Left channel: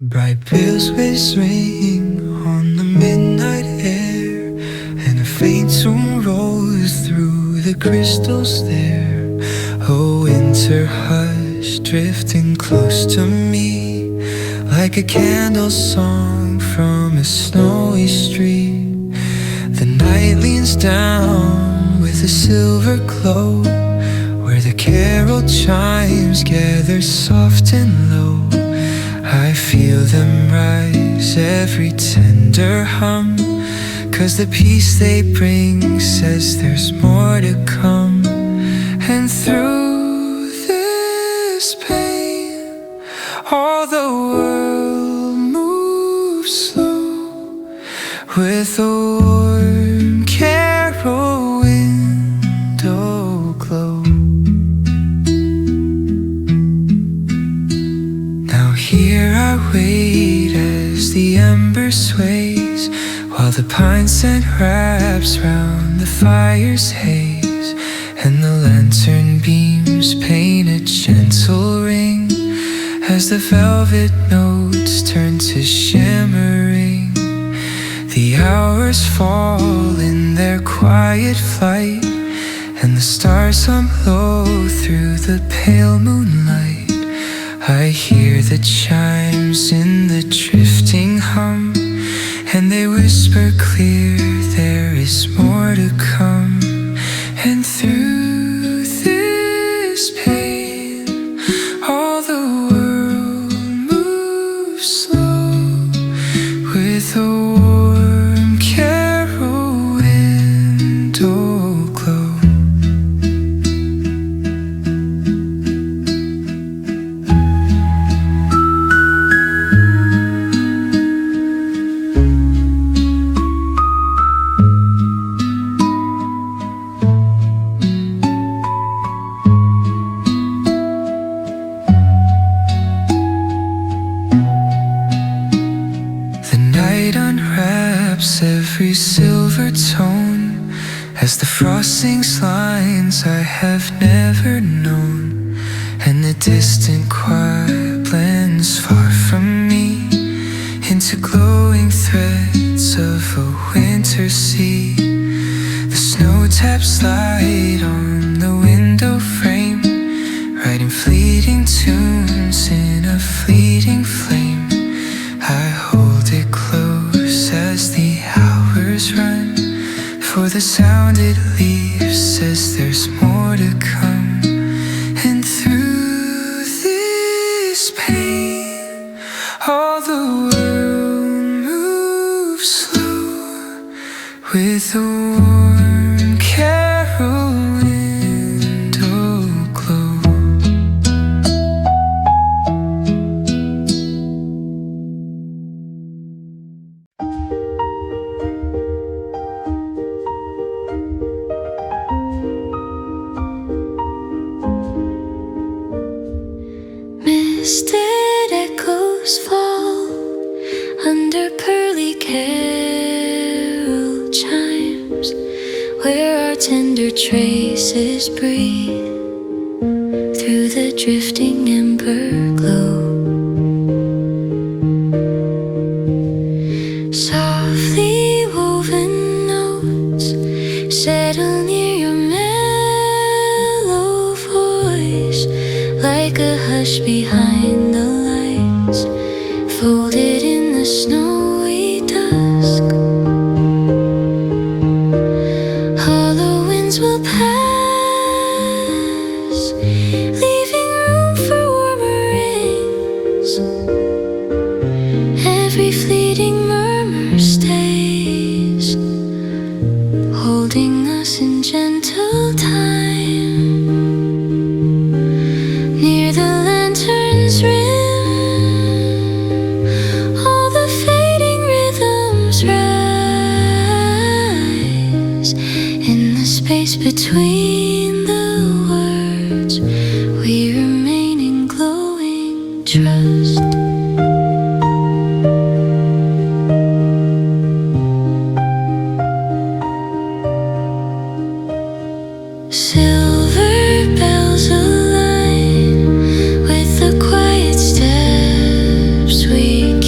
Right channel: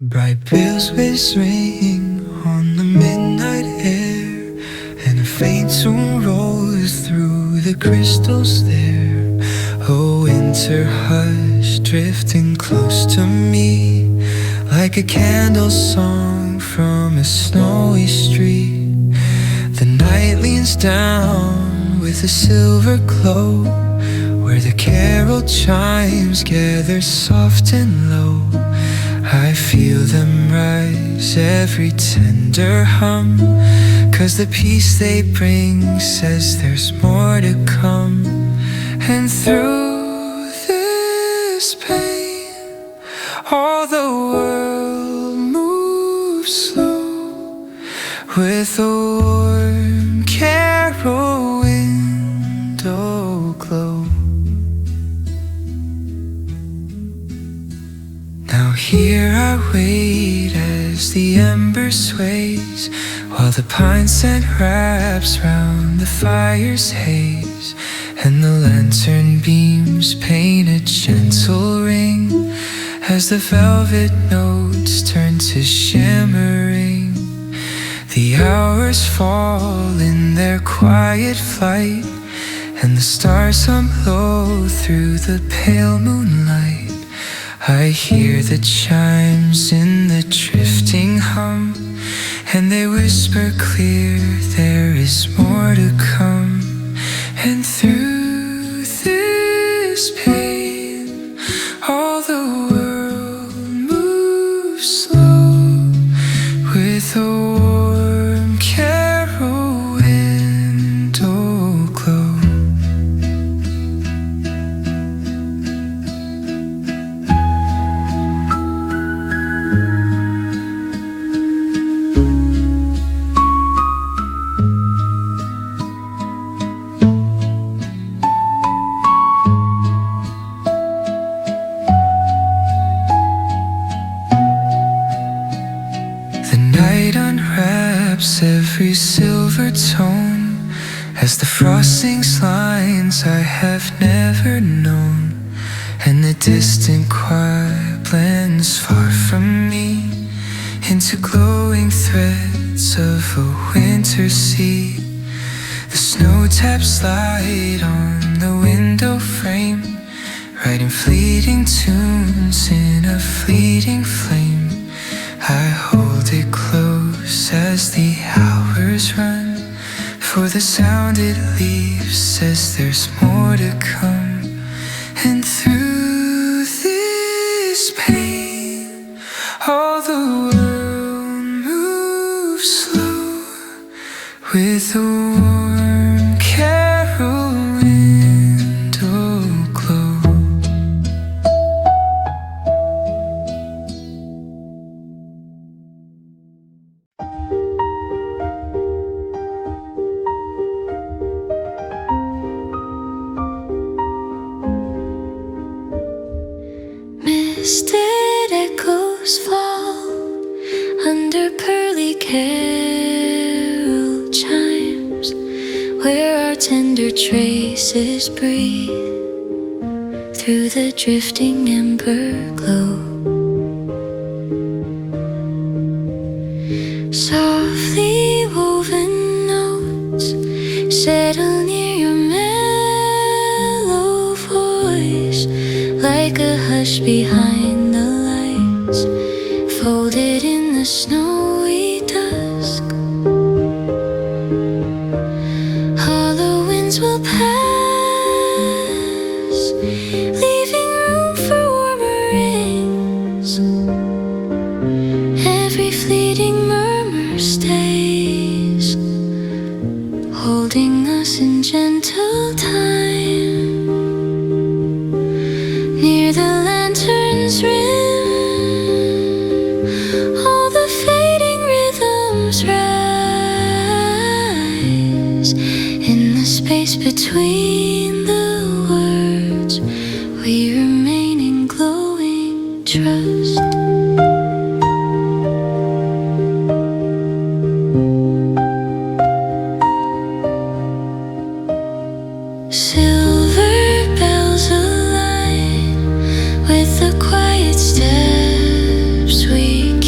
Bright bells ring on the midnight air, and a faint tune rolls through the crystals there. A winter hush drifting close to me, like a candle song from a snowy street. The night leans down with a silver glow, where the carol chimes gather soft and low. I feel them rise, every tender hum, 'cause the peace they bring says there's more to come. And through this pain, all the world moves slow, with a warm carol window glow. Now here I wait as the ember sways, while the pine scent wraps round the fire's haze, and the lantern beams paint a gentle ring as the velvet notes turn to shimmering. The hours fall in their quiet flight, and the stars hum low through the pale moonlight. I hear the chimes in the drifting hum, and they whisper clear there is more to come. And through this pain, all the world moves slow, with a warm carol window glow. Unwraps every silver tone as the frost sings lines I have never known, and the distant choir blends far from me into glowing threads of a winter sea. The snow taps light on the window frame, writing fleeting tunes in a fleeting flame. I hold it close as the hours run, for the sound it leaves says there's more to come. And through this pain, all the world moves slow, with a warm carol window glow. Misted echoes fall under pearly carol chimes, where our tender traces breathe through the drifting ember glow. Softly woven notes settle near your mellow voice, like a hush behind the lights, folded in the snowy dusk. Hollow winds will pass, leaving room for warmer rings. Every fleeting murmur stays, holding us in gentle time. Near the lantern's rim, all the fading rhythms rise. In the space between the words, we remain in glowing trust. Silver bells align with the quiet steps we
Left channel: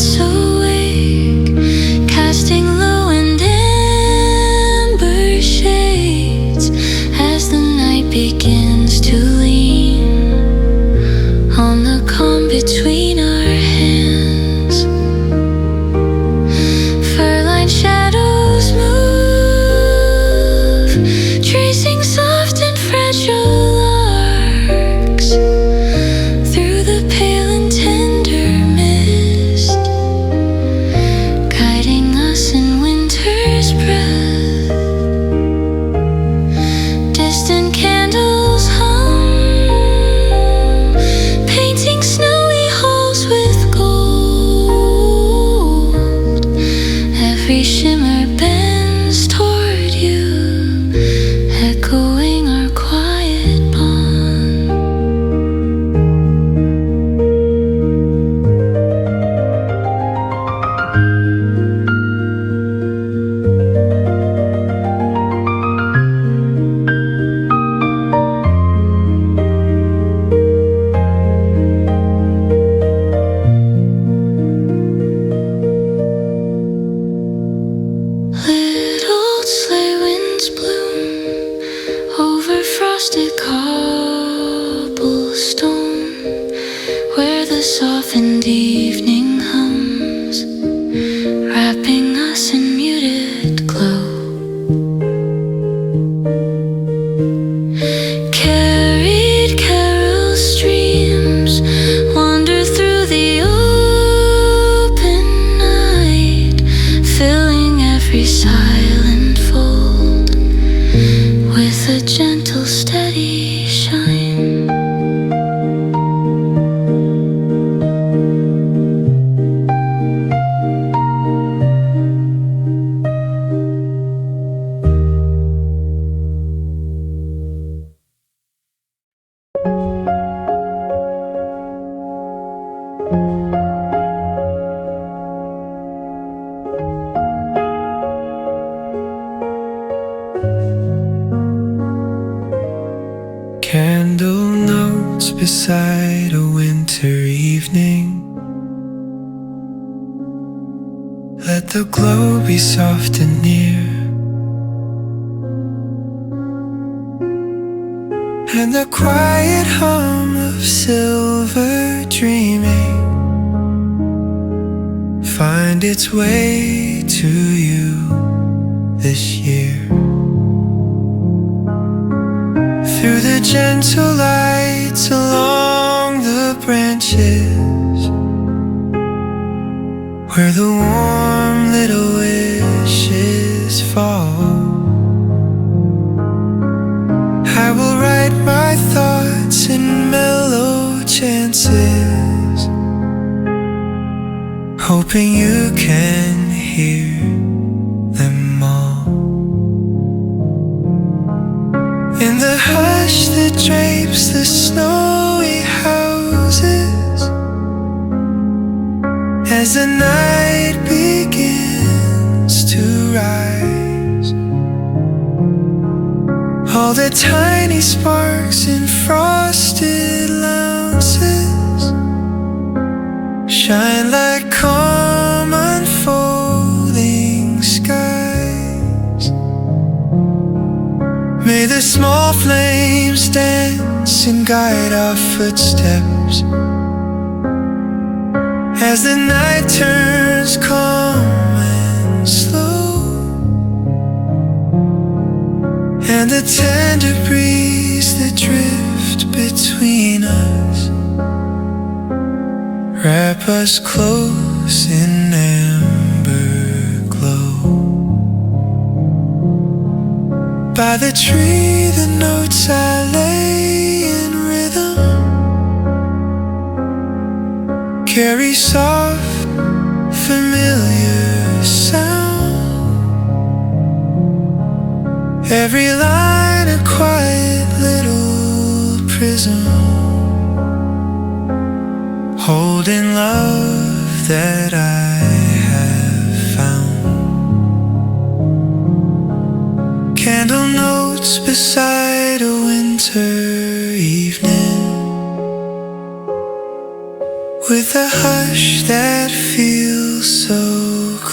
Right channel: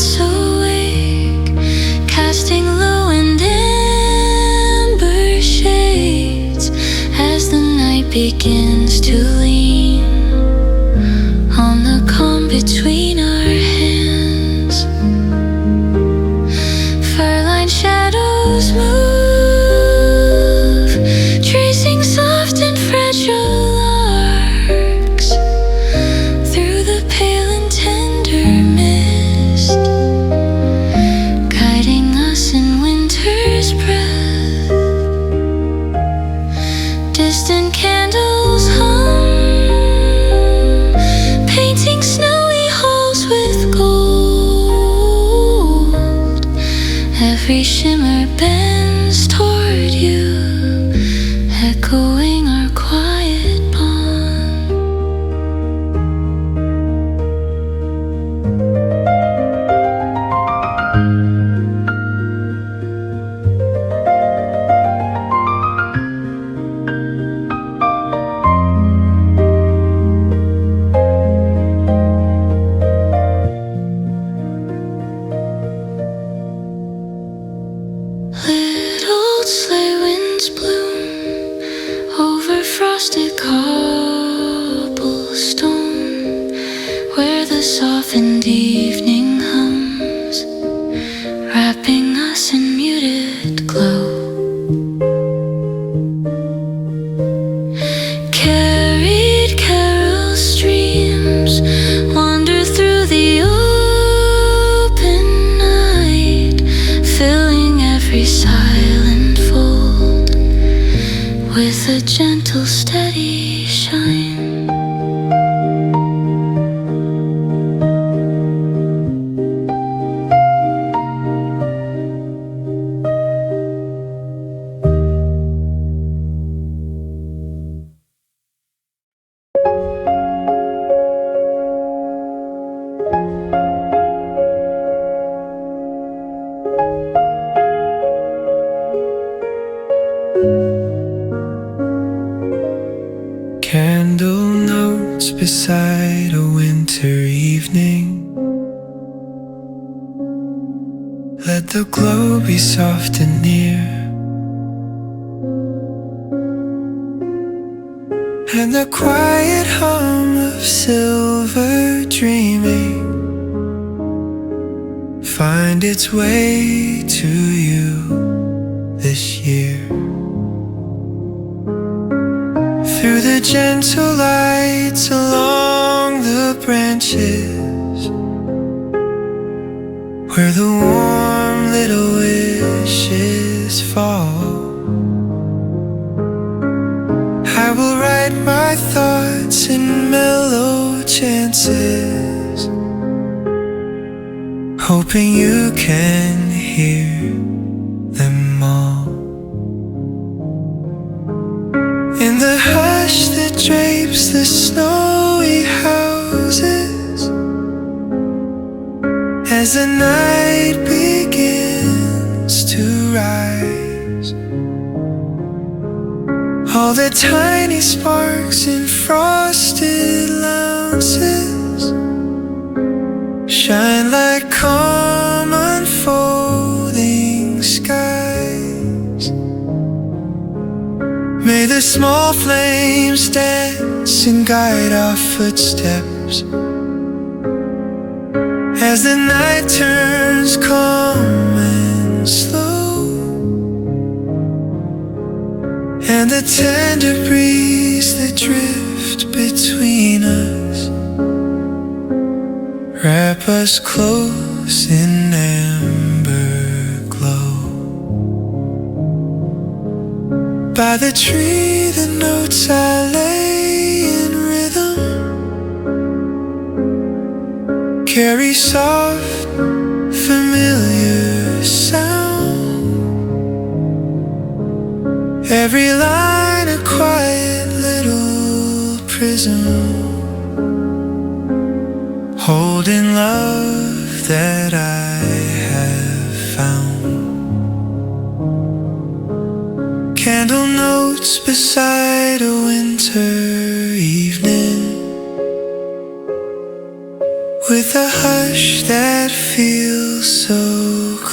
lights awake, casting low and amber shades as the night begins to lean on the calm between our hands. Fur-lined shadows move, tracing soft and fragile arcs through the pale and tender mist, guiding us in winter's breath. Distant candles hum, painting snowy halls with gold. Every shimmer bends toward you, echoing our quiet bond. Little sleigh winds bloom over frosted cobblestone, where the softened evening hums, wrapping us in muted glow. Carried carol streams wander through the open night, filling every silent fold with a gentle, steady shine. Candle notes beside a winter evening. Let the glow be soft and near, and the quiet hum of silver dreaming find its way to you this year. Through the gentle lights along the branches, where the warm little wishes fall, I will write my thoughts in mellow chances, hoping you can hear them all. In the hush that drapes the snowy houses, as the night begins to rise, all the tiny sparks in frosted louses shine like calm unfolding skies. May the small flames dance and guide our footsteps as the night turns calm and slow, and the tender breeze that drift between us wrap us close in amber glow. By the tree the notes I lay in rhythm carry soft, familiar sound. Every line a quiet little prism, holding love that I have found. Candle notes beside a winter evening, with a hush that feels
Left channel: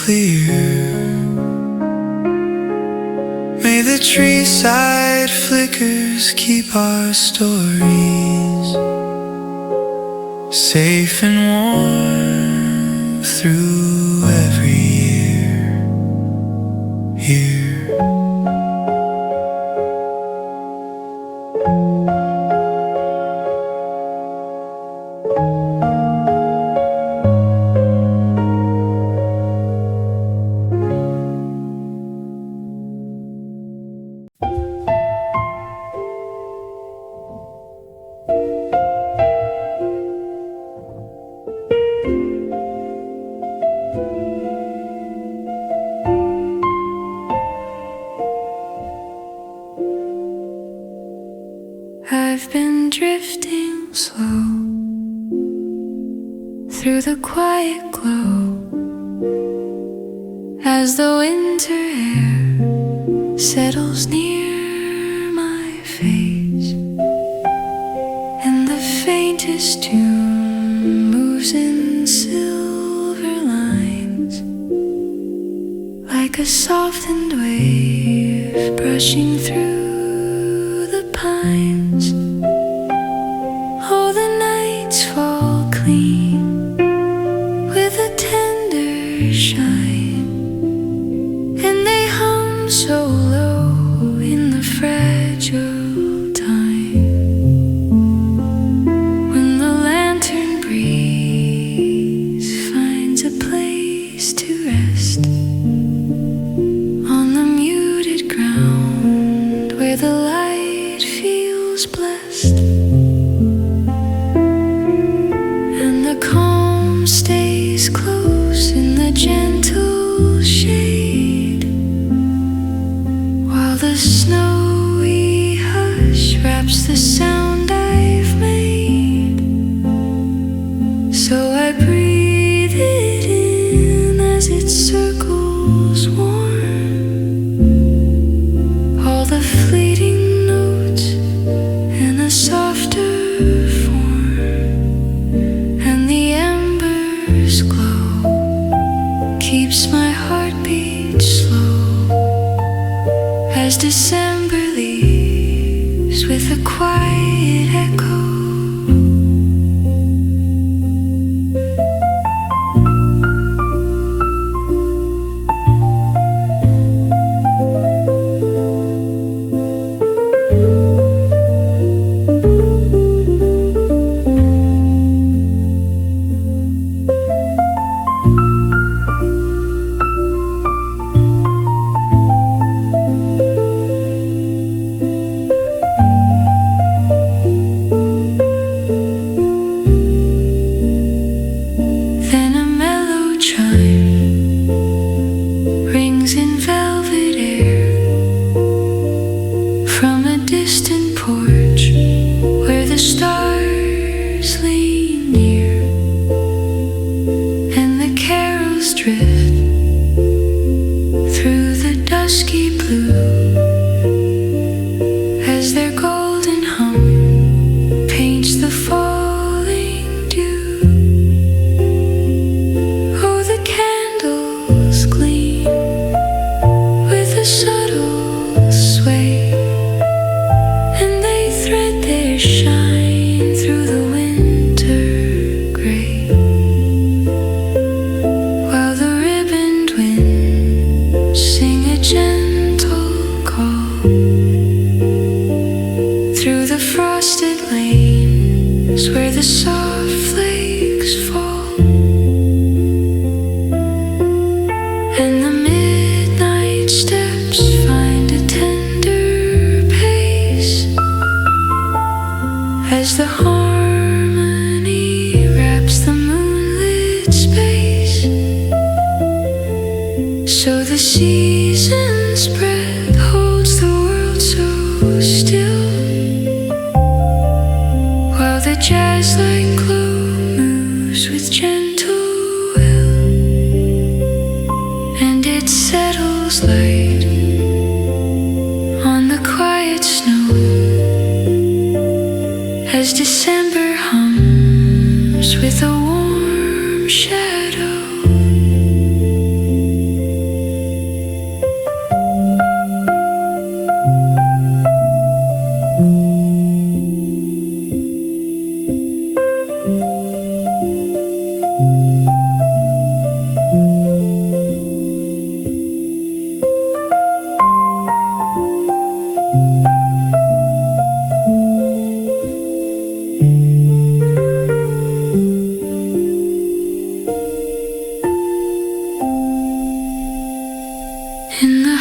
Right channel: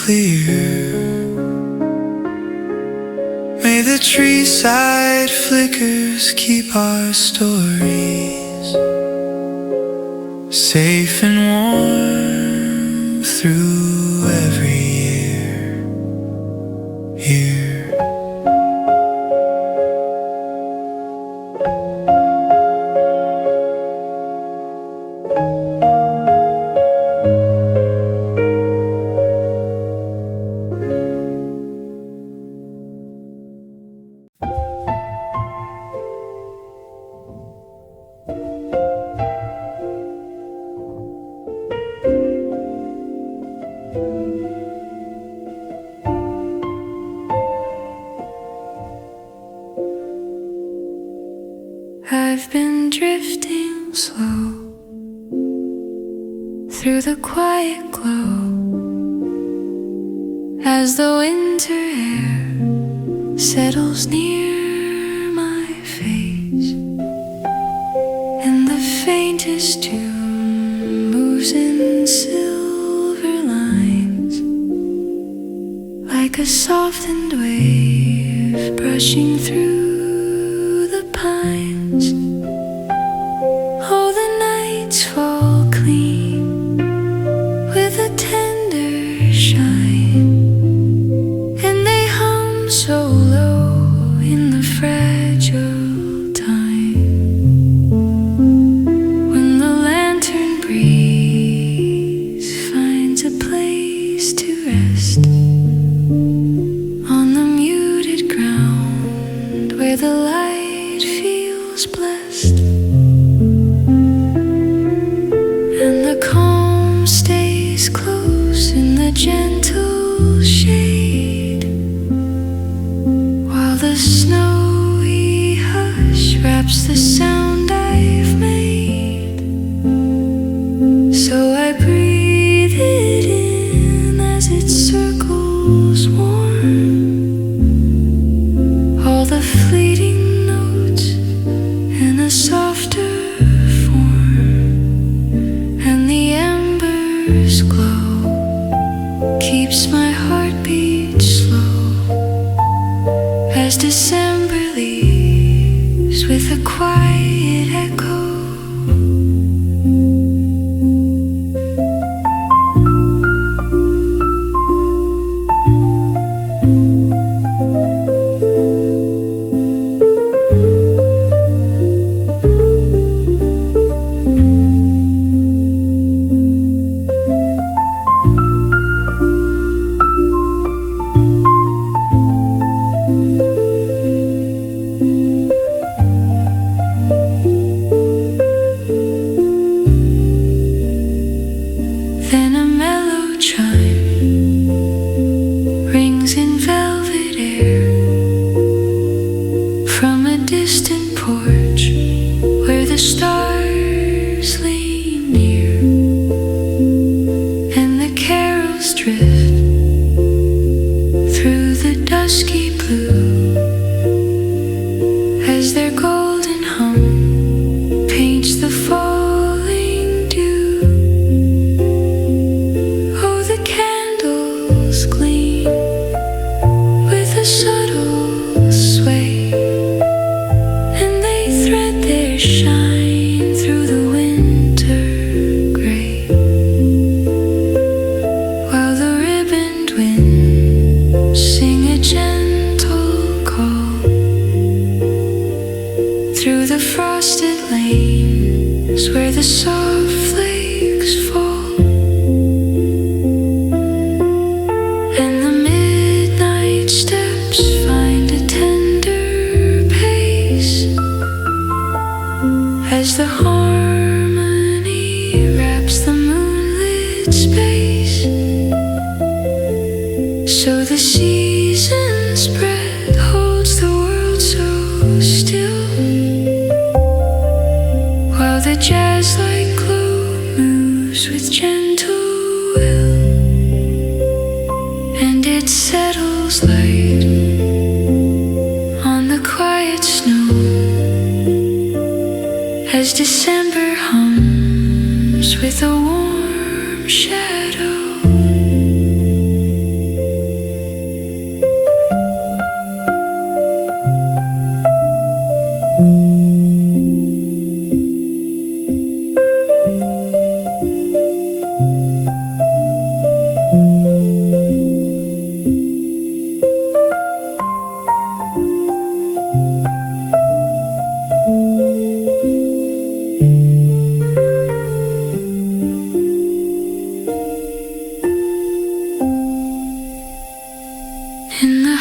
clear. May the treeside flickers keep our stories safe and warm through every year. I've been drifting slow through the quiet glow as the winter air settles near my face, and the faintest tune moves in silver lines like a softened wave brushing through the pines. Oh, the nights fall clean with a tender shine, and they hum so low in the fragile time when the lantern breeze finds a place to rest on the muted ground where the light feels blessed, and the calm stays close in the gentle shade, while the snowy hush wraps the sound I've made. So I breathe it in as it circles warm, all the fleeting notes in a softer form, and the embers glow, keeps my heartbeat slow as December leaves with a quiet echo. Then a mellow chime rings in velvet air from a distant porch where the stars lean near, and the carols drift through the dusky blue as their golden hum paints the falling dew. Oh, the candles gleam with a subtle sway, and they thread their shine through the winter gray, while the ribboned winds sing a gentle call through the frosted lanes where the soft flakes fall. And the midnight steps find a tender pace as the harmony wraps the moonlit space. So the season spread holds the world so still, while the jazz-like glow moves with gentle will, and it settles light on the quiet snow as December hums with a warm shadow.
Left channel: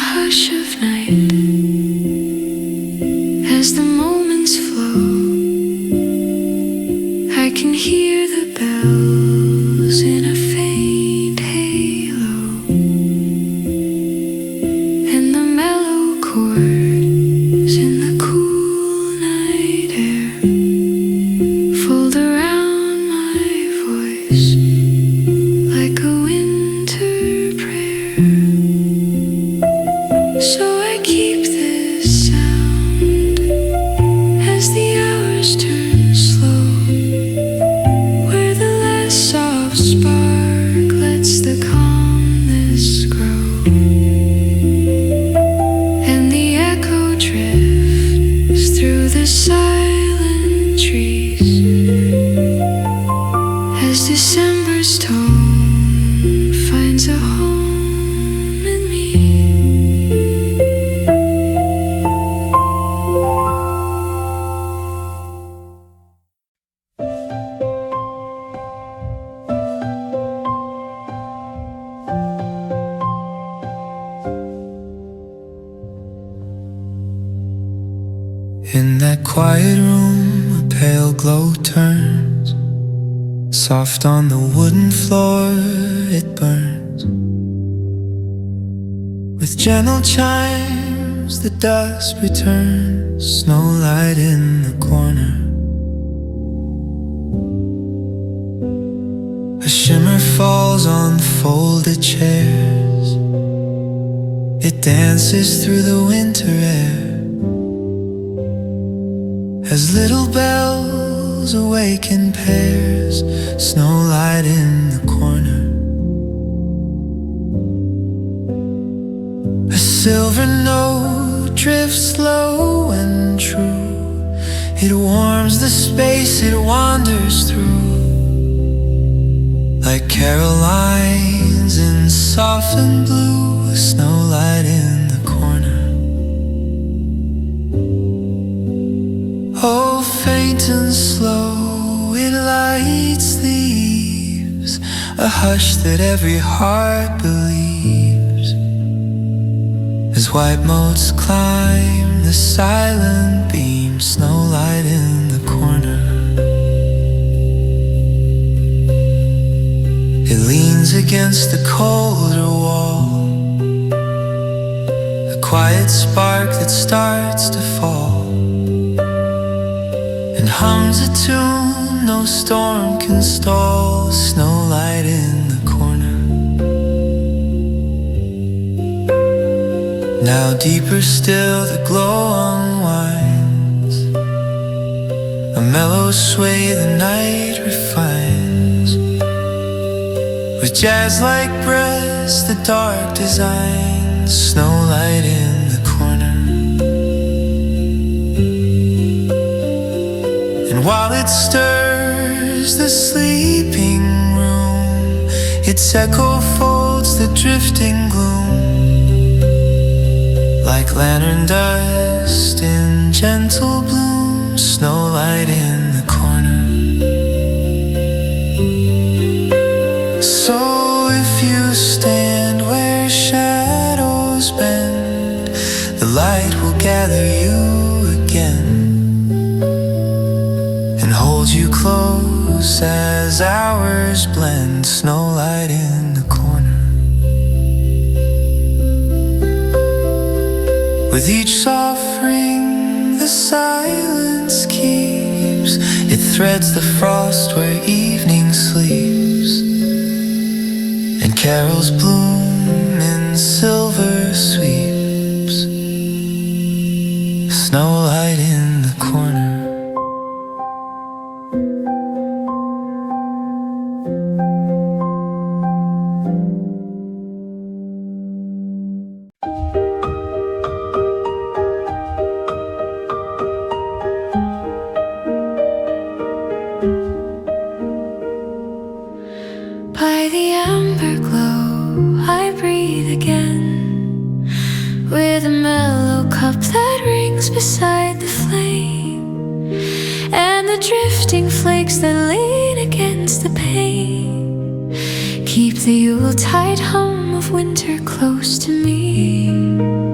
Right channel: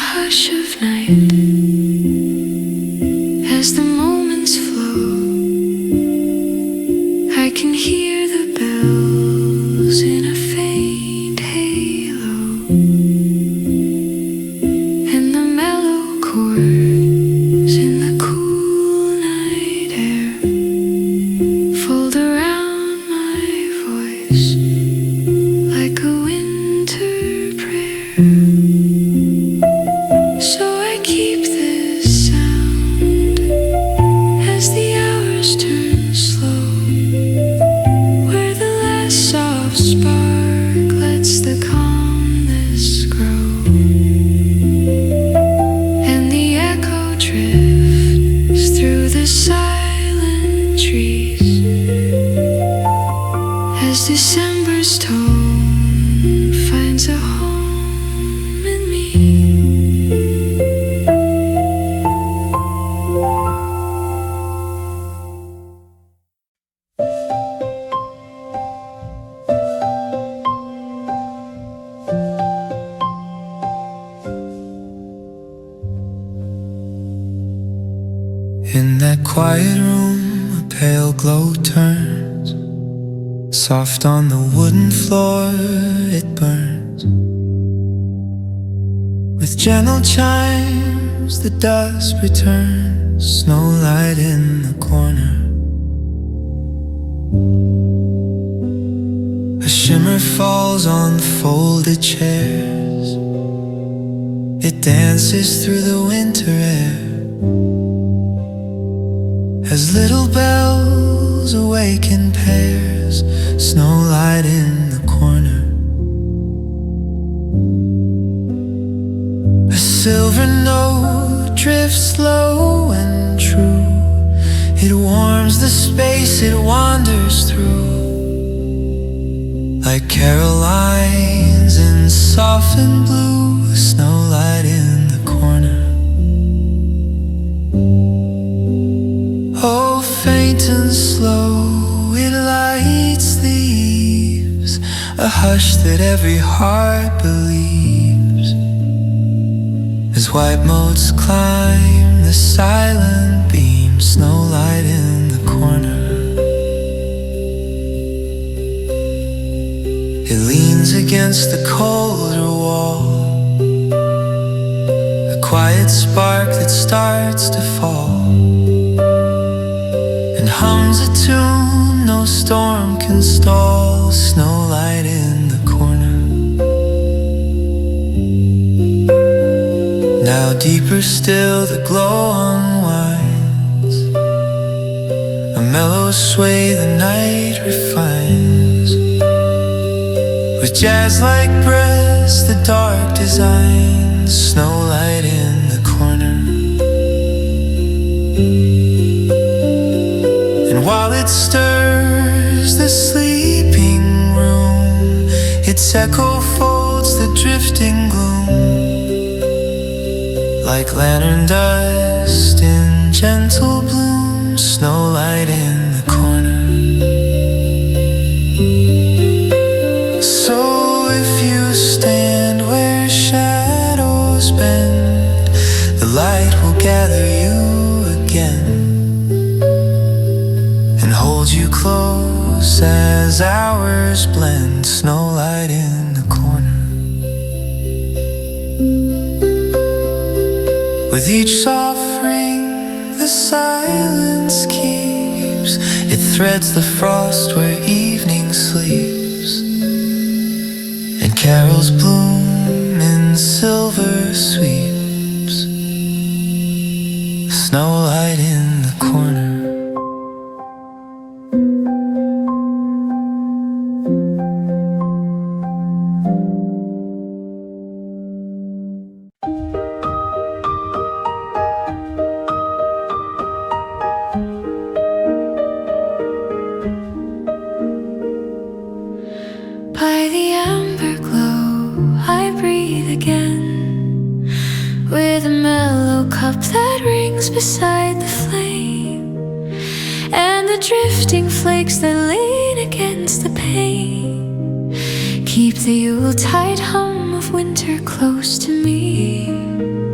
hush of night. As the moments flow, I can hear the bells in a faint halo, and the mellow chords in the cool night air fold around my voice like a winter prayer. So I keep this sound as the hours turn slow, where the last soft spark lets the calmness grow, and the echo drifts through the silent trees as December's tone finds a home in me. In that quiet room, a pale glow turns. Soft on the wooden floor, it burns. With gentle chimes, the dusk returns. Snowlight in the corner. A shimmer falls on folded chairs. It dances through the winter air as little bells awaken pairs. Snowlight in the corner. A silver note drifts low and true. It warms the space it wanders through, like carol lines in softened blue. Snowlight in the corner. Oh, faint and slow, it lights the eaves, a hush that every heart believes, as white motes climb the silent beam. Snowlight in the corner. It leans against the colder wall, a quiet spark that starts to fall, and hums a tune no storm can stall. Snowlight in the corner. Now deeper still the glow unwinds, a mellow sway the night refines, with jazz-like breaths the dark designs. Snowlight in the corner. And while it stirs the sleeping room, its echo folds the drifting gloom, like lantern dust in gentle bloom. Snowlight in the corner. So if you stand where shadows bend, the light will gather you again and hold you close as hours blend. Snowlight in the corner. With each soft ring the silence keeps, it threads the frost where evening sleeps, and carols bloom in silver sweeps. Snowlight in the corner. By the amber glow I breathe again, with a mellow cup that rings beside the flame, and the drifting flakes that lean against the pane keep the Yuletide hum of winter close to me.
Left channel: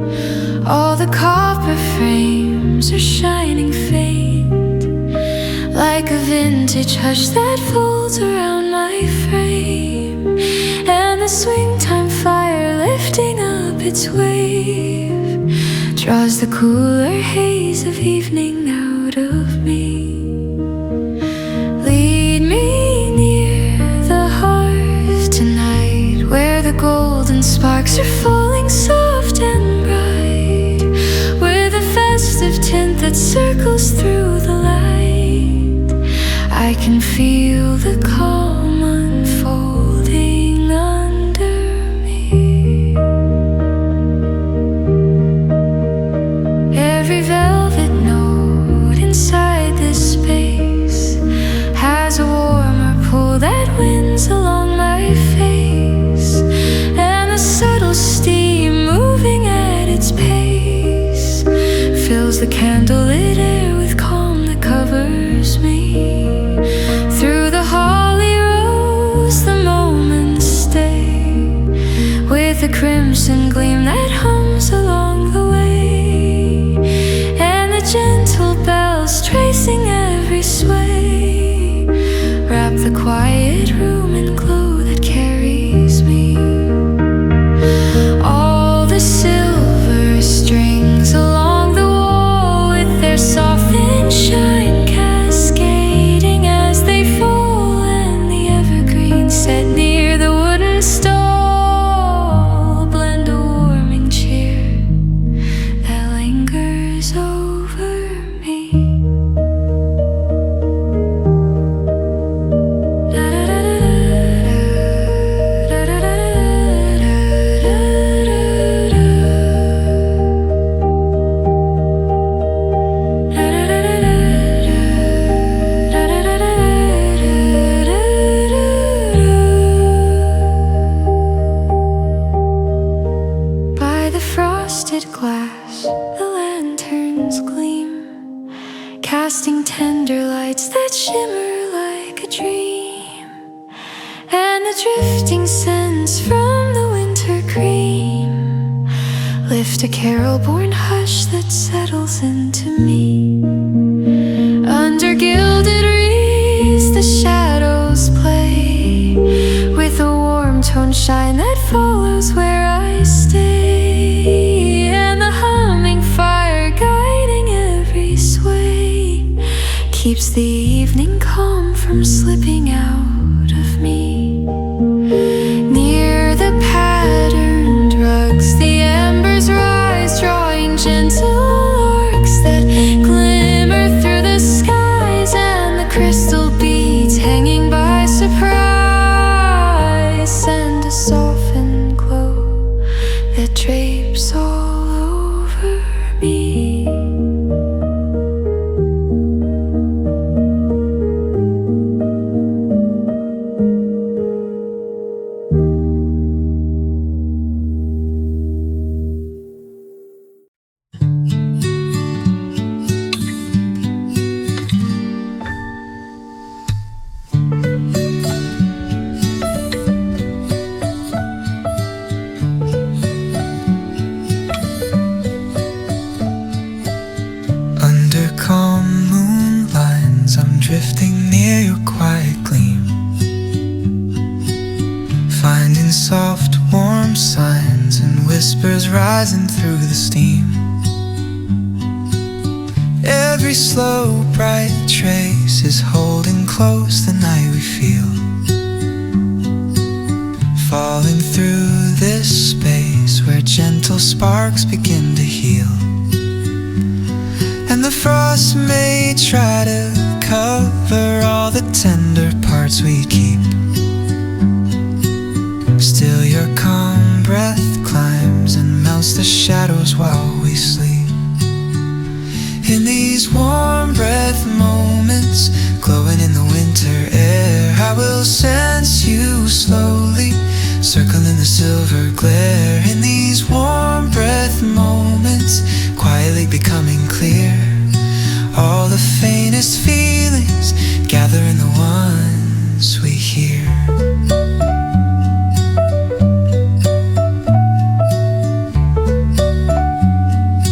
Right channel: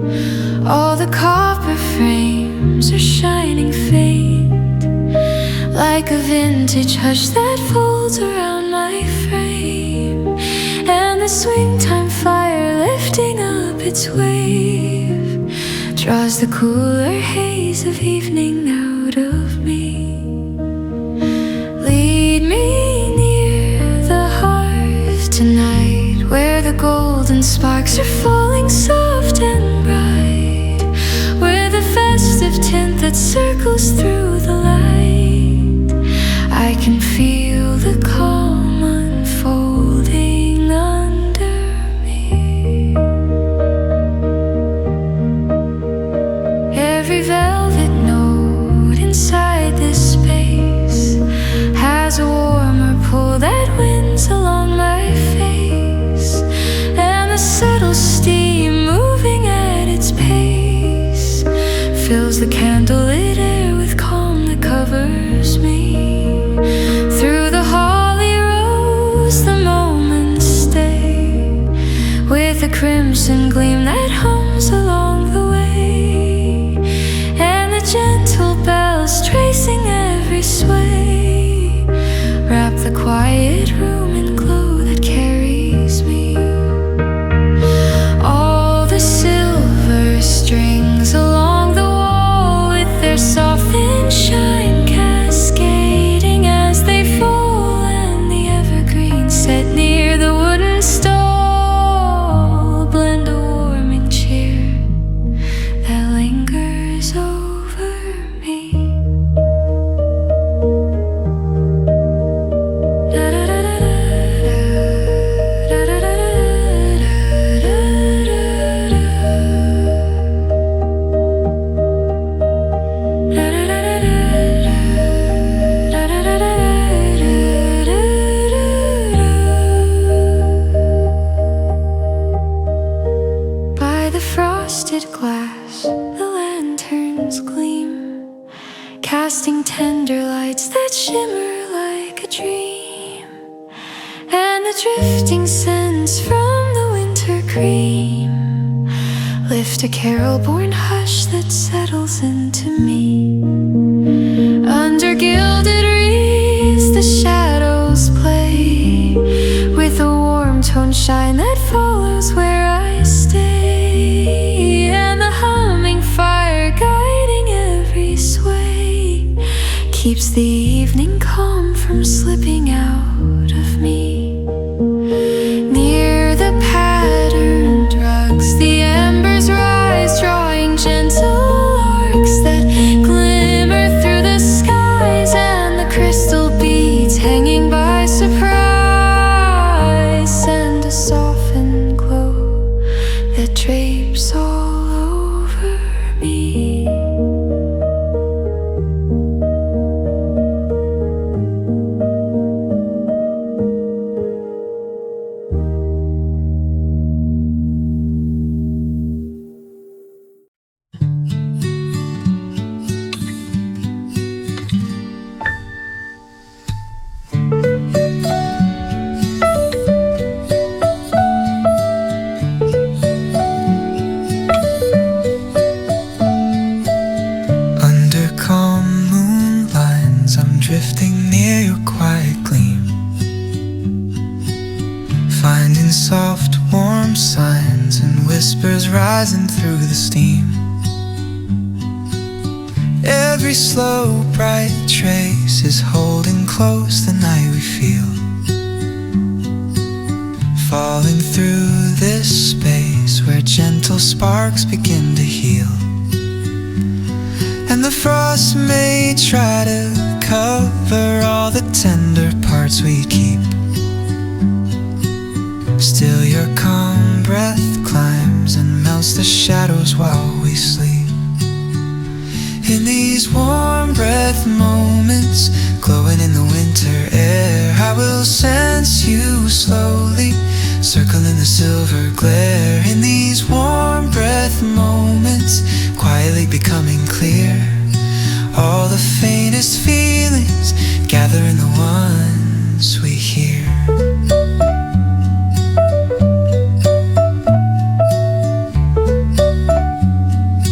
All the copper frames are shining faint, like a vintage hush that folds around my frame. And the swing time fire lifting up its wave draws the cooler haze of evening out of me. Lead me near the hearth tonight, where the golden sparks are falling soft and bright, with a festive tint that circles through the light. I can feel the calm unfolding under me. Every velvet note inside this space has a warmer pull that winds along my face, and the subtle steam moving at its pace fills the candlelit air with calm that covers me. Through the holly rose the moments stay, with a crimson gleam that hums along the way, and the gentle bells tracing every sway wrap the quiet room in glow that carries me. All the silver strings along the wall, with their soft thin shine cascading as they fall, and the evergreen set near the wooden stall blend a warming cheer that lingers over me. By the frosted glass, the lanterns gleam, casting tender lights that shimmer like a dream, and the drifting scents from the winter cream lift a carol-born hush that settles into me. Under gilded wreaths the shadows play, with a warm tone shine that follows where I stay, and the humming fire guiding every sway keeps the evening calm from slipping out of me. Near the patterned rugs the embers rise, drawing gentle arcs that glimmer through the skies, and the crystal beads hanging by surprise send a softened glow that drapes all over me. Under calm moon lines, I'm drifting near your quiet gleam, finding soft warm signs and whispers rising through the steam. Every slow bright trace is holding close the night we feel, falling through this space where gentle sparks begin to heal. And the frost may try to cover all the tender parts we keep, still your calm breath climbs and melts the shadows while we sleep. In these warm breath moments, glowing in the winter air, I will sense you slowly, circling the silver glare. In these warm breath moments, quietly becoming clear, all the faintest feelings gather in the ones we hear.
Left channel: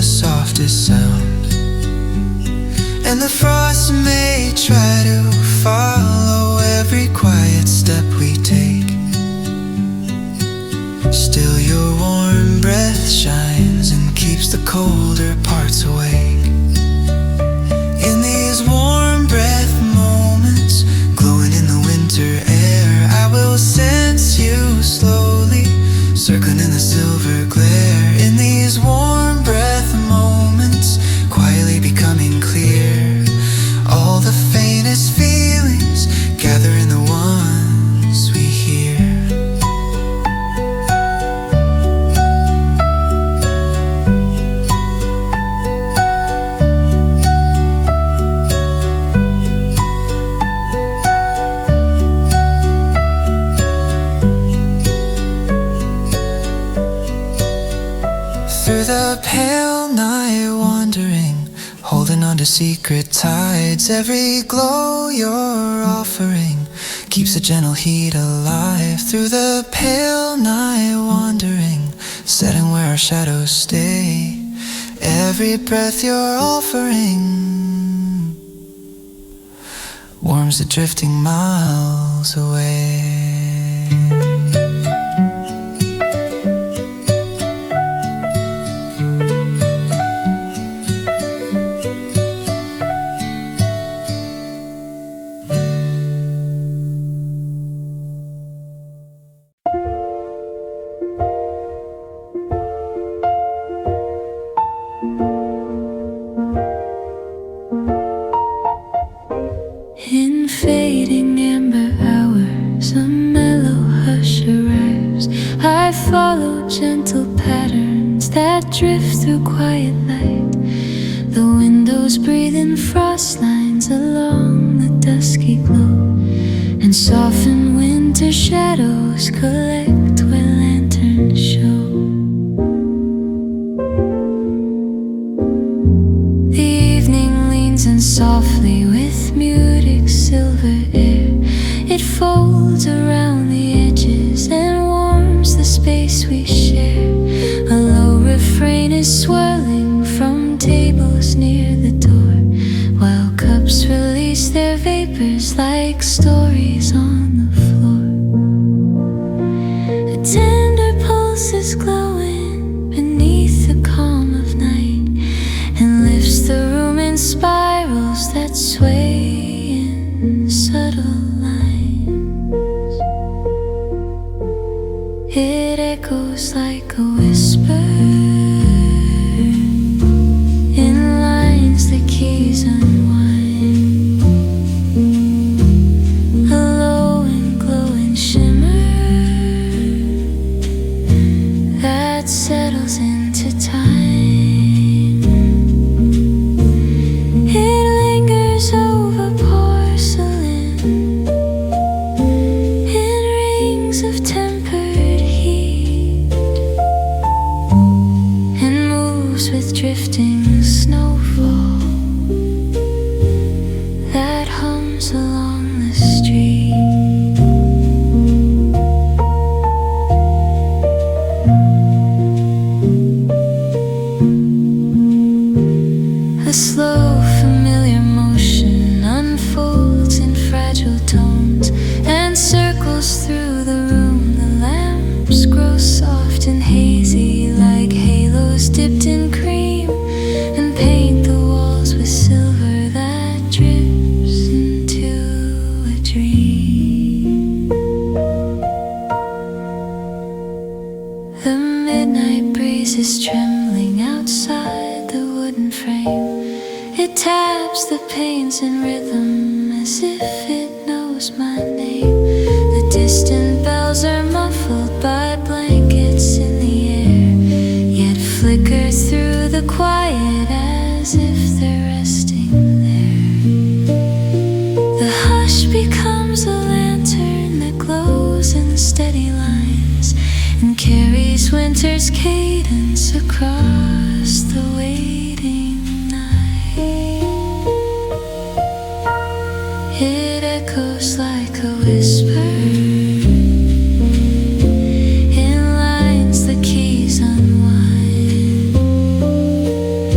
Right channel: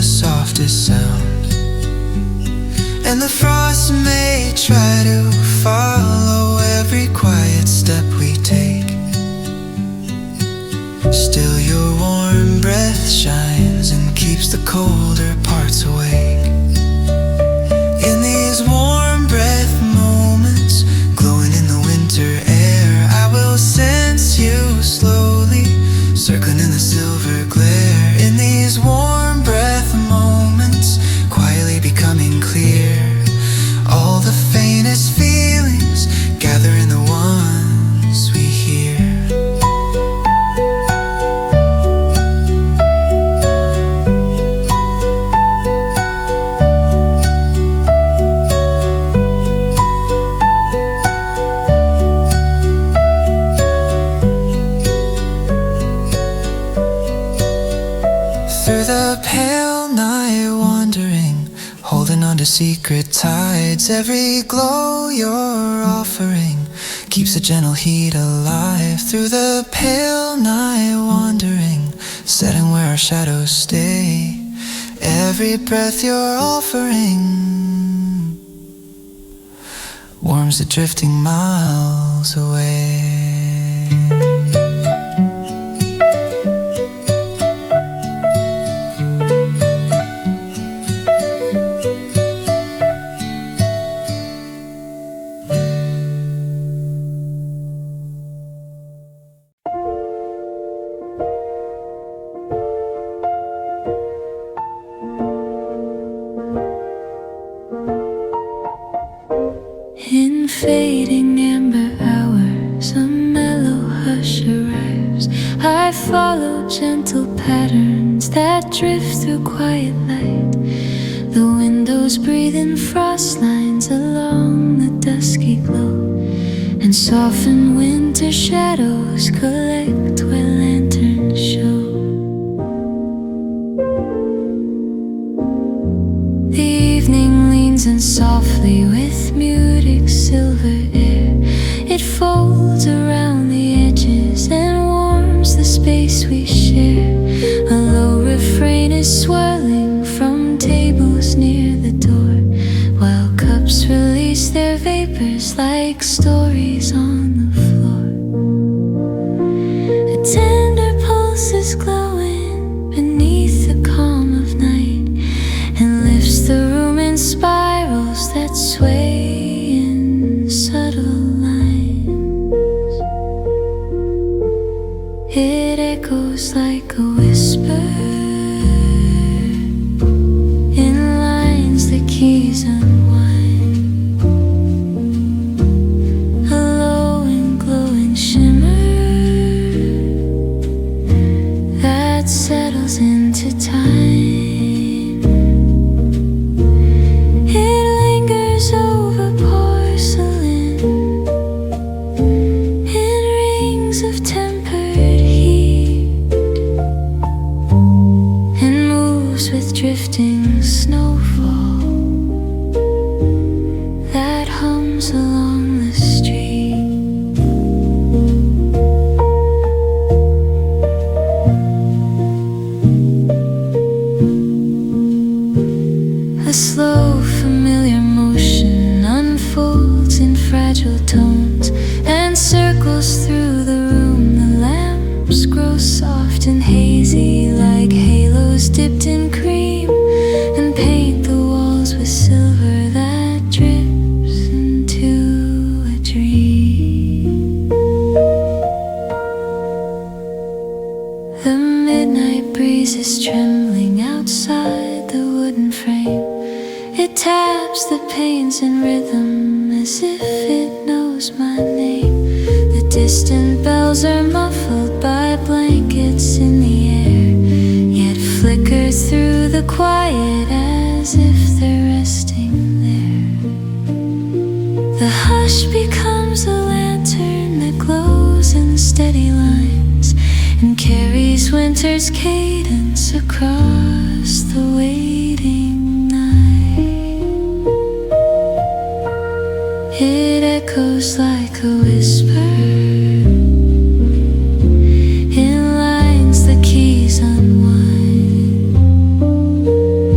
the softest sound. And the frost may try to follow every quiet step we take. Still your warm breath shines and keeps the colder parts awake. In these warm breath moments, glowing in the winter air, I will sense you slowly, circling in the silver glare. In these warm breath moments, quietly becoming clear, all the faintest feelings gather in the ones we hear. Through the pale night wandering, holding on to secret tides. Every glow you're offering keeps a gentle heat alive. Through the pale night wandering, setting where our shadows stay. Every breath you're offering warms the drifting miles away. In fading amber hours, a mellow hush arrives. I follow gentle patterns that drift through quiet light. The windows breathe in frost lines along the dusky glow, and soften winter shadows collect where lanterns show. The evening leans in softly with muted silver air. It folds around the edges and warms the space we share. A low refrain is swirling from tables near the door, while cups release their vapors like stories on the floor. A tender pulse is glowing beneath the calm of night, and lifts the room in spirals that sway in subtle lines. It echoes like a whisper in lines the keys unwind. A low and glowing shimmer that settles into time. Over porcelain in rings of tempered heat, and moves with drifting snowfall that hums along the street. A slow, familiar motion unfolds in fragile tones and circles through the room. The lamps grow soft and hazy like halos dipped in cream, and paint the walls with silver that drips into a dream. The midnight breeze is trembling outside the wooden frame. It taps the panes in rhythm as if it knows my name. The distant bells are muffled by blankets in the air, yet flicker through the quiet as if they're resting there. The hush becomes a lantern that glows in steady lines and carries winter's cadence across the waiting night. It echoes like a whisper in lines the keys unwind.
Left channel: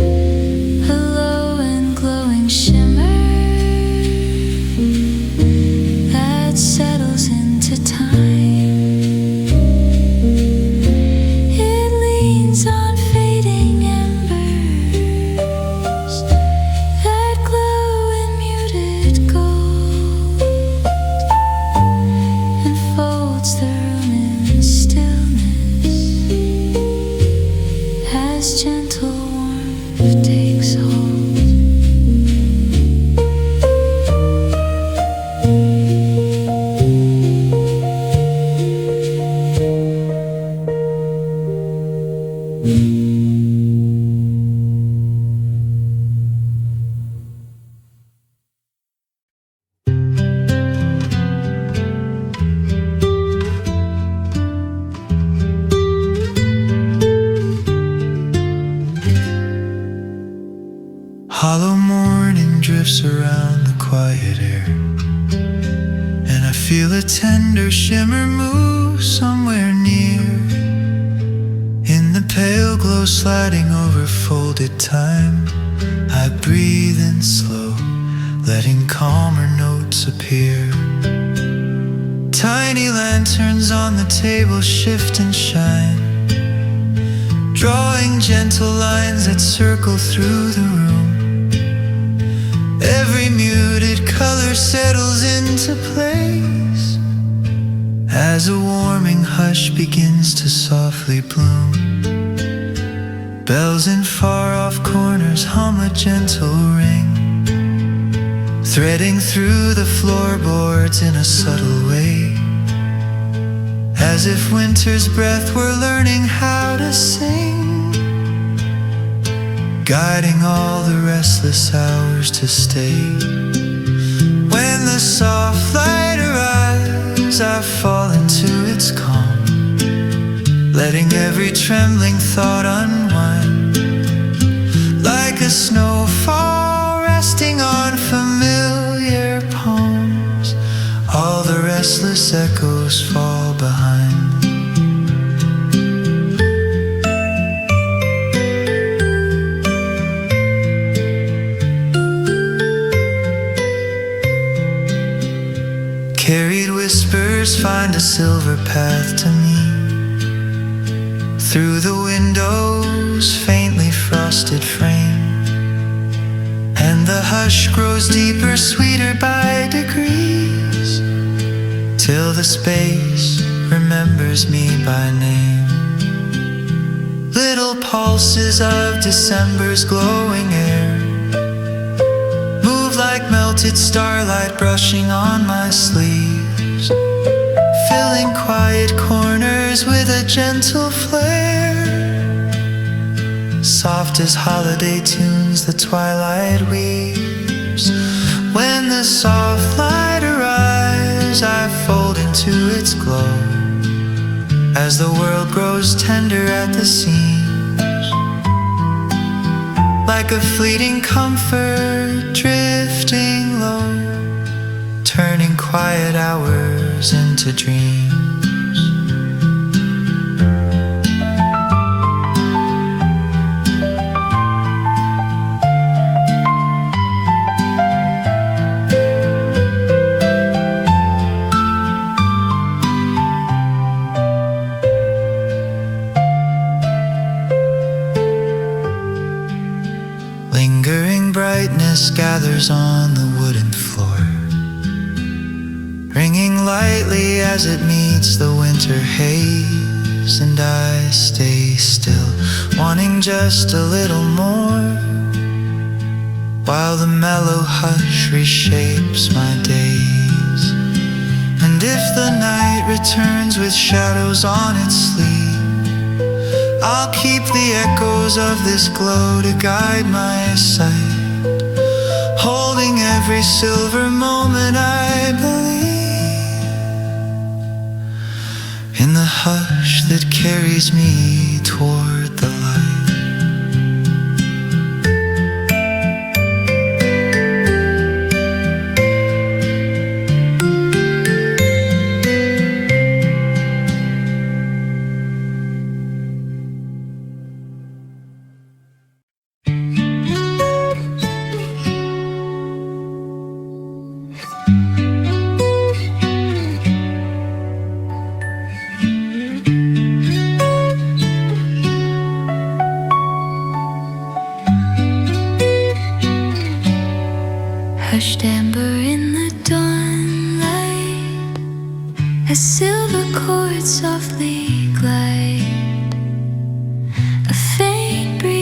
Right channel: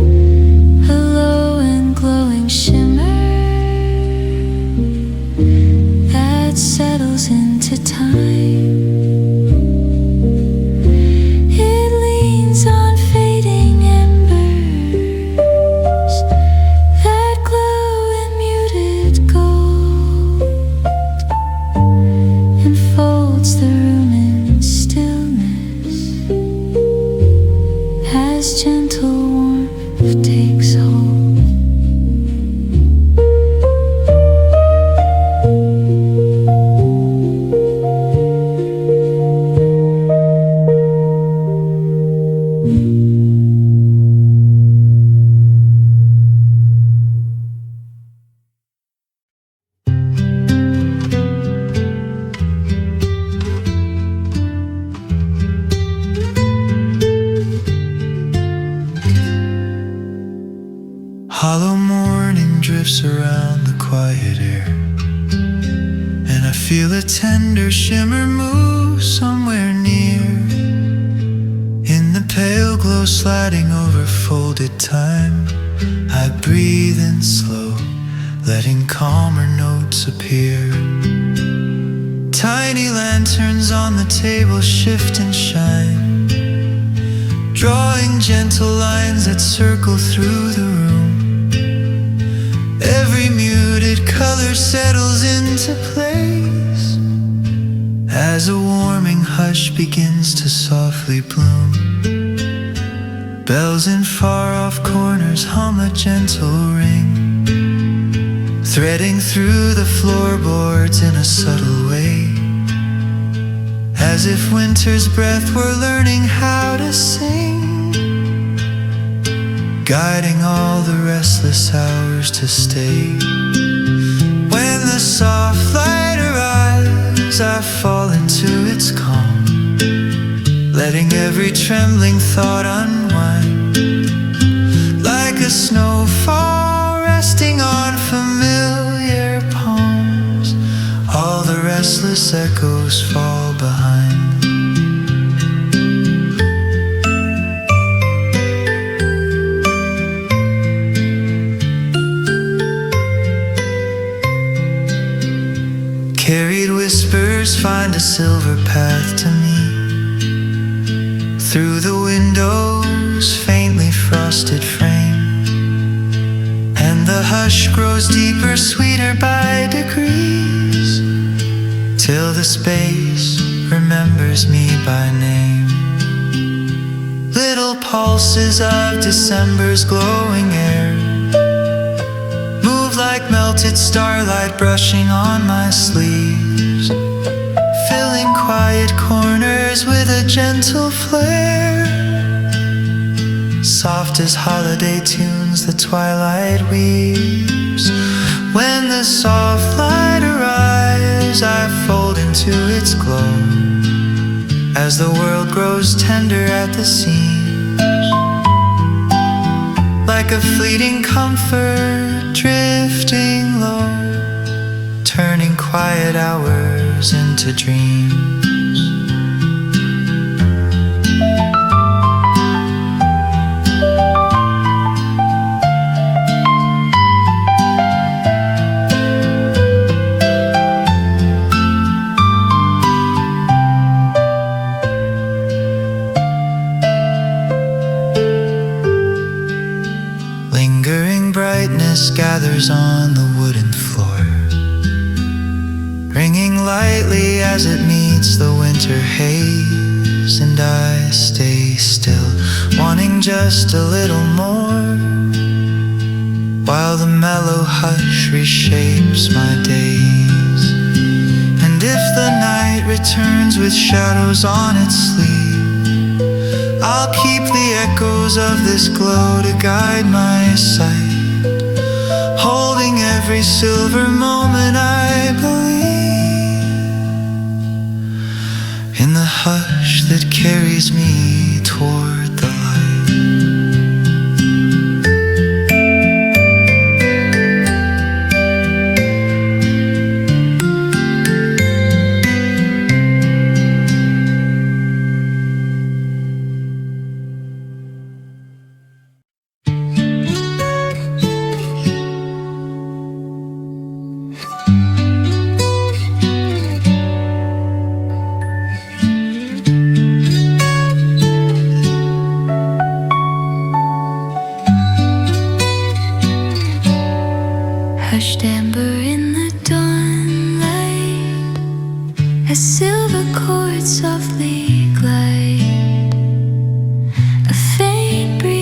as gentle warmth takes hold. Hollow morning drifts around the quiet air, and I feel a tender shimmer move somewhere near. In the pale glow sliding over folded time, I breathe in slow, letting calmer notes appear. Tiny lanterns on the table shift and shine, drawing gentle lines that circle through the room. Every muted color settles into place as a warming hush begins to softly bloom. Bells in far-off corners hum a gentle ring, threading through the floorboards in a subtle way, as if winter's breath were learning how to sing, guiding all the restless hours to stay. When the soft light arrives, I fall into its calm, letting every trembling thought unwind, like a snowfall resting on familiar palms. All the restless echoes fall behind. Carried whispers find a silver path to me, through the window's faintly frosted frame, and the hush grows deeper, sweeter by degrees, till the space remembers me by name. Little pulses of December's glowing air move like melted starlight brushing on my sleeves, filling quiet corners with a gentle flare. Soft as holiday tunes the twilight weaves. When the soft light arrives, I fold into its glow, as the world grows tender at the seams, like a fleeting comfort drifting low, turning quiet hours into dreams. Lingering brightness gathers on the wooden floor, ringing lightly as it meets the winter haze, and I stay still, wanting just a little more, while the mellow hush reshapes my days. And if the night returns with shadows on its sleeve, I'll keep the echoes of this glow to guide my sight, holding every silver moment I believe in the hush that carries me toward the light. Hushed amber in the dawnlight, as silver chords softly glide, a faint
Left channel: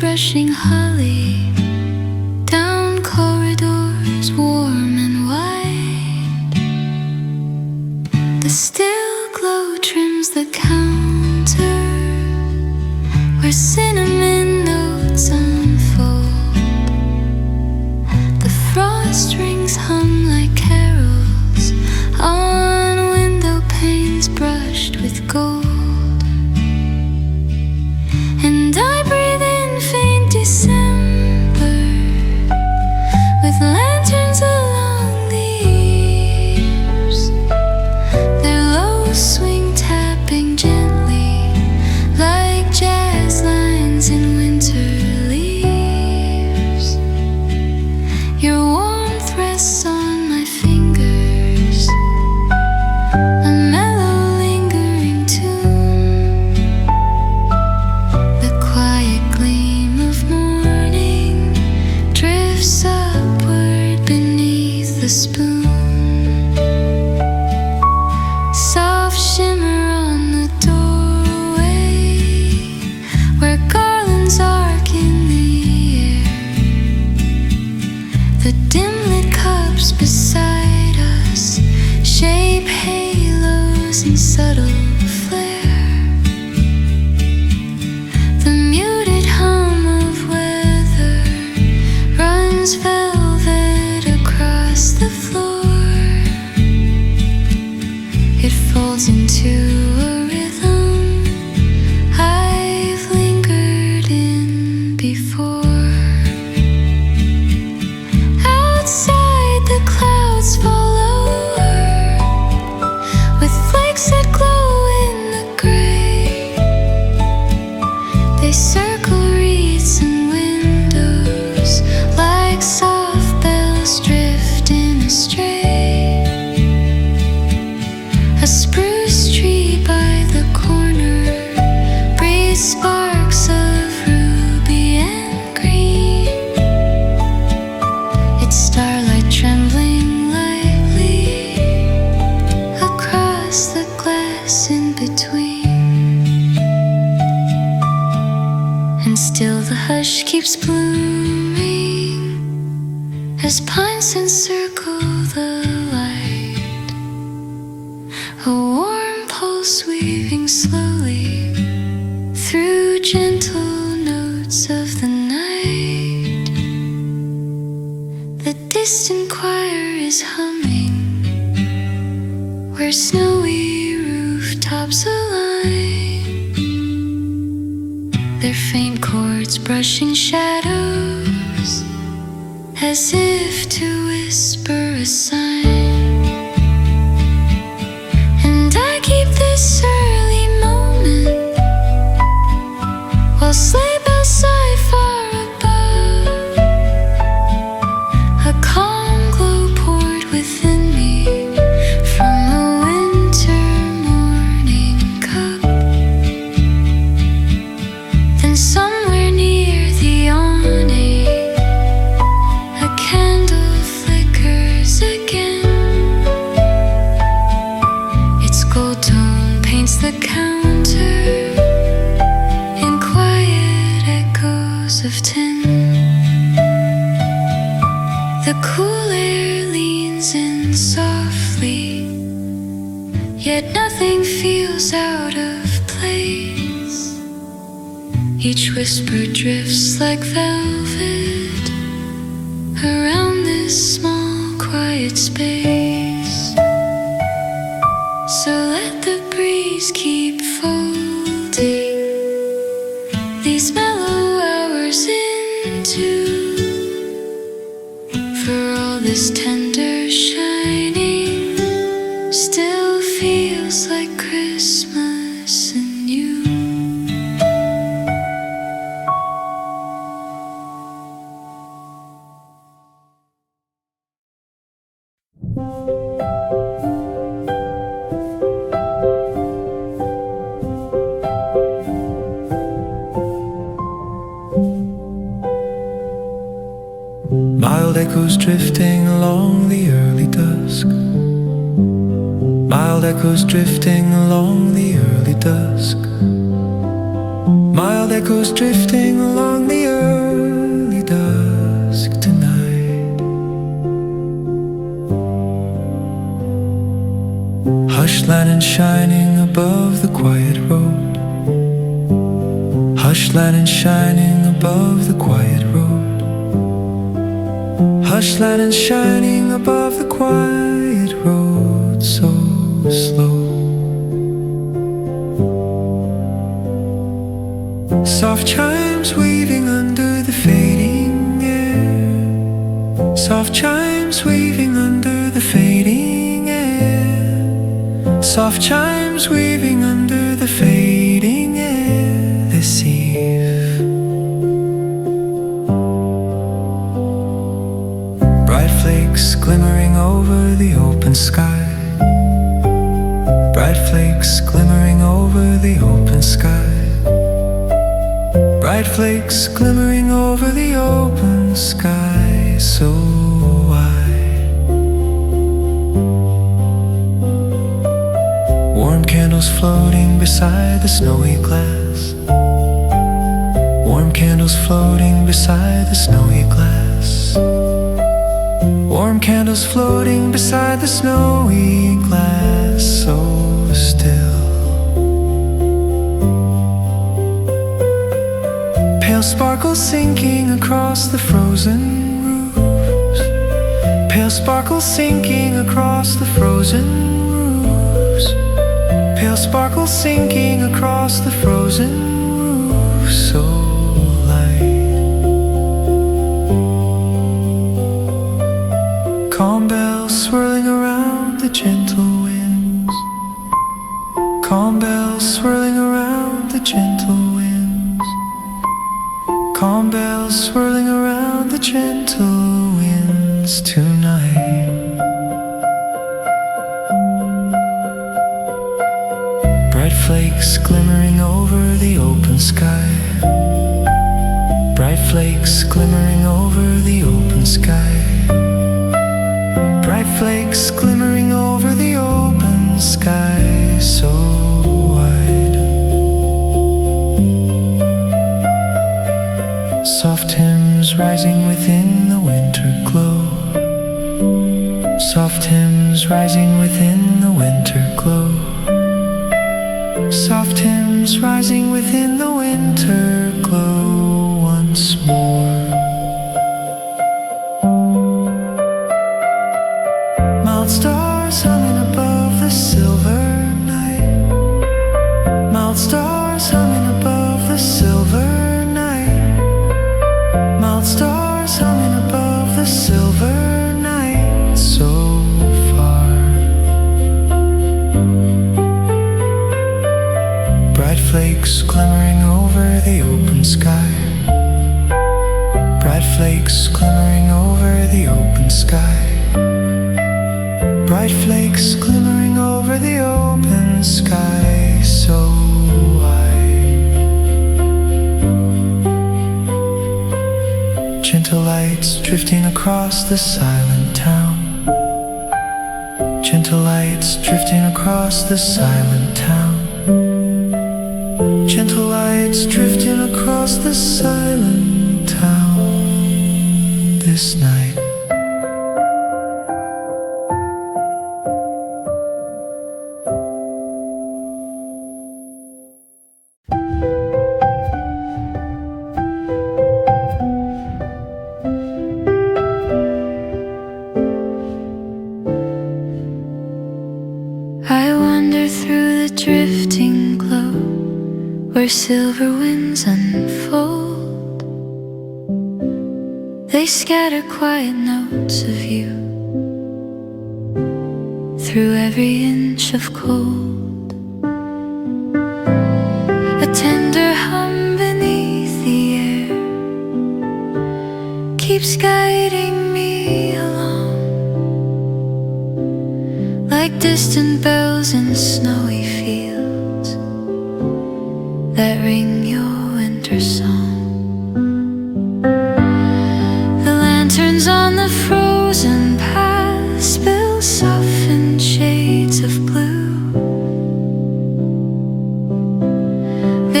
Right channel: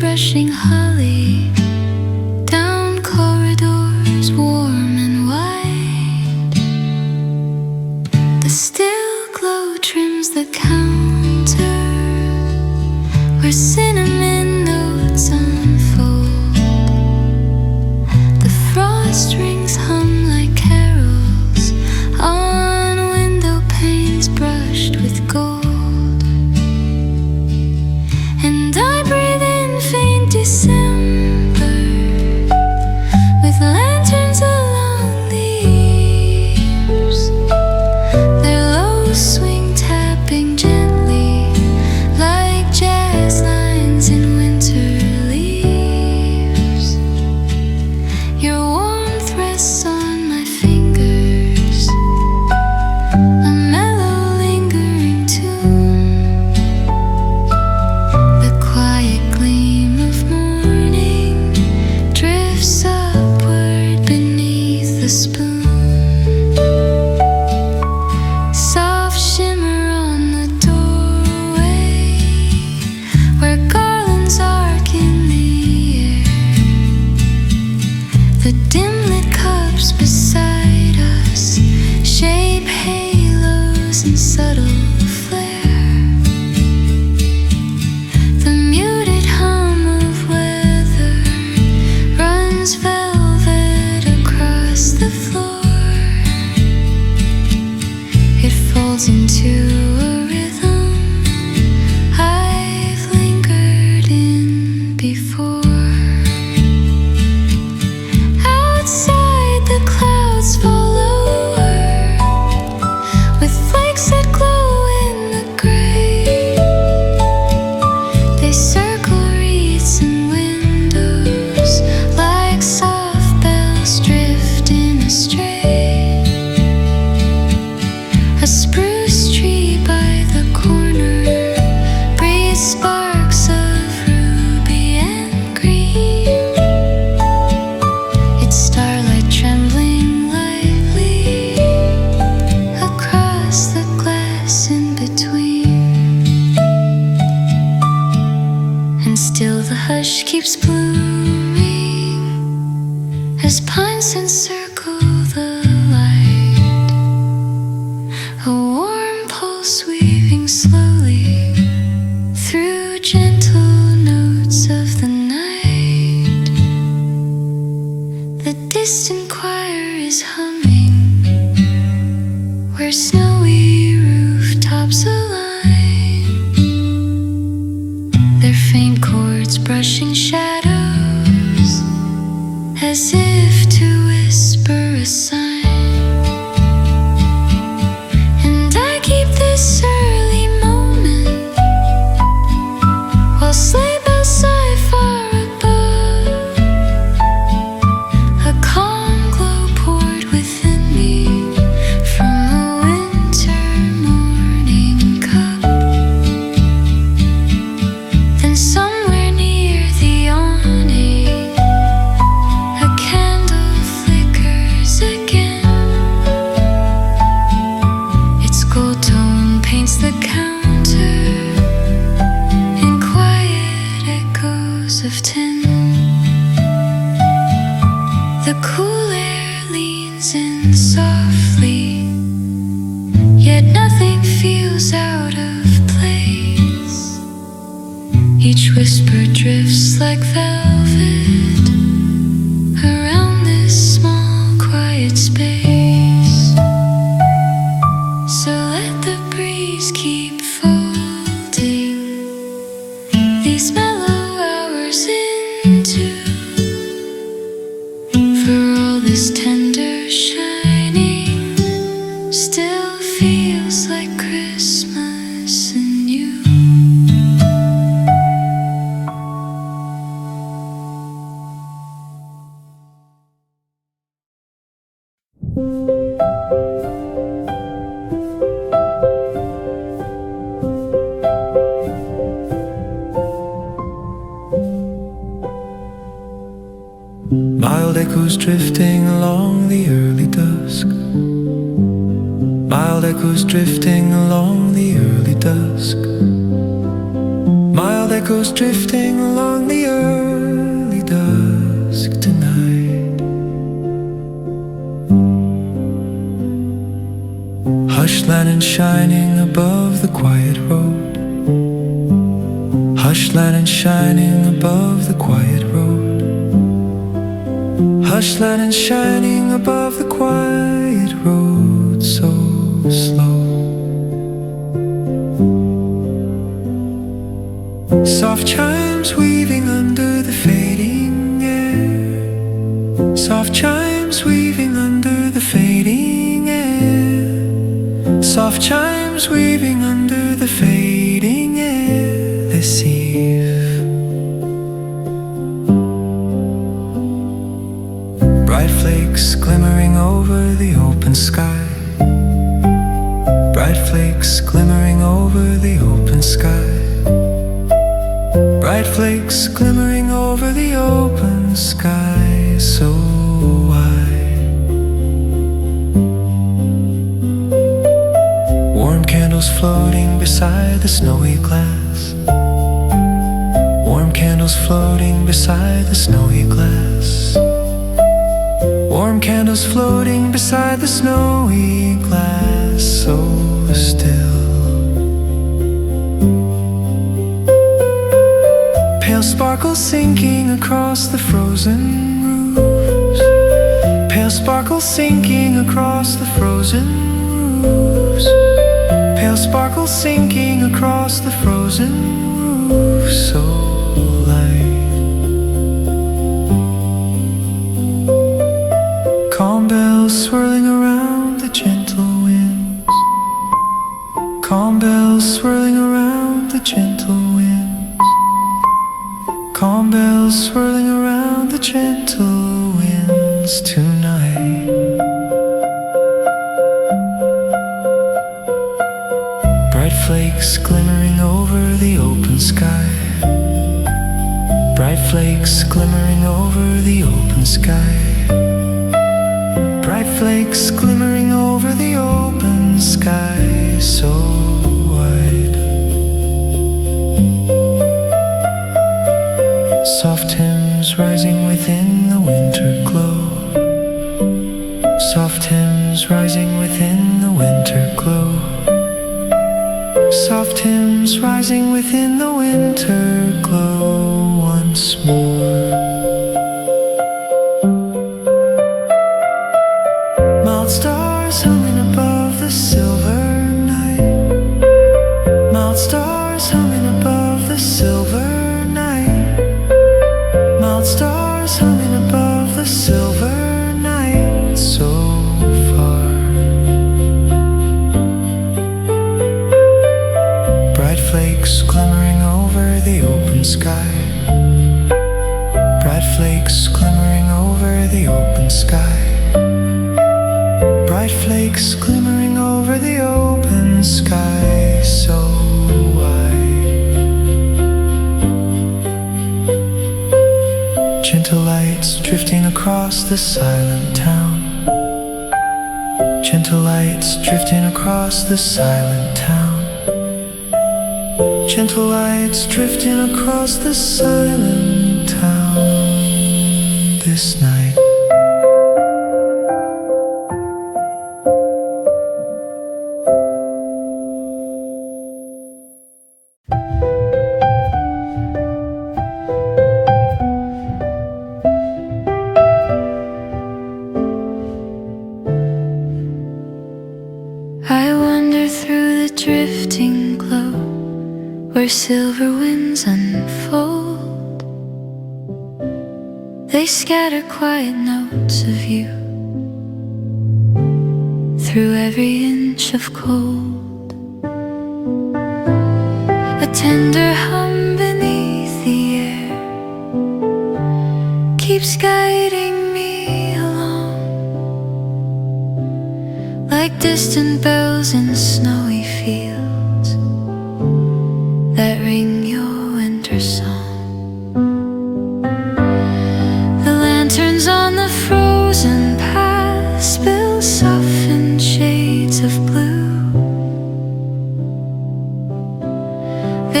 brushing holly down corridors warm and wide. The still glow trims the counter where cinnamon notes unfold. The frost rings hum like carols on window panes brushed with gold. And I breathe in faint December with lanterns along the eaves. Their low swing tapping gently like jazz lines in winter leaves. Your warmth rests on my fingers, a mellow lingering tune. The quiet gleam of morning drifts upward beneath the spoon. Soft shimmer on the doorway where garlands arc in the air. The dim lit cups beside us shape halos in subtle flare. The muted hum of weather runs velvet across the floor. It folds into a rhythm I've lingered in before. Outside the clouds fall lower with flakes that glow in the gray. They circle wreaths and windows like soft bells drifting astray. A spruce tree by the corner breathes sparks of ruby and green. Its starlight trembling lightly across the glass in between. And still the hush keeps blooming as pines encircle the light. A warm pulse weaving slowly through gentle notes of the night. The distant choir is humming where snowy rooftops align, their faint chords brushing shadows as if to whisper a sign. And I keep this early moment while sleigh bells sigh far above. A calm glow poured within me from a winter morning cup. Then somewhere near the awning a candle flickers again. Its gold tone paints the counter in quiet echoes of tin. The cool air leans in softly, yet nothing feels out of place. Each whisper drifts like velvet around this small quiet space. So let the breeze keep folding these mellow hours into. For all this tender shining still feels like Christmas and you. Mild echoes drifting along the early dusk. Mild echoes drifting along the early dusk. Mild echoes drifting along the early dusk tonight. Hush lanterns shining above the quiet road. Hush lanterns shining above the quiet road. Hush lanterns shining above the quiet road, so slow. Soft chimes weaving under the fading air. Soft chimes weaving under the fading air. Soft chimes weaving under the fading air this eve. Bright flakes glimmering over the open sky. Bright flakes glimmering over the open sky. Bright flakes glimmering over the open sky, so wide. Warm candles floating beside the snowy glass. Warm candles floating beside the snowy glass. Warm candles floating beside the snowy glass, so still. Pale sparkles sinking across the frozen roofs. Pale sparkles sinking across the frozen roofs. Pale sparkles sinking across the frozen roofs, so light. Calm bells swirling around the gentle winds. Calm bells swirling around the gentle winds. Calm bells swirling around the gentle winds tonight. Bright flakes glimmering over the open sky. Bright flakes glimmering over the open sky. Bright flakes glimmering over the open sky, so wide. Soft hymns rising within the winter glow. Soft hymns rising within the winter glow. Soft hymns rising within the winter glow once more. Mild stars humming above the silver night. Mild stars humming above the silver night. Mild stars humming above the silver night, so far. Bright flakes glimmering over the open sky. Bright flakes glimmering over the open sky. Bright flakes glimmering over the open sky, so wide. Gentle lights drifting across the silent town. Gentle lights drifting across the silent town. Gentle lights drifting across the silent town this night. I wander through the drifting glow where silver winds unfold. They scatter quiet notes of you through every inch of cold. A tender hum beneath the air keeps guiding me along, like distant bells in snowy fields that ring your winter song. The lanterns on the frozen path spill softened shades of blue.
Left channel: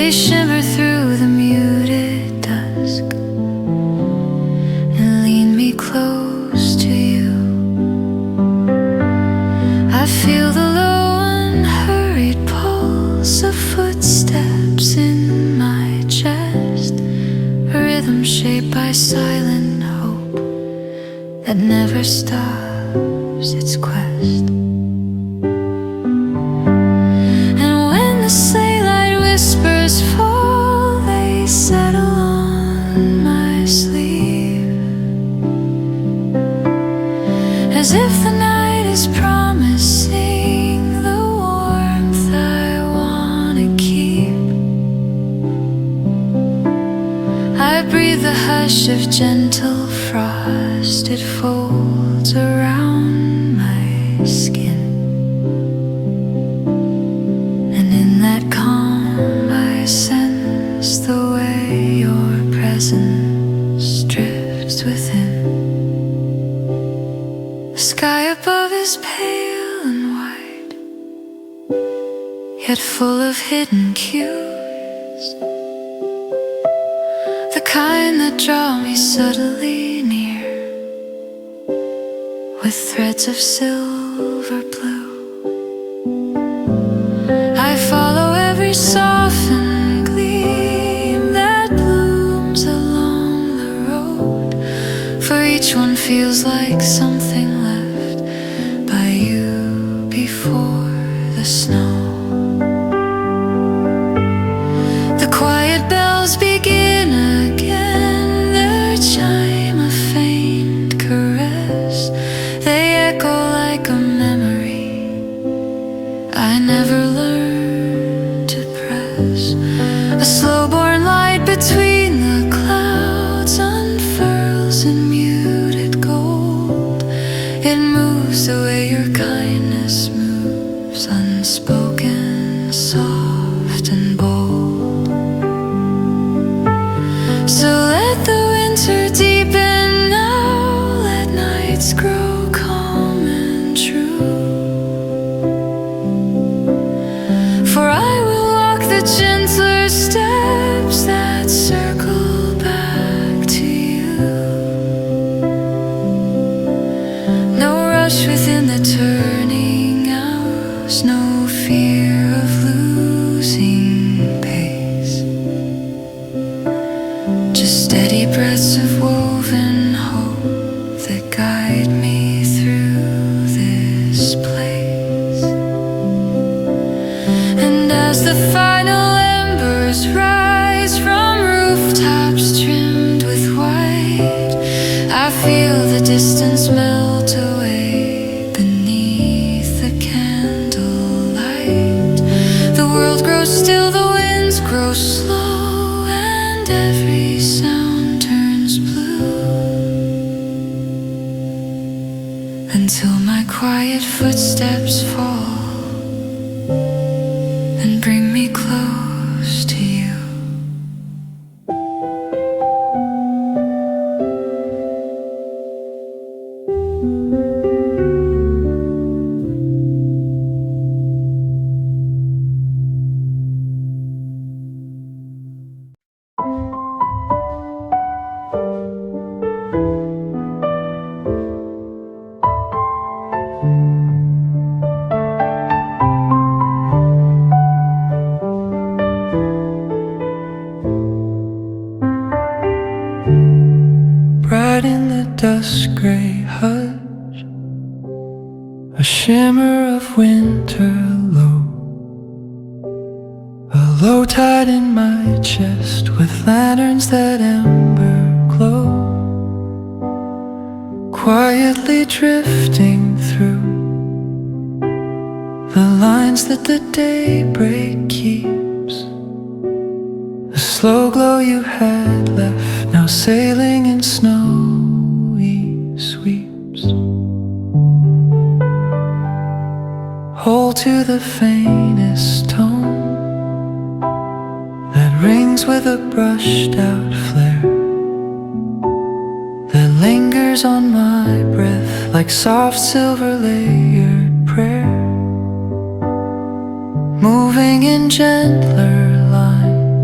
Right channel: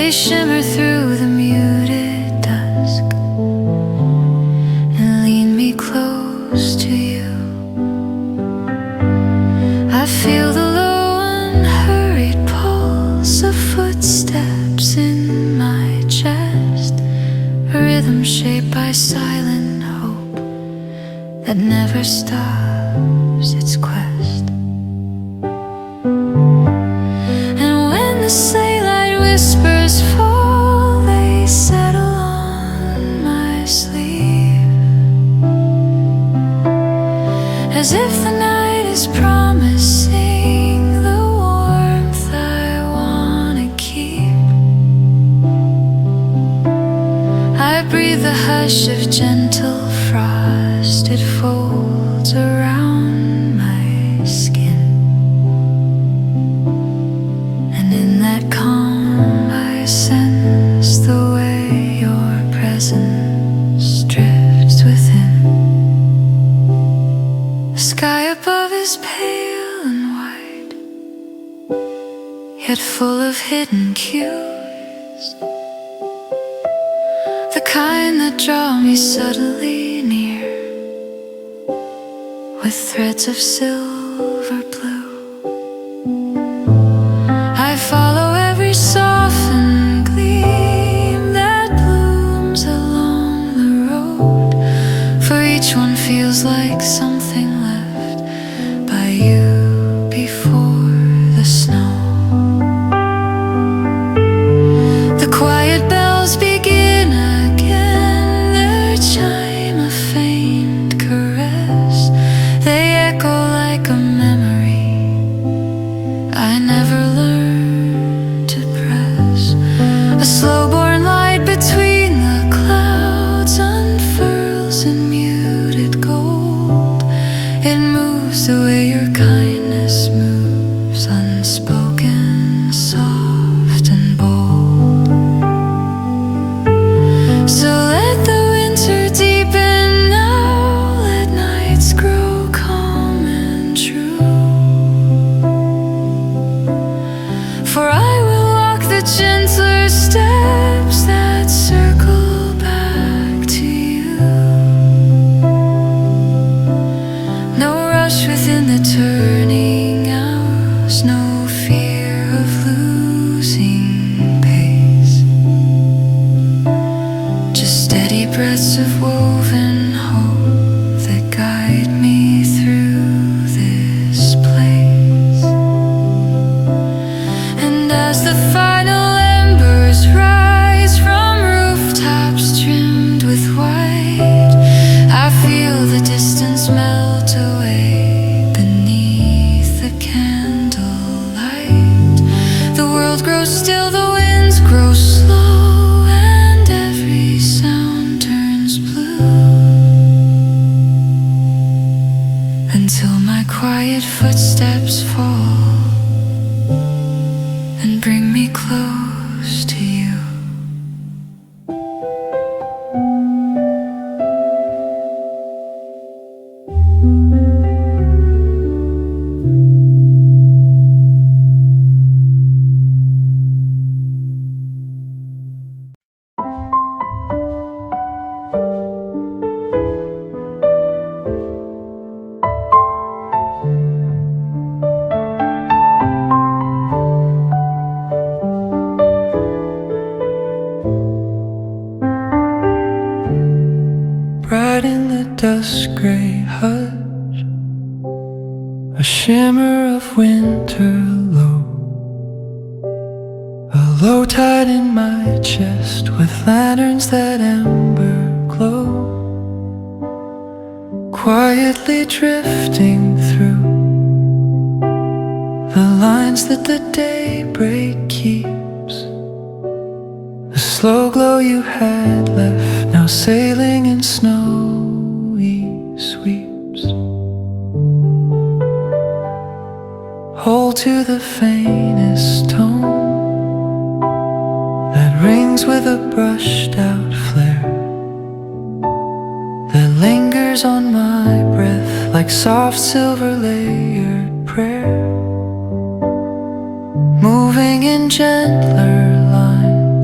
They shimmer through the muted dusk and lean me close to you. I feel the low unhurried pulse of footsteps in my chest, a rhythm shaped by silent hope that never stops its quest. And when the sleigh light whispers fall, they settle on my sleeve, as if the night is promising the warmth I wanna keep. I breathe the hush of gentle frost, it folds around my skin, and in that calm I sense the way your presence drifts within. The sky above is pale and white, yet full of hidden cues, the kind that draw me subtly near with threads of silver blue. I follow every softened gleam that blooms along the road, for each one feels like something left by you before the snow. The quiet bells begin again, their chime a faint caress. They echo like a memory I never learned to press. A slow-born light between the clouds unfurls in muted gold. It moves the way your kindness moves, unspoken, soft and bold. So let the winter deepen now, let nights grow calm and true. For I will walk the gentler steps that circle back to you. No rush within the turning hours, no fear of losing pace, just steady breaths of woven hope that guide me through this place. And as the final embers rise from rooftops trimmed with white, I feel the distance melt away beneath the candlelight. The world grows still, the winds grow slow, and every sound turns blue, until my quiet footsteps fall and bring me close to you. Bright in the dusk gray hush, a shimmer of winter low, a low tide in my chest with lanterns that ember glow, quietly drifting through the lines that the daybreak keeps. The slow glow you had left, now sailing in snowy sweeps. Hold to the faintest tone that rings with a brushed out flare, that lingers on my breath like soft silver layered prayer, moving in gentler lines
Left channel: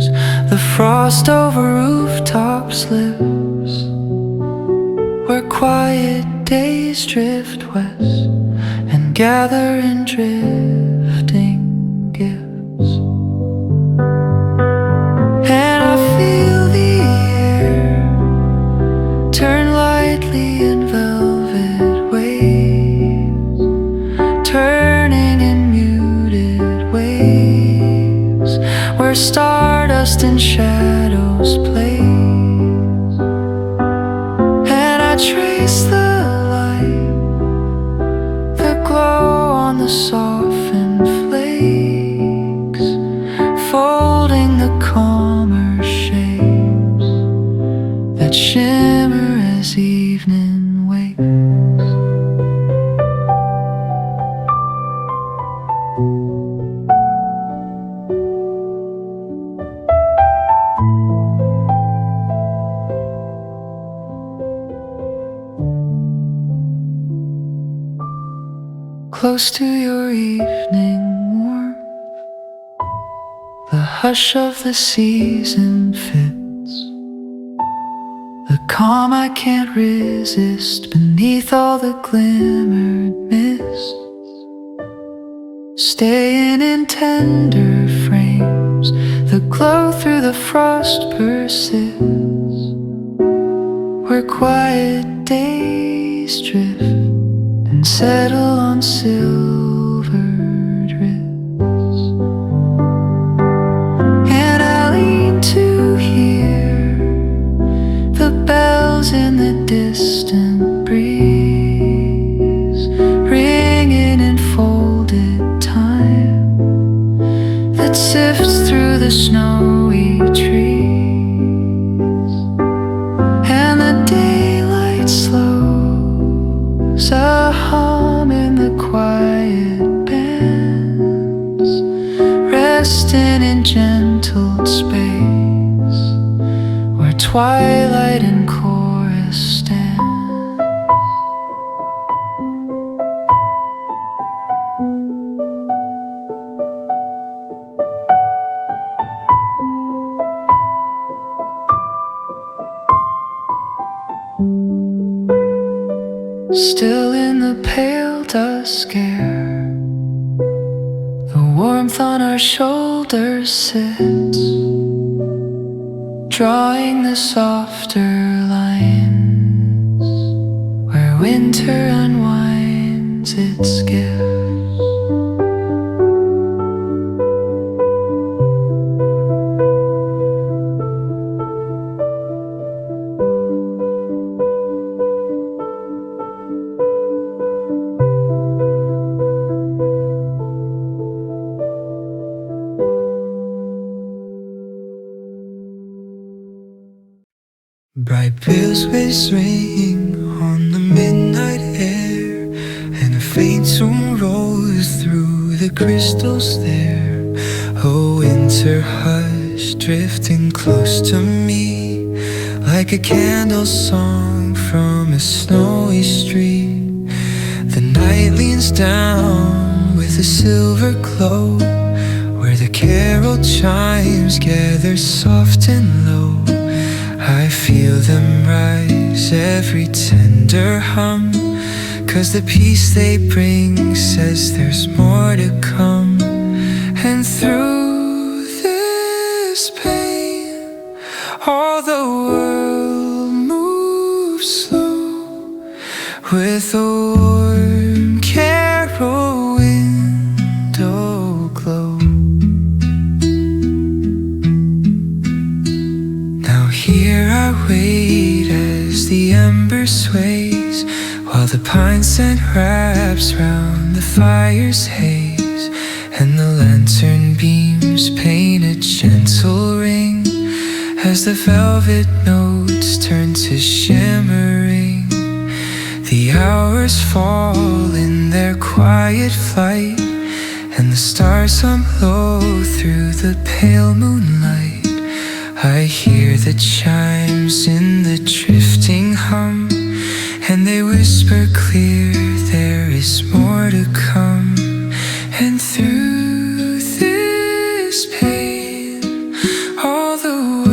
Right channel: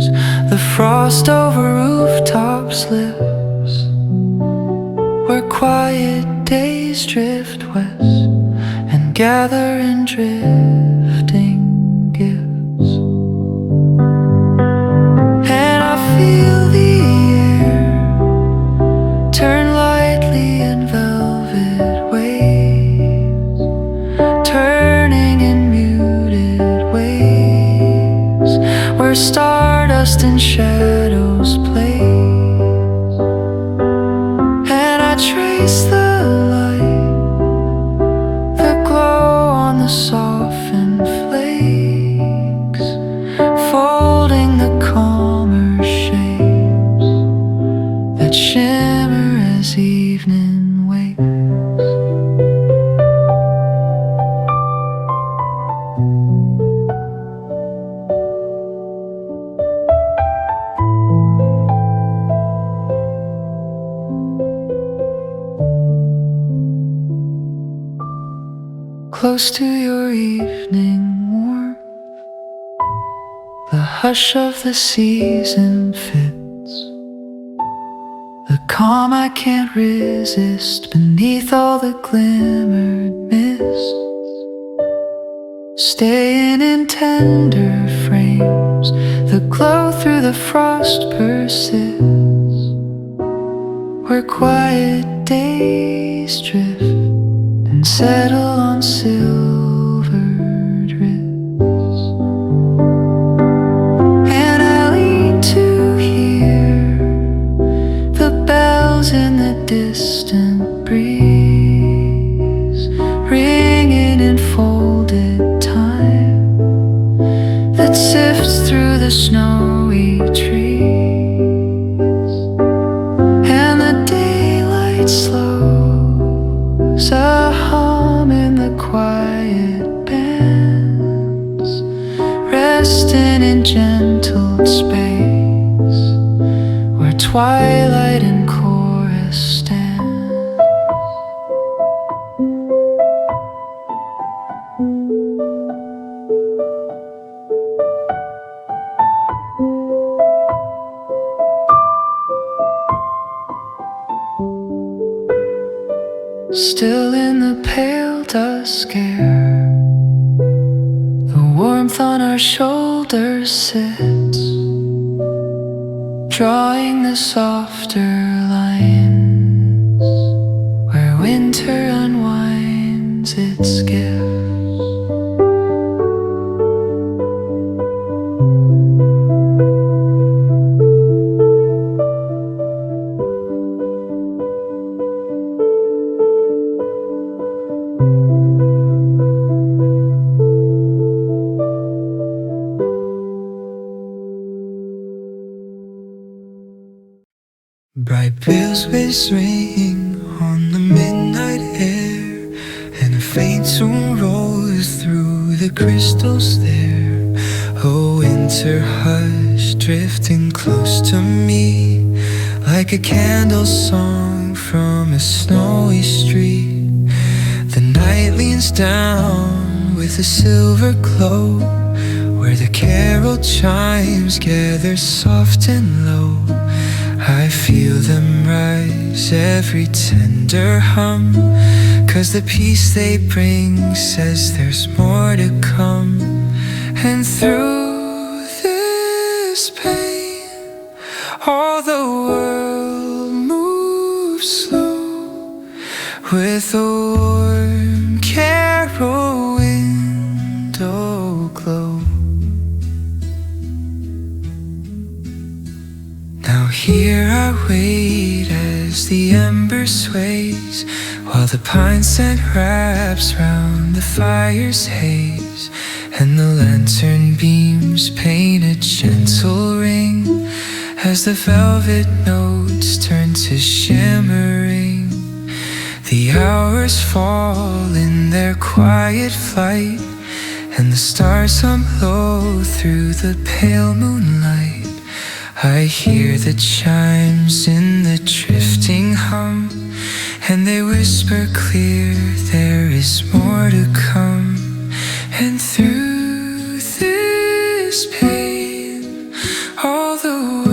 The frost over rooftops lifts, where quiet days drift west and gather in drifting gifts. And I feel the air turn lightly in velvet waves, turning in muted waves, where stardust and shadows play. And I trace the light, the glow on the softened flakes, folding the calmer shapes that shimmer as evening wakes. Close to your evening warmth, the hush of the season fits, the calm I can't resist beneath all the glimmered mists, staying in tender frames, the glow through the frost persists, where quiet days drift and settle on silvered wrists. And I lean to hear the bells in the distant breeze, ringing in folded time that sifts through the snowy trees. And the daylight slows, a hum in the quiet bands, resting in gentled space, where twilight and chorus stand. Still in the pale dusk air, the warmth on our shoulders sits, drawing the softer lines, where winter unwinds its gifts. Bright bells ring on the midnight air, and a faint tune rolls through the crystals there. A winter hush drifting close to me, like a candle song from a snowy street. The night leans down with a silver glow, where the carol chimes gather soft and low. I feel them rise, every tender hum, 'cause the peace they bring says there's more to come. And through this pain, all the world moves slow, with a warm carol window glow. Here I wait as the ember sways, while the pine scent wraps round the fire's haze, and the lantern beams paint a gentle ring, as the velvet notes turn to shimmering. The hours fall in their quiet flight, and the stars hum low through the pale moonlight. I hear the chimes in the drifting hum, and they whisper clear there is more to come. And through this pain, all the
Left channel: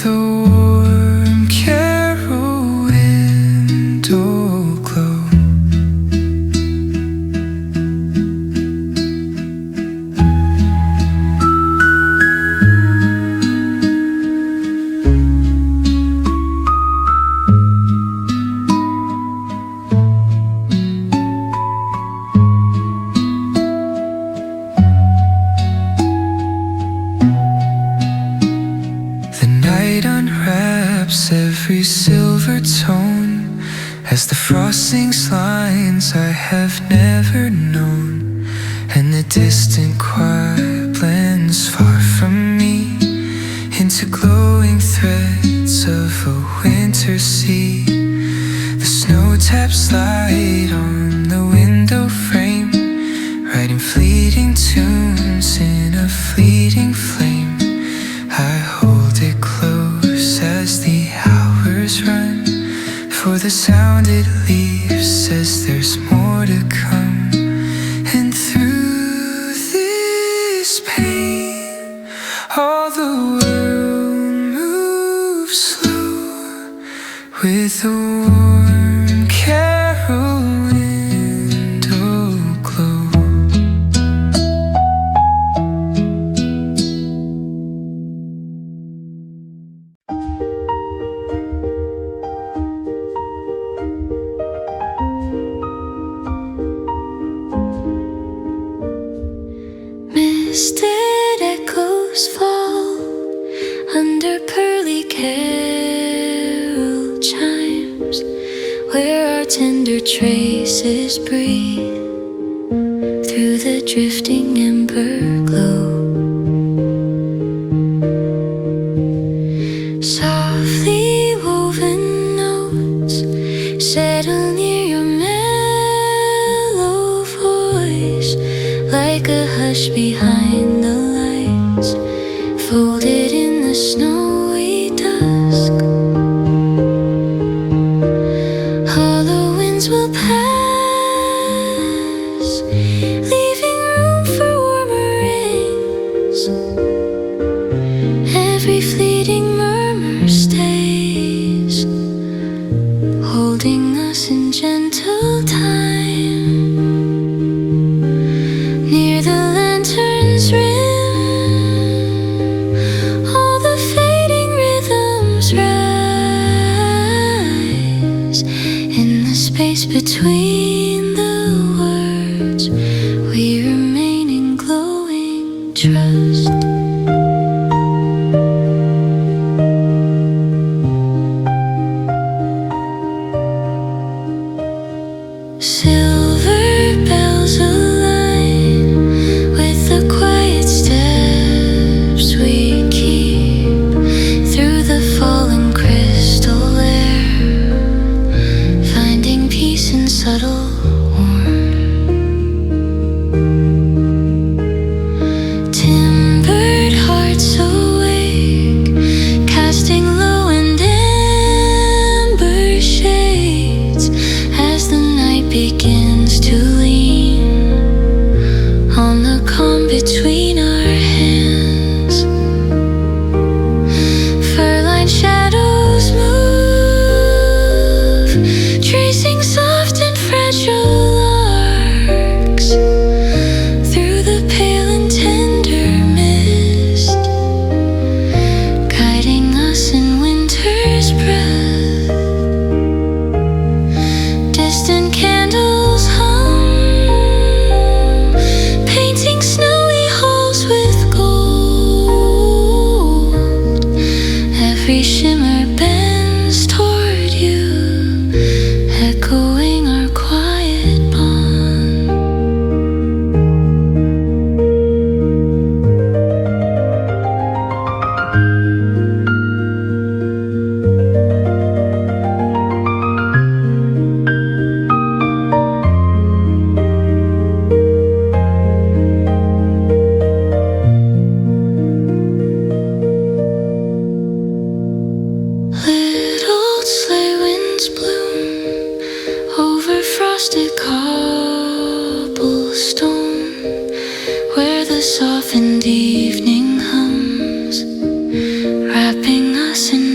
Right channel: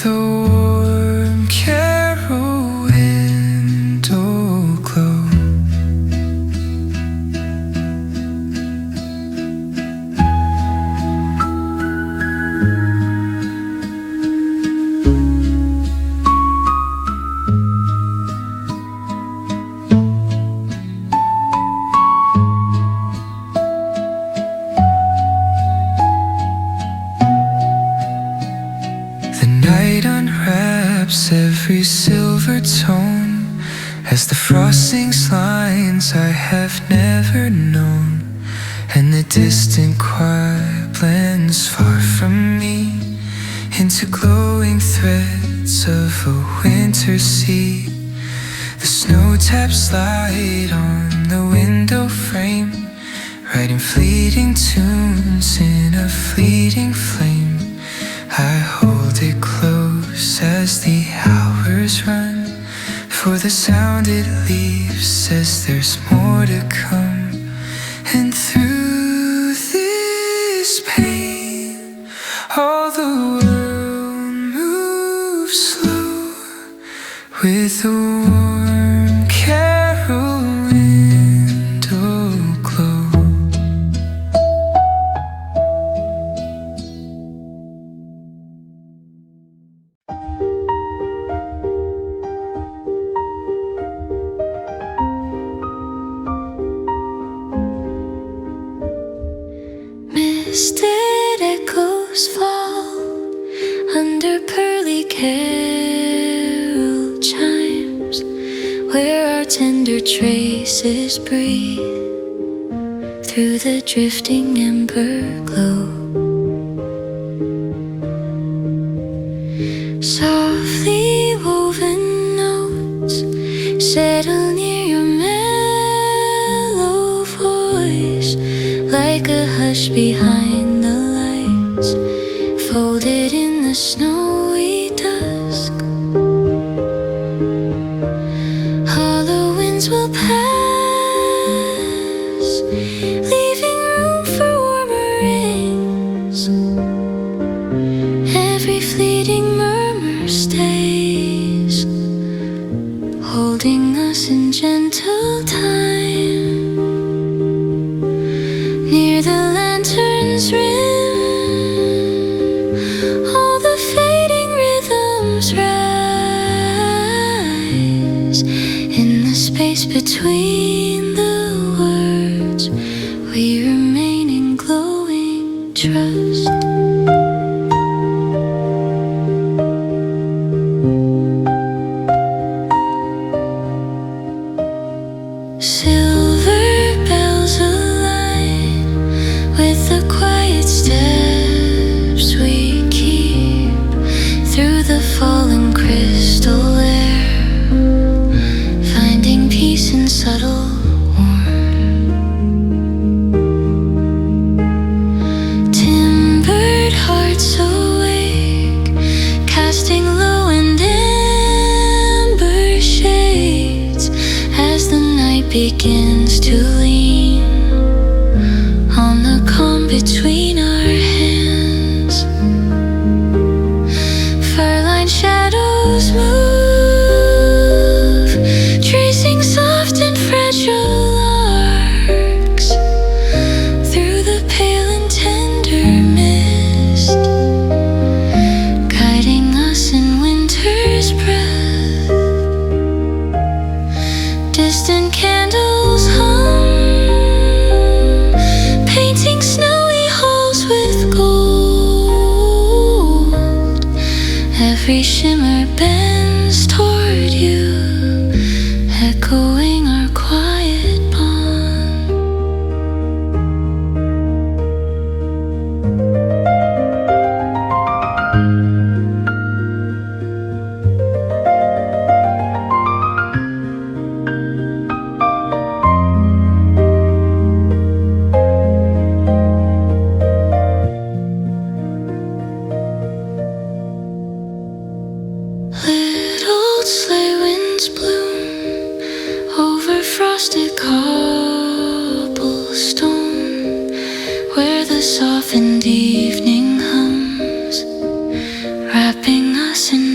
with a warm carol window glow. The night unwraps every silver tone as the frost sings lines I have never known, and the distant choir blends far from me into glowing threads of a winter sea. The snow taps light on the window frame, writing fleeting tunes in a fleeting flame. I hold it close as the hours run, for the sound it leaves says there's more to come. And through this pain, all the world moves slow with a warm carol window glow. Misted echoes fall under pearly carol chimes, where our tender traces breathe through the drifting ember glow. Softly woven notes settle near your mellow voice, like a hush behind the lights, folded in the snowy dusk. Hollow winds will pass, leaving room for warmer rains. Every fleeting murmur stays, holding us in gentle time. Near the lantern's rim, all the fading rhythms rise. In the space between the words, we remain in glowing trust. Silver bells align with the quiet steps we keep through the fallen crystal air, finding peace in subtle warmth. Timbered hearts awake, casting low and amber shades as the night begins to lean on the calm between our hands. Fur-lined shadows move, tracing soft and fragile arcs through the pale and tender mist, guiding us in winter's breath. Distant candles hum, painting snowy halls with gold. Every shimmer bends toward you, echoing our quiet bond. Little sleigh winds bloom over frosted cobblestone, softened evening hums, wrapping us in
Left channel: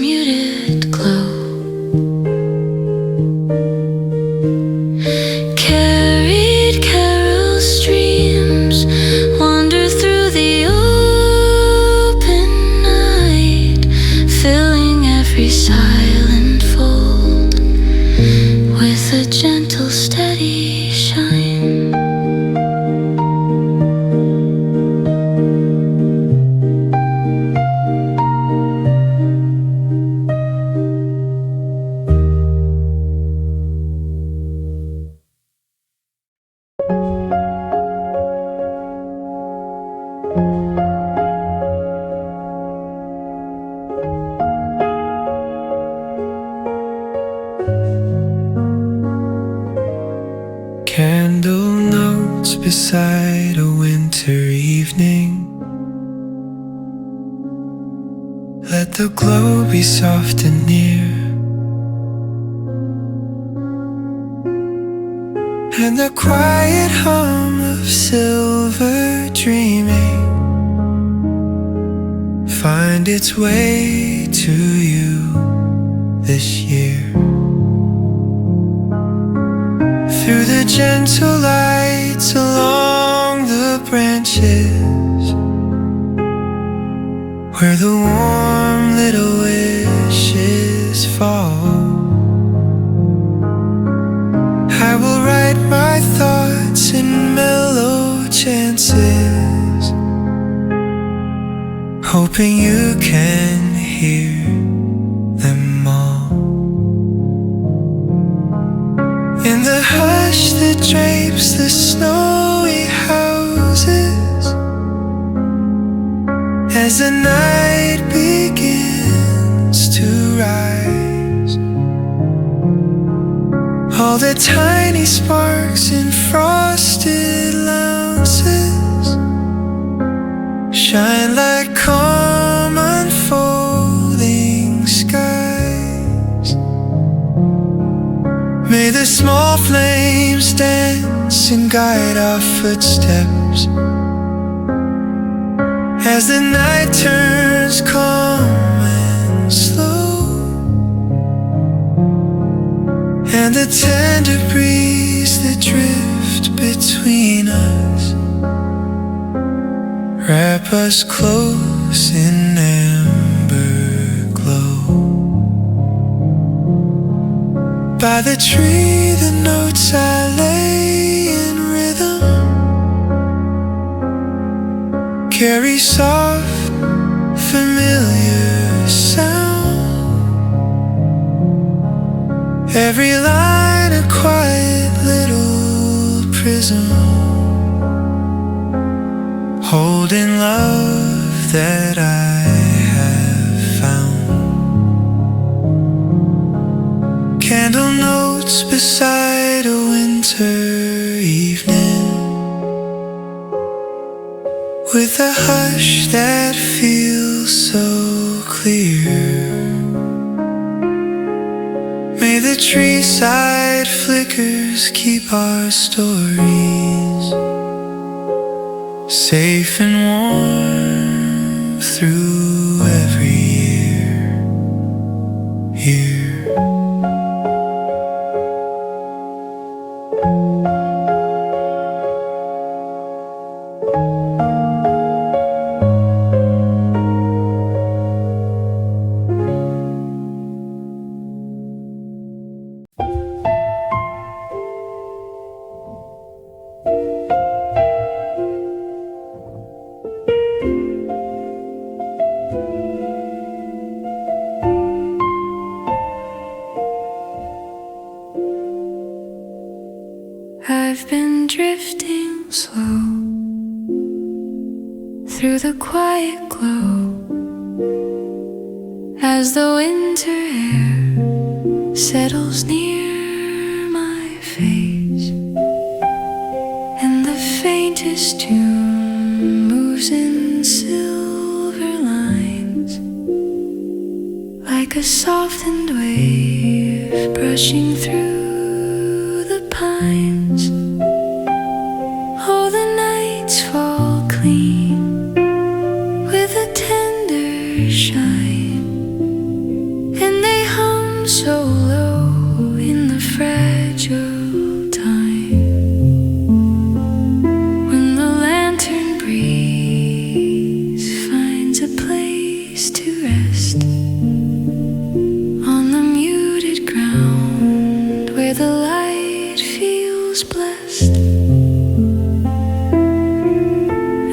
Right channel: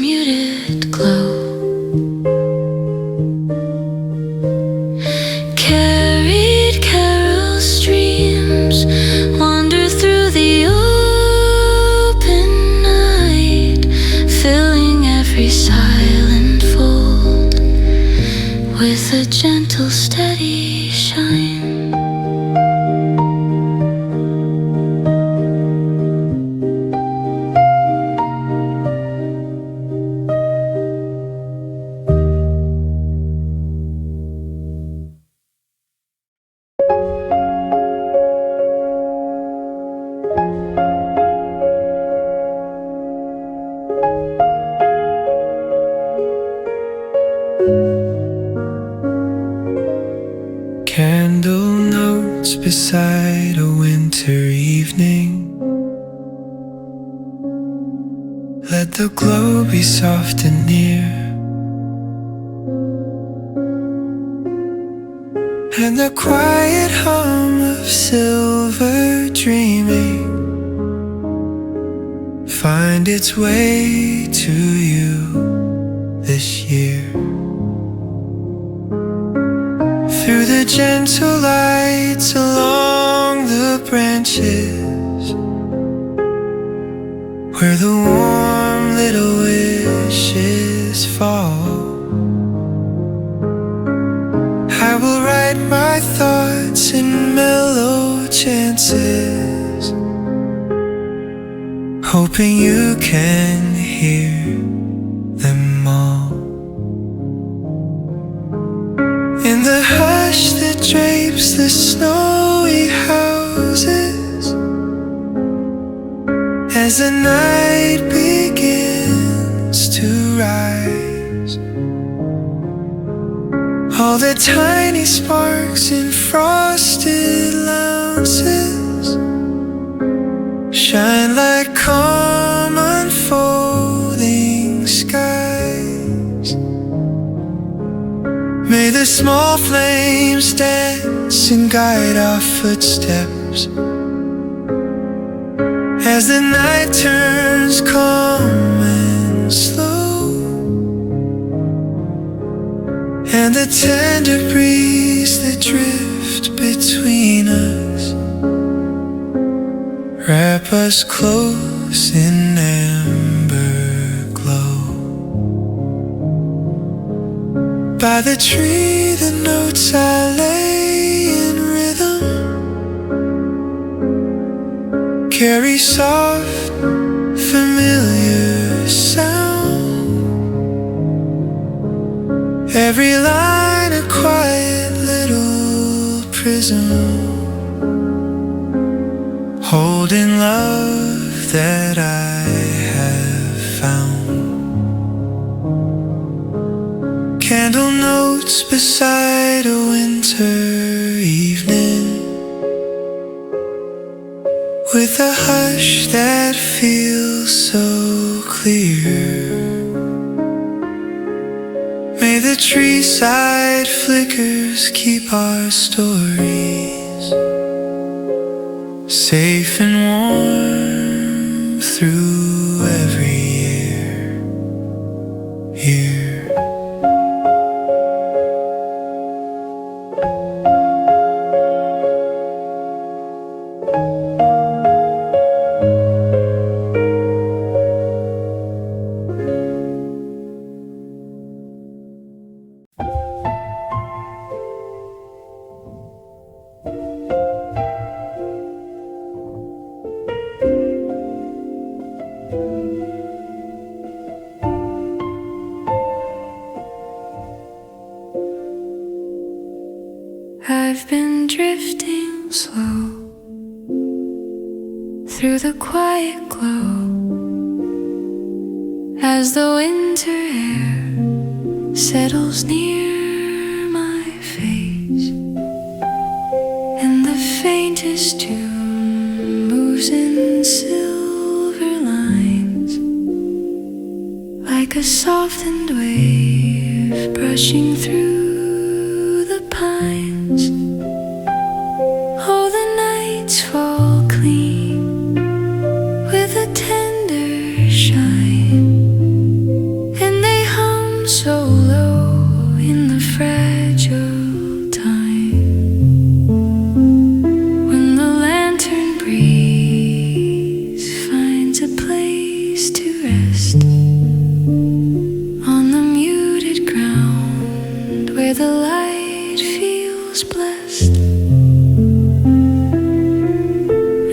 every silent fold with a gentle, steady shine. Candle notes beside a winter evening. Let the glow be soft and near, and the quiet hum of silver dreaming find its way to you this year. Through the gentle lights along the branches, where the warm little wishes fall, I will write my thoughts in mellow chances, hoping you can hear them all. In the hush that drapes the snowy houses, as the night begins to rise, all the tiny sparks in frosted louses shine like calm unfolding skies. May the small flames dance and guide our footsteps as the night turns calm and slow, and the tender breeze that drifts between us wrap us close in amber glow. By the tree the notes I lay in rhythm carry soft, familiar sound. Every line a quiet little prism, holding love that I have found. Candle notes beside a winter evening, with a hush that feels so clear. May the tree side flickers keep our stories safe and warm through every year. I've been drifting slow through the quiet glow as the winter air settles near my face, and the faintest tune moves in silver lines like a softened wave brushing through the pines. Oh, the nights fall clean with a tender shine, and they hum so low in the fragile time when the lantern breeze finds a place to rest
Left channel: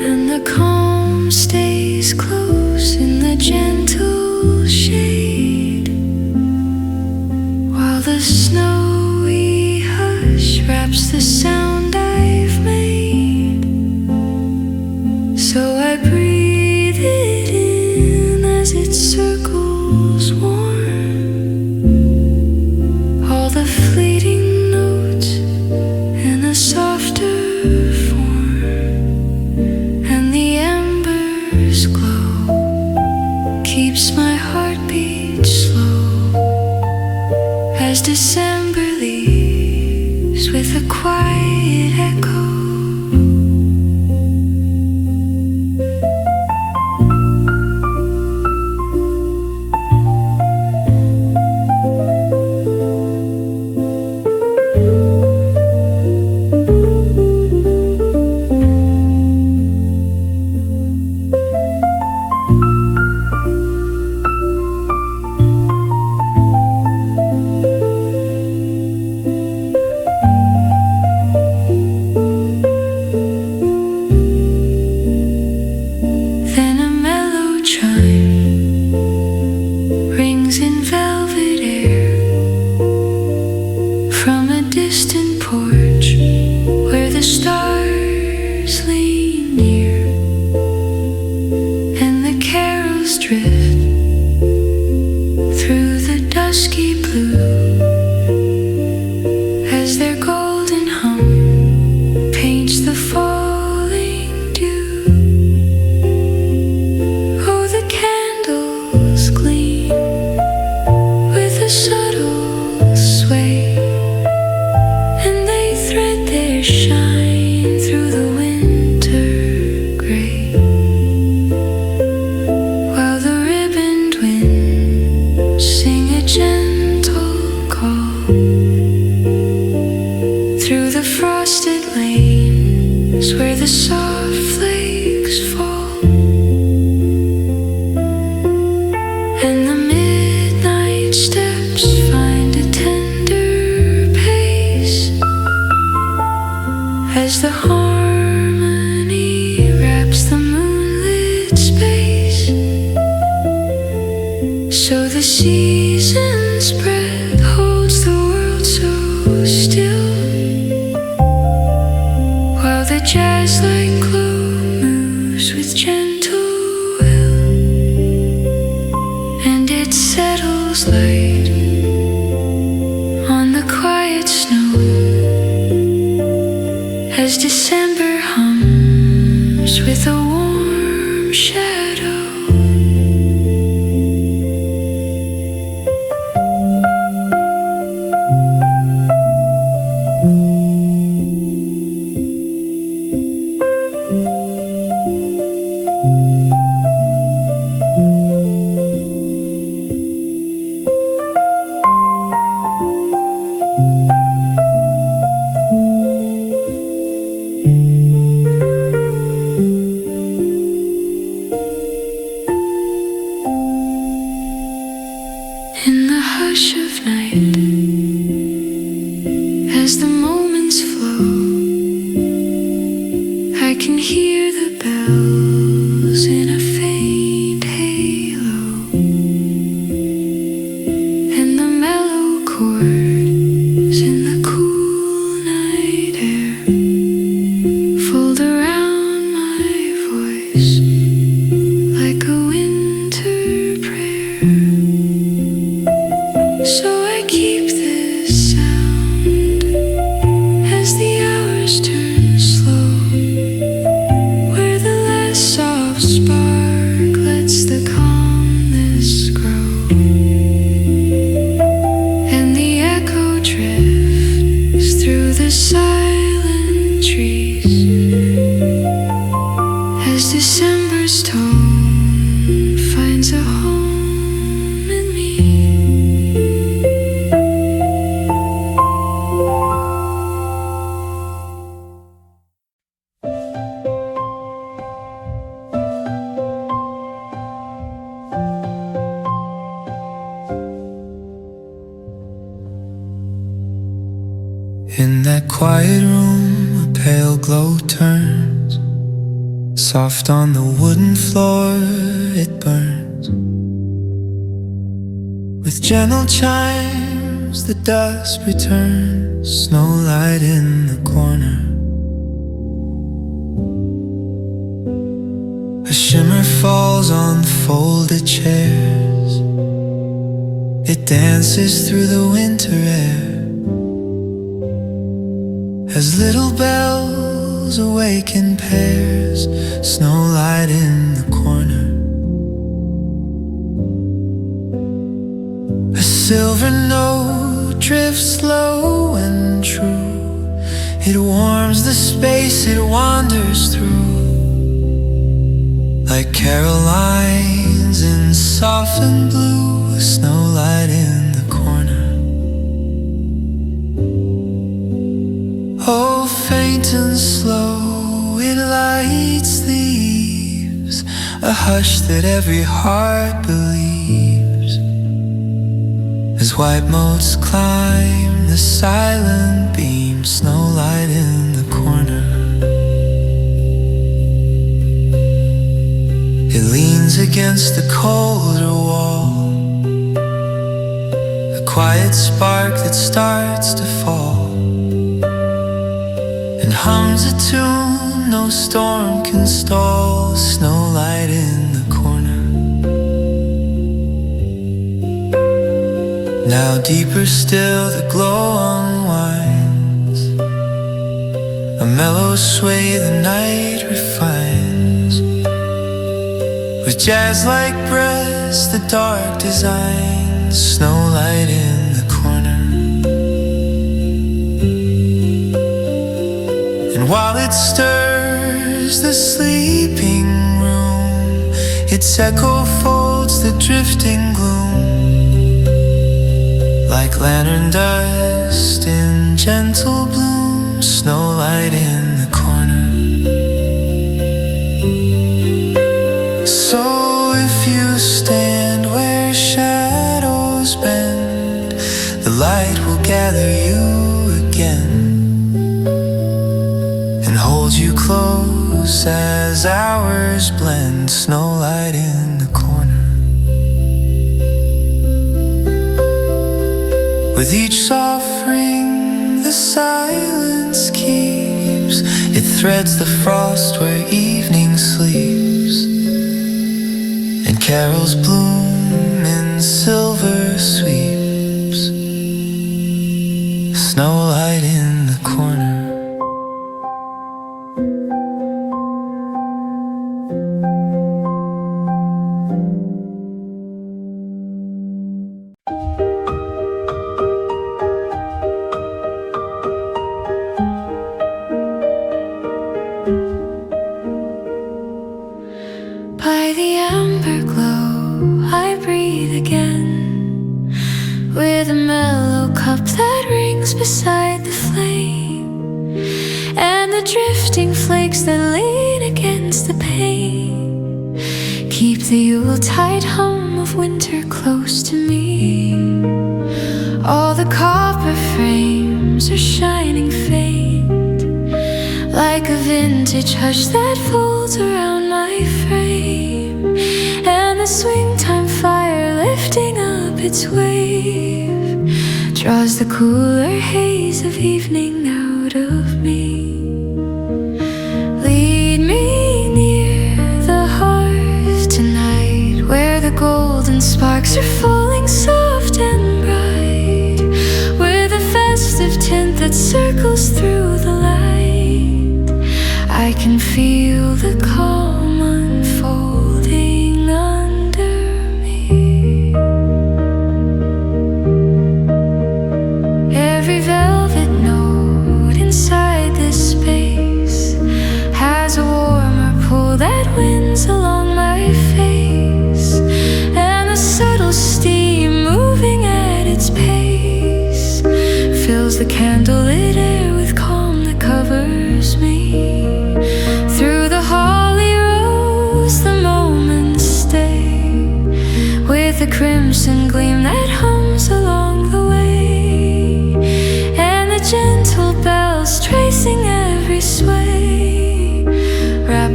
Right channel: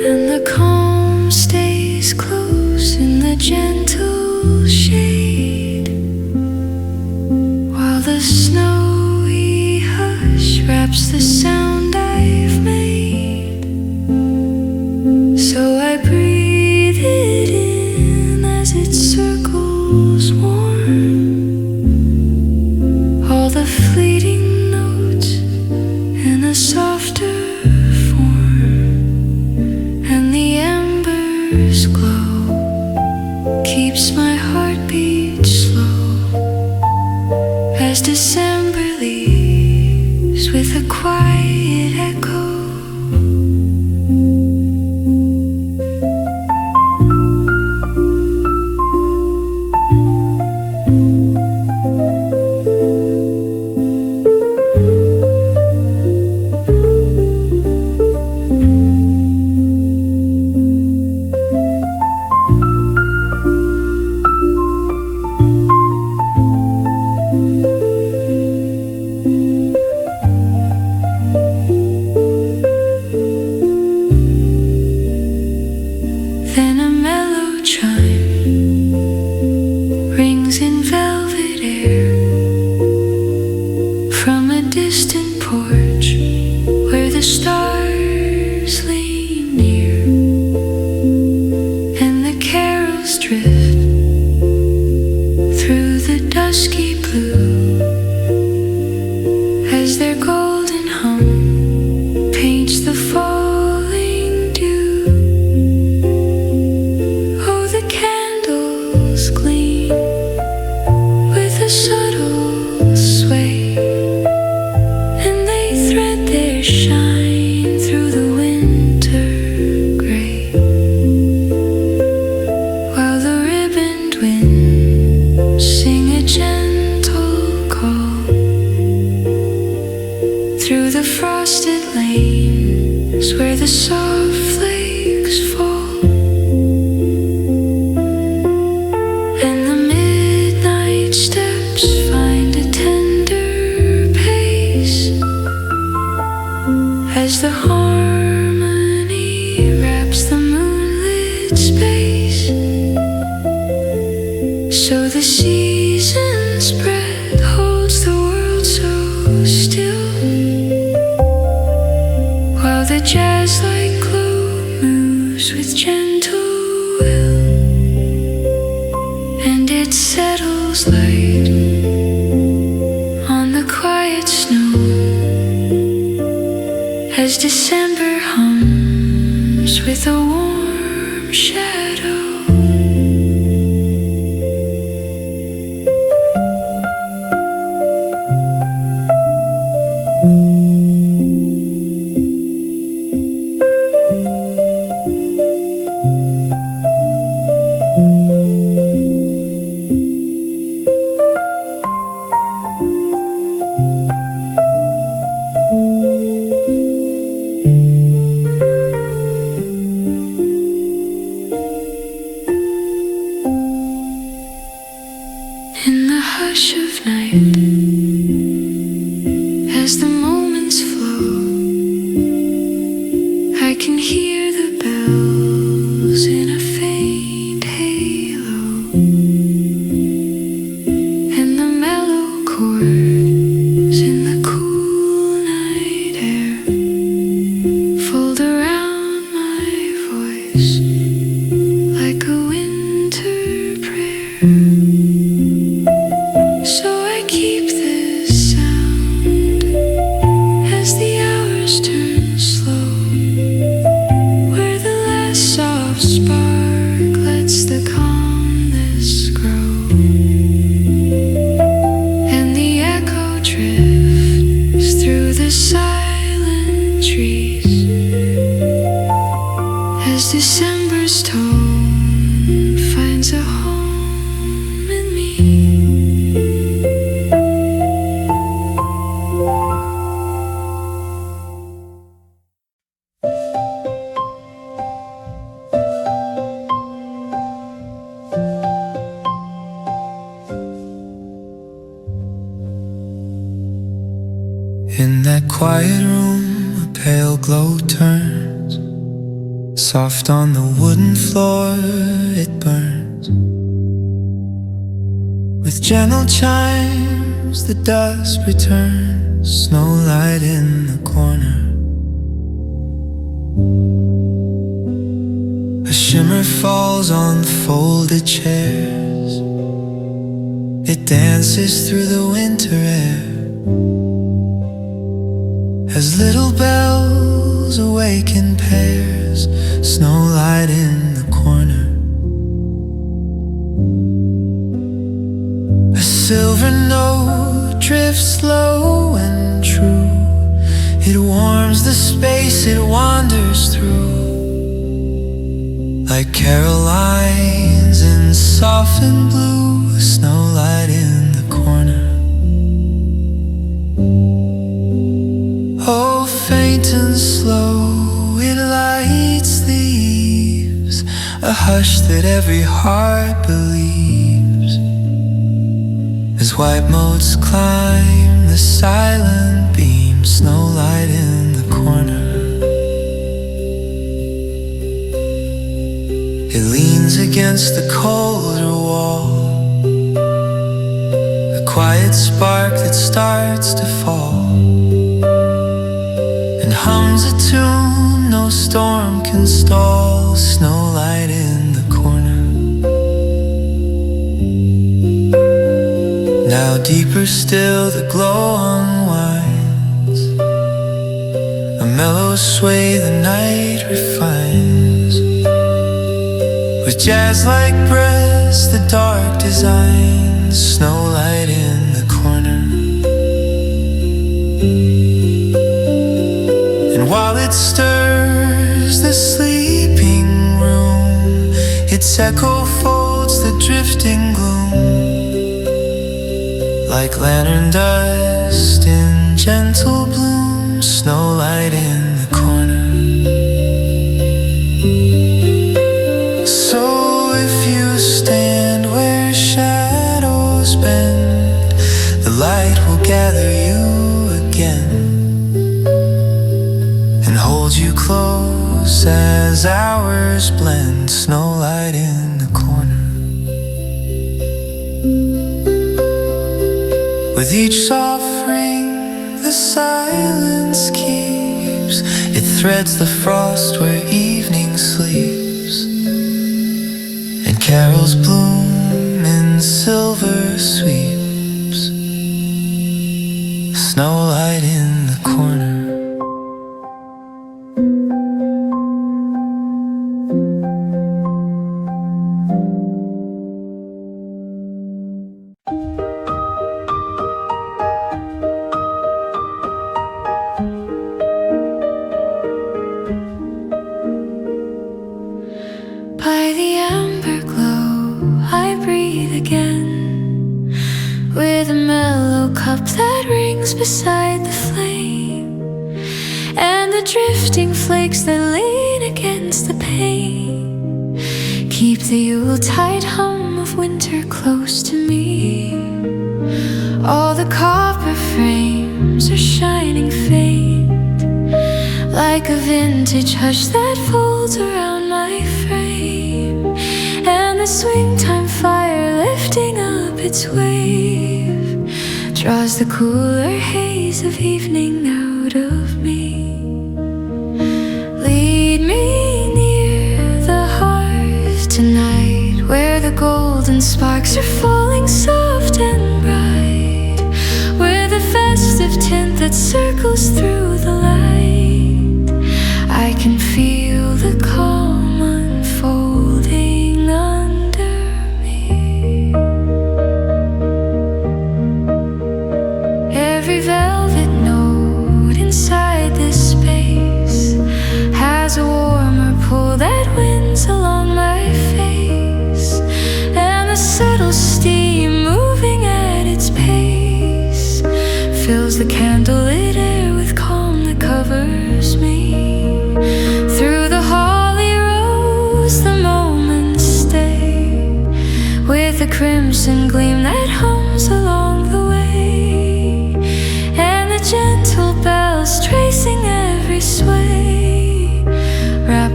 and the calm stays close in the gentle shade, while the snowy hush wraps the sound I've made. So I breathe it in as it circles warm, all the fleeting notes in a softer form, and the embers glow, keeps my heartbeat slow as December leaves with a quiet echo. Then a mellow chime rings in velvet air from a distant porch where the stars lean near, and the carols drift through the dusky blue as their golden hum paints the falling dew. The candles gleam with a subtle sway, and they thread their shine through the winter gray, while the ribboned winds sing a gentle call through the frosted lanes where the soft flakes fall. And the midnight steps find a tender pace as the harmony wraps the moonlit space. So the season's breath holds the world so still, while the jazz-like glow moves with gentle will, and it settles light on the quiet snow as December hums with a warm shadow. In the hush of night, as the moments flow, I can hear the bells in a faint halo, and the mellow chords in the cool night air fold around my voice like a winter prayer. So I keep this sound as the hours turn slow, where the last soft spark lets the calmness grow, and the echo drifts through the silent trees as December's tone finds a home in me. In that quiet room, a pale glow turns Soft on the wooden floor it burns. With gentle chimes the dusk returns. Snowlight in the corner. A shimmer falls on folded chairs. It dances through the winter air as little bells awaken pairs. Snowlight in the corner. A silver note drifts low and true. It warms the space it wanders through, like Carolines in softened blue. Snowlight in the corner. Oh, faint and slow it lights the eaves, a hush that every heart believes, as white motes climb the silent beam. Snowlight in the corner. It leans against the colder wall, a quiet spark that starts to fall, and hums a tune no storm can stall. Snowlight in the corner. Now deeper still the glow unwinds, a mellow sway the night refines, with jazz-like breaths the dark designs. Snowlight in the corner. And while it stirs the sleeping room, its echo folds the drifting gloom, like lantern dust in gentle bloom. Snowlight in the corner. So if you stand where shadows bend, the light will gather you again and hold you close as hours blend. Snowlight in the corner. With each soft ring the silence keeps, it threads the frost where evening sleeps, and carols bloom in silver sweeps. Snowlight in the corner. By the amber glow I breathe again, with a mellow cup that rings beside the flame, and the drifting flakes that lean against the pane keep the Yuletide hum of winter close to me. All the copper frames are shining faint, like a vintage hush that folds around my frame, and the swing time fire lifting up its wave draws the cooler haze of evening out of me. Lead me near the hearth tonight, where the golden sparks are falling soft and bright, with a festive tint that circles through the light. I can feel the calm unfolding under me. Every velvet note inside this space has a warmer pull that winds along my face, and the subtle steam moving at its pace fills the candlelit air with calm that covers me. Through the holly rose the moments stay, with a crimson gleam that hums along the way, and the gentle bells tracing every sway wrap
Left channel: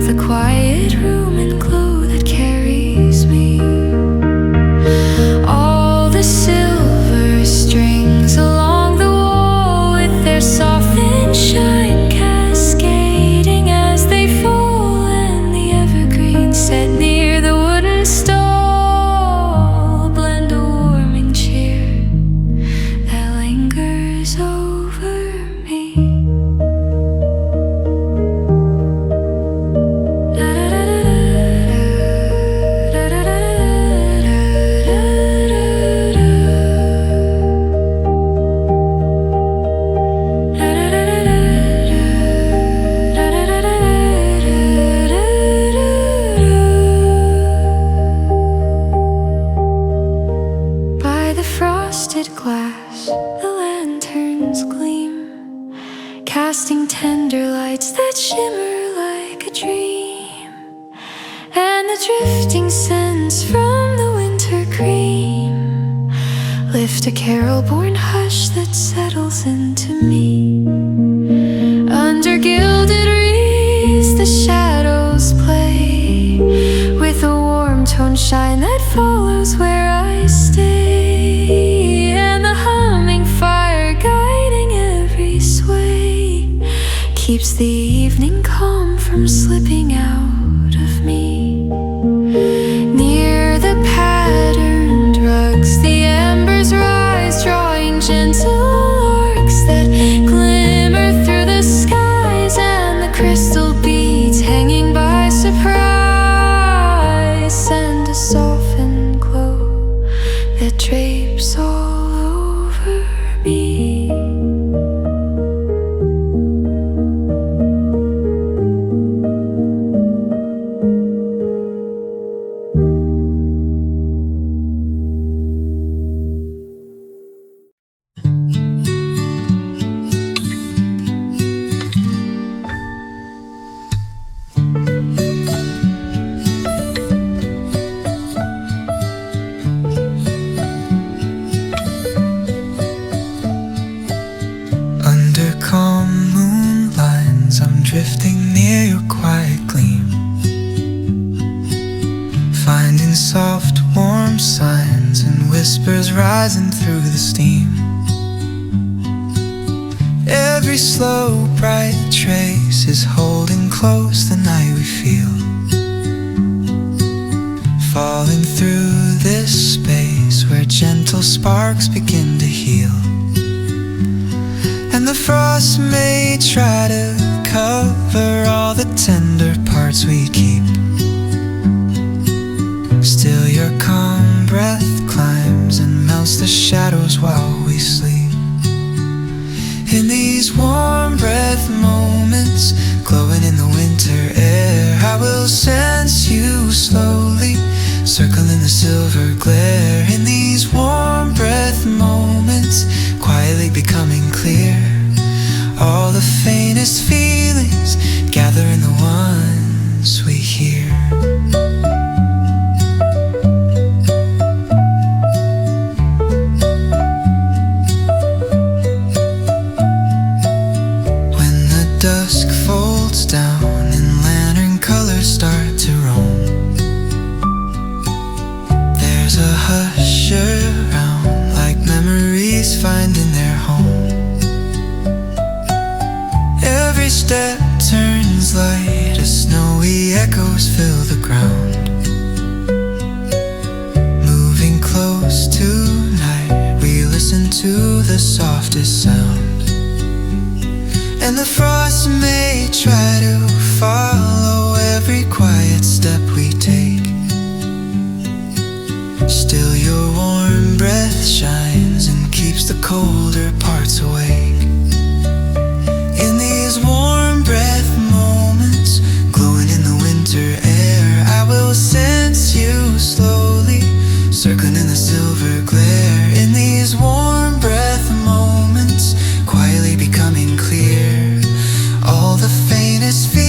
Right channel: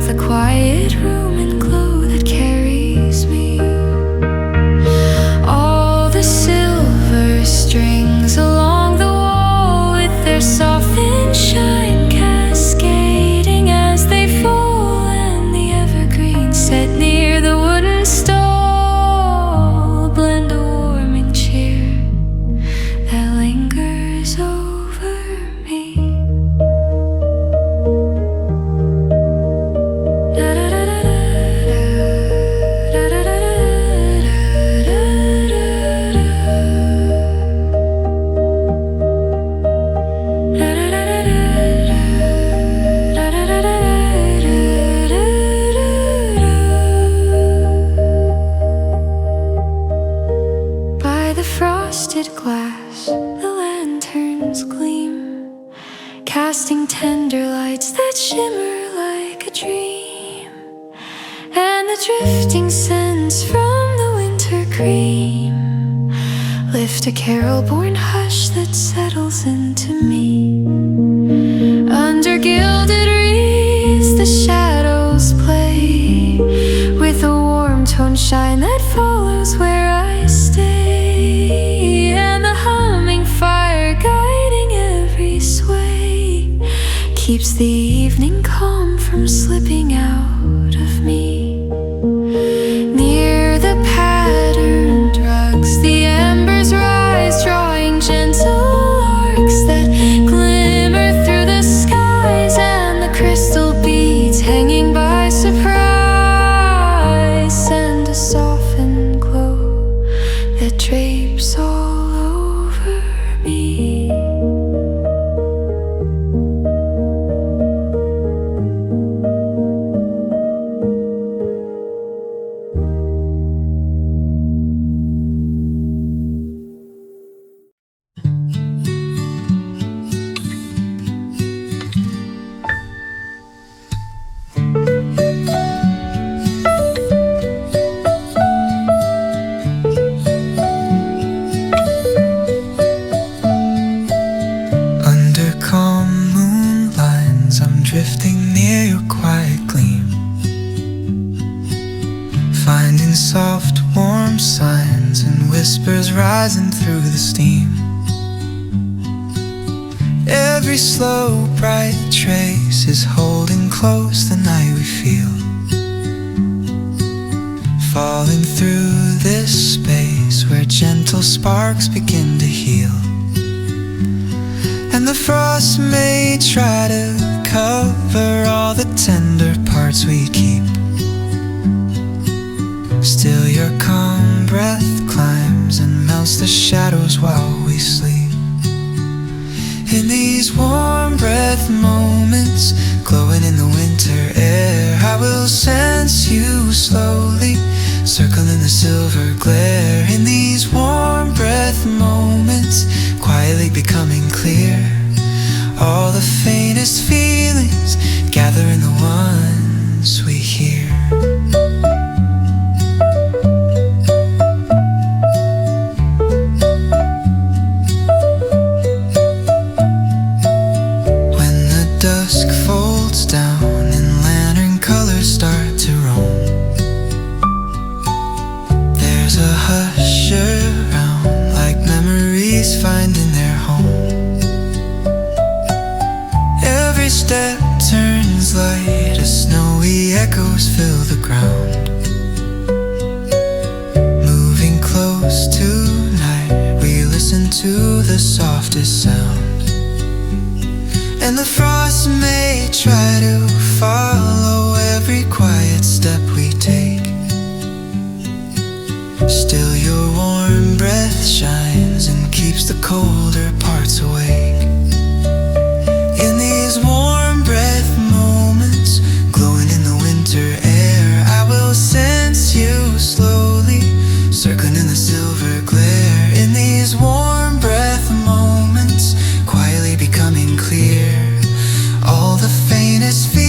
the quiet room and glow that carries me. All the silver strings along the wall with their softened shine cascading as they fall, and the evergreen set near the wooden stall blend a warming cheer that lingers over me. By the frosted glass, the lanterns gleam, casting tender lights that shimmer like a dream. And the drifting scents from the winter cream lift a carol-born hush that settles into me. Under gilded wreaths the shadows play with a warm tone shine that follows where I stay, and the humming fire guiding every sway keeps the evening calm from slipping out of me. Near the patterned rugs the embers rise, drawing gentle arcs that glimmer through the skies, and the crystal beads hanging by surprise send a softened glow that drapes all over me. Under calm moon lines, I'm drifting near your quiet gleam, finding soft, warm signs and whispers rising through the steam. Every slow, bright trace is holding close the night we feel, falling through this space where gentle sparks begin to heal. And the frost may try to cover all the tender parts we keep, still your calm breath climbs and melts the shadows while we sleep. In these warm breath moments, glowing in the winter air, I will sense you slowly, circling the silver glare. In these warm breath moments, quietly becoming clear, all the faintest feelings gather in the ones we hear. Dusk folds down and lantern colors start to roam. There's a hush around, like memories finding their home. Every step turns light as snowy echoes fill the ground. Moving close tonight, we listen to the softest sound. And the frost may try to follow every quiet step we take, still your warm breath shines and keeps the colder parts awake. In these warm breath moments, glowing in the winter air, I will sense you slowly, circling in the silver glare. In these warm breath moments, quietly becoming clear, all the faintest feelings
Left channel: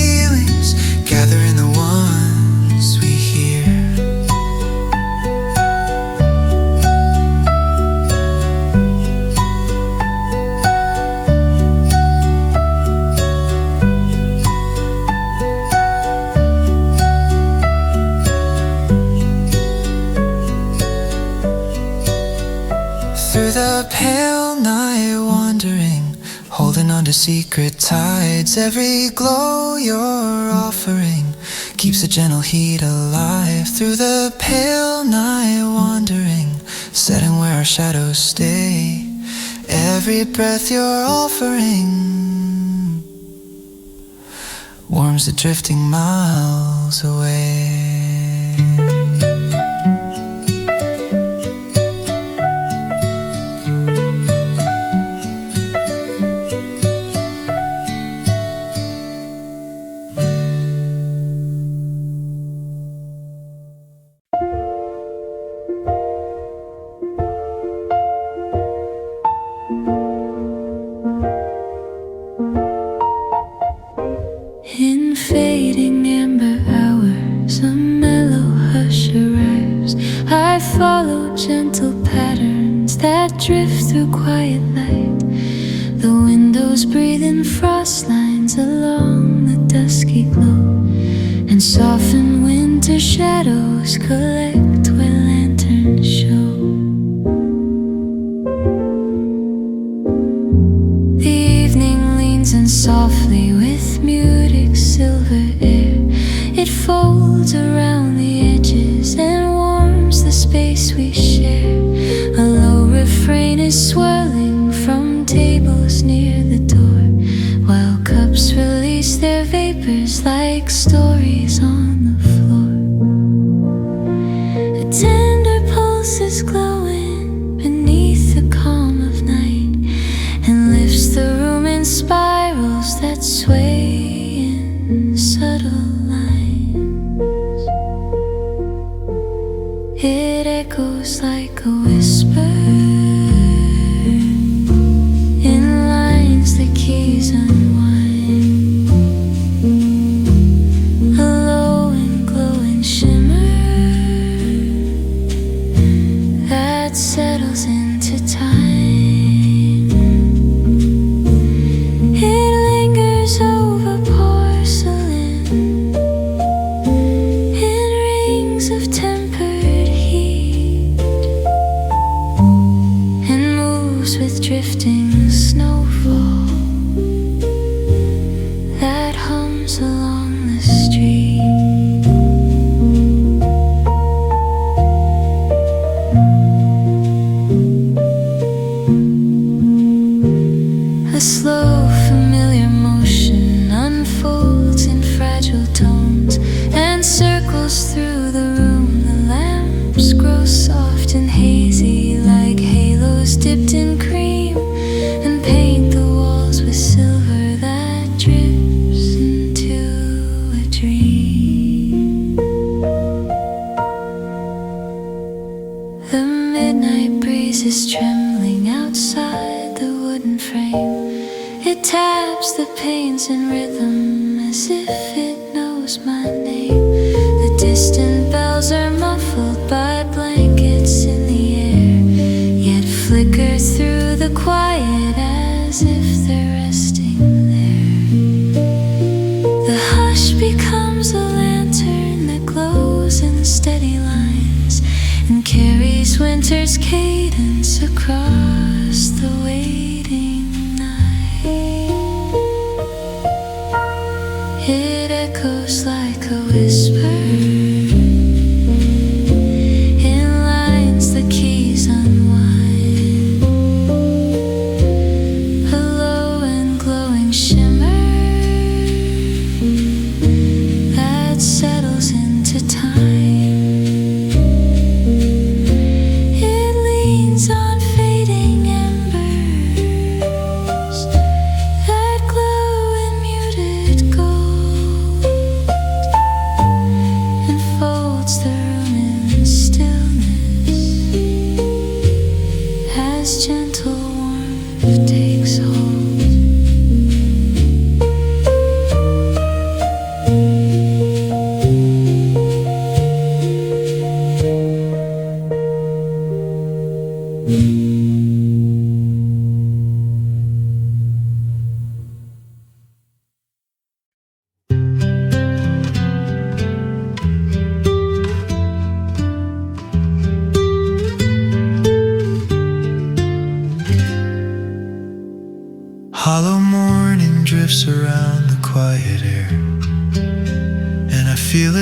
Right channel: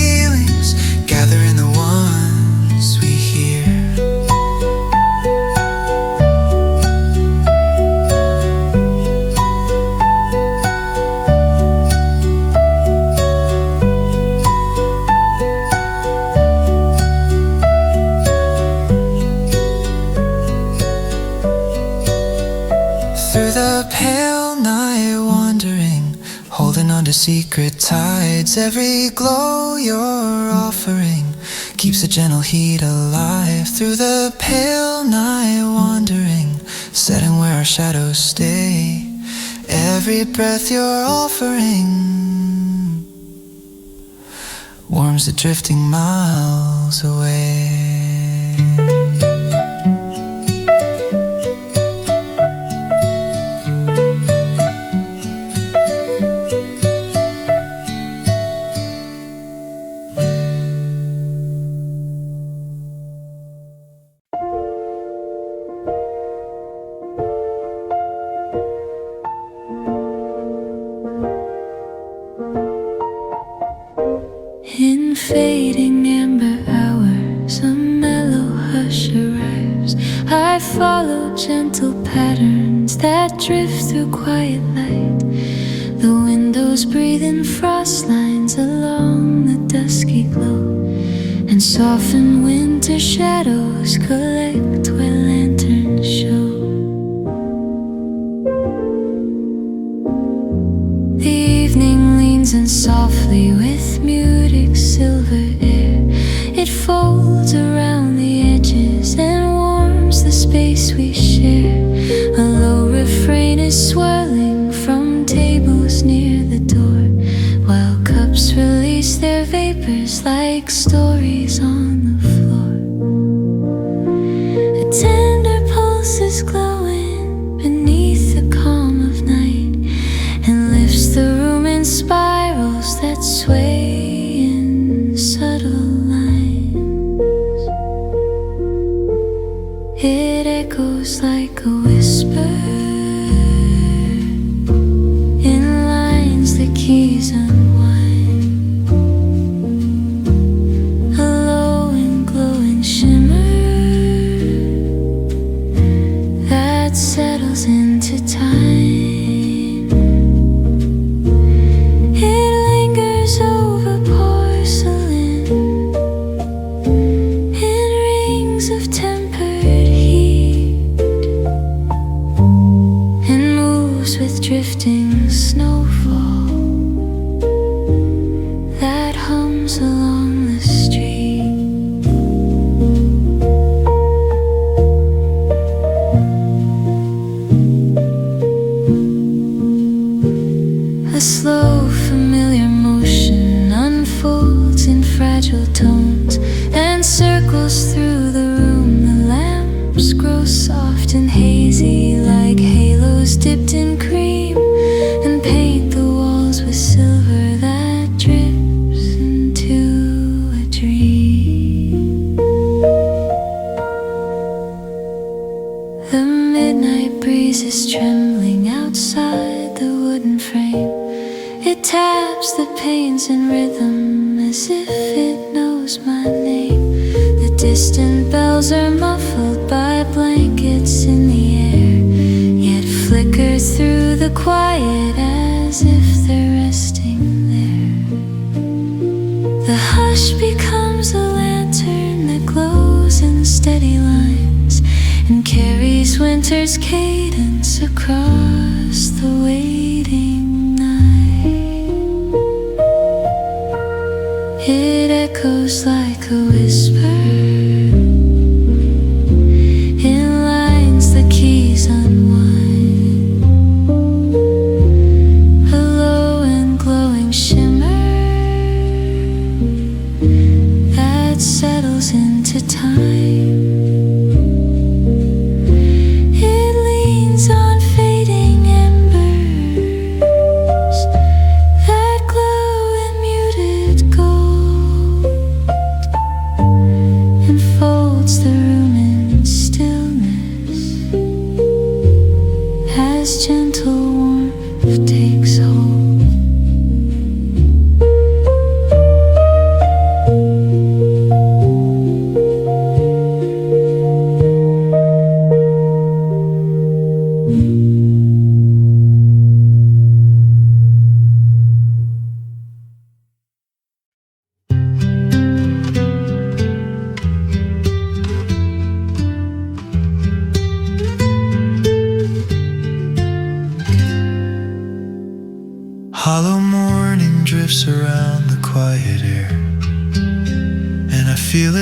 under secret tides. Every glow you're offering keeps a gentle heat alive through the pale night wandering, setting where our shadows stay. Every breath you're offering warms the drifting miles away. In fading amber hours, a mellow hush arrives. I follow gentle patterns that drift through quiet light. The windows breathe in frost lines along the dusky glow, and soften winter shadows collect where lanterns show. The evening leans in softly with muted silver air. It folds around the edges and warms the space we share. A low refrain is swirling from tables near the door, while cups release their vapors like stories on the floor. A tender pulse is glowing beneath the calm of night, and lifts the room in spirals that sway in subtle lines. It echoes like a whisper in lines the keys unwind. A low and glowing shimmer that settles into time. Over porcelain in rings of tempered heat, and moves with drifting snowfall that hums along the street. A slow, familiar motion unfolds in fragile tones and circles through the room. The lamps grow soft and hazy like halos dipped in cream, and paint the walls with silver that drips into a dream. The midnight breeze is trembling outside the wooden frame. It taps the panes in rhythm as if it knows my name. The distant bells are muffled by blankets in the air, yet flicker through the quiet as if they're resting there. The hush becomes a lantern that glows in steady lines and carries winter's cadence across the waiting night. It echoes like a whisper in lines the keys unwind. A low and glowing shimmer that settles into time. It leans on fading embers that glow in muted gold, and folds the room in stillness as gentle warmth takes hold.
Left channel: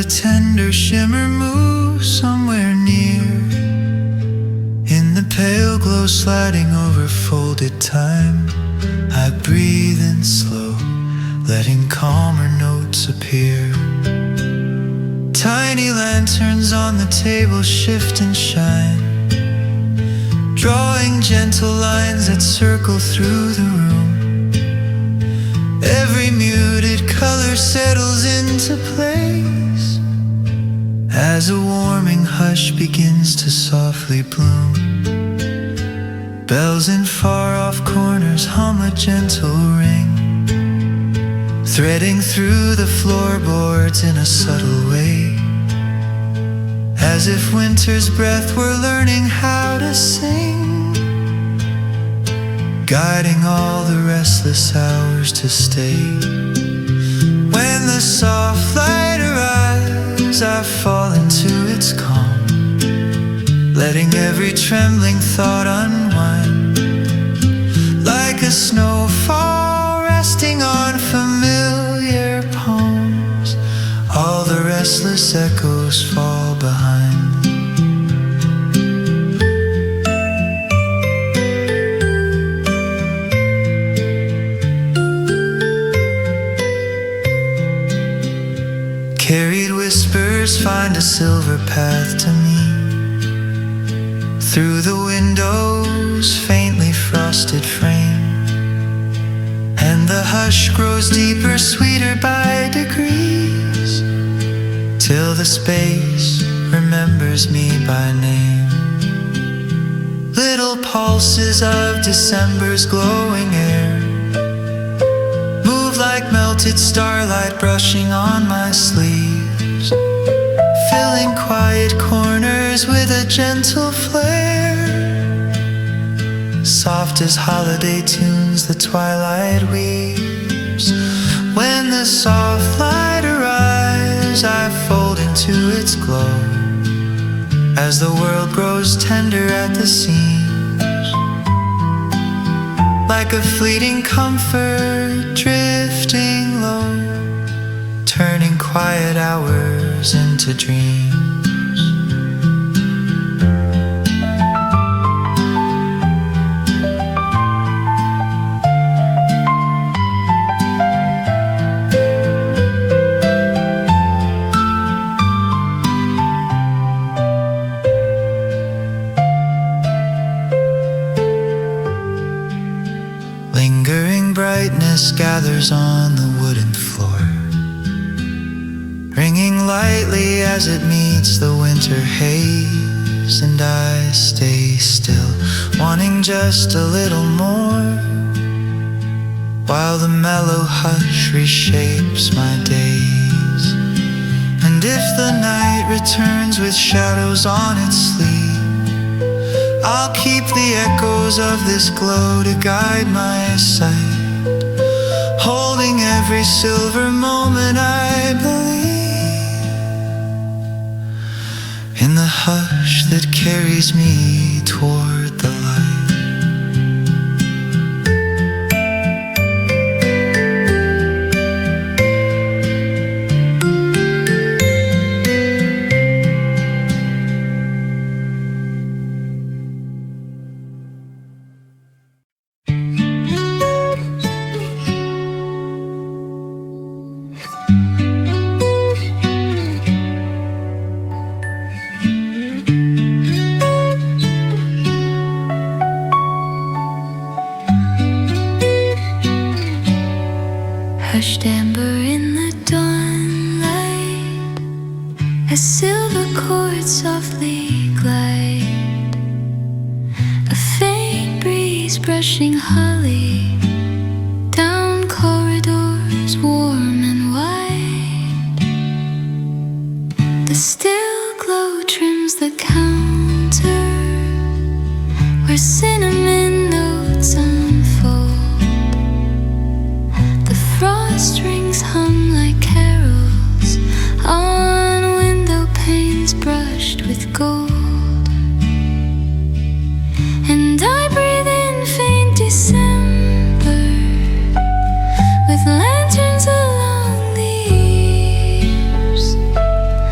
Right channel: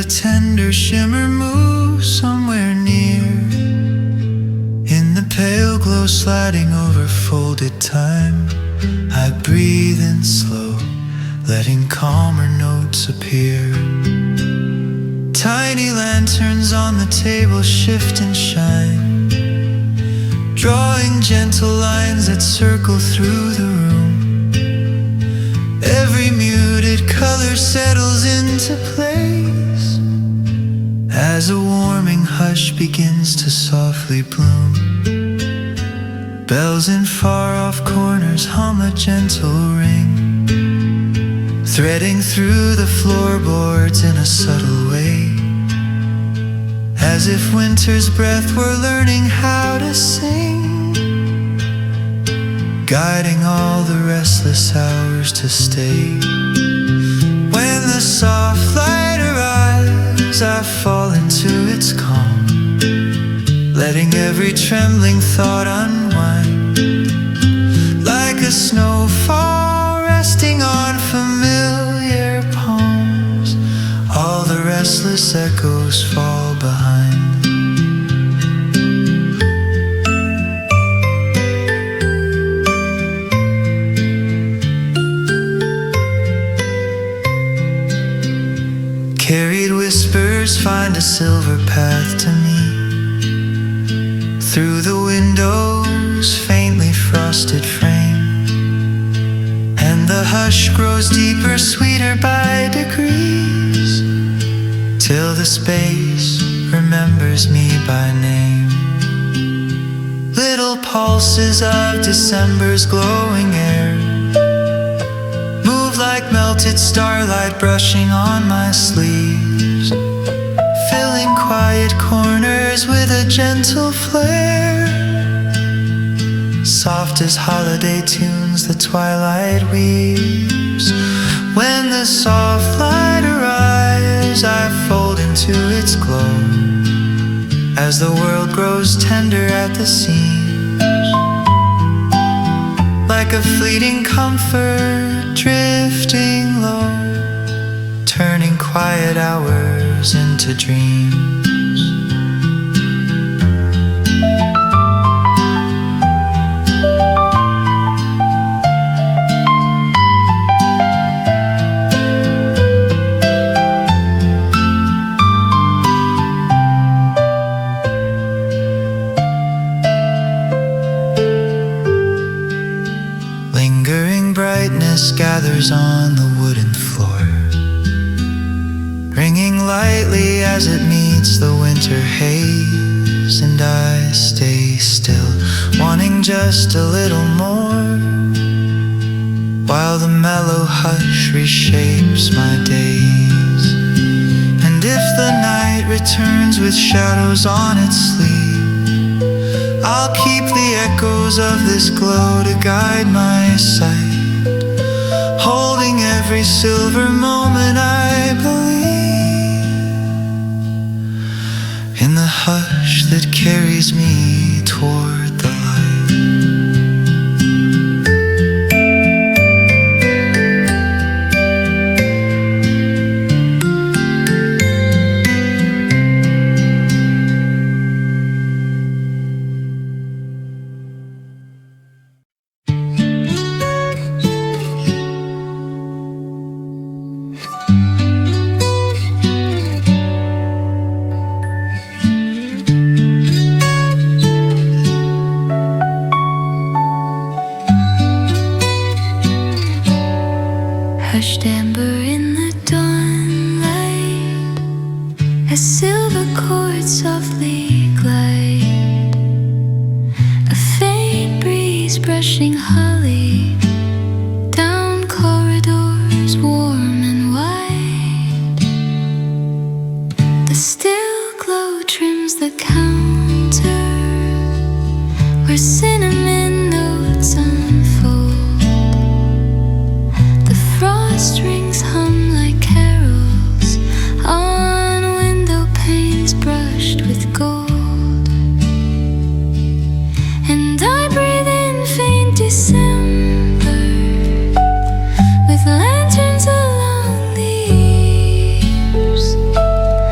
tender shimmer moves somewhere near. In the pale glow sliding over folded time, I breathe in slow, letting calmer notes appear. Tiny lanterns on the table shift and shine, drawing gentle lines that circle through the room. Every muted color settles into place as a warming hush begins to softly bloom. Bells in far-off corners hum a gentle ring, threading through the floorboards in a subtle way, as if winter's breath were learning how to sing, guiding all the restless hours to stay. When the soft light arrives, I fall into its calm, letting every trembling thought unwind, like a snowfall resting on familiar palms. All the restless echoes fall behind. Carried whispers find a silver path to me, through the window's faintly frosted frame, and the hush grows deeper, sweeter by degrees, till the space remembers me by name. Little pulses of December's glowing air move like melted starlight brushing on my sleeves, filling quiet corners with a gentle flare. Soft as holiday tunes the twilight weaves. When the soft light arrives, I fold into its glow, as the world grows tender at the seams, like a fleeting comfort drifting low, turning quiet hours into dreams. Lingering brightness gathers on the wooden floor, ringing lightly as it meets the winter haze, and I stay still, wanting just a little more, while the mellow hush reshapes my days. And if the night returns with shadows on its sleeve, I'll keep the echoes of this glow to guide my sight, holding every silver moment I believe in the hush that carries me toward the light. Hushed amber in the dawnlight, as silver chords softly glide, a faint breeze brushing holly down corridors warm and wide. The still glow trims the counter where cinnamon notes unfold. Frost rings hum like carols on window panes brushed with gold. And I breathe in faint December with lanterns along the eaves,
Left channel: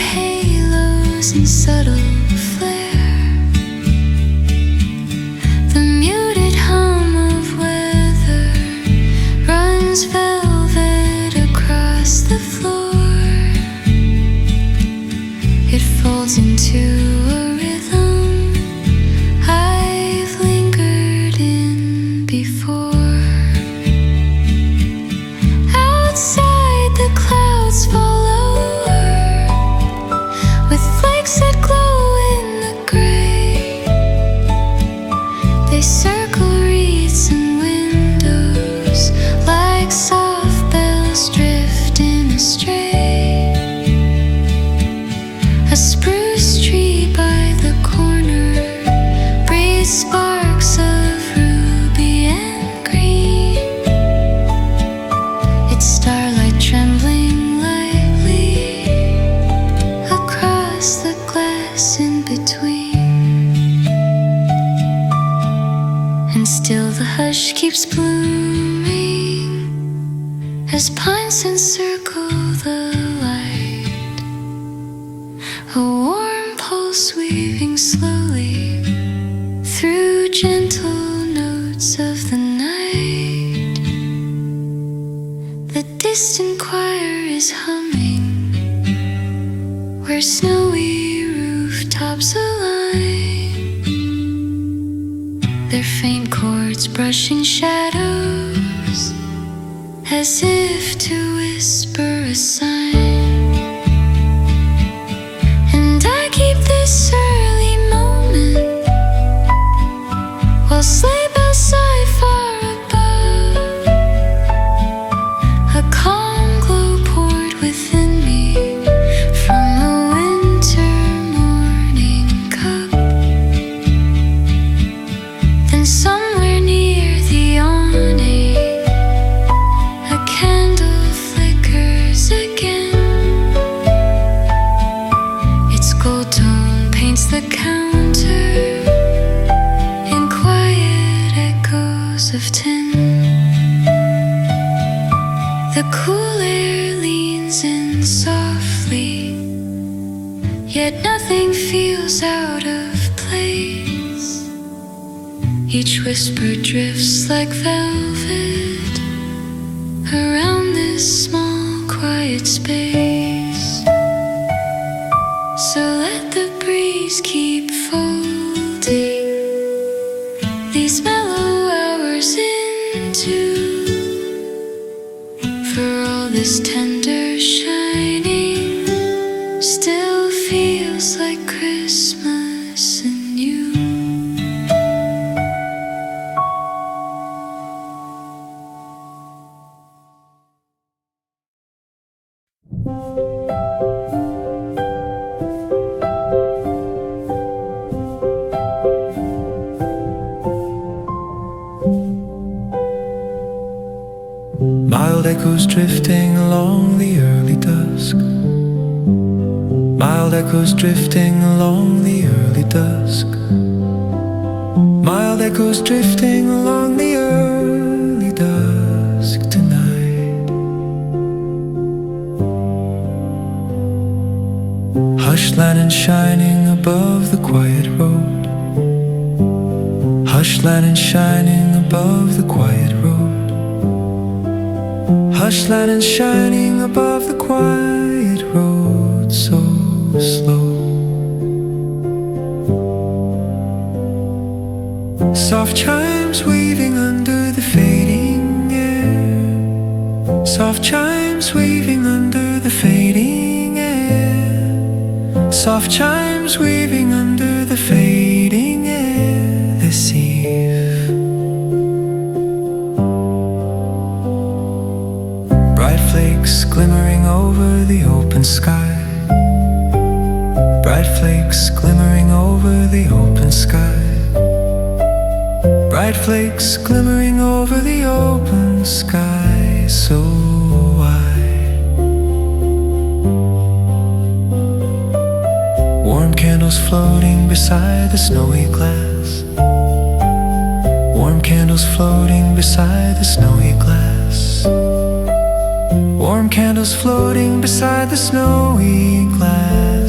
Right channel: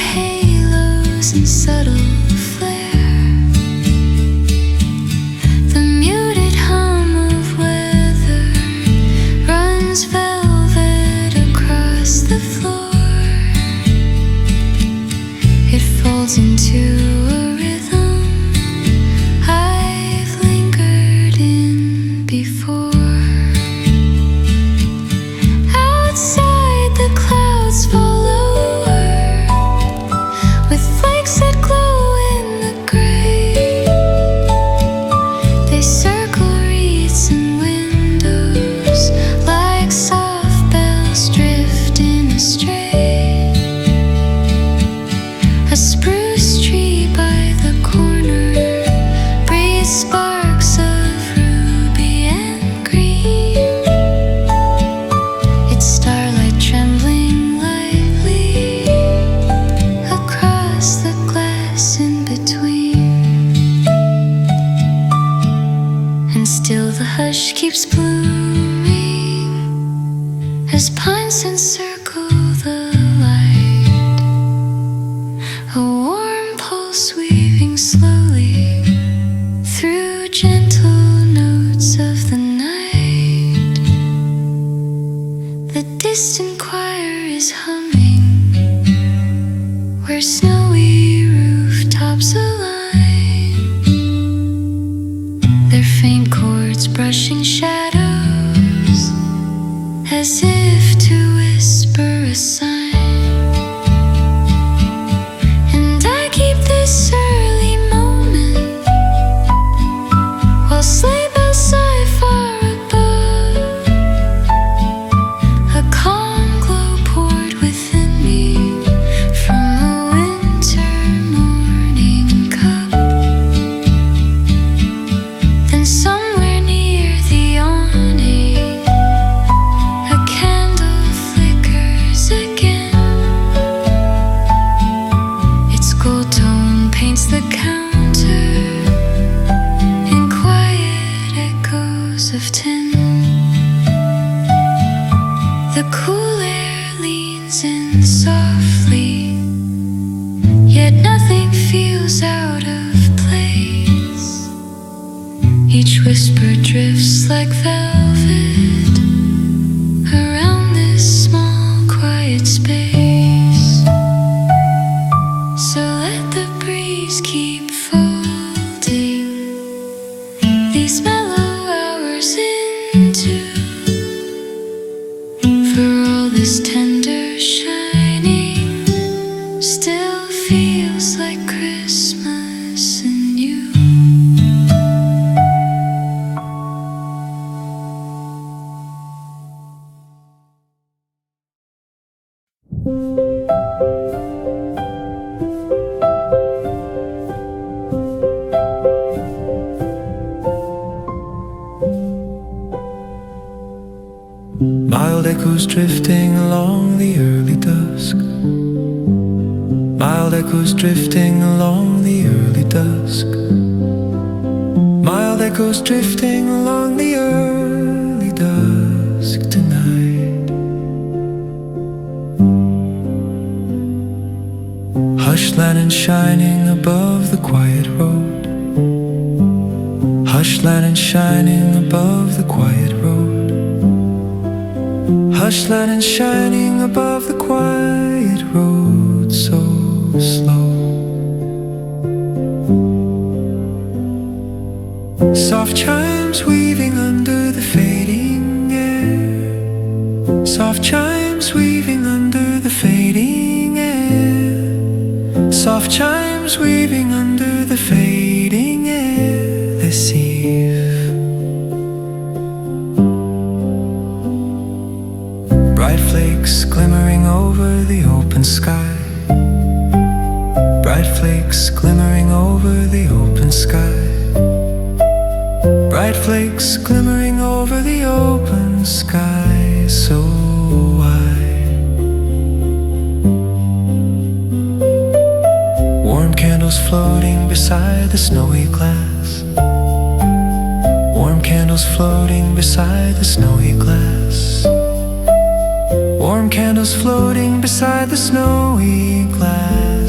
halos and subtle flare. The muted hum of weather runs velvet across the floor. It folds into a rhythm I've lingered in before. Outside the clouds fall lower with flakes that glow in the gray. They circle wreaths and windows like soft bells drifting astray. A spruce tree by the corner breathes sparks of ruby and green. Its starlight trembling lightly across the glass in between. And still the hush keeps blooming as pines encircle the light. A warm pulse weaving slowly through gentle notes of the night. The distant choir is humming where snowy rooftops align, their faint chords brushing shadows as if to whisper a sign. And I keep this early moment while sleigh bells sigh far above. A calm glow poured within me from a winter morning cup. Then somewhere near the awning a candle flickers again. Its gold tone paints the counter in quiet echoes of tin. The cool air leans in softly, yet nothing feels out of place. Each whisper drifts like velvet around this small quiet space. So let the breeze keep folding these mellow hours into. For all this tender shining still feels like Christmas and you. Mild echoes drifting along the early dusk. Mild echoes drifting along the early dusk. Mild echoes drifting along the early dusk tonight. Hush lanterns shining above the quiet road. Hush lanterns shining above the quiet road. Hush lanterns shining above the quiet road, so slow. Soft chimes weaving under the fading air. Soft chimes weaving under the fading air. Soft chimes weaving under the fading air this eve. Bright flakes glimmering over the open sky. Bright flakes glimmering over the open sky. Bright flakes glimmering over the open sky, so wide. Warm candles floating beside the snowy glass. Warm candles floating beside the snowy glass. Warm candles floating beside the snowy glass.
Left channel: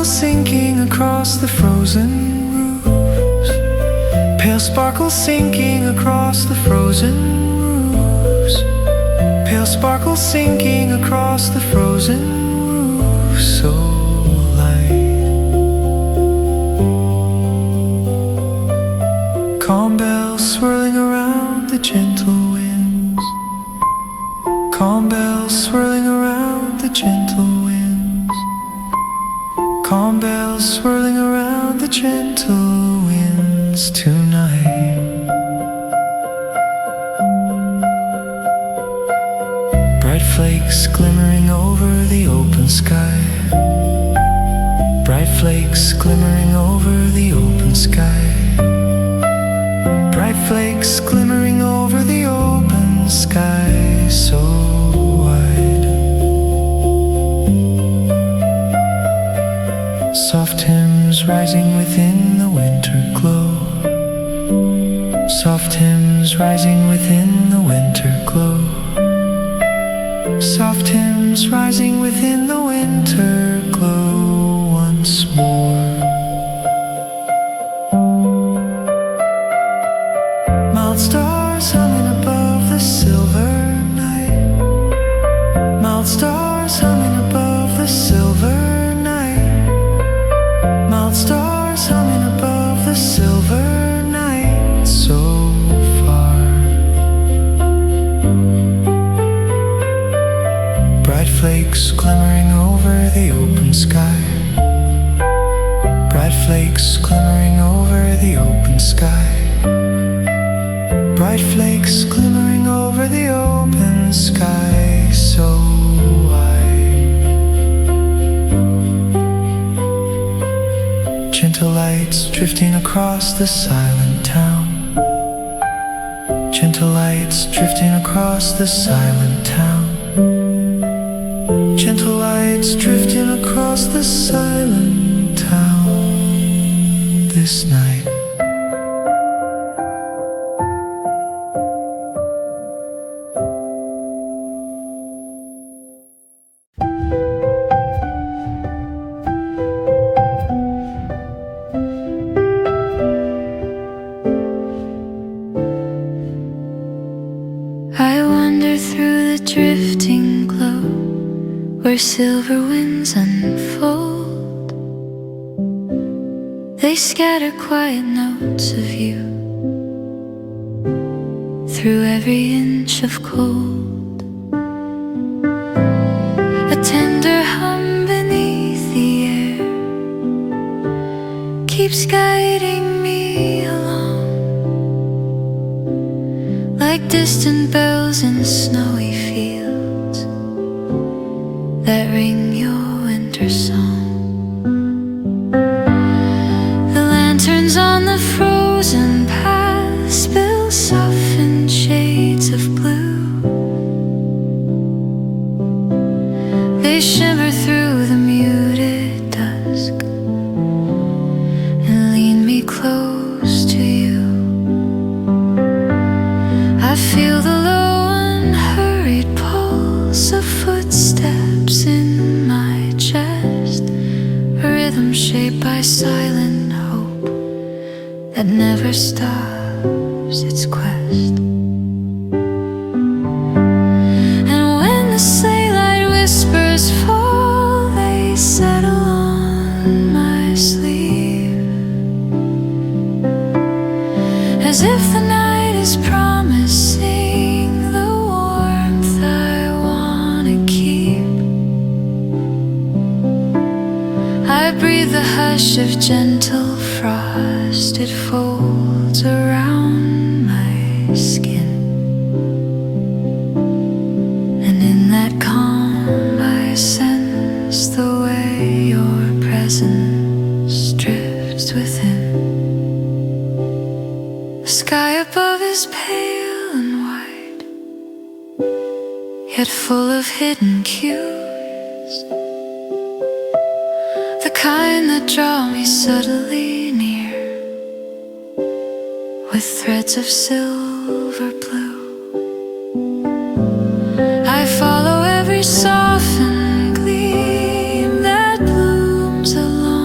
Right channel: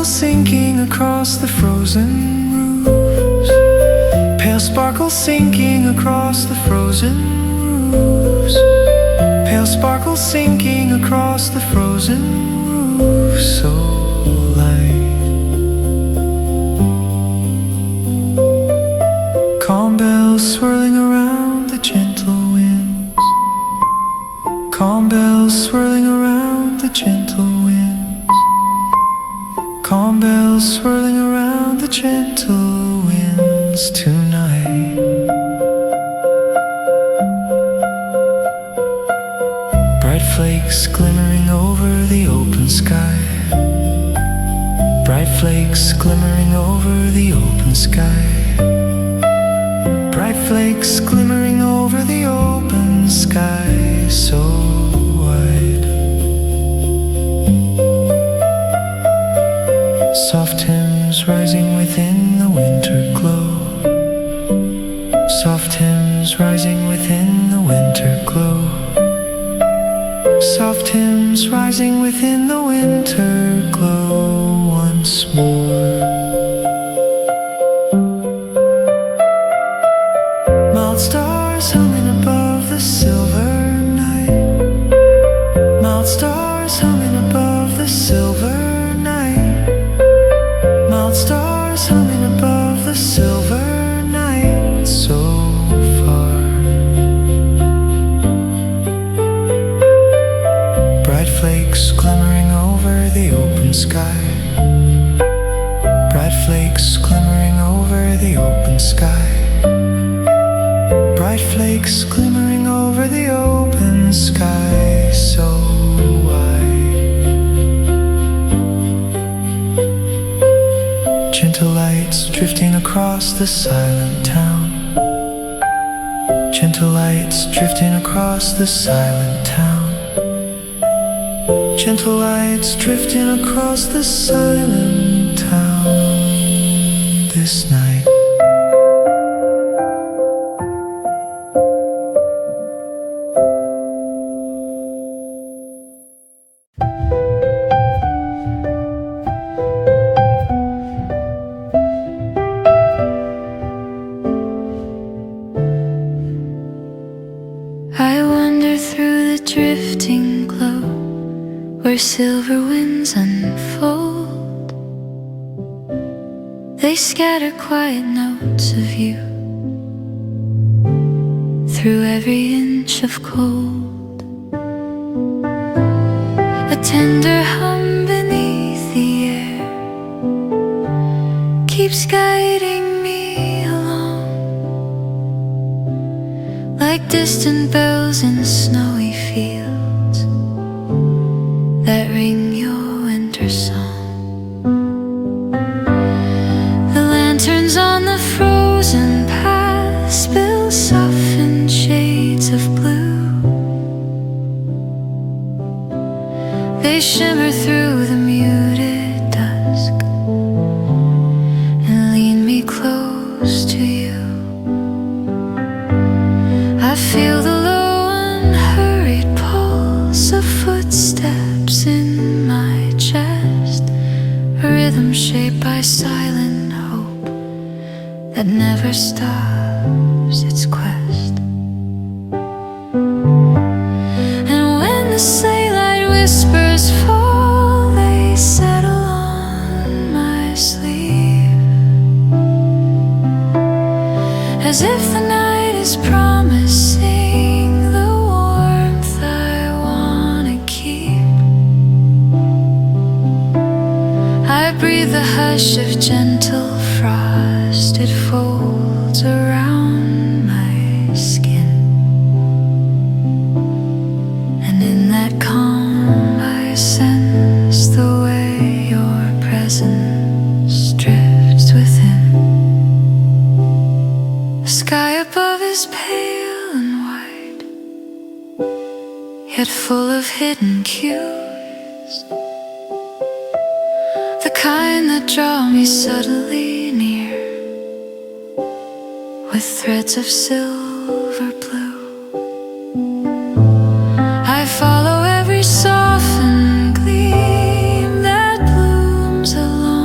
sparkle sinking across the frozen roofs. Pale sparkle sinking across the frozen roofs. Pale sparkle sinking across the frozen roofs. So light. Calm bells swirling around the gentle winds. Calm bells swirling around the gentle winds. Calm bells swirling around the gentle winds tonight. Bright flakes glimmering over the open sky. Bright flakes glimmering over the open sky. Bright flakes glimmering over the open sky, so wide. Soft hymns rising within the winter glow. Soft hymns rising within the winter glow. Soft hymns rising within the winter glow once more. Mild stars humming above the silver night. Mild stars humming above the silver night. Mild stars humming above the silver night. So far. Bright flakes glimmering over the open sky. Bright flakes glimmering over the open sky. Bright flakes glimmering over the open sky, so wide. Gentle lights drifting across the silent town. Gentle lights drifting across the silent town. Gentle lights drifting across the silent town this night. I wander through the drifting glow where silver winds unfold. They scatter quiet notes of you through every inch of cold. A tender hum beneath the air keeps guiding me along, like distant bells in snowy fields that ring your winter song. The lanterns on the frozen path spill softened shades of blue. They shimmer through the muted dusk and lean me close to you. I feel the low unhurried pulse of footsteps in my chest, a rhythm shaped by silent hope that never stops its quest. And when the sleigh light whispers fall, they settle on my sleeve, as if the night is promising the warmth I wanna keep. I breathe the hush of gentle frost, it folds around my skin, and in that calm I sense the way your presence drifts within. The sky above is pale and white, yet full of hidden cues, the kind that draw me subtly near with threads of silver blue. I follow every softened gleam that blooms along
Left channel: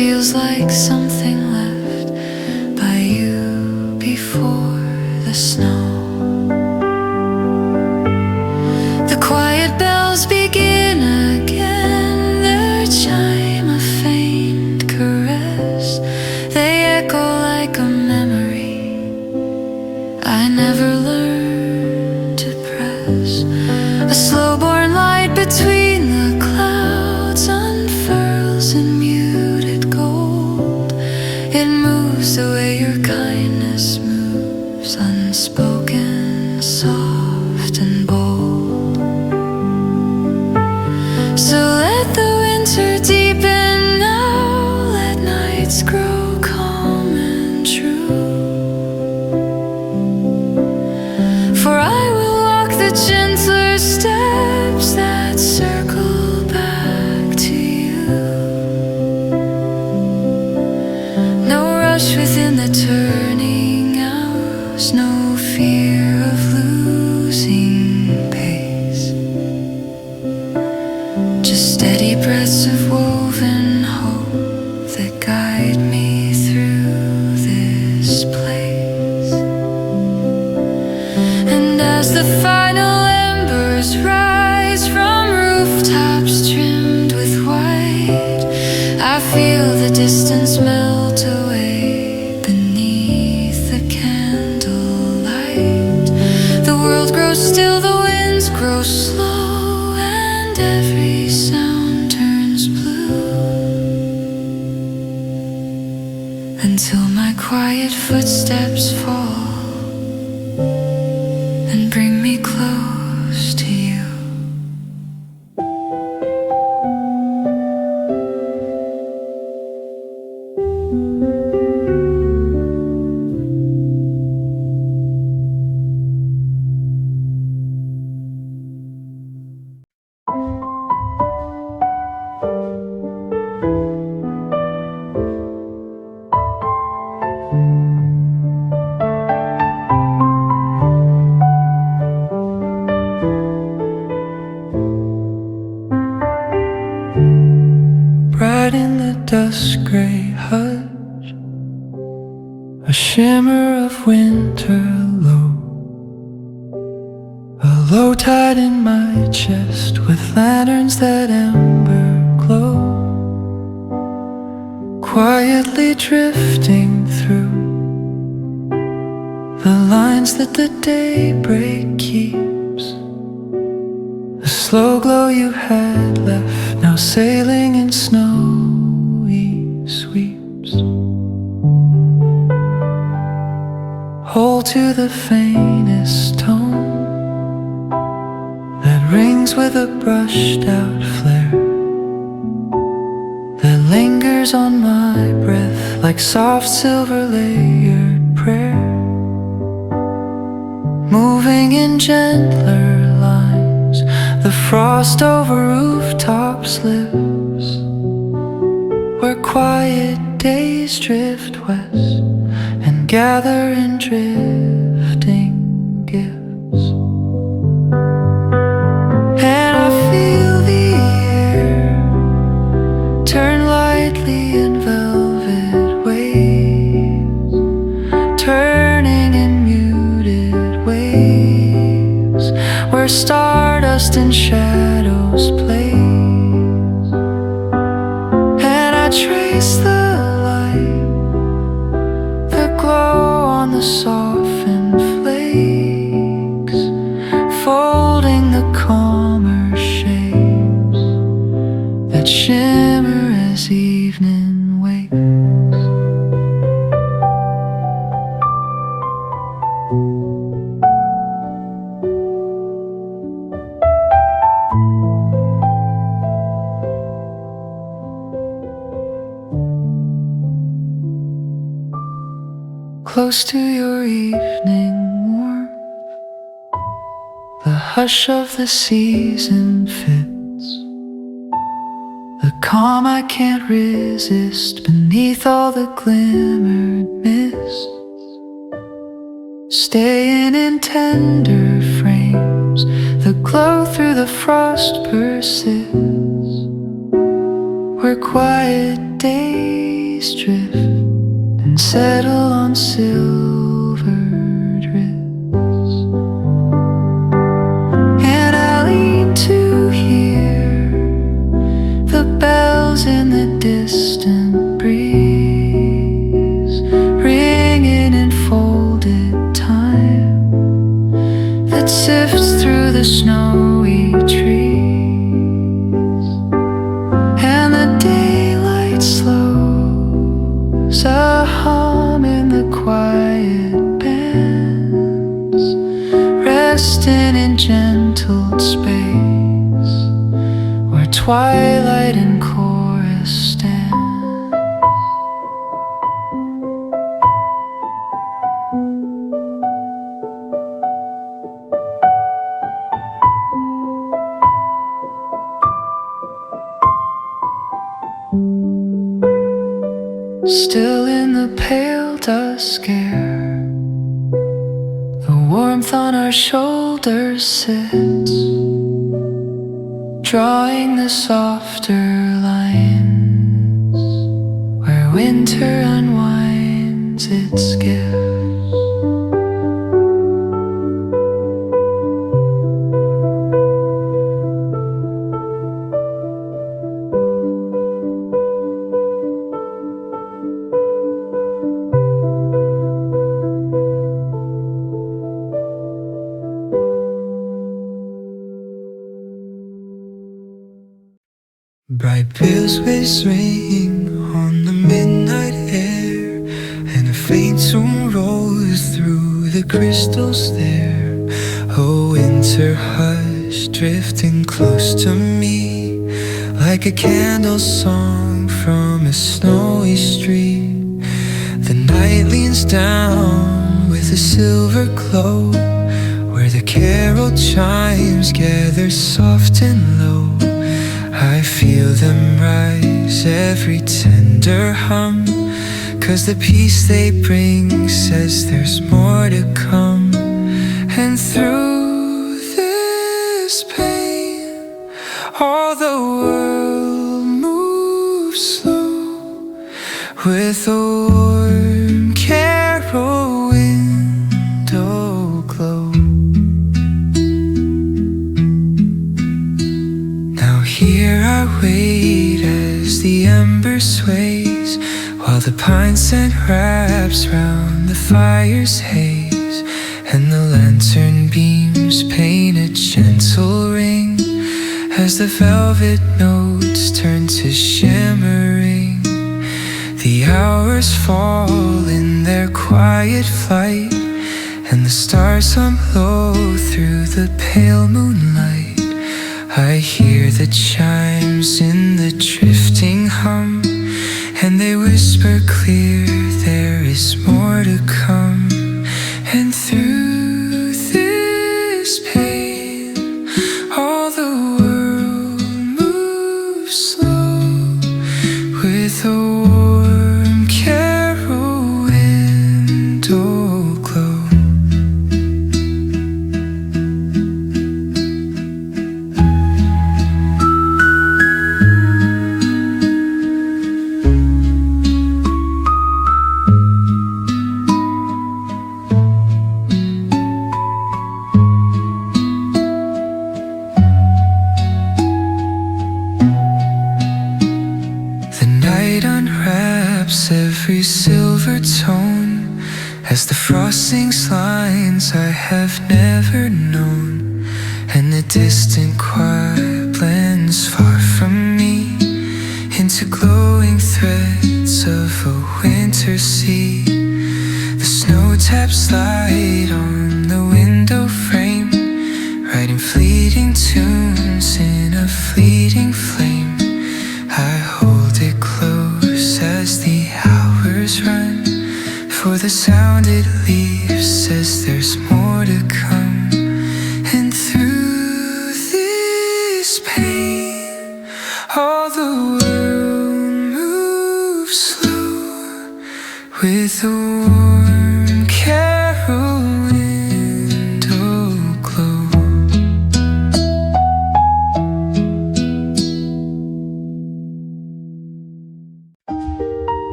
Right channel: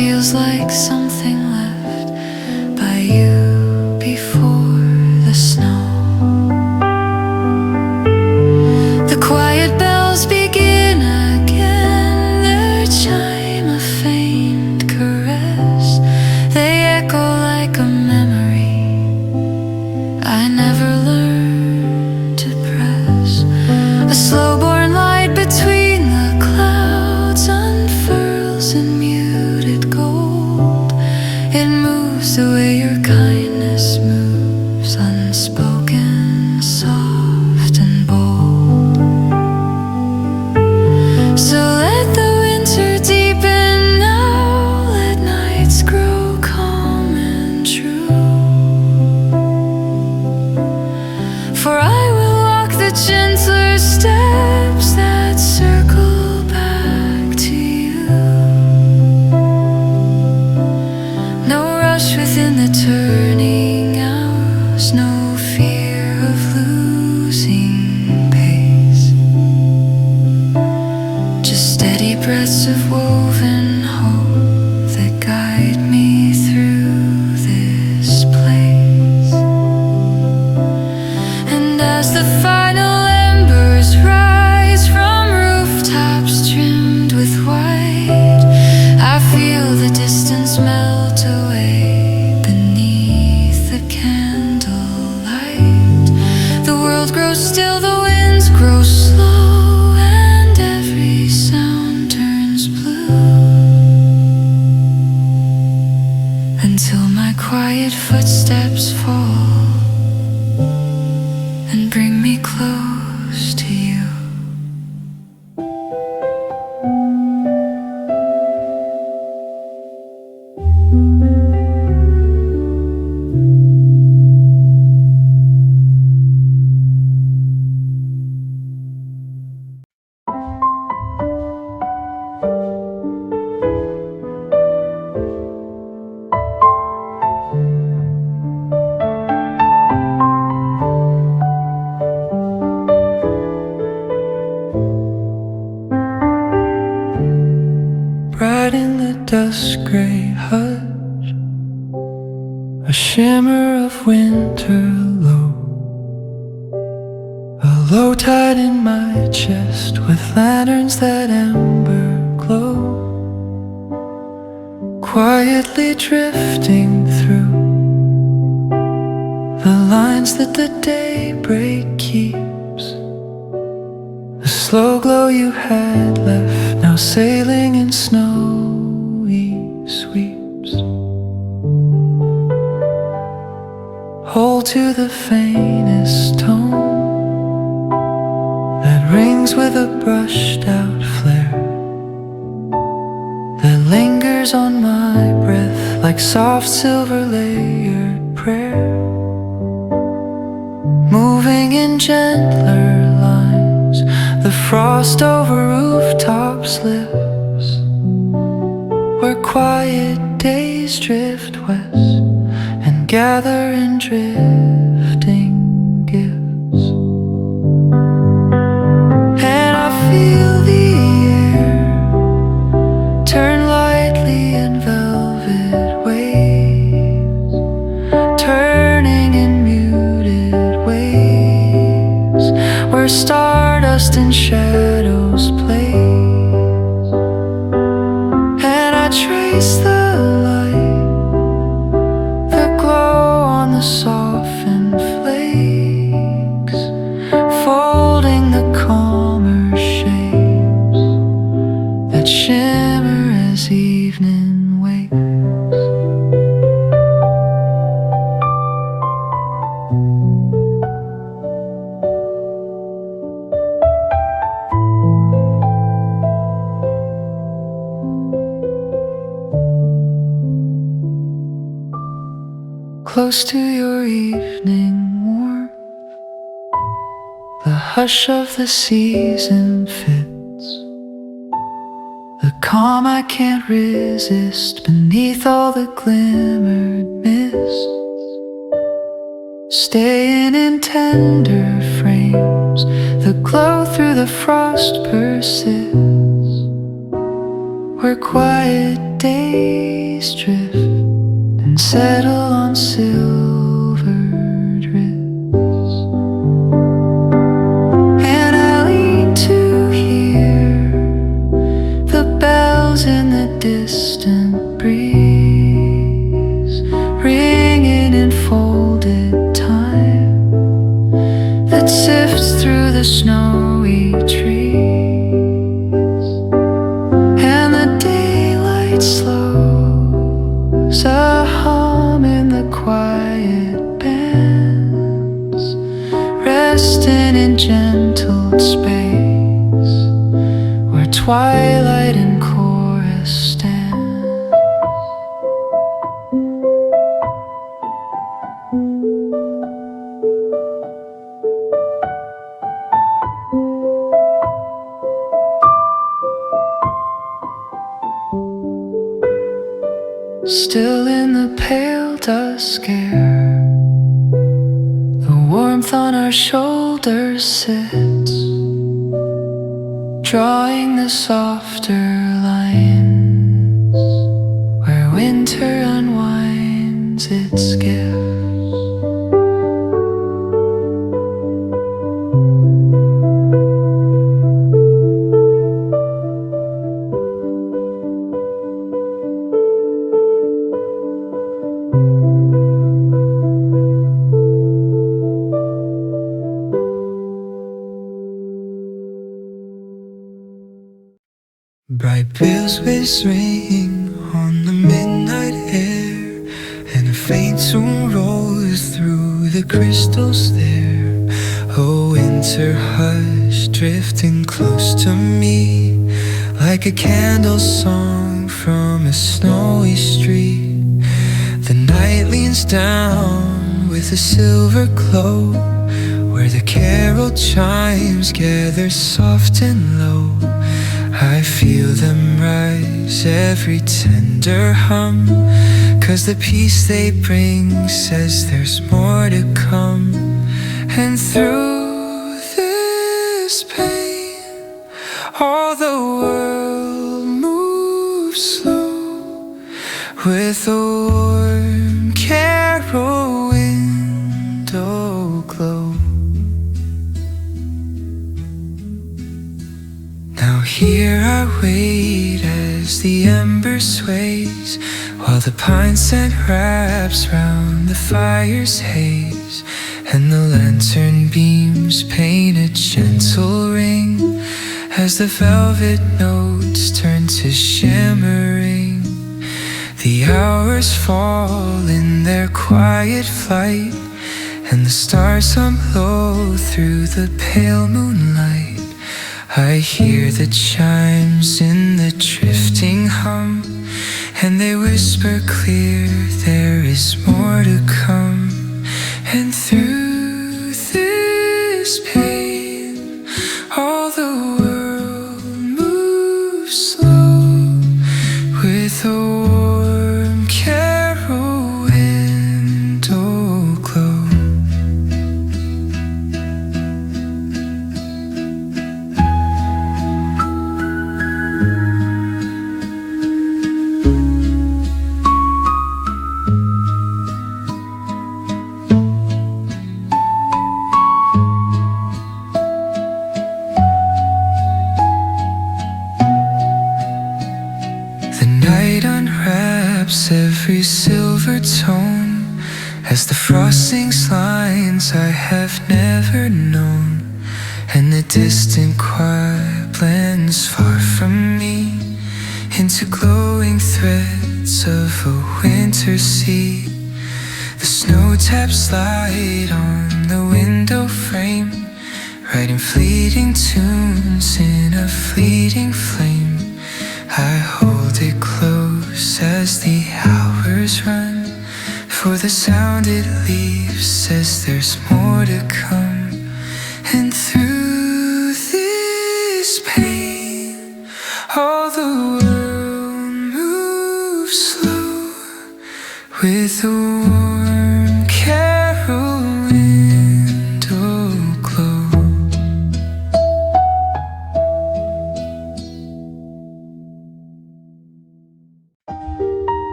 feels like something left by you before the snow. The quiet bells begin again, their chime a faint caress. They echo like a memory I never learned to press. A slow-born light between the clouds unfurls in muted gold. It moves the way your kindness moves, unspoken, soft and bold. So let the winter deepen now, let nights grow calm and true. For I will walk the gentler steps that circle back to you. No rush within the turning hours, no fear of losing pace. Just steady breaths of woven hope that guide me through this place. And as the final embers rise from rooftops trimmed with white, I feel the distance melt away beneath the candlelight. The world grows still, the winds grow slow, and every sound turns blue, until my quiet footsteps fall and bring me close to you. Bright in the dusk gray hush, a shimmer of winter low, a low tide in my chest with lanterns that amber glow, quietly drifting through the lines that the daybreak keeps. The slow glow you had left, now sailing in snowy sweeps. Hold to the faintest tone that rings with a brushed out flare, that lingers on my breath like soft silver layered prayer, moving in gentler lines. The frost over rooftops lives, where quiet days drift west and gather in drifting gifts. And I feel the air turn lightly in velvet waves, turning in muted waves, where stardust and shadows plays. And I trace the light, the glow on the softened flakes, folding the calmer shapes that shimmer as evening wakes. Close to your evening warmth, the hush of the season fits, the calm I can't resist beneath all the glimmered mists, staying in tender frames, the glow through the frost persists, where quiet days drift and settle on silvered wrists, and I lean to hear the bells in the distant breeze ringing in folded time that sifts through the snowy trees, and the daylight slows a hum in the quiet bands, resting in gentle space where twilight and chorus stand. Still in the pale dusk air, the warmth on our shoulders sits, drawing the softer lines where winter unwinds its gifts. Bright bells ring on the midnight air, and a faint tune rolls through the crystals there. A winter hush drifting close to me, like a candle song from a snowy street. The night leans down with a silver glow, where the carol chimes gather soft and low. I feel them rise, every tender hum, 'cause the peace they bring says there's more to come. And through this pain, all the world moves slow, with a warm carol window glow. Here I wait as the ember sways, while the pine scent wraps round the fire's haze, and the lantern beams paint a gentle ring as the velvet notes turn to shimmering. The hours fall in their quiet flight, and the stars hum low through the pale moonlight. I hear the chimes in the drifting hum, and they whisper clear there is more to come. And through this pain, all the world moves slow, with a warm carol window glow. Every silver tone as the frost sings lines I have never known, and the distant choir blends far from me into glowing threads of a winter sea. The snow taps light on the window frame, writing fleeting tunes in a fleeting flame. I hold it close as the hours run, for the sound it leaves says there's more to come. And through this pain, all the world moves slow, with a warm carol window glow.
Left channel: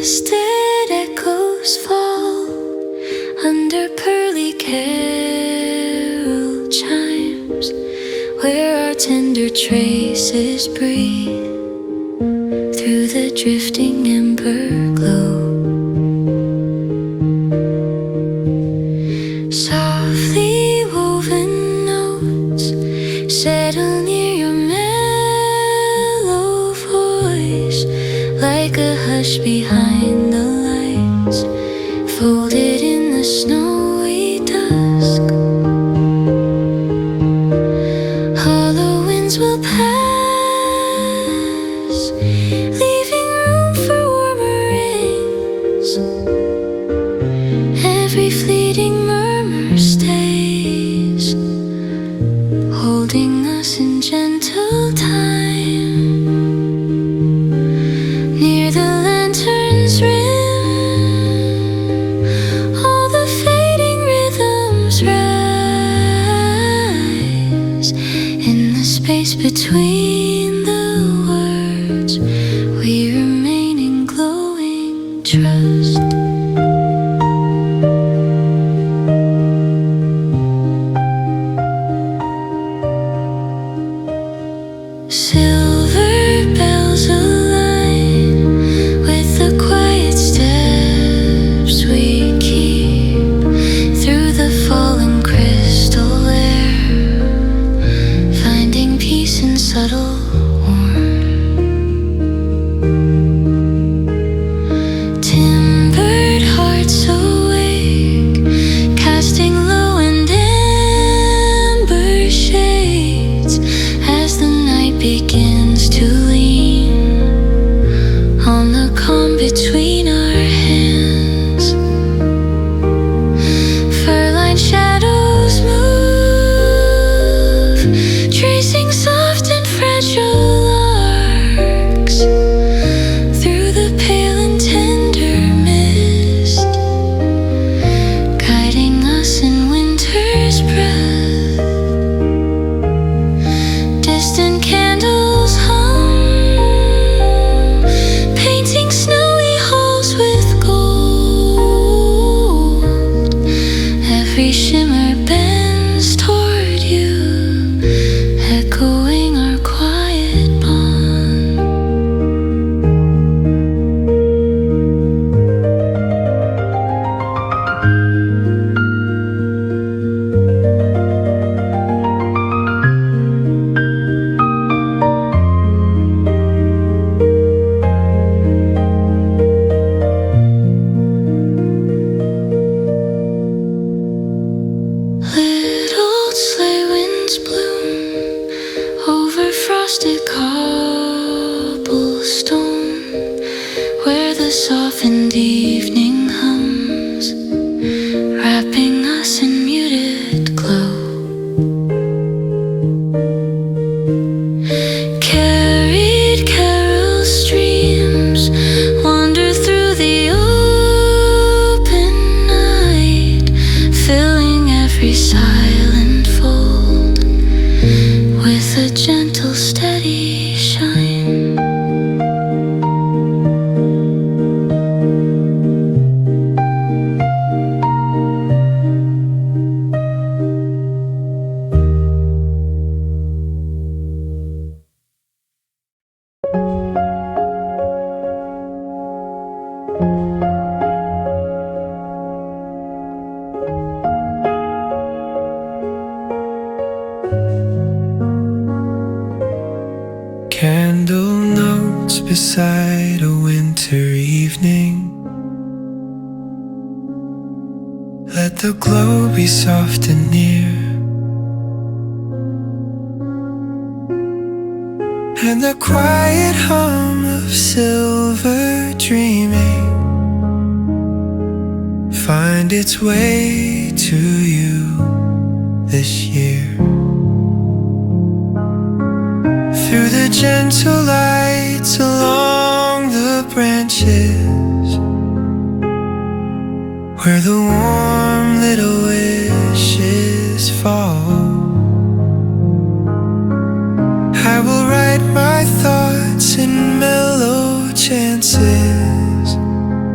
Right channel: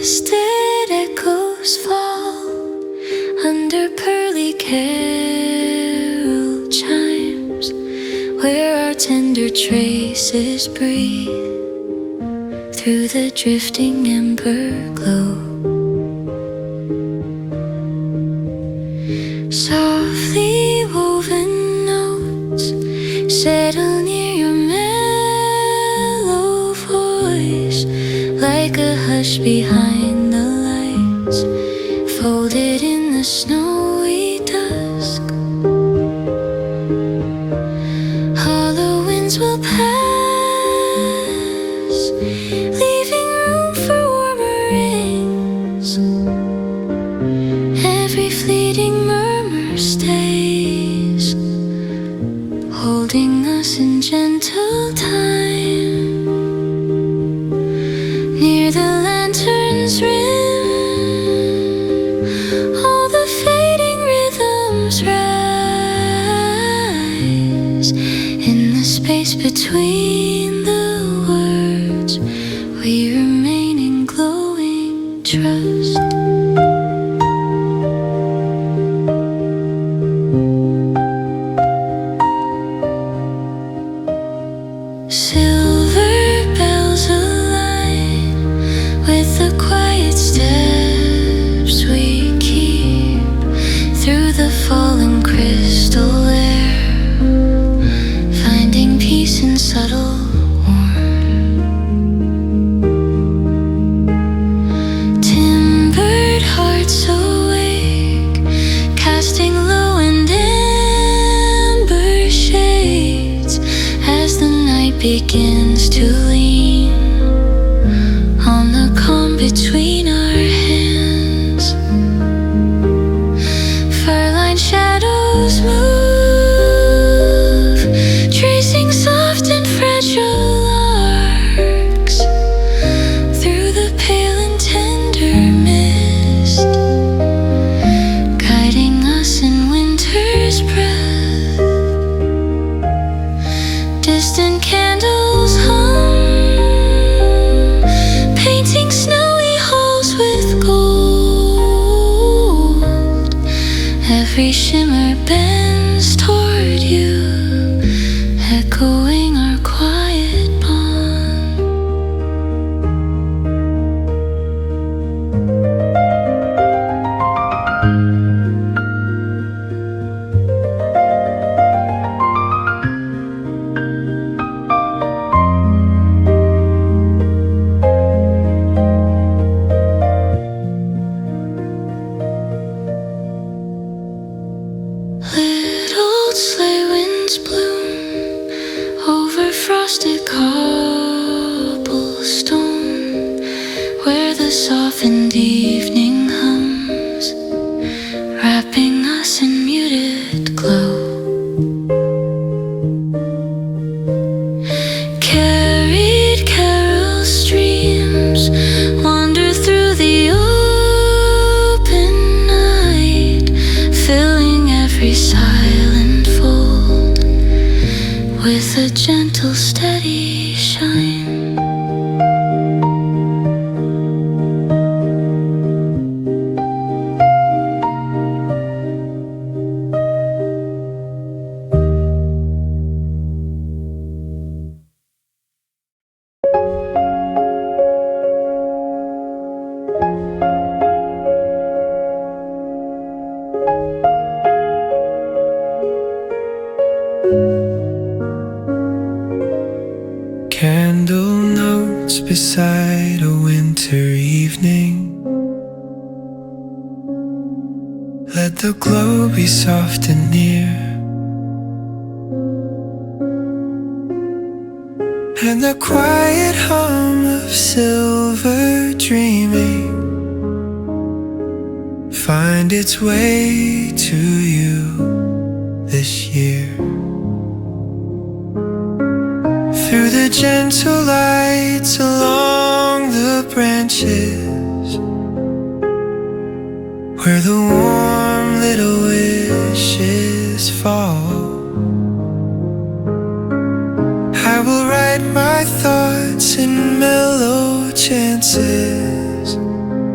misted echoes fall under pearly carol chimes, where our tender traces breathe through the drifting ember glow. Softly woven notes settle near your mellow voice, like a hush behind the lights, folded in the snowy dusk. Hollow winds will pass, leaving room for warmer rains. Every fleeting murmur stays, holding us in gentle time. Near the lantern's rim, all the fading rhythms rise. In the space between the words, we remain in glowing trust. Silver bells align with the quiet steps we keep through the fallen crystal air, finding peace in subtle warmth. Timbered hearts awake, casting low and amber shades as the night begins to lean on the calm between our hands. Fur-lined shadows move, tracing soft and fragile arcs through the pale and tender mist, guiding us in winter's breath. Distant candles hum, painting snowy halls with gold. Every shimmer bends toward you, echoing our quiet bond. Little sleigh winds bloom over frosted cobblestone, where the softened evening hums, wrapping us in muted glow. Carried carol streams wander through the open night, filling every silent fold with a gentle, steady shine. Candle notes beside a winter evening. Let the glow be soft and near, and the quiet hum of silver dreaming find its way to you this year. Through the gentle lights along the branches, where the warm little wishes fall, I will write my thoughts in mellow chances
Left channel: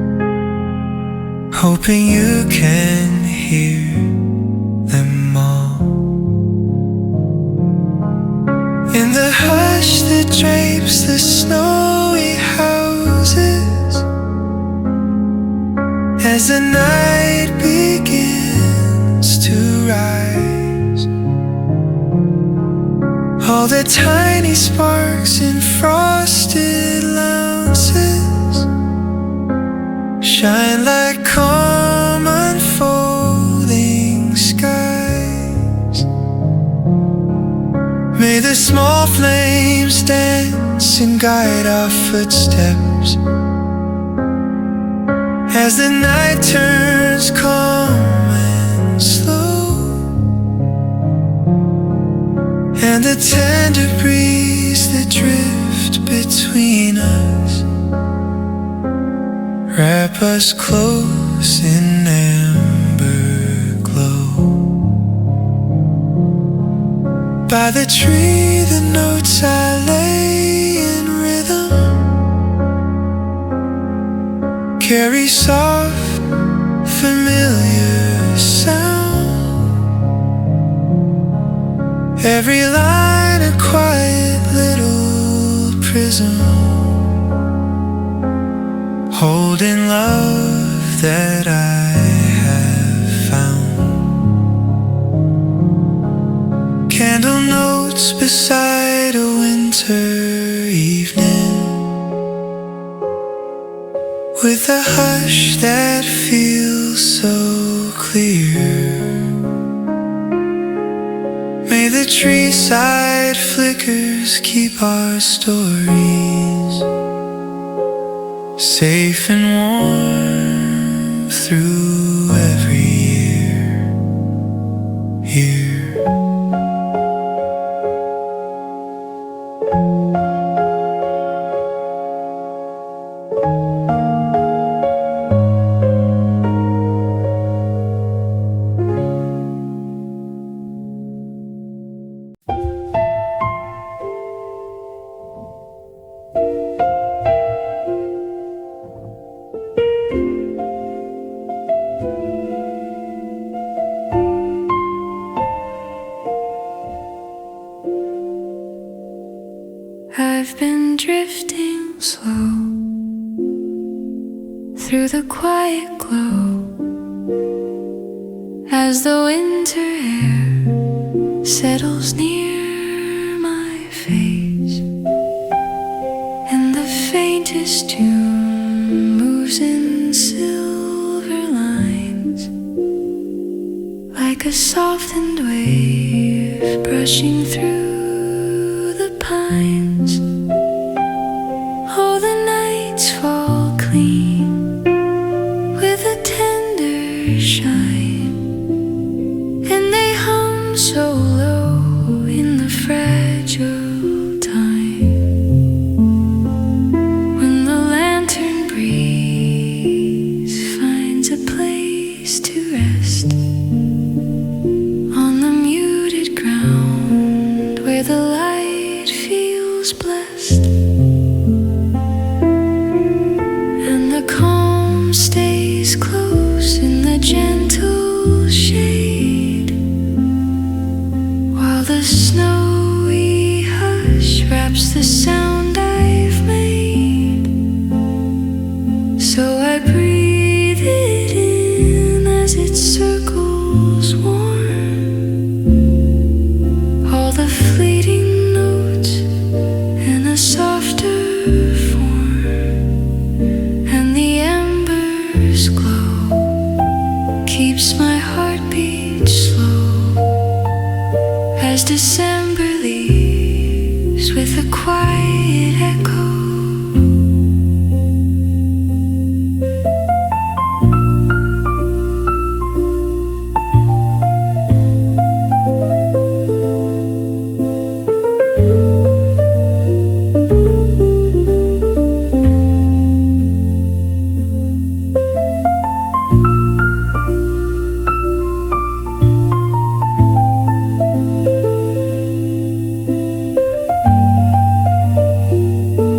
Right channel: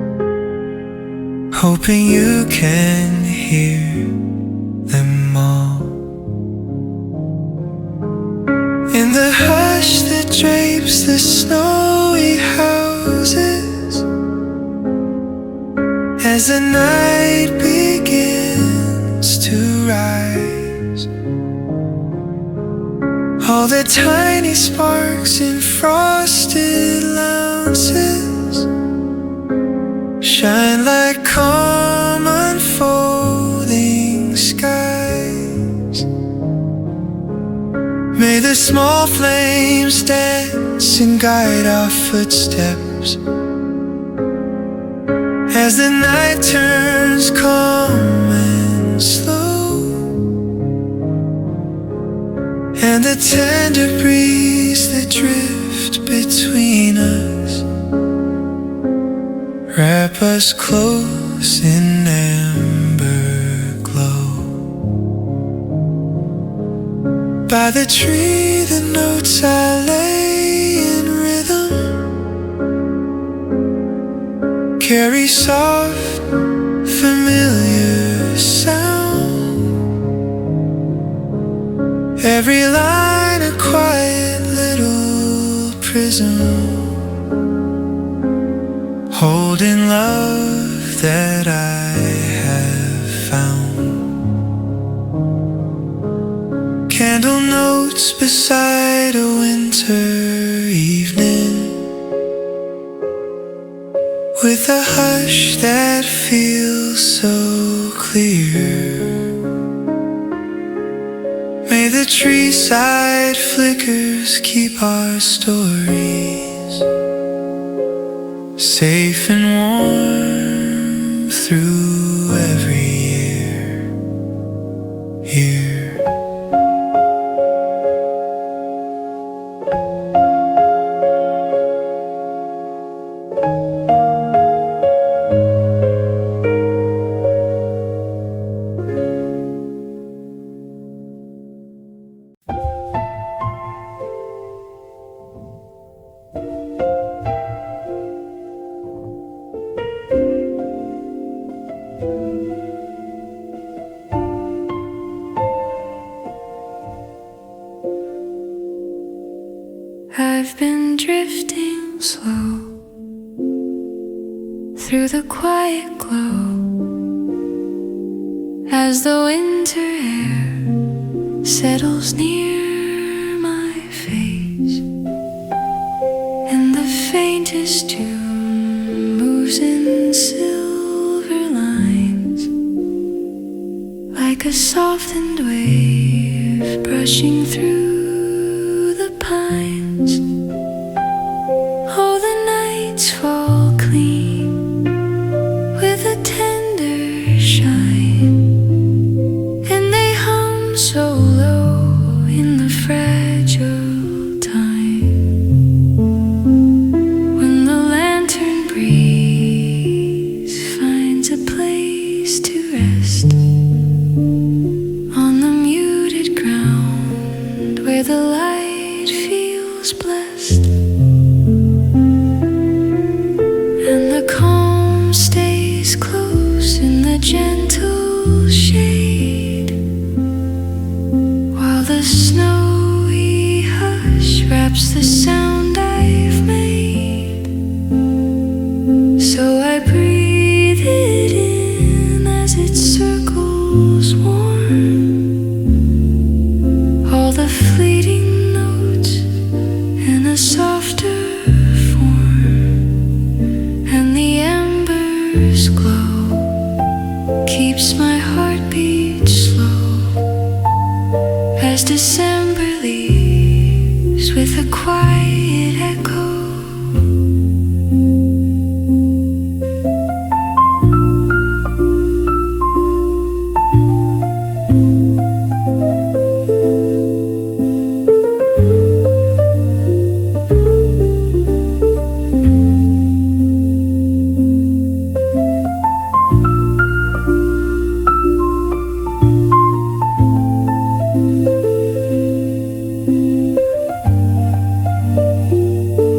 hoping you can hear them all. In the hush that drapes the snowy houses, as the night begins to rise, all the tiny sparks in frosted lounges shine like calm unfolding skies. May the small flames dance and guide our footsteps as the night turns calm and slow, and the tender breeze that drift between us wrap us close in amber glow. By the tree the notes I lay in rhythm carry soft, familiar sound. Every line a quiet little prism, holding love that I have found. Candle notes beside a winter evening, with a hush that feels so clear. May the tree side flickers keep our stories safe and warm through every year. I've been drifting slow through the quiet glow as the winter air settles near my face, and the faintest tune moves in silver lines like a softened wave brushing through the pines. Oh, the nights fall clean with a tender shine, and they hum so low in the fragile time. When the lantern breeze finds a place to rest on the muted ground where the light feels blessed, and the calm stays close in the gentle shade, while the snowy hush wraps the sound I've made. So I breathe it in as it circles warm, all the fleeting notes in a softer and the embers glow, keeps my heartbeat slow as December leaves with a quiet echo.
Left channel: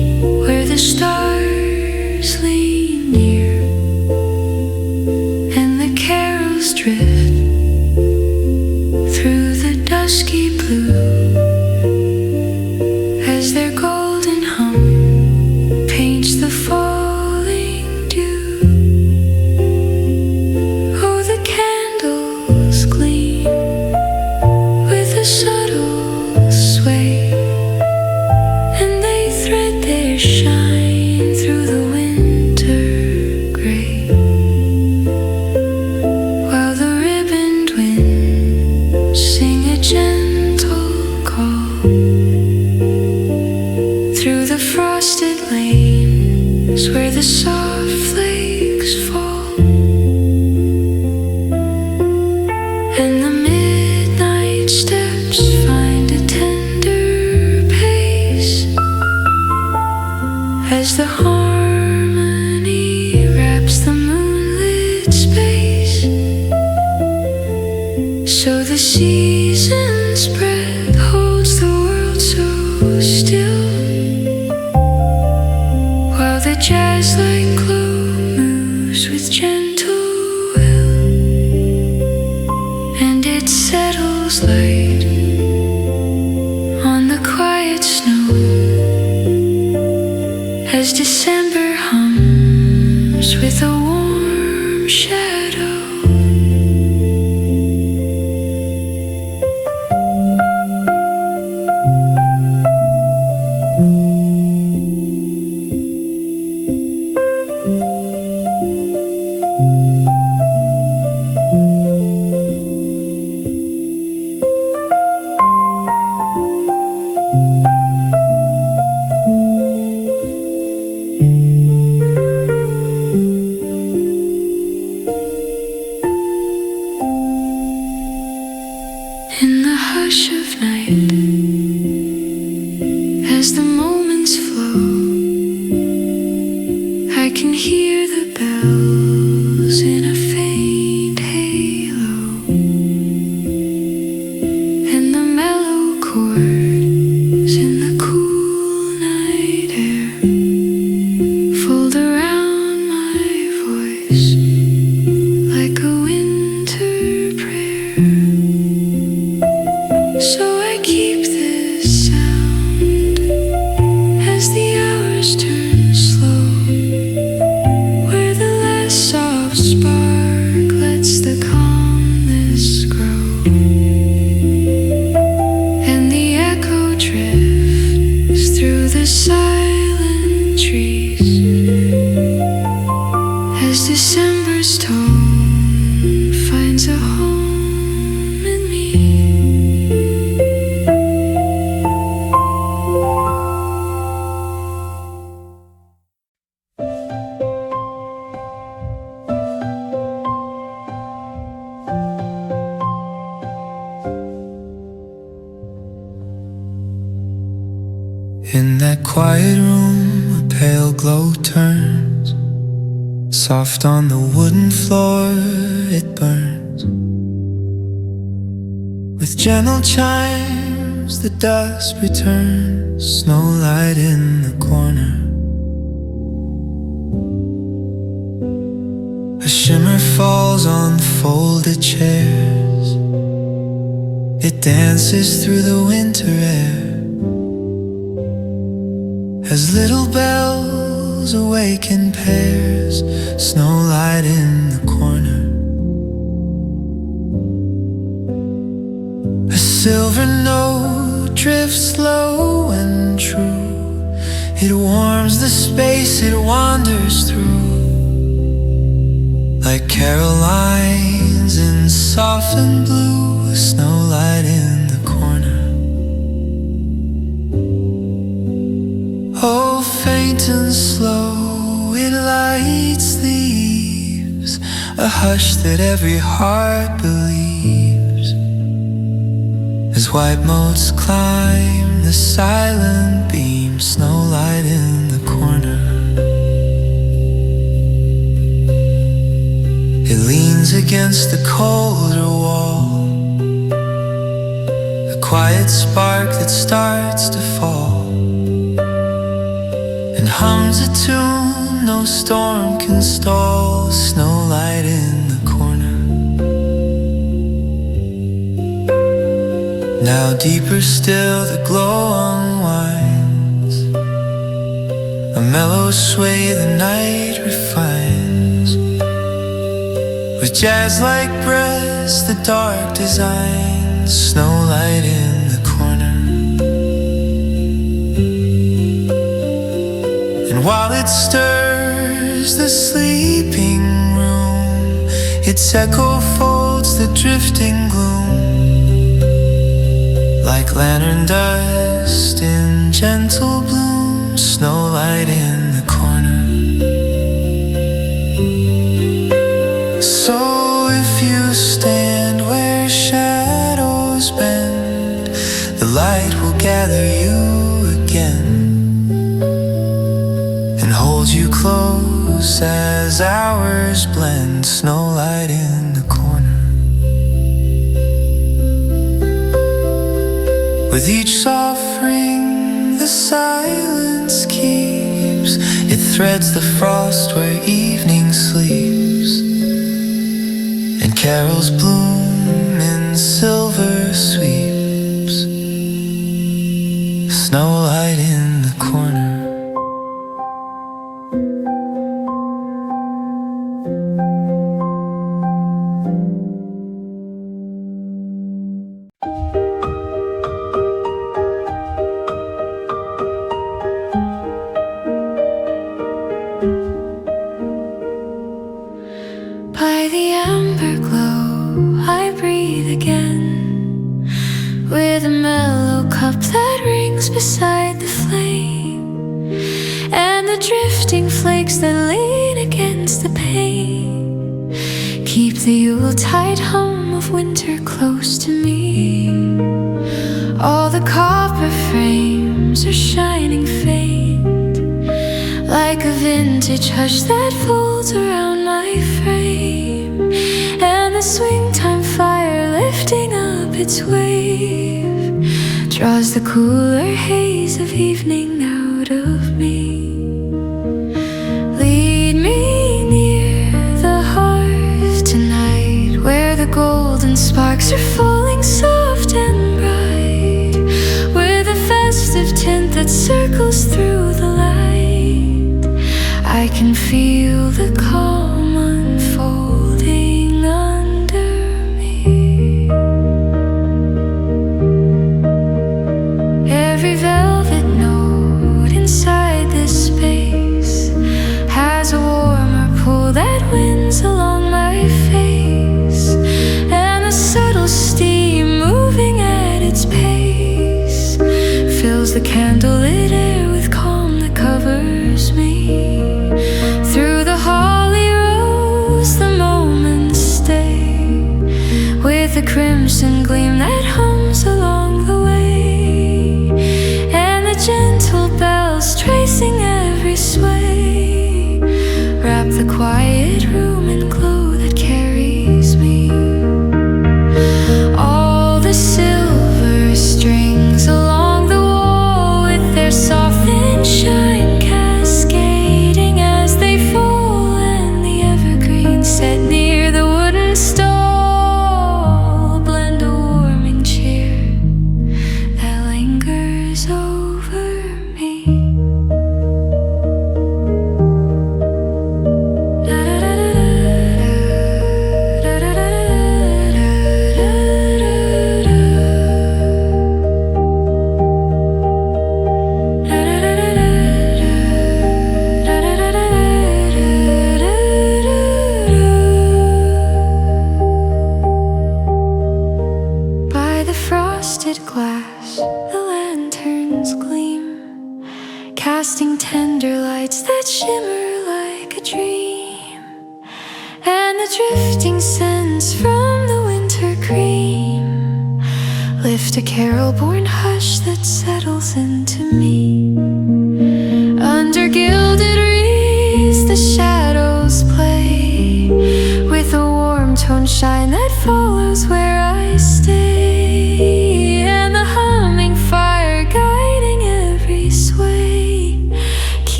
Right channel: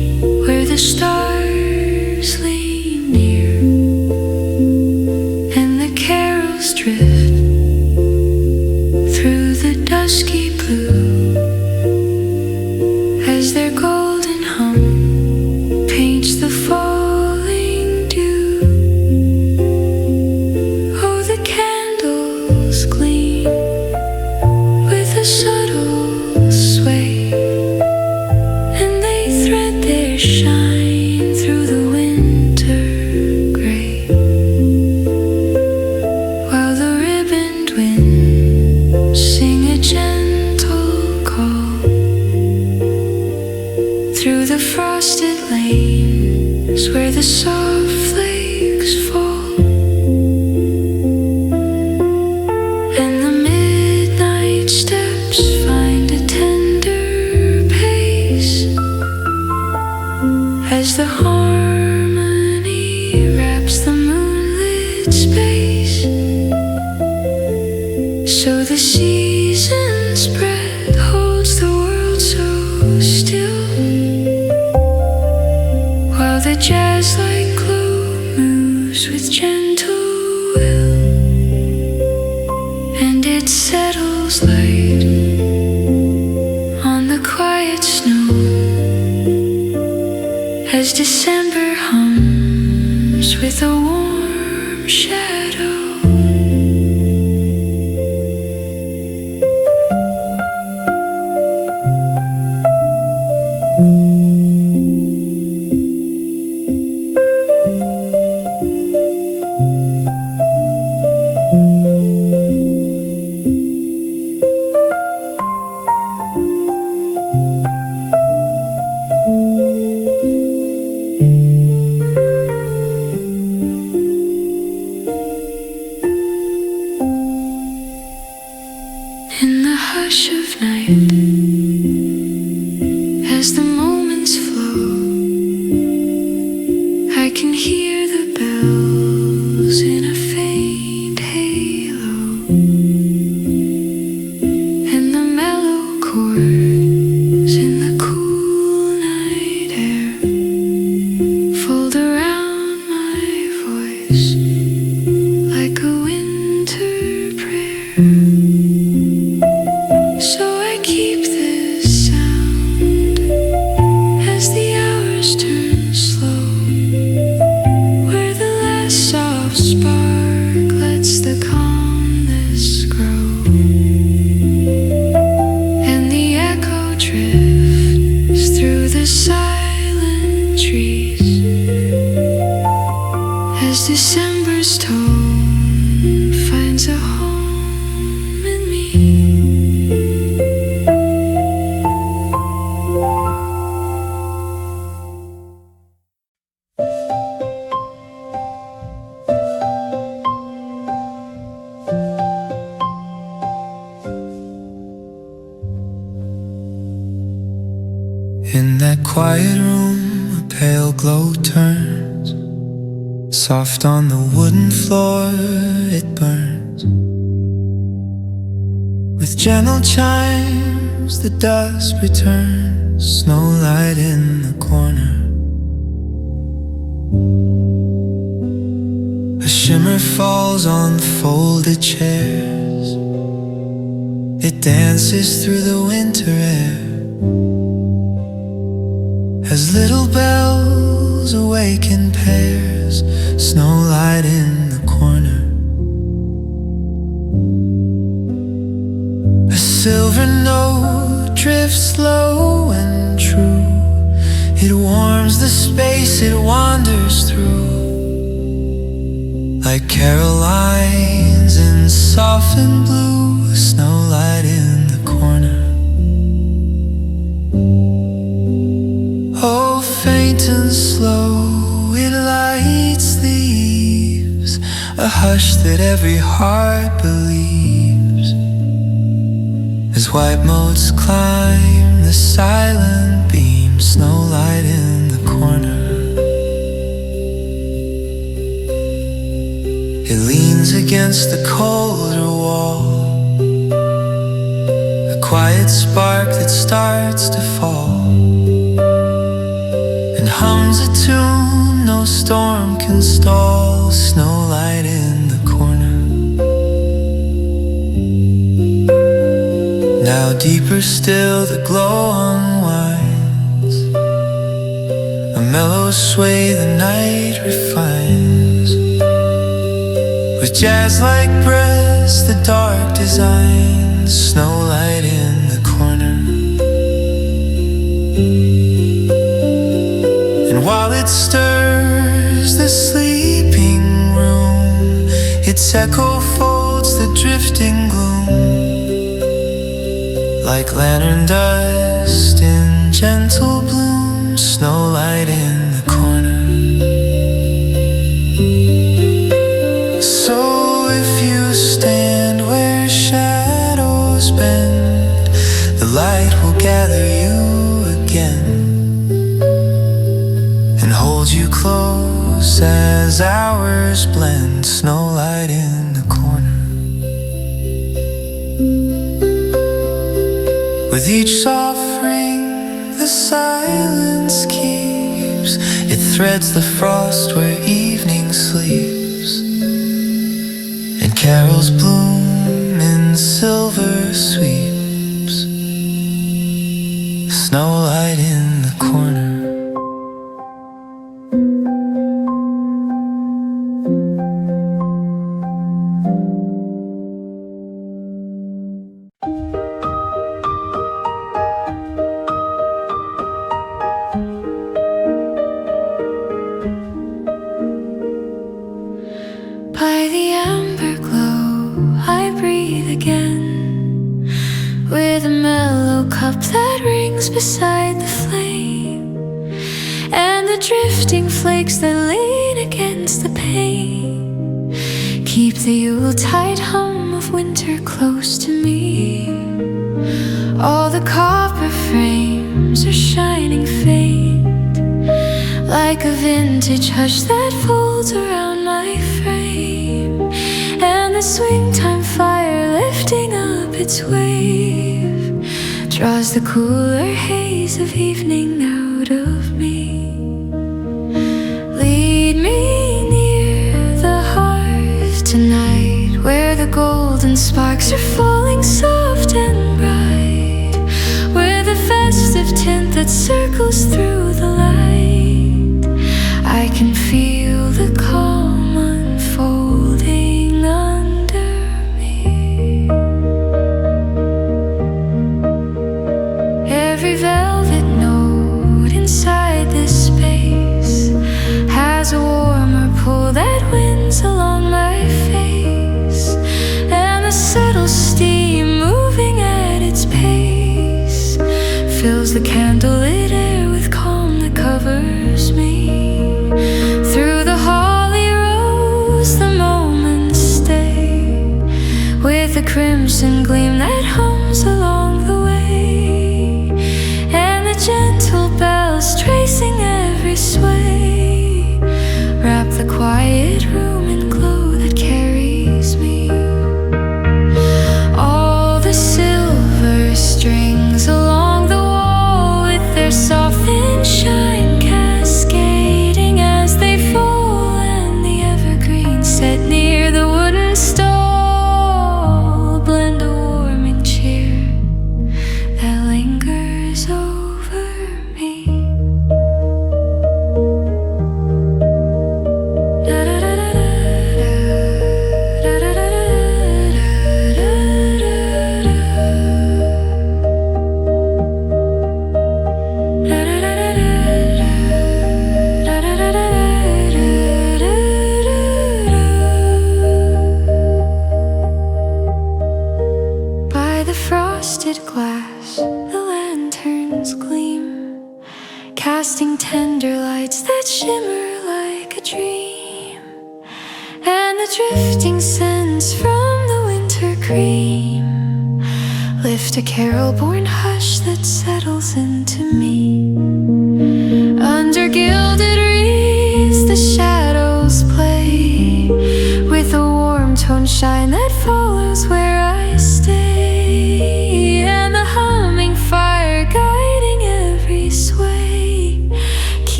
stars lean near and the carols drift through the dusky blue as their golden hum paints the falling dew. Oh, the candles gleam with a subtle sway, and they thread their shine through the winter gray, while the ribboned winds sing a gentle call through the frosted lanes where the soft flakes fall. And the midnight steps find a tender pace as the harmony wraps the moonlit space. So the season's breath holds the world so still, while the jazz-like glow moves with gentle will, and it settles light on the quiet snow as December hums with a warm shadow. In the hush of night, as the moments flow, I can hear the bells in a faint halo, and the mellow chords in the cool night air fold around my voice like a winter prayer. So I keep this sound as the hours turn slow, where the last soft spark lets the calmness grow, and the echo drifts through the silent trees as December's tone finds a home in me. In that quiet room, a pale glow turns soft on the wooden floor, it burns with gentle chimes, the dusk returns. Snowlight in the corner, a shimmer falls on folded chairs, it dances through the winter air as little bells awaken pairs. Snowlight in the corner, a silver note drifts low and true, it warms the space it wanders through, like Carolines in softened blue. Snowlight in the corner. Oh, faint and slow, it lights the eaves, a hush that every heart believes, as white motes climb the silent beam. Snowlight in the corner, it leans against the colder wall, a quiet spark that starts to fall, and hums a tune no storm can stall. Snowlight in the corner. Now deeper still the glow unwinds, a mellow sway the night refines. With jazz-like breaths the dark designs. Snowlight in the corner. And while it stirs the sleeping room, its echo folds the drifting gloom, like lantern dust in gentle bloom. Snowlight in the corner. So if you stand where shadows bend, the light will gather you again and hold you close as hours blend. Snowlight in the corner. With each soft ring the silence keeps, it threads the frost where evening sleeps, and carols bloom in silver sweeps. Snowlight in the corner. By the amber glow I breathe again, with a mellow cup that rings beside the flame, and the drifting flakes that lean against the pane keep the Yuletide hum of winter close to me. All the copper frames are shining faint, like a vintage hush that folds around my frame, and the swing time fire lifting up its wave draws the cooler haze of evening out of me. Lead me near the hearth tonight, where the golden sparks are falling soft and bright, with a festive tint that circles through the light. I can feel the calm unfolding under me. Every velvet note inside this space has a warmer pull that winds along my face, and the subtle steam moving at its pace fills the candlelit air with calm that covers me. Through the holly rose the moments stay, with a crimson gleam that hums along the way, and the gentle bells tracing every sway wrap the quiet room in glow that carries me. All the silver strings along the wall, with their soft thin shine cascading as they fall, and the evergreen set near the wooden stall blend a warming cheer that lingers over me. By the frosted glass, the lanterns gleam, casting tender lights that shimmer like a dream, and the drifting scents from the winter cream lift a carol-born hush that settles into me. Under gilded wreaths the shadows play, with a warm tone shine that follows where I stay, and the humming fire guiding every sway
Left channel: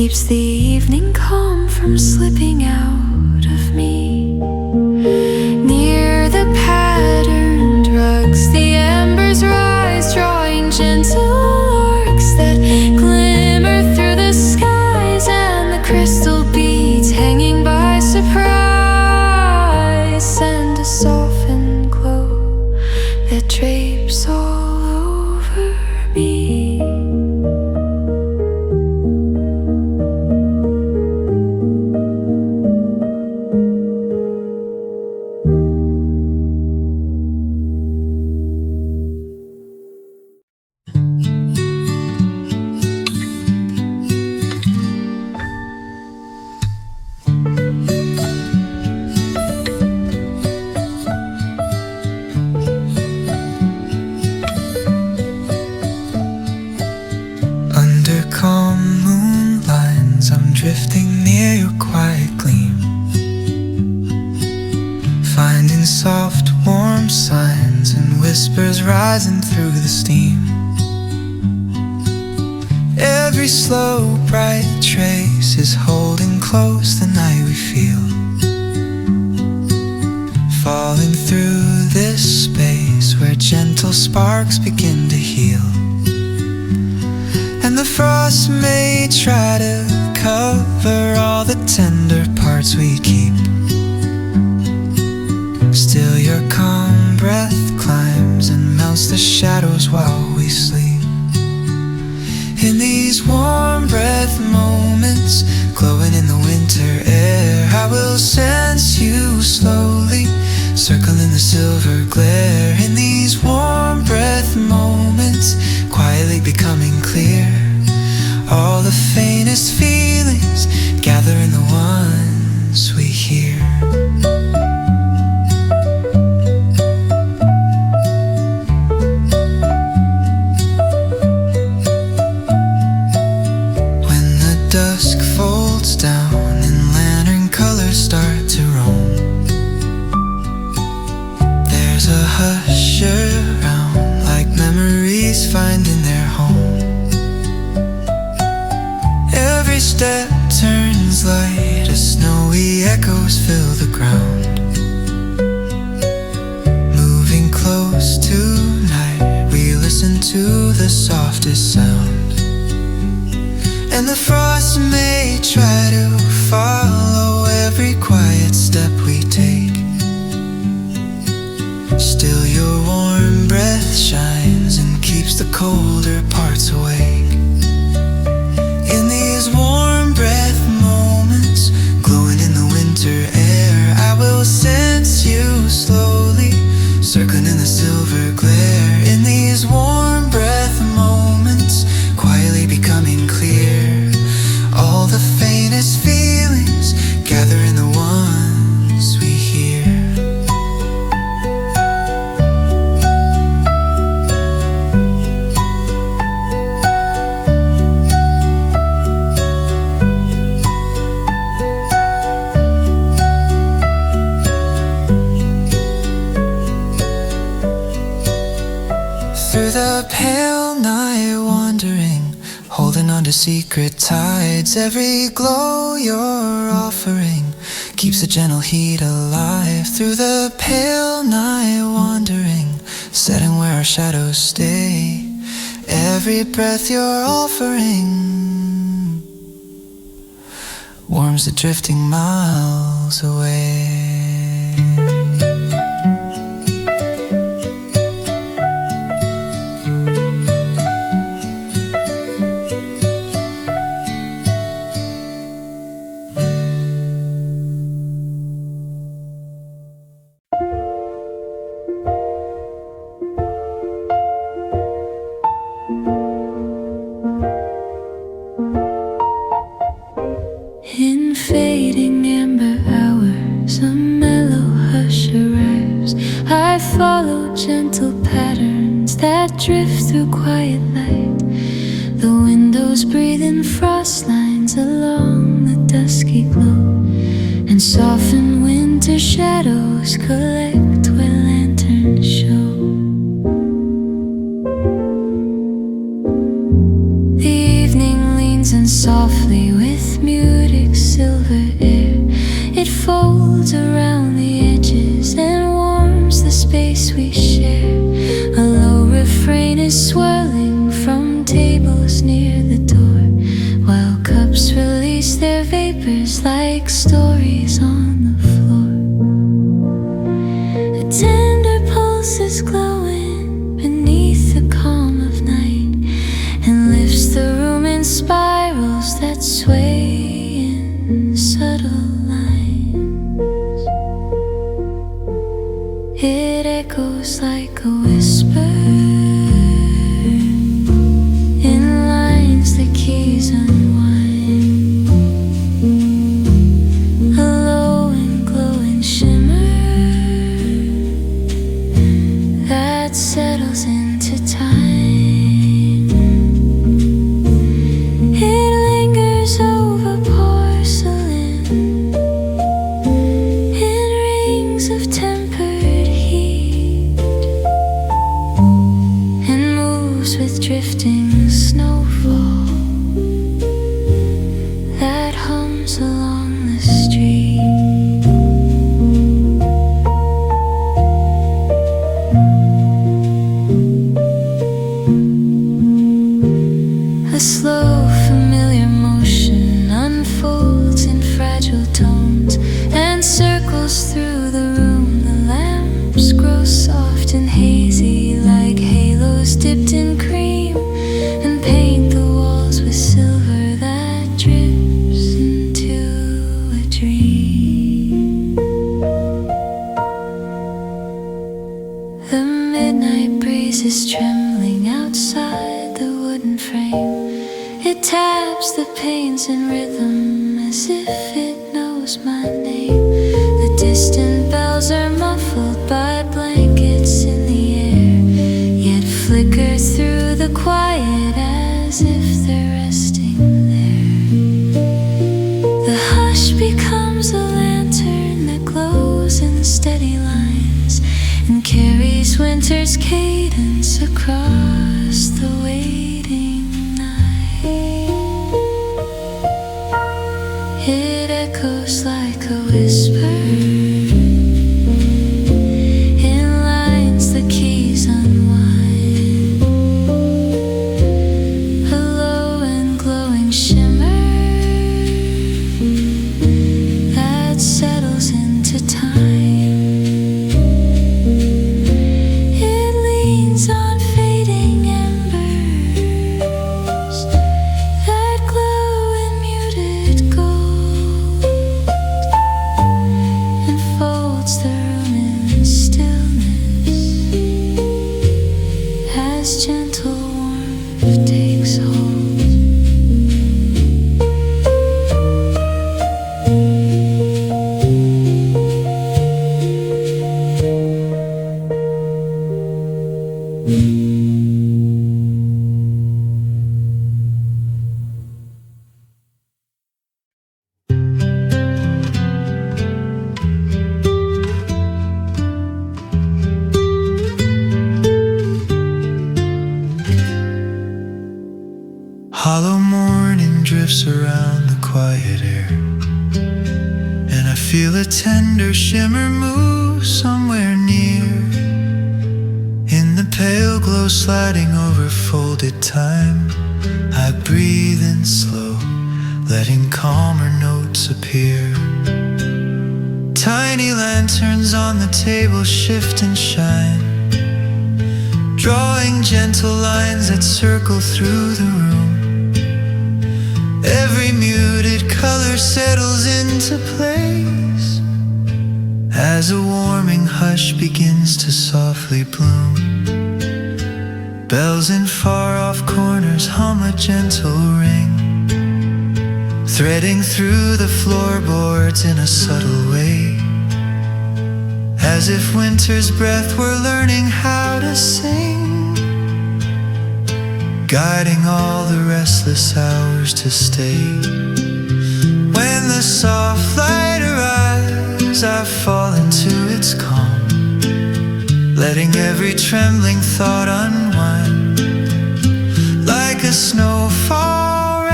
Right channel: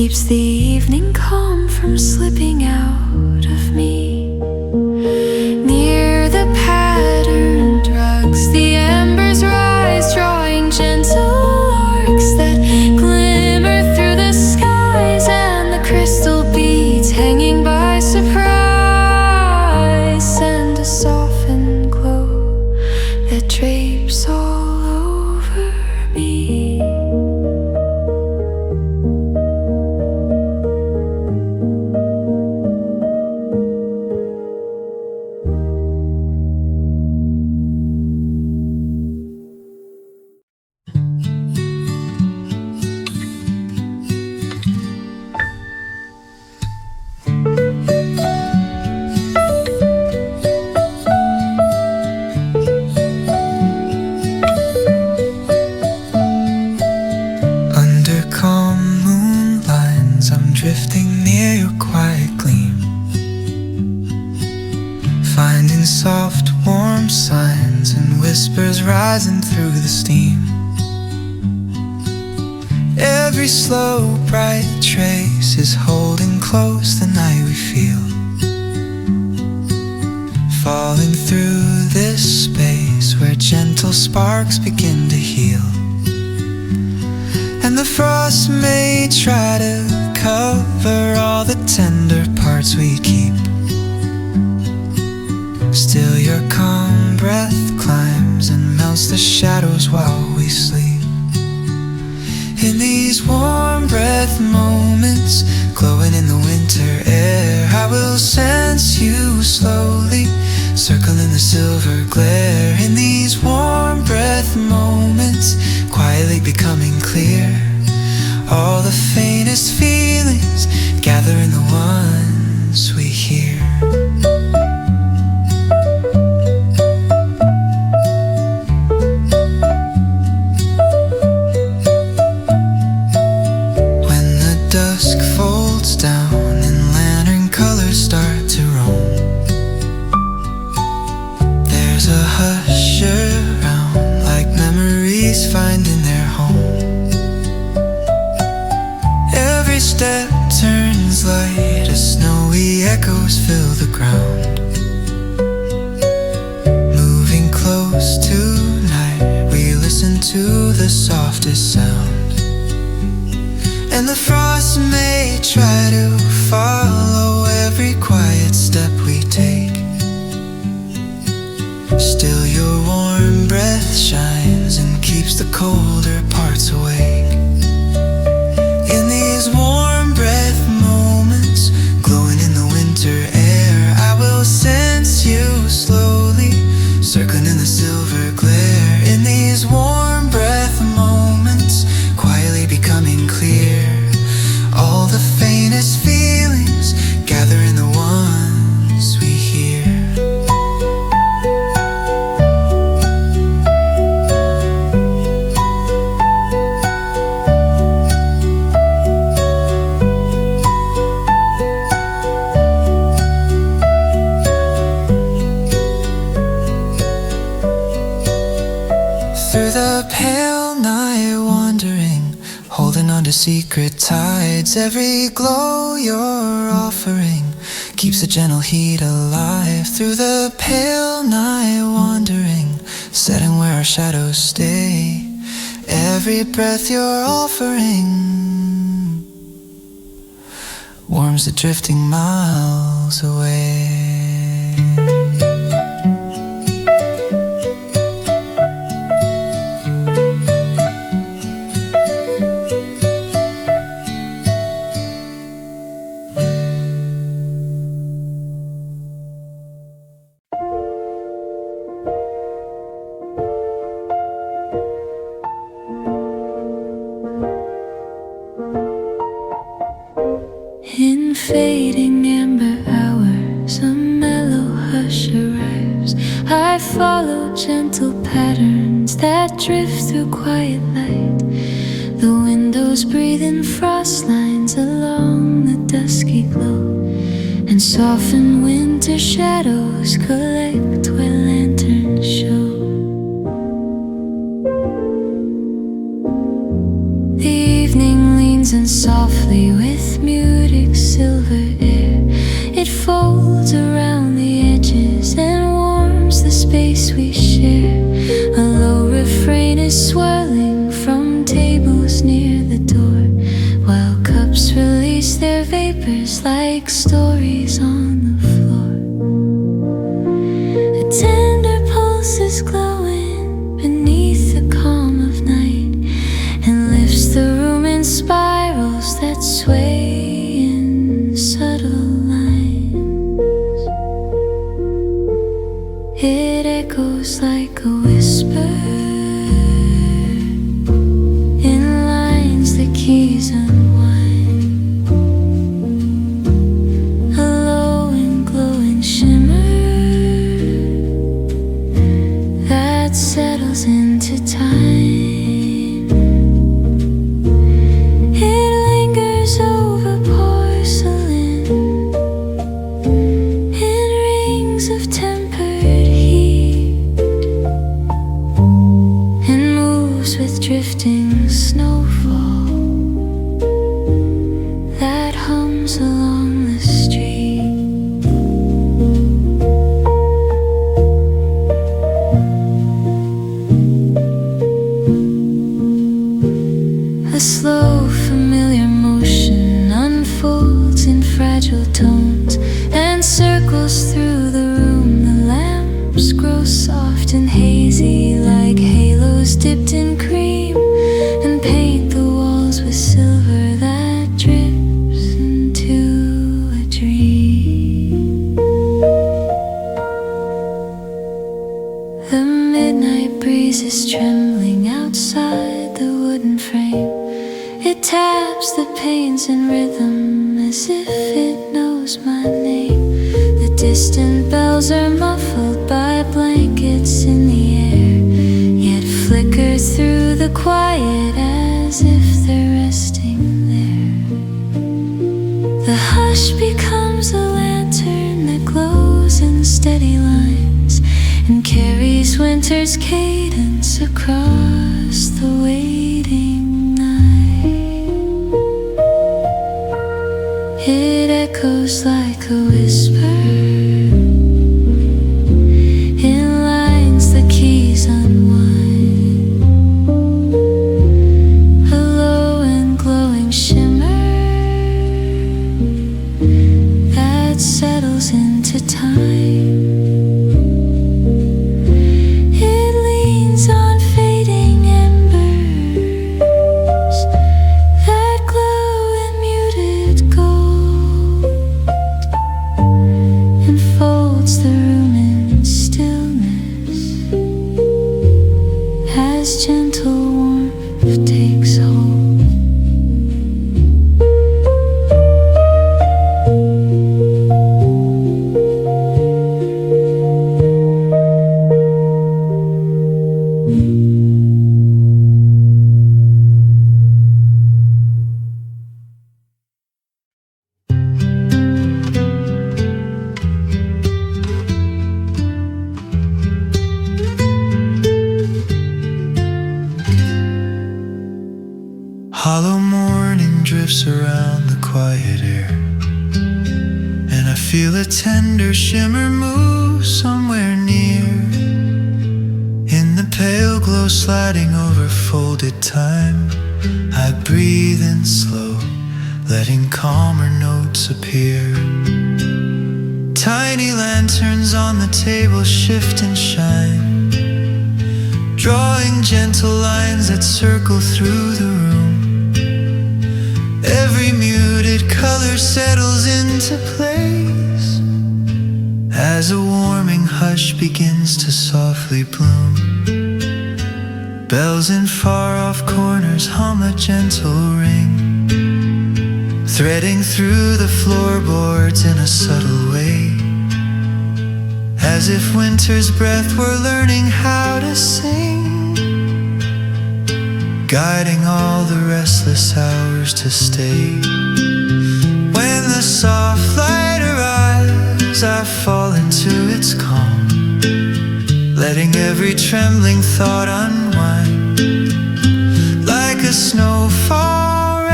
keeps the evening calm from slipping out of me. Near the patterned rugs, the embers rise, drawing gentle arcs that glimmer through the skies, and the crystal beads hanging by surprise send a softened glow that drapes all over me. Drifting near your quiet gleam, finding soft, warm signs and whispers rising through the steam. Every slow, bright trace is holding close the night we feel, falling through this space where gentle sparks begin to heal. And the frost may try to cover all the tender parts we keep, still your calm breath climbs and melts the shadows while we sleep. In these warm breath moments, glowing in the winter air, I will sense you slowly, circling the silver glare. In these warm breath moments, quietly becoming clear, all the faintest feelings gather in the ones we hear. When the dusk folds down and lantern colors start to roam, there's a hush around, like memories finding their home. Every step turns light as snowy echoes fill the ground. Moving close tonight, we listen to the softest sound. And the frost may try to follow every quiet step we take, still your warm breath shines and keeps the colder parts awake. In these warm breath moments, glowing in the winter air, I will sense you slowly, circling in the silver glare. In these warm breath moments, quietly becoming clear, all the faintest feelings gather in the ones we hear. Through the pale night wandering, holding on to secret tides, every glow you're offering keeps a gentle heat alive. Through the pale night wandering, setting where our shadows stay, every breath you're offering warms the drifting miles away. In fading amber hours, a mellow hush arrives. I follow gentle patterns that drift through quiet light. The windows breathe in frost lines along the dusky glow, and soften winter shadows collect where lanterns show. The evening leans lines, and softly with muted silver air it folds around the edges and warms the space we share. A low refrain is swirling from tables near the door, while cups release their vapors like stories on the floor. A tender pulse is glowing beneath the calm of night and lifts the room in spirals that sway in subtle lines. It echoes like a whisper in lines the keys unwind. A low and glowing shimmer that settles into time. It lingers over porcelain in rings of tempered heat and moves with drifting snowfall that hums along the street. A slow, familiar motion unfolds in fragile tones and circles through the room. The lamps grow soft and hazy like halos dipped in cream and paint the walls with silver that drips into a dream. The midnight breeze is trembling outside the wooden frame. It taps the panes in rhythm as if it knows my name. The distant bells are muffled by blankets in the air, yet flicker through the quiet as if they're resting there. The hush becomes a lantern that glows in steady lines and carries winter's cadence across the waiting night. It echoes like a whisper in lines the keys unwind. A low and glowing shimmer that settles into time. It leans on fading embers that glow in muted gold and folds the room in stillness as gentle warmth takes hold. Hollow morning drifts around the quiet air, and I feel a tender shimmer move somewhere near. In the pale glow sliding over folded time, I breathe in slow, letting calmer notes appear. Tiny lanterns on the table shift and shine, drawing gentle lines that circle through the room. Every muted color settles into place as a warming hush begins to softly bloom. Bells in far-off corners hum a gentle ring, threading through the floorboards in a subtle way, as if winter's breath were learning how to sing, guiding all the restless hours to stay. When the soft light arrives, I fall into its calm, letting every trembling thought unwind. Like a snowfall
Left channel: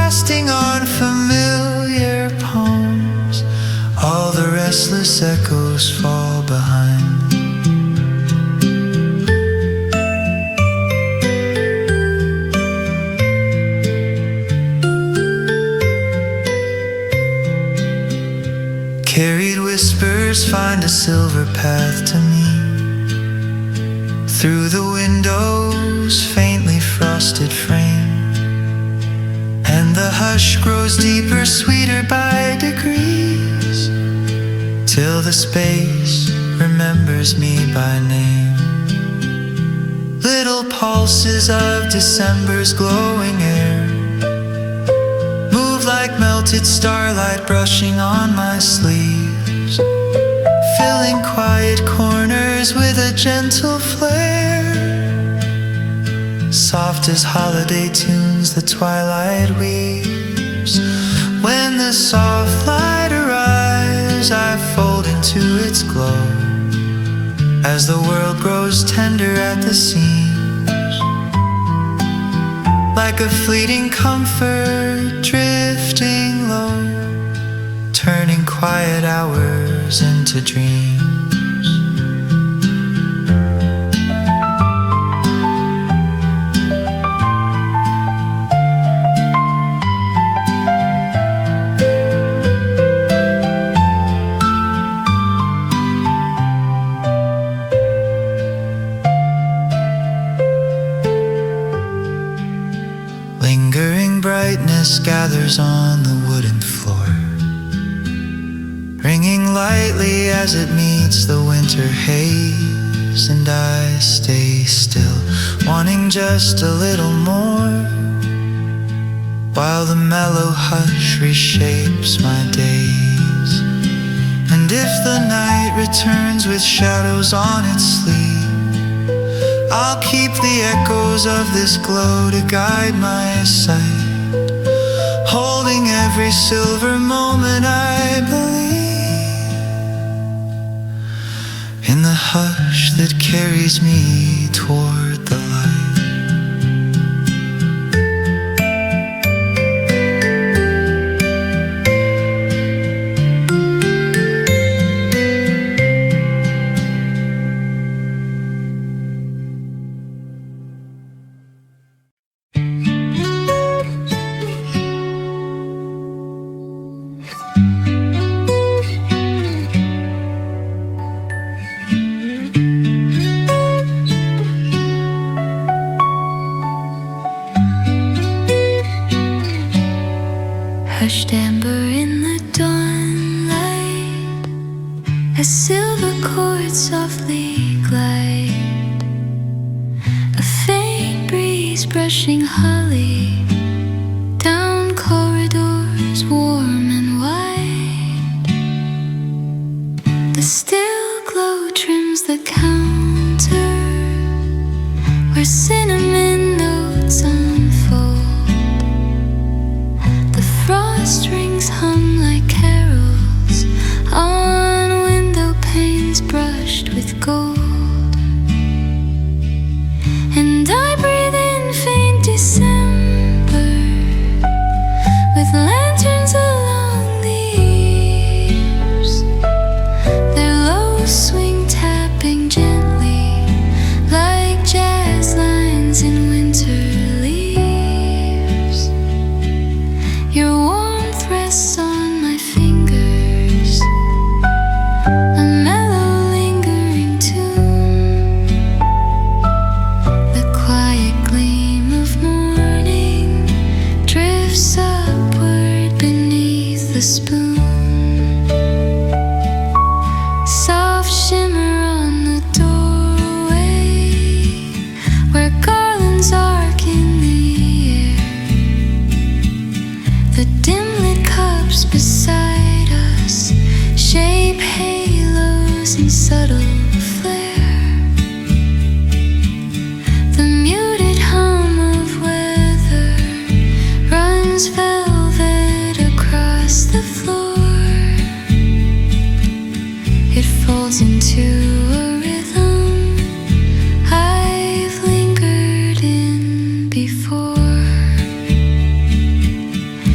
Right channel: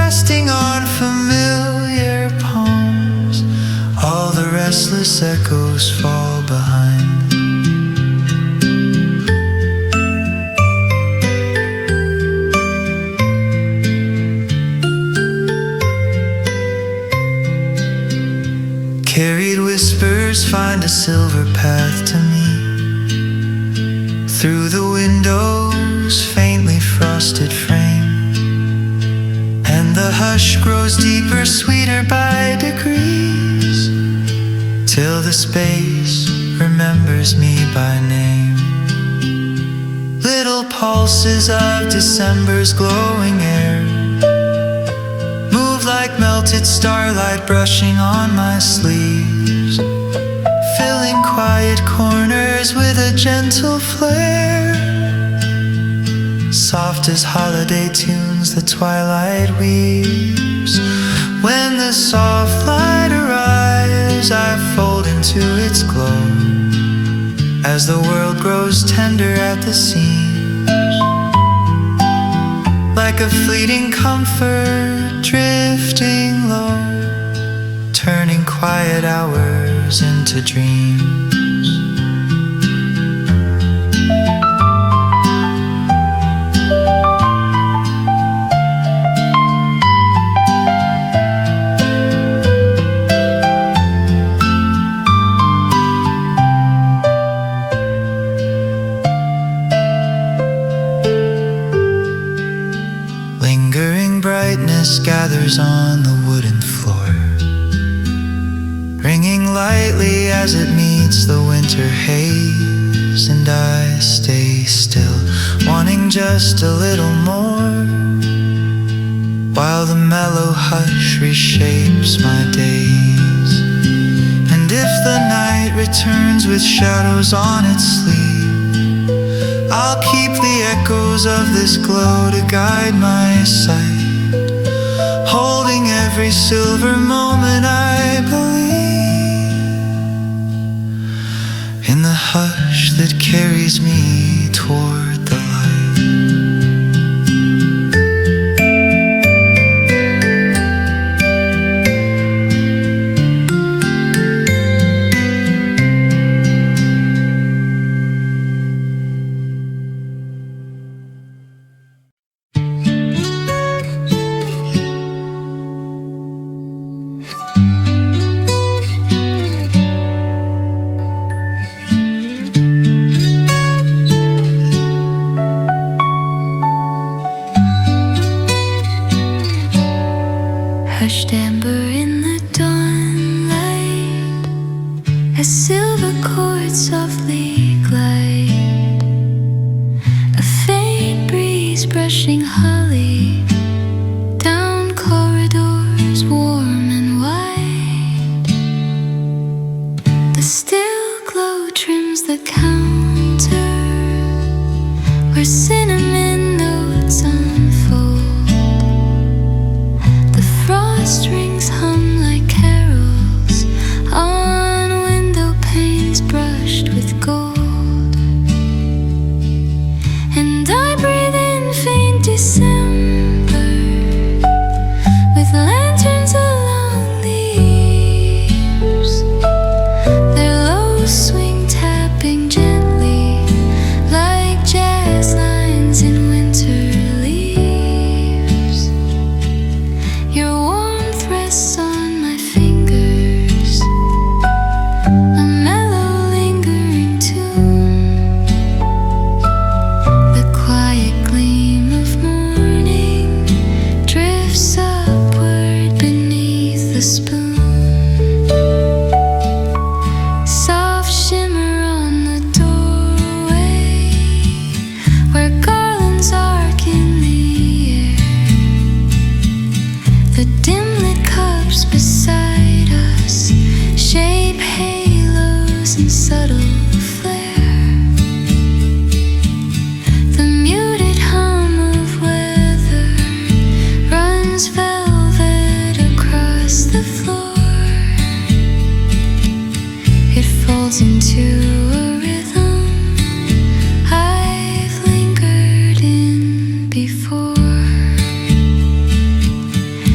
resting on familiar palms. All the restless echoes fall behind. Carried whispers find a silver path to me. Through the window's faintly frosted frame, and the hush grows deeper, sweeter by degrees, till the space remembers me by name. Little pulses of December's glowing air move like melted starlight brushing on my sleeves, filling quiet corners with a gentle flare. Soft as holiday tunes the twilight weaves. When the soft light arrives, I fold into its glow, as the world grows tender at the seams. Like a fleeting comfort drifting low, turning quiet hours into dreams. Lingering brightness gathers on the wooden floor, ringing lightly as it meets the winter haze. And I stay still, wanting just a little more, while the mellow hush reshapes my days. And if the night returns with shadows on its sleeve, I'll keep the echoes of this glow to guide my sight, holding every silver moment I believe in the hush that carries me toward the light. Hushed amber in the dawnlight, as silver chords softly glide, a faint breeze brushing holly down corridors warm and wide. The still glow trims the counter where cinnamon notes unfold. Strings hum like carols on window panes brushed with gold. And I breathe in faint December with lanterns along the eaves, their low swing tapping gently like jazz lines in winter leaves. Your warmth rests on my fingers, a mellow lingering tune. The quiet gleam of morning drifts upward beneath the spoon. Soft shimmer on the doorway where garlands arc in the air. The dim-lit cups beside us shape halos in subtle flare. The muted hum of weather runs velvet across the floor. It folds into a rhythm I've lingered in before.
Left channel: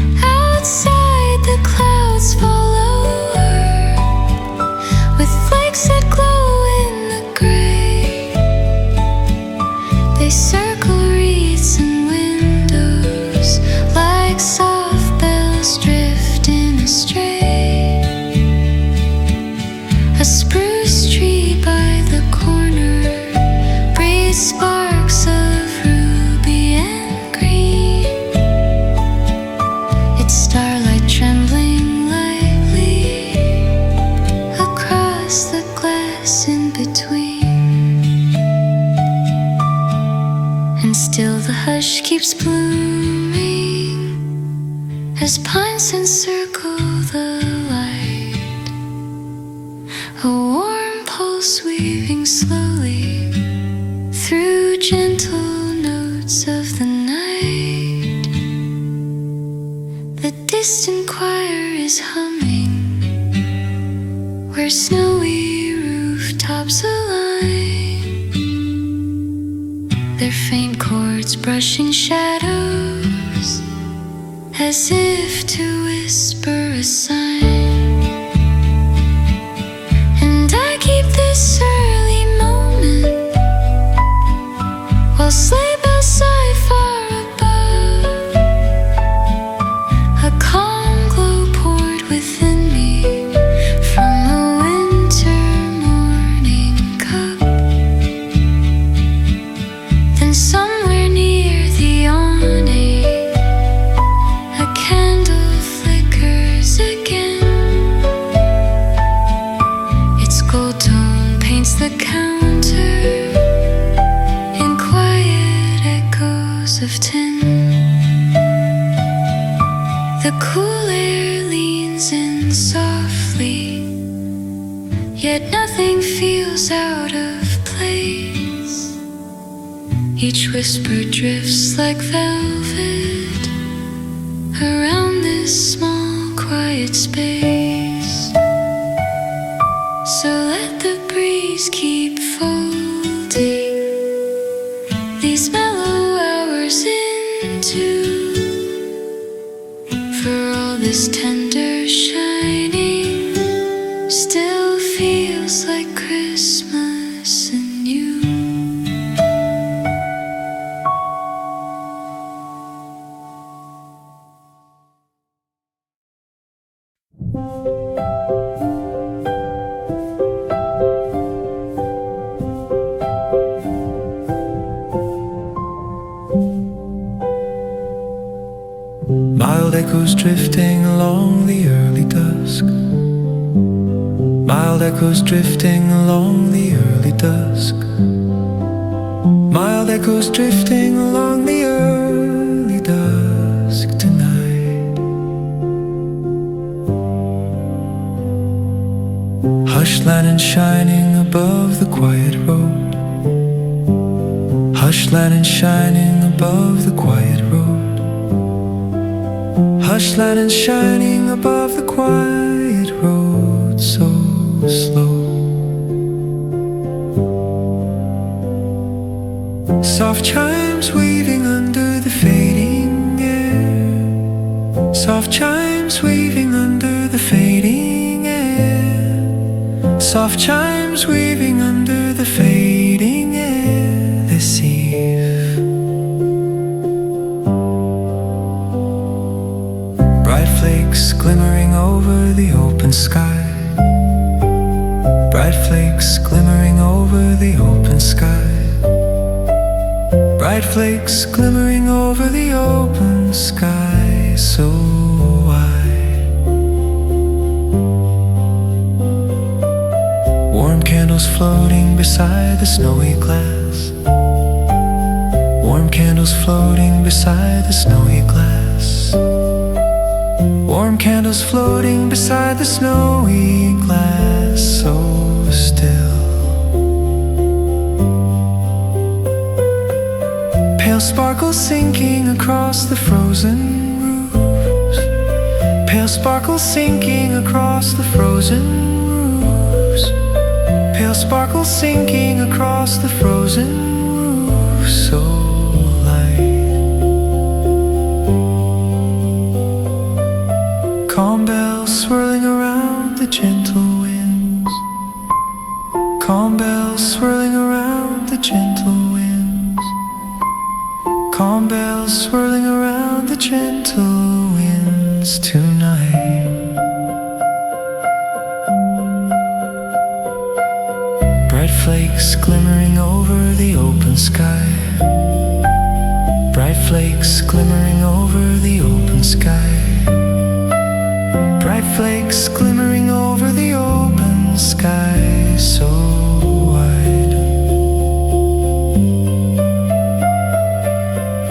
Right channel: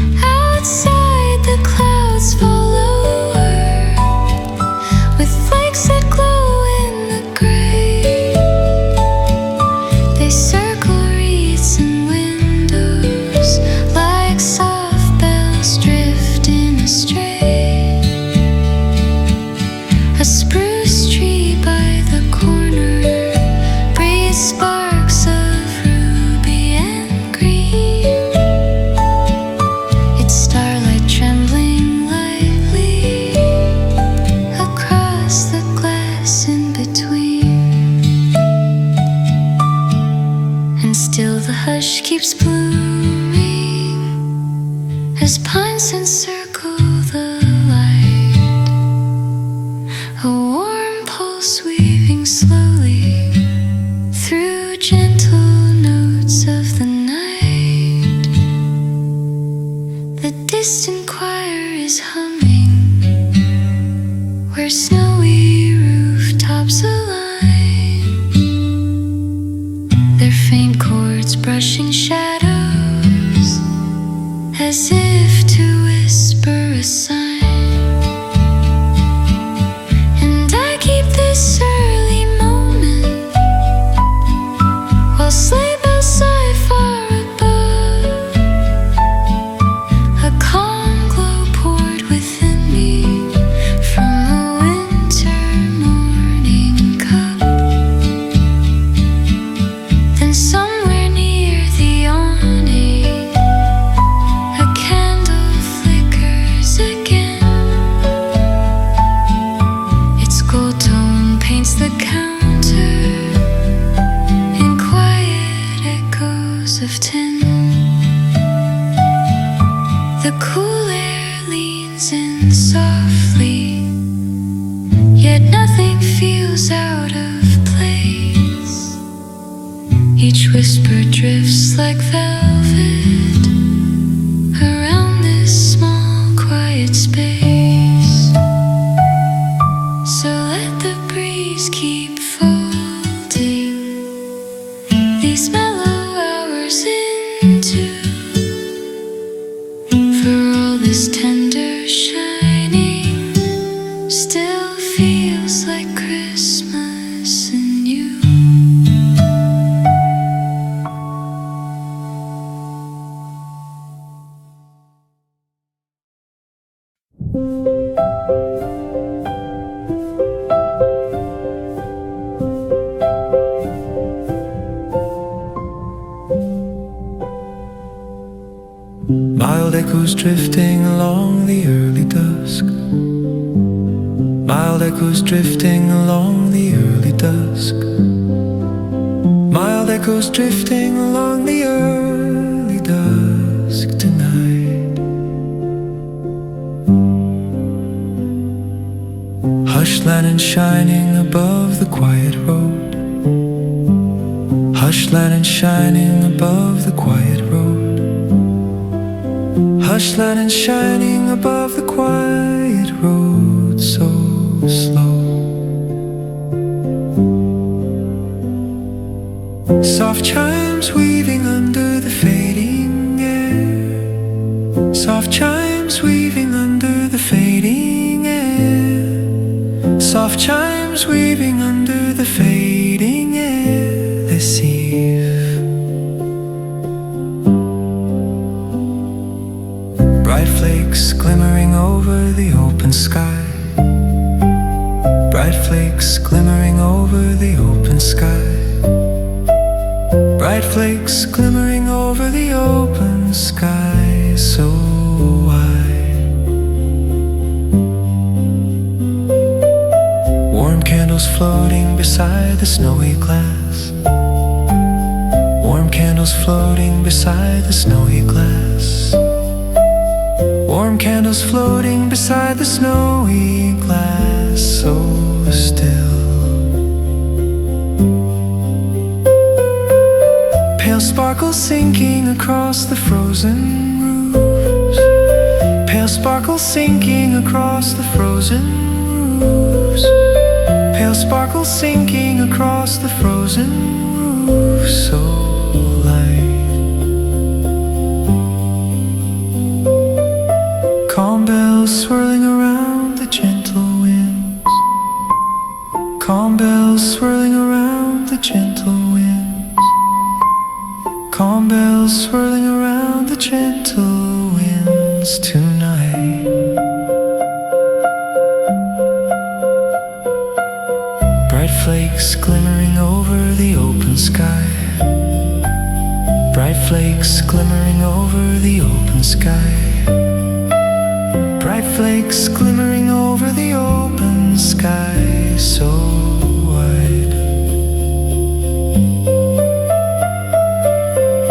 hush keeps blooming as pines encircle the light. A warm pulse weaving slowly through gentle notes of the night. The distant choir is humming where snowy rooftops align, their faint chords brushing shadows as if to whisper a sign. And I keep this early moment while sleigh bells sigh far above. A calm glow poured within me from a winter morning cup. Then somewhere near the awning a candle flickers again. Its gold tone paints the counter in quiet echoes of tin. The cool air leans in softly, yet nothing feels out of place. Each whisper drifts like velvet around this small quiet space. So let the breeze keep folding these mellow hours into, for all this tender shining still feels like Christmas in you. Mild echoes drifting along the early dusk. Mild echoes drifting along the early dusk. Mild echoes drifting along the early dusk tonight. Hush lanterns shining above the quiet road. Hush lanterns shining above the quiet road. Hush lanterns shining above the quiet road, so slow. Soft chimes weaving under the fading air. Soft chimes weaving under the fading air. Soft chimes weaving under the fading air this eve. Bright flakes glimmering over the open sky. Bright flakes glimmering over the open sky. Bright flakes glimmering over the open sky, so wide. Warm candles floating beside the snowy glass. Warm candles floating beside the snowy glass. Warm candles floating beside the snowy glass, so still. Pale sparkles sinking across the frozen roofs. Pale sparkles sinking across the frozen roofs. Pale sparkles sinking across the frozen roofs, so light. Calm bells swirling around the gentle winds. Calm bells swirling around the gentle winds. Calm bells swirling around the gentle winds tonight. Bright flakes glimmering over the open sky. Bright flakes glimmering over the open sky. Bright flakes glimmering over the open sky, so wide.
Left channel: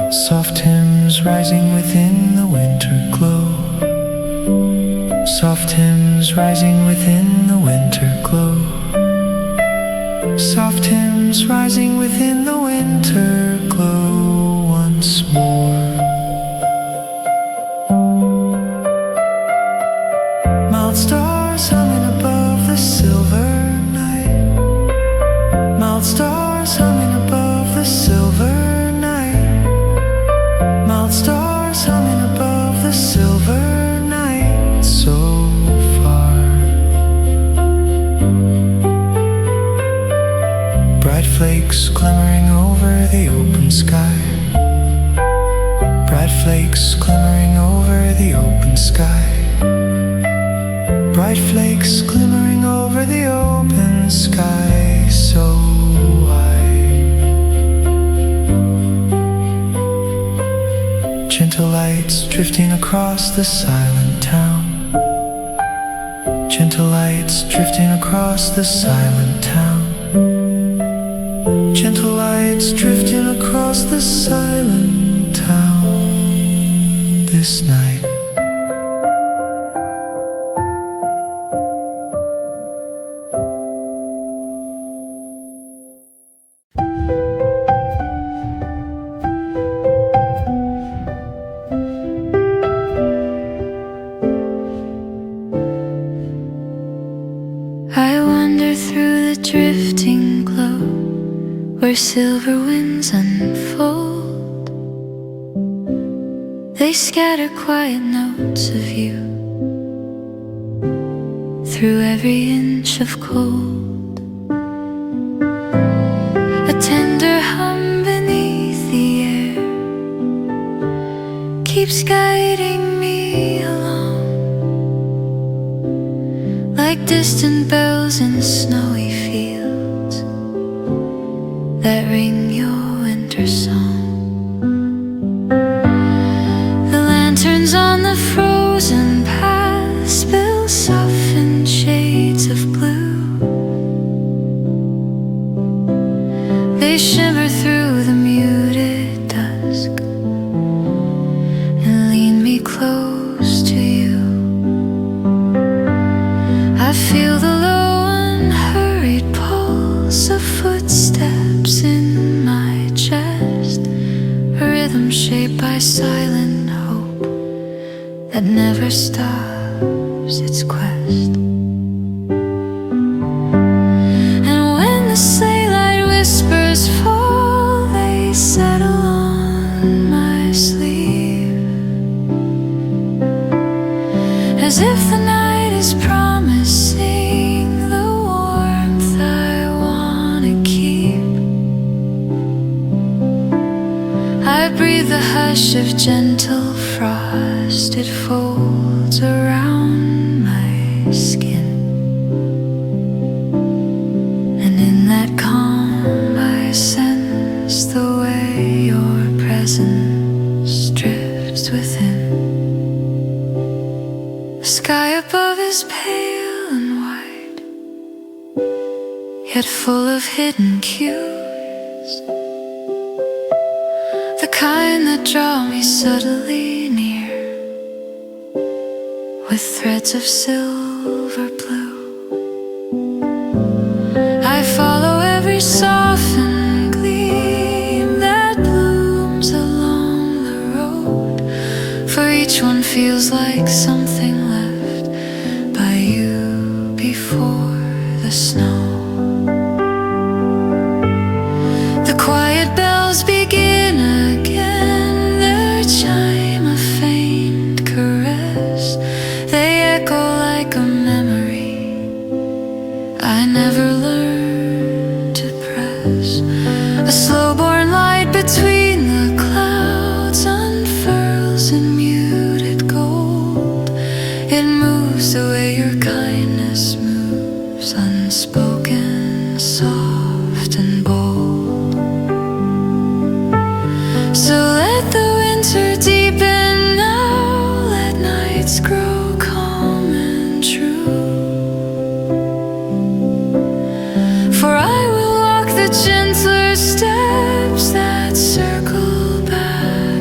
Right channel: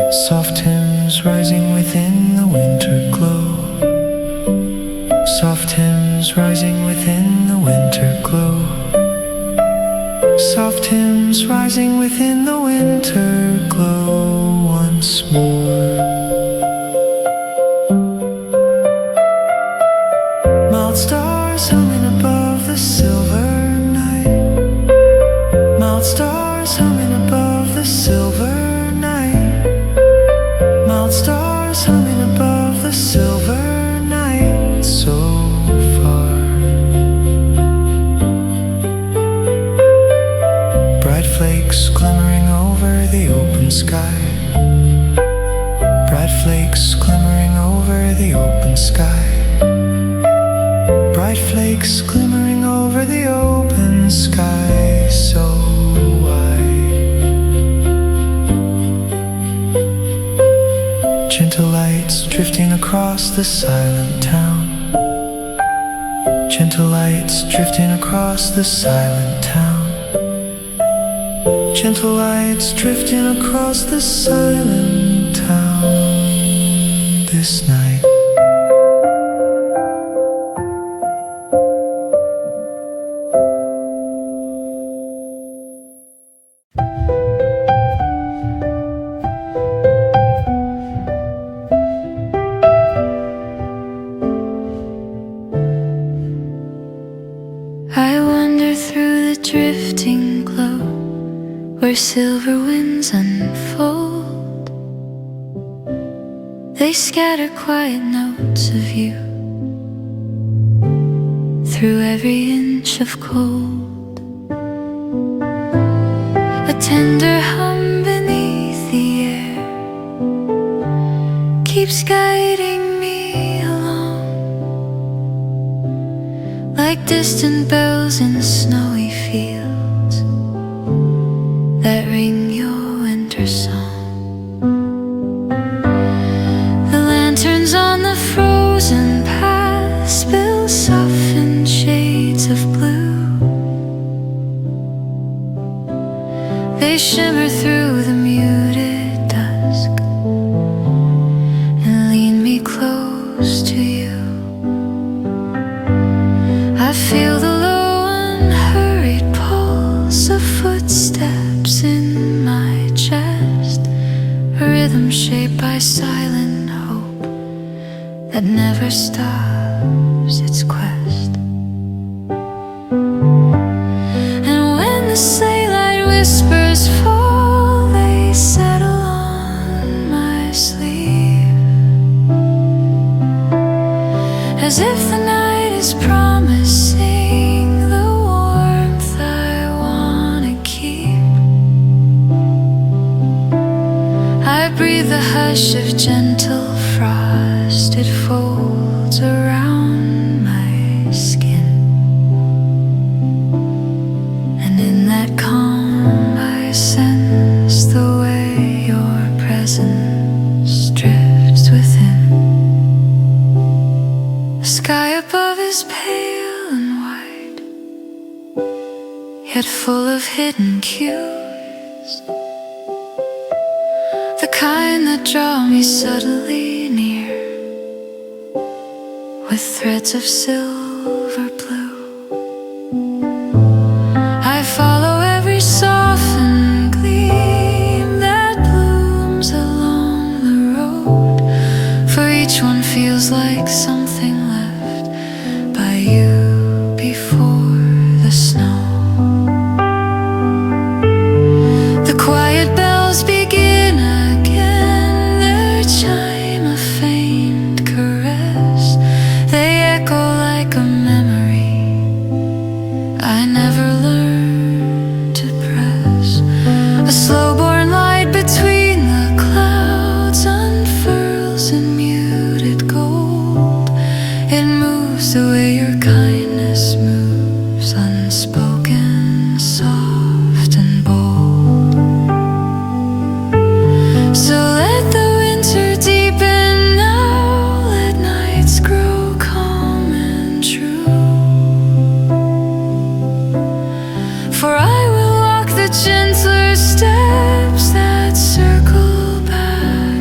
Soft hymns rising within the winter glow. Soft hymns rising within the winter glow. Soft hymns rising within the winter glow once more. Mild stars humming above the silver night. Mild stars humming above the silver night. Mild stars humming above the silver night. So far. Bright flakes glimmering over the open sky. Bright flakes glimmering over the open sky. Bright flakes glimmering over the open sky so wide. Gentle lights drifting across the silent town. Gentle lights drifting across the silent town. Gentle lights drifting across the silent town this night. I wander through the drifting glow where silver winds unfold. They scatter quiet notes of you through every inch of cold. A tender hum beneath the air keeps guiding me along, like distant bells in snowy fields that ring your winter song. The lanterns on the frozen path spill softened shades of blue. They shimmer through the muted dusk and lean me close to you. I feel the low unhurried pulse of footsteps in my chest, a rhythm shaped by silent hope that never stops its quest. And when the sleigh light whispers fall, they settle on my sleeve, as if the night is promising the warmth I wanna keep. I breathe the hush of gentle frost, it folds around my skin, and in that calm I sense the way your presence drifts within. The sky above is pale and white, yet full of hidden cues, the kind that draw me subtly near with threads of silver blue. I follow every softened gleam that blooms along the road, for each one feels like something left by you before the snow. The quiet bells begin again, their chime a faint caress. They echo like a memory I never learned to press. A slow-born light between the clouds unfurls in muted gold. It moves the way your kindness moves, unspoken, soft and bold. So let the winter deepen now, let nights grow calm and true. For I will walk the gentler steps that circle back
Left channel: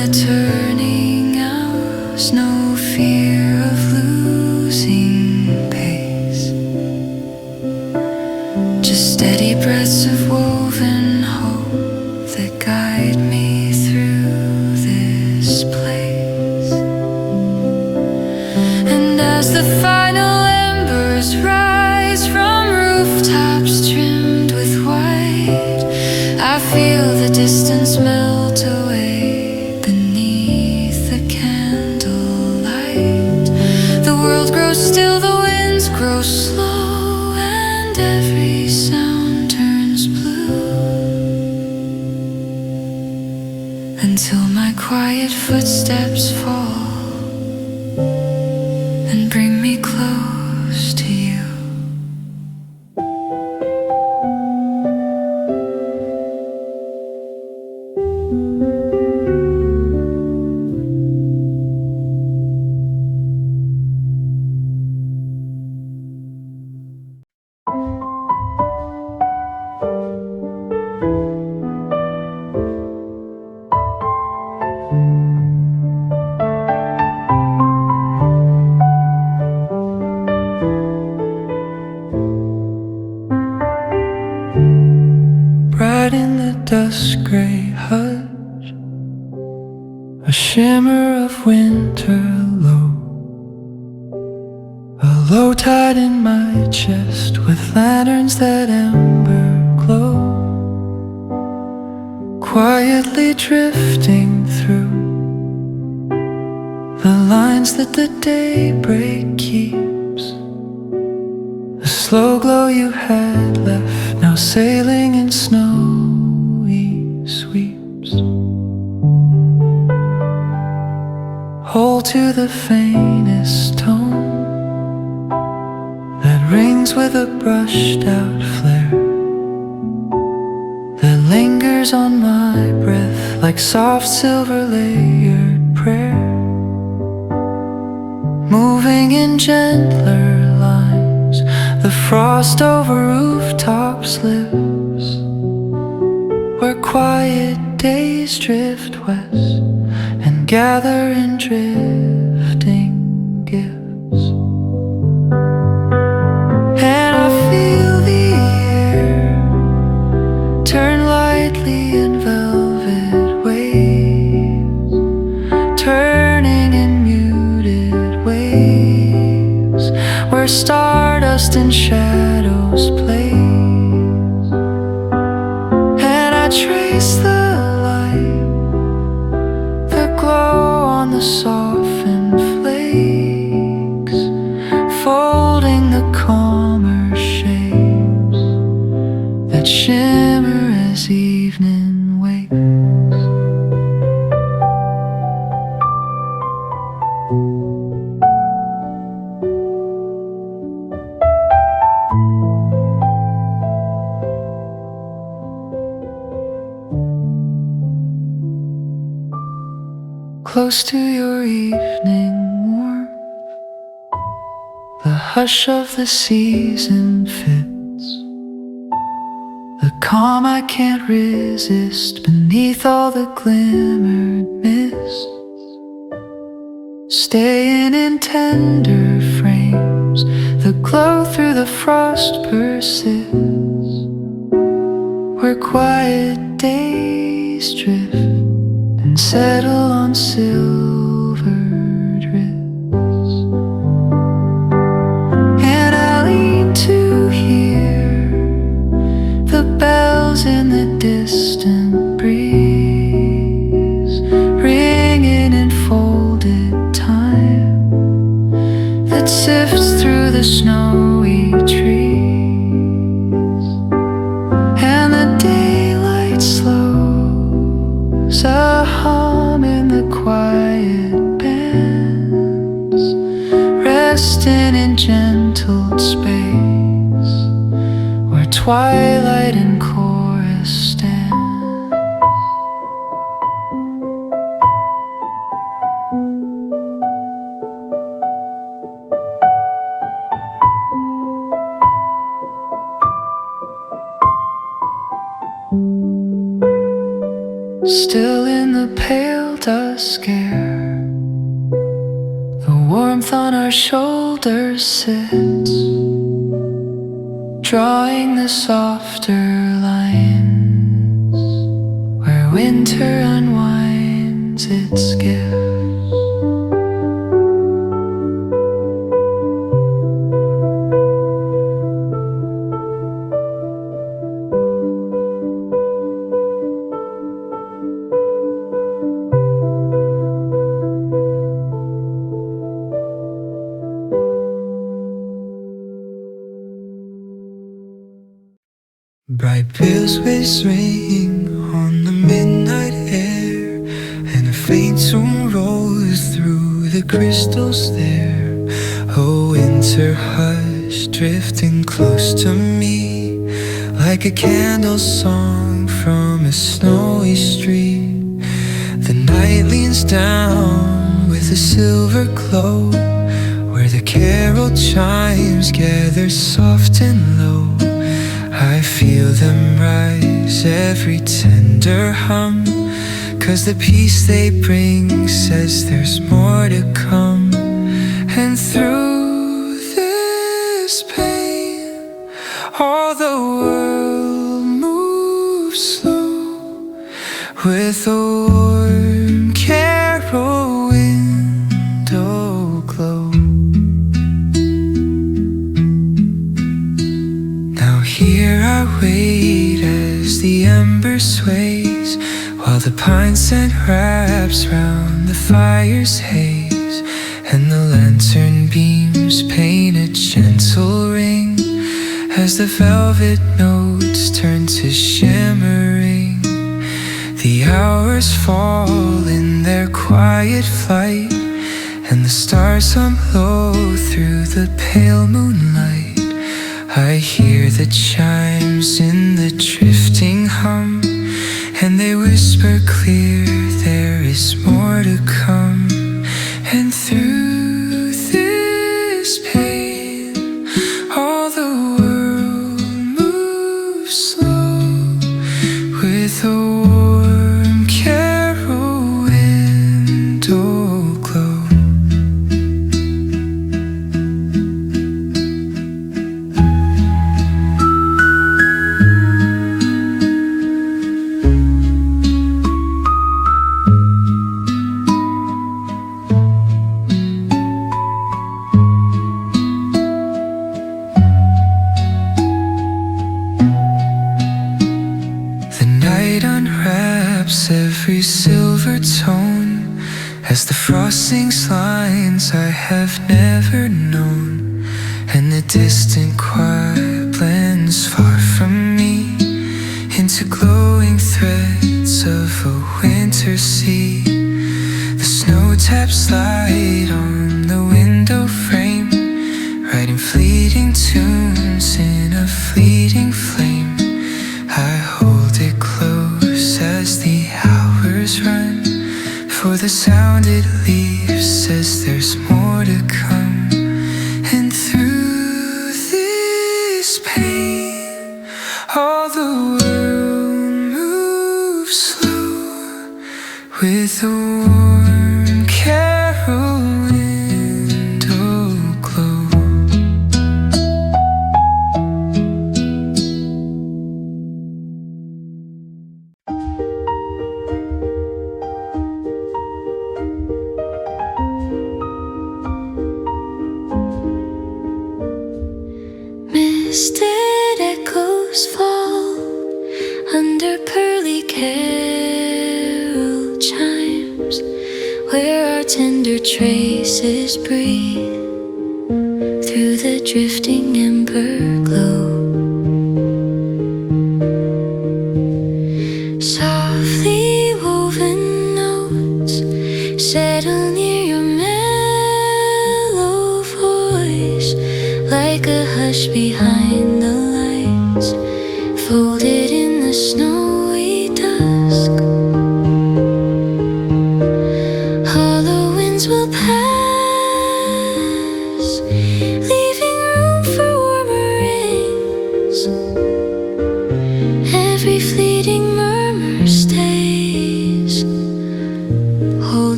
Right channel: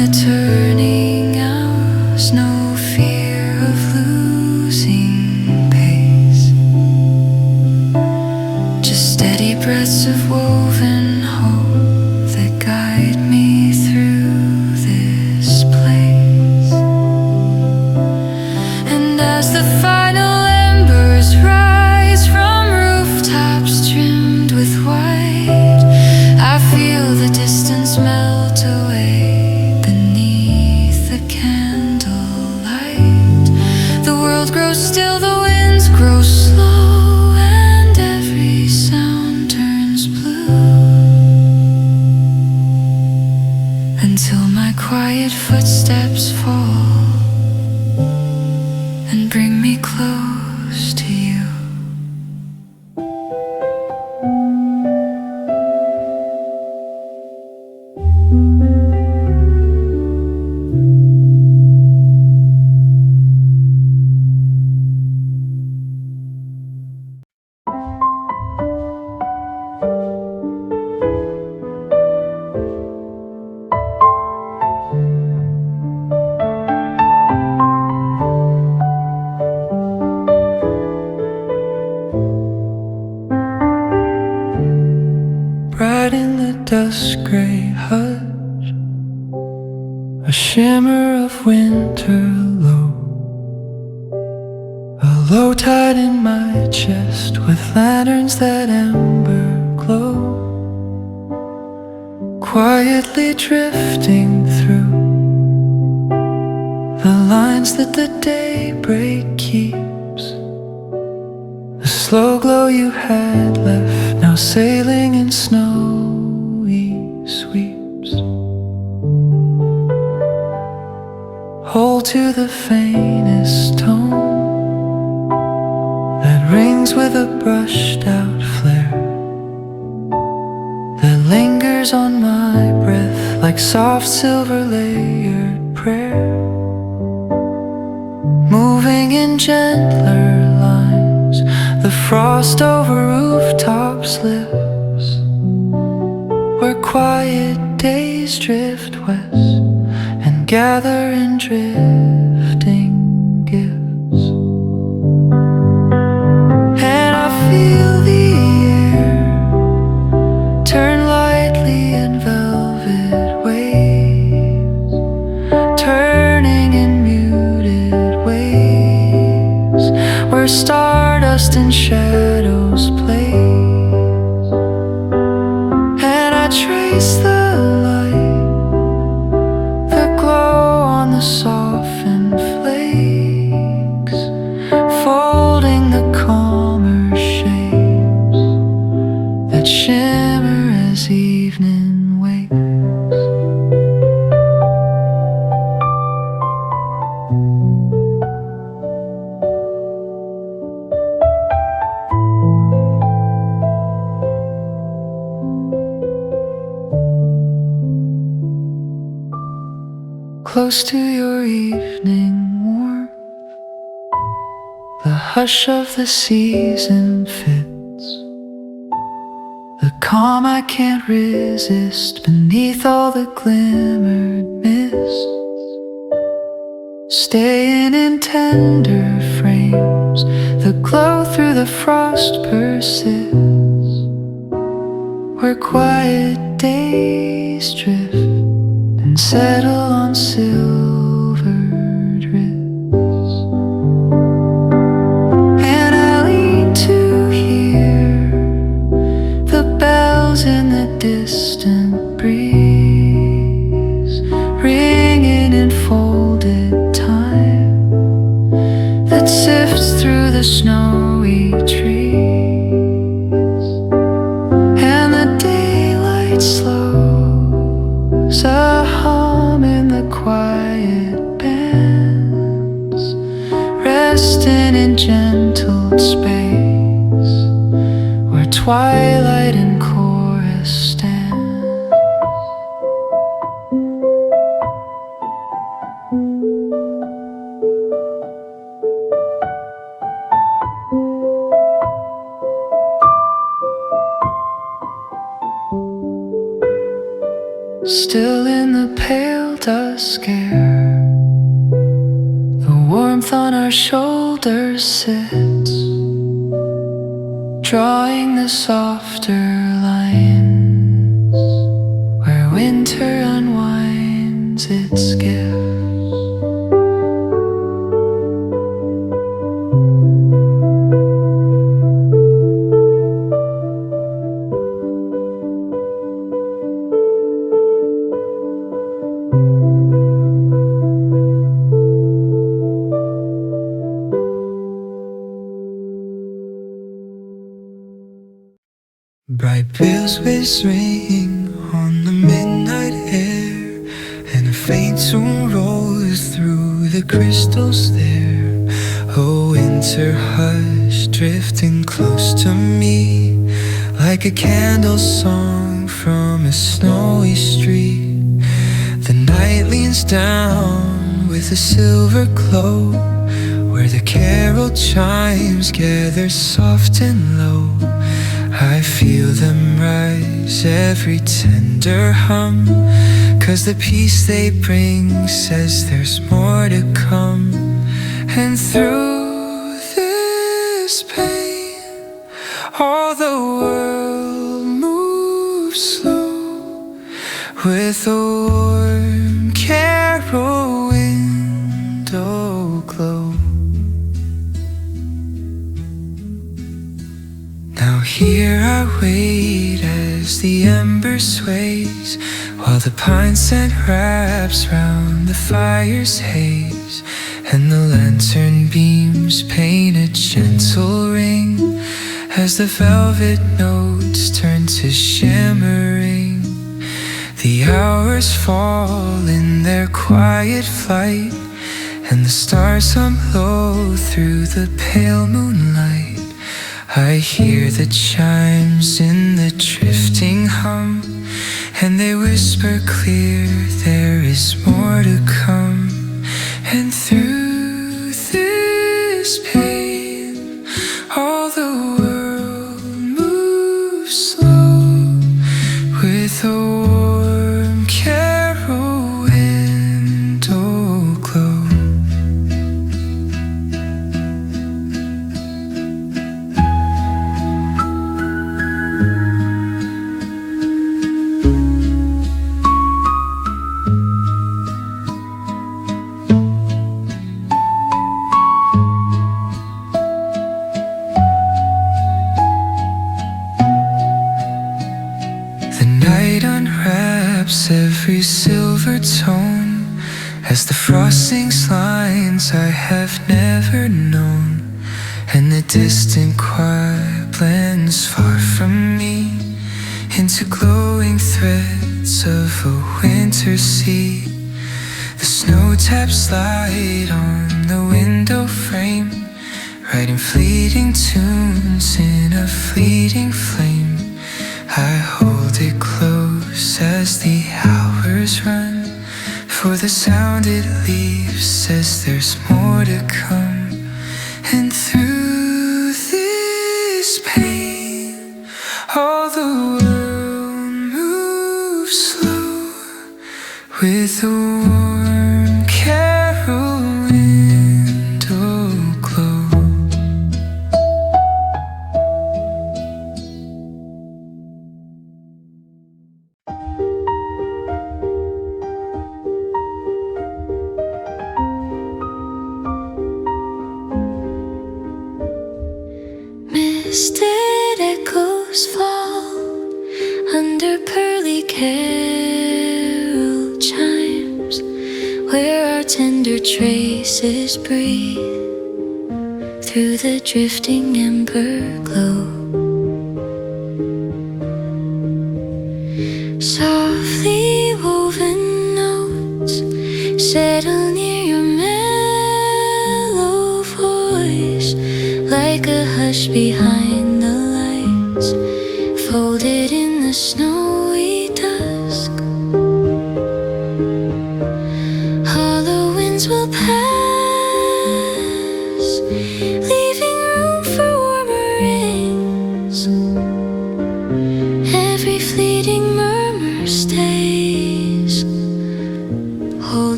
the turning hours, no fear of losing pace, just steady breaths of woven hope that guide me through this place. And as the final embers rise from rooftops trimmed with white, I feel the distance melt away beneath the candlelight. The world grows still, the winds grow slow, and every sound turns blue, until my quiet footsteps fall and bring me close to you. Bright in the dusk gray hush, a shimmer of winter low, a low tide in my chest with lanterns that ember glow, quietly drifting through the lines that the daybreak keeps. The slow glow you had left, now sailing in snowy sweeps. Hold to the faintest tone that rings with a brushed out flare, that lingers on my breath like soft silver layered prayer, moving in gentler lines. The frost over rooftops lives, where quiet days drift west and gather in drifting gifts. And I feel the air turn lightly in velvet waves, turning in muted waves, where stardust and shadows blaze. And I trace the light, the glow on the softened flakes, folding the calmer shapes that shimmer as evening wakes. Close to your evening warmth, the hush of the season fits, the calm I can't resist beneath all the glimmered mists, staying in tender frames, the glow through the frost persists, where quiet days drift and settle on silvered wrists. And I lean to hear the bells in the distant breeze, ringing in folded time that sifts through the snowy trees. And the daylight slows, a hum in the quiet bands, resting in gentle space, where twilight and chorus stand. Still in the pale dusk, a scare. The warmth on our shoulders sits, drawing the softer lines where winter unwinds its gifts. Bright bells whistling on the midnight air, and a faint tune rolls through the crystals there. A winter hush drifting close to me, like a candle song from a snowy street. The night leans down with a silver glow, where the carol chimes gather soft and low. I feel them rise, every tender hum, 'cause the peace they bring says there's more to come. And through this pain, all the world moves slow, with a warm carol window glow. Here I wait as the ember sways, while the pine scent wraps round the fire's haze, and the lantern beams paint a gentle ring as the velvet notes turn to shimmering. The hours fall in their quiet flight, and the stars hum low through the pale moonlight. I hear the chimes in the drifting hum, and they whisper clear there is more to come. And through this pain, all the world moves slow, with a warm carol window glow. Every silver tone as the frost sings lines I have never known, and the distant choir blends far from me into glowing threads of a winter sea. The snow taps light on the window frame, writing fleeting tunes in a fleeting flame. I hold it close as the hours run, for the sound it leaves says there's more to come. And through this pain, all the world moves slow, with a warm carol window glow. Misted echoes fall under pearly carol chimes, where our tender traces breathe through the drifting ember glow. Softly woven notes settle near your mellow voice, like a hush behind the lights, folded in the snowy dusk. Hollow winds will pass, leaving room for warmer rings. Every fleeting murmur stays,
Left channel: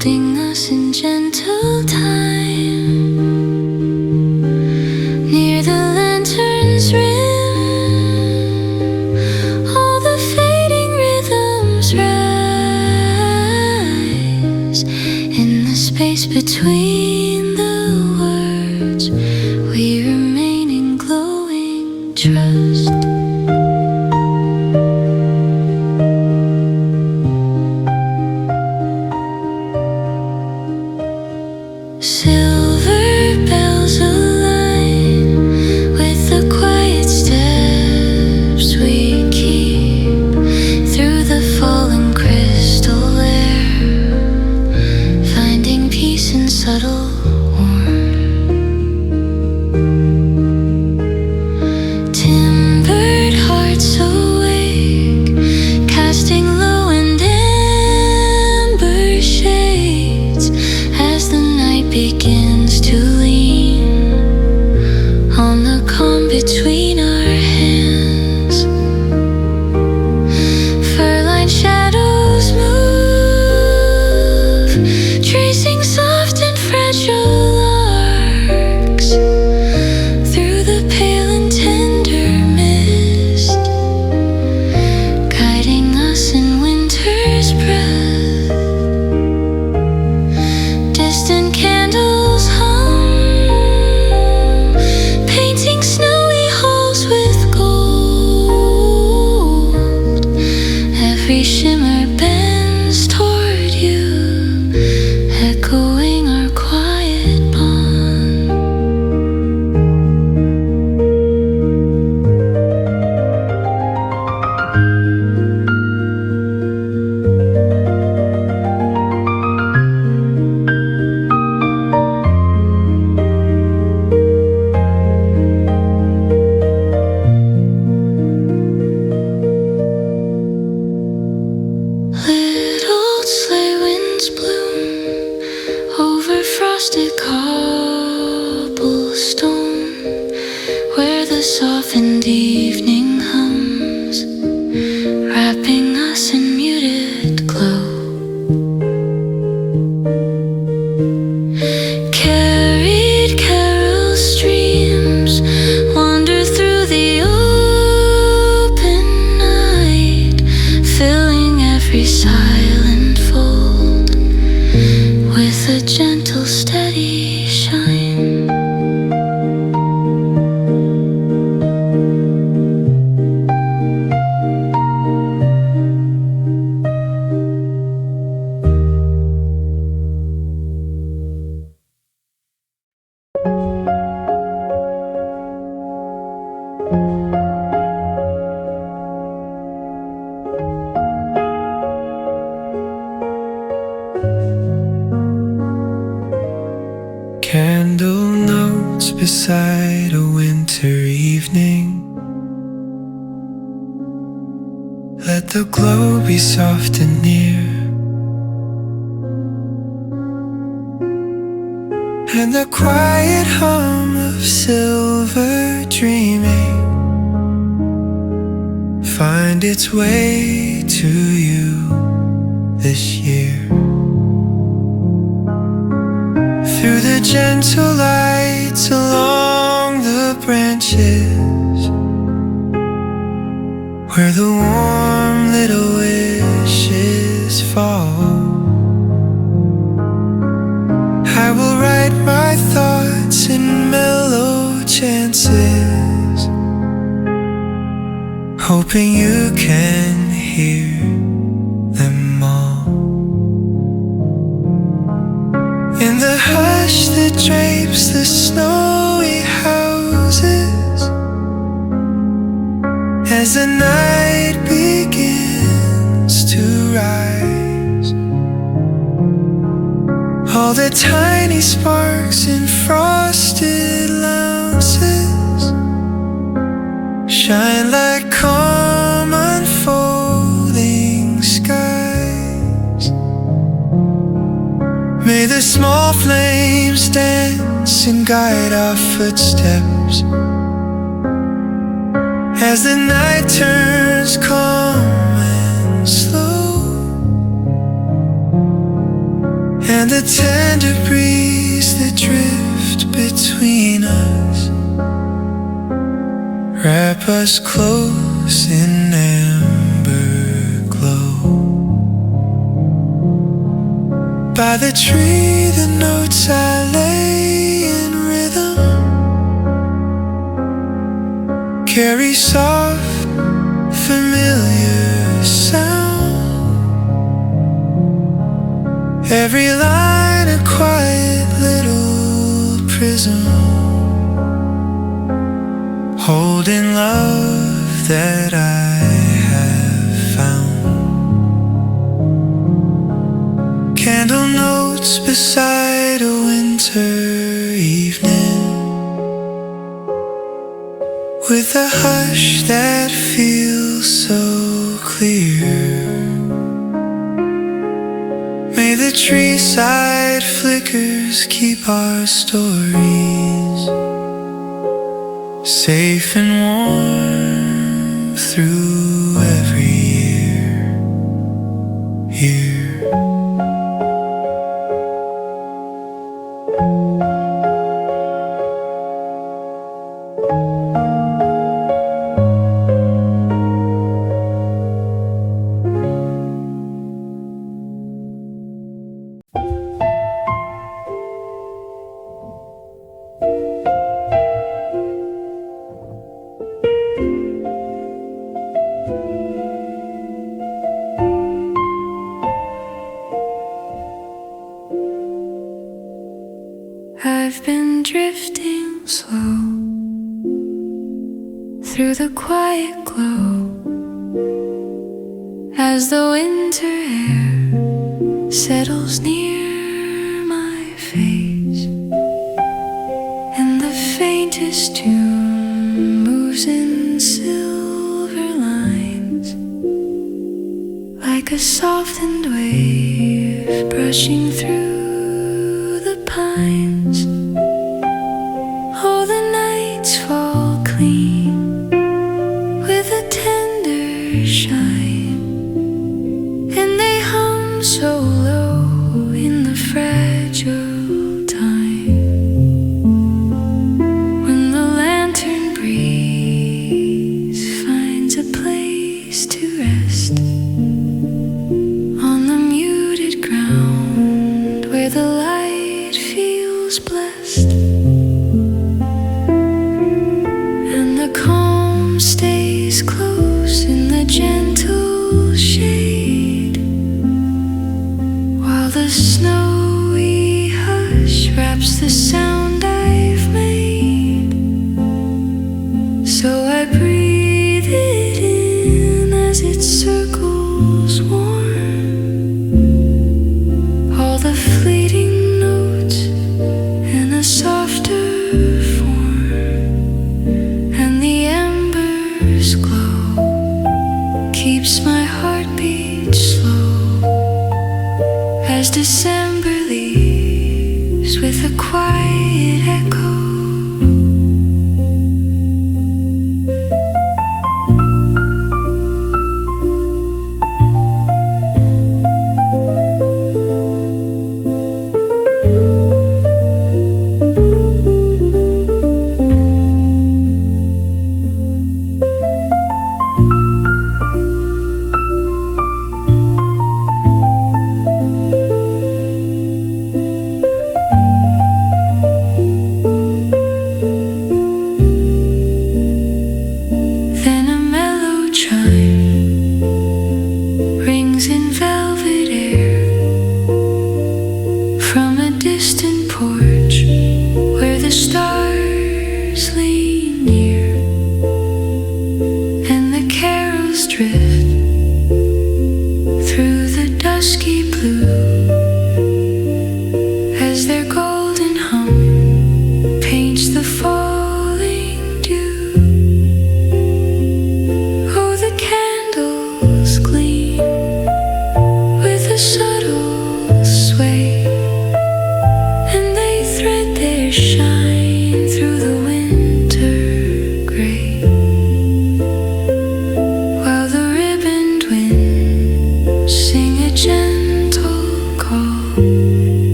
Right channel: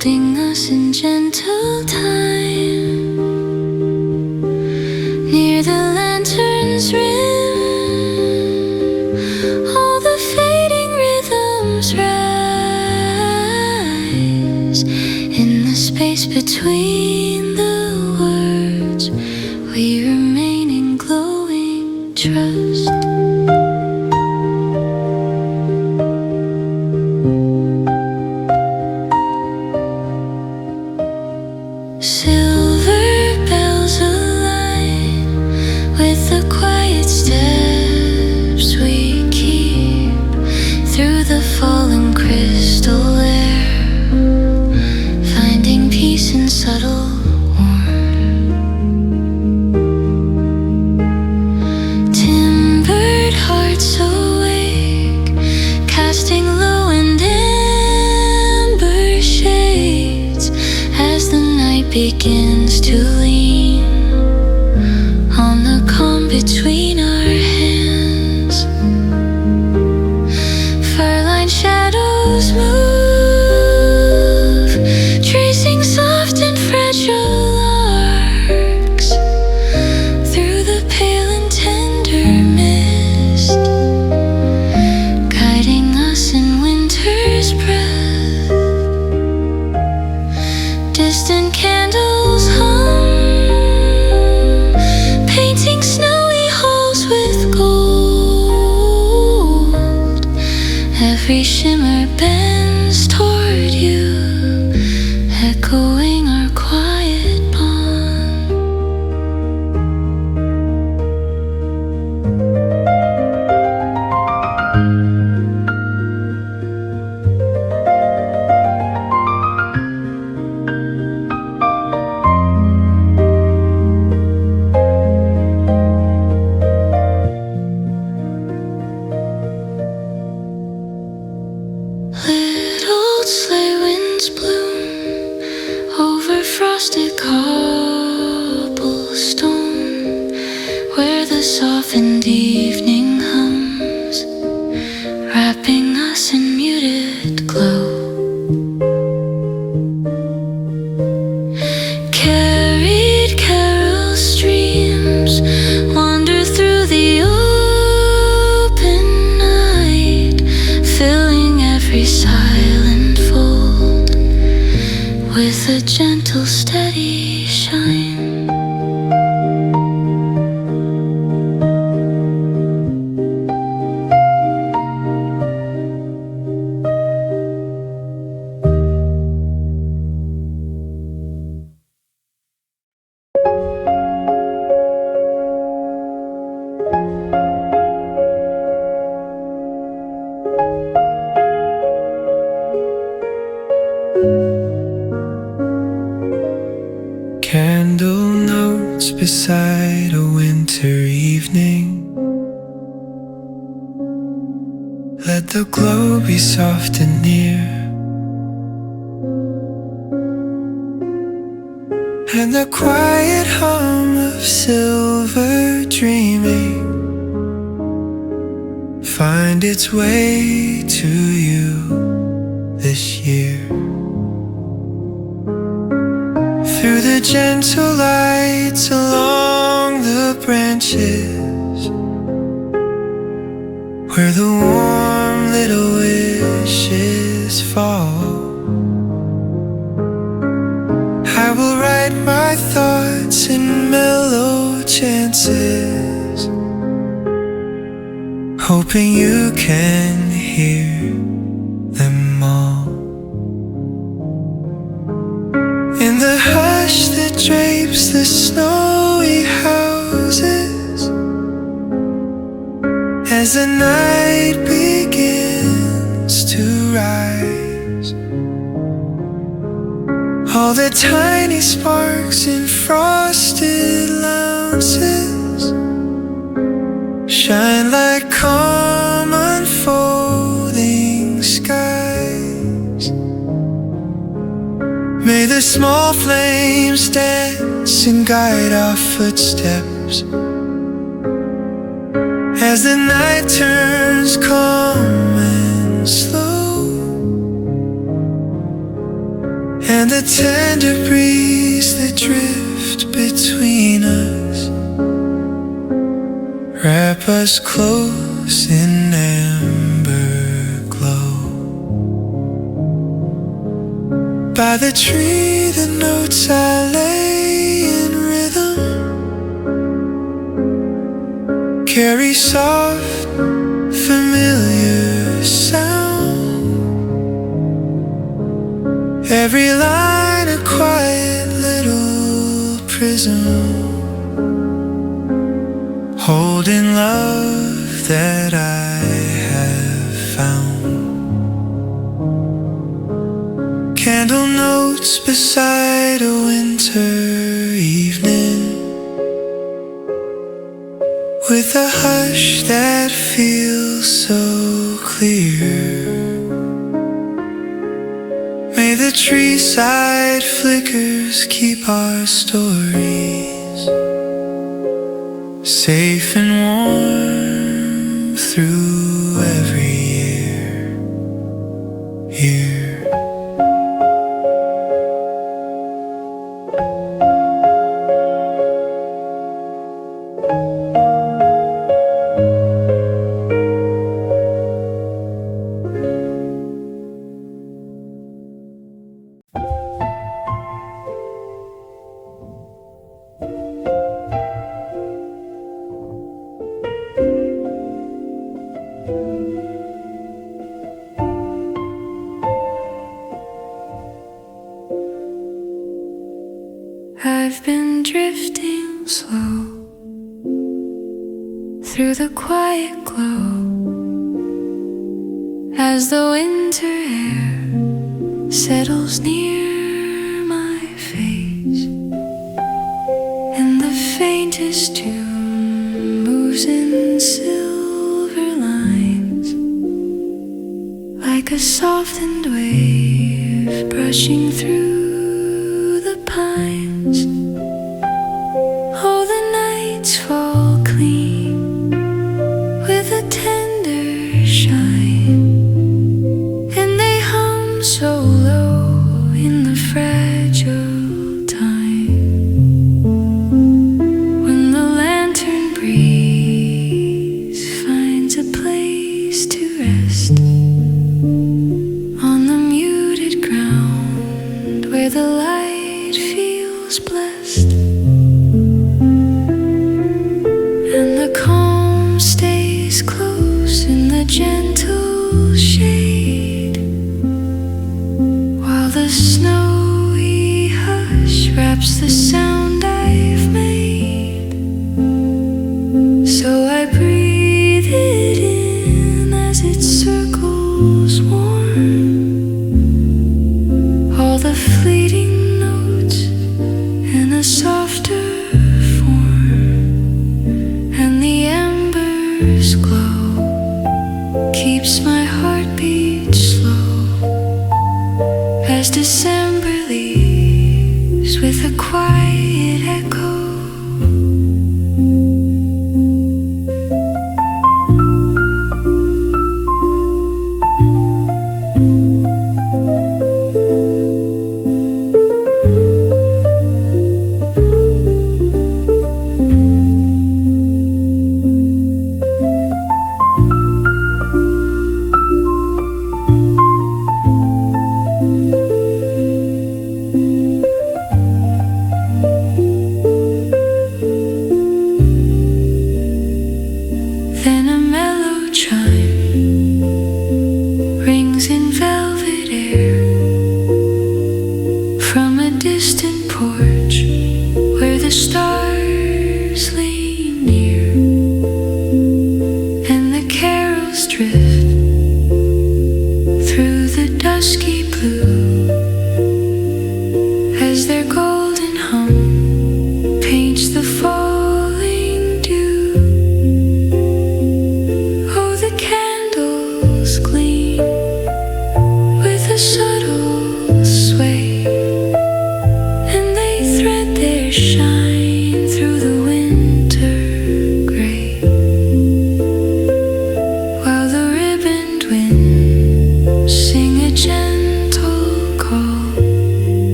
holding us in gentle time near the lantern's rim. All the fading rhythms rise in the space between the words. We remain in glowing trust. Silver bells align with the quiet steps we keep through the fallen crystal air, finding peace in subtle warmth. Timbered hearts awake, casting low and amber shades as the night begins to lean on the calm between our hands. Fur-lined shadows move, tracing soft and fragile arcs through the pale and tender mist, guiding us in winter's breath. Distant candles hum, painting snowy halls with gold. Every shimmer bends toward you, echoing our quiet bond. Little sleigh winds bloom over frosted cobblestone, where the softened evening hums, wrapping us in muted glow. Carried carol streams wander through the open night, filling every silent fold with a gentle, steady shine. Candle notes beside a winter evening. Let the glow be soft and near, and the quiet hum of silver dreaming find its way to you this year. Through the gentle lights along the branches, where the warm little wishes fall, I will write my thoughts in mellow chances, hoping you can hear them all. In the hush that drapes the snowy houses, as the night begins to rise, all the tiny sparks in frosted lounges shine like calm unfolding skies. May the small flames dance and guide our footsteps as the night turns calm and slow, and the tender breeze that drift between us wrap us close in amber glow. By the tree the notes I lay in rhythm carry soft, familiar sound. Every line a quiet little prism holding love that I have found. Candle notes beside a winter evening with a hush that feels so clear. May the tree side flickers keep our stories safe and warm through every year. I've been drifting slow through the quiet glow as the winter air settles near my face, and the faintest tune moves in silver lines like a softened wave brushing through the pines. Oh, the nights fall clean with a tender shine, and they hum so low in the fragile time when the lantern breeze finds a place to rest on the muted ground where the light feels blessed, and the calm stays close in the gentle shade while the snowy hush wraps the sound I've made. So I breathe it in as it circles warm, all the fleeting notes in a softer form, and the embers glow, keeps my heartbeat slow as December leaves with a quiet echo. Then a mellow chime rings in velvet air from a distant porch where the stars lean near, and the carols drift through the dusky blue as their golden hum paints the falling dew. Oh, the candles gleam with a subtle sway, and they thread their shine through the winter gray, while the ribboned winds sing a gentle call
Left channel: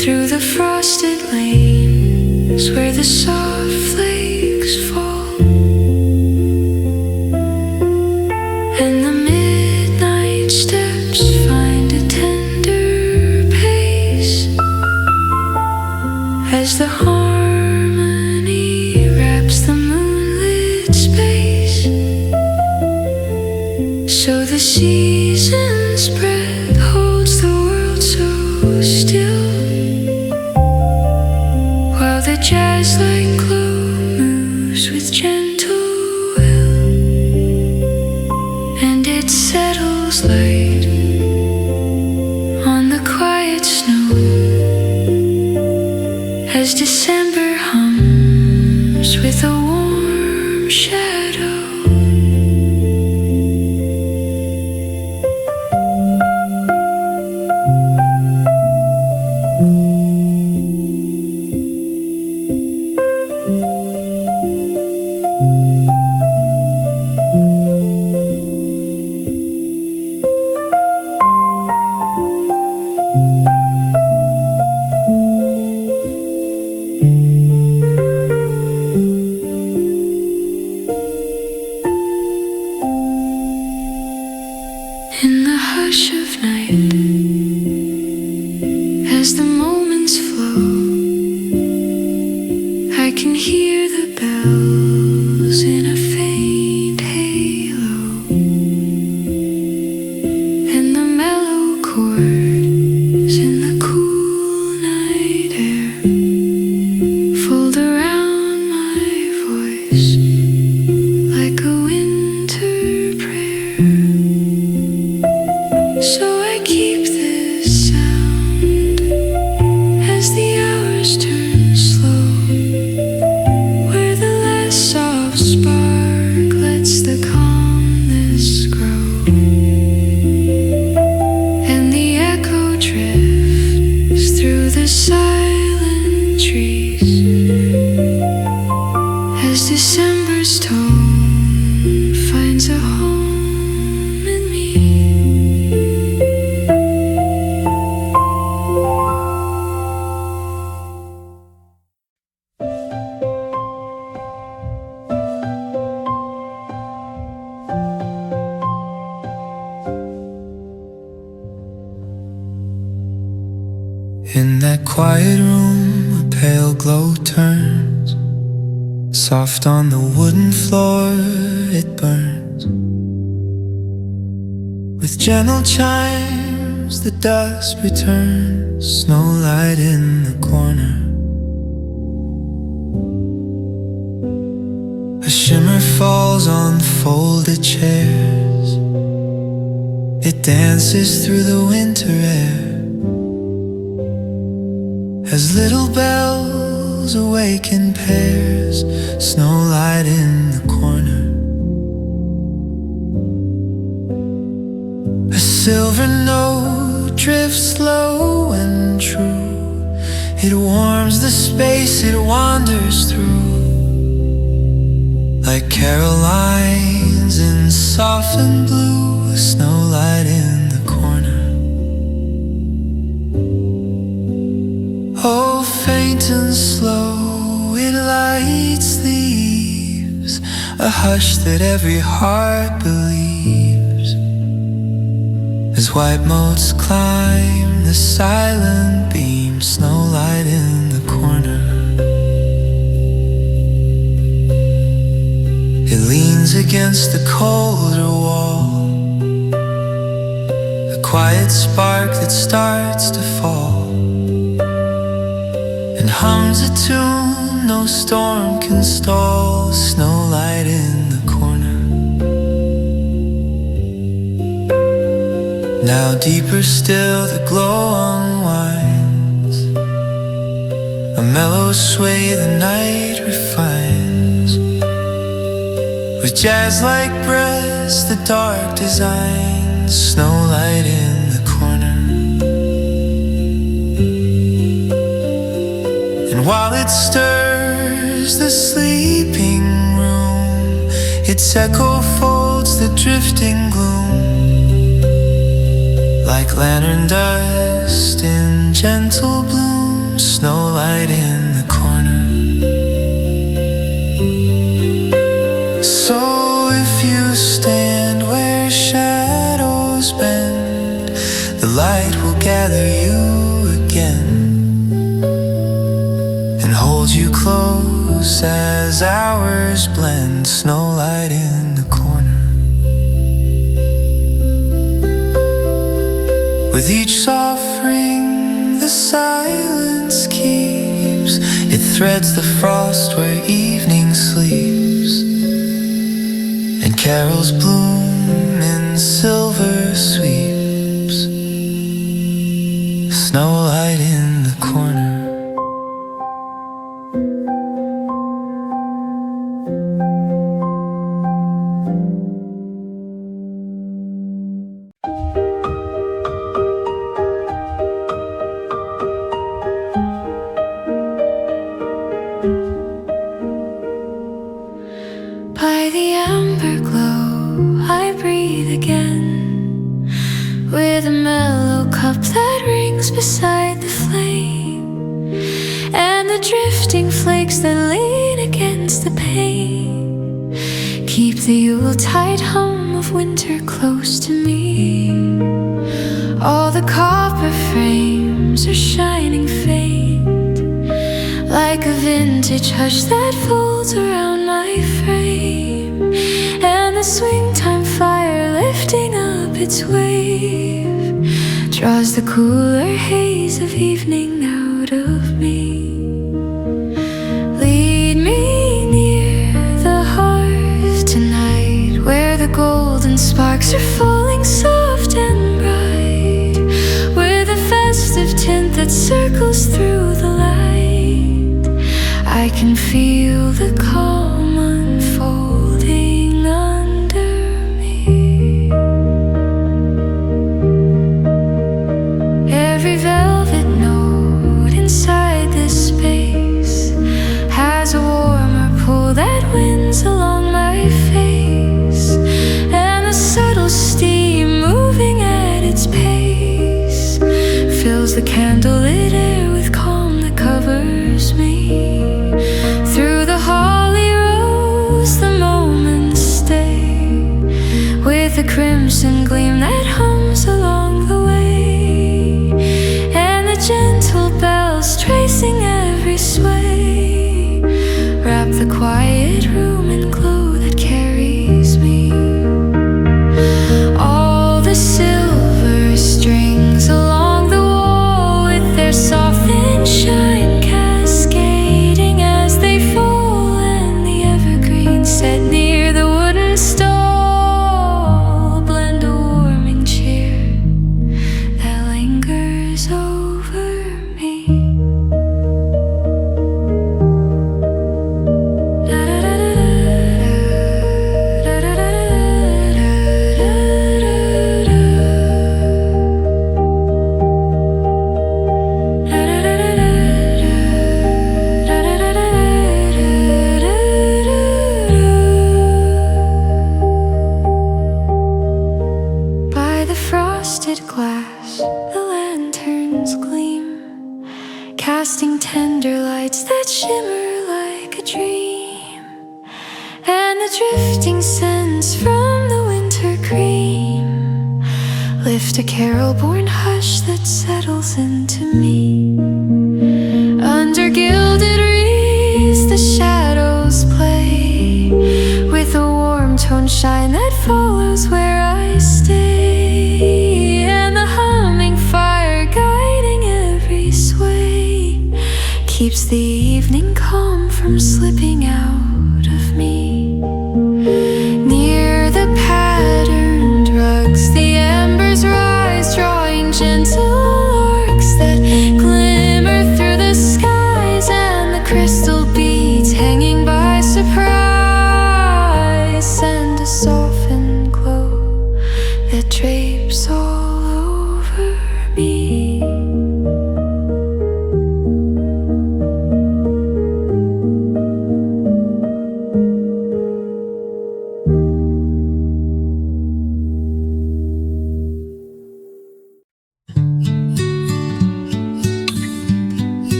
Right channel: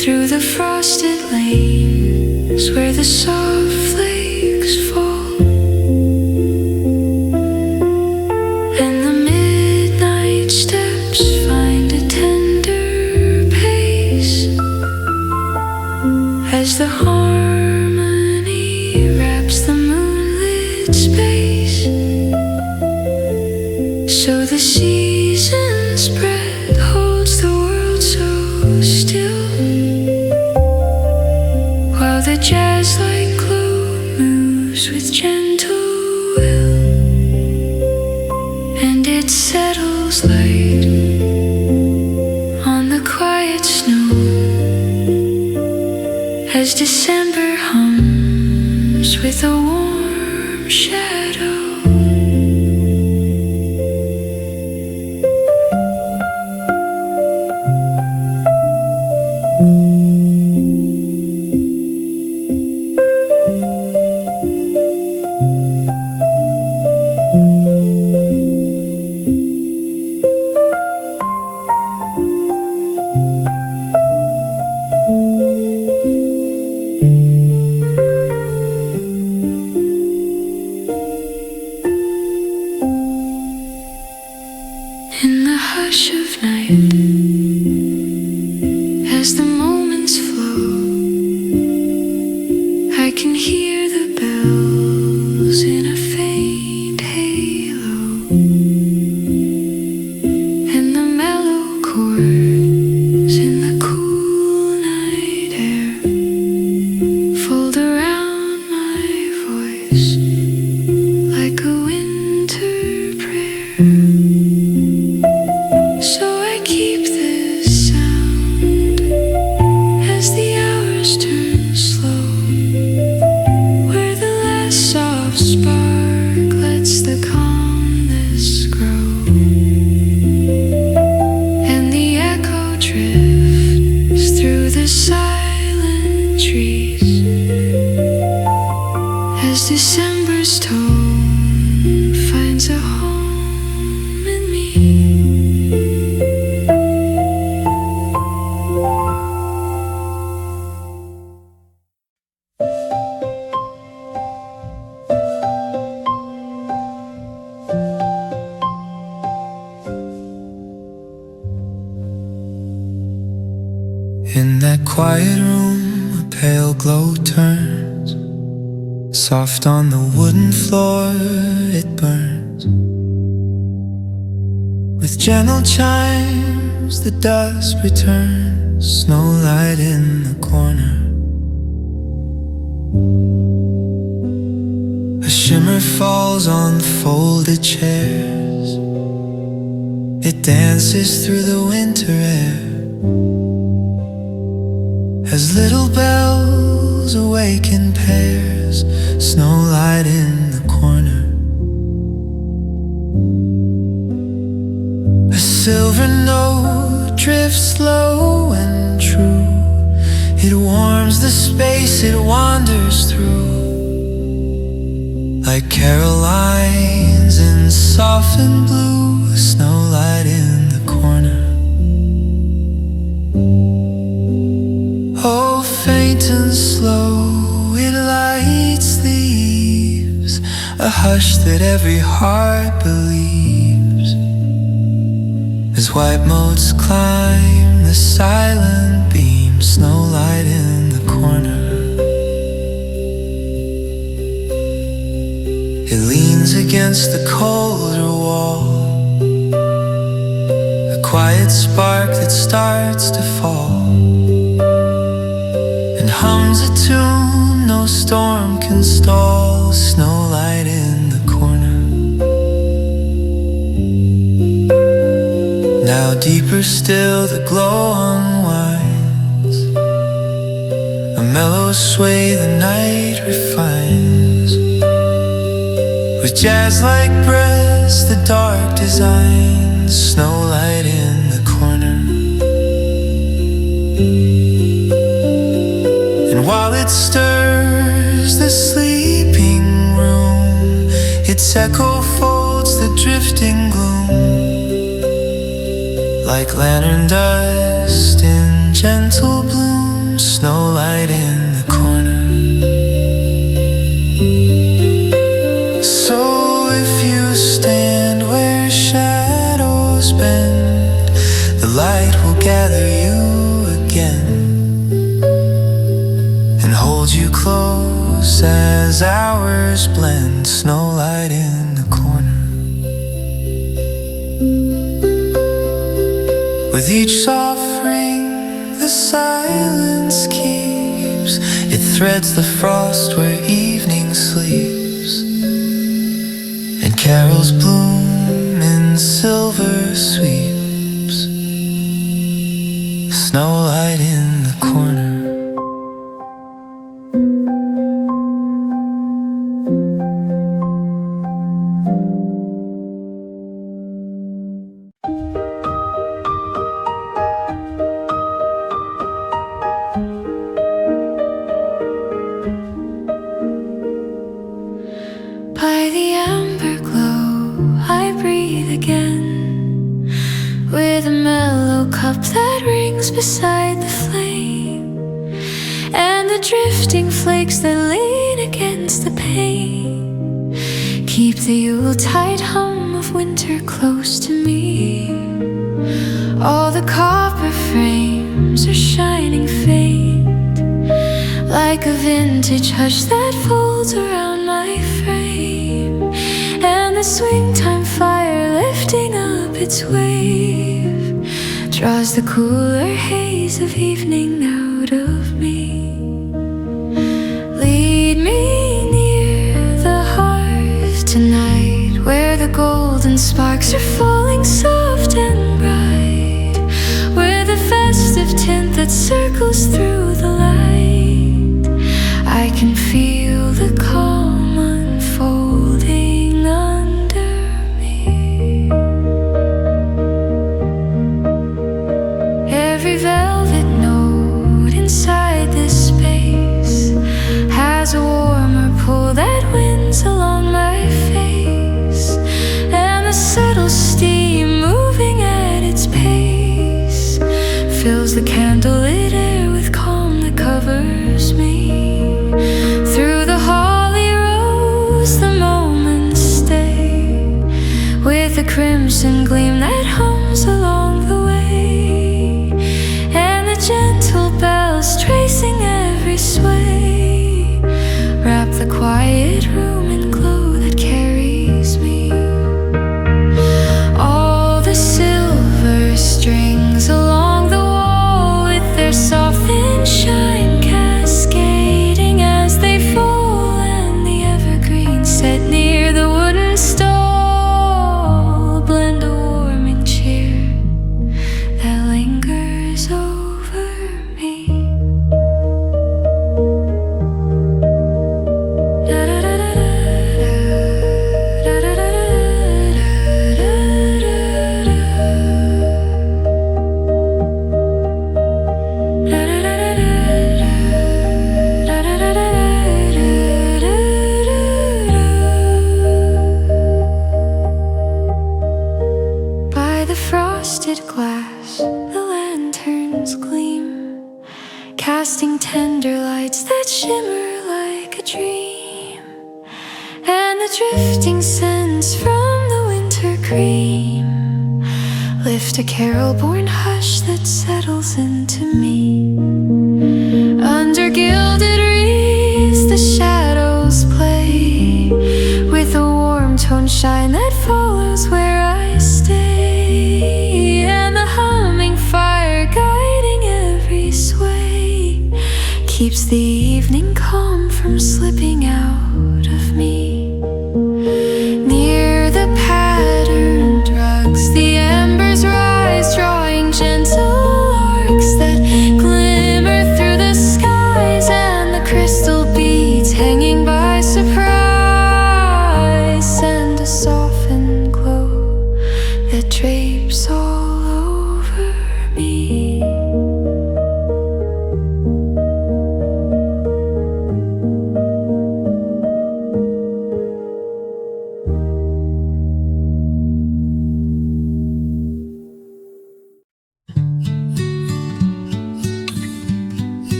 through the frosted lanes where the soft flakes fall, and the midnight steps find a tender pace as the harmony wraps the moonlit space. So the season's breath holds the world so still, while the jazz-like glow moves with gentle will, and it settles light on the quiet snow as December hums with a warm shadow. In the hush of night, as the moments flow, I can hear the bells in a faint halo, and the mellow chords in the cool night air fold around my voice like a winter prayer. So I keep this sound as the hours turn slow, where the last soft spark lets the calmness grow, and the echo drifts through the silent trees as December's tone finds a home in me. In that quiet room, a pale glow turns. Soft on the wooden floor, it burns. With gentle chimes, the dusk returns. Snowlight in the corner. A shimmer falls on folded chairs. It dances through the winter air as little bells awaken pairs. Snowlight in the corner. A silver note drifts low and true. It warms the space it wanders through, like Carolines in softened blue. Snowlight in the corner. Oh, faint and slow, it lights the eaves, a hush that every heart believes, as white motes climb the silent beam. Snowlight in the corner. It leans against the colder wall, a quiet spark that starts to fall, and hums a tune no storm can stall. Snowlight in the corner. Now deeper still the glow unwinds, a mellow sway the night refines, with jazz-like breaths the dark designs. Snowlight in the corner. And while it stirs the sleeping room, its echo folds the drifting gloom, like lantern dust in gentle bloom. Snowlight in the corner. So if you stand where shadows bend, the light will gather you again and hold you close as hours blend. Snowlight in the corner. With each soft ring the silence keeps, it threads the frost where evening sleeps, and carols bloom in silver sweeps. Snowlight in the corner. By the amber glow I breathe again, with a mellow cup that rings beside the flame, and the drifting flakes that lean against the pane keep the Yuletide hum of winter close to me. All the copper frames are shining faint, like a vintage hush that folds around my frame, and the swing time fire lifting up its wave draws the cooler haze of evening out of me. Lead me near the hearth tonight, where the golden sparks are falling soft and bright, with a festive tint that circles through the light. I can feel the calm unfolding under me. Every velvet note inside this space has a warmer pull that winds along my face, and the subtle steam moving at its pace fills the candlelit air with calm that covers me. Through the holly rose the moments stay, with a crimson gleam that hums along the way, and the gentle bells tracing every sway wrap the quiet room in glow that carries me. All the silver strings along the wall, with their soft thin shine cascading as they fall, and the evergreen set near the wooden stall blend a warming cheer that lingers over me. By the frosted glass, the lanterns gleam, casting tender lights that shimmer like a dream, and the drifting scents from the winter cream lift a carol-born hush that settles into me. Under gilded wreaths the shadows play, with a warm tone shine that follows where I stay, and the humming fire guiding every sway keeps the evening calm from slipping out of me. Near the patterned rugs the embers rise, drawing gentle arcs that glimmer through the skies, and the crystal beads hanging by surprise send a softened glow that drapes all over me.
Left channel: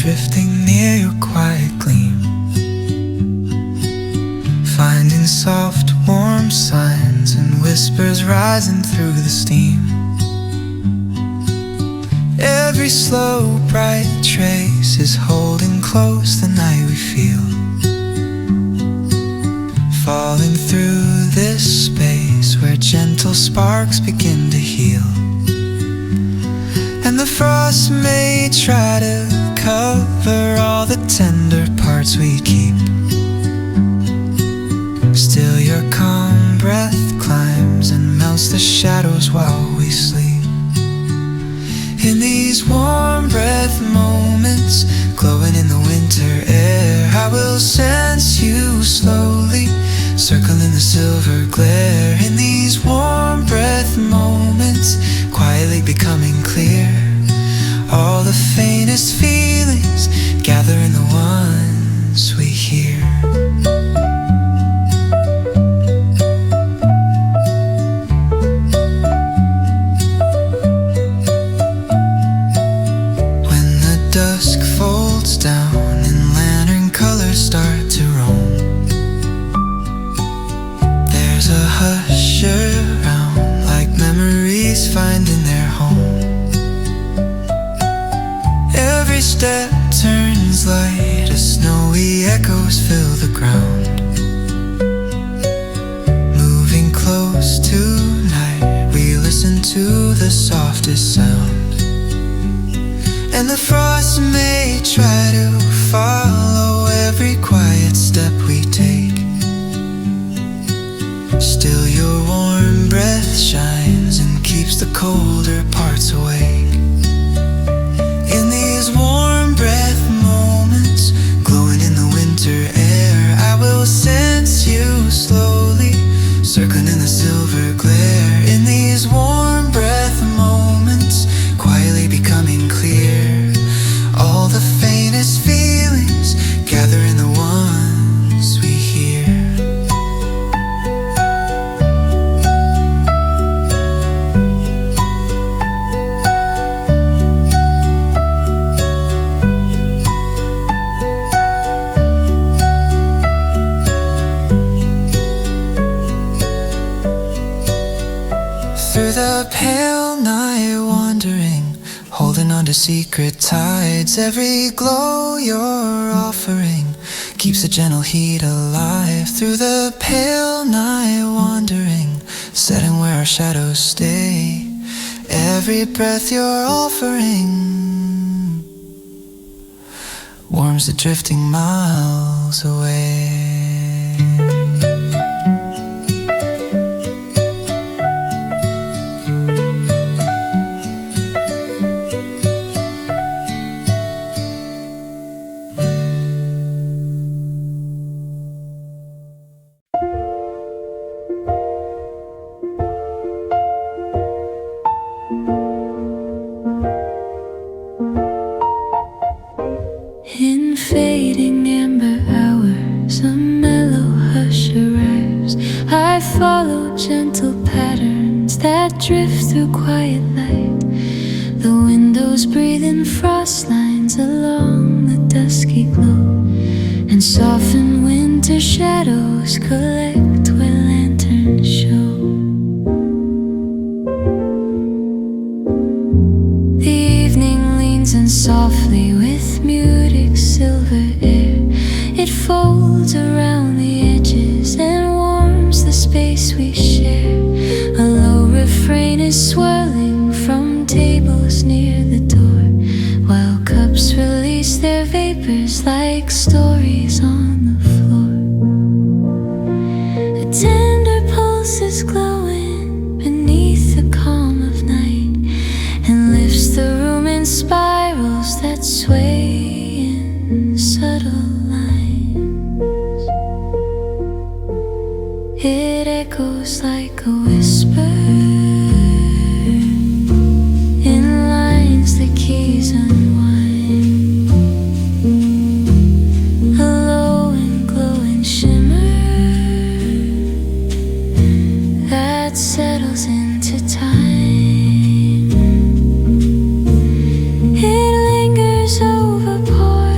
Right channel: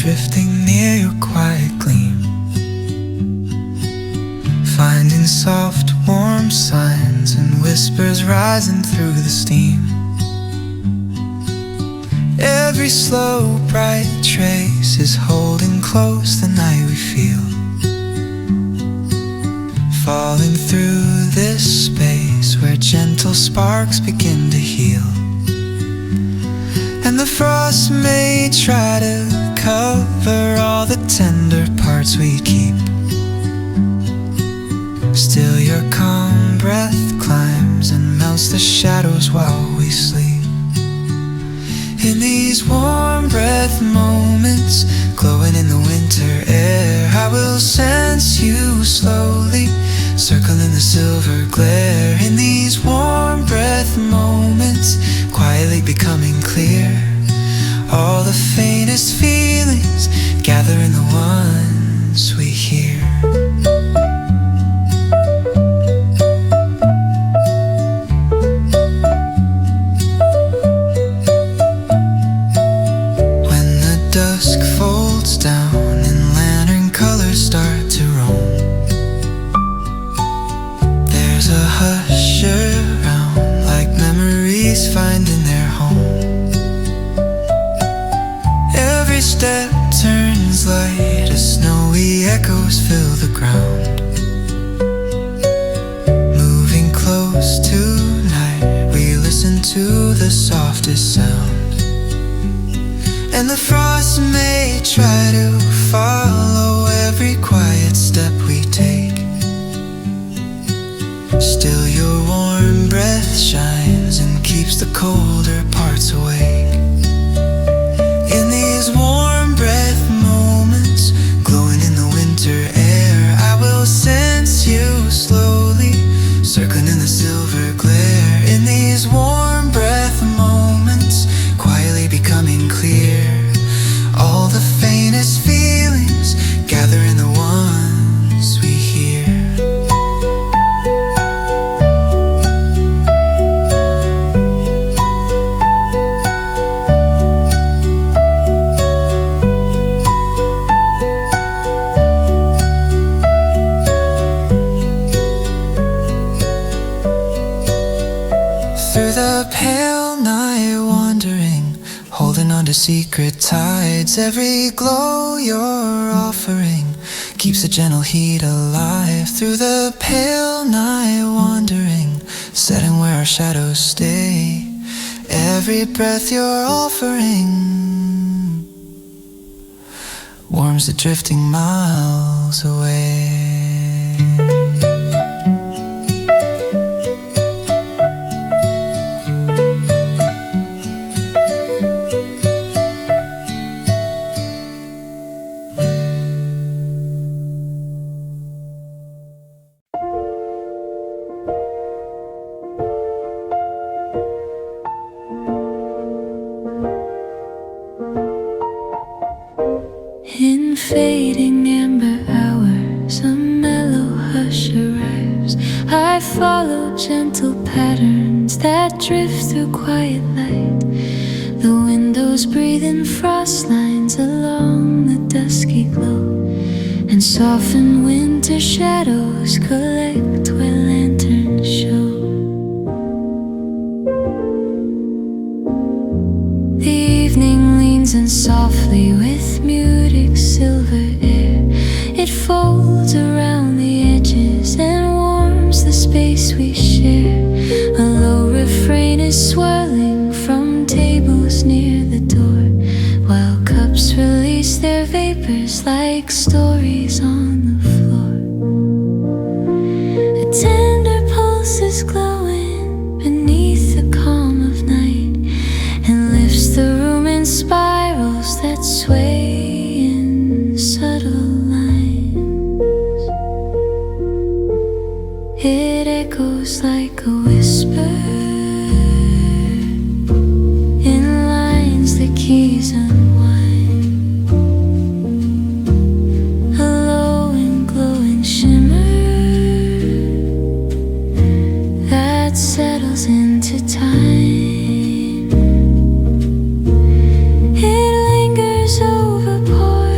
drifting near your quiet gleam, finding soft, warm signs and whispers rising through the steam. Every slow, bright trace is holding close the night we feel, falling through this space where gentle sparks begin to heal. And the frost may try to cover all the tender parts we keep, still your calm breath climbs and melts the shadows while we sleep. In these warm breath moments, glowing in the winter air, I will sense you slowly, circling the silver glare. In these warm breath moments, quietly becoming clear, all the faintest feelings gather in the ones we hear. Dusk folds down and lantern colors start to roam. There's a hush around, like memories finding their home. Every step turns light as snowy echoes fill the ground. Moving close tonight, we listen to the softest sound. And the frost may try to follow every quiet step we take, still your warm breath shines and keeps the colder parts awake. In these warm breath moments, glowing in the winter air, I will sense you slowly, circling in the silver glare. In these warm breath moments, quietly becoming clear, all the faintest feelings gather in the ones we hear. Through the pale night wandering, holding on to secret tides, every glow you're offering keeps a gentle heat alive. Through the pale night wandering, setting where our shadows stay, every breath you're offering warms the drifting miles away. In fading amber hours, a mellow hush arrives. I follow gentle patterns that drift through quiet light. The windows breathe in frost lines along the dusky glow, and soften winter shadows collect where lanterns show. The evening leans in softly with muted silver air. It folds around the edges and warms the space we share. A low refrain is swirling from tables near the door, while cups release their vapors like stories on the floor. A tender pulse is glowing beneath the calm of night, and lifts the room in spirals that sway in subtle lines. It echoes like a whisper in lines the keys unwind. A low and glowing shimmer that settles into time. It lingers over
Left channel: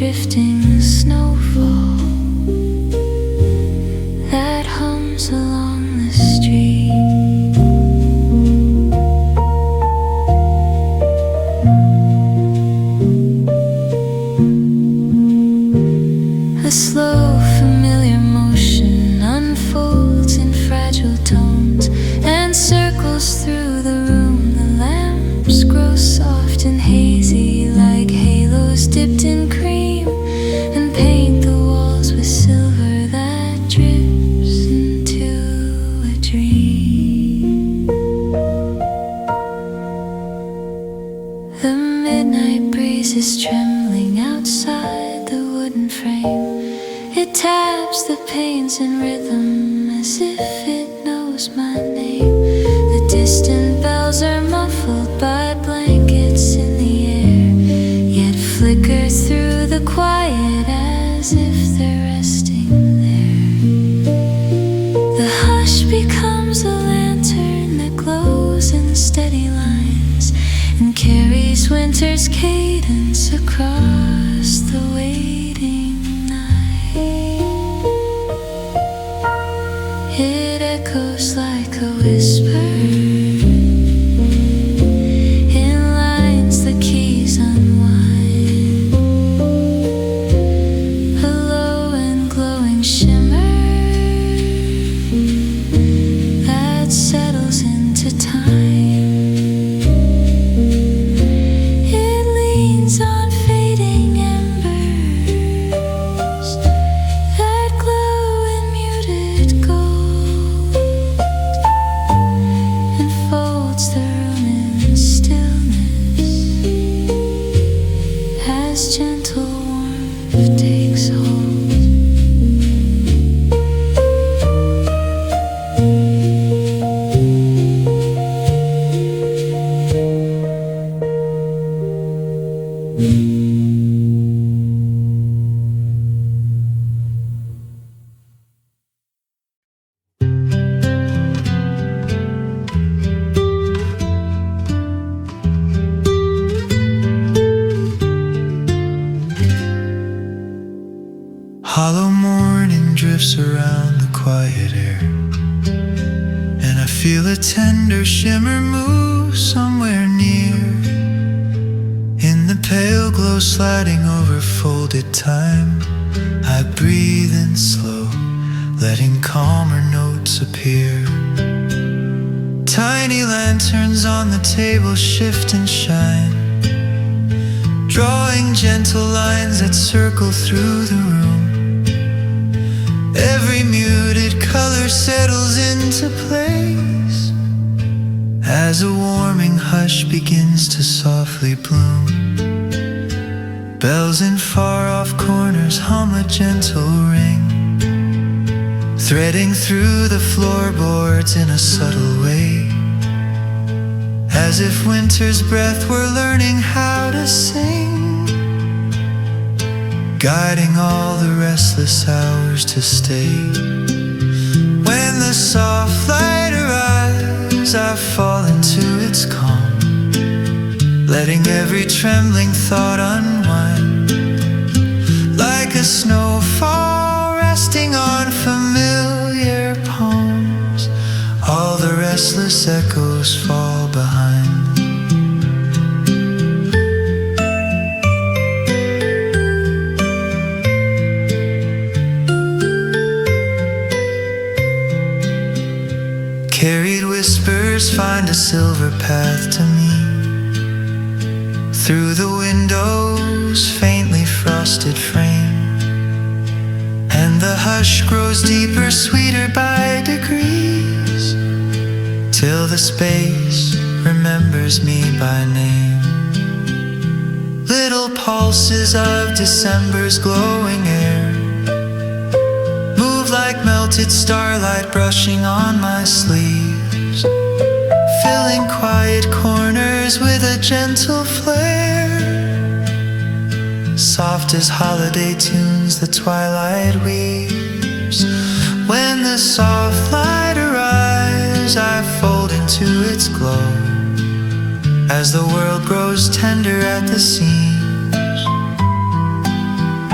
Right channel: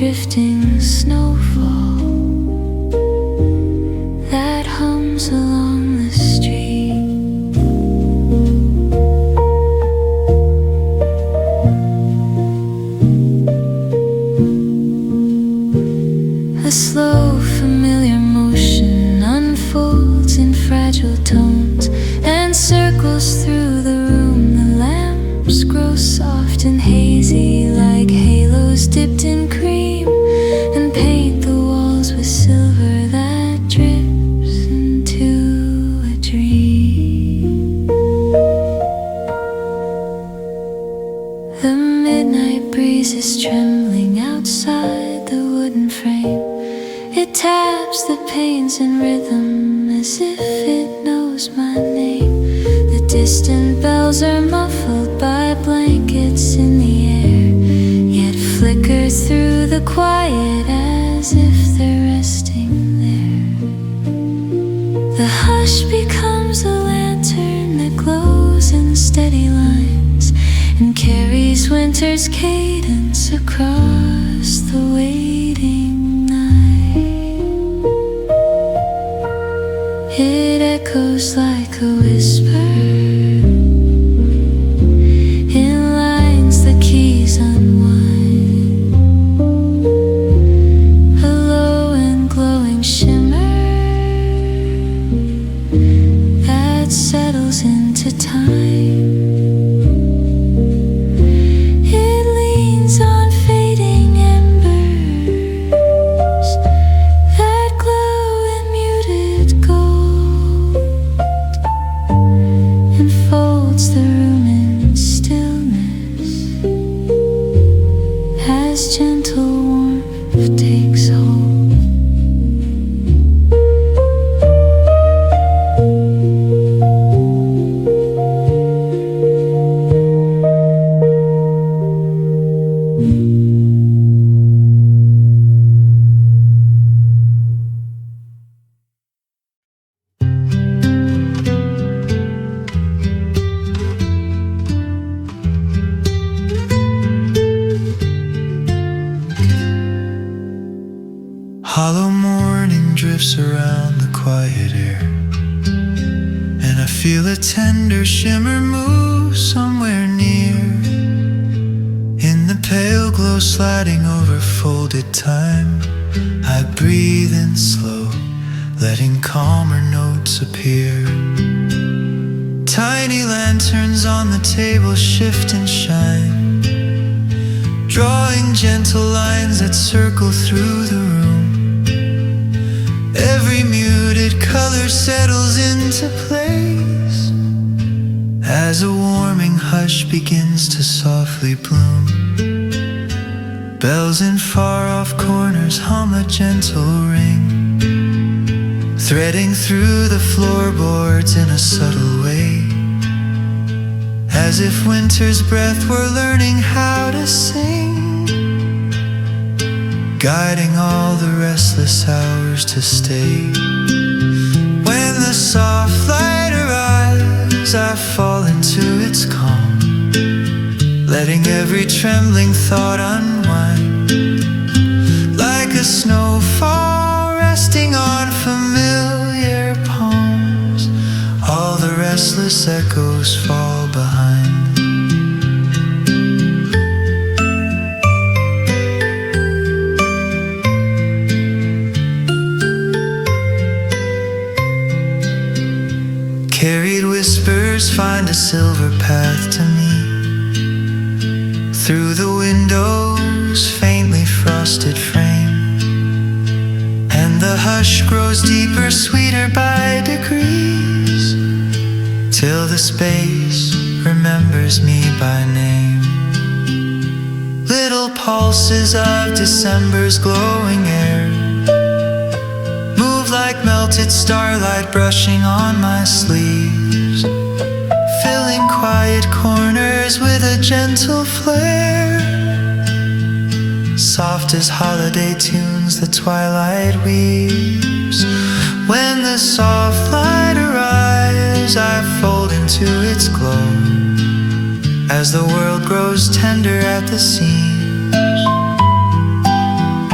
drifting snowfall that hums along the street. A slow, familiar motion unfolds in fragile tones and circles through the room. The lamps grow soft and hazy like halos dipped in cream and paint the walls with silver that drips into a dream. The midnight breeze is trembling outside the wooden frame. It taps the panes in rhythm as if it knows my name. The distant bells are muffled by blankets in the air, yet flicker through the quiet as if they're resting there. The hush becomes a lantern that glows in steady lines and carries winter's cadence across the waiting night. It echoes like a whisper in lines the keys unwind. A low and glowing shimmer that settles into time. It leans on fading embers that glow in muted gold and folds the room in stillness as gentle warmth takes hold. Hollow morning drifts around the quiet air, and I feel a tender shimmer move somewhere near. In the pale glow sliding over folded time, I breathe in slow, letting calmer notes appear. Tiny lanterns on the table shift and shine, drawing gentle lines that circle through the room. Every muted color settles into place as a warming hush begins to softly bloom. Bells in far-off corners hum a gentle ring, threading through the floorboards in a subtle way, as if winter's breath were learning how to sing, guiding all the restless hours to stay. When the soft light arrives, I fall into its calm, letting every trembling thought unwind, like a snowfall resting on familiar palms. All the restless echoes fall behind. Carried whispers find a silver path to me, through the window's faintly frosted frame, and the hush grows deeper, sweeter by degrees, till the space remembers me by name. Little pulses of December's glowing air move like melted starlight brushing on my sleeves, filling quiet corners with a gentle flare. Soft as holiday tunes the twilight weaves. When the soft light arrives, I fold into its glow, as the world grows tender at the seams.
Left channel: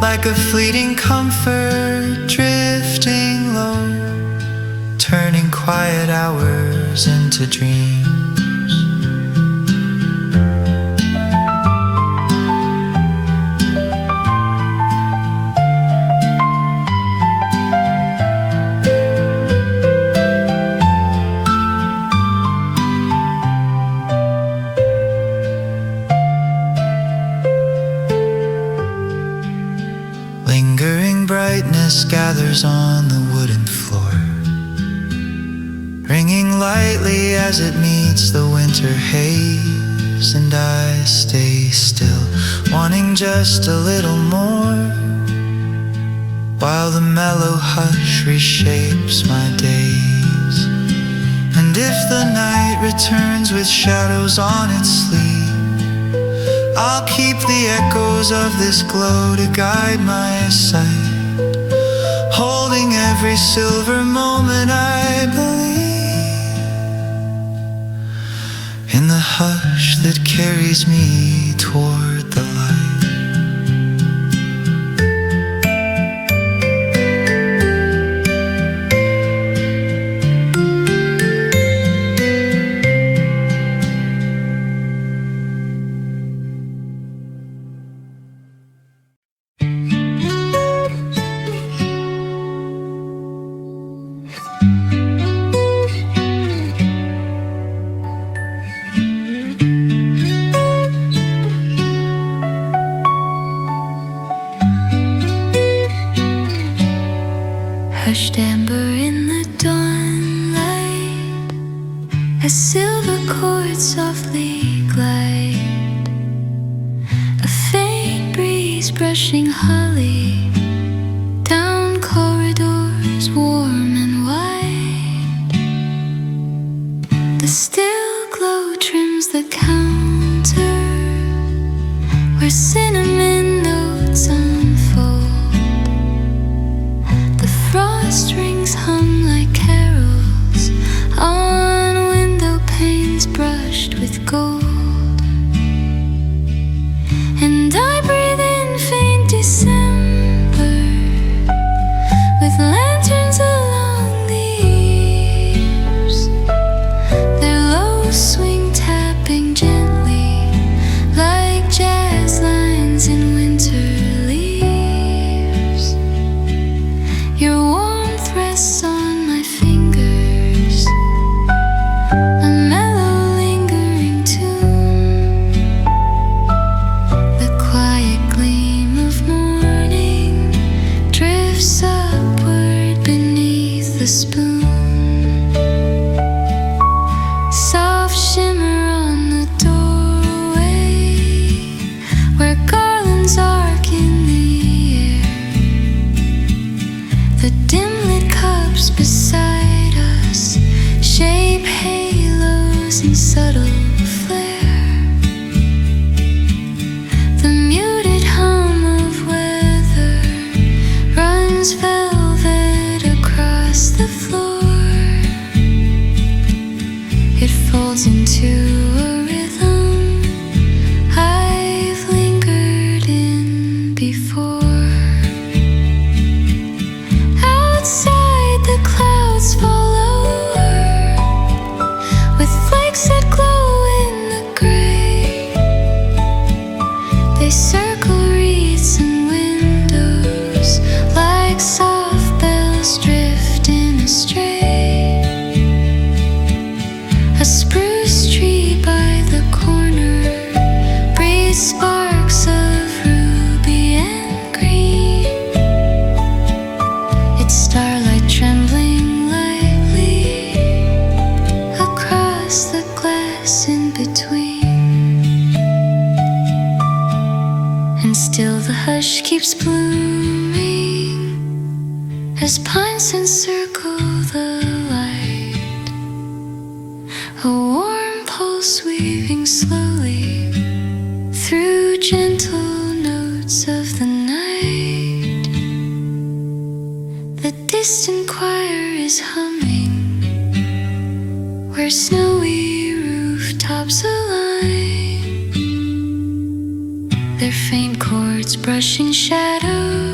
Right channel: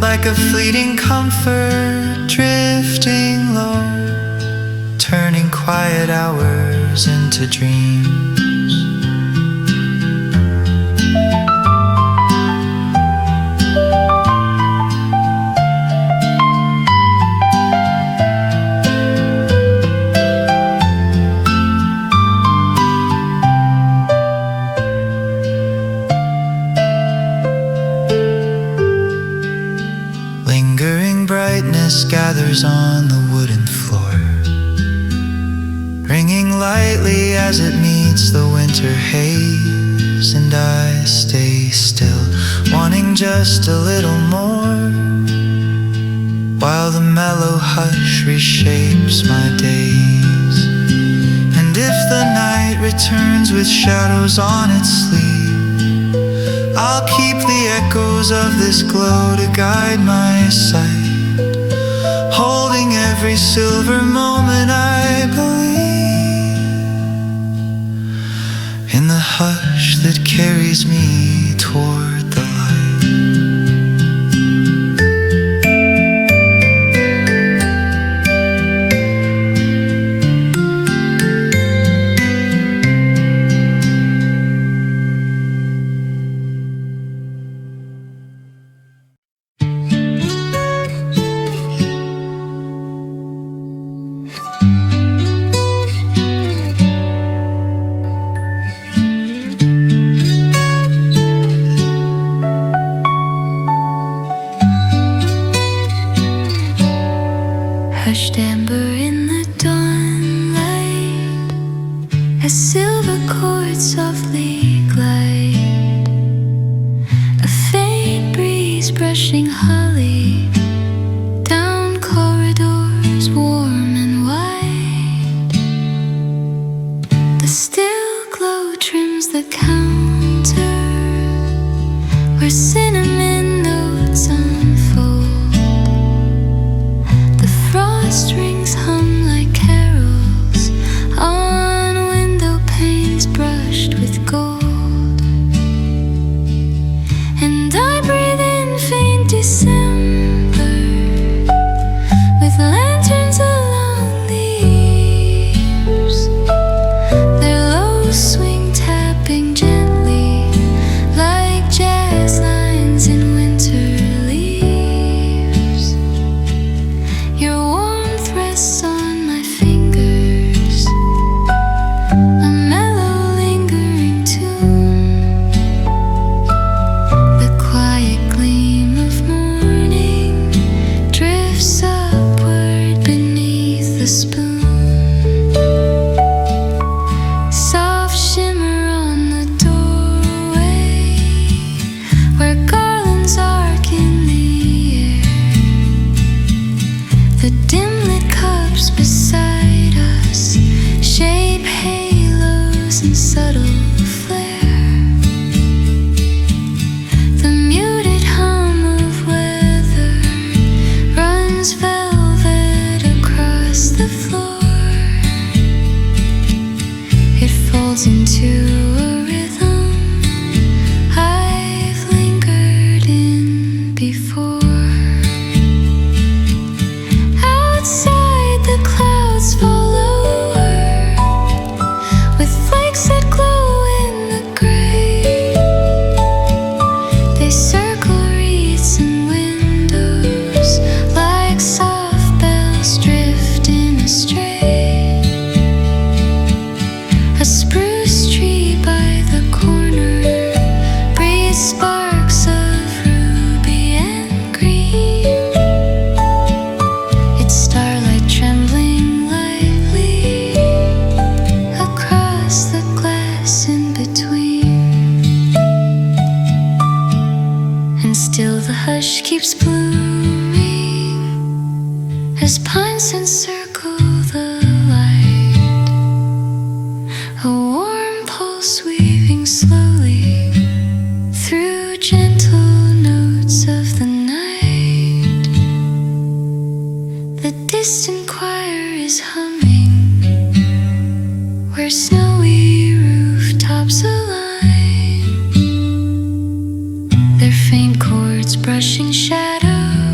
like a fleeting comfort drifting low, turning quiet hours into dreams. Lingering brightness gathers on the wooden floor, ringing lightly as it meets the winter haze. And I stay still, wanting just a little more, while the mellow hush reshapes my days. And if the night returns with shadows on its sleeve, I'll keep the echoes of this glow to guide my sight, holding every silver moment I believe in the hush that carries me toward the light. Hushed amber in the dawnlight, as silver chords softly glide, a faint breeze brushing holly down corridors warm and wide. The still glow trims the counter where cinnamon notes unfold. Strings hum like carols on window panes brushed with gold. And I breathe in faint December with lanterns along the eaves, their low swing tapping gently like jazz lines in winter leaves. Your warmth rests on my fingers, a mellow lingering tune. The quiet gleam of morning drifts upward beneath the spoon. Soft shimmer on the doorway where garlands arc in the air. The dim-lit cups beside us shape halos in subtle flare. The muted hum of weather runs velvet across the floor. It folds into a rhythm I've lingered in before. Outside, the clouds fall lower with flakes that glow in the gray. They circle wreaths and windows like soft bells drifting astray. A spruce tree by the corner breathes sparks of ruby and green. Its starlight trembling lightly across the glass in between. And still the hush keeps blooming as pines encircle the light. A warm pulse weaving slowly through gentle notes of the night. The distant choir is humming where snowy rooftops align, their faint chords brushing shadows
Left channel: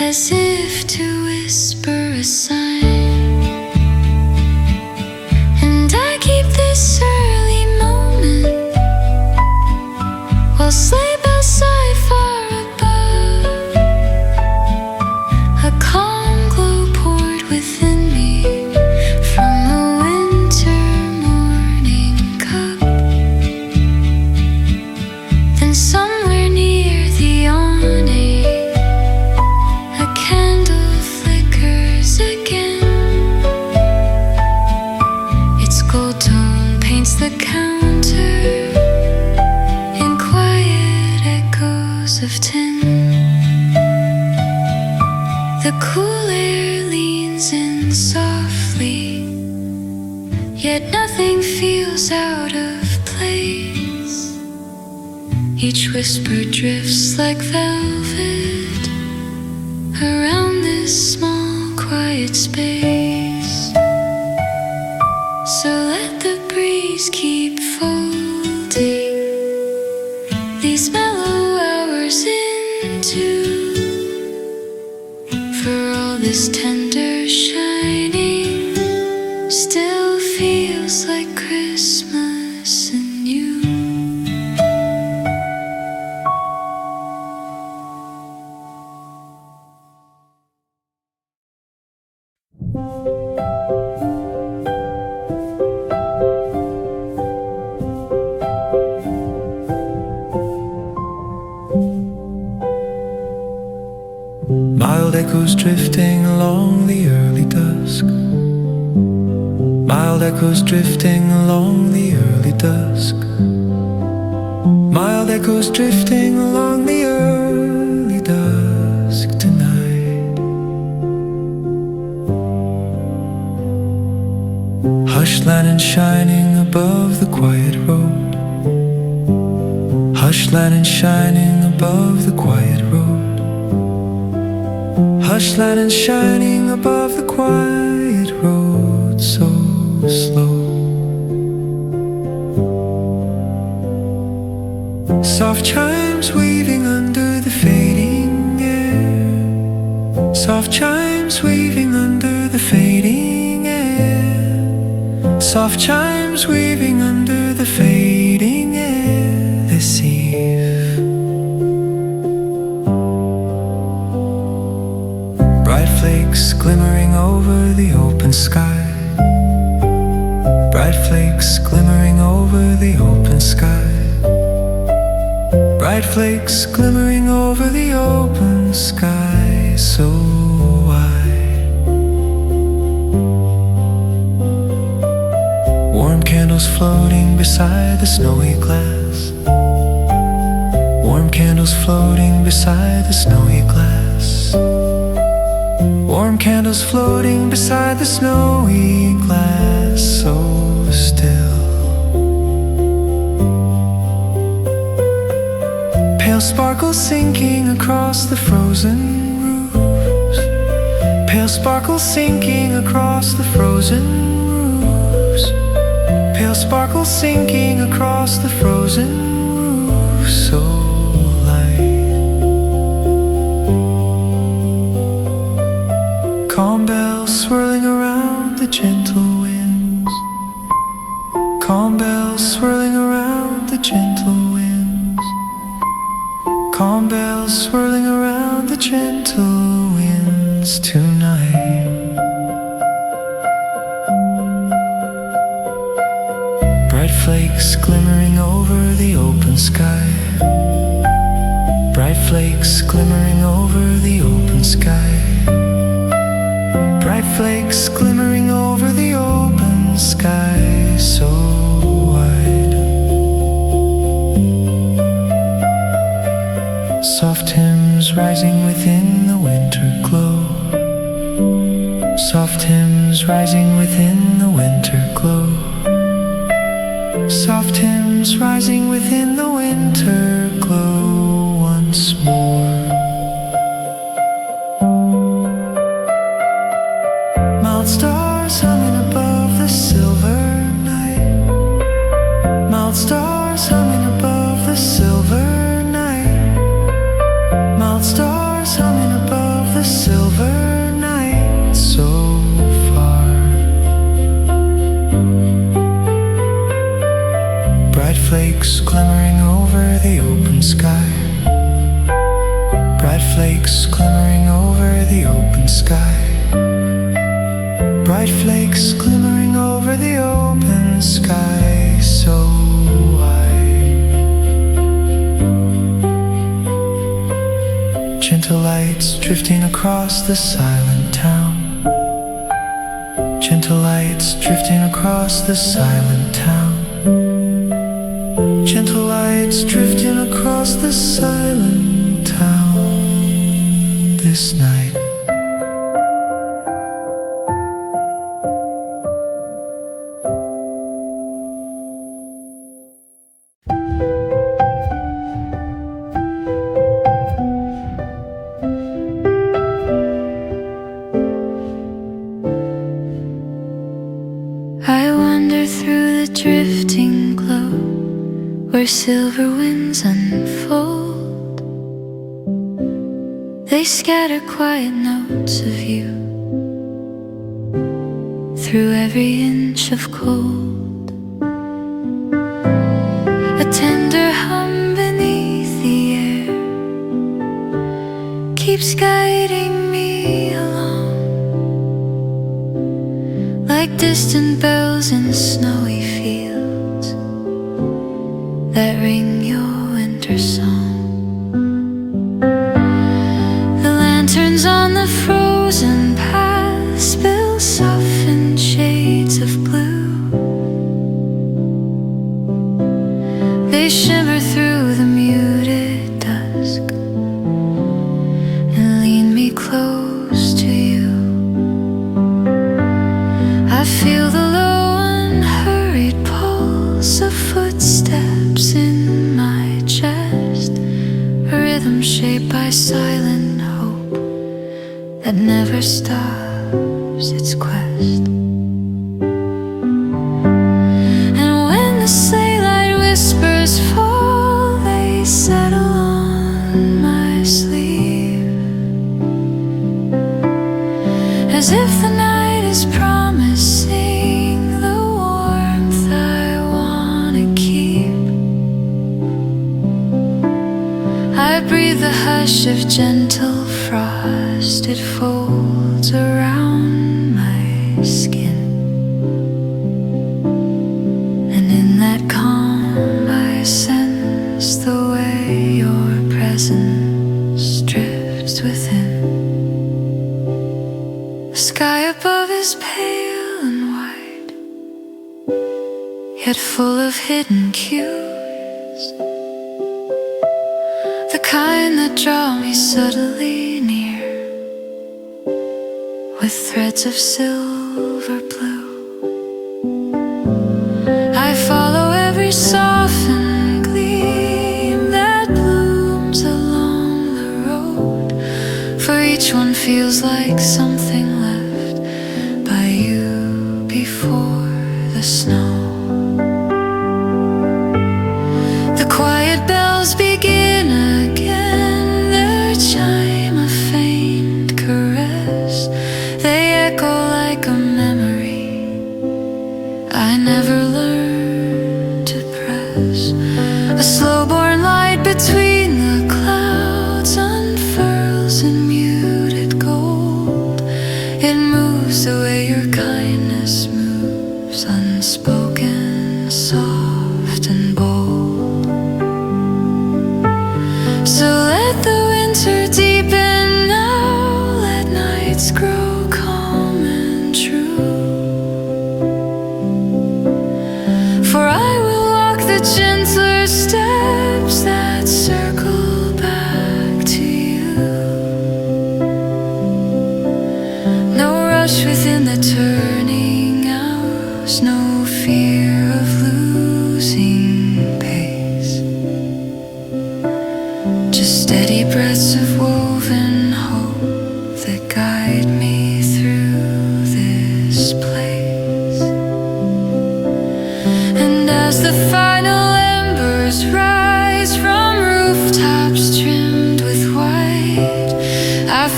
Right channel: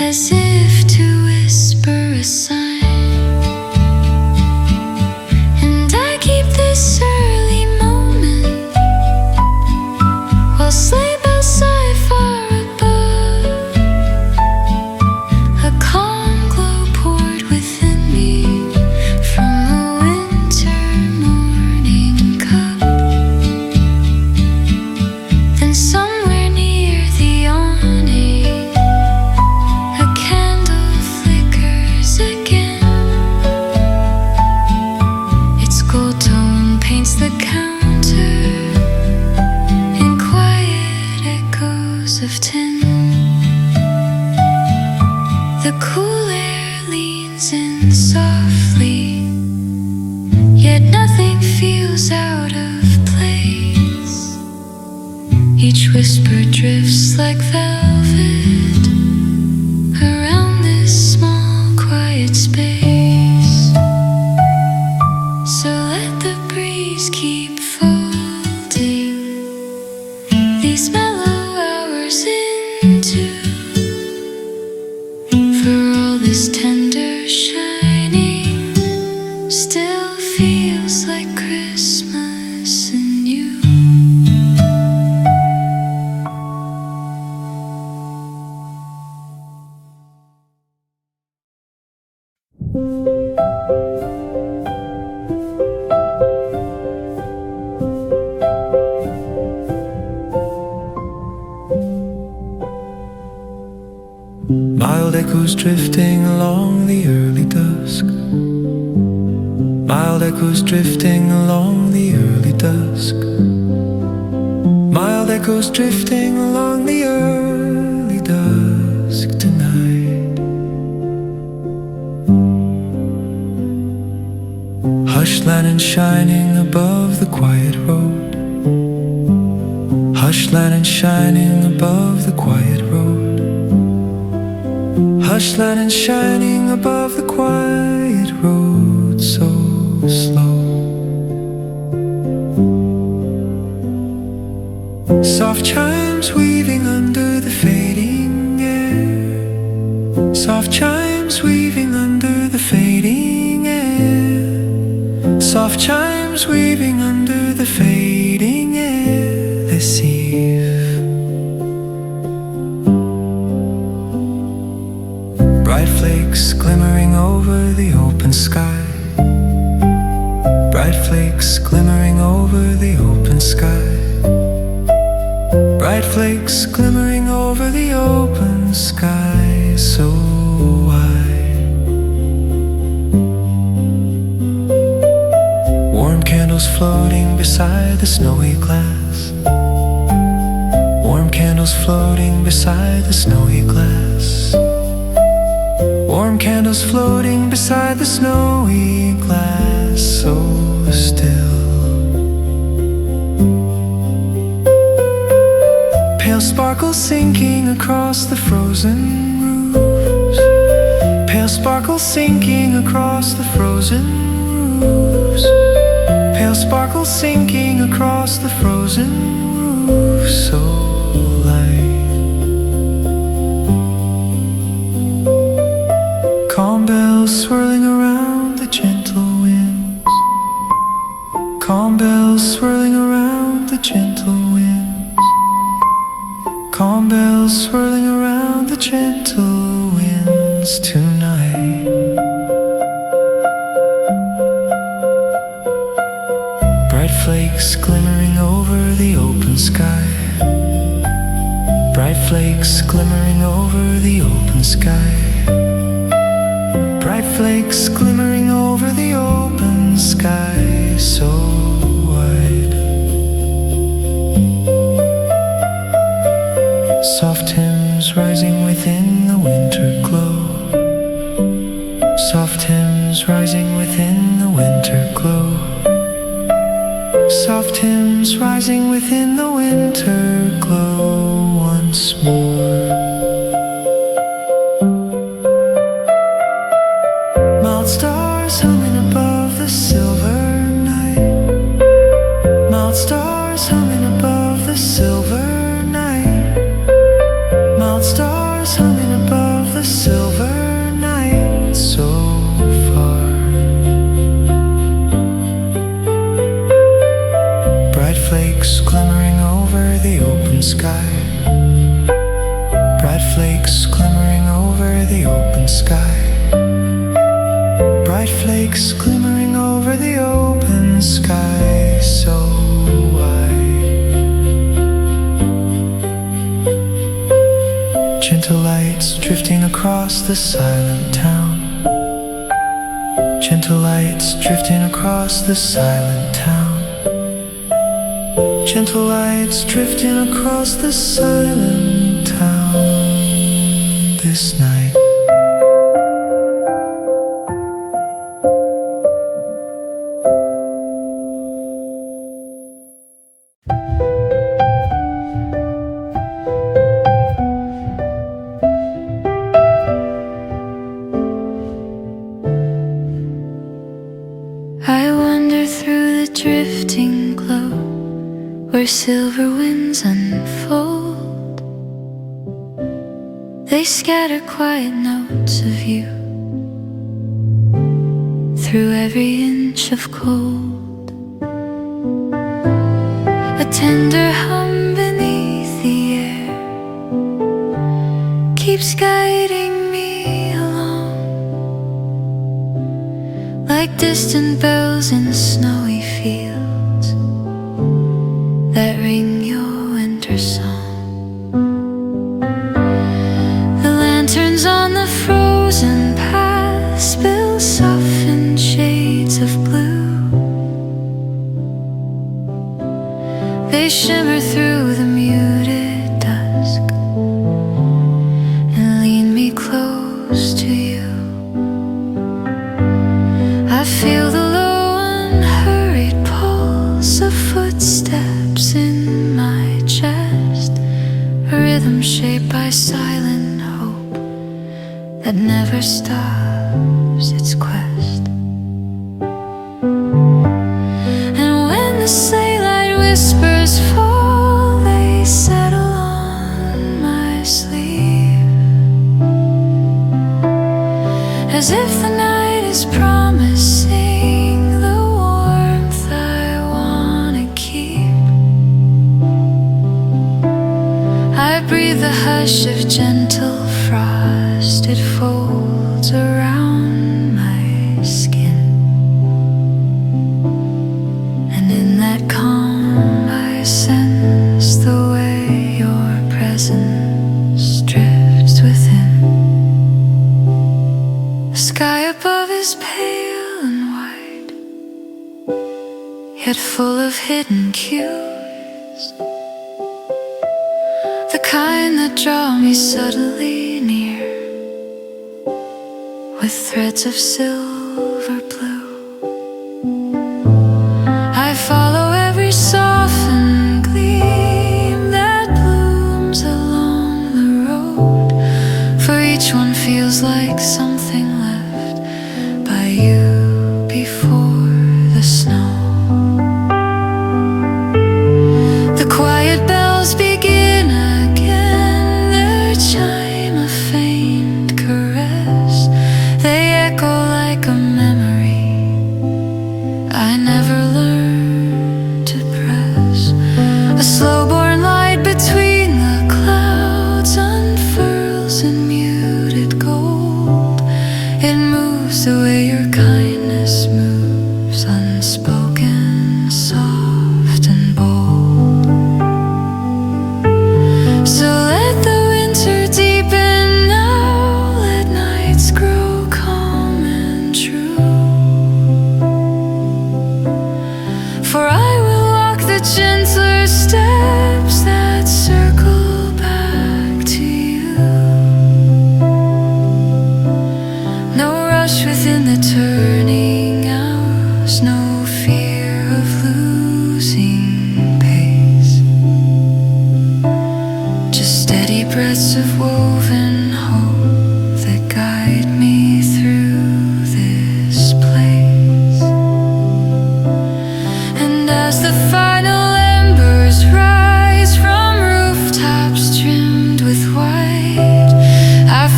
as if to whisper a sign. And I keep this early moment while sleigh bells sigh far above. A calm glow poured within me from a winter morning cup. Then somewhere near the awning, a candle flickers again. Its gold tone paints the counter in quiet echoes of tin. The cool air leans in softly, yet nothing feels out of place. Each whisper drifts like velvet around this small quiet space. So let the breeze keep folding these mellow hours into. For all this tender shining still feels like Christmas in you. Mild echoes drifting along the early dusk. Mild echoes drifting along the early dusk. Mild echoes drifting along the early dusk tonight. Hush lantern shining above the quiet road. Hush lantern shining above the quiet road. Hush lantern shining above the quiet road, so slow. Soft chimes weaving under the fading air. Soft chimes weaving under the fading air. Soft chimes weaving under the fading air this eve. Bright flakes glimmering over the open sky. Bright flakes glimmering over the open sky. Bright flakes glimmering over the open sky, so wide. Warm candles floating beside the snowy glass. Warm candles floating beside the snowy glass. Warm candles floating beside the snowy glass, so still. Pale sparkles sinking across the frozen roofs. Pale sparkles sinking across the frozen roofs. Pale sparkles sinking across the frozen roofs, so light. Calm bells swirling around the gentle winds. Calm bells swirling around the gentle winds. Calm bells swirling around the gentle winds tonight. Bright flakes glimmering over the open sky. Bright flakes glimmering over the open sky. Bright flakes glimmering over the open sky, so wide. Soft hymns rising within the winter glow. Soft hymns rising within the winter glow. Soft hymns rising within the winter glow once more. Mild stars humming above the silver night. Mild stars humming above the silver night. Mild stars humming above the a silver night so far. Bright flakes glimmering over the open sky. Bright flakes glimmering over the open sky. Bright flakes glimmering over the open sky so wide. Gentle lights drifting across the silent town. Gentle lights drifting across the silent town. Gentle lights drifting across the silent town this night. I wander through the drifting glow where silver winds unfold. They scatter quiet notes of you through every inch of cold. A tender hum beneath the air keeps guiding me along, like distant bells in snowy fields that ring your winter song. The lanterns on the frozen path spill softened shades of blue. They shimmer through the muted dusk and lean me close to you. I feel the low unhurried pulse of footsteps in my chest, a rhythm shaped by silent hope that never stops its quest. And when the sleigh whispers fall, they settle on my sleeve, as if the night is promising the warmth I wanna keep. I breathe the hush of gentle frost, it folds around my skin, and in that calm I sense the way your presence drifts within. The sky above is pale and white, yet full of hidden cues, the kind that draw me subtly near with threads of silver blue. I follow every softened gleam that blooms along the road, for each one feels like something left by you before the snow. The quiet bells begin again, their chime a faint caress. They echo like a memory I never learned to press. A slow-born light between the clouds unfurls in muted gold. It moves the way your kindness moves, unspoken, soft and bold. So let the winter deepen now, let nights grow calm and true. For I will walk the gentler steps that circle back to you. No rush within the turning hours, no fear of losing pace, just steady breaths of woven hope that guide me through this place. And as the final embers rise from rooftops trimmed with white, I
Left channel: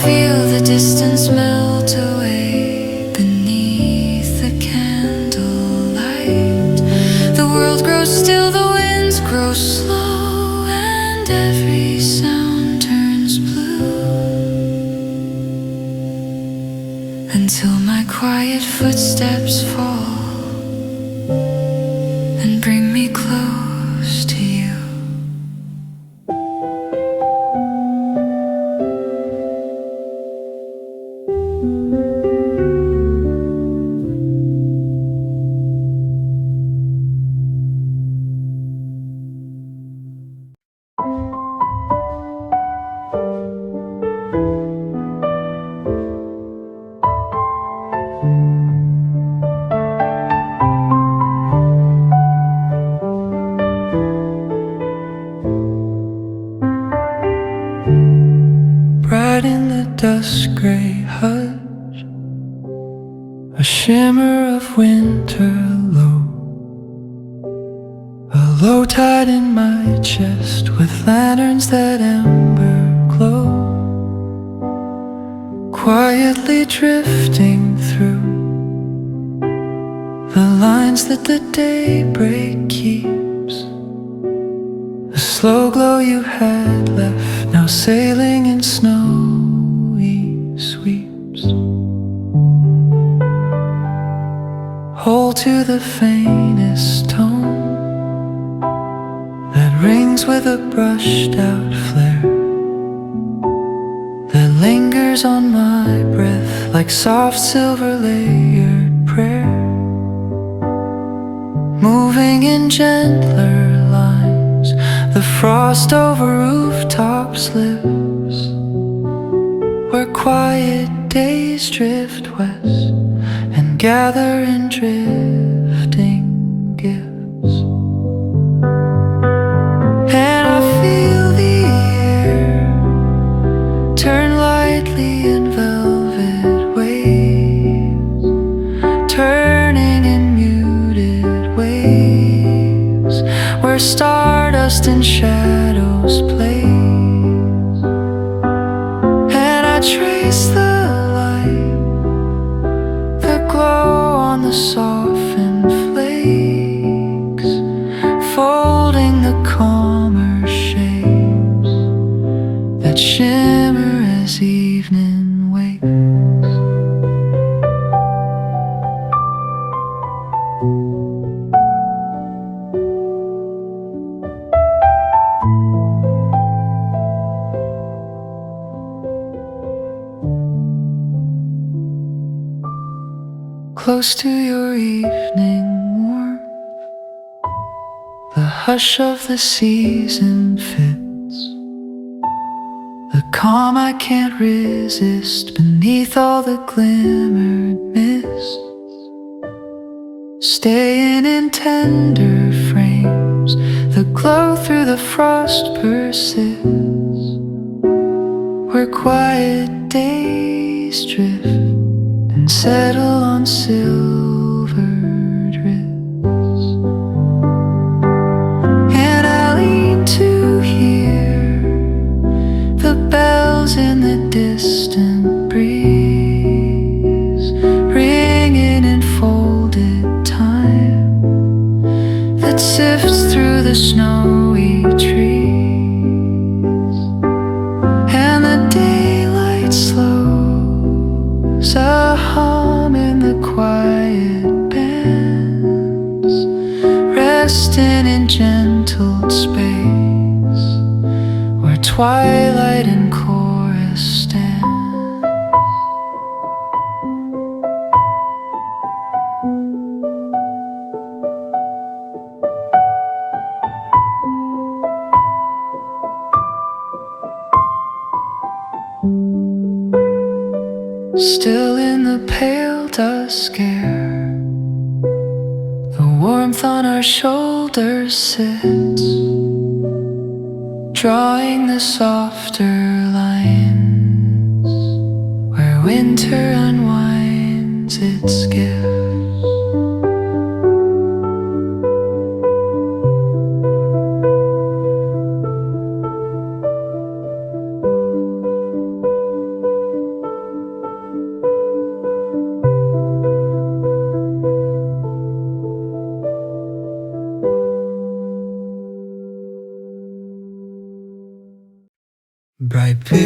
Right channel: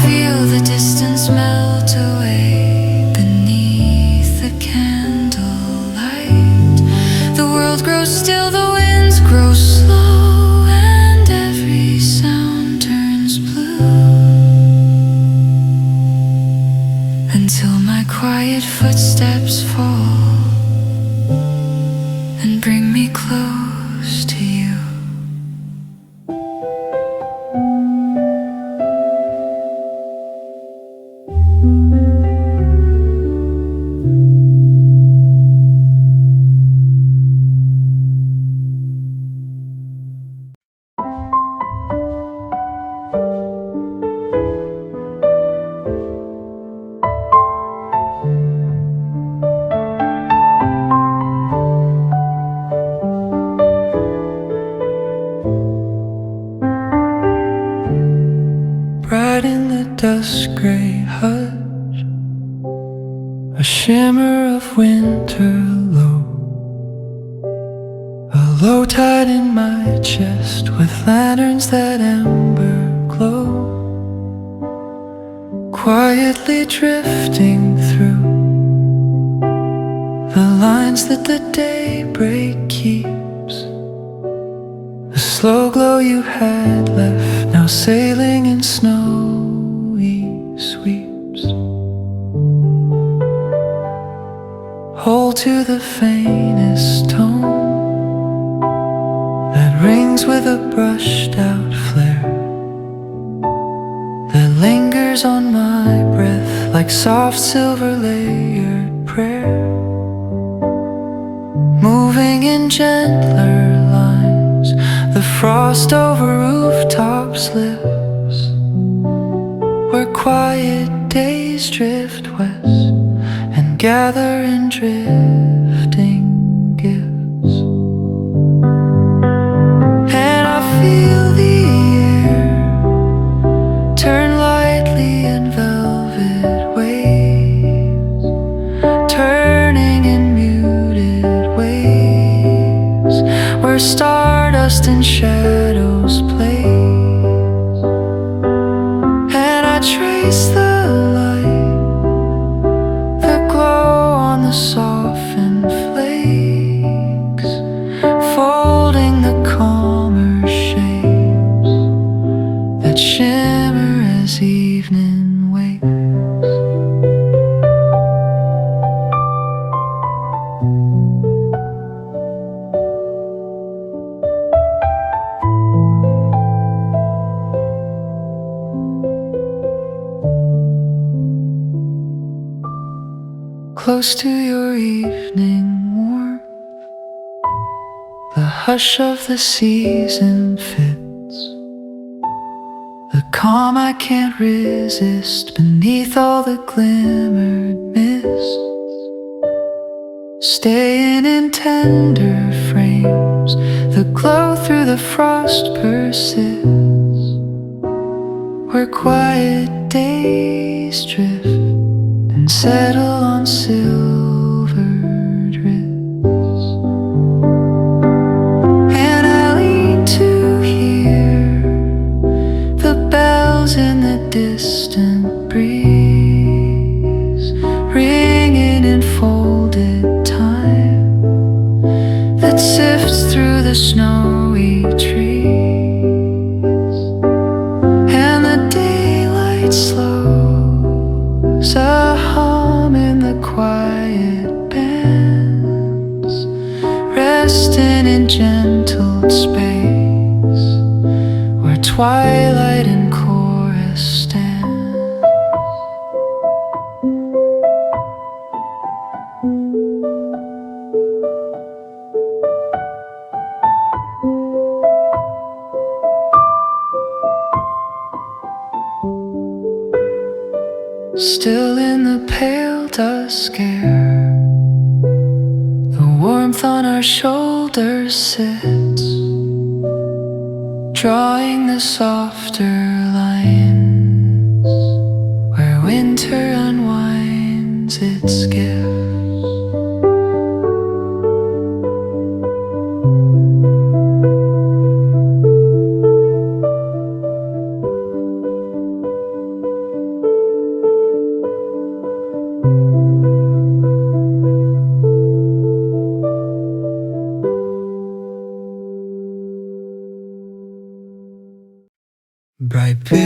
feel the distance melt away beneath the candlelight. The world grows still, the winds grow slow, and every sound turns blue, until my quiet footsteps fall and bring me close to you. Bright in the dusk gray hush, a shimmer of winter low, a low tide in my chest with lanterns that ember glow, quietly drifting through the lines that the daybreak keeps. The slow glow you had left, now sailing in snowy sweeps. Hold to the faintest tone that rings with a brushed out flare, that lingers on my breath like soft silver layered prayer, moving in gentler lines. The frost over rooftops lives, where quiet days drift west and gather in drifting gifts. And I feel the air turn lightly in velvet waves, turning in muted waves, where stardust and shadows plays. And I trace the light, the glow on the softened flakes, folding the calmer shapes that shimmer as evening wakes. Close to your evening warmth, the hush of the season fits, the calm I can't resist beneath all the glimmered mists, staying in tender frames, the glow through the frost persists, where quiet days drift and settle on silvered wrists. And I lean to hear the bells in the distant breeze, ringing in folded time that sifts through the snowy trees. And the daylight slows, a hum in the quiet bands, resting in gentle space, where twilight and chorus stand. Still in the pale dusk air, the warmth on our shoulders sits, drawing the softer lines, where winter unwinds its gifts.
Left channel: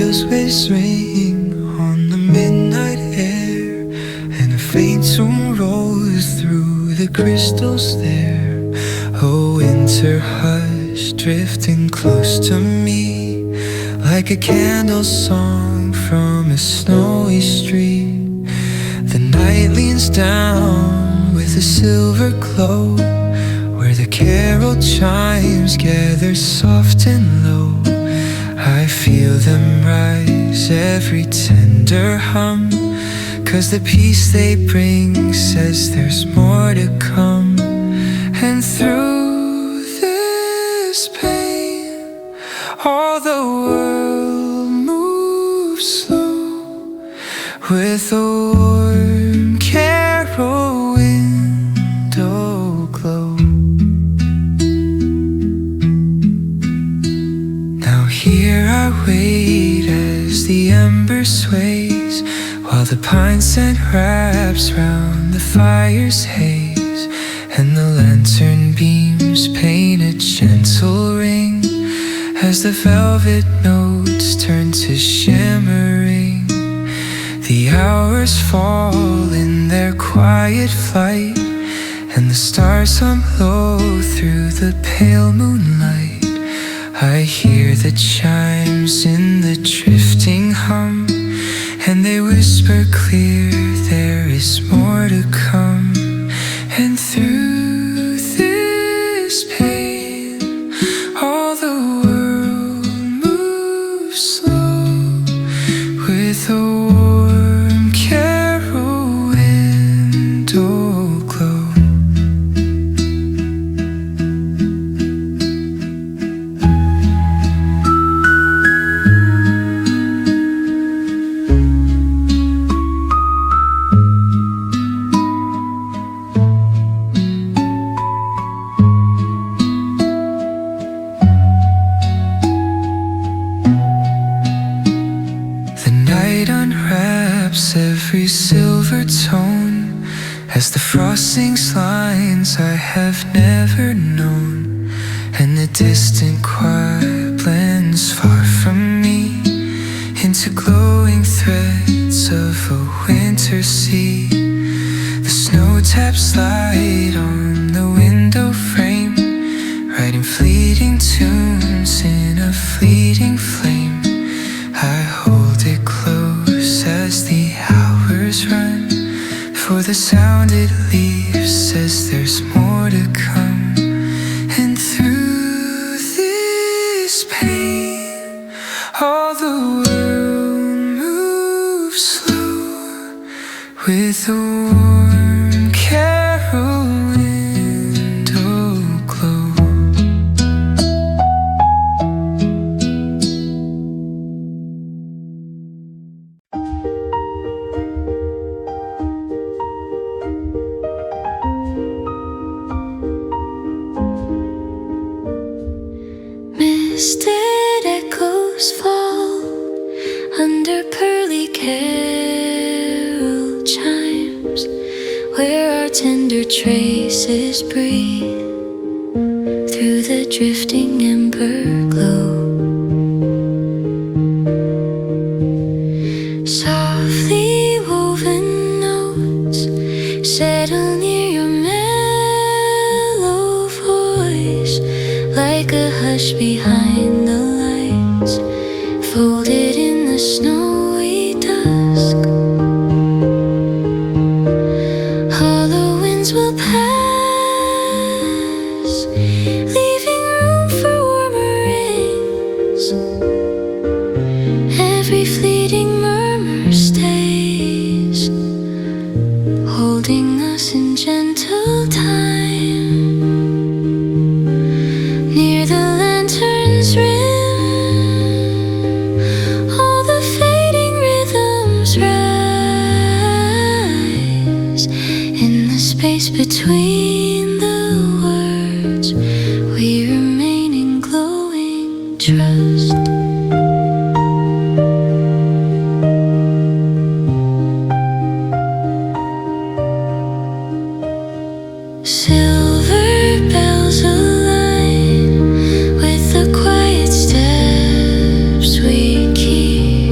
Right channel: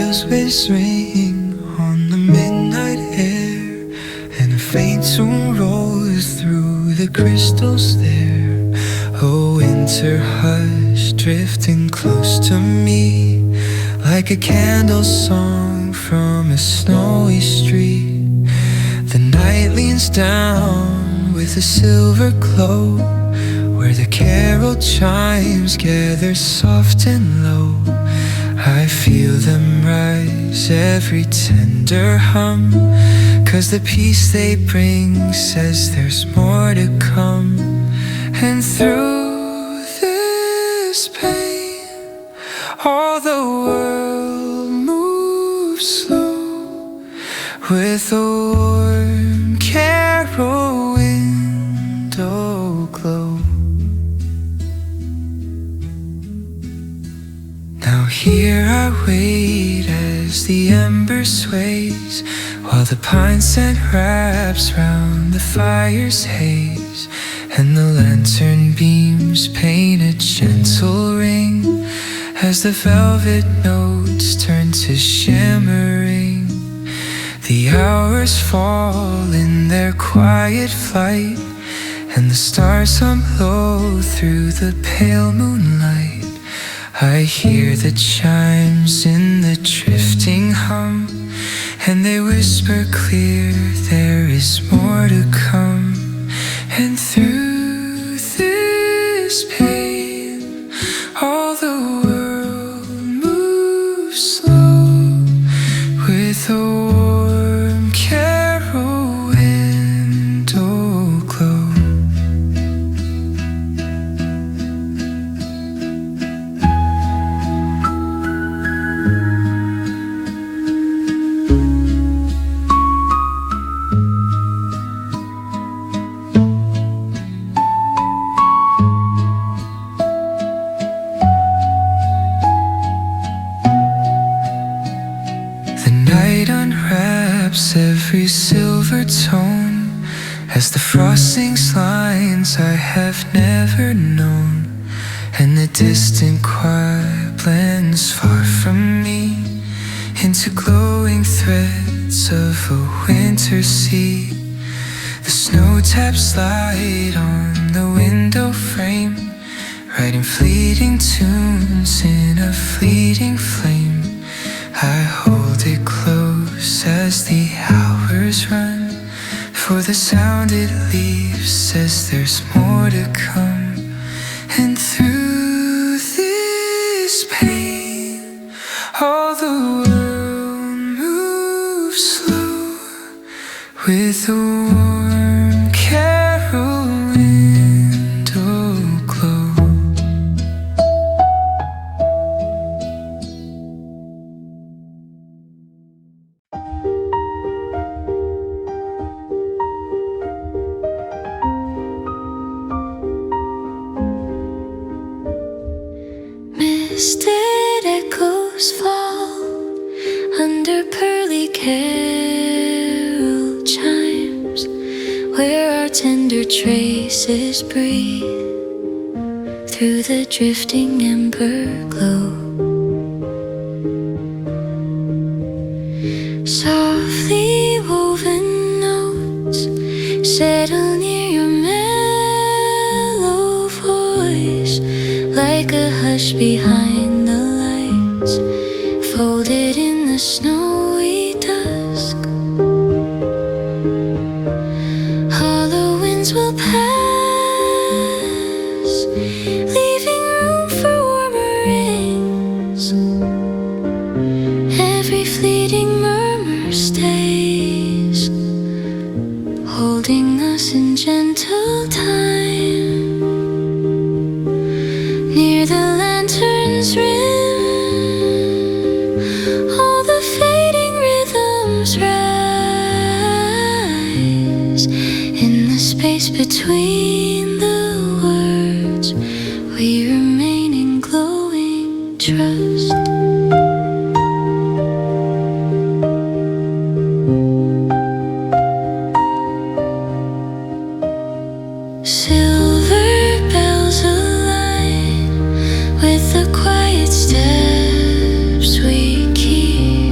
bells whistling on the midnight air, and a faint tune rolls through the crystals there. A winter hush drifting close to me, like a candle song from a snowy street. The night leans down with a silver glow, where the carol chimes gather soft and low. I feel them rise, every tender hum, 'cause the peace they bring says there's more to come. And through this pain, all the world moves slow, with a warm carol window glow. Now here I wait as the ember sways, while the pine scent wraps round the fire's haze, and the lantern beams paint a gentle ring as the velvet notes turn to shimmering. The hours fall in their quiet flight, and the stars hum low through the pale moonlight. I hear the chimes in the drifting hum, and they whisper clear there is more to come. And through this pain, all the world moves slow, with a warm carol window glow. Every silver tone as the frost sings lines I have never known, and the distant choir blends far from me into glowing threads of a winter sea. The snow taps light on the window frame, writing fleeting tunes in a fleeting flame. I hold it close as the hours run, for the sound it leaves says there's more to come. And through this pain, all the world moves slow, with a warm carol window glow. Misted echoes fall under pearly carol chimes, where our tender traces breathe through the drifting ember glow. Softly woven notes settle near your mellow voice, like a hush behind the lights, folded in the snowy dusk. Hollow winds will pass, leaving room for warmer rings. Every fleeting murmur stays, holding us in gentle time. Near the lantern's rim, all the fading rhythms rise. In the space between the words, we remain in glowing trust. Silver bells align with the quiet steps we keep,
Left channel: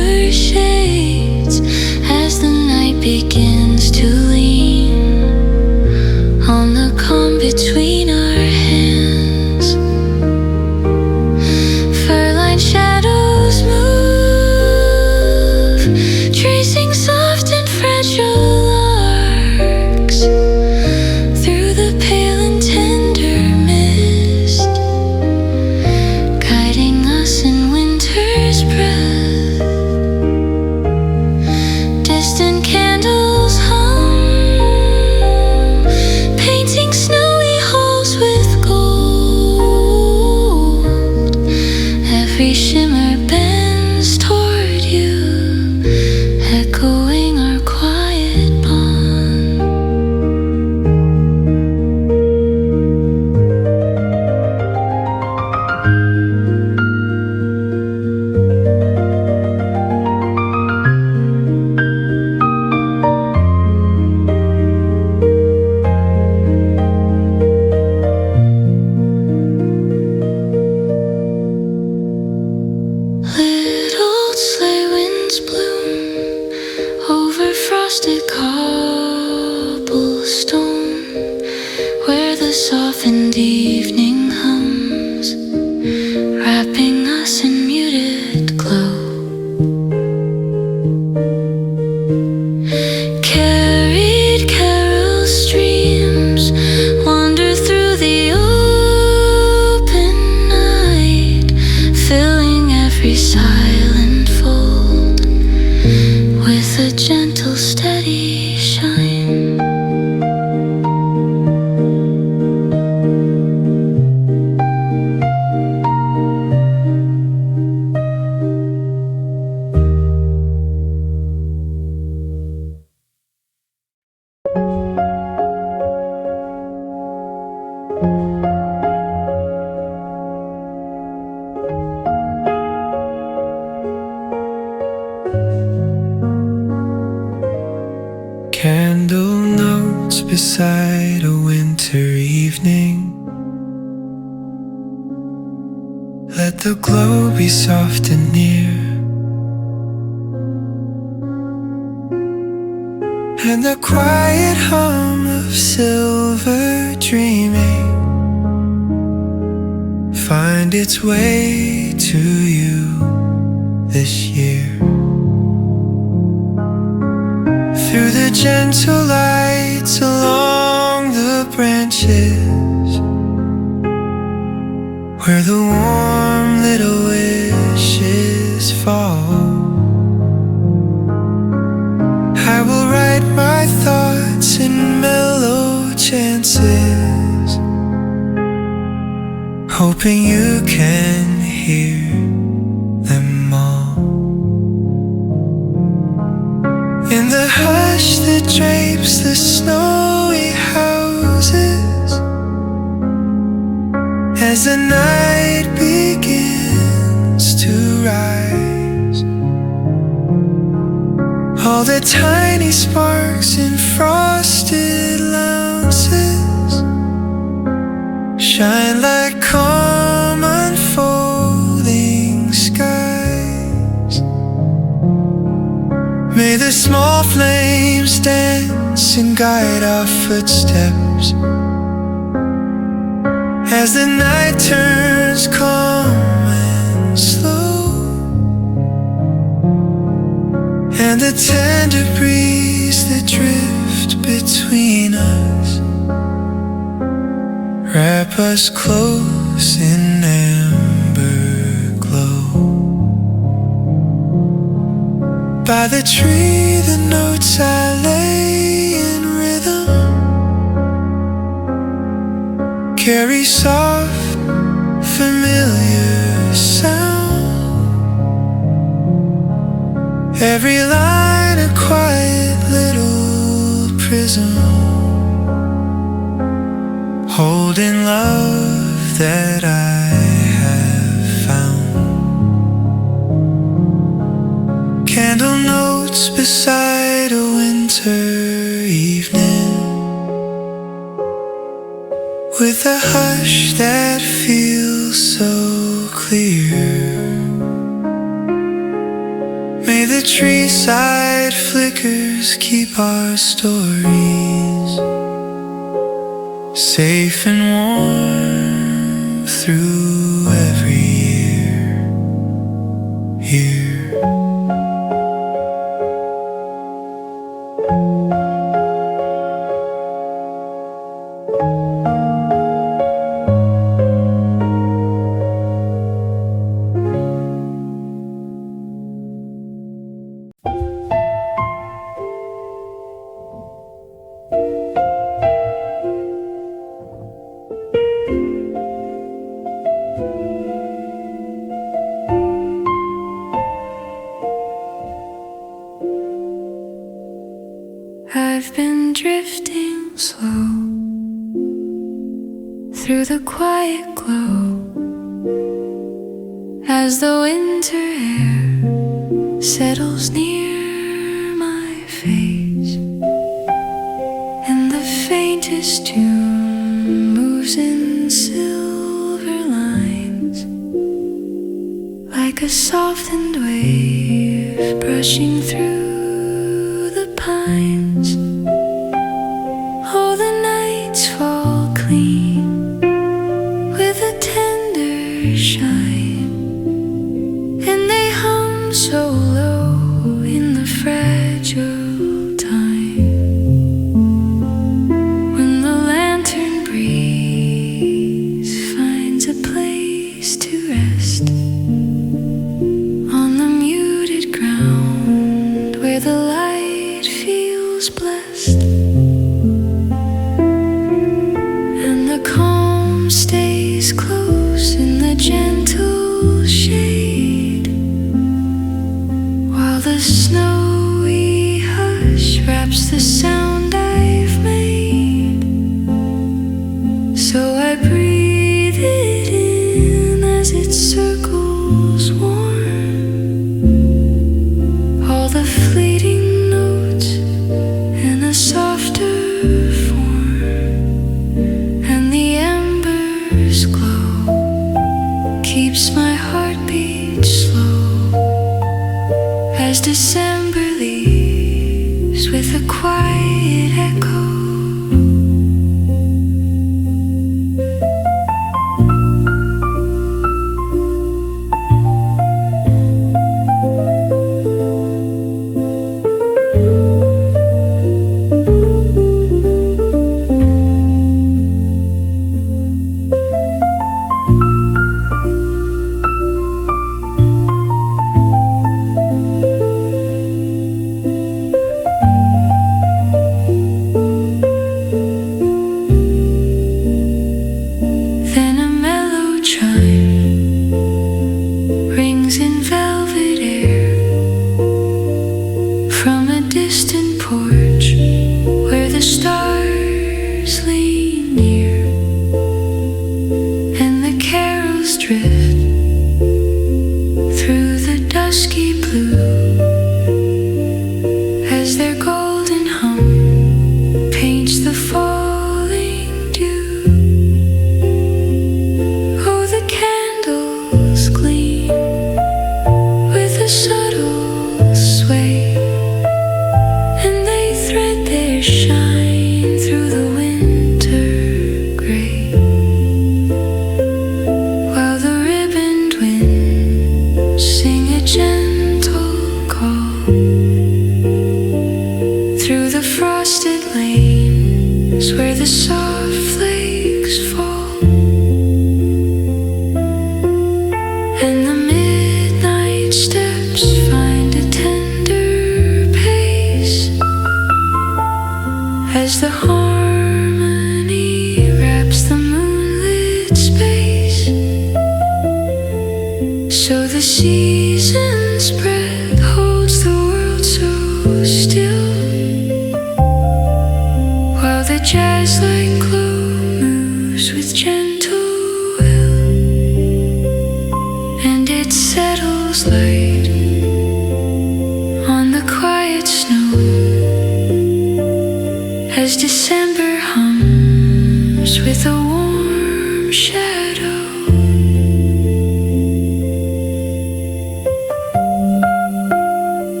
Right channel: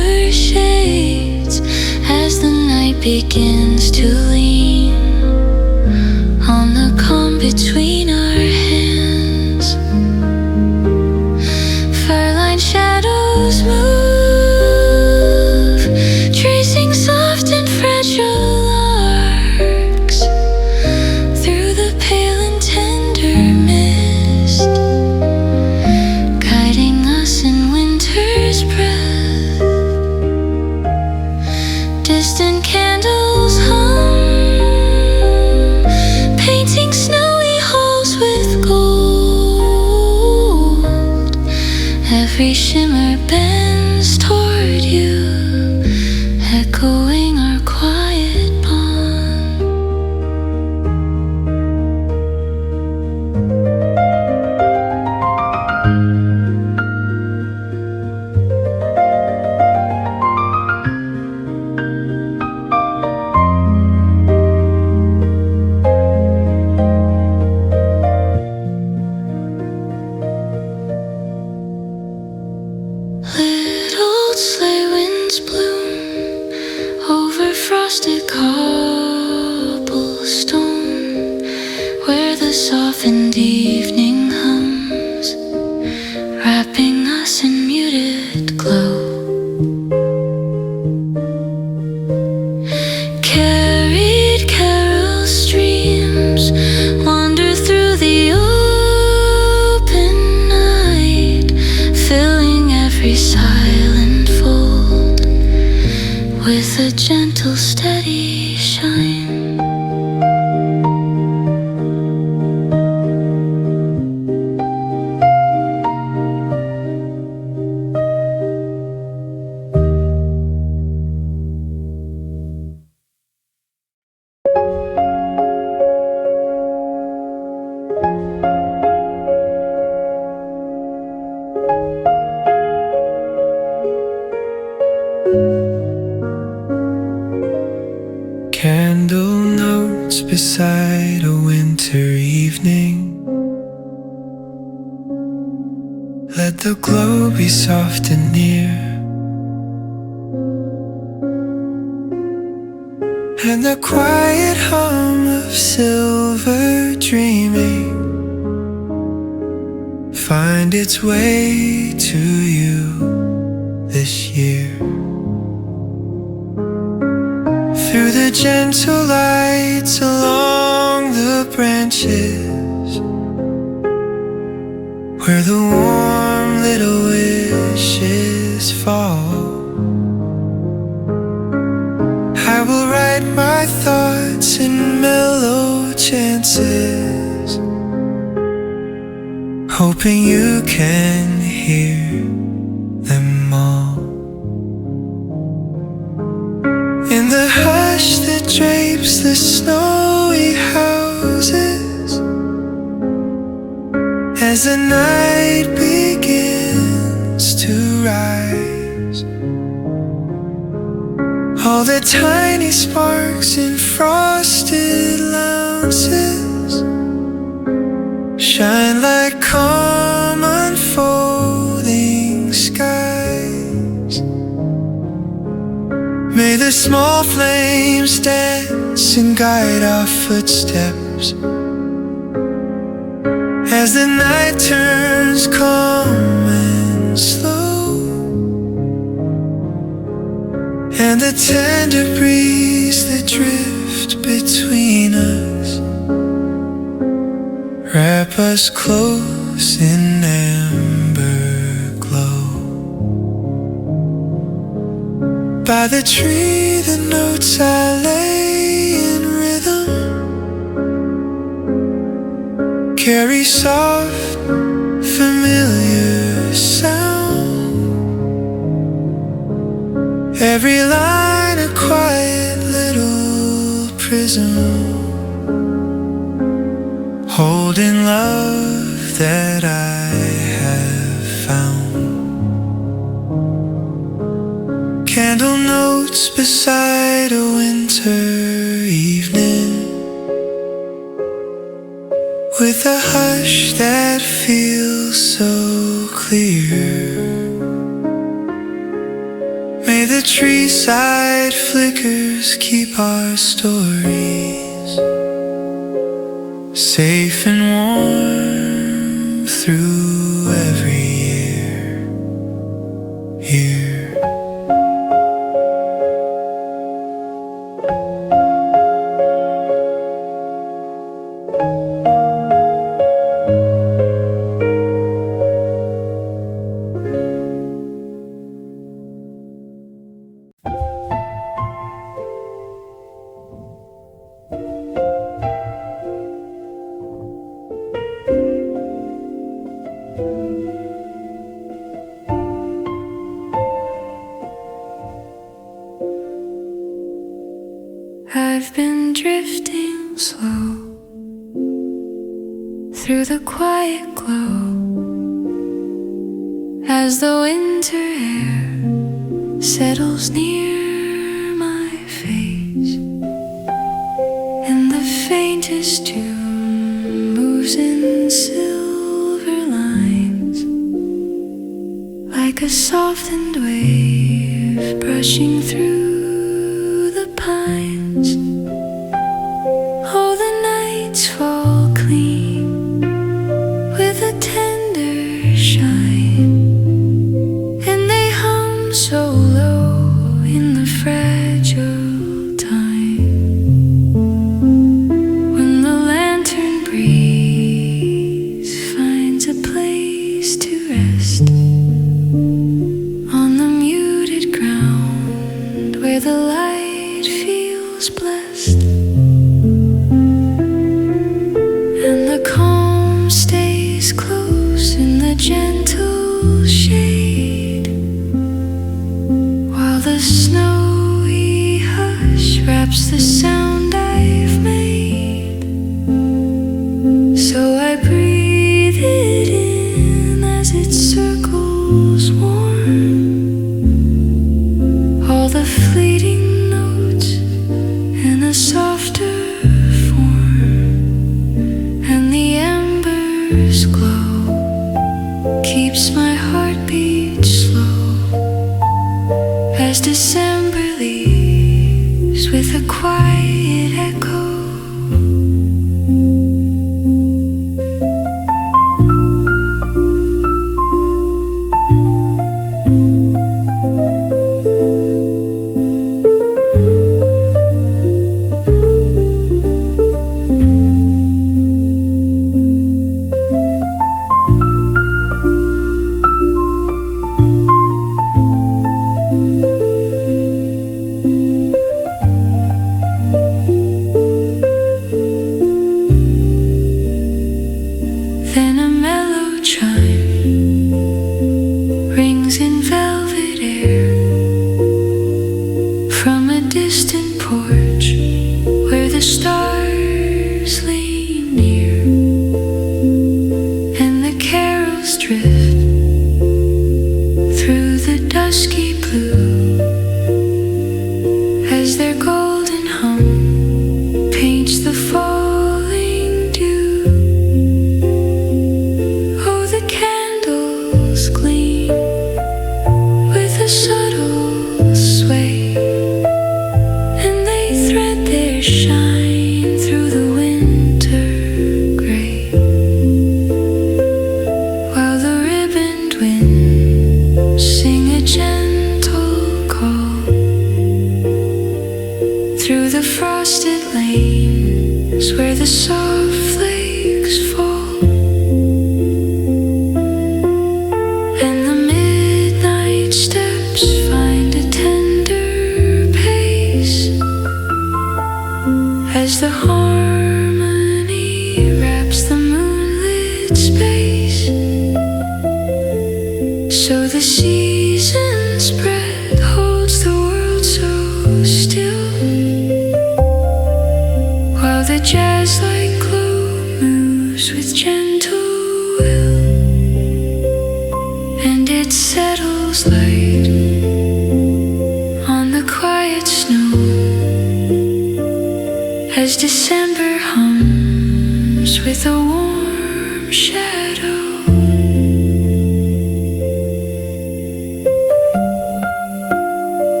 begins to lean on the calm between our hands. Fur-lined shadows move, tracing soft and fragile arcs through the pale and tender mist, guiding us in winter's breath. Distant candles hum, painting snowy halls with gold. Every shimmer bends toward you, echoing our quiet bond. Little sleigh winds bloom over frosted cobblestone, where the softened evening hums, wrapping us in muted glow. Carried carol streams wander through the open night, filling every silent fold with a gentle, steady shine. Candle notes beside a winter evening. Let the glow be soft and near, and the quiet hum of silver dreaming find its way to you this year. Through the gentle lights along the branches, where the warm little wishes fall, I will write my thoughts in mellow chances, hoping you can hear them all. In the hush that drapes the snowy houses, as the night begins to rise, all the tiny sparks in frosted louses shine like calm unfolding skies. May the small flames dance and guide our footsteps as the night turns calm and slow, and the tender breeze that drift between us wrap us close in amber glow. By the tree the notes I lay in rhythm carry soft, familiar sound. Every line a quiet little prism, holding love that I have found. Candle notes beside a winter evening, with a hush that feels so clear. May the treeside flickers keep our stories safe and warm through every year here. I've been drifting slow through the quiet glow as the winter air settles near my face, and the faintest tune moves in silver lines like a softened wave brushing through the pines. Oh, the nights fall clean with a tender shine, and they hum so low in the fragile time when the lantern breeze finds a place to rest on the muted ground where the light feels blessed, and the calm stays close in the gentle shade, while the snowy hush wraps the sound I've made. So I breathe it in as it circles warm, all the fleeting notes in a softer and the embers glow, keeps my heartbeat slow as December leaves with a quiet echo. Then a mellow chime rings in velvet air from a distant porch where the stars lean near, and the carols drift through the dusky blue as their golden hum paints the falling dew. Candles gleam with a subtle sway, and they thread their shine through the winter gray, while the ribboned winds sing a gentle call through the frosted lanes where the soft flakes fall. And the midnight steps find a tender pace as the harmony wraps the moonlit space. So the season spread holds the world so still, while the jazz-like glow moves with gentle will, and it settles light on the quiet snow as December hums with a warm shadow.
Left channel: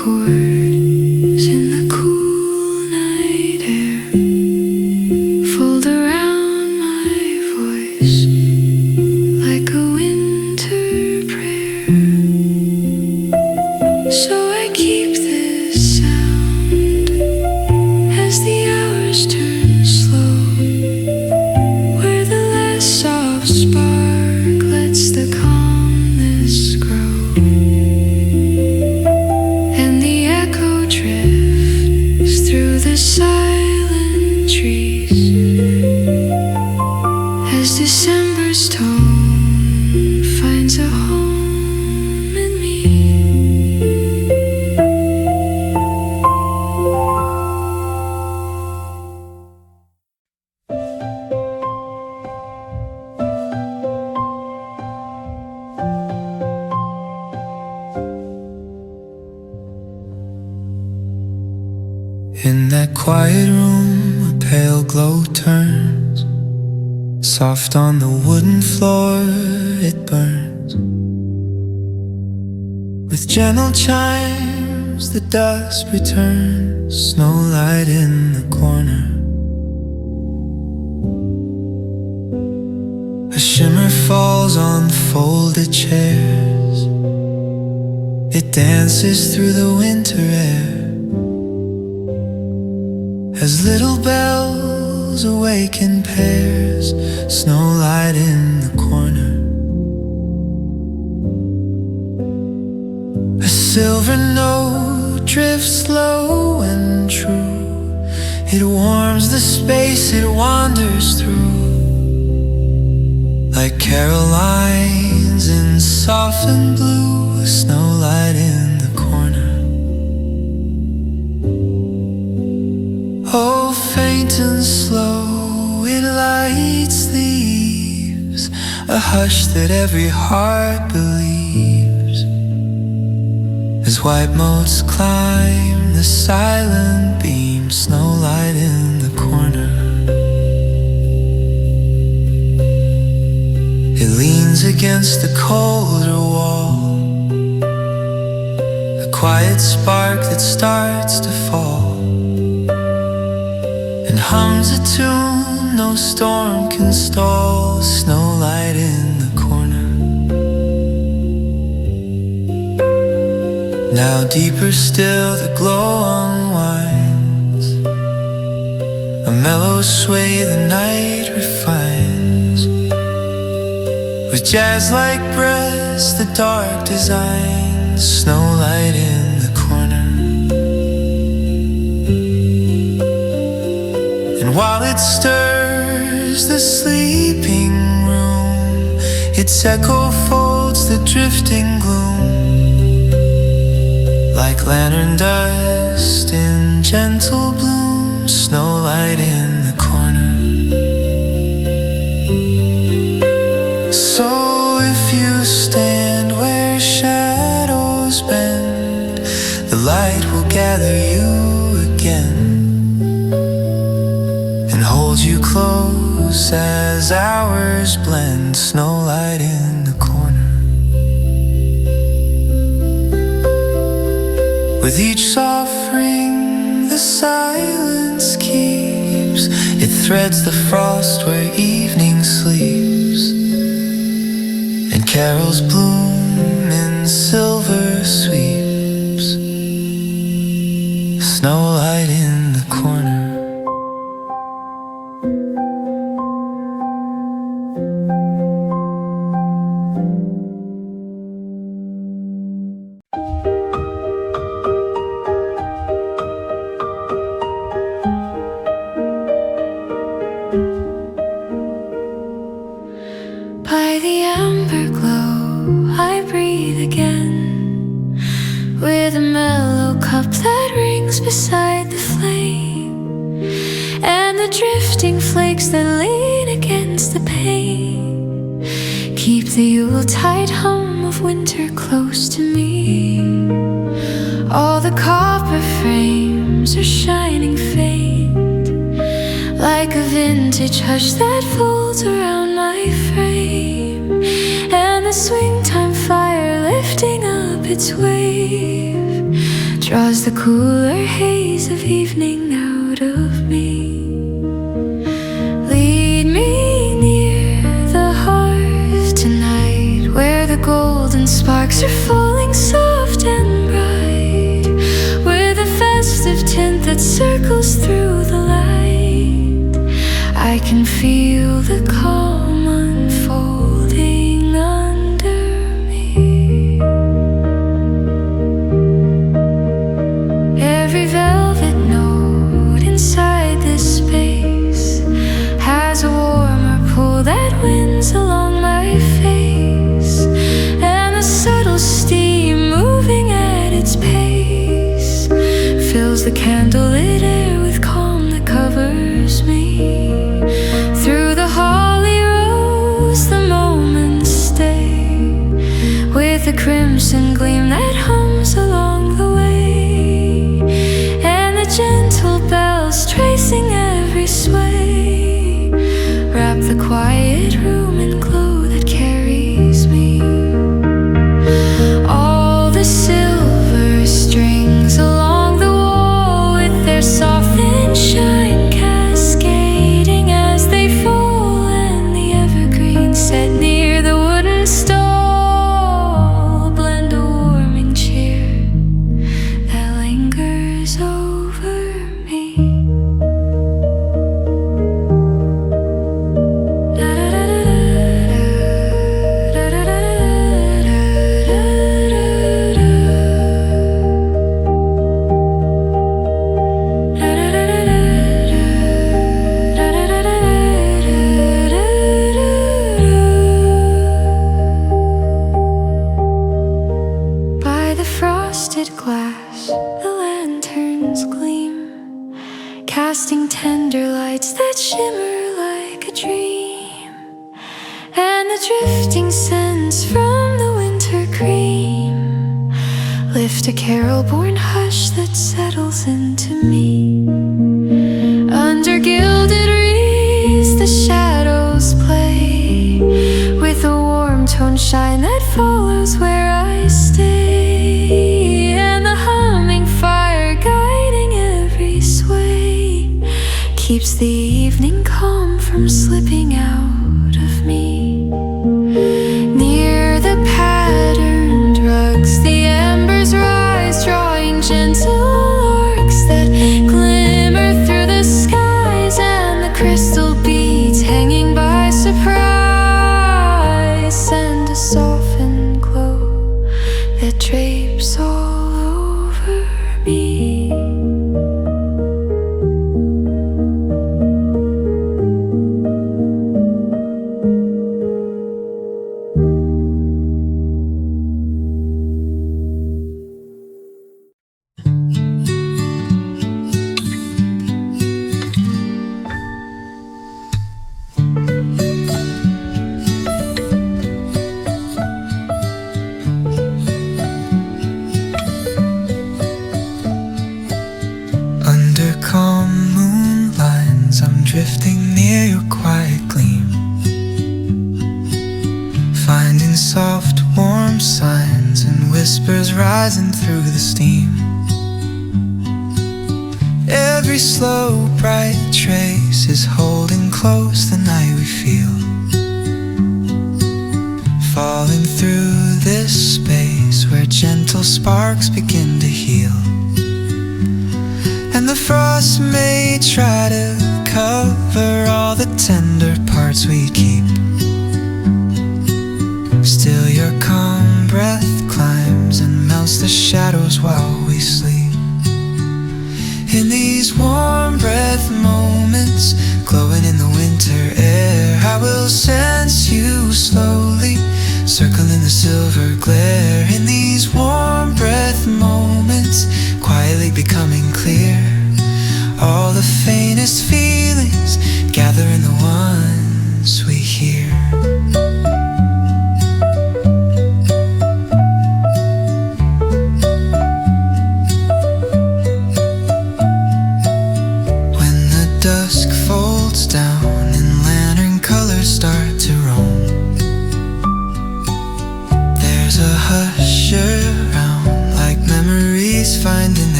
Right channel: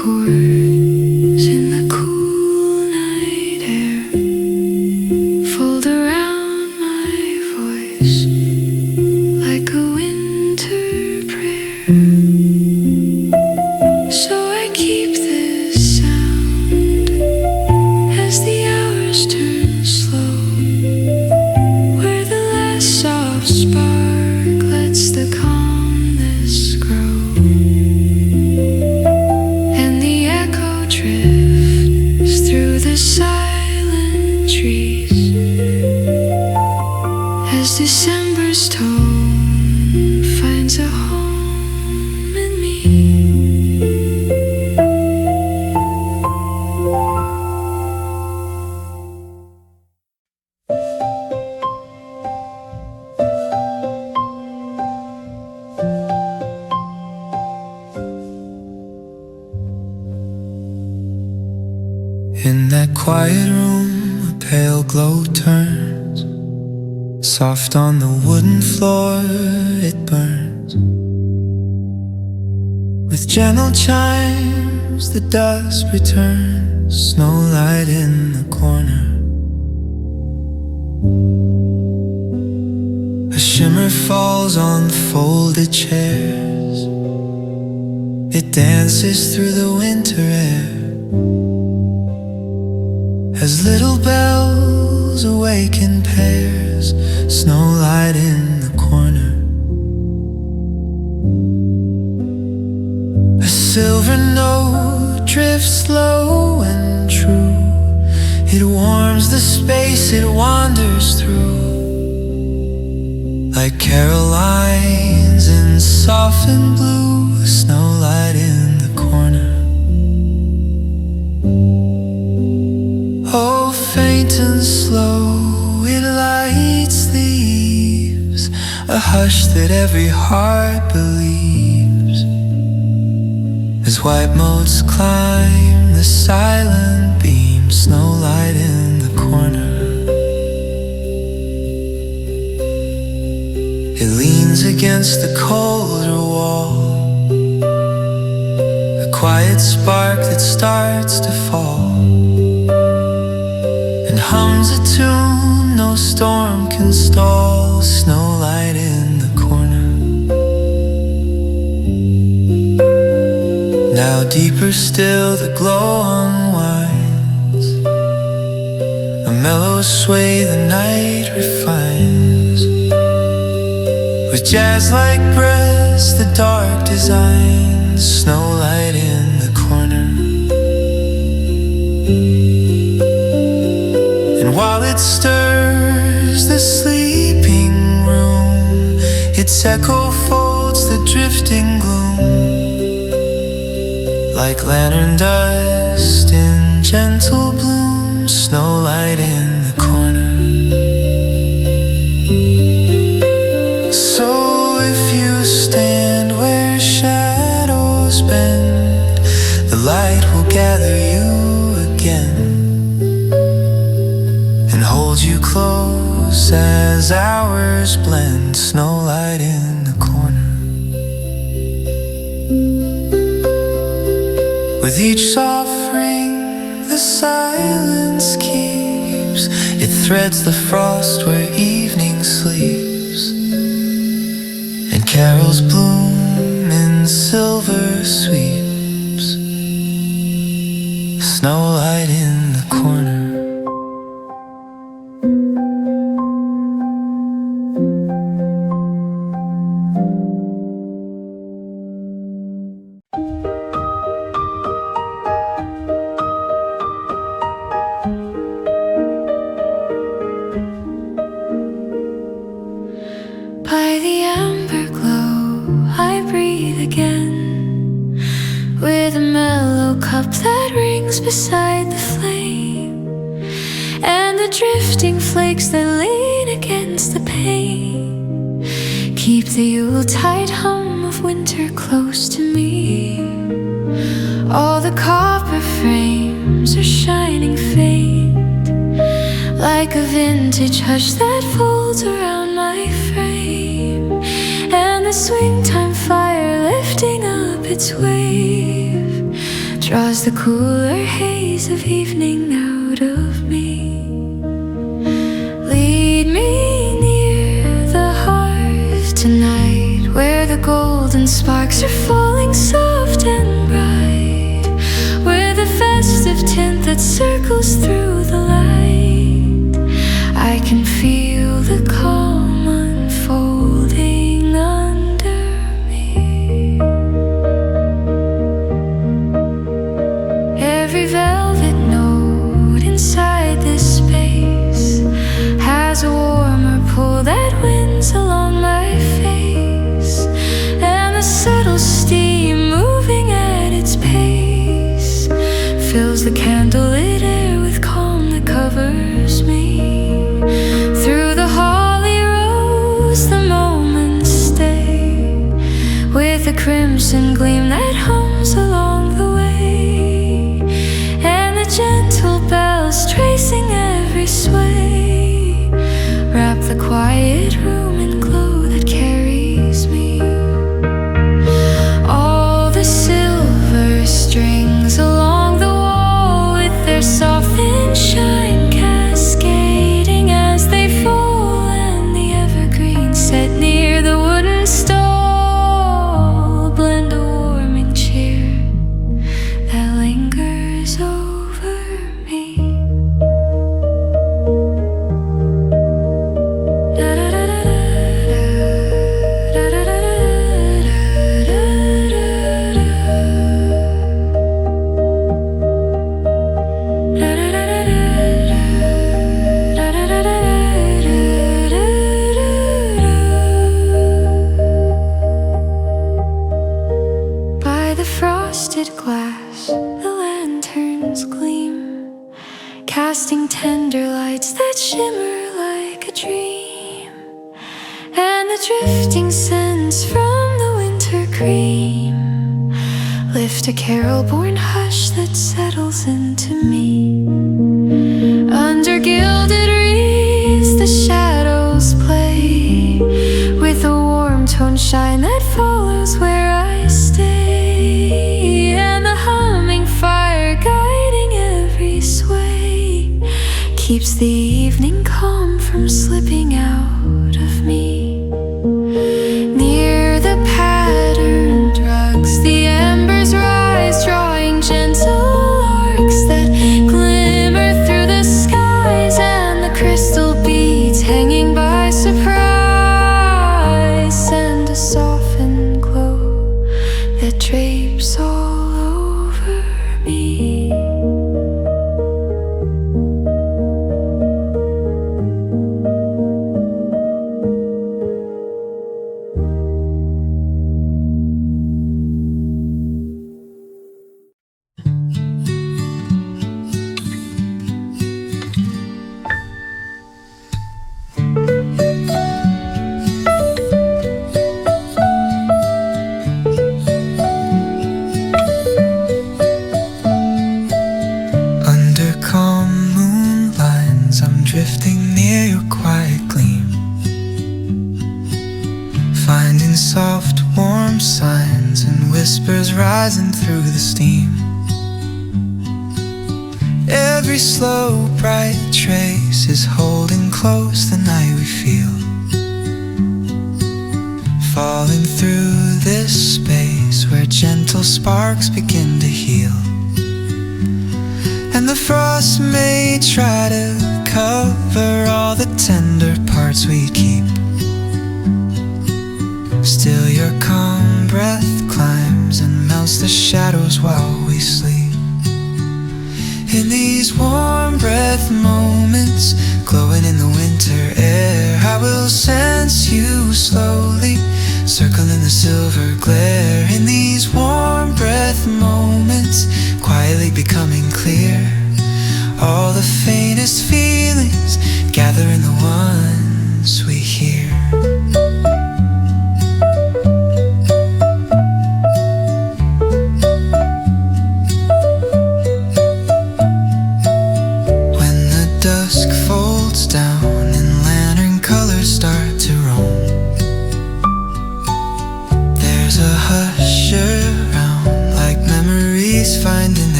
chords in the cool night air fold around my voice like a winter prayer. So I keep this sound as the hours turn slow, where the last soft spark lets the calmness grow, and the echo drifts through the silent trees as December's tone finds a home in me. In that quiet room, a pale glow turns. Soft on the wooden floor, it burns. With gentle chimes, the dusk returns. Snowlight in the corner. A shimmer falls on folded chairs. It dances through the winter air as little bells awaken pairs. Snowlight in the corner. A silver note drifts low and true. It warms the space it wanders through, like Carolines in softened blue. Snowlight in the corner. Oh, faint and slow, it lights the eaves, a hush that every heart believes, as white motes climb the silent beam. Snowlight in the corner. It leans against the colder wall, a quiet spark that starts to fall, and hums a tune no storm can stall. Snowlight in the corner. Now deeper still the glow unwinds, a mellow sway the night refines, with jazz-like breaths the dark designs. Snowlight in the corner. And while it stirs the sleeping room, its echo folds the drifting gloom, like lantern dust in gentle bloom. Snowlight in the corner. So if you stand where shadows bend, the light will gather you again and hold you close as hours blend. Snowlight in the corner. With each soft ring the silence keeps, it threads the frost where evening sleeps, and carols bloom in silver sweeps. Snowlight in the corner. By the amber glow I breathe again, with a mellow cup that rings beside the flame, and the drifting flakes that lean against the pane keep the Yuletide hum of winter close to me. All the copper frames are shining faint, like a vintage hush that folds around my frame, and the swing time fire lifting up its wave draws the cooler haze of evening out of me. Lead me near the hearth tonight, where the golden sparks are falling soft and bright, with a festive tint that circles through the light. I can feel the calm unfolding under me. Every velvet note inside this space has a warmer pull that winds along my face, and the subtle steam moving at its pace fills the candlelit air with calm that covers me. Through the holly rose the moments stay, with a crimson gleam that hums along the way, and the gentle bells tracing every sway wrap the quiet room in glow that carries me. All the silver strings along the wall, with their softened shine cascading as they fall, and the evergreen set near the wooden stall blend a warming cheer that lingers over me. By the frosted glass, the lanterns gleam, casting tender lights that shimmer like a dream, and the drifting scents from the winter cream lift a carol-born hush that settles into me. Under gilded wreaths the shadows play, with a warm tone shine that follows where I stay, and the humming fire guiding every sway keeps the evening calm from slipping out of me. Near the patterned rugs the embers rise, drawing gentle arcs that glimmer through the skies, and the crystal beads hanging by surprise send a softened glow that drapes all over me. Under calm moonlines, I'm drifting near your quiet gleam, finding soft, warm signs and whispers rising through the steam. Every slow, bright trace is holding close the night we feel, falling through this space where gentle sparks begin to heal. And the frost may try to cover all the tender parts we keep, still your calm breath climbs and melts the shadows while we sleep. In these warm breath moments, glowing in the winter air, I will sense you slowly, circling the silver glare. In these warm breath moments, quietly becoming clear, all the faintest feelings gather in the ones we hear. When the dusk folds down and lantern colors start to roam, there's a hush around, like memories finding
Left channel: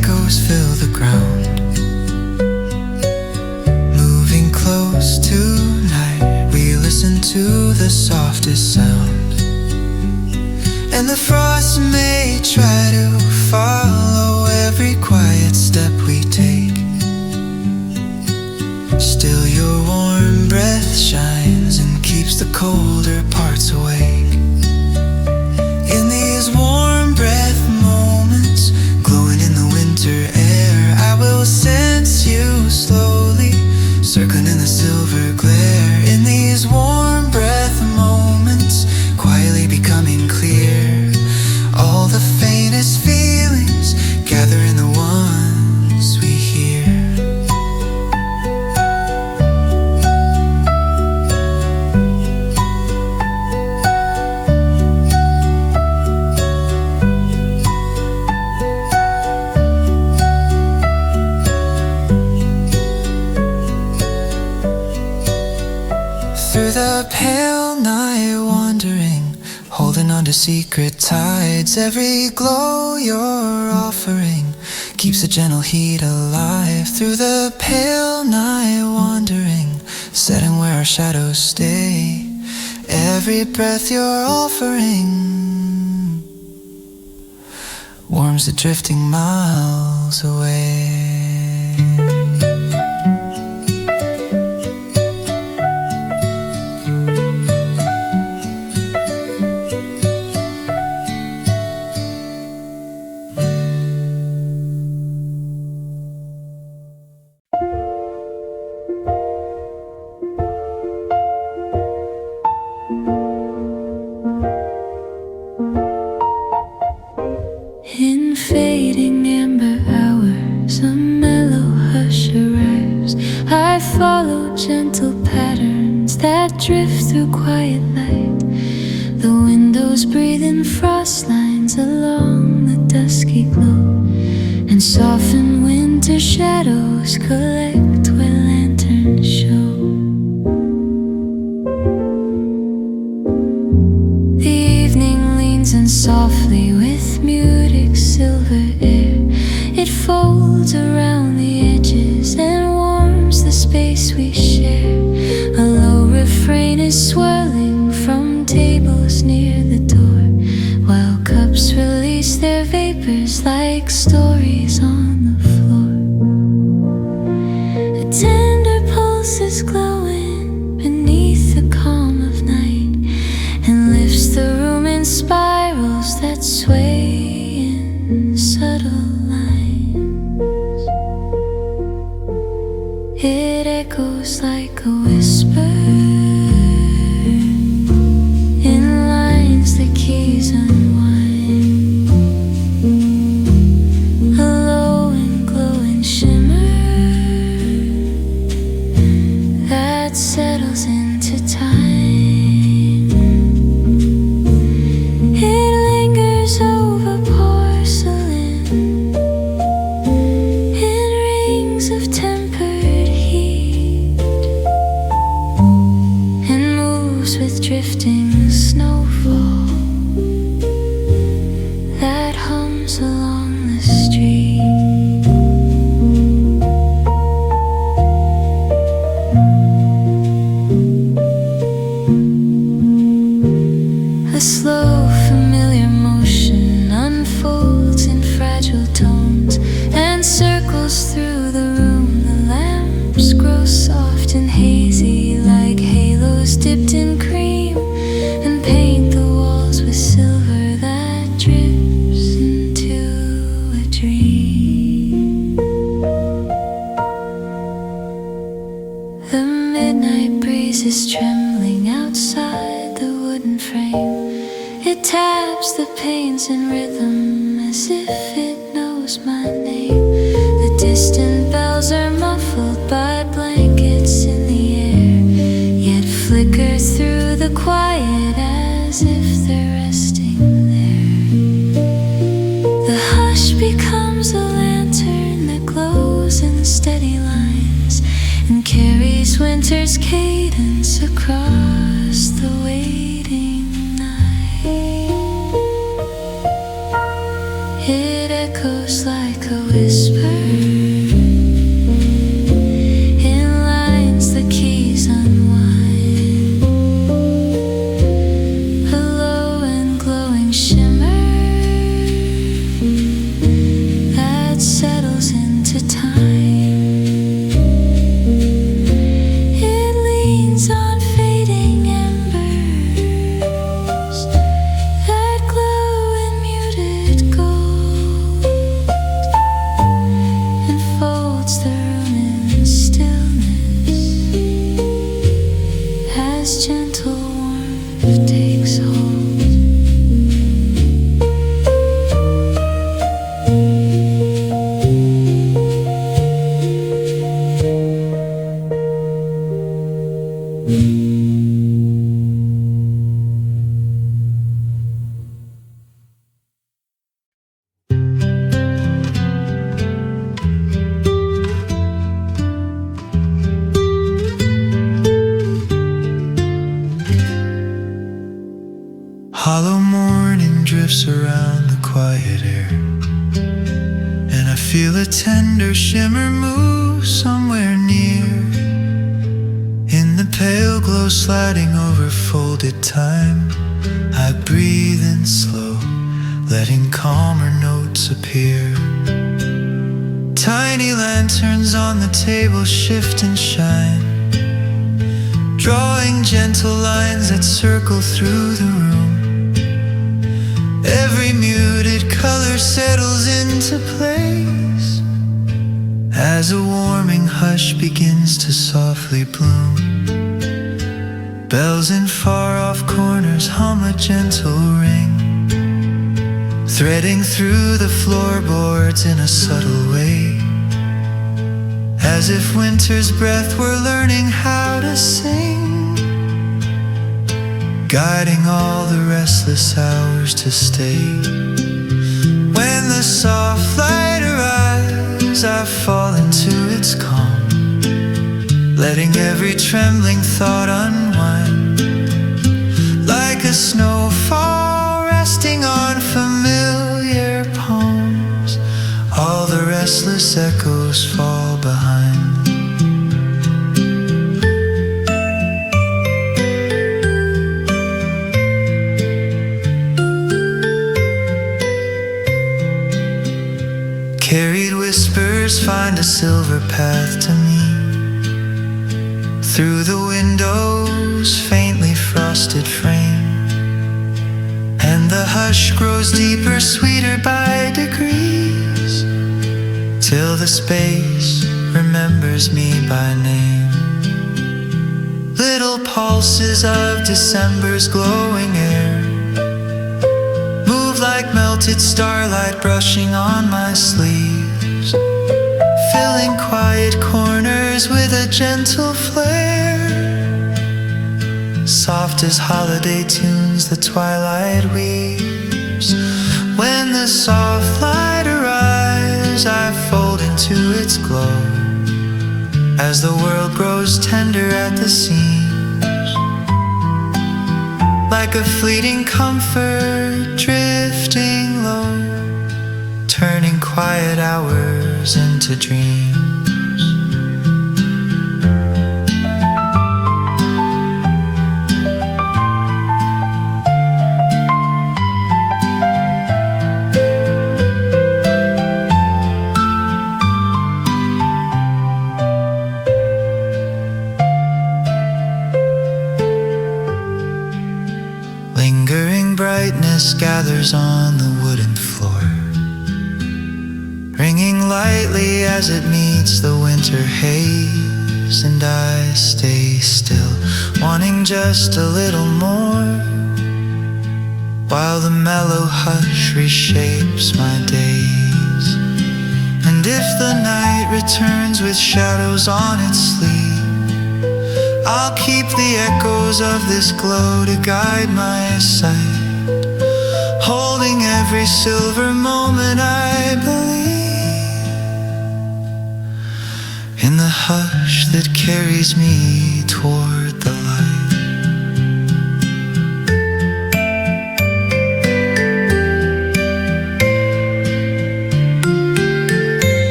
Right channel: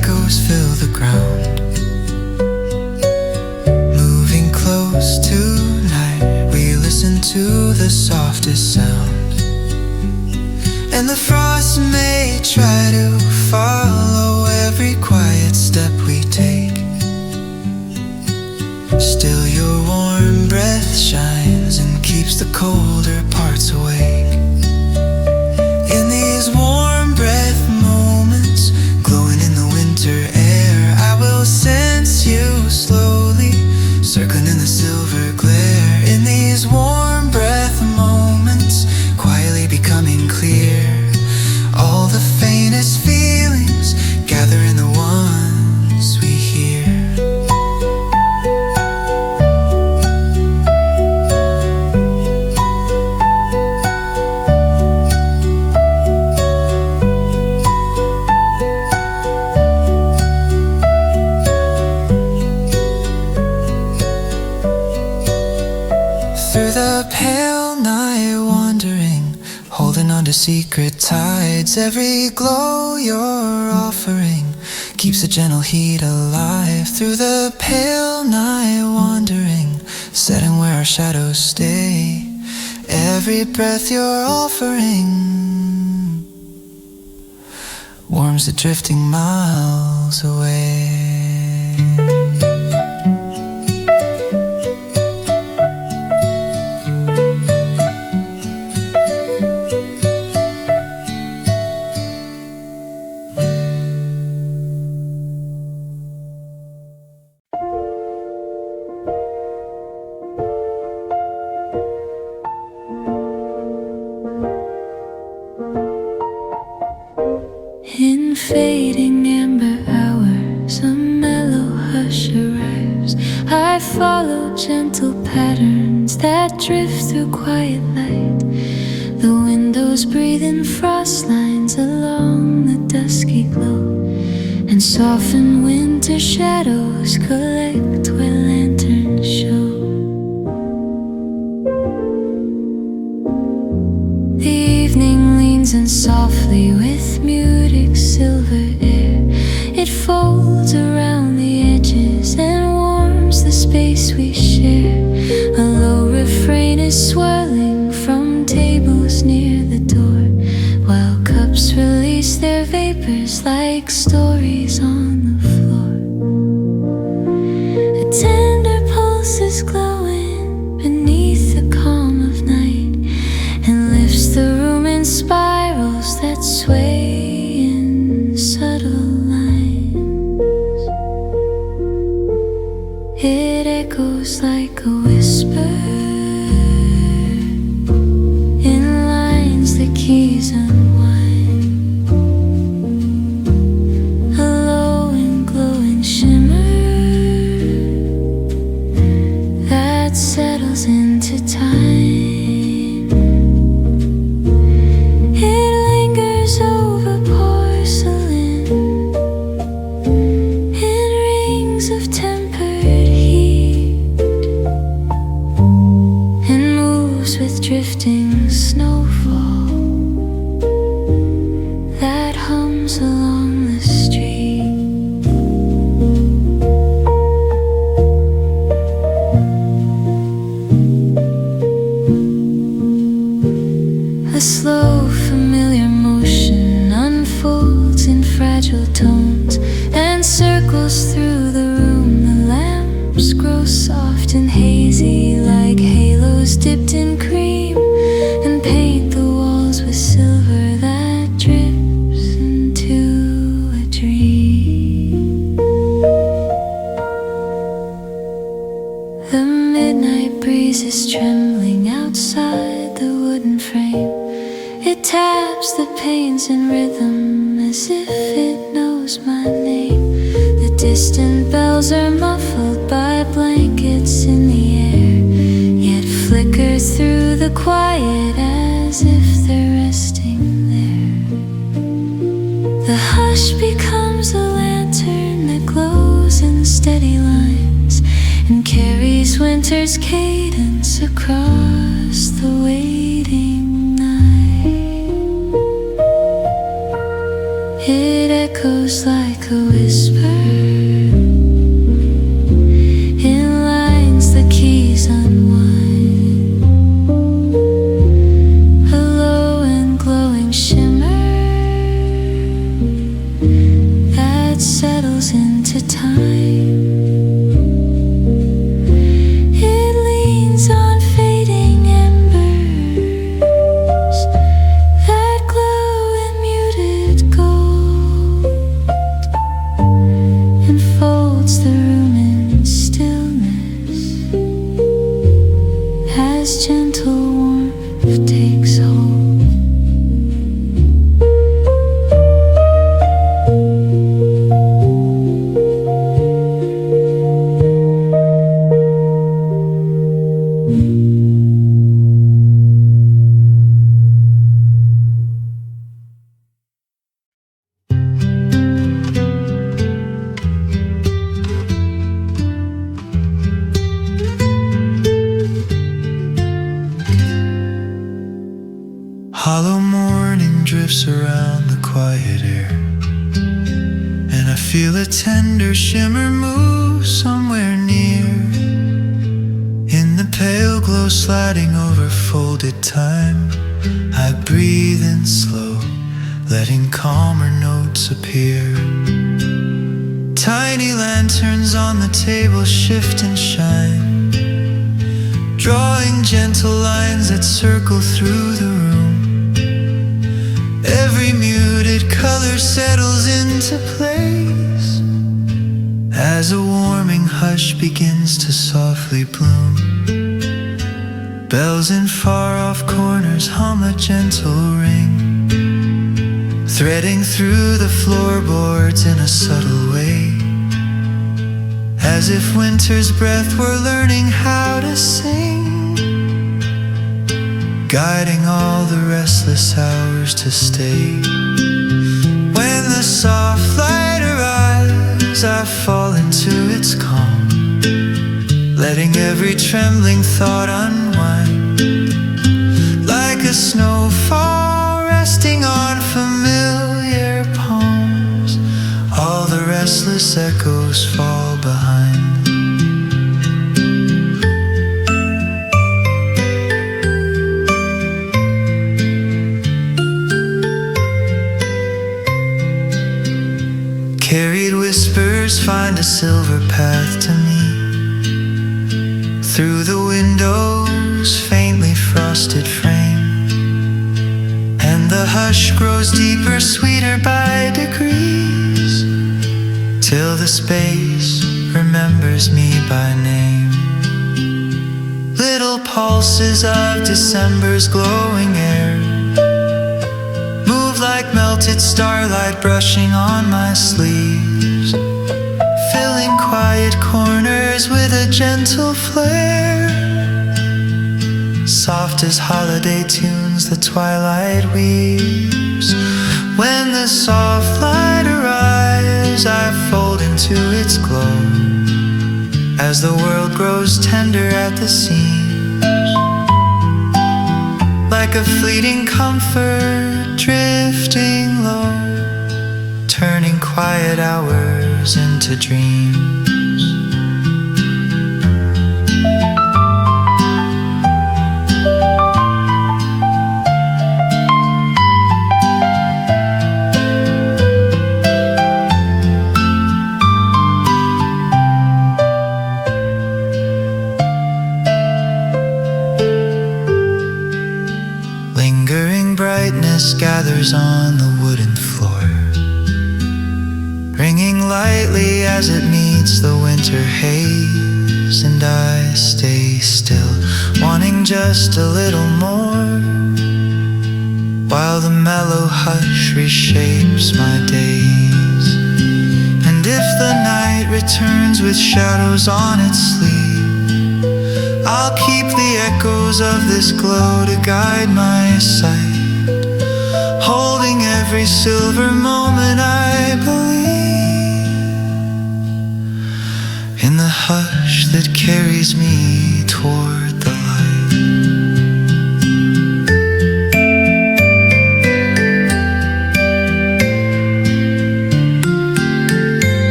echoes fill the ground. Moving close tonight, we listen to the softest sound. And the frost may try to follow every quiet step we take. Still your warm breath shines and keeps the colder parts awake. In these warm breath moments, glowing in the winter air, I will sense you slowly, circling in the silver glare. In these warm breath moments, quietly becoming clear. All the faintest feelings gather in the ones we hear. Through the pale night wandering, holding on to secret tides. Every glow you're offering keeps a gentle heat alive. Through the pale night wandering, setting where our shadows stay. Every breath you're offering warms the drifting miles away. In fading amber hours, a mellow hush arrives. I follow gentle patterns that drift through quiet light. The windows breathe in frost lines along the dusky glow, and soften winter shadows collect where lanterns show. The evening leans in softly with muted silver air. It folds around the edges and warms the space we share. A low refrain is swirling from tables near the door, while cups release their vapors like stories on the floor. A tender pulse is glowing beneath the calm of night, and lifts the room in spirals that sway in subtle lines. It echoes like a whisper in lines the keys unwind. A low and glowing shimmer that settles into time. Over porcelain in rings of tempered heat, and moves with drifting snowfall that hums along the street. A slow, familiar motion unfolds in fragile tones and circles through the room. The lamps grow soft and hazy like halos dipped in cream, and paint the walls with silver that drips into a dream. The midnight breeze is trembling outside the wooden frame. It taps the panes in rhythm as if it knows my name. The distant bells are muffled by blankets in the air, yet flicker through the quiet as if they're resting there. The hush becomes a lantern that glows in steady lines and carries winter's cadence across the waiting night. It echoes like a whisper in lines the keys unwind. A low and glowing shimmer that settles into time. It leans on fading embers that glow in muted gold, enfolds the room in stillness as gentle warmth takes hold. Hollow morning drifts around the quiet air, and I feel a tender shimmer move somewhere near. In the pale glow sliding over folded time, I breathe in slow, letting calmer notes appear. Tiny lanterns on the table shift and shine, drawing gentle lines that circle through the room. Every muted color settles into place as a warming hush begins to softly bloom. Bells in far-off corners hum a gentle ring, threading through the floorboards in a subtle way, as if winter's breath were learning how to sing, guiding all the restless hours to stay. When the soft light arrives, I fall into its calm, letting every trembling thought unwind, like a snowfall resting on familiar palms. All the restless echoes fall behind. Carried whispers find a silver path to me, through the window's faintly frosted frame, and the hush grows deeper, sweeter by degrees, till the space remembers me by name. Little pulses of December's glowing air move like melted starlight brushing on my sleeves, filling quiet corners with a gentle flare. Soft as holiday tunes the twilight weaves. When the soft light arrives, I fold into its glow, as the world grows tender at the seams, like a fleeting comfort drifting low, turning quiet hours into dreams. Lingering brightness gathers on the wooden floor, ringing lightly as it meets the winter haze, and I stay still, wanting just a little more, while the mellow hush reshapes my days. And if the night returns with shadows on its sleeve, I'll keep the echoes of this glow to guide my sight, holding every silver moment I believe in the hush that carries me toward the light.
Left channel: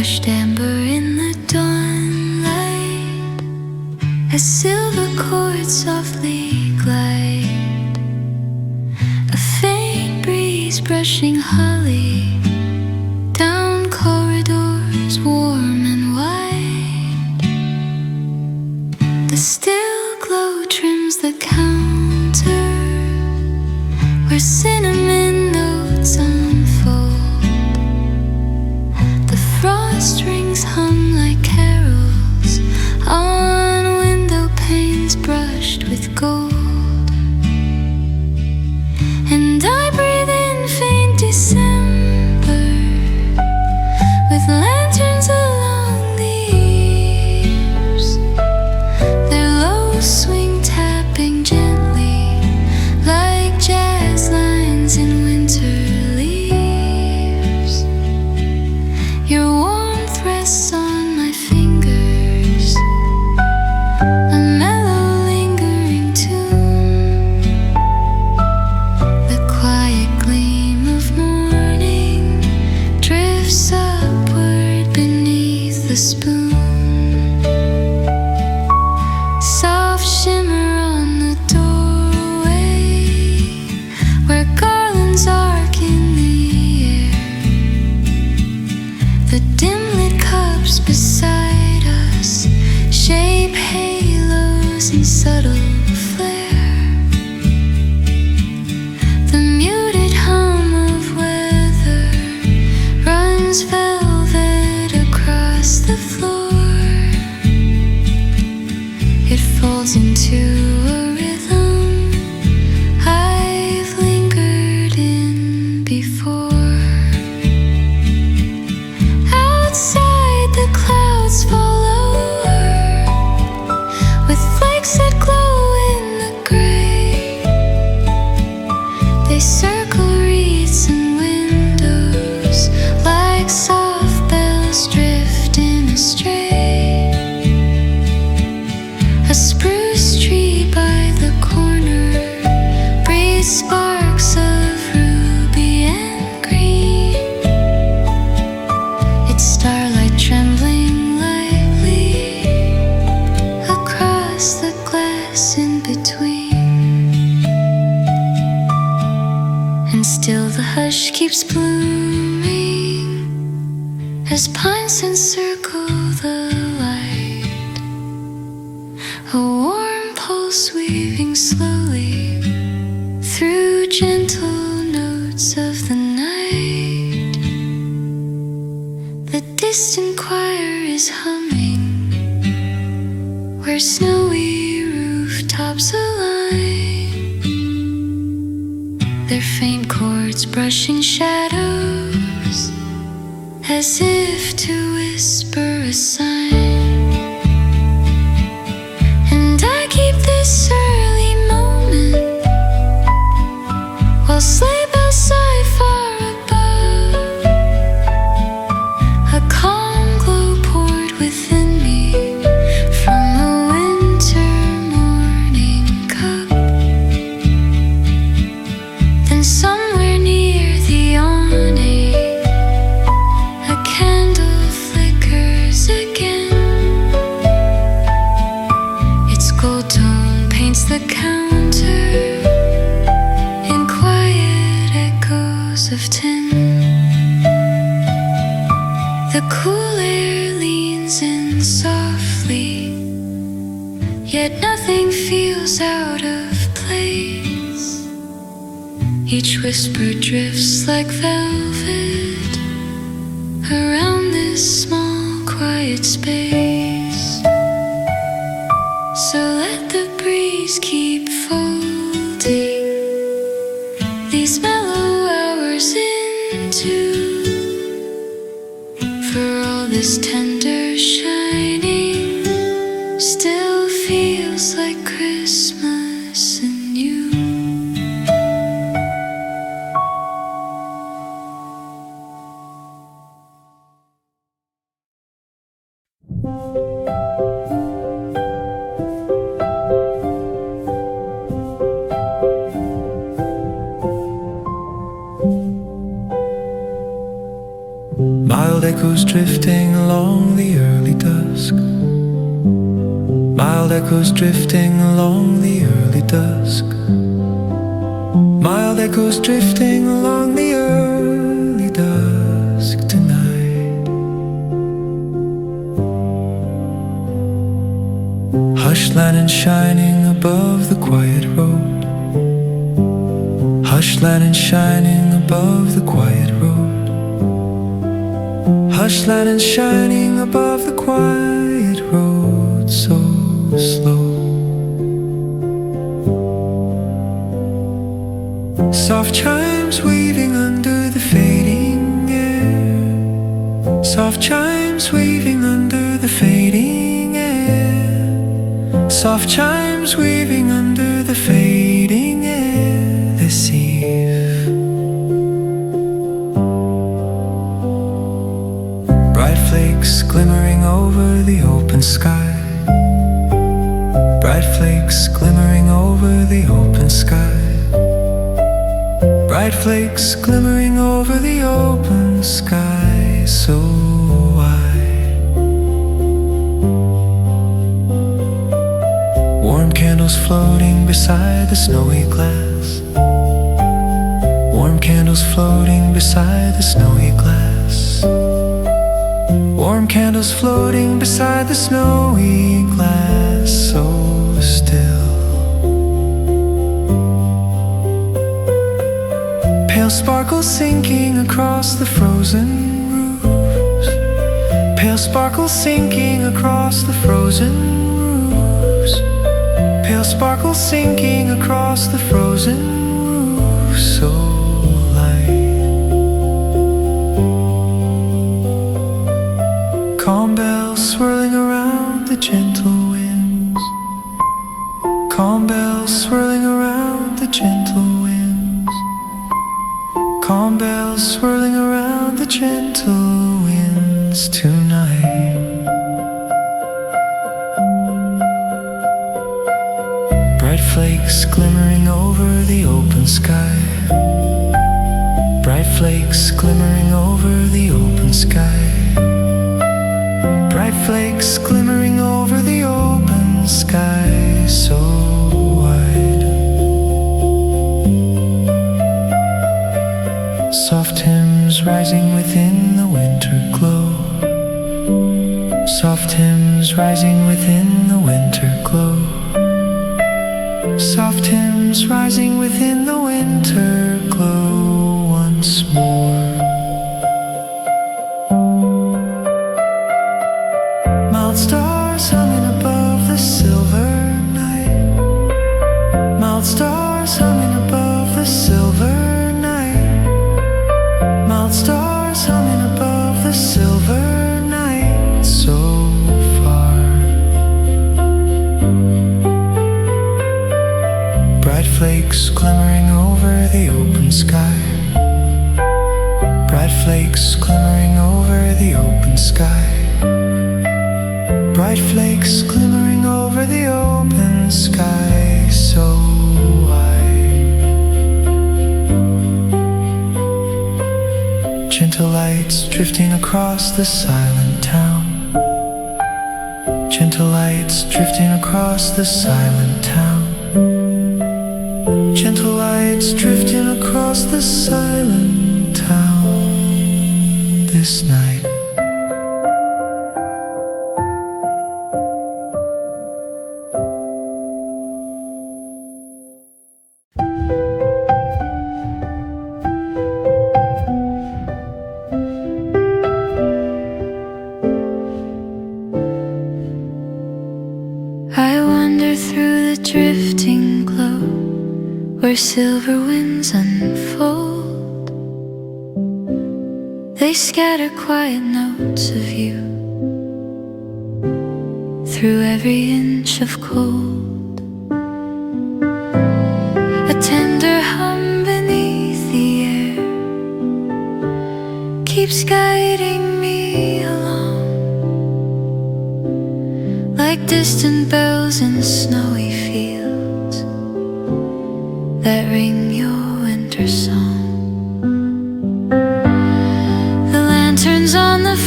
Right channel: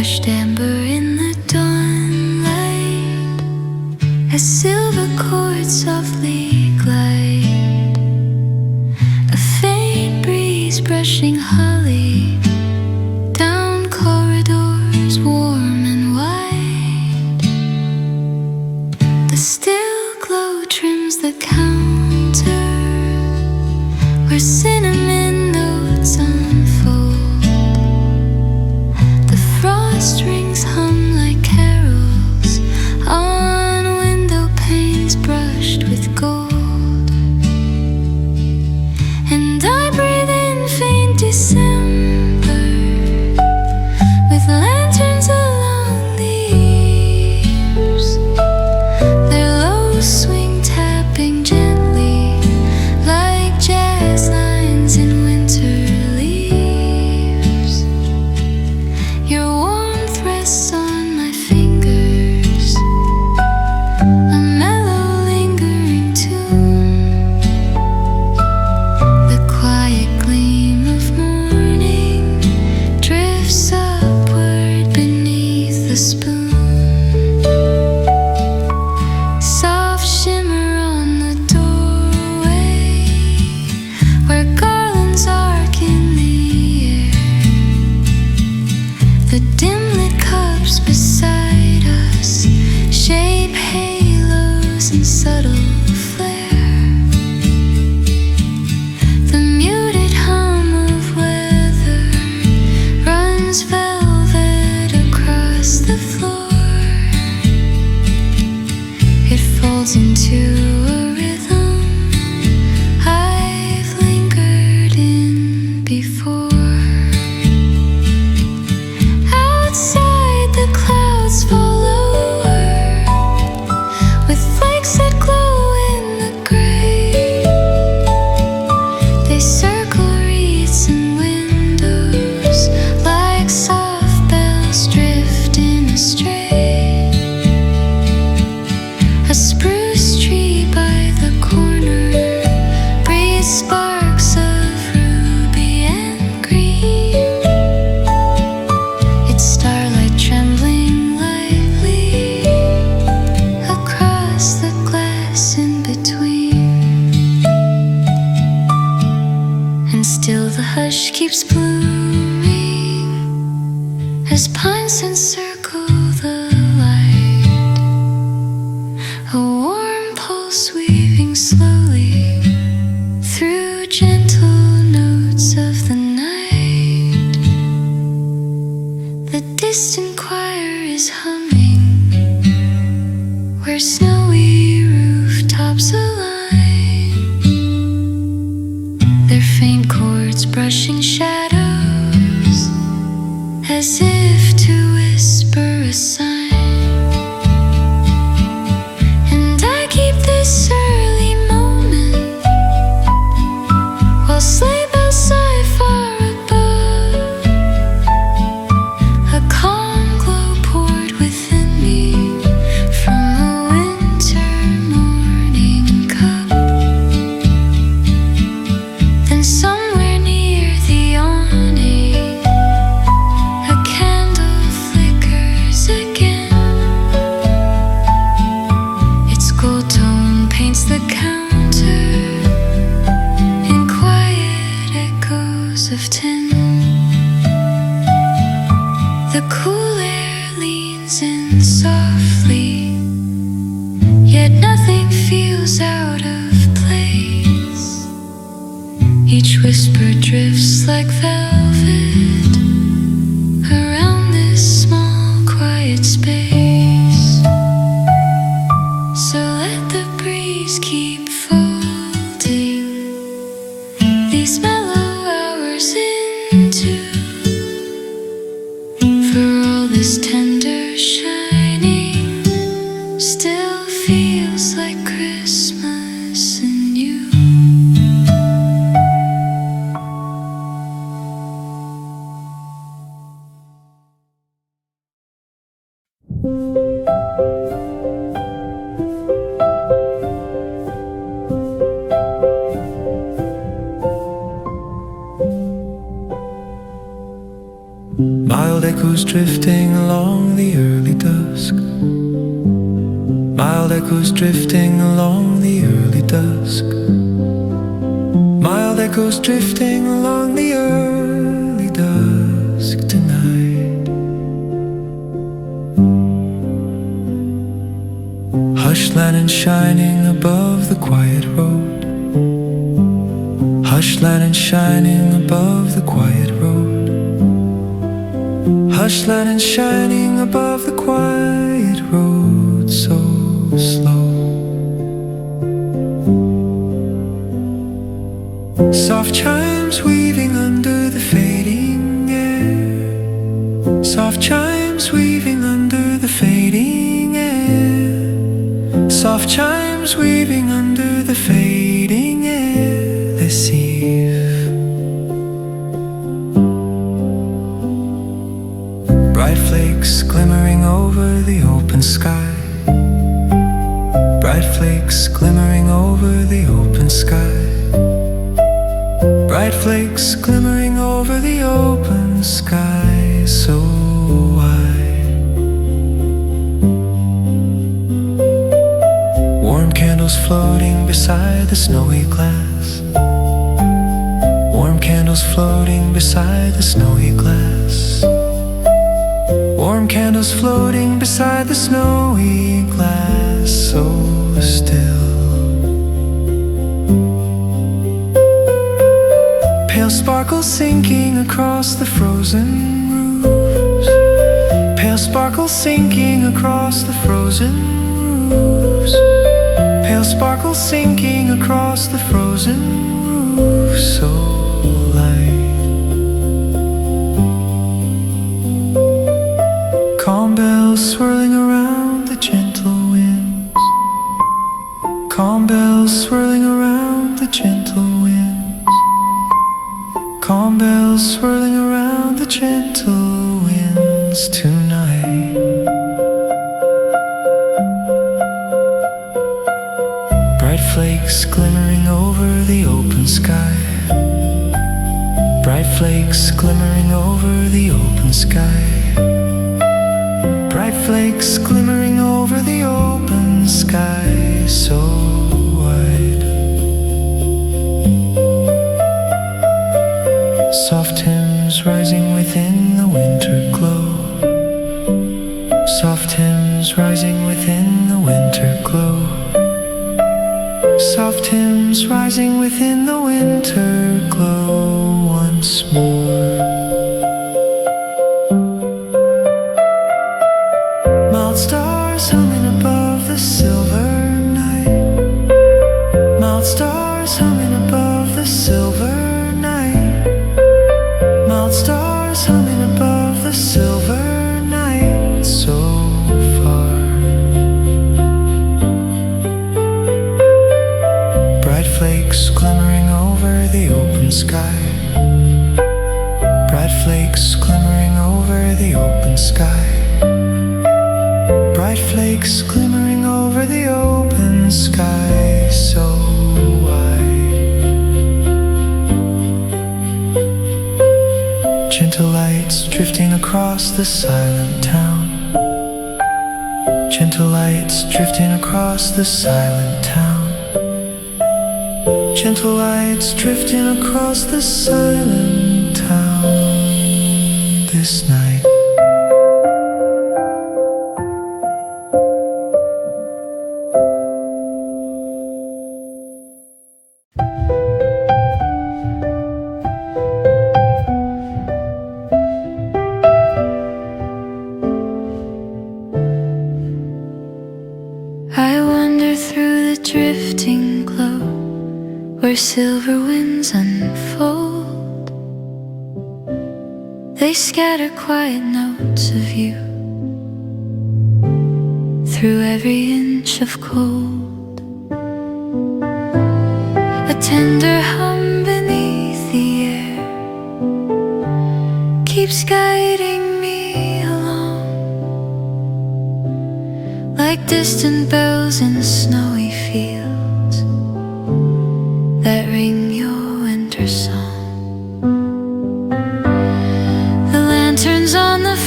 Hushed amber in the dawn light, as silver chords softly glide, a faint breeze brushing holly down corridors warm and wide. The still glow trims the counter where cinnamon notes unfold. The frost rings hum like carols on window panes brushed with gold. And I breathe in faint December with lanterns along the eaves, their low swing tapping gently like jazz lines in winter leaves. Your warmth rests on my fingers, a mellow lingering tune. The quiet gleam of morning drifts upward beneath the spoon. Soft shimmer on the doorway where garlands arc in the air. The dim lit cups beside us shape halos in subtle flare. The muted hum of weather runs velvet across the floor. It falls into a rhythm I've lingered in before. Outside the clouds fall lower with flakes that glow in the gray. They circle wreaths and windows like soft bells drifting astray. A spruce tree by the corner breathes sparks of ruby and green, its starlight trembling lightly across the glass in between. And still the hush keeps blooming as pines encircle the light, a warm pulse weaving slowly through gentle notes of the night. The distant choir is humming where snowy rooftops align, their faint chords brushing shadows as if to whisper a sign. And I keep this early moment while sleigh bells sigh far above. A calm glow poured within me from a winter morning cup. Then somewhere near the awning a candle flickers again. Its gold tone paints the counter in quiet echoes of tin. The cool air leans in softly, yet nothing feels out of place. Each whisper drifts like velvet around this small quiet space. So let the breeze keep folding these mellow hours into, for all this tender shining still feels like Christmas in you. Miles Mild echoes drifting along the early dusk. Mild echoes drifting along the early dusk. Mild echoes drifting along the early dusk tonight. Hush lantern shining above the quiet road. Hush lantern shining above the quiet road. Hush lantern shining above the quiet road, so slow. Soft chimes weaving under the fading air. Soft chimes weaving under the fading air. Soft chimes weaving under the fading air this eve. Bright flakes glimmering over the open sky. Bright flakes glimmering over the open sky. Bright flakes glimmering over the open sky, so wide. Warm candles floating beside the snowy glass. Warm candles floating beside the snowy glass. Warm candles floating beside the snowy glass, so still. Pale sparkles sinking across the frozen roofs. Pale sparkles sinking across the frozen roofs. Pale sparkles sinking across the frozen roofs, so light. Calm bells swirling around the gentle winds. Calm bells swirling around the gentle winds. Calm bells swirling around the gentle winds tonight. Bright flakes glimmering over the open sky. Bright flakes glimmering over the open sky. Bright flakes glimmering over the open sky, so wide. Soft hymns rising within the winter glow. Soft hymns rising within the winter glow. Soft hymns rising within the winter glow once more. Mild stars humming above the silver night. Mild stars humming above the silver night. Mild stars humming above the silver night, so far. Bright flakes glimmering over the open sky. Bright flakes glimmering over the open sky. Bright flakes glimmering over the open sky, so wide. Gentle lights drifting across the silent town. Gentle lights drifting across the silent town. Gentle lights drifting across the silent town this night. I wander through the drifting glow where silver winds unfold. They scatter quiet notes of you through every inch of cold. A tender hum beneath the air keeps guiding me along, like distant bells in snowy fields that ring your winter song. The lanterns on the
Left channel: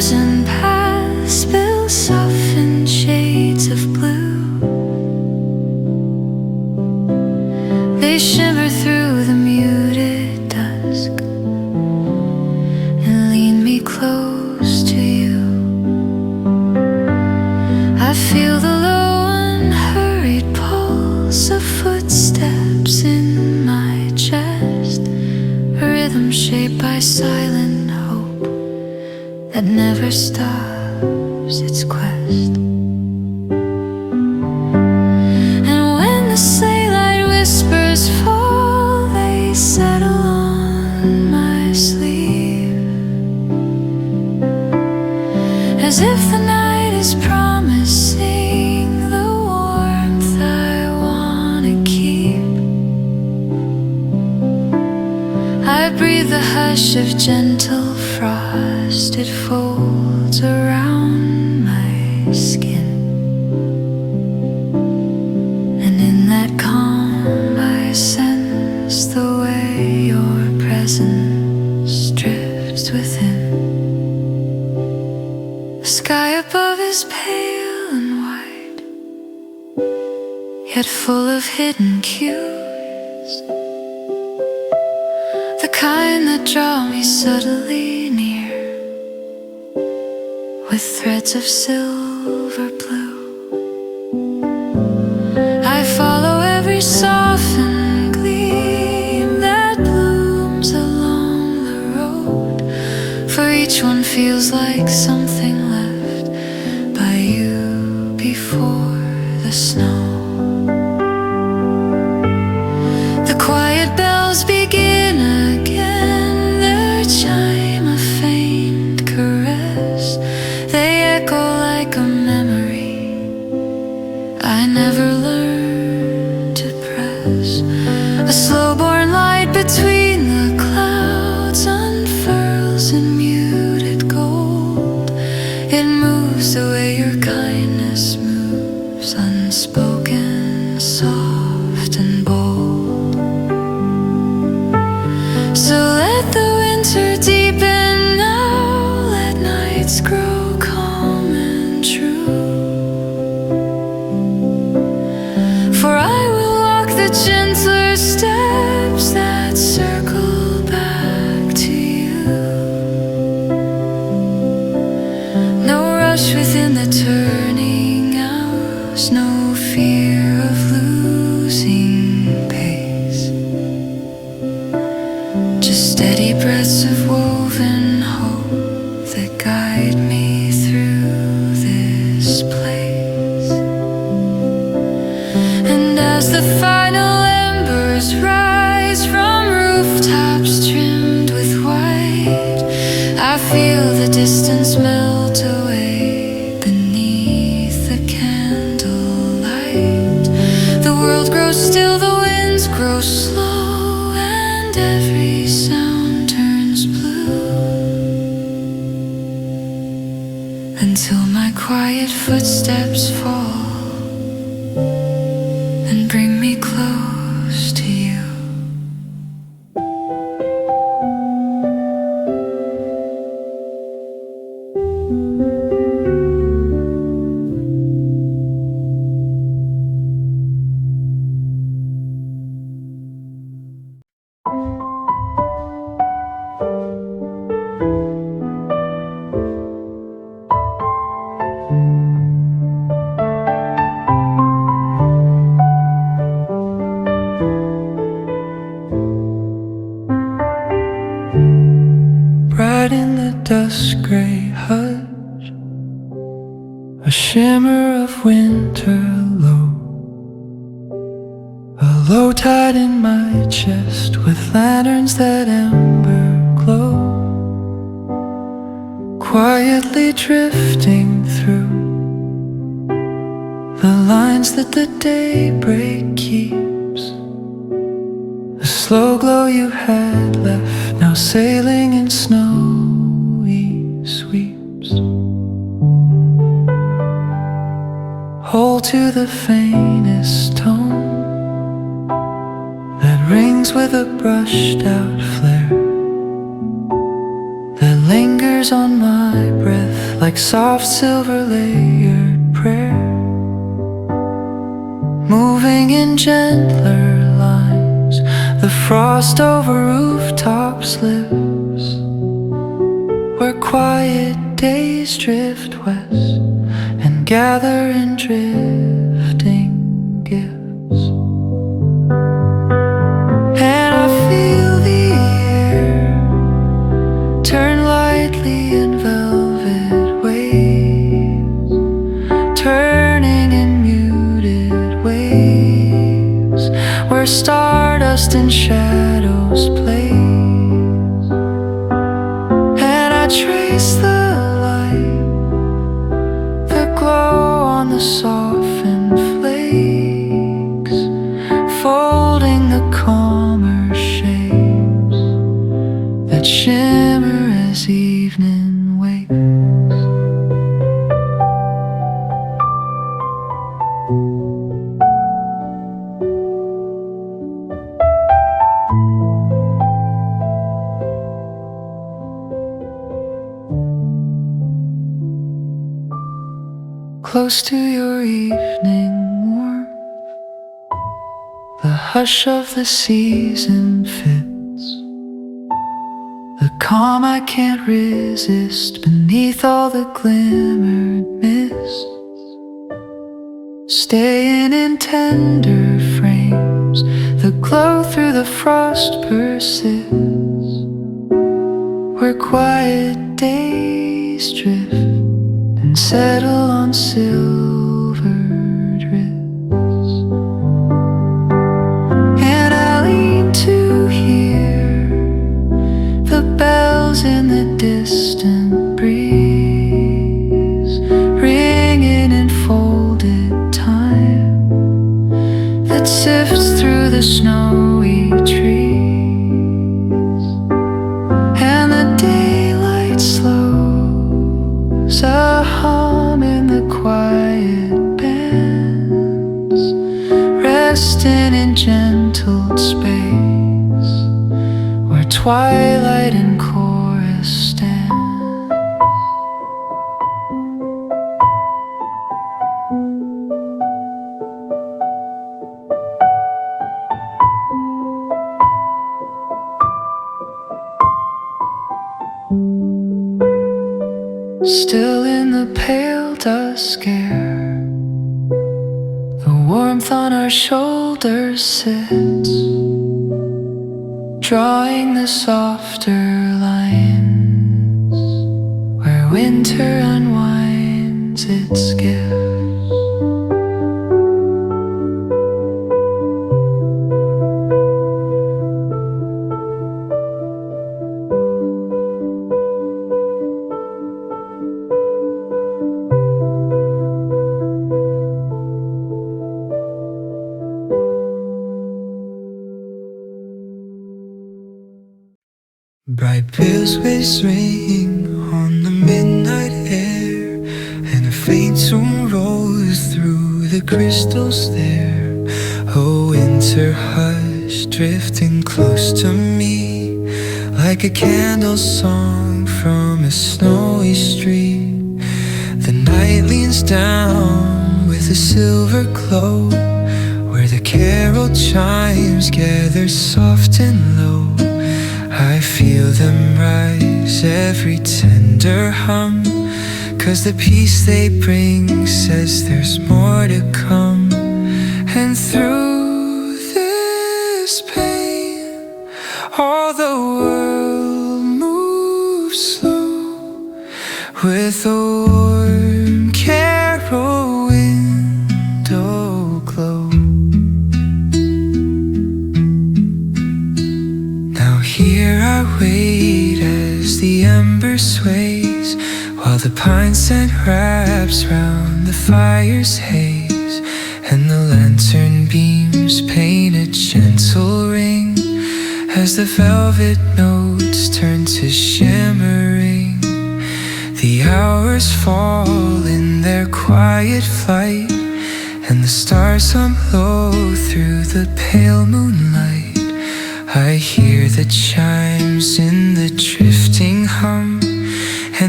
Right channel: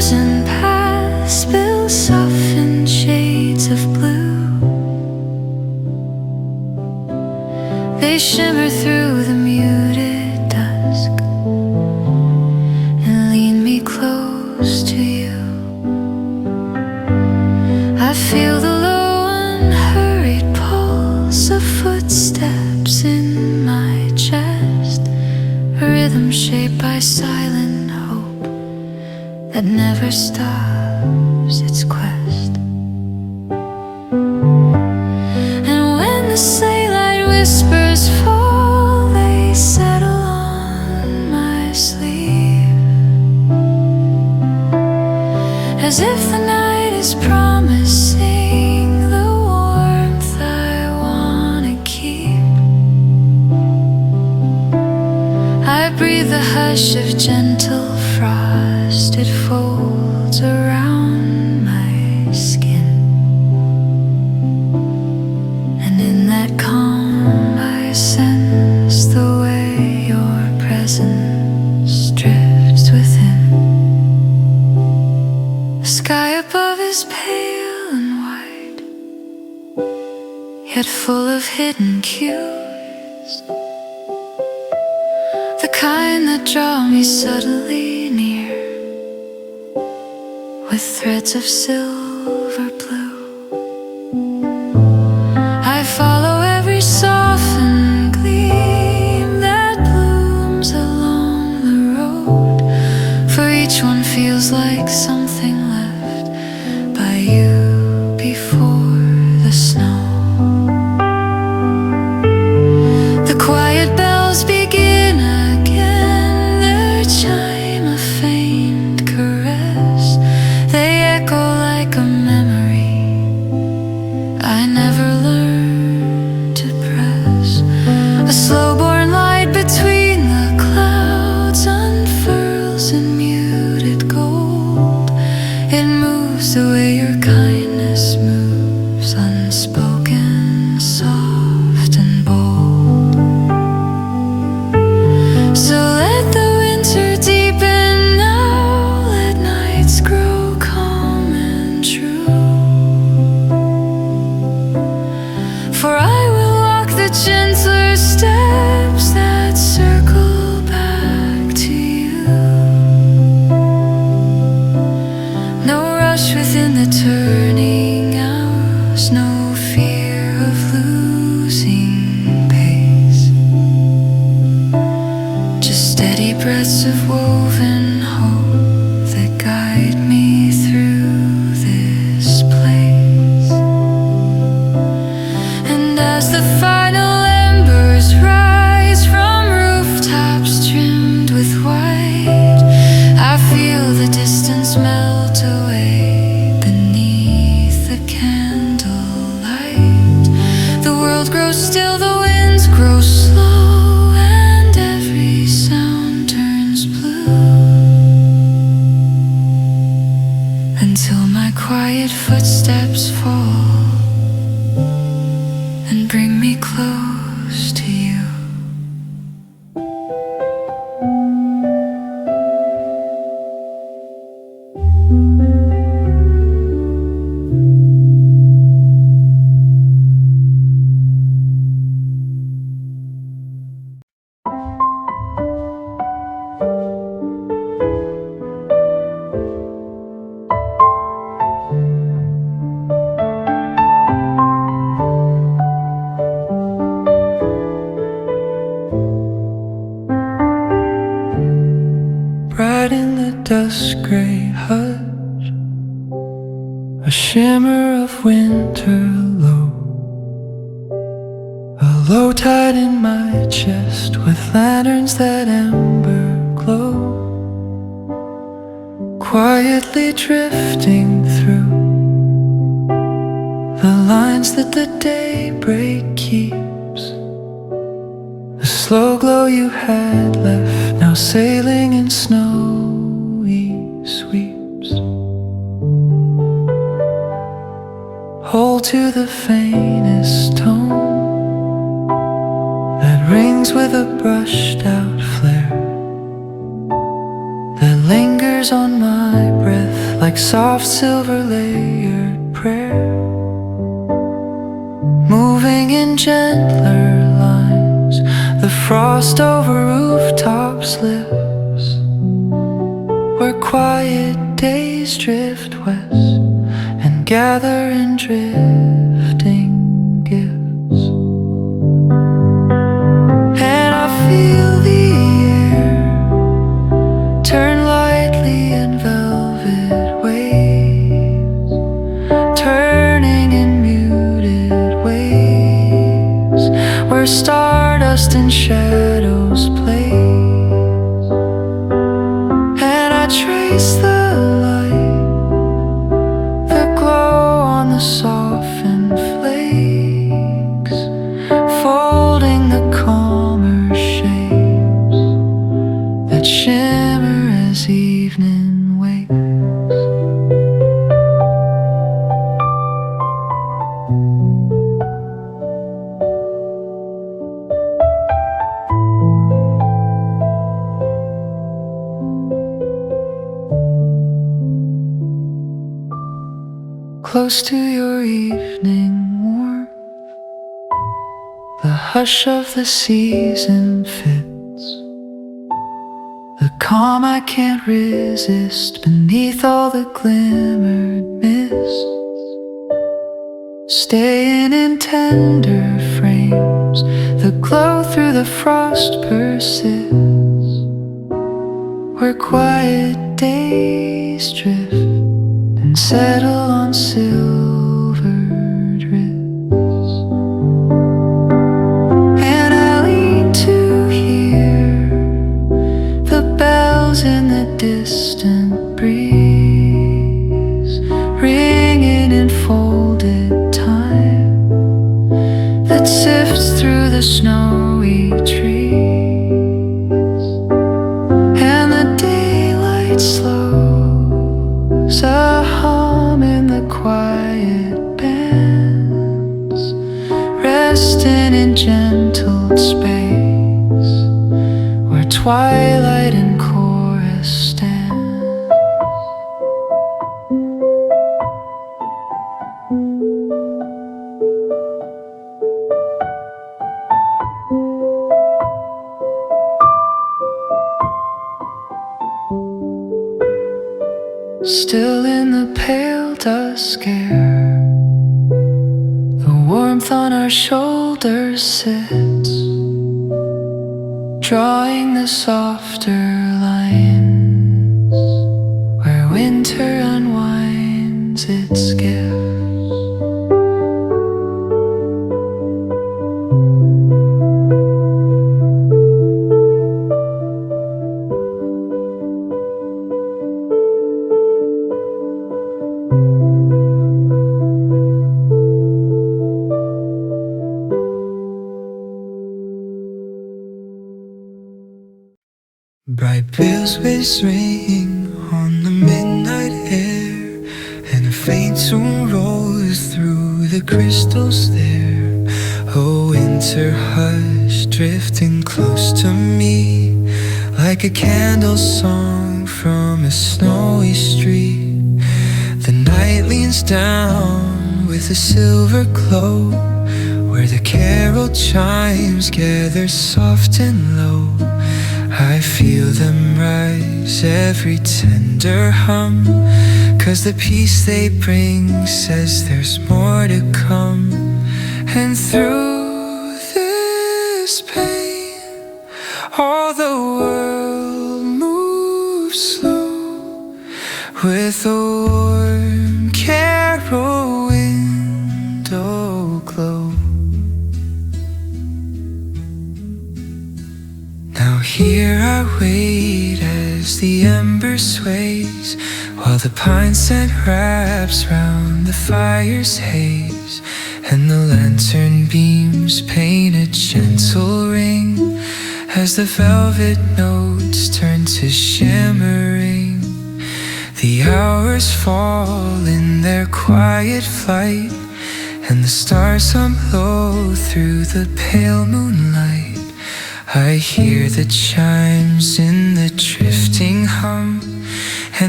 chosen paths will soften shades of blue. They shimmer through the muted dusk and lean me close to you. I feel the low unhurried pulse of footsteps in my chest, a rhythm shaped by silent hope that never stops its quest. And when the Snowlight whispers fall, they settle on my sleeve, as if the night is promising the warmth I wanna keep. I breathe the hush of gentle frost, it folds around my skin, and in that calm I sense the way your presence drifts within. The sky above is pale and white, yet full of hidden cues, the kind that draw me subtly near with threads of silver blue. I follow every softened gleam that blooms along the road, for each one feels like something left by you before the snow. The quiet bells begin again, their chime a faint caress. They echo like a memory I never learned to press. A slow-born light between the clouds unfurls in muted gold. It moves the way your kindness moves, unspoken, soft and bold. So let the winter deepen now, let nights grow calm and true. For I will walk the gentler steps that circle back to you. No rush within the turning hours, no fear of losing pace, just steady breaths of woven hope that guide me through this place. And as the final embers rise from rooftops trimmed with white, I feel the distance melt away beneath the candlelight. The world grows still, the winds grow slow, and every sound turns blue, until my quiet footsteps fall and bring me close to you. Bright in the dusk gray hush, a shimmer of winter low, a low tide in my chest with lanterns that ember glow, quietly drifting through the lines that the daybreak keeps. The slow glow you had left, now sailing in snowy sweeps. Hold to the faintest tone that rings with a brushed out flare that lingers whispers on my breath like soft silver layered prayer, moving in gentler lines. The frost over rooftops lives where quiet days drift west and gather in drifting gifts. And I feel the air turn lightly in velvet waves, turning in muted waves where stardust and shadows play. And I trace the light, the glow on the softened flakes, folding the calmer shapes that shimmer as evening wakes. Close to your evening warmth, the hush of the season fits, the calm I can't resist beneath all the glimmered mists, staying in tender frames, the glow through the frost persists, where quiet days drift and settle on silvered wrists. And I lean to hear the bells in the distant breeze, ringing in folded time that sifts through the snowy trees. And the daylight slows, a hum in the quiet bands, resting in gentle space where twilight and chorus stand. Still in the pale dusk air, the warmth on our shoulders sits, drawing the softer lines where winter unwinds its gifts. Bright bells ring on the midnight air, and a faint tune rolls through the crystals there. A winter hush drifting close to me, like a candle song from a snowy street. The night leans down with a silver glow, where the carol chimes gather soft and low. I feel them rise, every tender hum, 'cause the peace they bring says there's more to come. And through this pain, all the world moves slow, with a warm carol window glow. Here I wait as the ember sways, while the pine scent wraps round the fire's haze, and the lantern beams paint a gentle ring as the velvet notes turn to shimmering. The hours fall in their quiet flight, and the stars hum low through the pale moonlight. I hear the chimes in the drifting hum,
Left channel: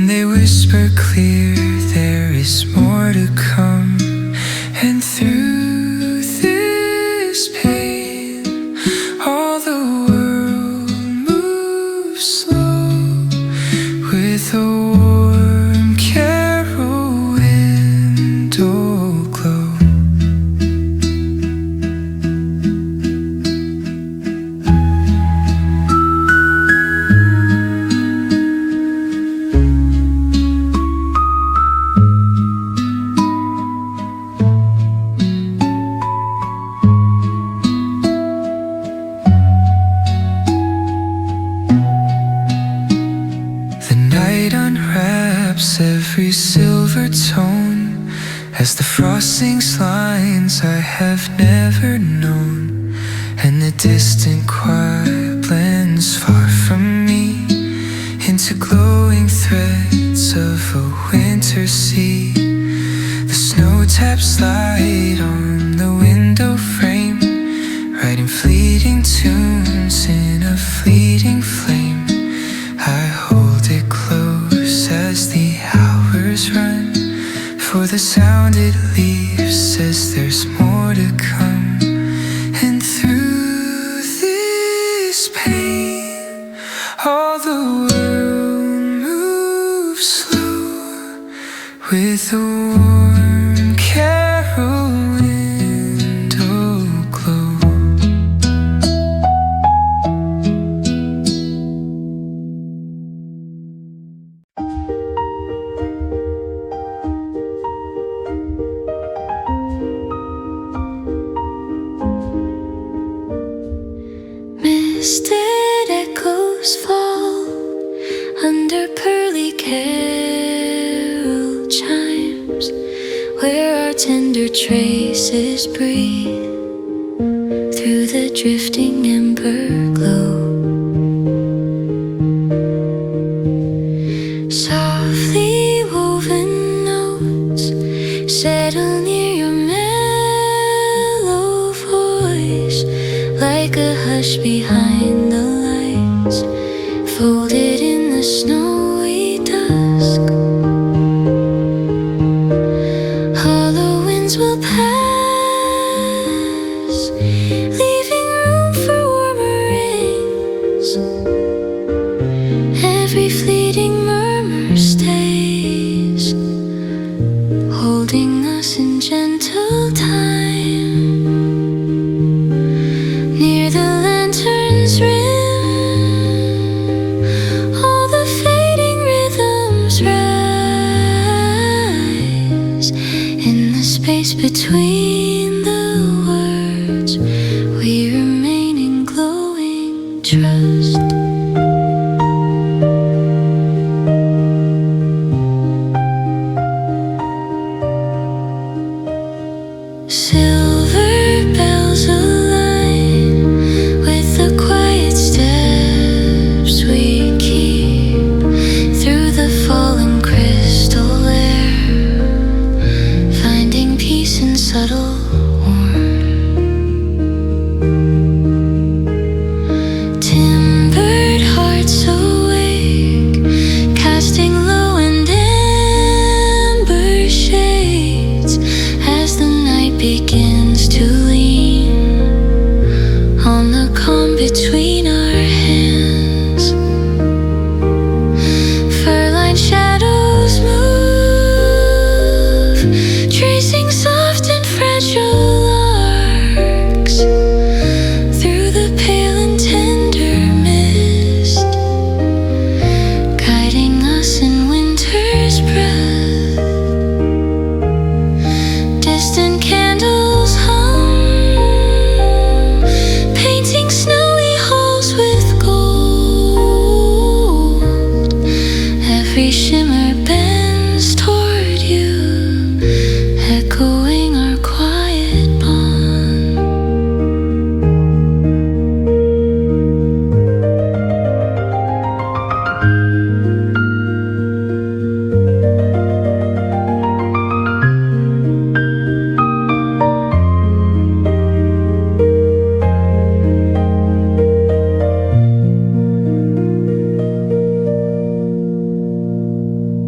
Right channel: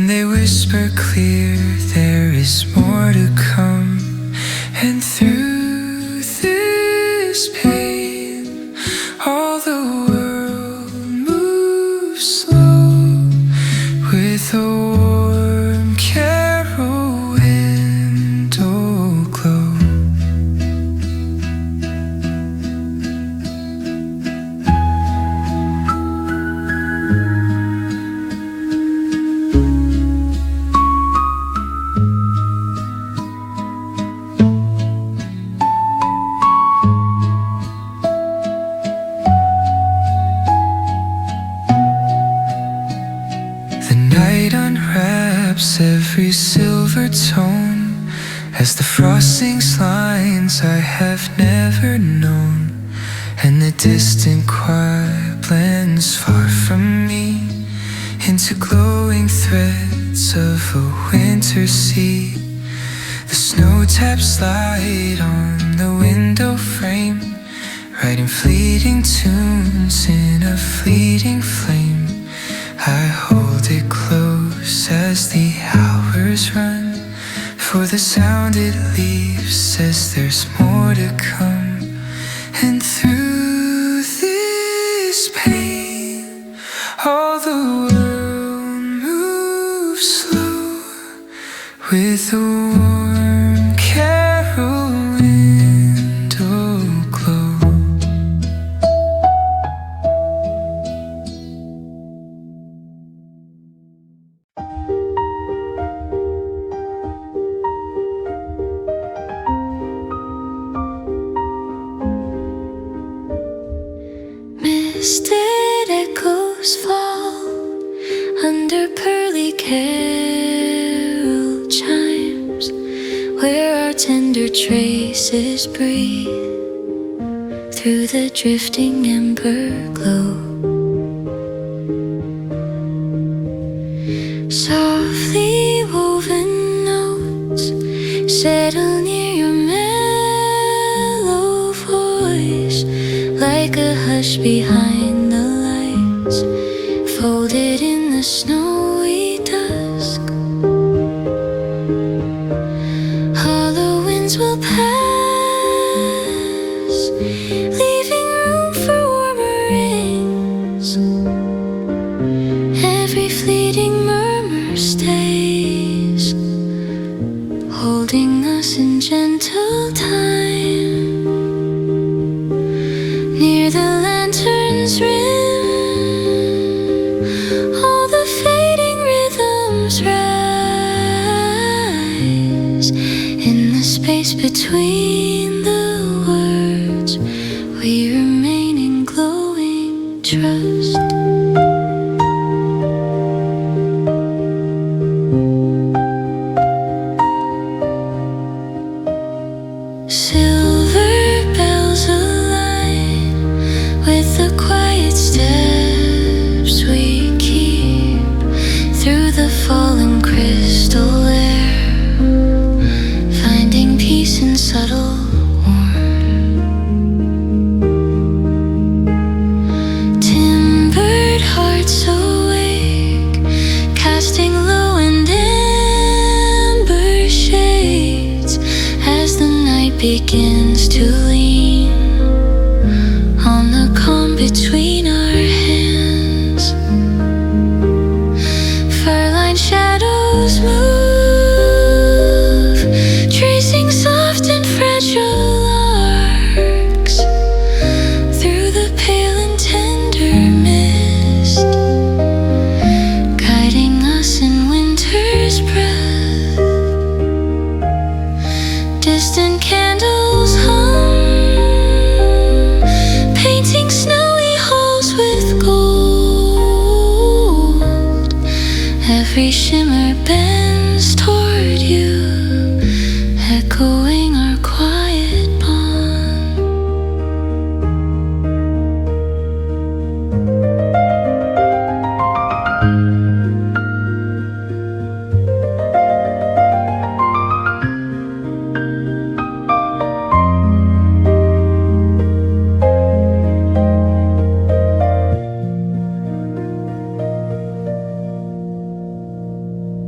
and they whisper clear there is more to come. And through this pain, all the world moves slow with a warm carol window glow. Every silver tone as the frosting lines I have never known, and the distant choir blends far from me into glowing threads of a winter sea. The snow taps light on the window frame, writing fleeting tunes in a fleeting flame. I hold it close as the hours run, for the sound it leaves says there's more to come. And through this pain, all the world moves slow with a warm carol window glow. Misted echoes fall under pearly carol chimes, where our tender traces breathe through the drifting ember glow. Softly woven notes settle near your mellow voice, like a hush behind the lights, folded in the snowy dusk. Hollow winds will pass, leaving room for warmer rings. Every fleeting murmur stays, holding us in gentle time. Near the lantern's rim, all the fading rhythms rise. In the space between the words, we remain in glowing trust. Silver bells align with the quiet steps we keep through the fallen crystal air, finding peace in subtle warmth. Timbered hearts awake, casting low and amber shades as the night begins to lean on the calm between our hands. Fur-lined shadows move, tracing soft and fragile arcs through the pale and tender mist, guiding us in winter's breath. Distant candles hum, painting snowy halls with gold. Every shimmer bends toward you, echoing our quiet bond.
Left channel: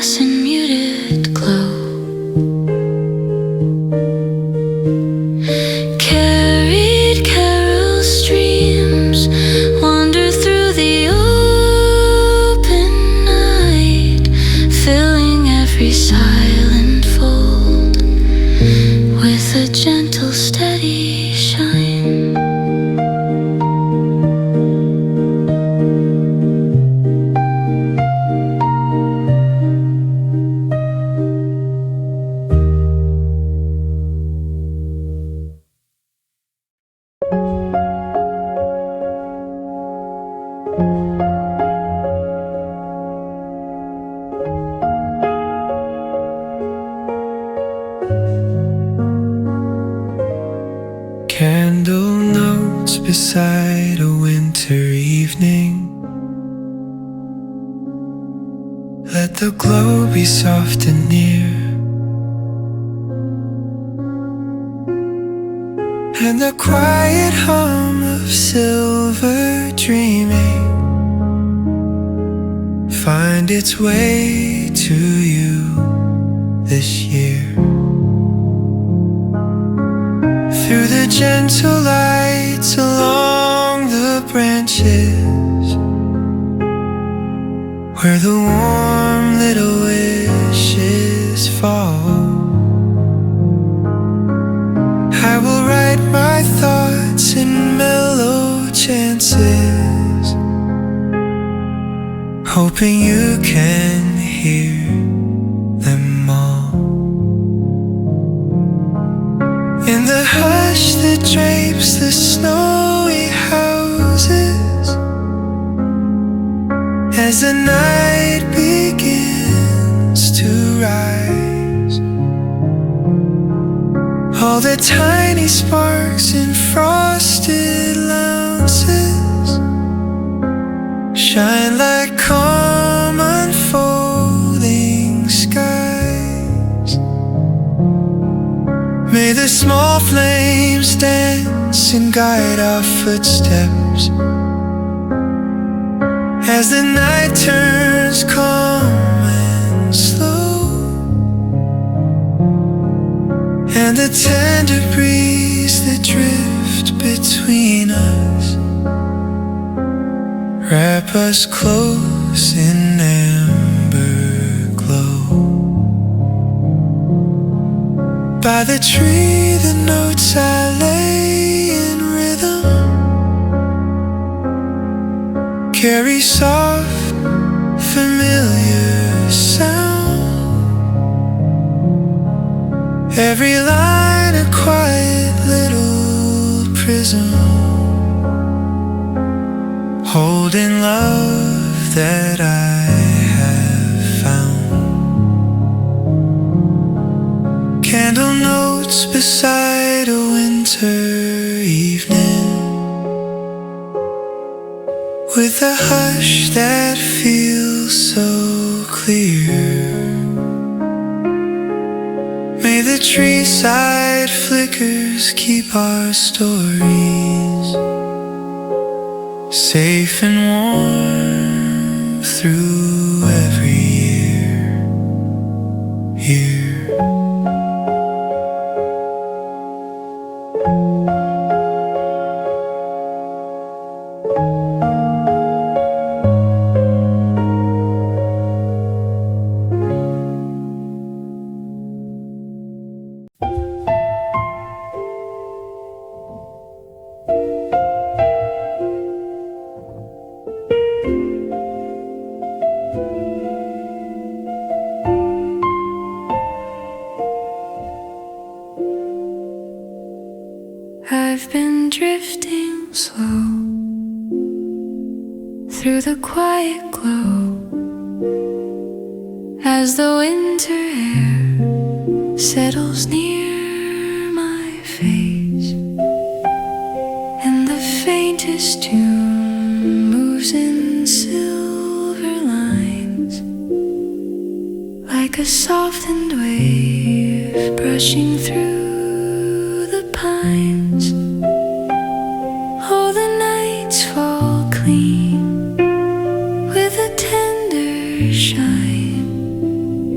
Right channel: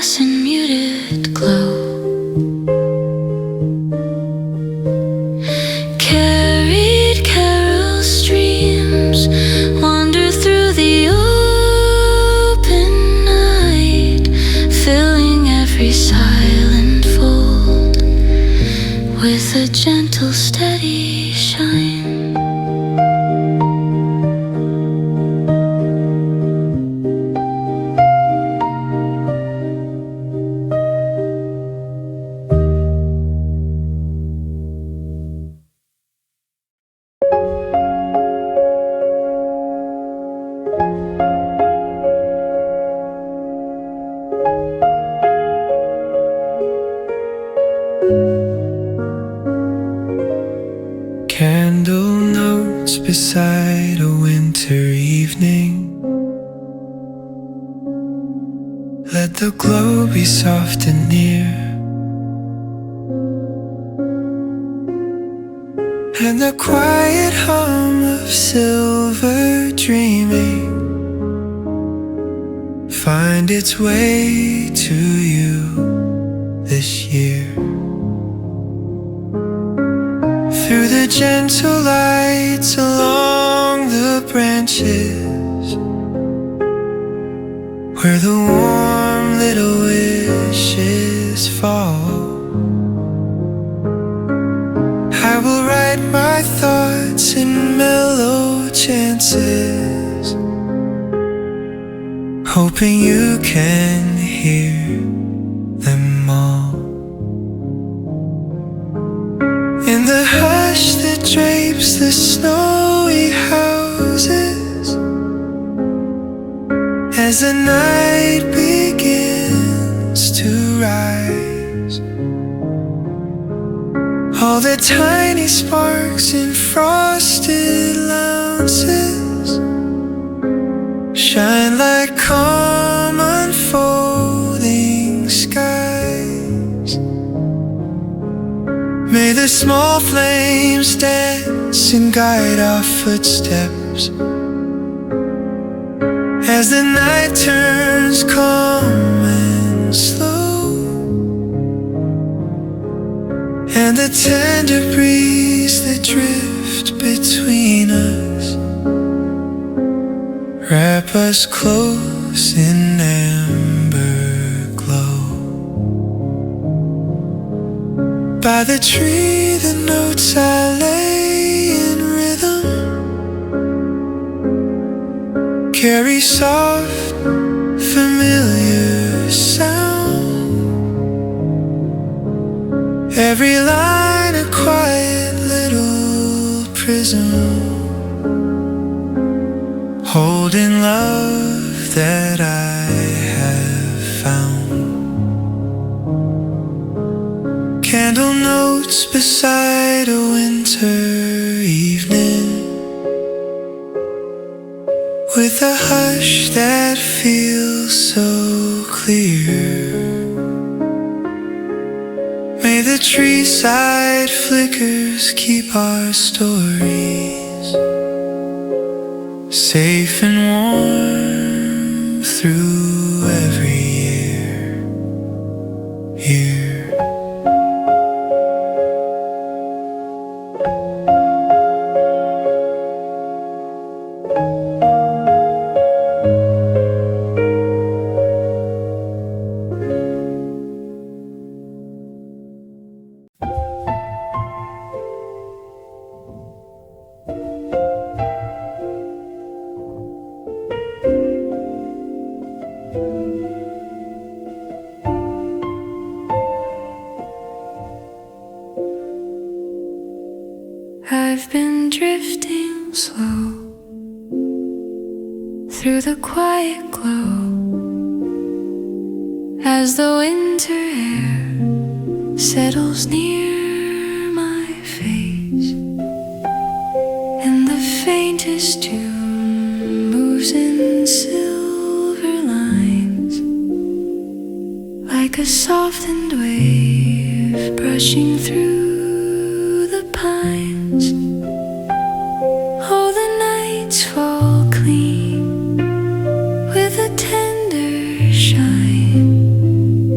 moss and muted glow. Carried carol streams wander through the open night, filling every silent fold with a gentle, steady shine. Candle notes beside a winter evening. Let the glow be soft and near, and the quiet hum of silver dreaming find its way to you this year. Through the gentle lights along the branches, where the warm little wishes fall, I will write my thoughts in mellow chances, hoping you can hear them all. In the hush that drapes the snowy houses, as the night begins to rise, all the tiny sparks in frosted louses shine like calm unfolding skies. May the small flames dance and guide our footsteps as the night turns calm and slow, and the tender breeze that drift between us wrap us close in amber glow. By the tree the notes I lay in rhythm carry soft, familiar sound. Every line a quiet little prism, holding love that I have found. Candle notes beside a winter evening, with a hush that feels so clear. May the tree side flickers keep our stories safe and warm through every year. I've been drifting slow through the quiet glow as the winter air settles near my face, and the faintest tune moves in silver lines like a softened wave brushing through the pines. Oh, the nights fall clean with a tender shine,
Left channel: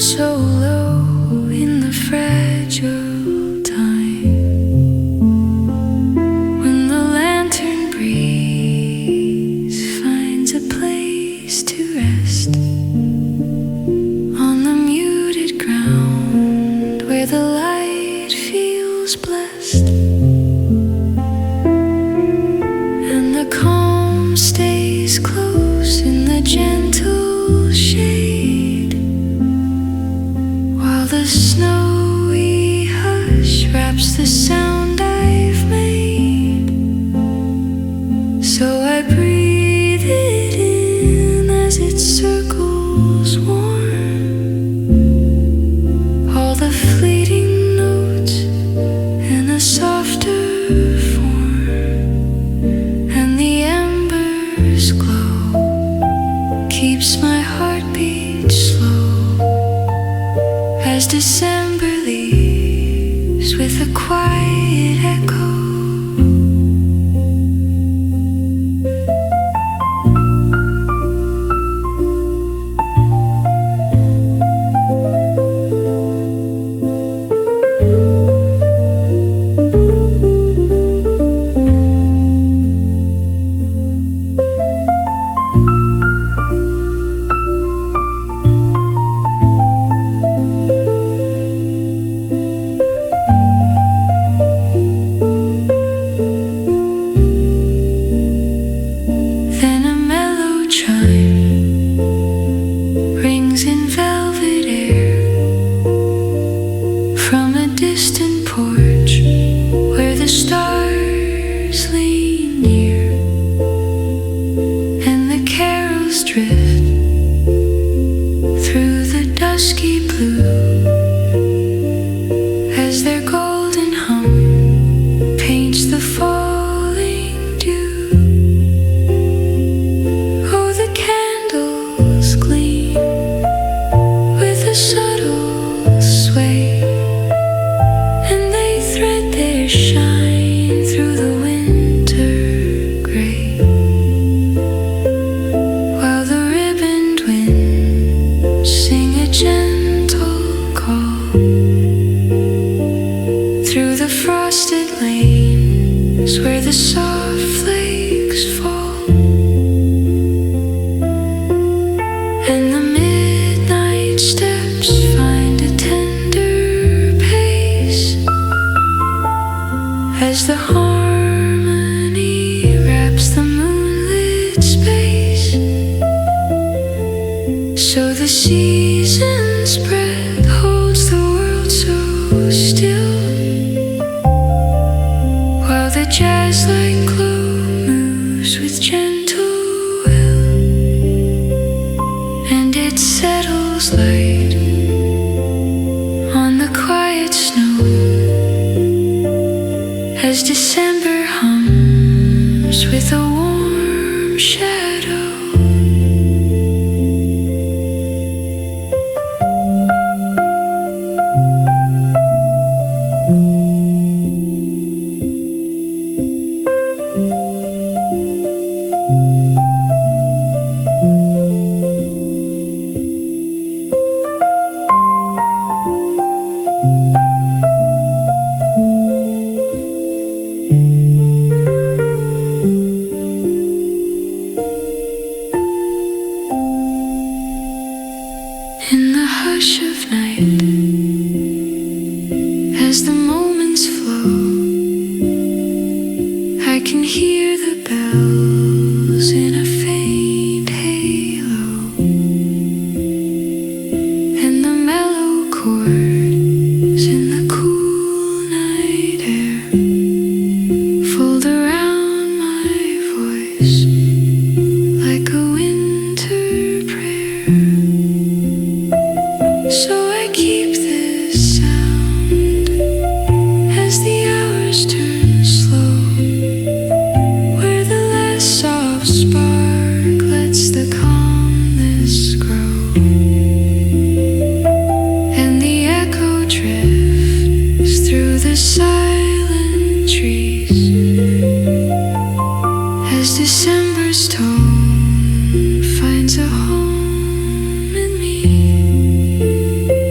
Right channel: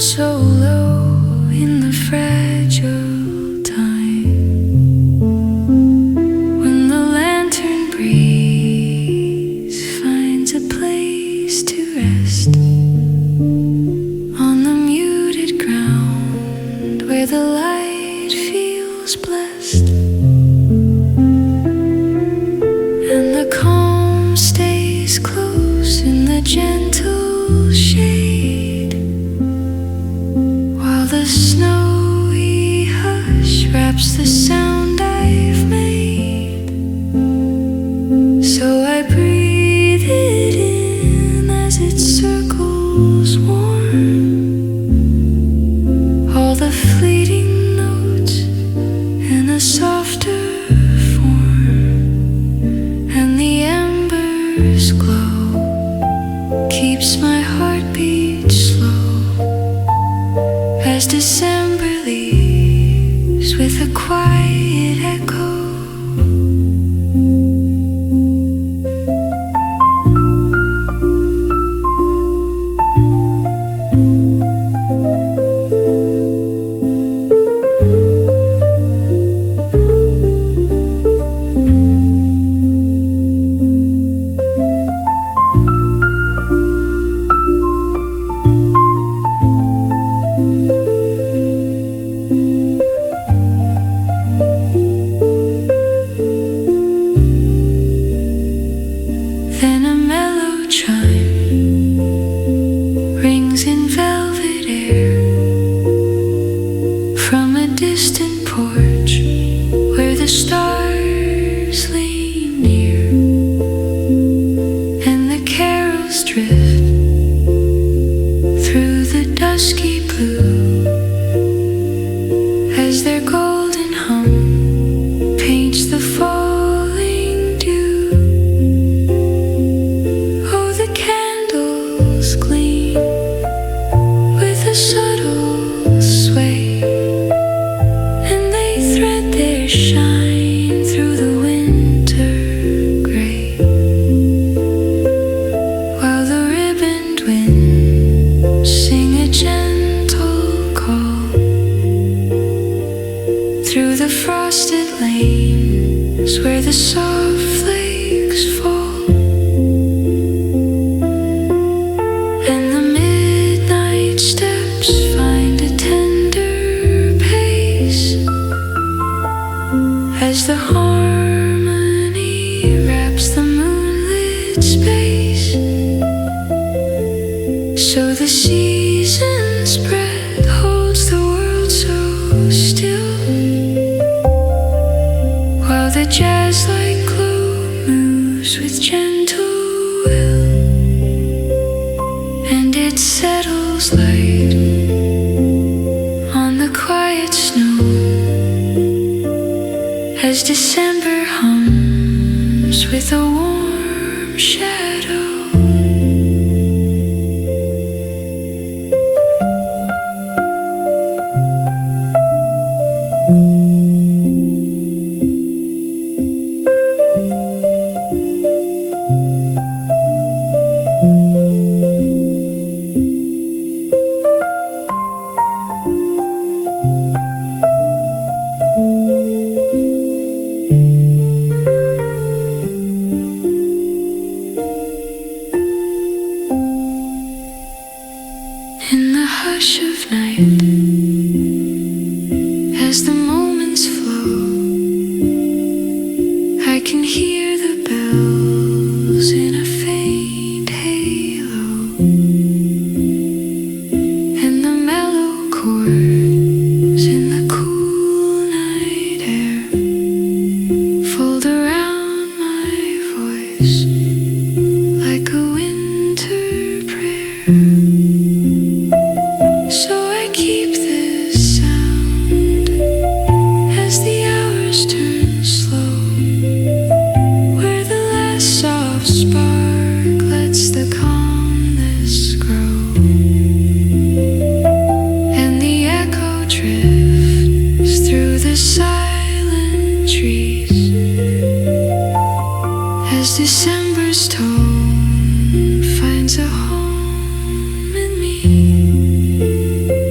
so low in the fragile time when the lantern breeze finds a place to rest on the muted ground where the light feels blessed and the calm stays close in the gentle shade while the snowy hush wraps the sound I've made. So I breathe it in as it circles warm, all the fleeting notes in a softer form, and the embers glow, keeps my heartbeat slow as December leaves with a quiet echo. Then a mellow chime rings in velvet air from a distant porch where the stars lean near, and the carols drift through the dusky blue as their golden hum paints the falling dew. The candles gleam with a subtle sway, and they thread their shine through the winter gray, while the ribboned winds sing a gentle call through the frosted lanes where the soft flakes fall. And the midnight steps find a tender pace as the harmony wraps the moonlit space. So the season's breath holds the world so still, while the jazz-like glow moves with gentle will, and it settles light on the quiet snow as December hums with a warm shadow. In the hush of night, as the moments flow, I can hear the bells in a faint halo, and the mellow chords in the cool night air fold around my voice like a winter prayer. So I keep this sound as the hours turn slow, where the last soft spark lets the calmness grow, and the echo drifts through the silent trees as December's tone finds a home in me.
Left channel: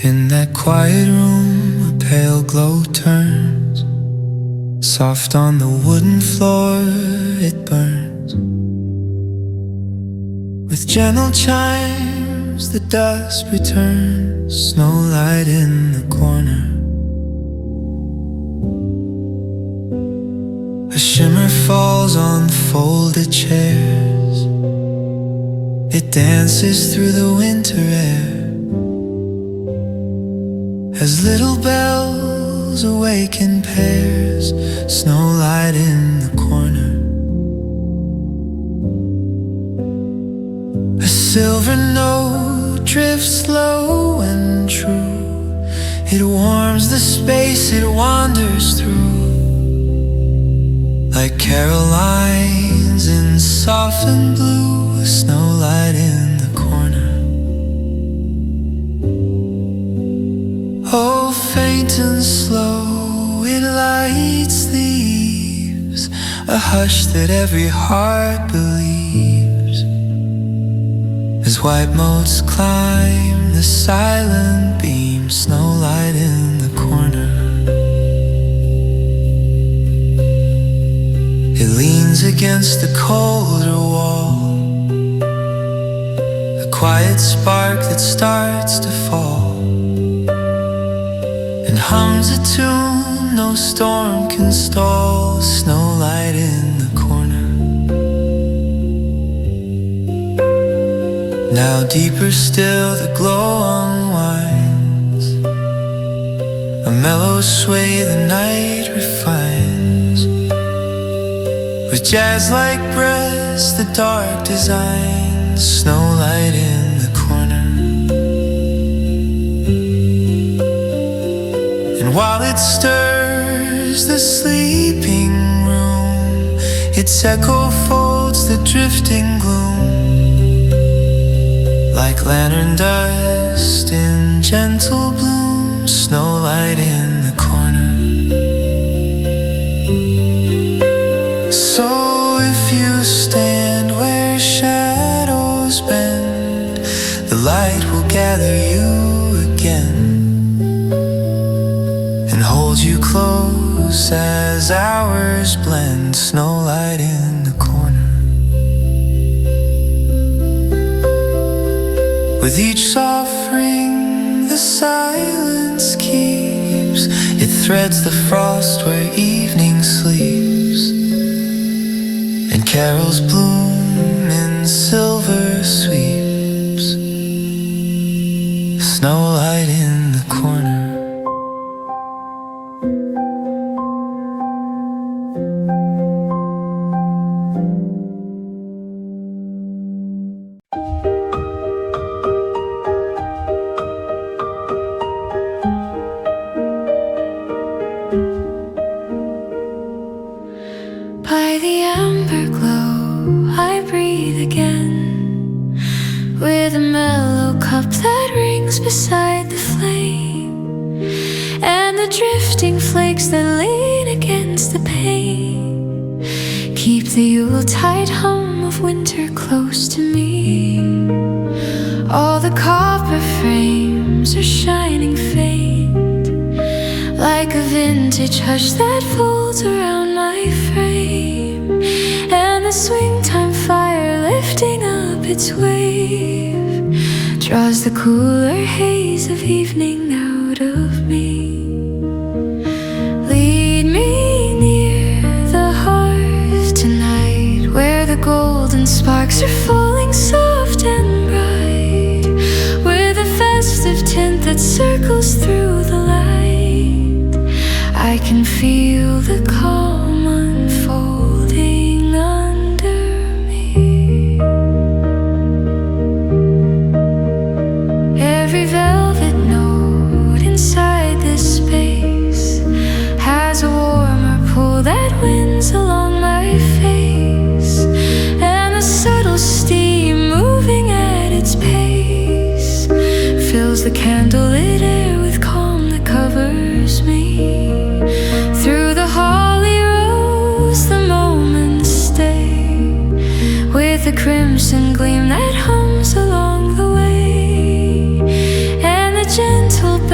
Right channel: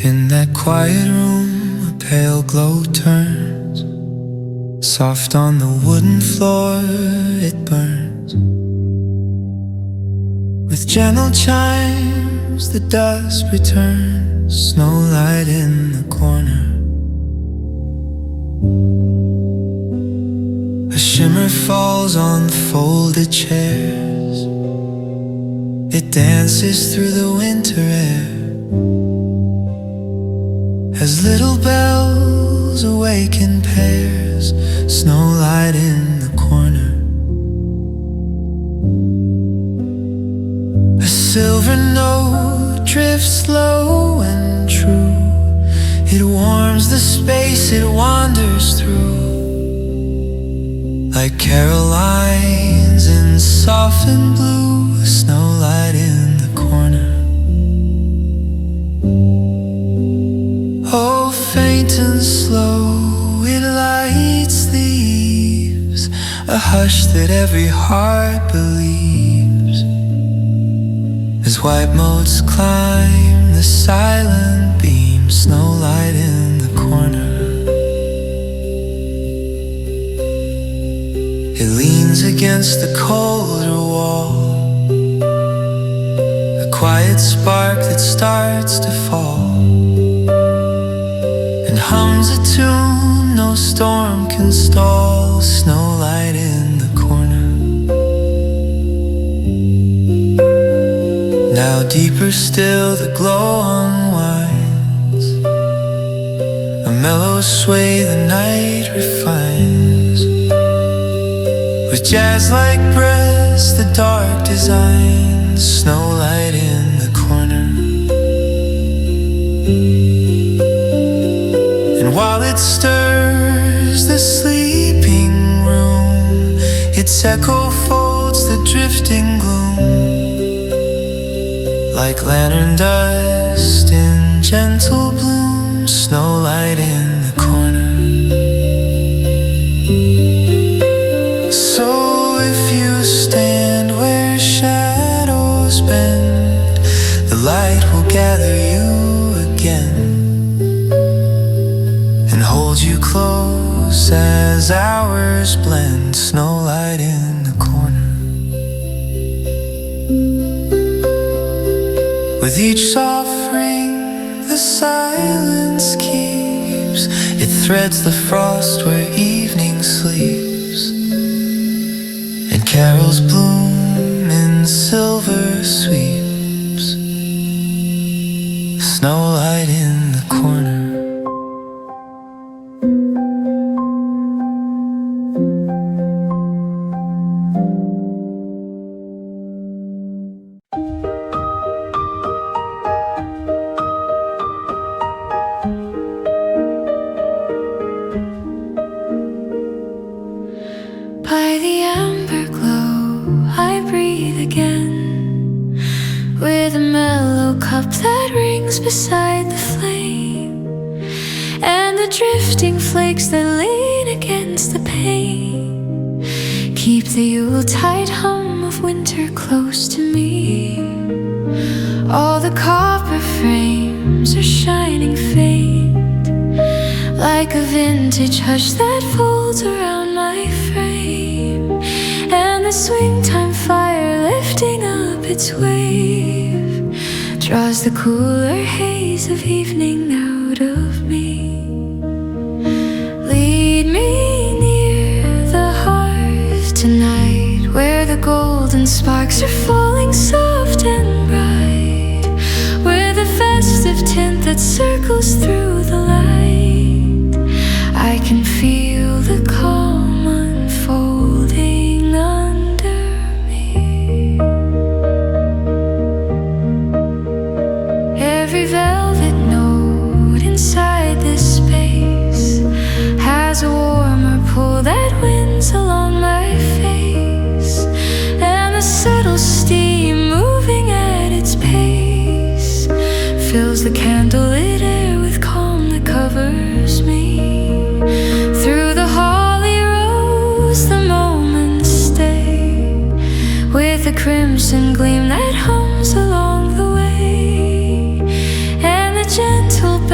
In that quiet room, a pale glow turns. Soft on the wooden floor, it burns. With gentle chimes, the dusk returns. Snowlight in the corner. A shimmer falls on folded chairs. It dances through the winter air. As little bells awaken pairs, snowlight in the corner. A silver note drifts low and true. It warms the space it wanders through. Like Carolines in soft and blue, snowlight in the corner. Oh, faint and slow, it lights the eaves, a hush that every heart believes. As white motes climb the silent beam, snowlight in the corner. It leans against the colder wall, a quiet spark that starts to fall, and hums a tune no storm can stall, snowlight in the corner. Now deeper still the glow unwinds, a mellow sway the night refines. With jazz-like breaths the dark designs, snowlight in the corner. And while it stirs the sleeping room, its echo folds the drifting gloom. Like lantern dust in gentle bloom, snowlight in the corner. So if you stand where shadows bend, the light will gather you again and hold you close as hours blend, snowlight in the corner. With each soft ring the silence keeps, it threads the frost where evening sleeps, and carols bloom in silver sweeps, snowlight in the corner. By the amber glow I breathe again, with a mellow cup that rings beside the flame, and the drifting flakes that lean against the pane keep the Yuletide hum of winter close to me. All the copper frames are shining faint, like a vintage hush that folds around my frame, and the swing time fire lifting up its wave draws the cooler haze of evening out of me. Lead me near the hearth tonight, where the golden sparks are falling soft and bright, with a festive tint that circles through the light. I can feel the calm unfolding under me. Every velvet note inside this space has a warmer pull that winds along my face, and the subtle steam moving at its pace fills the candlelit air with calm that covers me. Through the holly rose the moments stay, with a crimson gleam that hums along the way, and the gentle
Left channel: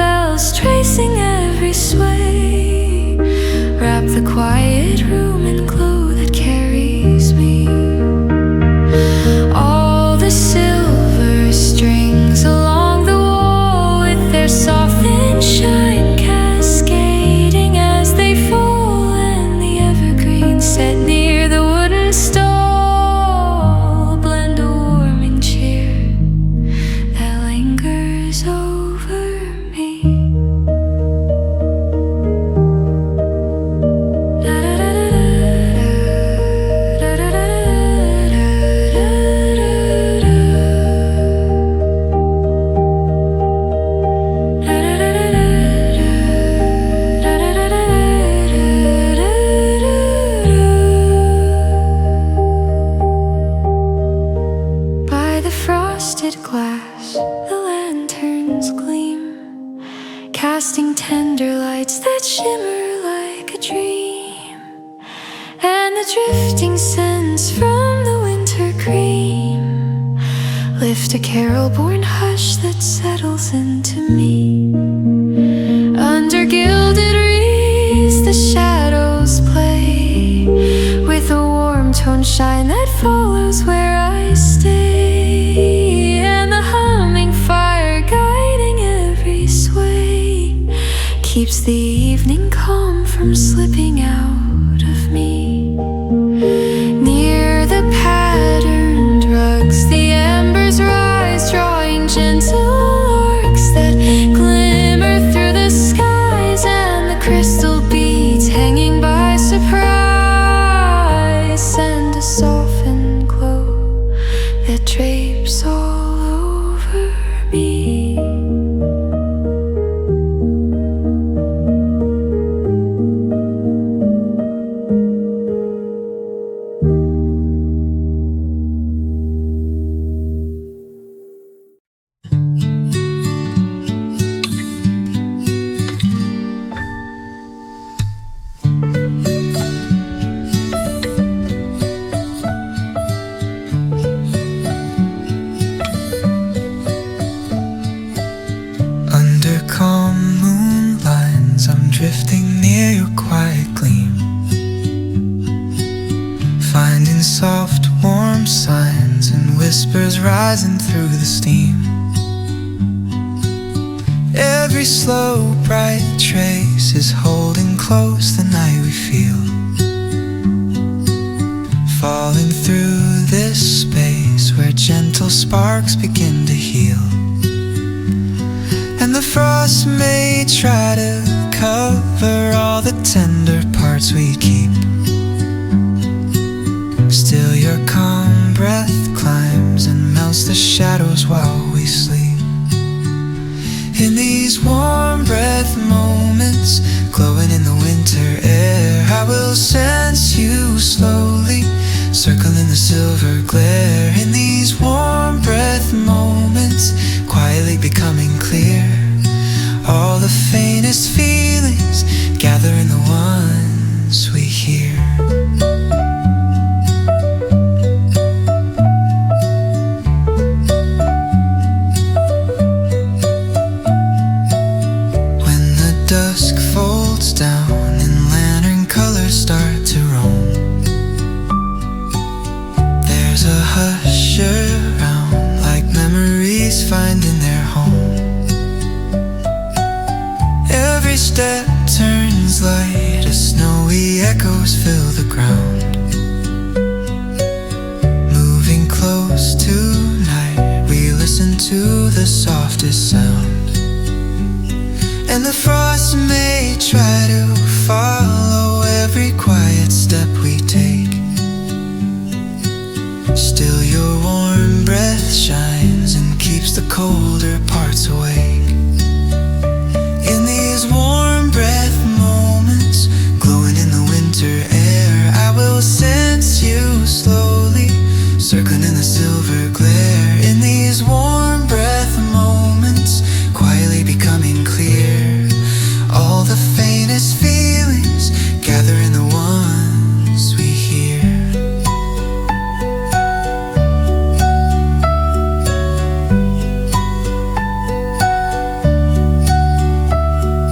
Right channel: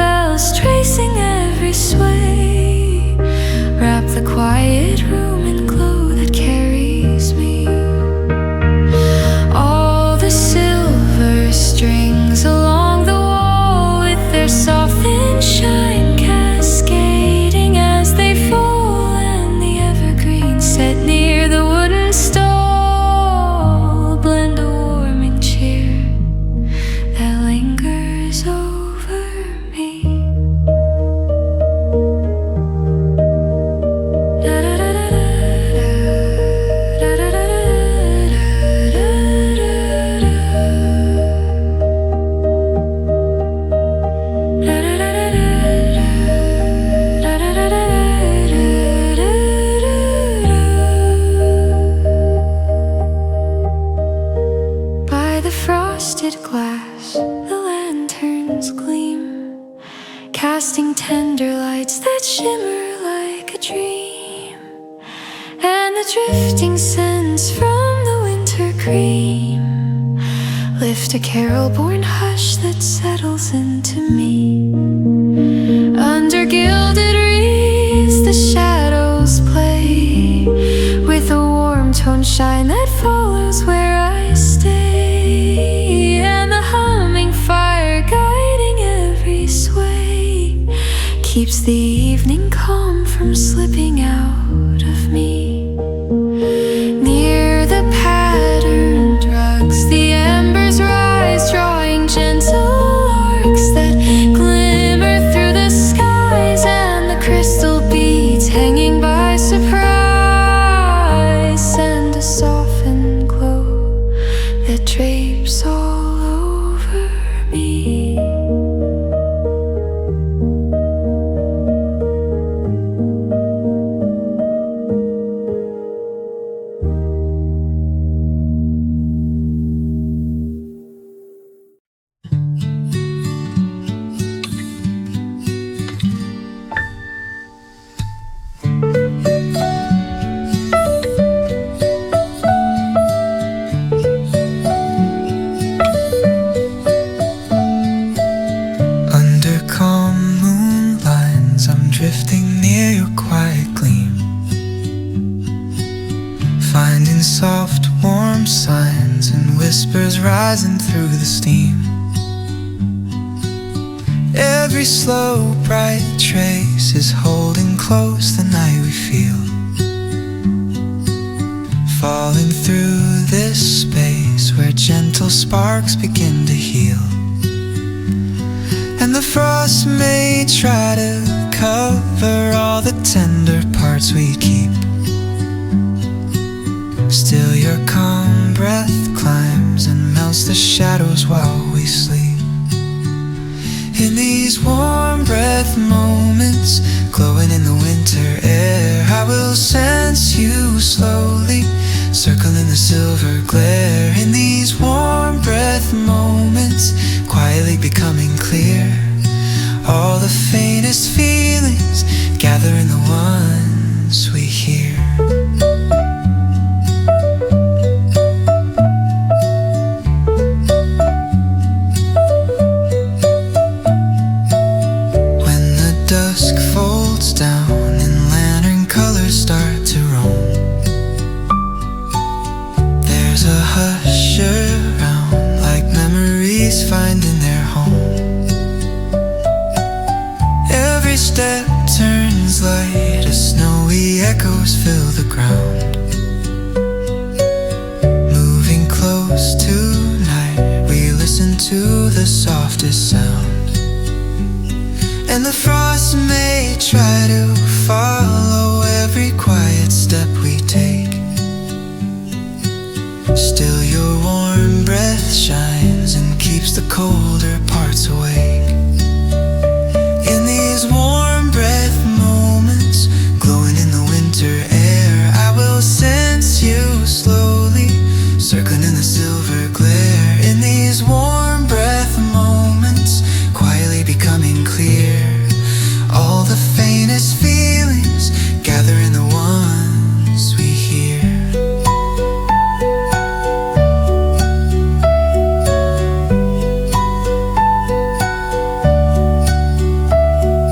tracing every sway. Wrap the quiet room in glow that carries me. All the silver strings along the wall with their softened shine cascading as they fall, and the evergreen set near the wooden stall blend a warming cheer that lingers over me. By the frosted glass, the lanterns gleam, casting tender lights that shimmer like a dream. And the drifting scents from the winter cream lift a carol-born hush that settles into me. Under gilded wreaths the shadows play with a warm tone shine that follows where I stay. And the humming fire guiding every sway keeps the evening calm from slipping out of me. Near the patterned rugs the embers rise, drawing gentle arcs that glimmer through the skies, and the crystal beads hanging by surprise send a softened glow that drapes all over me. Under calm moon lines, I'm drifting near your quiet gleam, finding soft, warm signs and whispers rising through the steam. Every slow, bright trace is holding close the night we feel, falling through this space where gentle sparks begin to heal. And the frost may try to cover all the tender parts we keep, still your calm breath climbs and melts the shadows while we sleep. In these warm breath moments, glowing in the winter air, I will sense you slowly, circling the silver glare. In these warm breath moments, quietly becoming clear, all the faintest feelings gather in the ones we hear. When the dusk folds down and lantern colors start to roam, there's a hush around like memories finding their home. Every step turns light as snowy echoes fill the ground. Moving close tonight, we listen to the softest sound. And the frost may try to follow every quiet step we take, still your warm breath shines and keeps the colder parts awake. In these warm breath moments, glowing in the winter air, I will sense you slowly, circling in the silver glare. In these warm breath moments, quietly becoming clear, all the faintest feelings gather in the ones.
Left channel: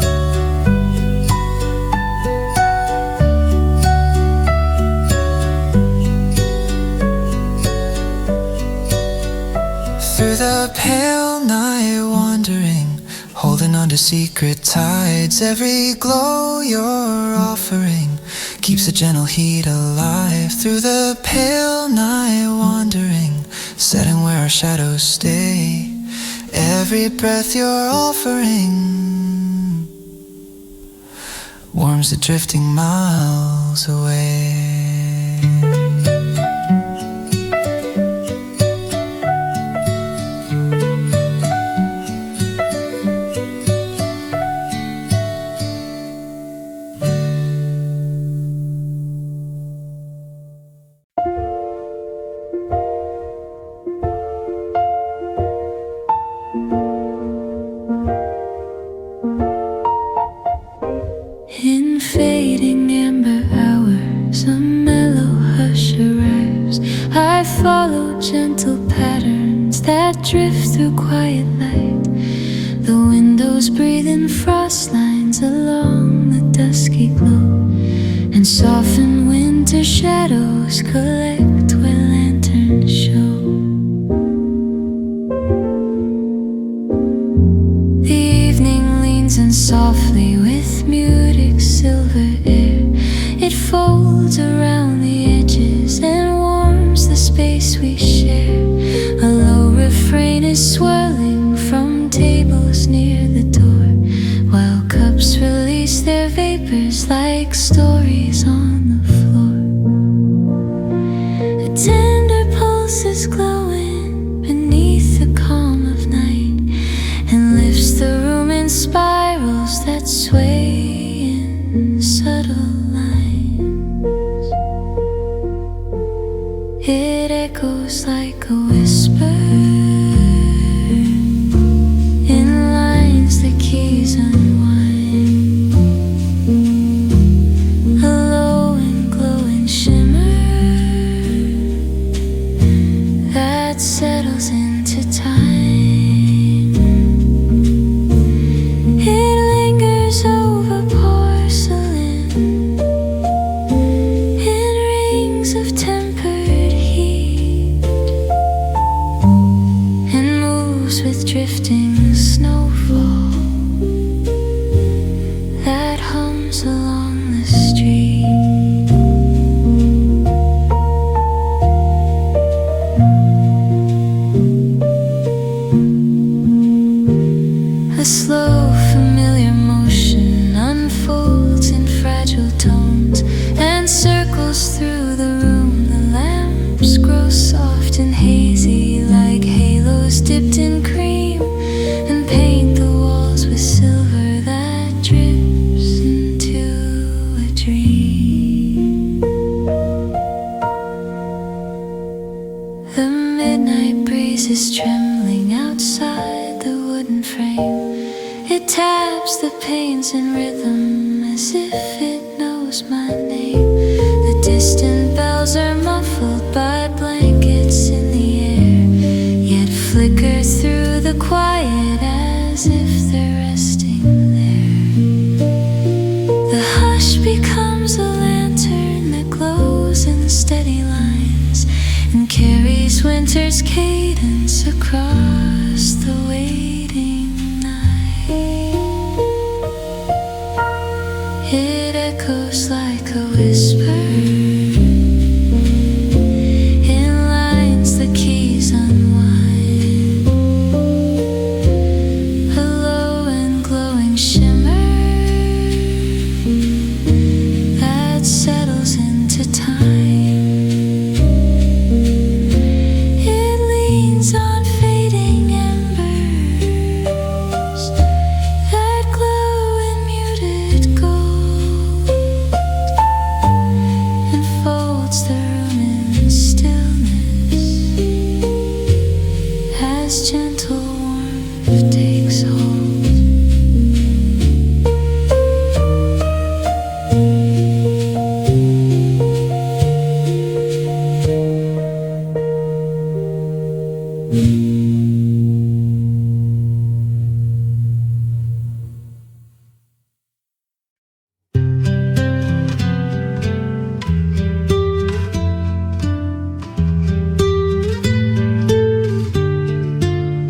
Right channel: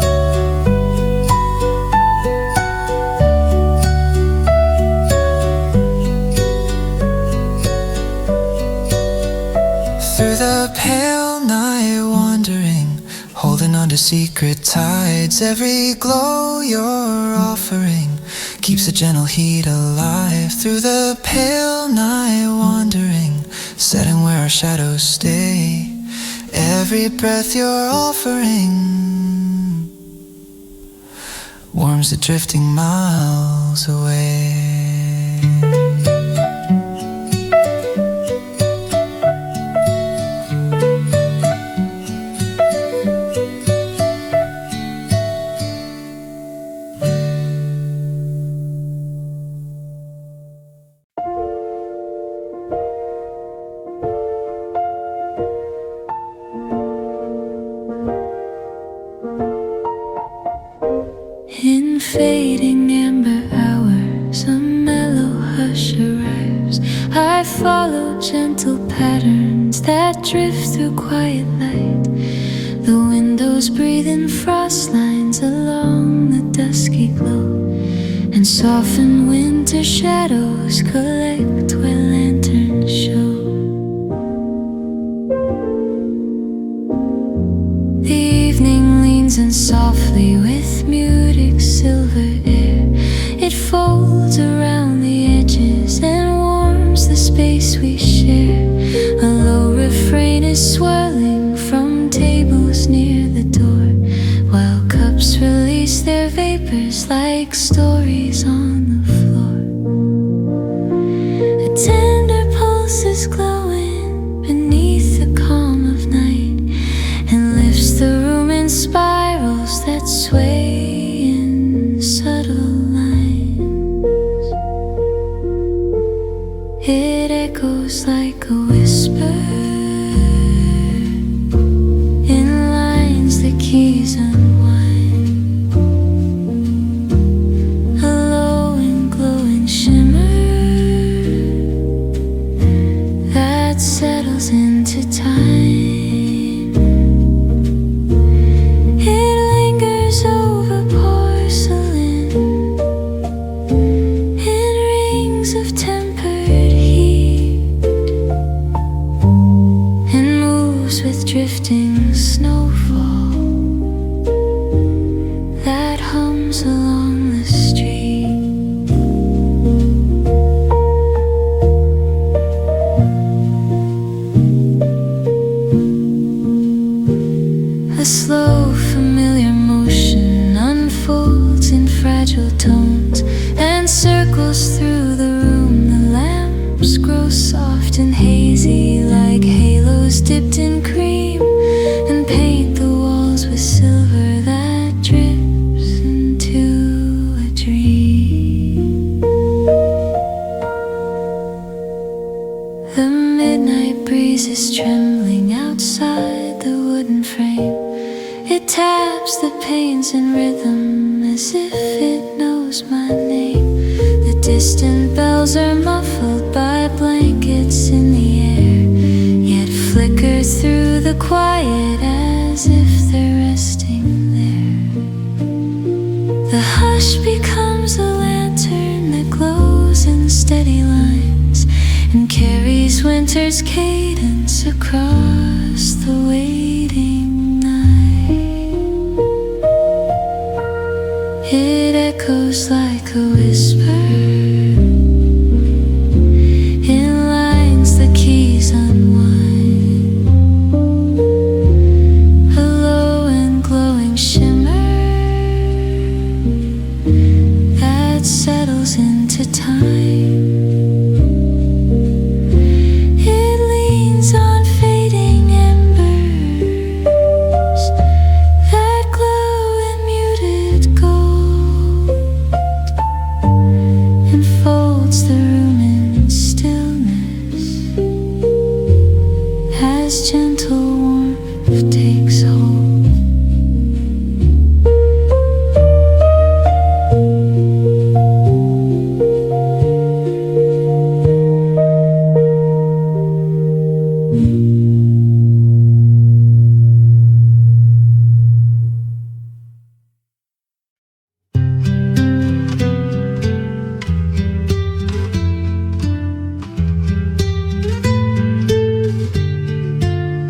the pale night wandering, holding on to secret tides. Every glow you're offering keeps a gentle heat alive. Through the pale night wandering, setting where our shadows stay. Every breath you're offering warms the drifting miles away. In fading amber hours, a mellow hush arrives. I follow gentle patterns that drift through quiet light. The windows breathe in frost lines along the dusky glow, and soften winter shadows collect where lanterns show. The evening leans in softly with muted silver air. It folds around the edges and warms the space we share. A low refrain is swirling from tables near the door, while cups release their vapors like stories on the floor. A tender pulse is glowing beneath the calm of night, and lifts the room in spirals that sway in subtle lines. It echoes like a whisper in lines the keys unwind. A low and glowing shimmer that settles into time. Over porcelain in rings of tempered heat, and moves with drifting snowfall that hums along the street. A slow, familiar motion unfolds in fragile tones and circles through the room. The lamps grow soft and hazy like halos dipped in cream, and paint the walls with silver that drips into a dream. The midnight breeze is trembling outside the wooden frame. It taps the panes in rhythm as if it knows my name. The distant bells are muffled by blankets in the air, yet flicker through the quiet as if they're resting there. The hush becomes a lantern that glows in steady lines and carries winter's cadence across the waiting night. It echoes like a whisper in lines the keys unwind. A low and glowing shimmer that settles into time. It leans on fading embers that glow in muted gold, and folds the room in stillness as gentle warmth takes hold.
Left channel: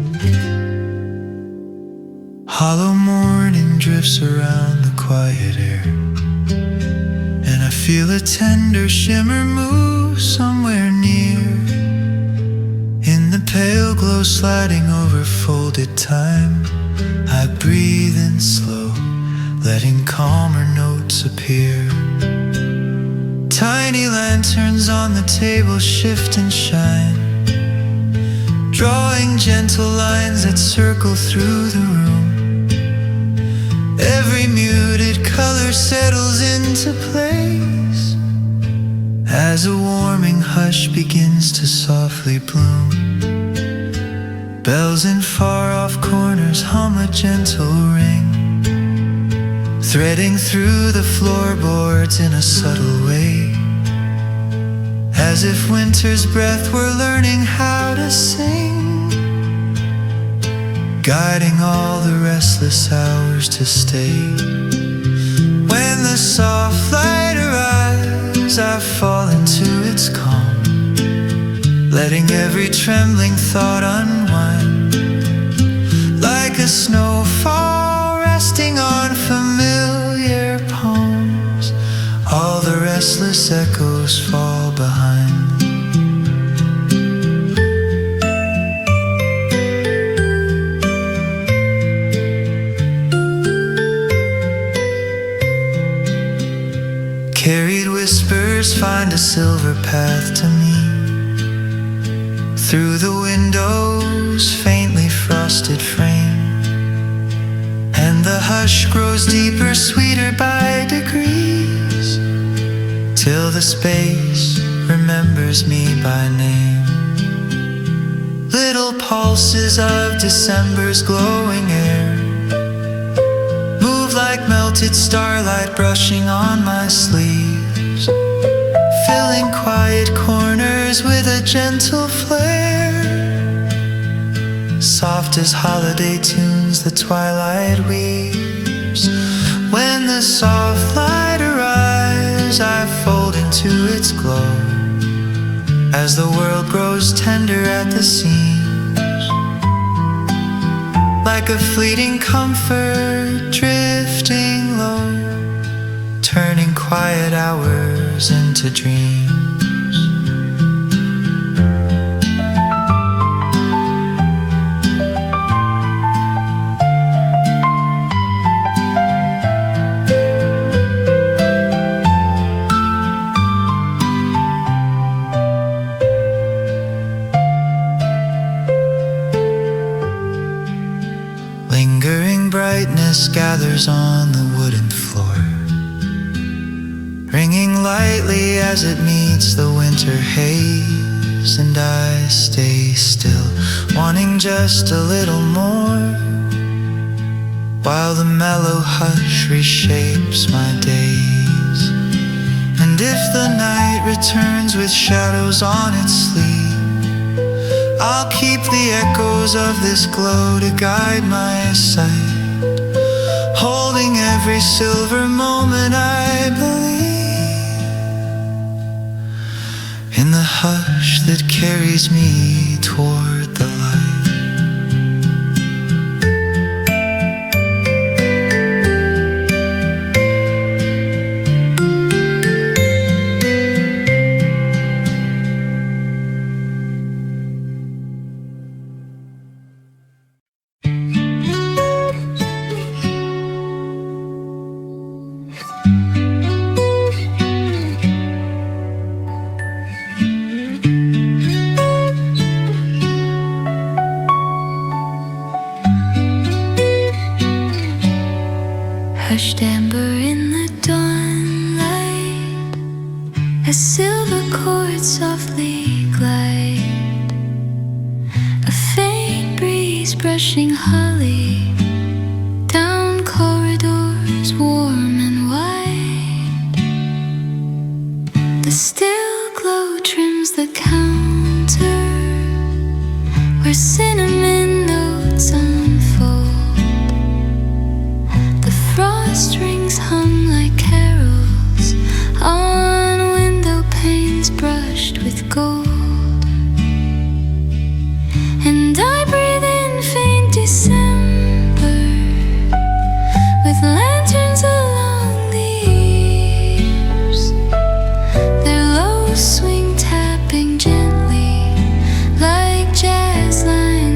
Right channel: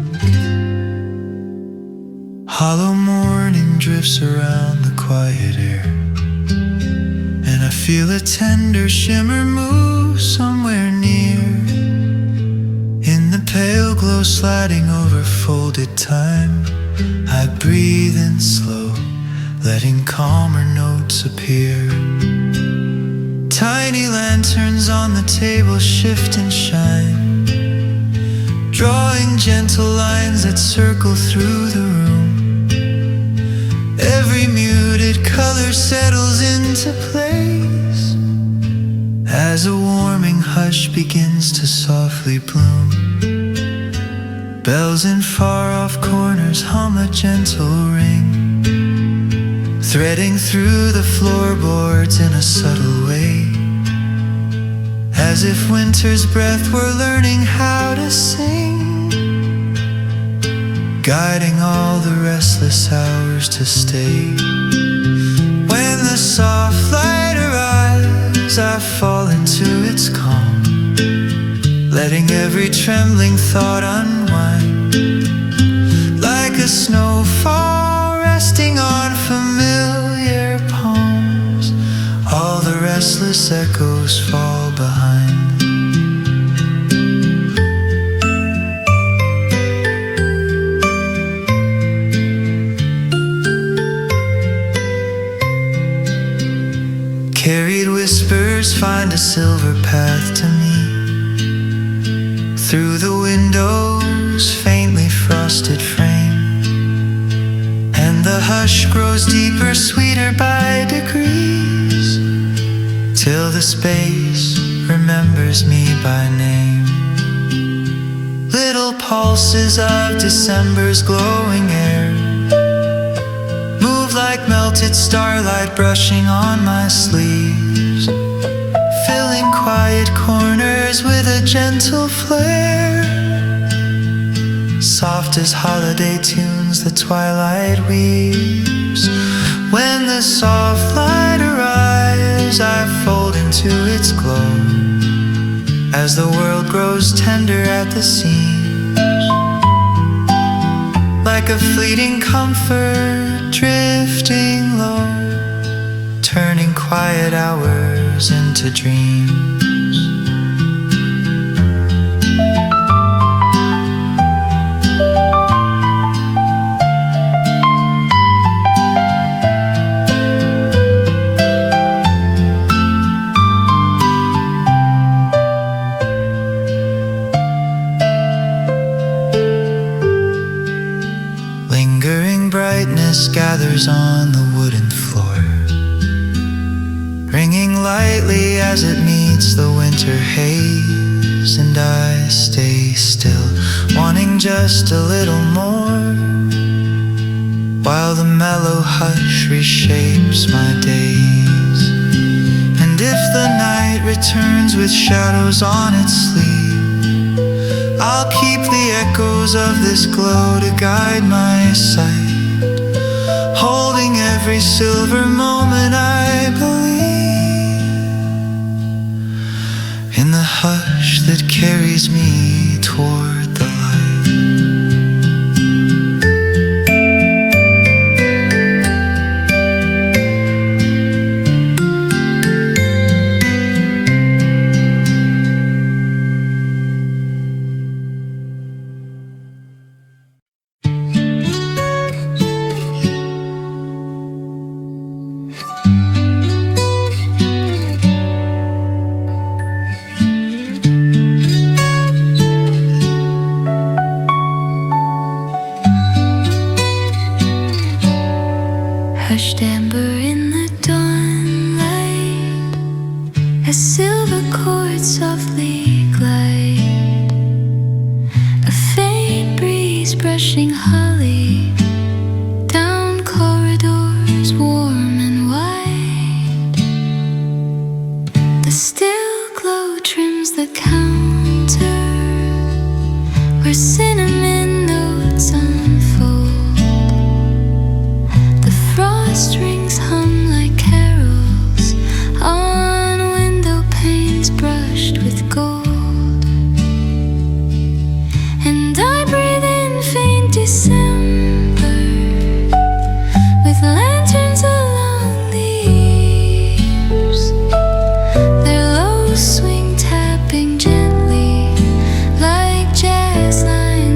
quiet air, and I feel a tender shimmer move somewhere near. In the pale glow sliding over folded time, I breathe in slow, letting calmer notes appear. Tiny lanterns on the table shift and shine, drawing gentle lines that circle through the room. Every muted color settles into place as a warming hush begins to softly bloom. Bells in far-off corners hum a gentle ring, threading through the floorboards in a subtle way, as if winter's breath were learning how to sing, guiding all the restless hours to stay. When the soft light arrives, I fall into its calm, letting every trembling thought unwind, like a snowfall resting on familiar palms. All the restless echoes fall behind. Carried whispers find a silver path to me, through the window's faintly frosted frame, and the hush grows deeper, sweeter by degrees, till the space remembers me by name. Little pulses of December's glowing air move like melted starlight brushing on my sleeves, filling quiet corners with a gentle flare. Soft as holiday tunes the twilight weaves. When the soft light arrives, I fold into its glow, as the world grows tender at the seams, like a fleeting comfort drifting low, turning quiet hours into dreams. Lingering brightness gathers on the wooden floor, ringing lightly as it meets the winter haze, and I stay still, wanting just a little more, while the mellow hush reshapes my days. And if the night returns with shadows on its sleeve, I'll keep the echoes of this glow to guide my sight, holding every silver moment I believe in the hush that carries me toward the light. Hushed amber in the dawnlight, as silver chords softly glide, a faint breeze brushing holly down corridors warm and wide. The still glow trims the counter where cinnamon notes unfold. Strings hum like carols on window panes brushed with gold, and I breathe in faint December with lanterns alight.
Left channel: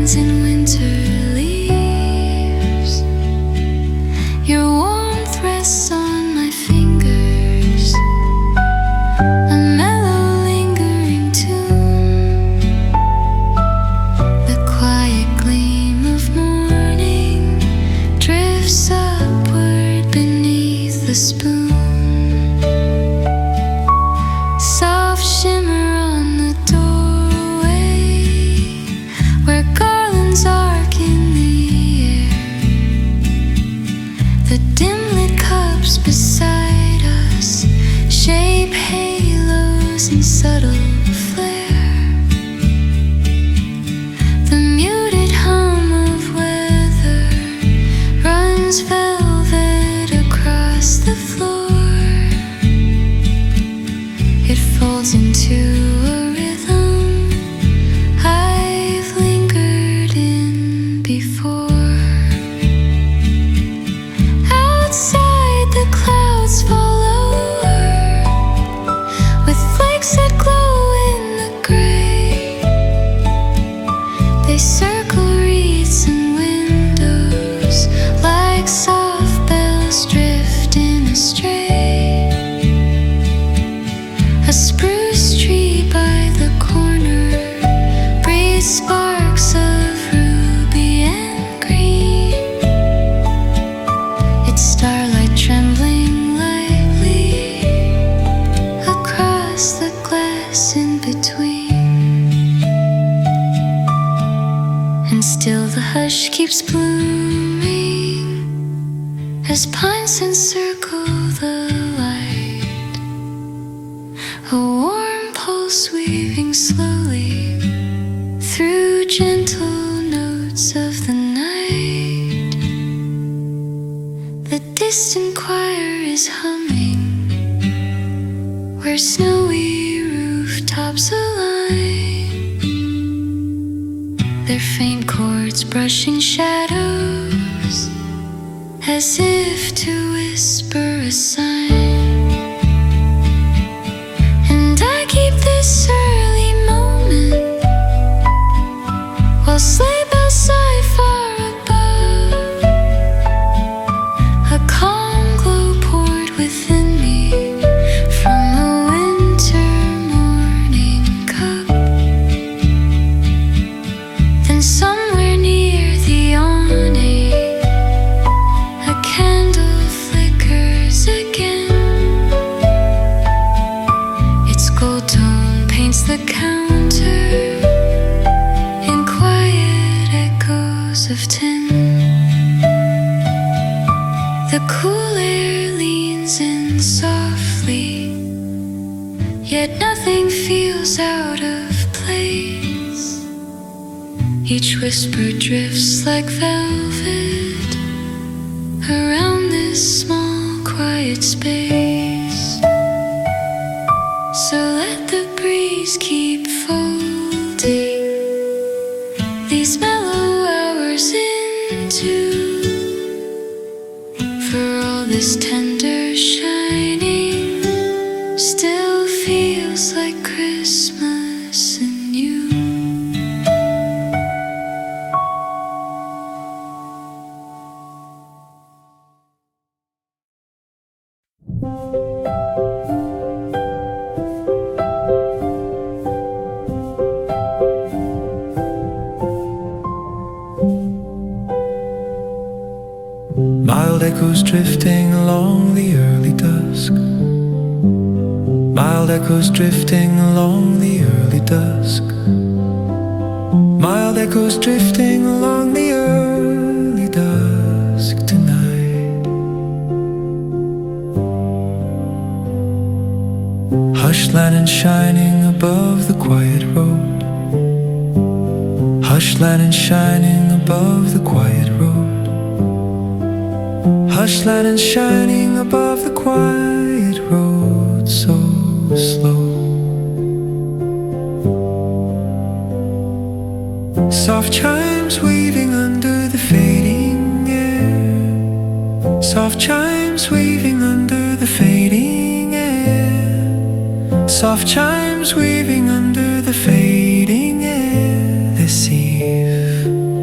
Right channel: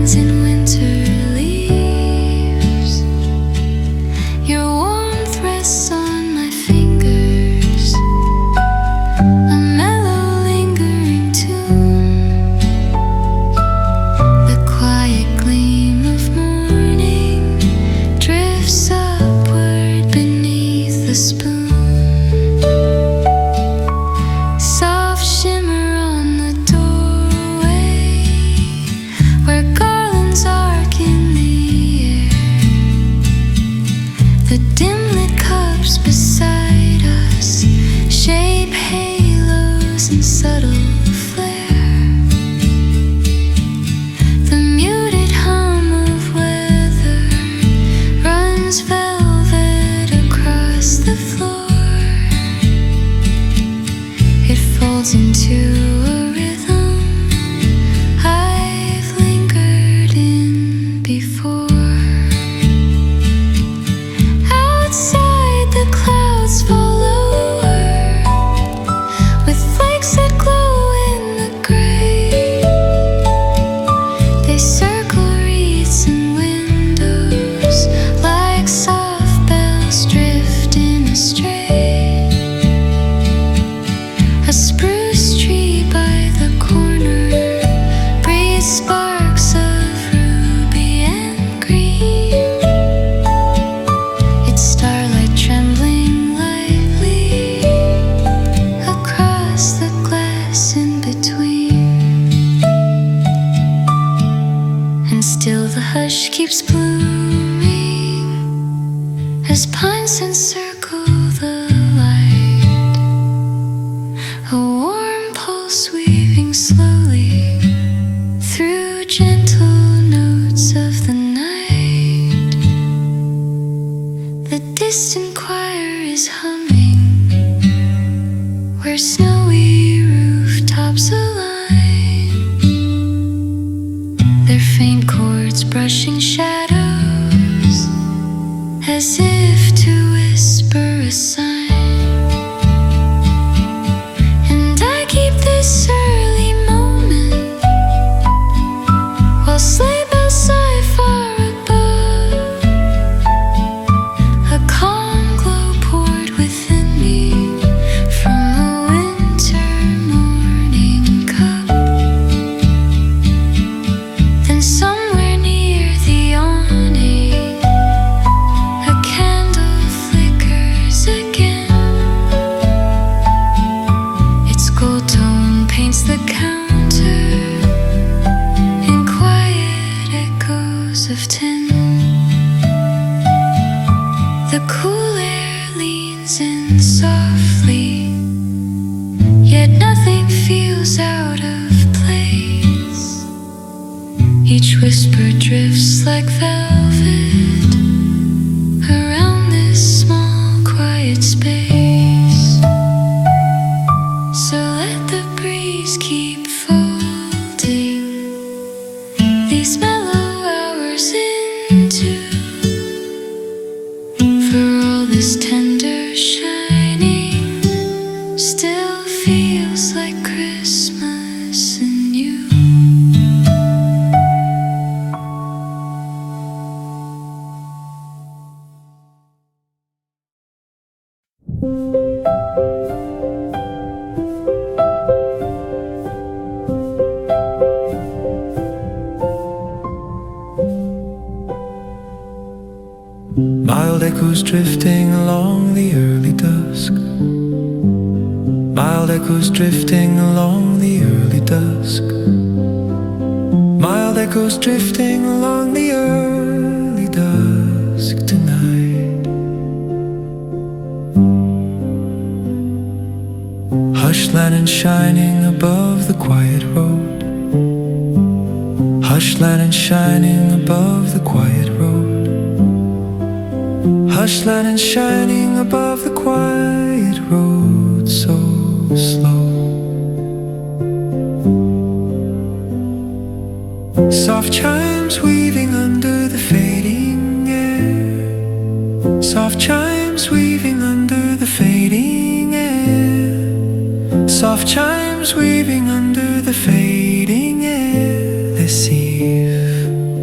hands in winter leaves. Your warmth rests on my fingers, a mellow lingering tune. The quiet gleam of morning drifts upward beneath the spoon. Soft shimmer on the doorway, where garlands arc in the air. The dim-lit cups beside us shape halos in subtle flare. The muted hum of weather runs velvet across the floor. It folds into a rhythm I've lingered in before. Outside the clouds fall lower, with flakes that glow in the gray. They circle wreaths and windows like soft bells drifting astray. A spruce tree by the corner breathes sparks of ruby and green. Its starlight trembling lightly across the glass in between. And still the hush keeps blooming as pines encircle the light. A warm pulse weaving slowly through gentle notes of the night. The distant choir is humming where snowy rooftops align, their faint chords brushing shadows as if to whisper a sign. And I keep this early moment while sleigh bells sigh far above. A calm glow poured within me from a winter morning cup. Then somewhere near the awning, a candle flickers again. Its gold tone paints the counter in quiet echoes of tin. The cool air leans in softly, yet nothing feels out of place. Each whisper drifts like velvet around this small quiet space. So let the breeze keep folding these mellow hours into. For all this tender shining still feels like Christmas in you. Mild echoes drifting along the early dusk. Mild echoes drifting along the early dusk. Mild echoes drifting along the early dusk tonight. Hush lantern shining above the quiet road. Hush lantern shining above the quiet road. Hush lantern shining above the quiet road, so slow. Soft chimes weaving under the fading air. Soft chimes weaving under the fading air. Soft chimes weaving under the fading air this eve.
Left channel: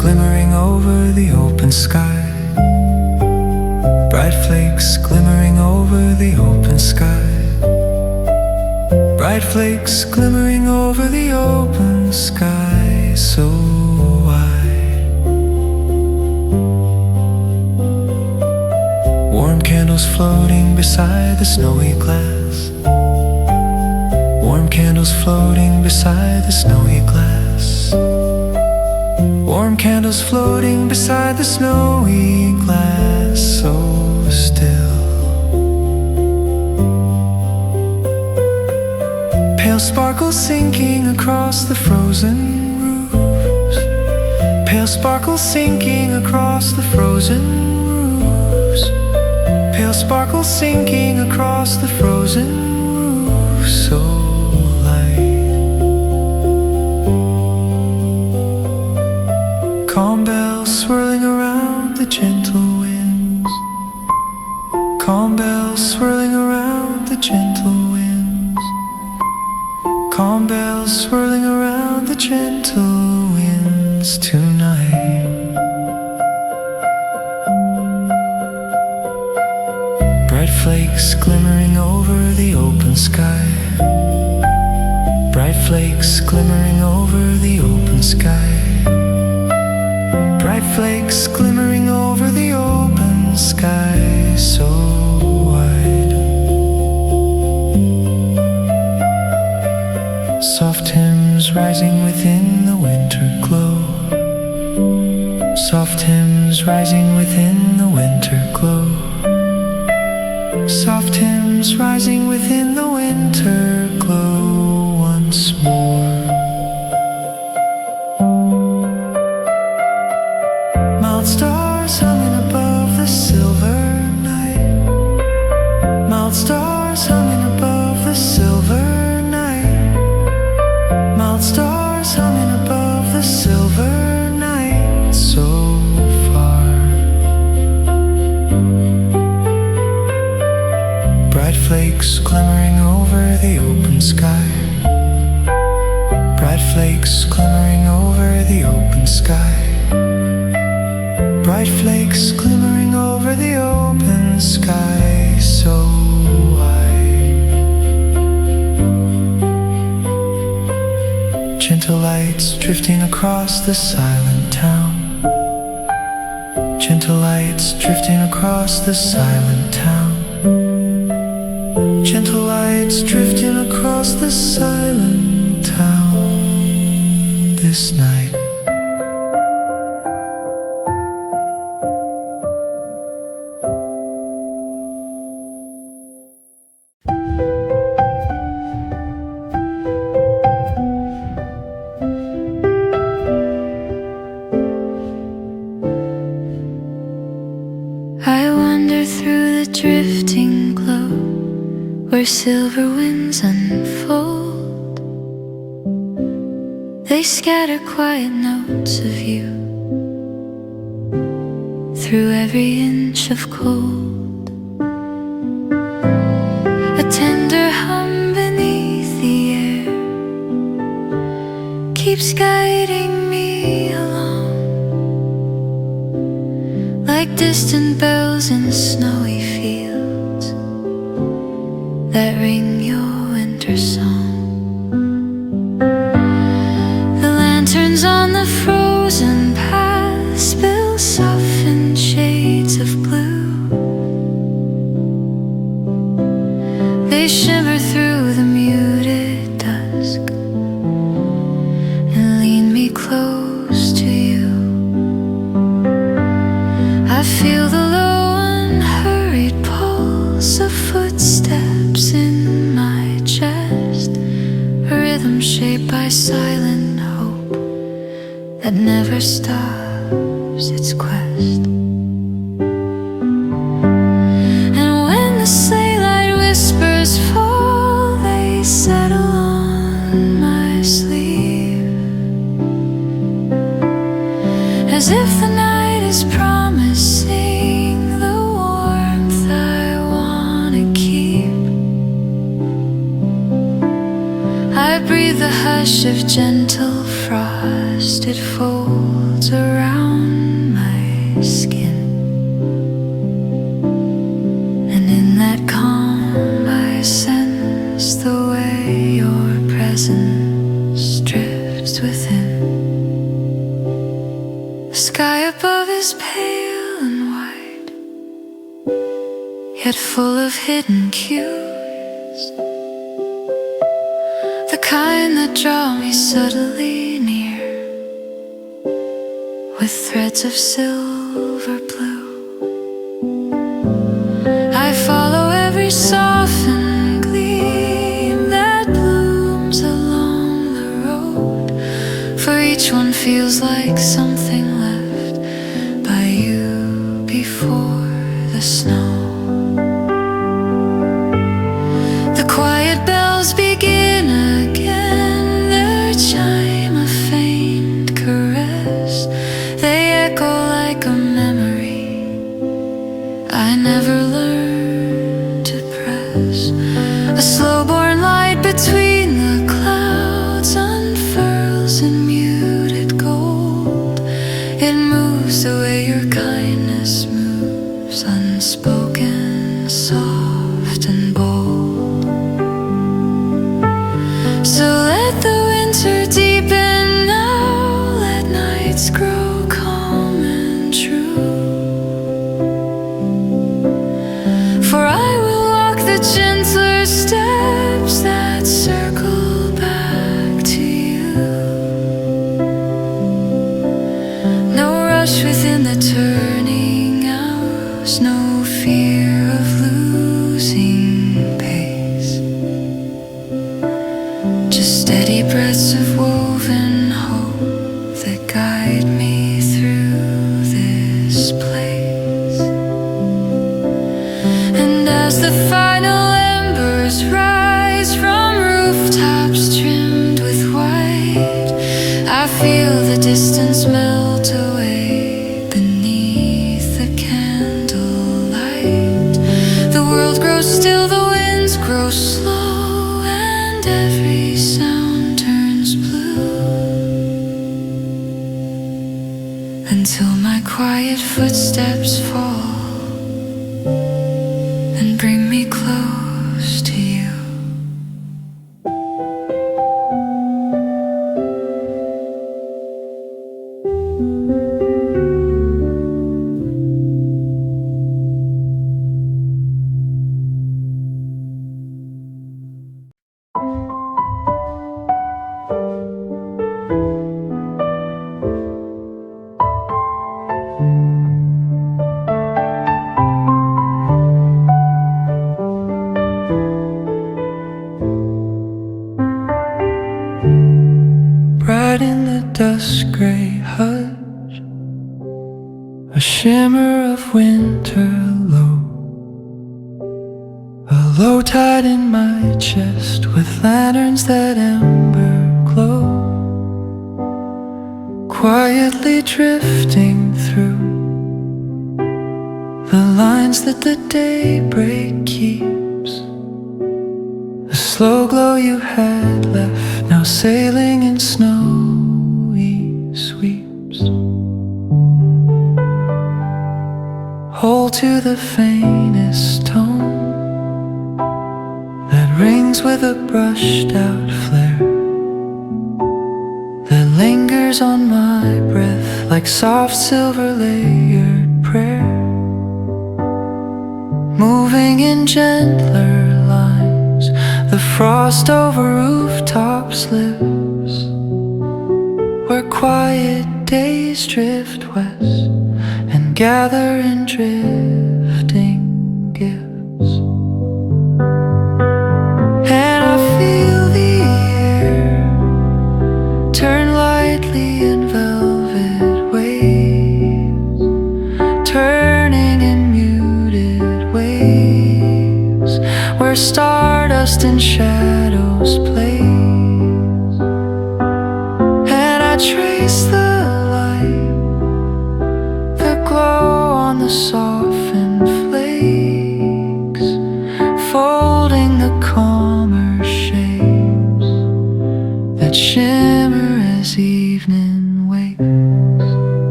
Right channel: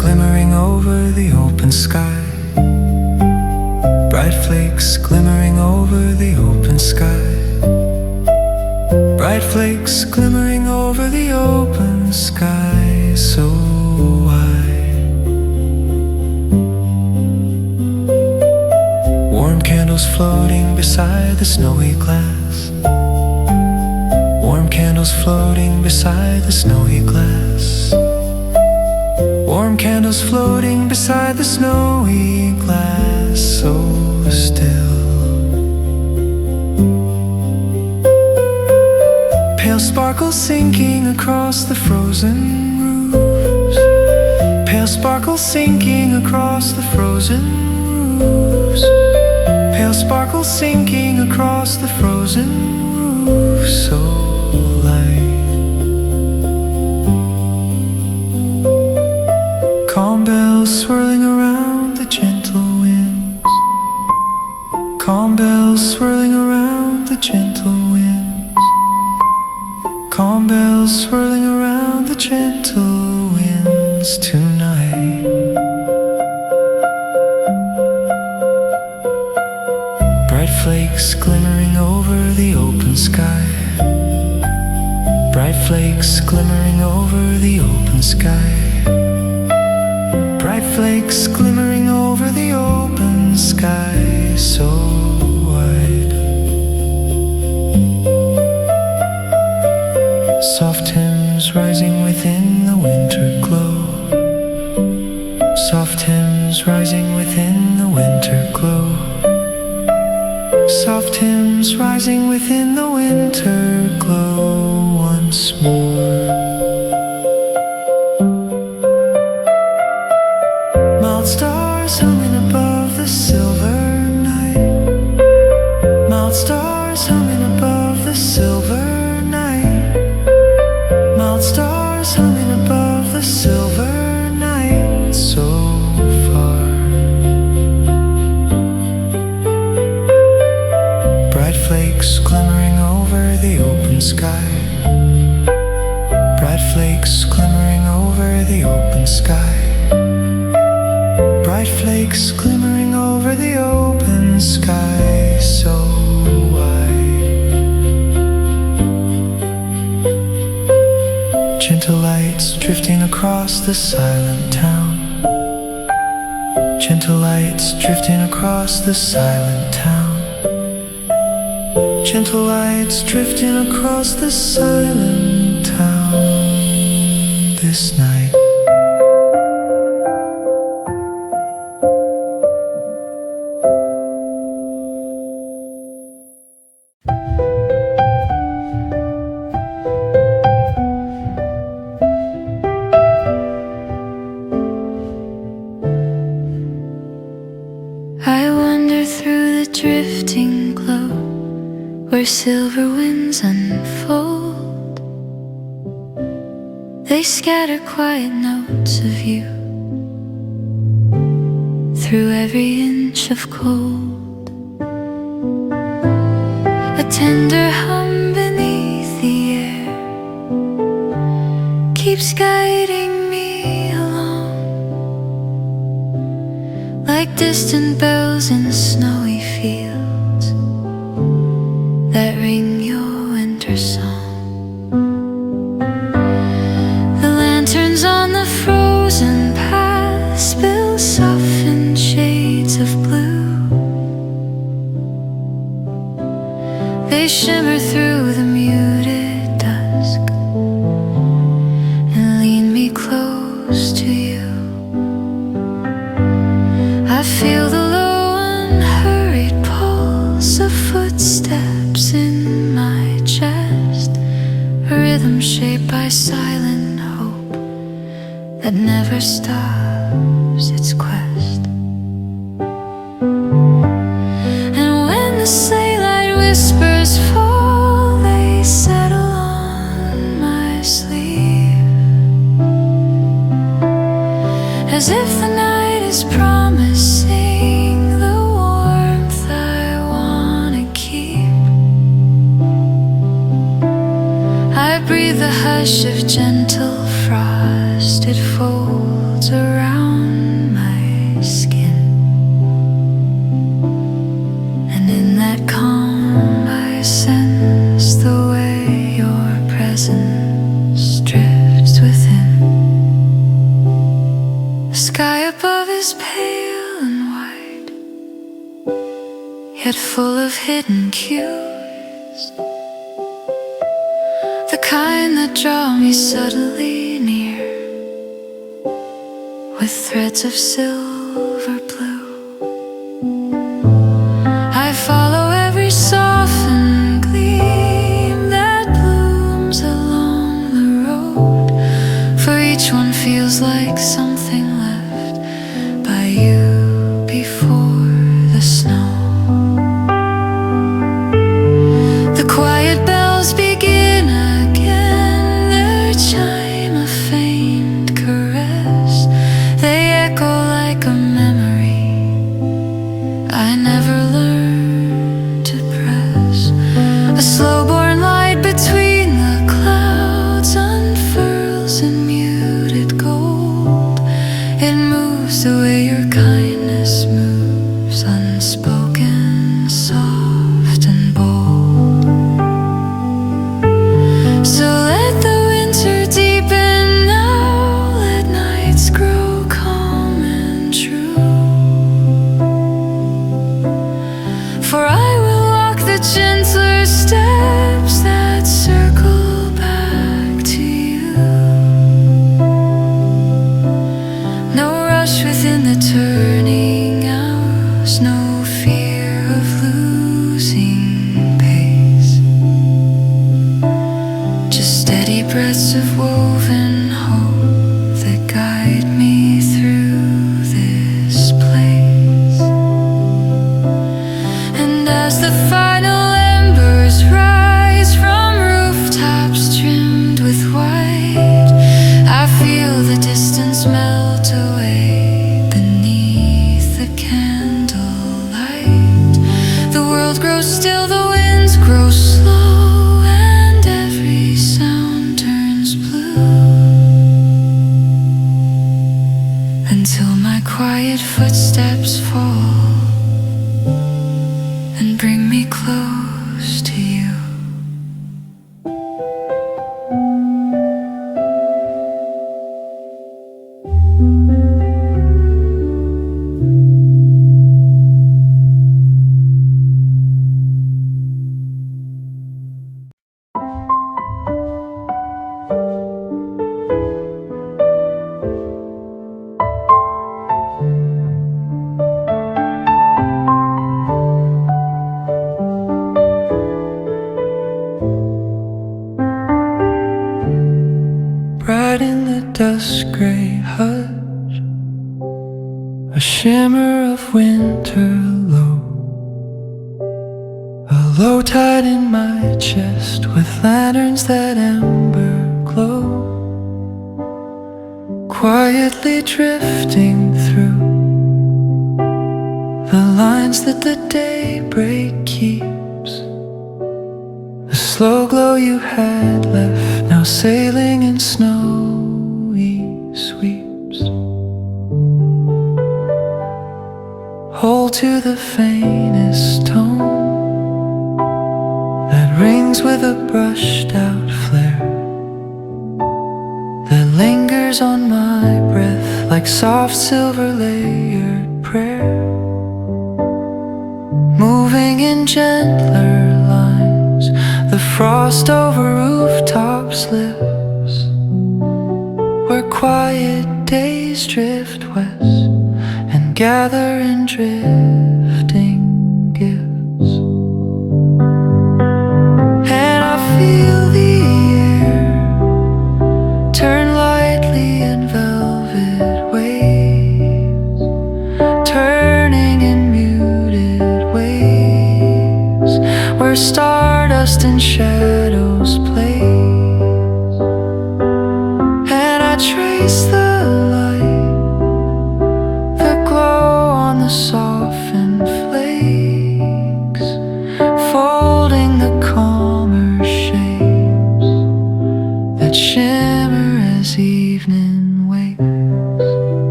glimmering over the open sky. Bright flakes glimmering over the open sky. Bright flakes glimmering over the open sky so wide. Warm candles floating beside the snowy glass. Warm candles floating beside the snowy glass. Warm candles floating beside the snowy glass so still. Pale sparkles sinking across the frozen roofs. Pale sparkles sinking across the frozen roofs. Pale sparkles sinking across the frozen roofs so light. Calm bells swirling around the gentle winds. Calm bells swirling around the gentle winds. Calm bells swirling around the gentle winds tonight. Bright flakes glimmering over the open sky. Bright flakes glimmering over the open sky. Bright flakes glimmering over the open sky so wide. Soft hymns rising within the winter glow. Soft hymns rising within the winter glow. Soft hymns rising within the winter glow once more. Mild stars humming above the silver night. Mild stars humming above the silver night. Mild stars humming above the silver night so far. Bright flakes glimmering over the open sky. Bright flakes glimmering over the open sky. Bright flakes glimmering over the open sky so wide. Gentle lights drifting across the silent town. Gentle lights drifting across the silent town. Gentle lights drifting across the silent town this night. I wander through the drifting glow where silver winds unfold. They scatter quiet notes of you through every inch of cold. A tender hum beneath the air keeps guiding me along, like distant bells in snowy fields that ring your winter song. The lanterns on the frozen path spill softened shades of blue. They shimmer through the muted dusk and lean me close to you. I feel the low unhurried pulse of footsteps in my chest, a rhythm shaped by silent hope that never stops its quest. And when the sleigh light whispers fall, they settle on my sleeve, as if the night is promising the warmth I wanna keep. I breathe the hush of gentle frost, it folds folds around my skin, and in that calm I sense the way your presence drifts within. The sky above is pale and white, yet full of hidden cues, the kind that draw me subtly near with threads of silver blue. I follow every softened gleam that blooms along the road, for each one feels like something left by you before the snow. The quiet bells begin again, their chime a faint caress. They echo like a memory I never learned to press. A slow-born light between the clouds unfurls in muted gold. It moves the way your kindness moves, unspoken, soft and bold. So let the winter deepen now, let nights grow calm and true. For I will walk the gentler steps that circle back to you. No rush within the turning hours, no fear of losing pace, just steady breaths of woven hope that guide me through this place. And as the final embers rise from rooftops trimmed with white, I feel the distance melt away beneath the candlelight. The world grows still, the winds grow slow, and every sound turns blue, until my quiet footsteps fall and bring me close to you. Bright in the dusk gray hush, a shimmer of winter low, a low tide in my chest with lanterns that ember glow, quietly drifting through the lines that the daybreak keeps. The slow glow you had left, now sailing in snowy sweeps. Hold to the faintest tone that rings with a brushed out flare, that lingers on my breath like soft silver layered prayer, moving in gentler lines. The frost over rooftops lives, where quiet days drift west and gather in drifting gifts. And I feel the air turn lightly in velvet waves, turning in muted waves, where stardust and shadows plays. And I trace the light, the glow on the softened flakes, folding the calmer shapes that shimmer as evening wakes.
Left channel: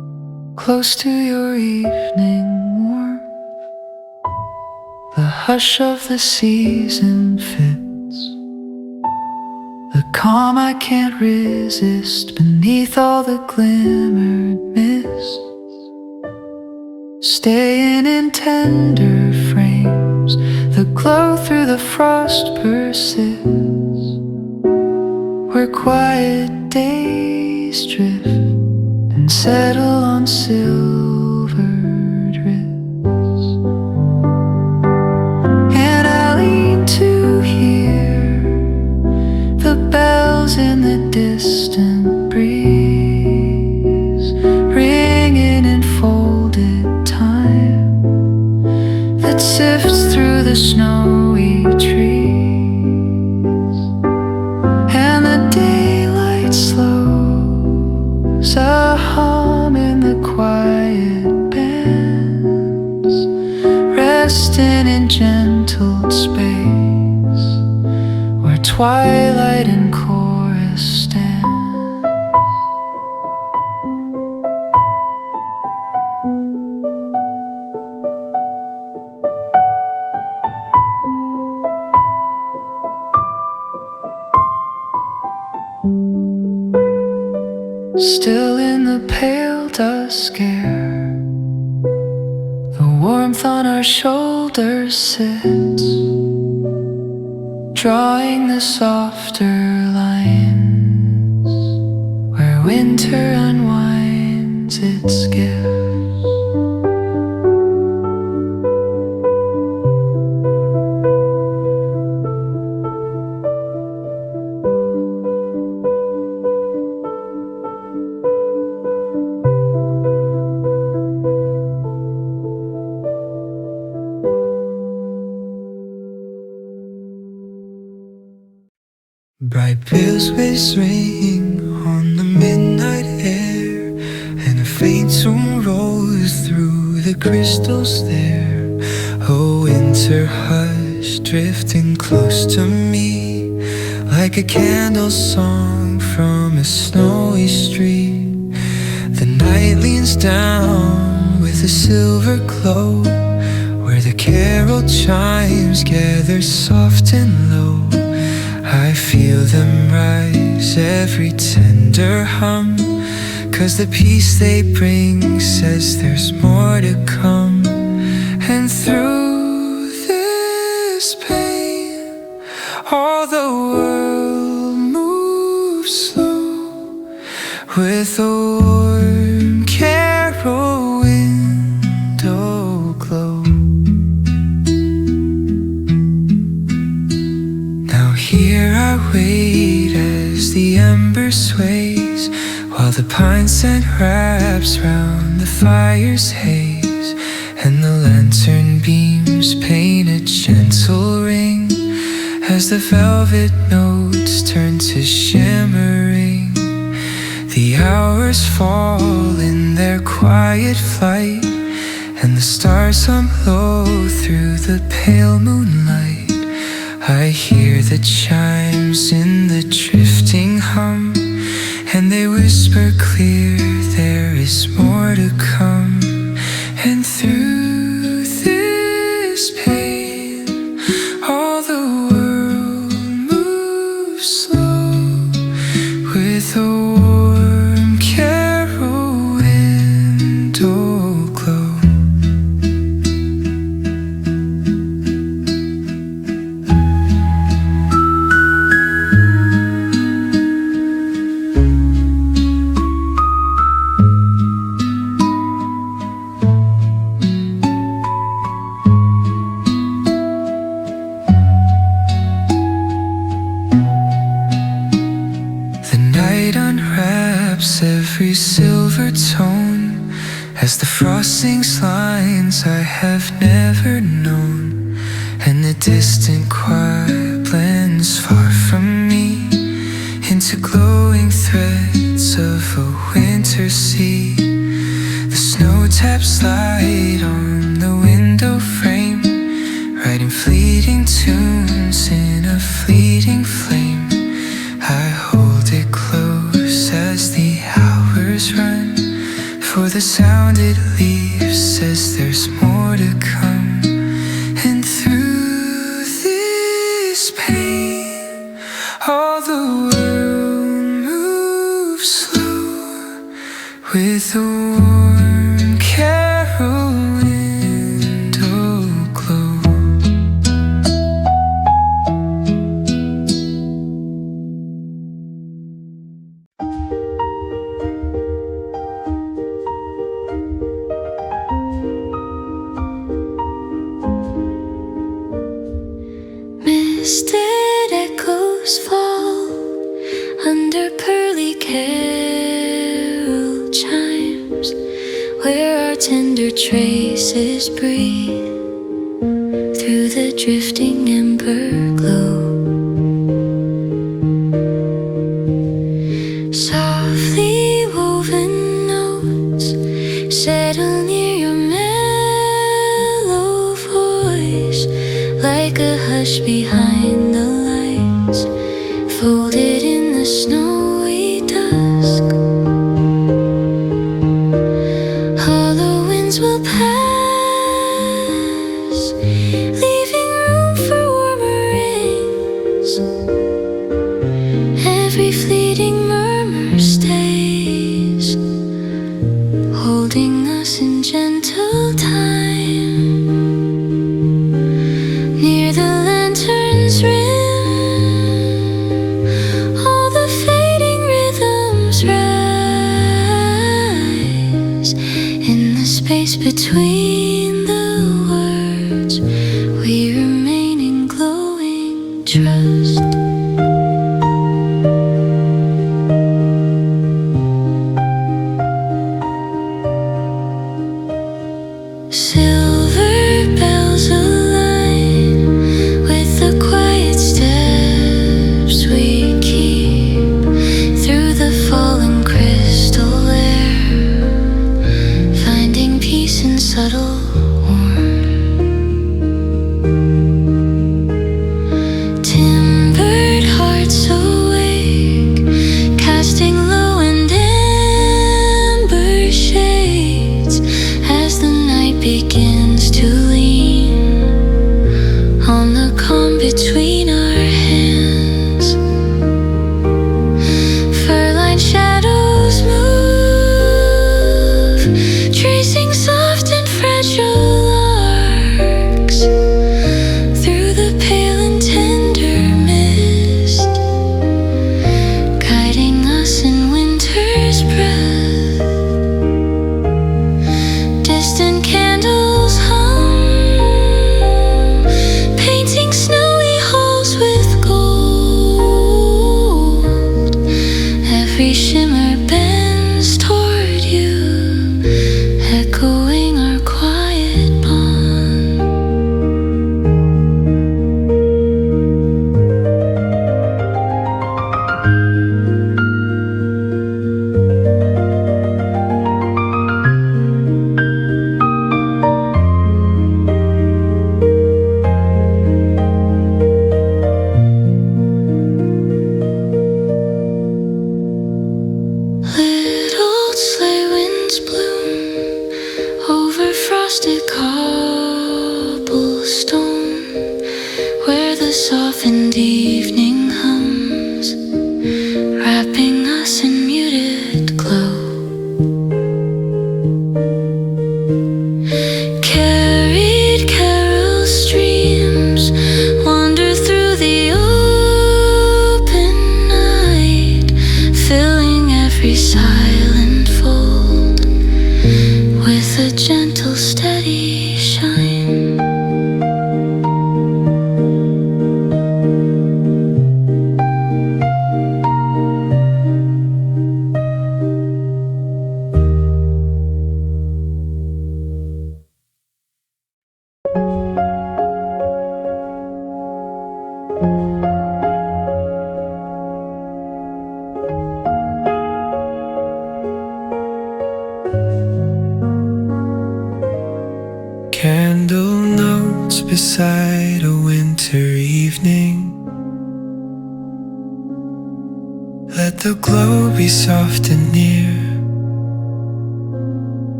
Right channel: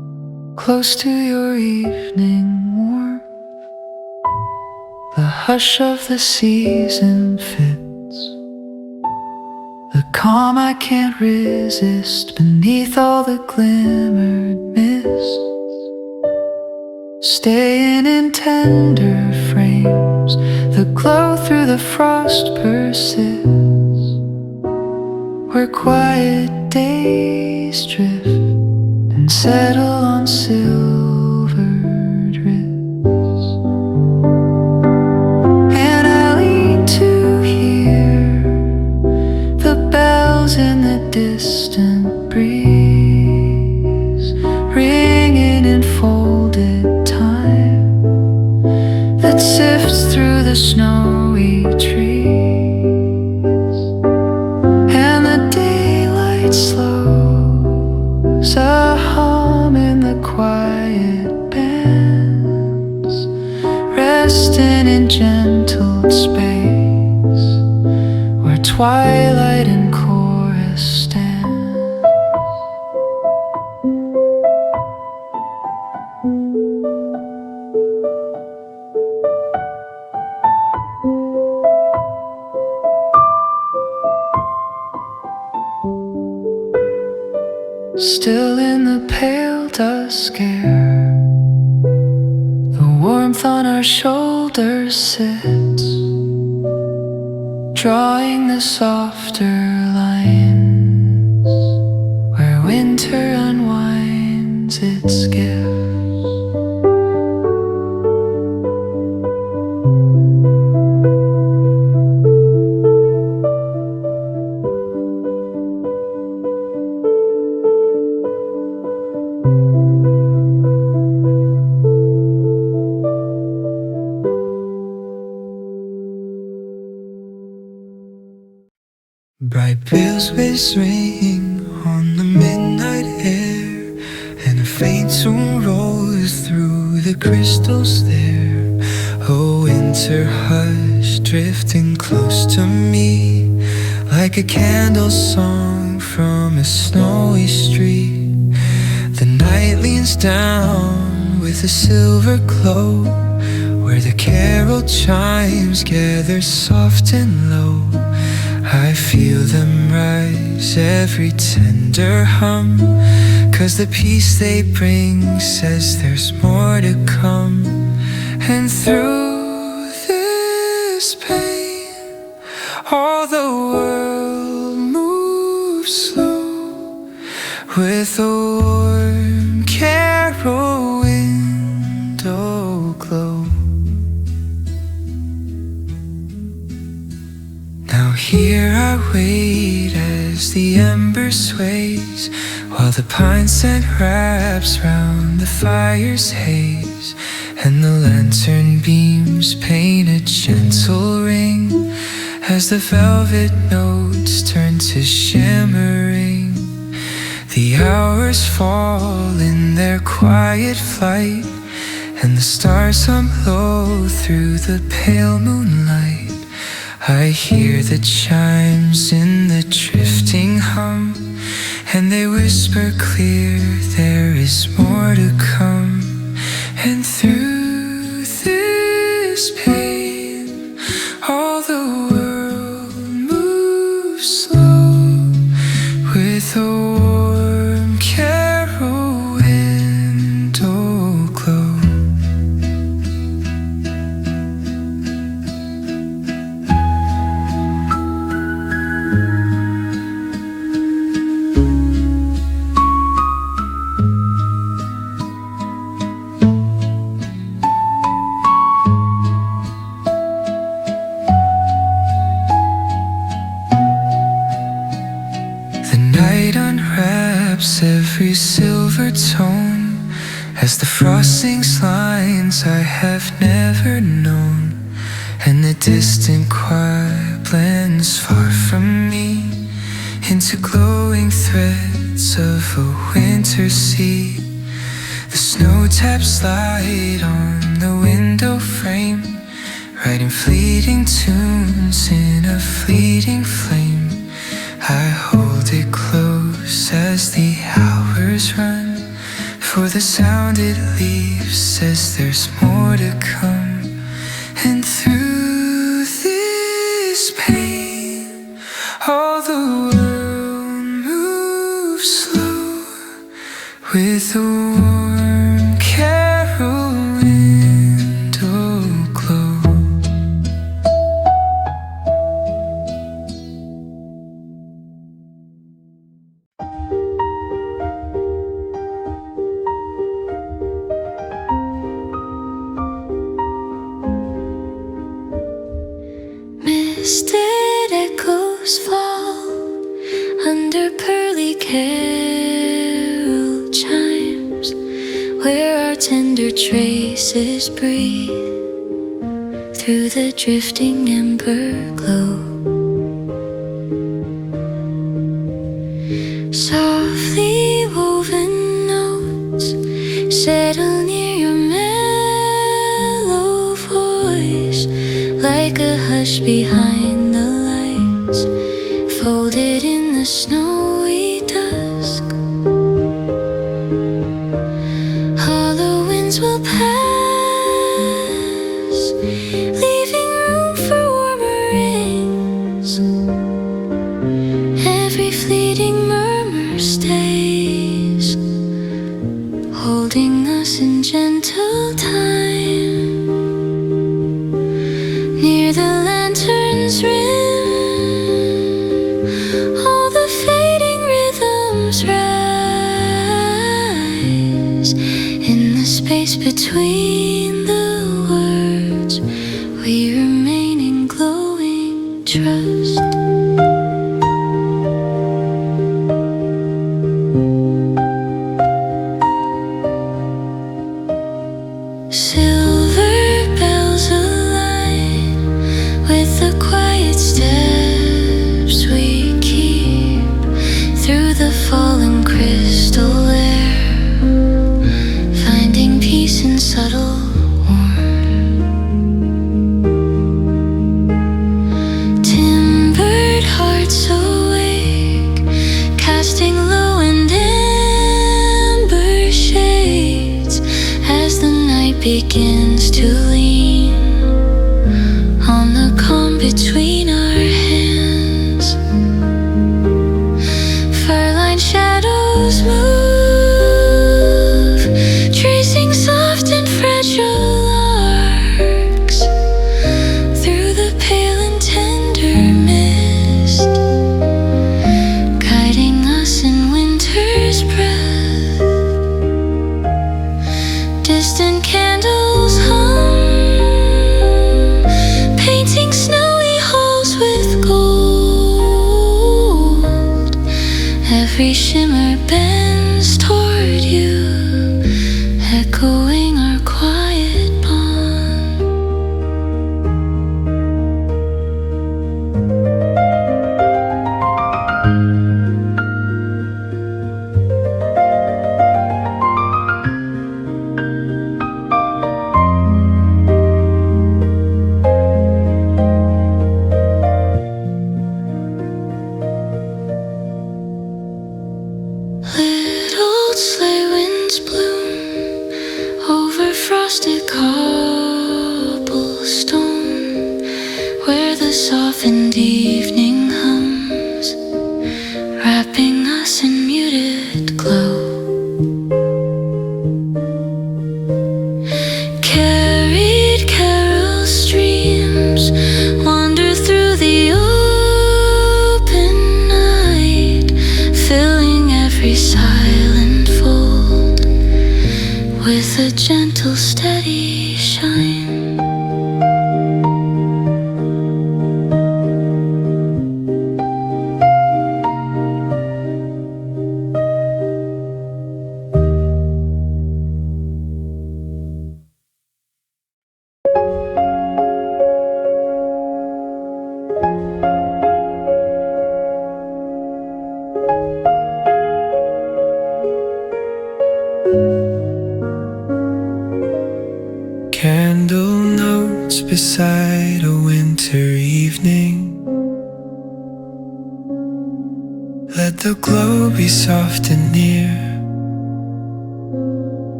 close to your evening warmth. The hush of the season fits the calm I can't resist beneath all the glimmered mists. Staying in tender frames, the glow through the frost persists. Where quiet days drift and settle on silvered wrists. And I lean to hear the bells in the distant breeze, ringing in folded time that sifts through the snowy trees. And the daylight slows, a hum in the quiet bands, resting in gentle space where twilight and chorus stand. Still in the pale dusk air, the warmth on our shoulders sits, drawing the softer lines where winter unwinds its gifts. Bright bells ring on the midnight air, and a faint tune rolls through the crystals there. A winter hush drifting close to me, like a candle song from a snowy street. The night leans down with a silver glow, where the carol chimes gather soft and low. I feel them rise, every tender hum, 'cause the peace they bring says there's more to come. And through this pain, all the world moves slow, with a warm carol window glow. Here I wait as the ember sways, while the pine scent wraps round the fire's haze, and the lantern beams paint a gentle ring as the velvet notes turn to shimmering. The hours fall in their quiet flight, and the stars hum low through the pale moonlight. I hear the chimes in the drifting hum, and they whisper clear there is more to come. And through this pain, all the world moves slow, with a warm carol window glow. Every silver tone as the frost sings lines I have never known, and the distant choir blends far from me into glowing threads of a winter sea. The snow taps light on the window frame, writing fleeting tunes in a fleeting flame. I hold it close as the hours run, for the sound it leaves says there's more to come. And through this pain, all the world moves slow with a warm carol window glow. Misted echoes fall under pearly carol chimes, where our tender traces breathe through the drifting ember glow. Softly woven notes settle near your mellow voice, like a hush behind the lights, folded in the snowy dusk. Hollow winds will pass, leaving room for warmer rings. Every fleeting murmur stays, holding us in gentle time. Near the lantern's rim, all the fading rhythms rise. In the space between the words, we remain in glowing trust. Silver bells align with the quiet steps we keep through the fallen crystal air, finding peace in subtle warmth. Timbered hearts awake, casting low and amber shades as the night begins to lean on the calm between our hands. Fur-lined shadows move, tracing soft and fragile arcs through the pale and tender mist, guiding us in winter's breath. Distant candles hum, painting snowy halls with gold. Every shimmer bends toward you, echoing our quiet bond. Little sleigh winds bloom over frosted cobblestone, where the softened evening hums, wrapping us in muted glow. Carried carol streams wander through the open night, filling every silent fold with a gentle, steady shine. Candle notes beside a winter evening. Let the glow be soft and near.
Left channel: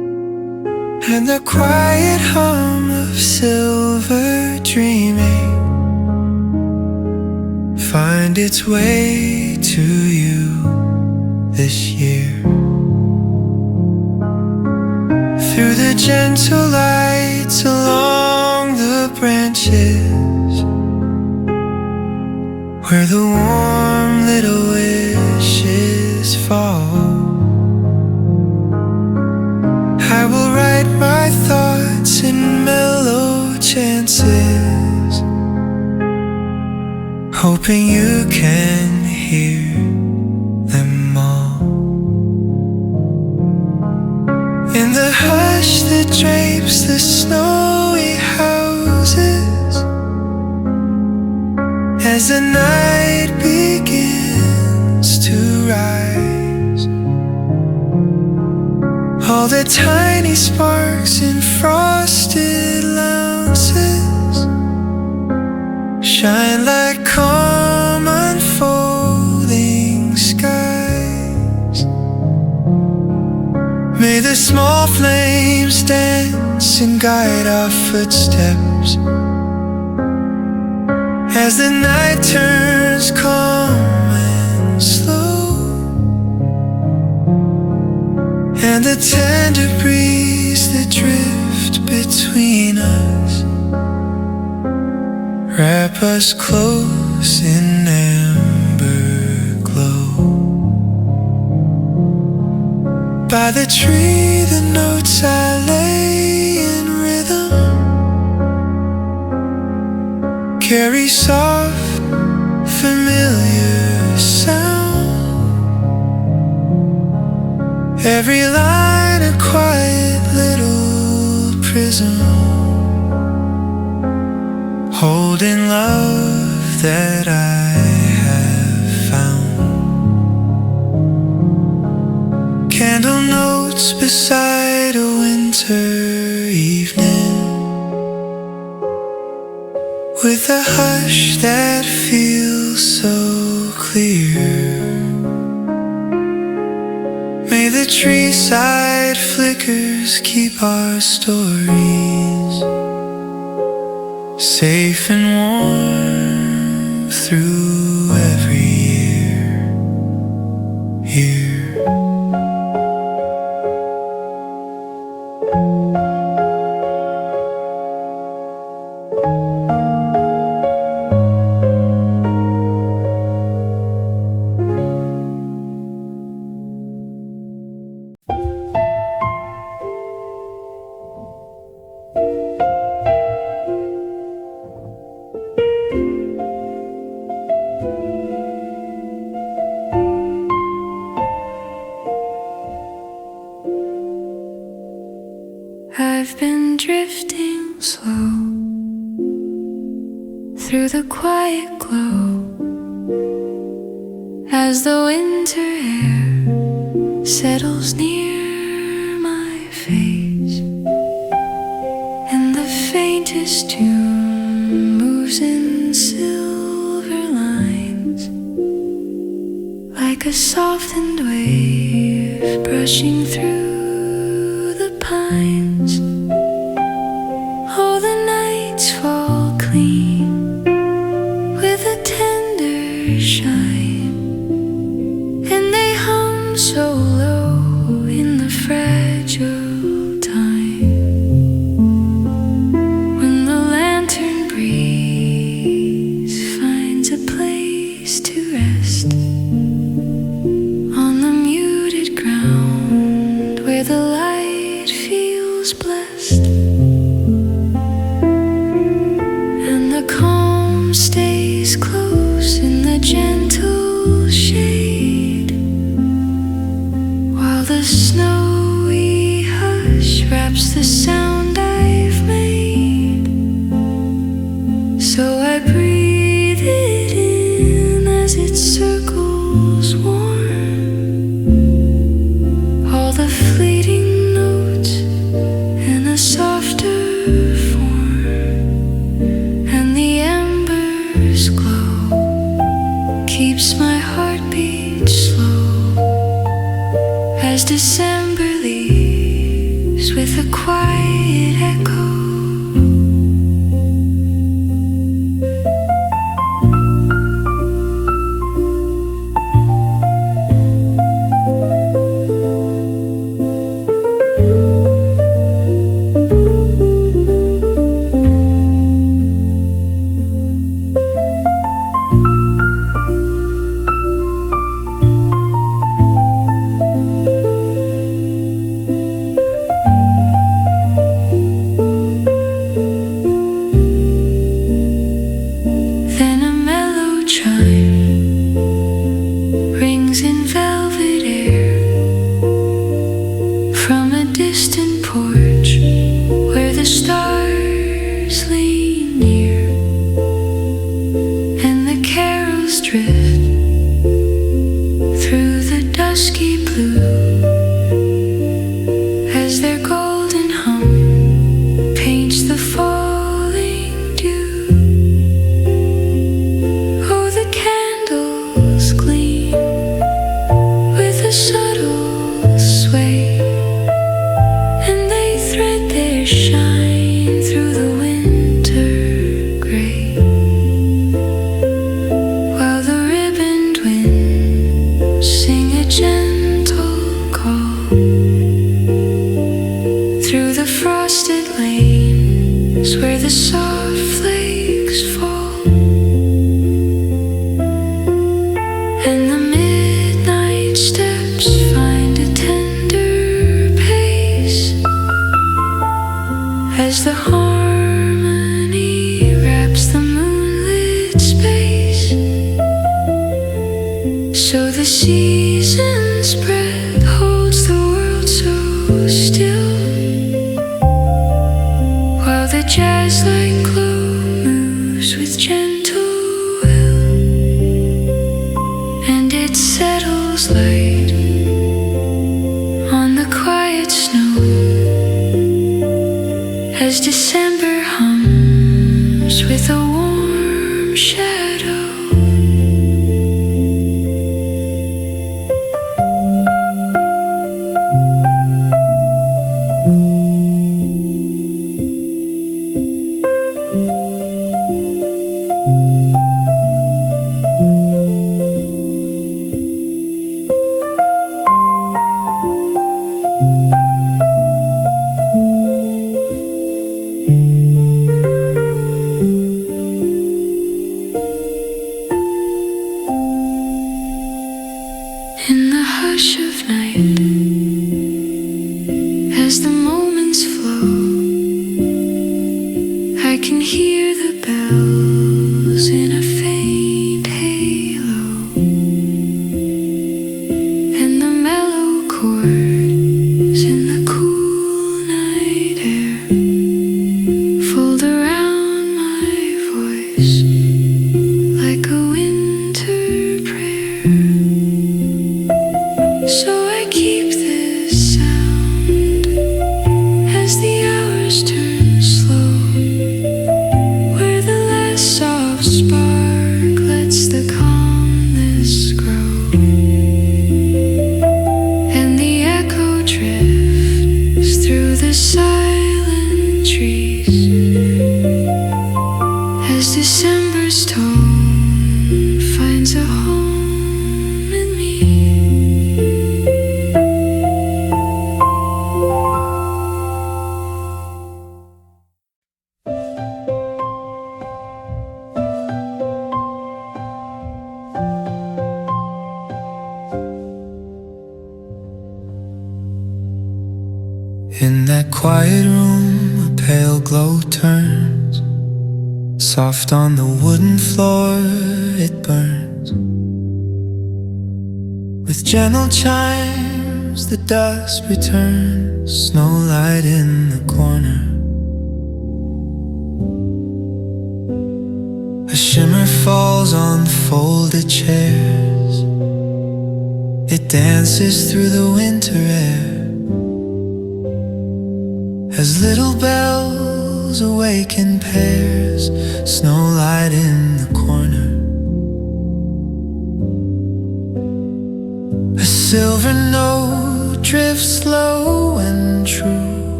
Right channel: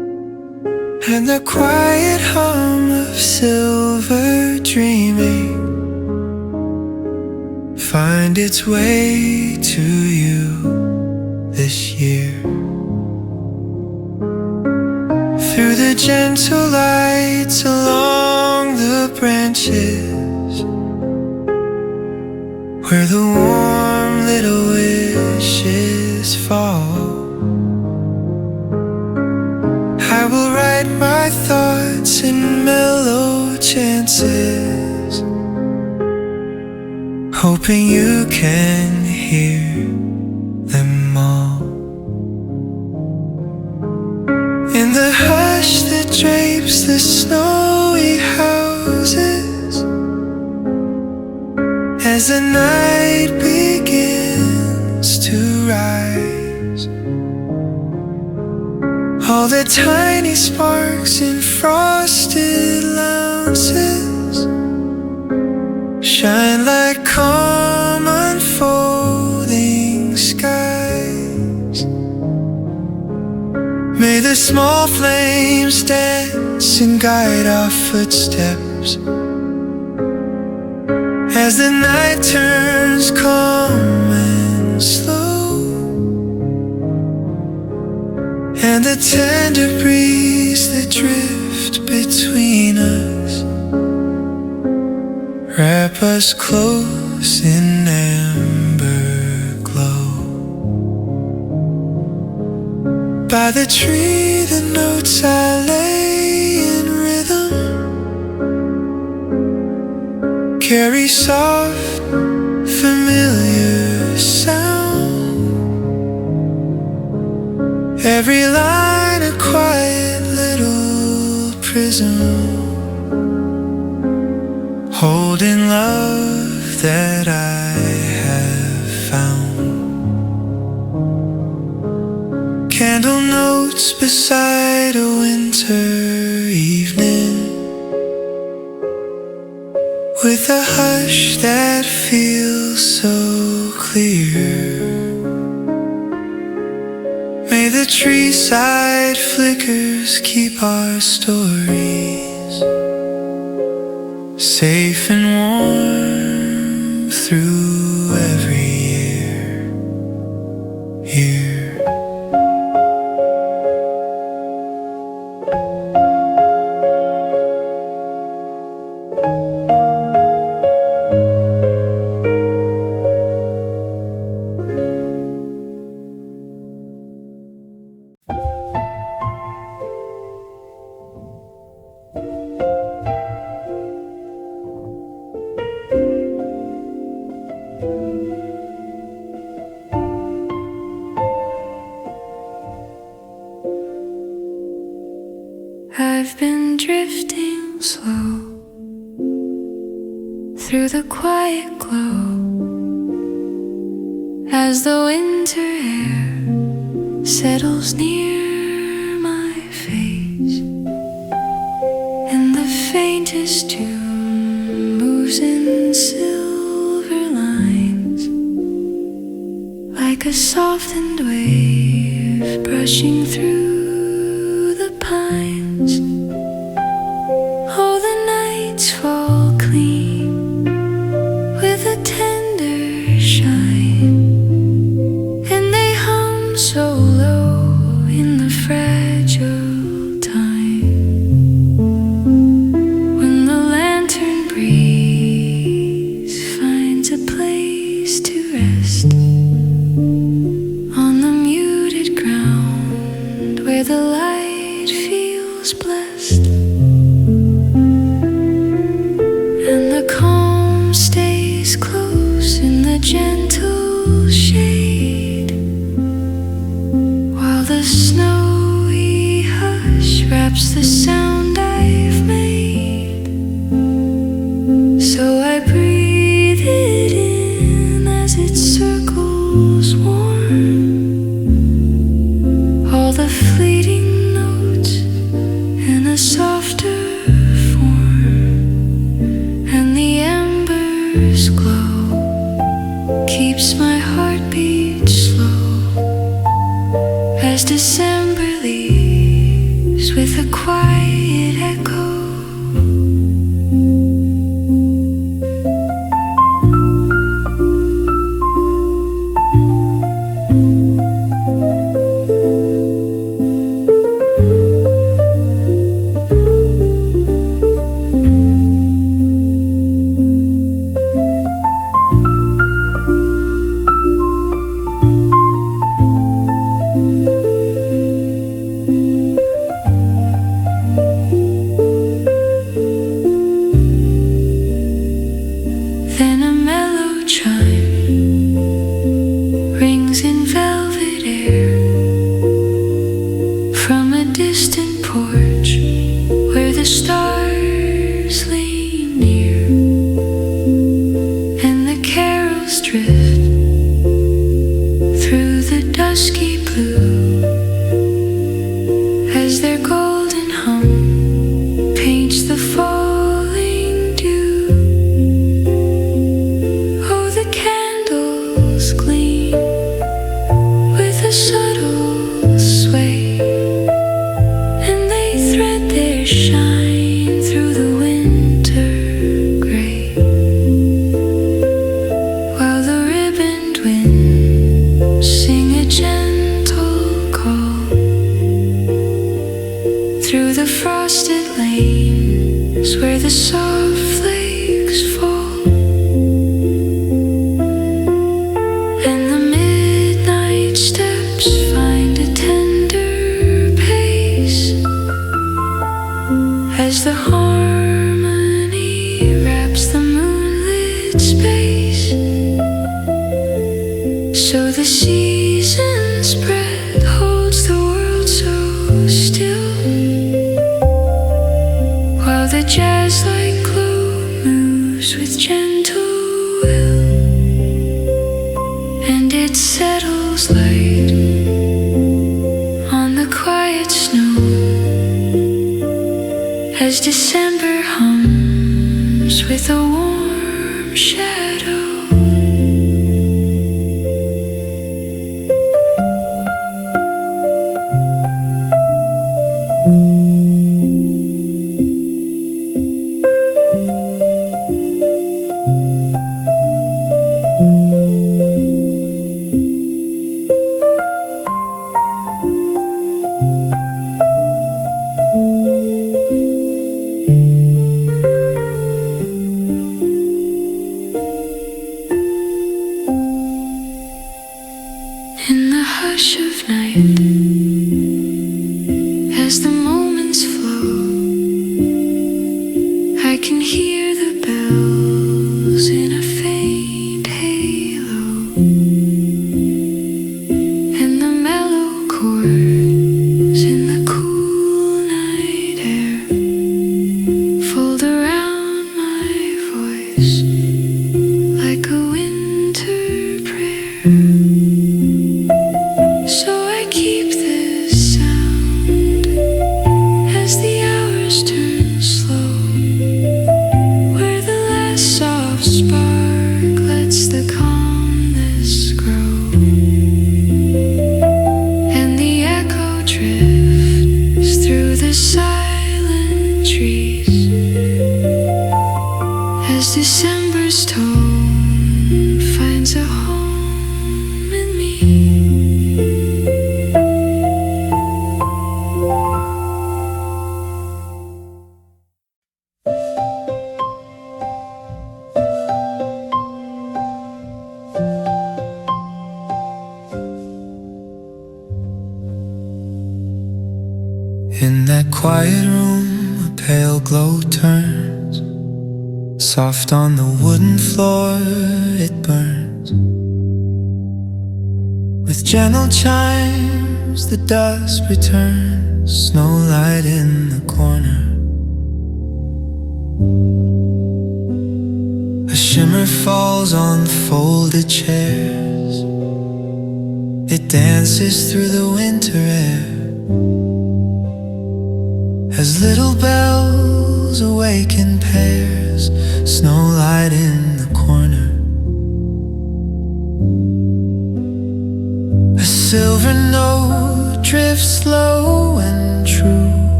and the quiet hum of silver dreaming find its way to you this year. Through the gentle lights along the branches, where the warm little wishes fall, I will write my thoughts in mellow chances, hoping you can hear them all. In the hush that drapes the snowy houses, as the night begins to rise, all the tiny sparks in frosted louses shine like calm unfolding skies. May the small flames dance and guide our footsteps as the night turns calm and slow, and the tender breeze that drift between us wrap us close in amber glow. By the tree the notes I lay in rhythm carry soft, familiar sound. Every line a quiet little prism, holding love that I have found. Candle notes beside a winter evening, with a hush that feels so clear. May the tree side flickers keep our stories safe and warm through every year. I've been drifting slow through the quiet glow as the winter air settles near my face, and the faintest tune moves in silver lines like a softened wave brushing through the pines. Oh, the nights fall clean with a tender shine, and they hum so low in the fragile time. When the lantern breeze finds a place to rest on the muted ground where the light feels blessed, and the calm stays close in the gentle shade, while the snowy hush wraps the sound I've made. So I breathe it in as it circles warm, all the fleeting notes in a softer and the embers glow, keeps my heartbeat slow as December leaves plays with a quiet echo. Then a mellow chime rings in velvet air from a distant porch where the stars lean near, and the carols drift through the dusky blue as their golden hum paints the falling dew. The candles gleam with a subtle sway, and they thread their shine through the winter gray, while the ribboned winds sing a gentle call through the frosted lanes where the soft flakes fall. And the midnight steps find a tender pace as the harmony wraps the moonlit space. So the season's breath holds the world so still, while the jazz-like glow moves with gentle will, and it settles light on the quiet snow as December hums with a warm shadow. In the hush of night, as the moments flow, I can hear the bells in a faint halo, and the mellow chords in the cool night air fold around my voice like a winter prayer. So I keep this sound as the hours turn slow, where the last soft spark lets the calmness grow, and the echo drifts through the silent trees as December's tone finds a home in me. In that quiet room, a pale glow turns soft on the wooden floor, it burns with gentle chimes. The dusk returns, Snowlight in the corner. A shimmer falls on folded chairs, it dances through the winter air as little bells awaken pairs. Snowlight in the corner. A silver note drifts slow and true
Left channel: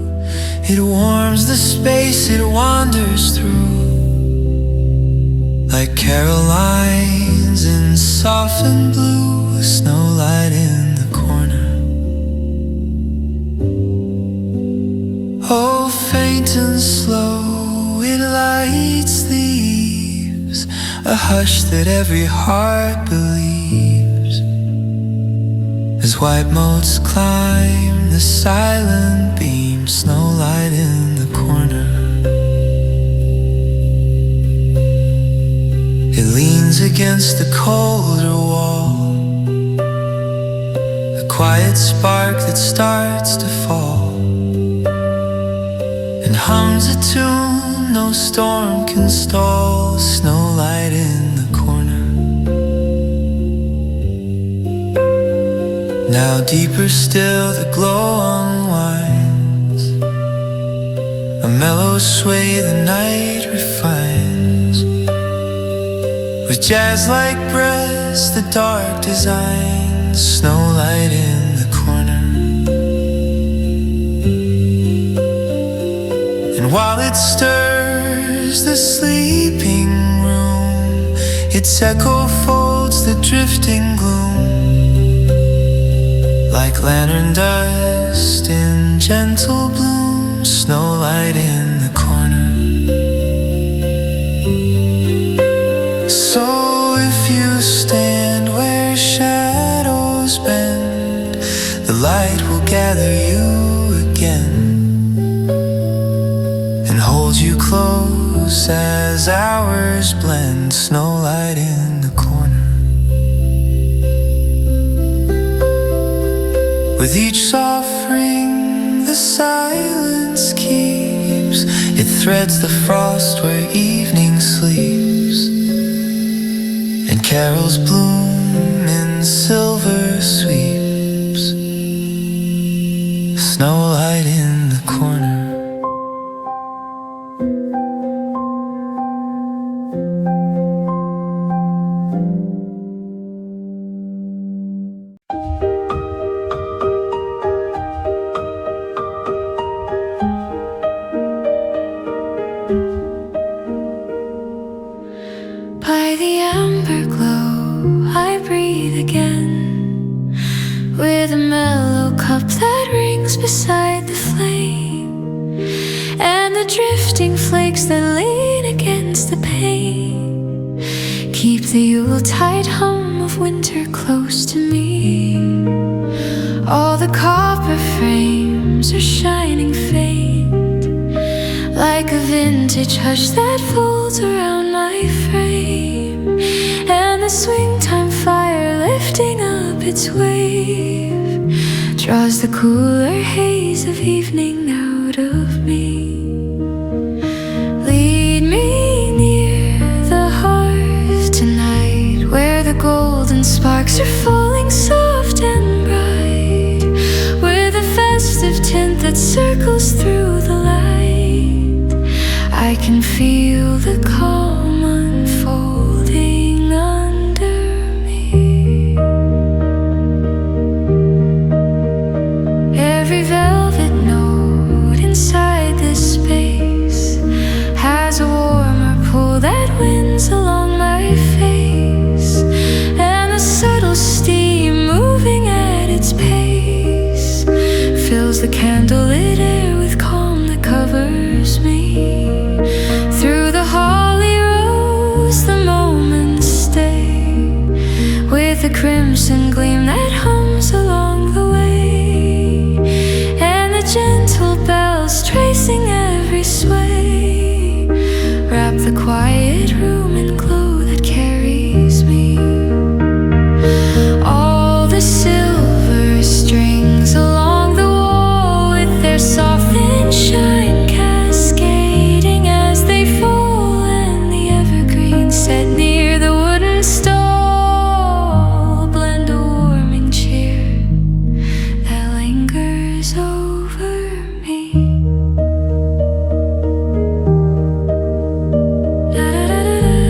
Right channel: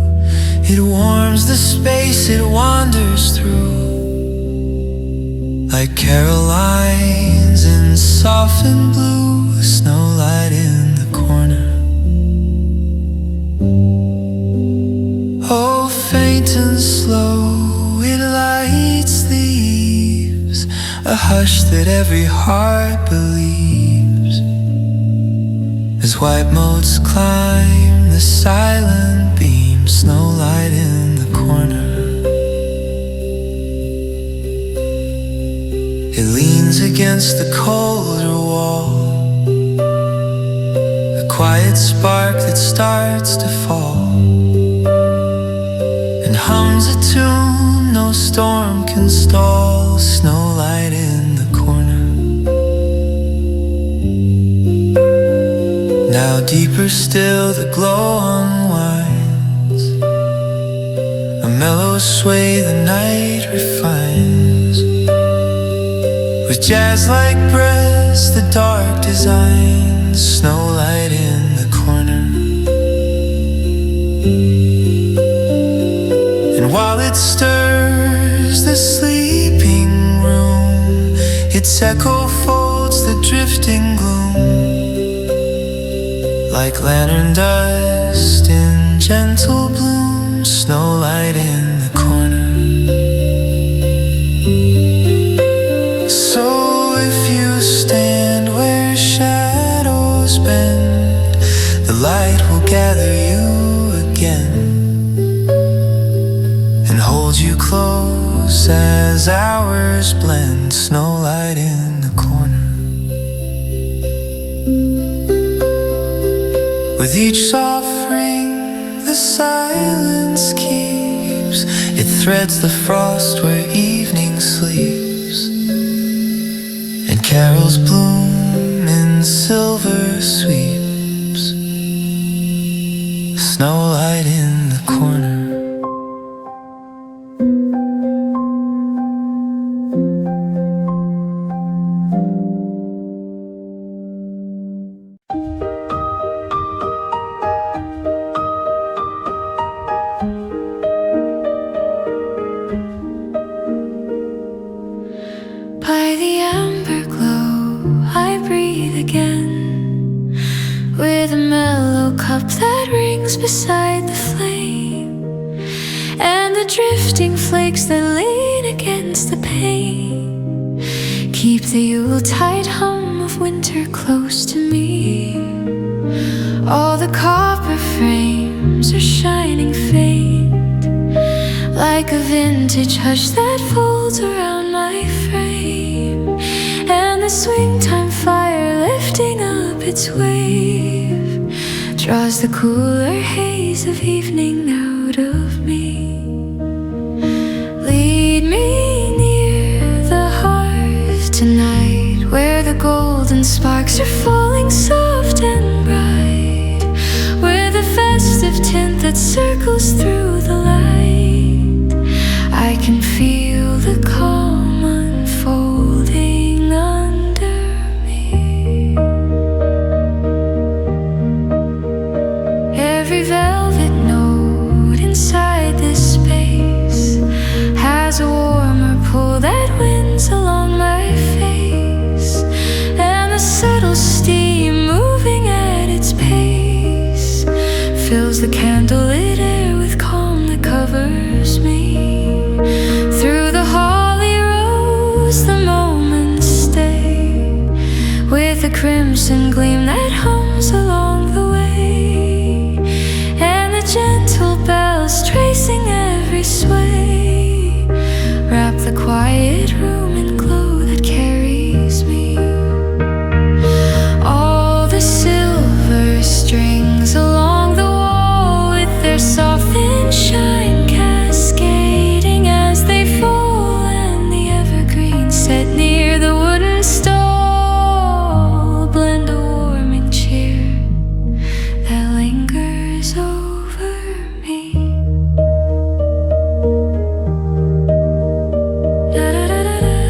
It warms the space it wanders through, like Carolines in soft and blue, snowlight in the corner. Oh, faint and slow, it lights the eaves, a hush that every heart believes, as white motes climb the silent beam, snowlight in the corner. It leans against the colder wall, a quiet spark that starts to fall, and hums a tune no storm can stall, snowlight in the corner. Now deeper still the glow unwinds, a mellow sway the night refines, with jazz-like breaths the dark designs, snowlight in the corner. And while it stirs the sleeping room, its echo folds the drifting gloom, like lantern dust in gentle bloom, snowlight in the corner. So if you stand where shadows bend, the light will gather you again and hold you close as hours blend, snowlight in the corner. With each soft ring the silence keeps, it threads the frost where evening sleeps, and carols bloom in silver sweeps, snowlight in the corner. By the amber glow, I breathe again, with a mellow cup that rings beside the flame, and the drifting flakes that lean against the pane keep the Yuletide hum of winter close to me. All the copper frames are shining faint, like a vintage hush that folds around my frame, and the swing time fire lifting up its wave draws the cooler haze of evening out of me. Lead me near the hearth tonight, where the golden sparks are falling soft and bright, with a festive tint that circles through the light. I can feel the calm unfolding under me. Every velvet note inside this space has a warmer pull that winds along my face, and the subtle steam moving at its pace fills the candlelit air with calm that covers me. Through the holly rose the moments stay, with a crimson gleam that hums along the way, and the gentle bells tracing every sway wrap the quiet room in glow that carries me. All the silver strings along the wall, with their soft thin shine cascading as they fall, and the evergreen set near the wooden stall blend a warming cheer that lingers over me. Da, da, da, da, da.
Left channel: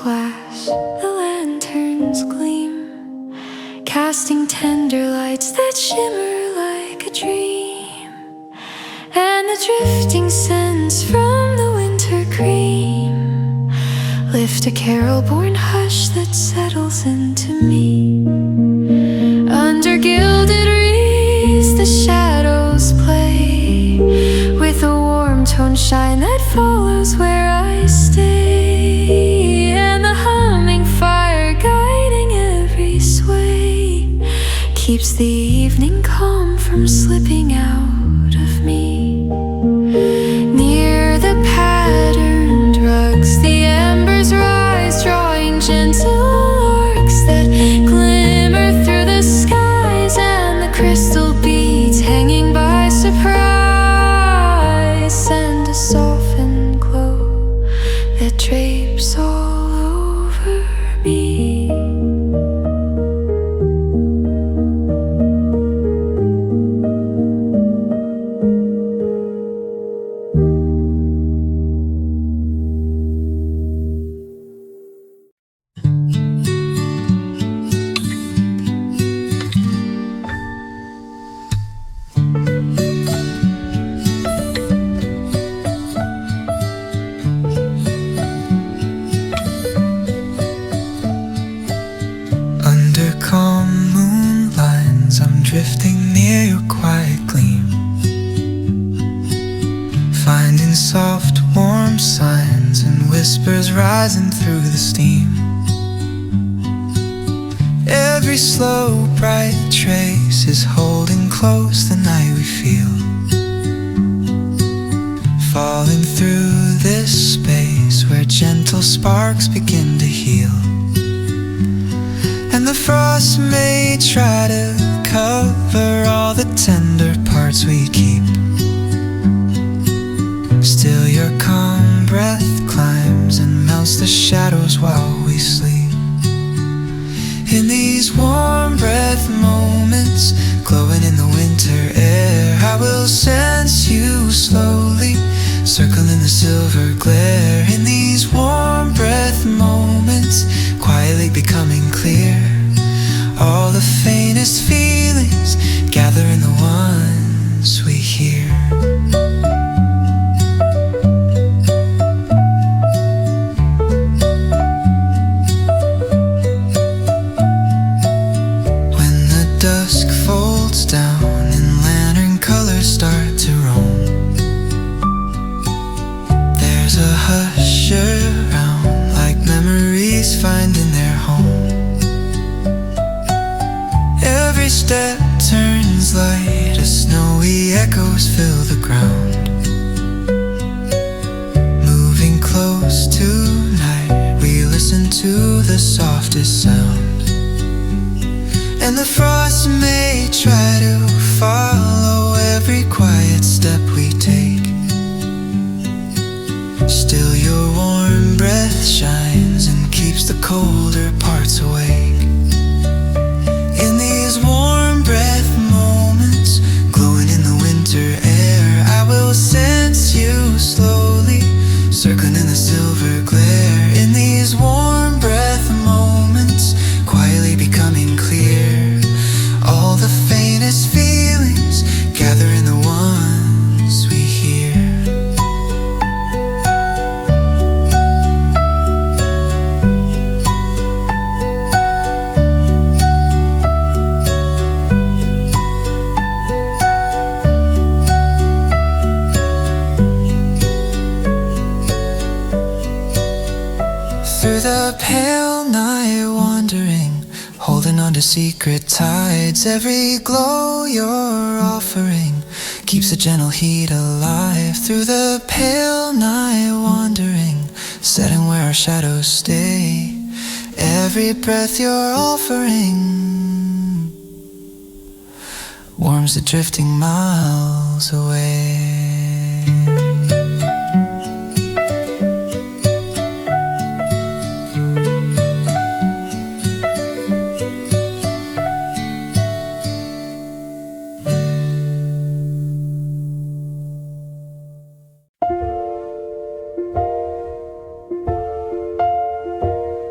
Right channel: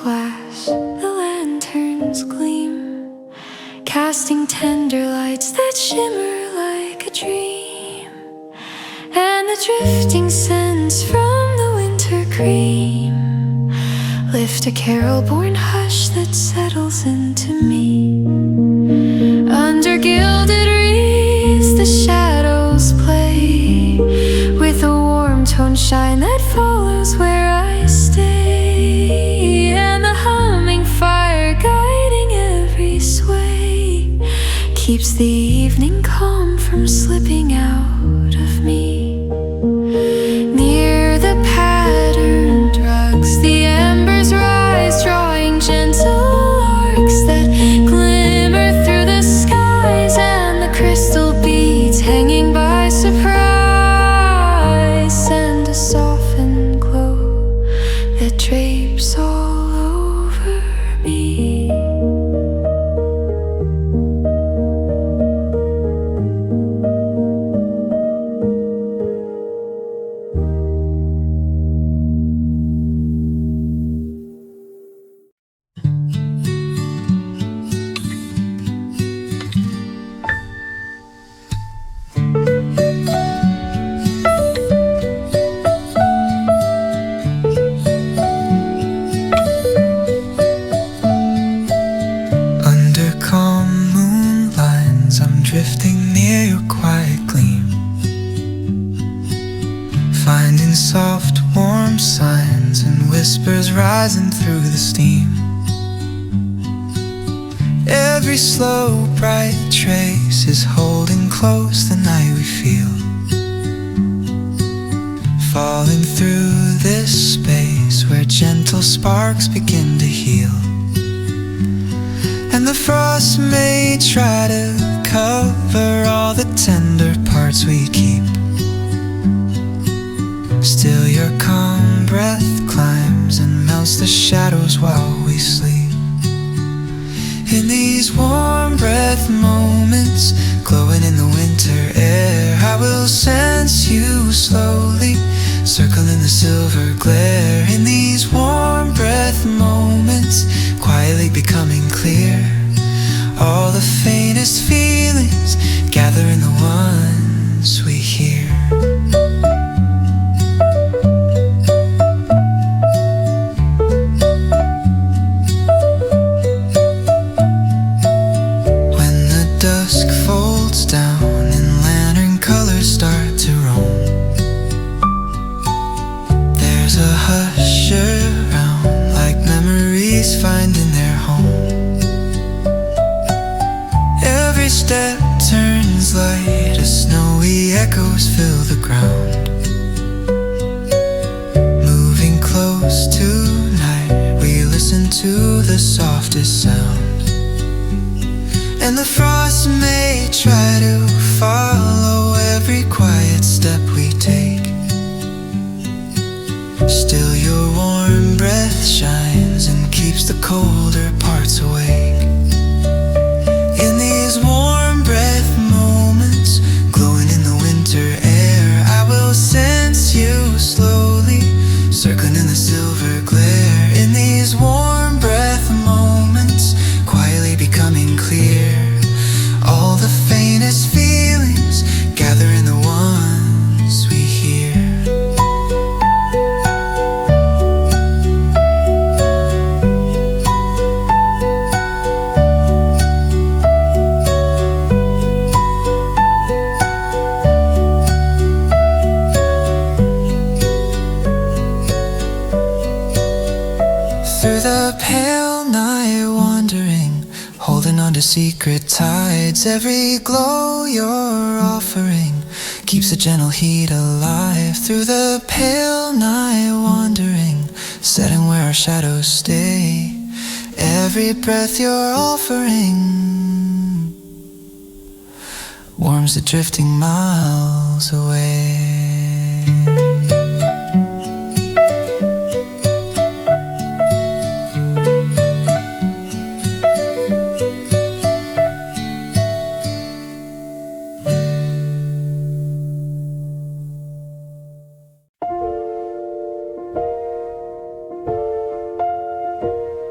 glass, the lanterns gleam, casting tender lights that shimmer like a dream. And the drifting scents from the winter cream lift a carol-born hush that settles into me. Under gilded wreaths the shadows play, with a warm tone shine that follows where I stay. And the humming fire guiding every sway keeps the evening calm from slipping out of me. Near the patterned rugs the embers rise, drawing gentle arcs that glimmer through the skies. And the crystal beads hanging by surprise send a softened glow that drapes all over me. Drifting near your quiet gleam, finding soft warm signs and whispers rising through the steam. Every slow bright trace is holding close the night we feel, falling through this space where gentle sparks begin to heal. And the frost may try to cover all the tender parts we keep, still your calm breath climbs and melts the shadows while we sleep. In these warm breath moments, glowing in the winter air, I will sense you slowly, circling the silver glare. In these warm breath moments, quietly becoming clear, all the faintest feelings gather in the ones we hear. When the dusk folds down and lantern colors start to roam, there's a hush around, like memories finding their home. Every step turns light as snowy echoes fill the ground. Moving close tonight, we listen to the softest sound. And the frost may try to follow every quiet step we take, still your warm breath shines and keeps the colder parts awake. In these warm breath moments, glowing in the winter air, I will sense you slowly, circling in the silver glare. In these warm breath moments, quietly becoming clear, all the faintest feelings gather in the ones we hear. Through the pale night wandering, holding on to secret tides. Every glow you're offering keeps the gentle heat alive. Through the pale night wandering, setting where our shadows stay. Every breath you're offering warms the drifting miles away.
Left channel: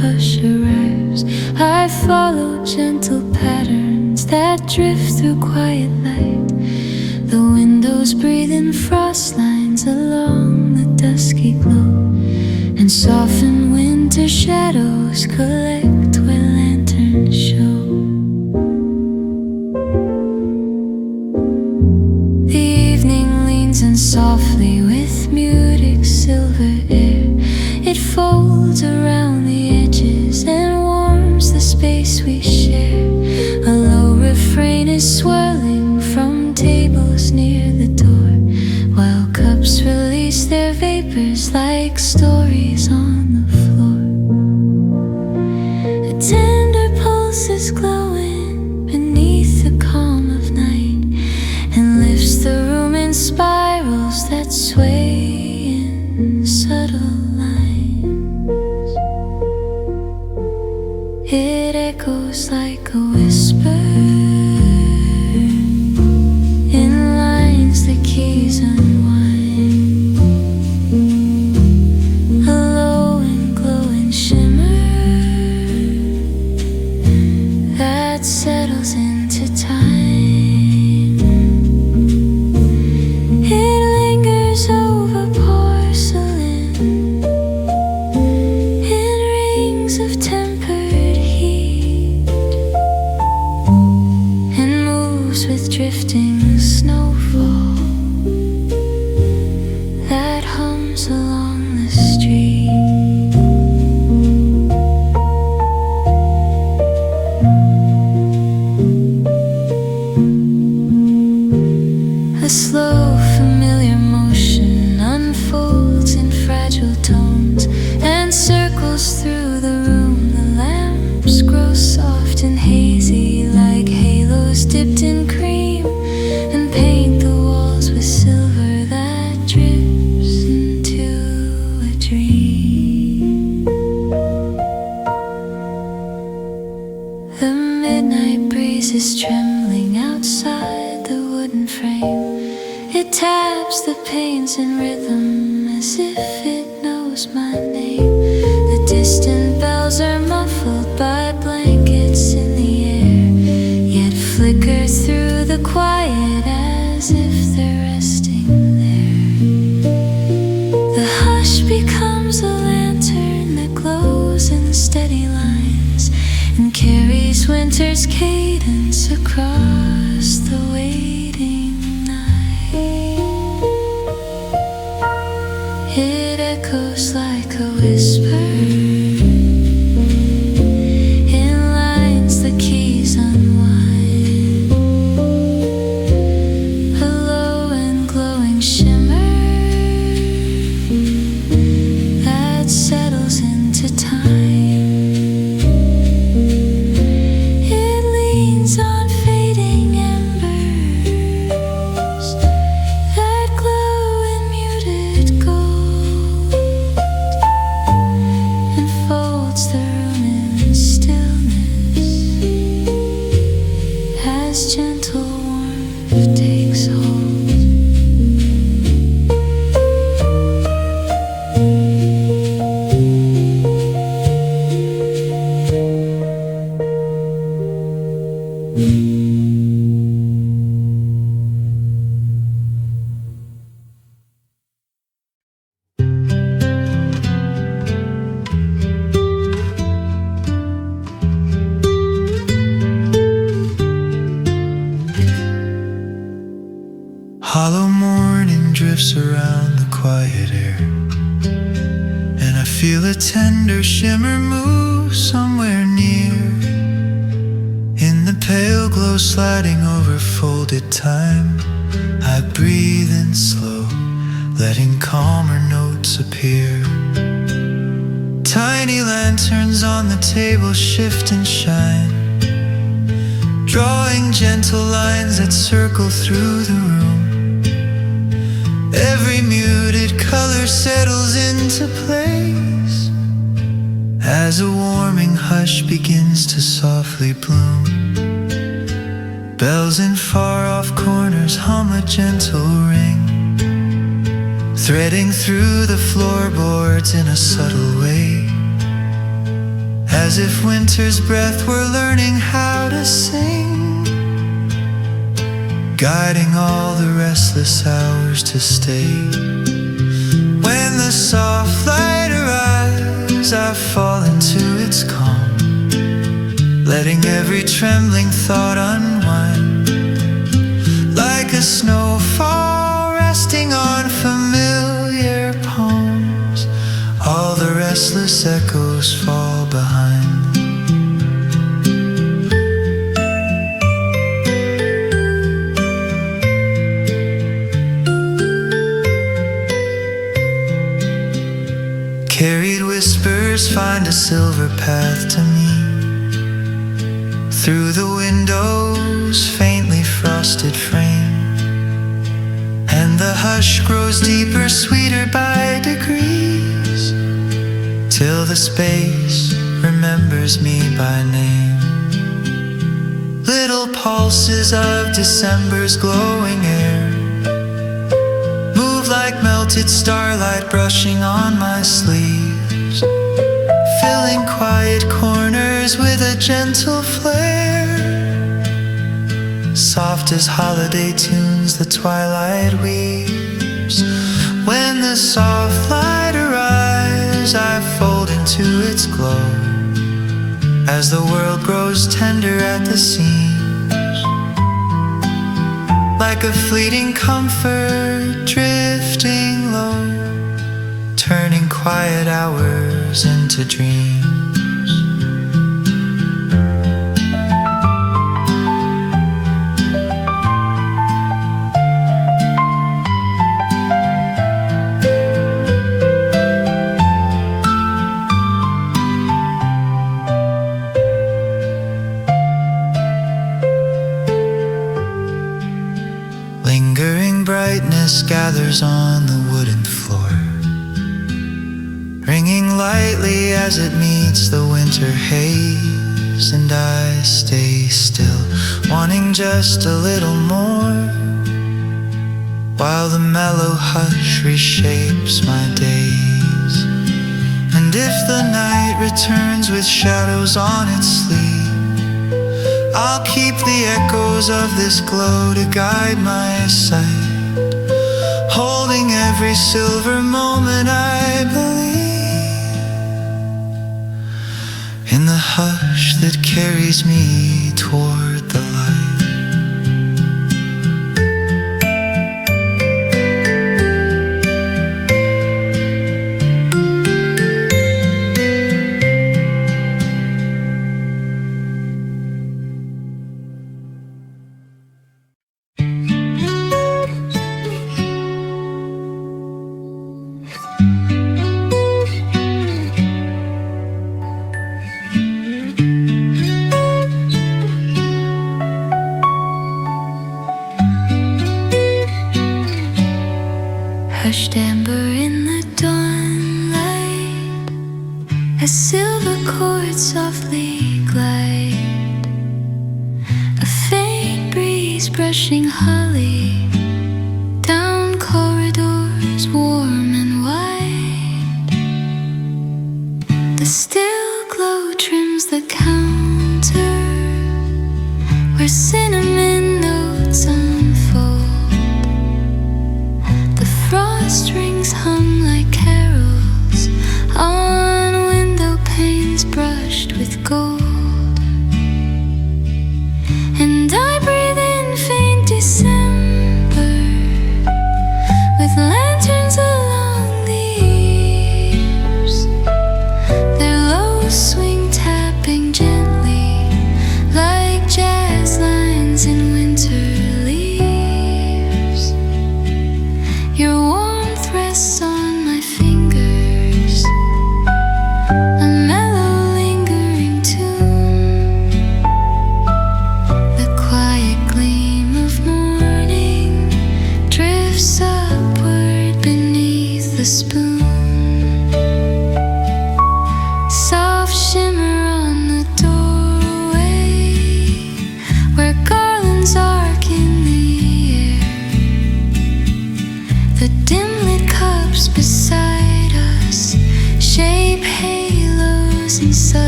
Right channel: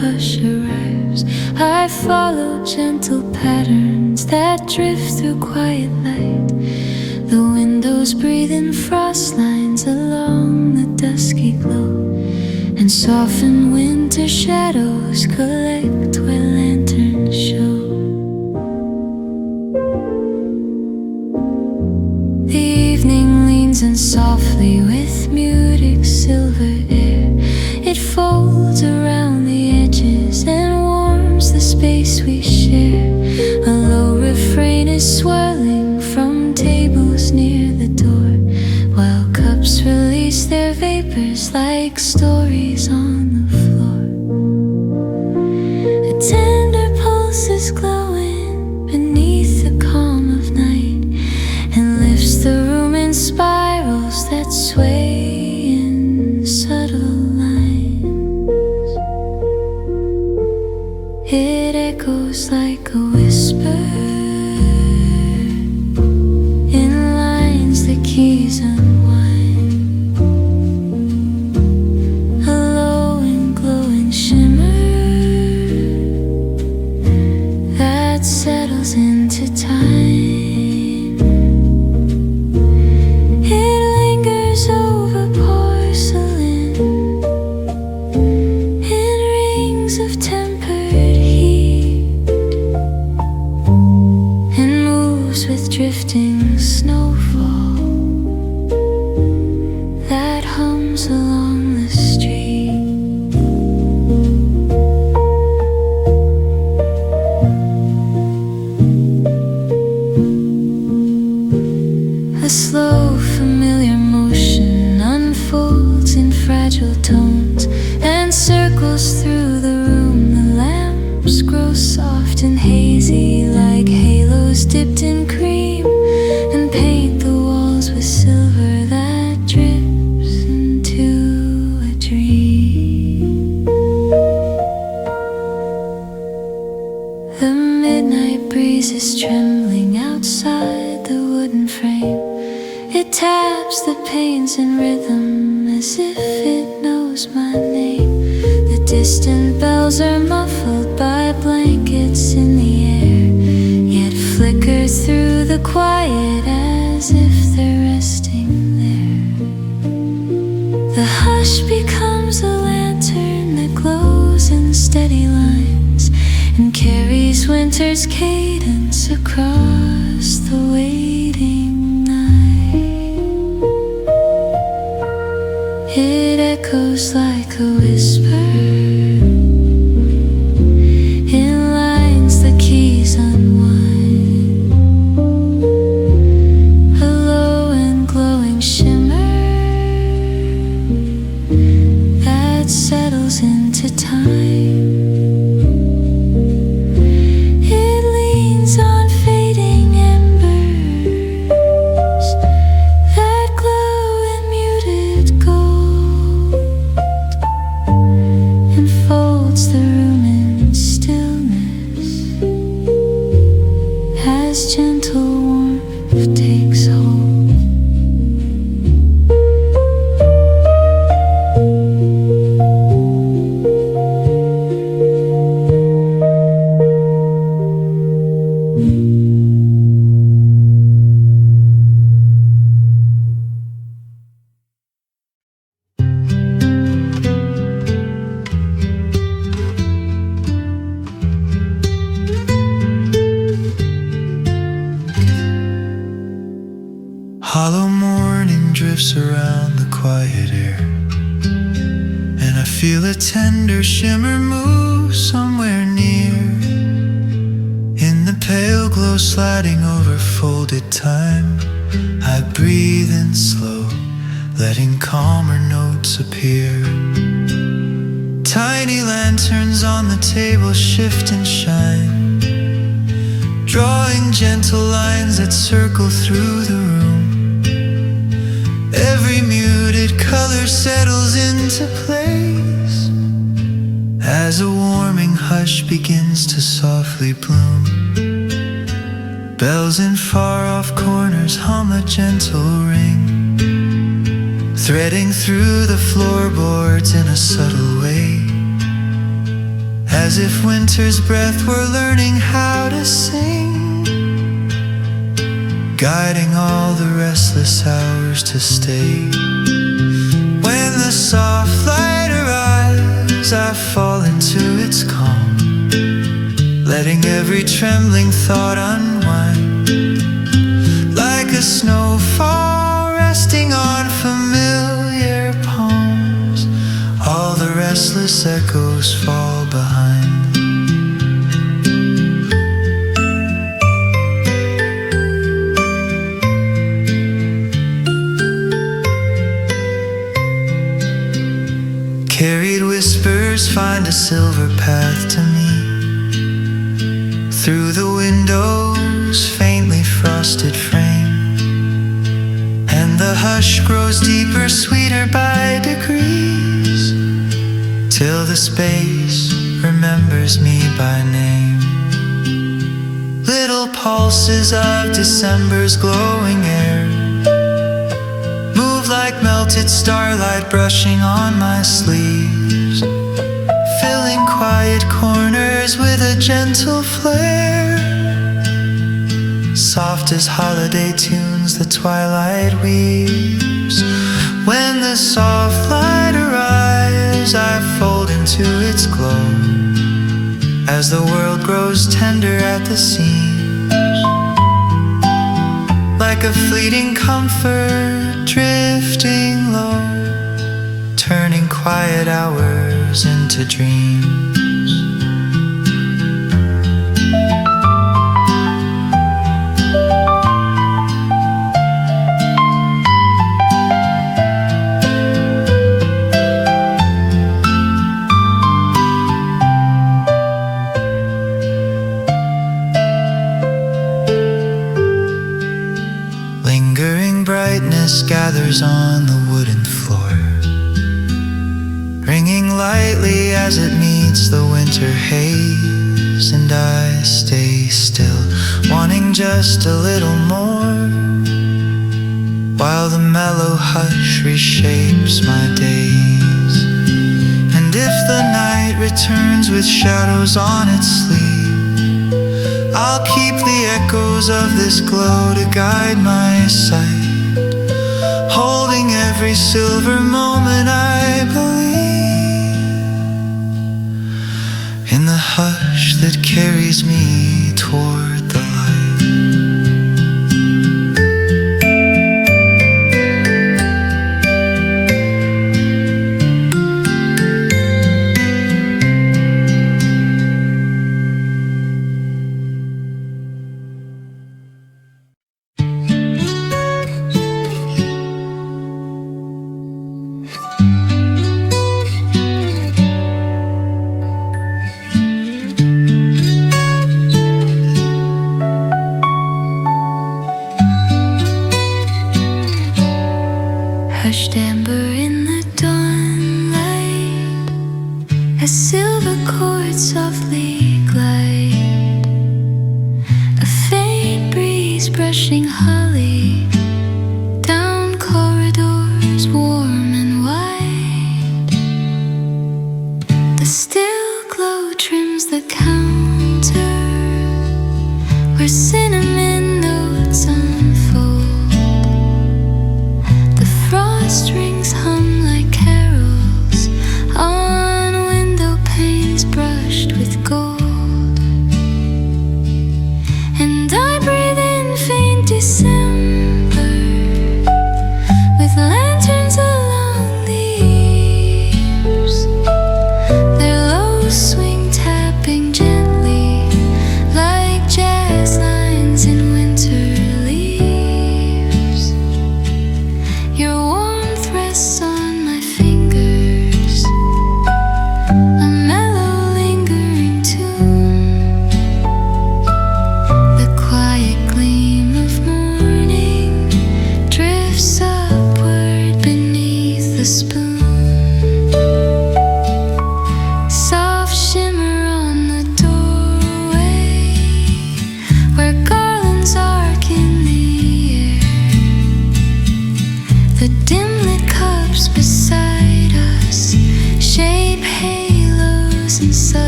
hush arrives, I follow gentle patterns that drift through quiet light. The windows breathe in frost lines along the dusky glow, and soften winter shadows collect where lanterns show. The evening leans in softly with muted silver air. It folds around the edges and warms the space we share. A low refrain is swirling from tables near the door, while cups release their vapors like stories on the floor. A tender pulse is glowing beneath the calm of night, and lifts the room in spirals that sway in subtle lines. It echoes like a whisper in lines the keys unwind. A low and glowing shimmer that settles into time. It lingers over porcelain in rings of tempered heat, and moves with drifting snowfall that hums along the street. A slow, familiar motion unfolds in fragile tones and circles through the room. The lamps grow soft and hazy like halos dipped in cream, and paint the walls with silver that drips into a dream. The midnight breeze is trembling outside the wooden frame. It taps the panes in rhythm as if it knows my name. The distant bells are muffled by blankets in the air, yet flicker through the quiet as if they're resting there. The hush becomes a lantern that glows in steady lines and carries winter's cadence across the waiting night. It echoes like a whisper in lines the keys unwind. A low and glowing shimmer that settles into time. It leans on fading embers that glow in muted gold, and folds the room in stillness as gentle warmth takes hold. Hollow morning drifts around the quiet air, and I feel a tender shimmer move somewhere near. In the pale glow sliding over folded time, I breathe in slow, letting calmer notes appear. Tiny lanterns on the table shift and shine, drawing gentle lines that circle through the room. Every muted color settles into place as a warming hush begins to softly bloom. Bells in far-off corners hum a gentle ring, threading through the floorboards in a subtle way. as if winter's breath were learning how to sing, guiding all the restless hours to stay. When the soft light arrives, I fall into its calm, letting every trembling thought unwind, like a snowfall resting on familiar palms. All the restless echoes fall behind. Carried whispers find a silver path to me, through the window's faintly frosted frame, and the hush grows deeper, sweeter by degrees, till the space remembers me by name. Little pulses of December's glowing air move like melted starlight brushing on my sleeves, filling quiet corners with a gentle flare. Soft as holiday tunes the twilight weaves. When the soft light arrives, I fold into its glow, as the world grows tender at the seams, like a fleeting comfort drifting low, turning quiet hours into dreams. Lingering brightness gathers on the wooden floor, ringing lightly as it meets the winter haze, and I stay still, wanting just a little more, while the mellow hush reshapes my days. And if the night returns with shadows on its sleeve, I'll keep the echoes of this glow to guide my sight, holding every silver moment I believe in the hush that carries me toward the light. Hushed amber in the dawnlight, as silver chords softly glide, a faint breeze brushing holly down corridors warm and wide. The still glow trims the counter where cinnamon notes unfold. Strings hum like carols on window panes brushed with gold, and I breathe in faint December with lanterns along the eaves, their low swing tapping gently like jazz lines in winter leaves. Your warmth rests on my fingers, a mellow lingering tune.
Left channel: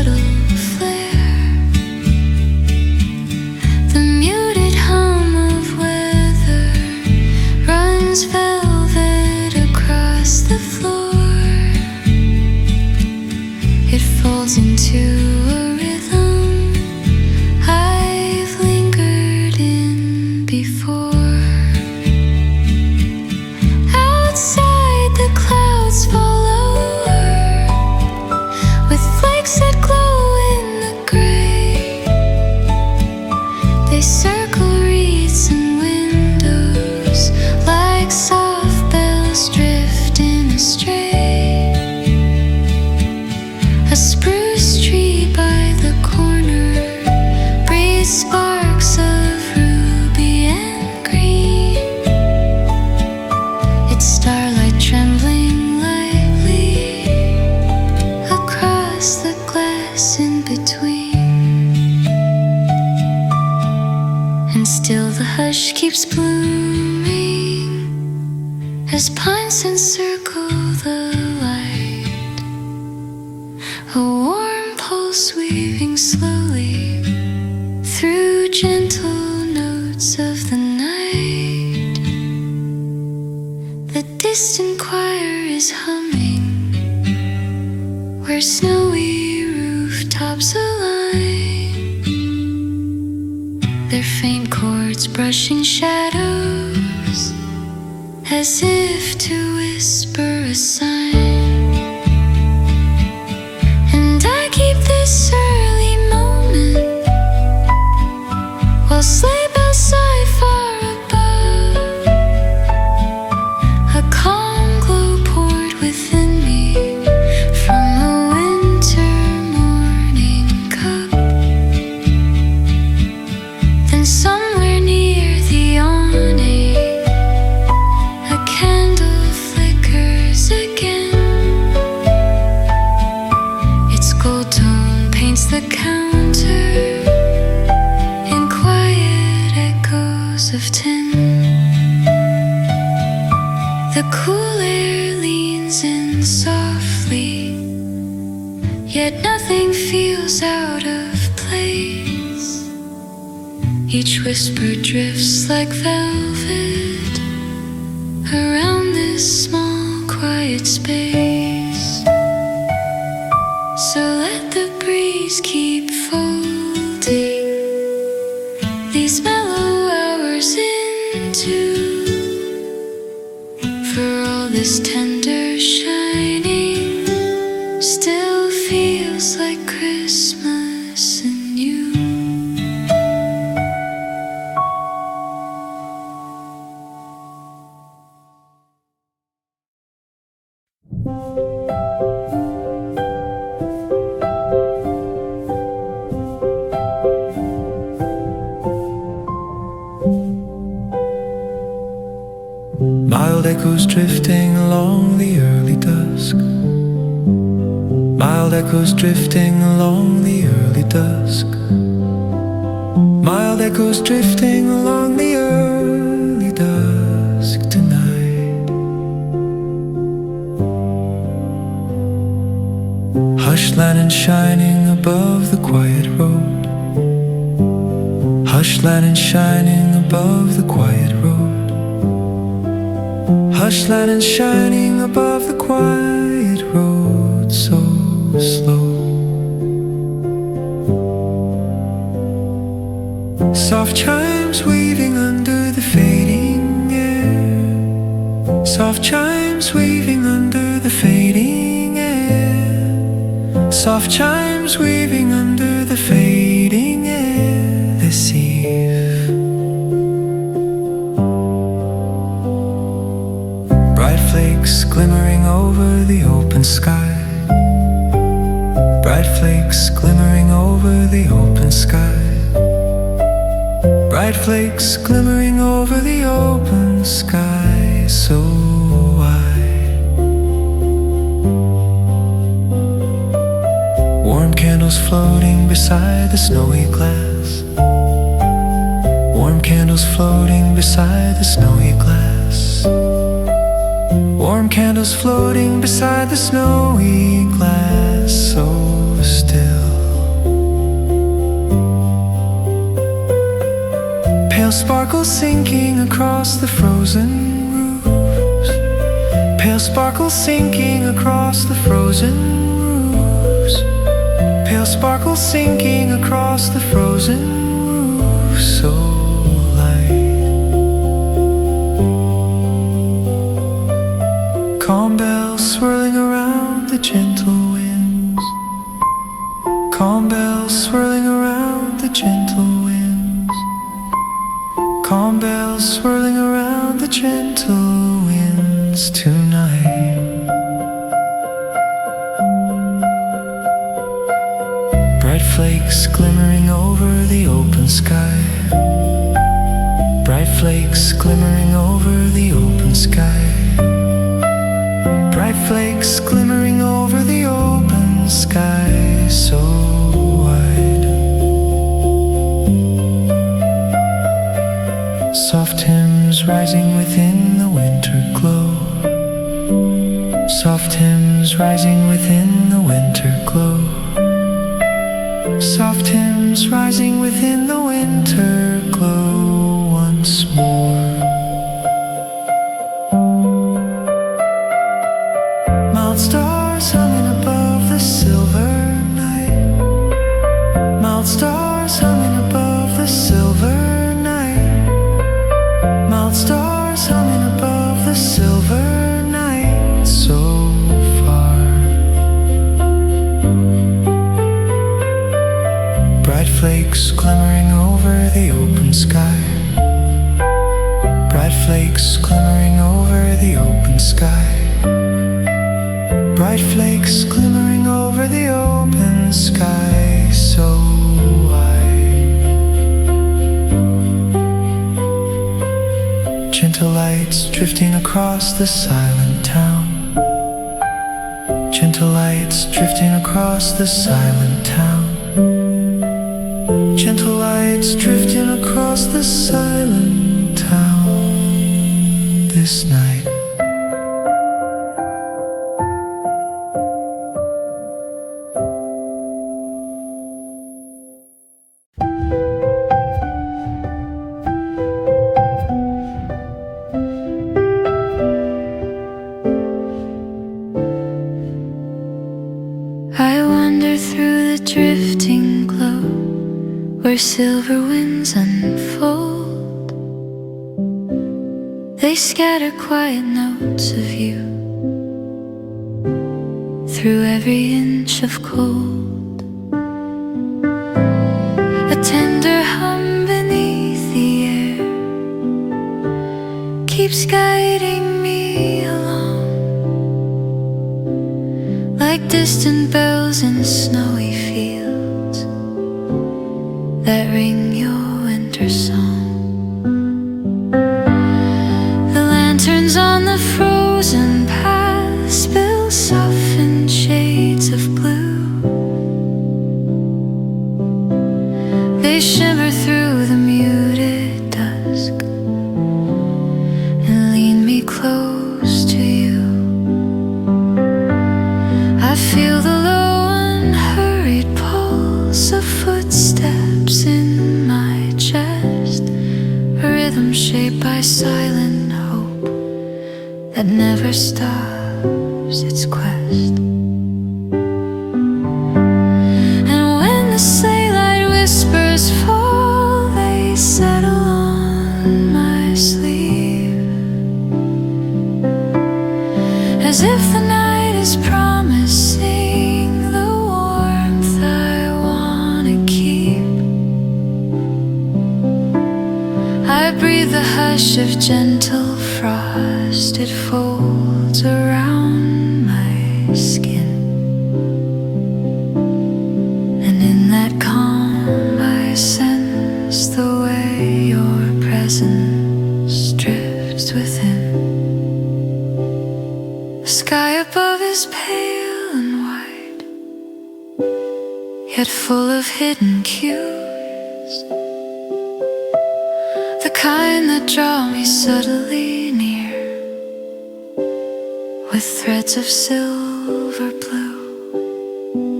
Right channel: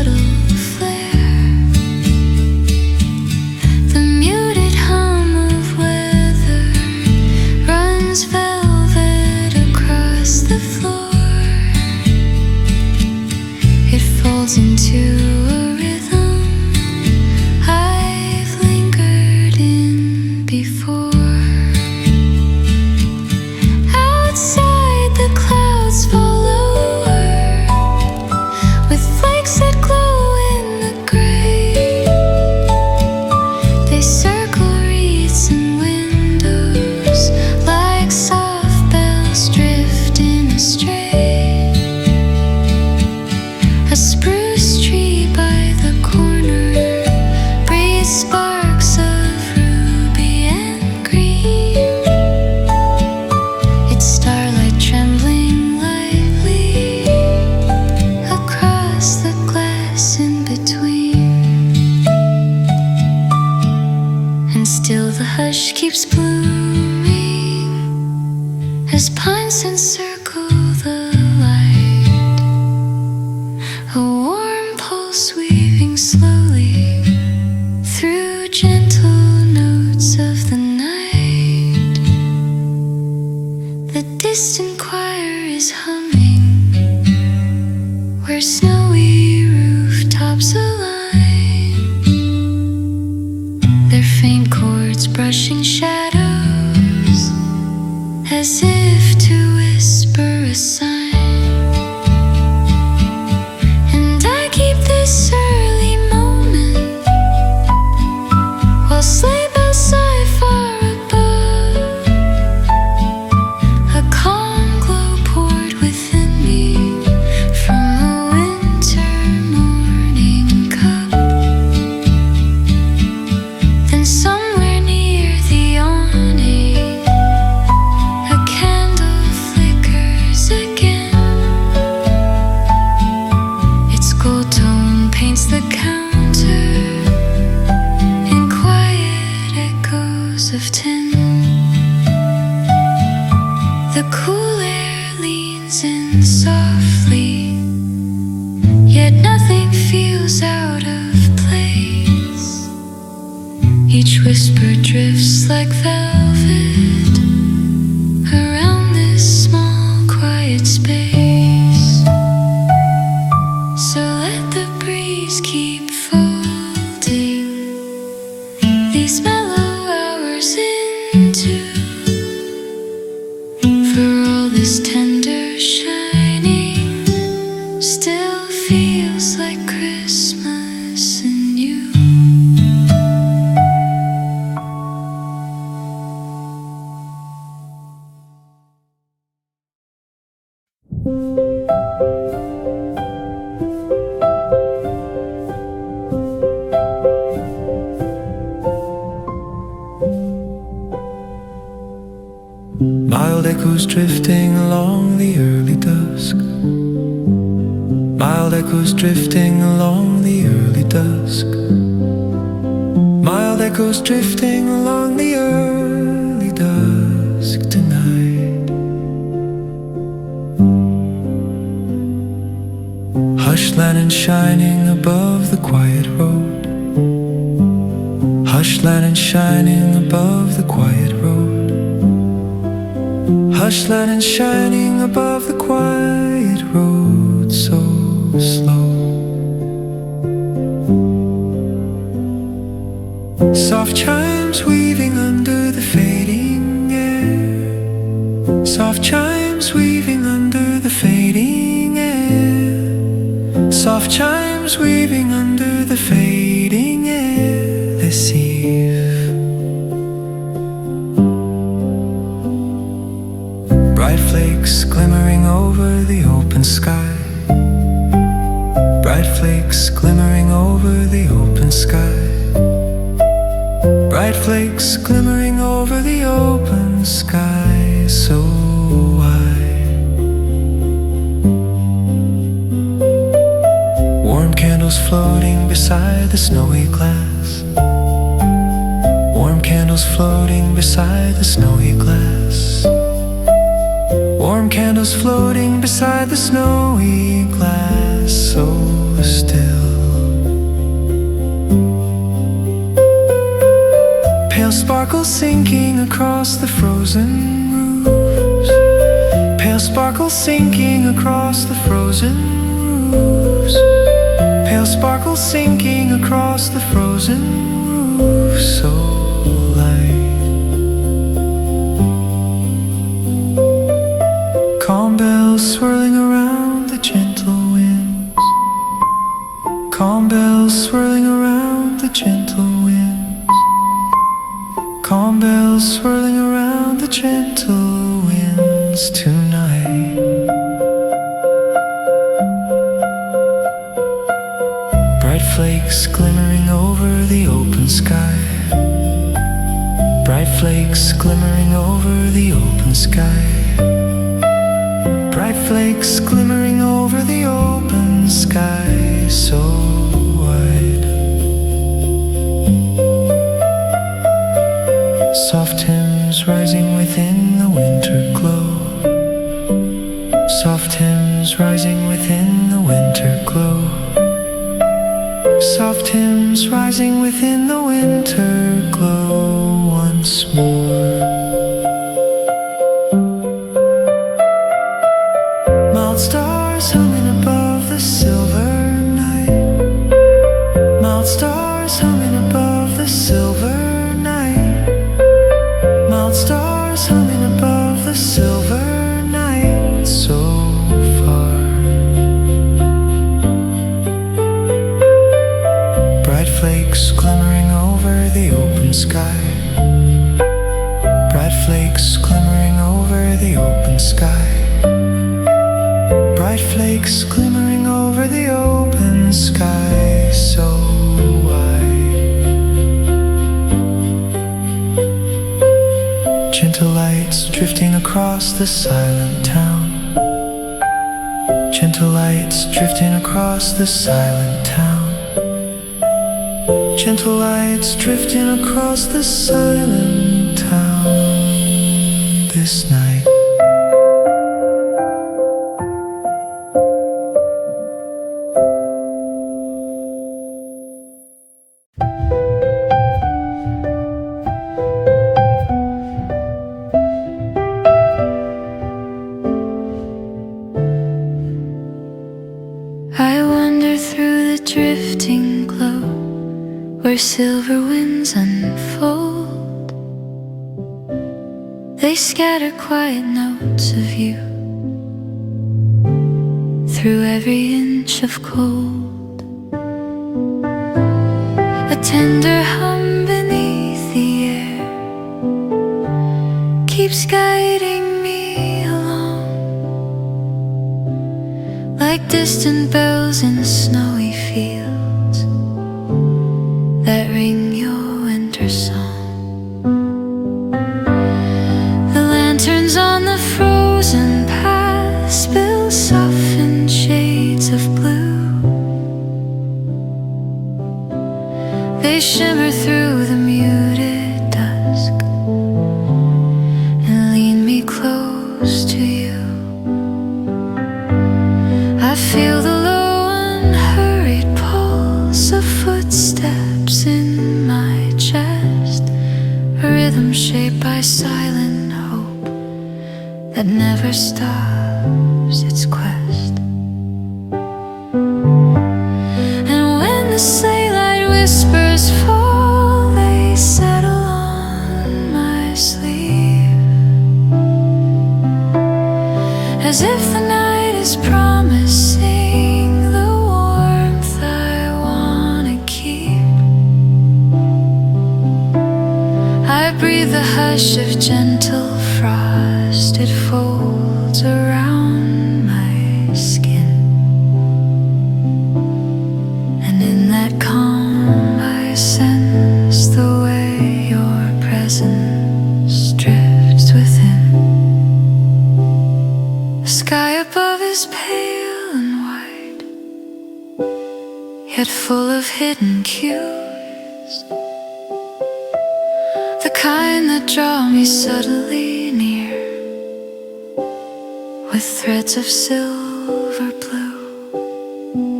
subtle flare. The muted hum of weather runs velvet across the floor. It falls into a rhythm I've lingered in before. Outside the clouds fall lower with flakes that glow in the gray. They circle wreaths and windows like soft bells drifting astray. A spruce tree by the corner breathes sparks of ruby and green. Its starlight trembling lightly across the glass in between. And still the hush keeps blooming as pines encircle the light. A warm pulse weaving slowly through gentle notes of the night. The distant choir is humming where snowy rooftops align, their faint chords brushing shadows as if to whisper a sign. And I keep this early moment while sleigh bells sigh far above. A calm glow poured within me from a winter morning cup. Then somewhere near the awning a candle flickers again. Its gold tone paints the counter in quiet echoes of tin. The cool air leans in softly, yet nothing feels out of place. Each whisper drifts like velvet around this small quiet space. So let the breeze keep folding these mellow hours into. For all this tender shining still feels like Christmas in you. Mild echoes drifting along the early dusk. Mild echoes drifting along the early dusk. Mild echoes drifting along the early dusk tonight. Hushed lantern shining above the quiet road. Hushed lantern shining above the quiet road. Hush lantern shining above the quiet road, so slow. Soft chimes weaving under the fading air. Soft chimes weaving under the fading air. Soft chimes weaving under the fading air this eve. Bright flakes glimmering over the open sky. Bright flakes glimmering over the open sky. Bright flakes glimmering over the open sky, so wide. Warm candles floating beside the snowy glass. Warm candles floating beside the snowy glass. Warm candles floating beside the snowy glass. so still. Pale sparkles sinking across the frozen roofs. Pale sparkles sinking across the frozen roofs. Pale sparkles sinking across the frozen roofs. So light. Calm bells swirling around the gentle winds. Calm bells swirling around the gentle winds. Calm bells swirling around the gentle winds tonight. Bright flakes glimmering over the open sky. Bright flakes glimmering over the open sky. Bright flakes glimmering over the open sky, so wide. Soft hymns rising within the winter glow. Soft hymns rising within the winter glow. Soft hymns rising within the winter glow once more. Mild stars humming above the silver night. Mild stars humming above the silver night. Mild stars humming above the silver night, so far. Bright flakes glimmering over the open sky. Bright flakes glimmering over the open sky. Bright flakes glimmering over the open sky, so wide. Gentle lights drifting across the silent town. Gentle lights drifting across the silent town. Gentle lights drifting across the silent town this night. I wander through the drifting glow where silver winds unfold. They scatter quiet notes of you through every inch of cold. A tender hum beneath the air keeps guiding me along, like distant bells in snowy fields that ring your winter song. The lanterns on the frozen path spill softened shades of blue. They shimmer through the muted dusk and lean me close to you. I feel the low unhurried pulse of footsteps in my chest, a rhythm shaped by silent hope that never stops its quest. And when the sleigh light whispers fall, they settle on my sleeve, as if the night is promising the warmth I wanna keep. I breathe the hush of gentle frost, it folds around my skin, and in that calm I sense the way your presence drifts within. The sky above is pale and white, yet full of hidden cues, the kind that draw me subtly near with threads of silver blue.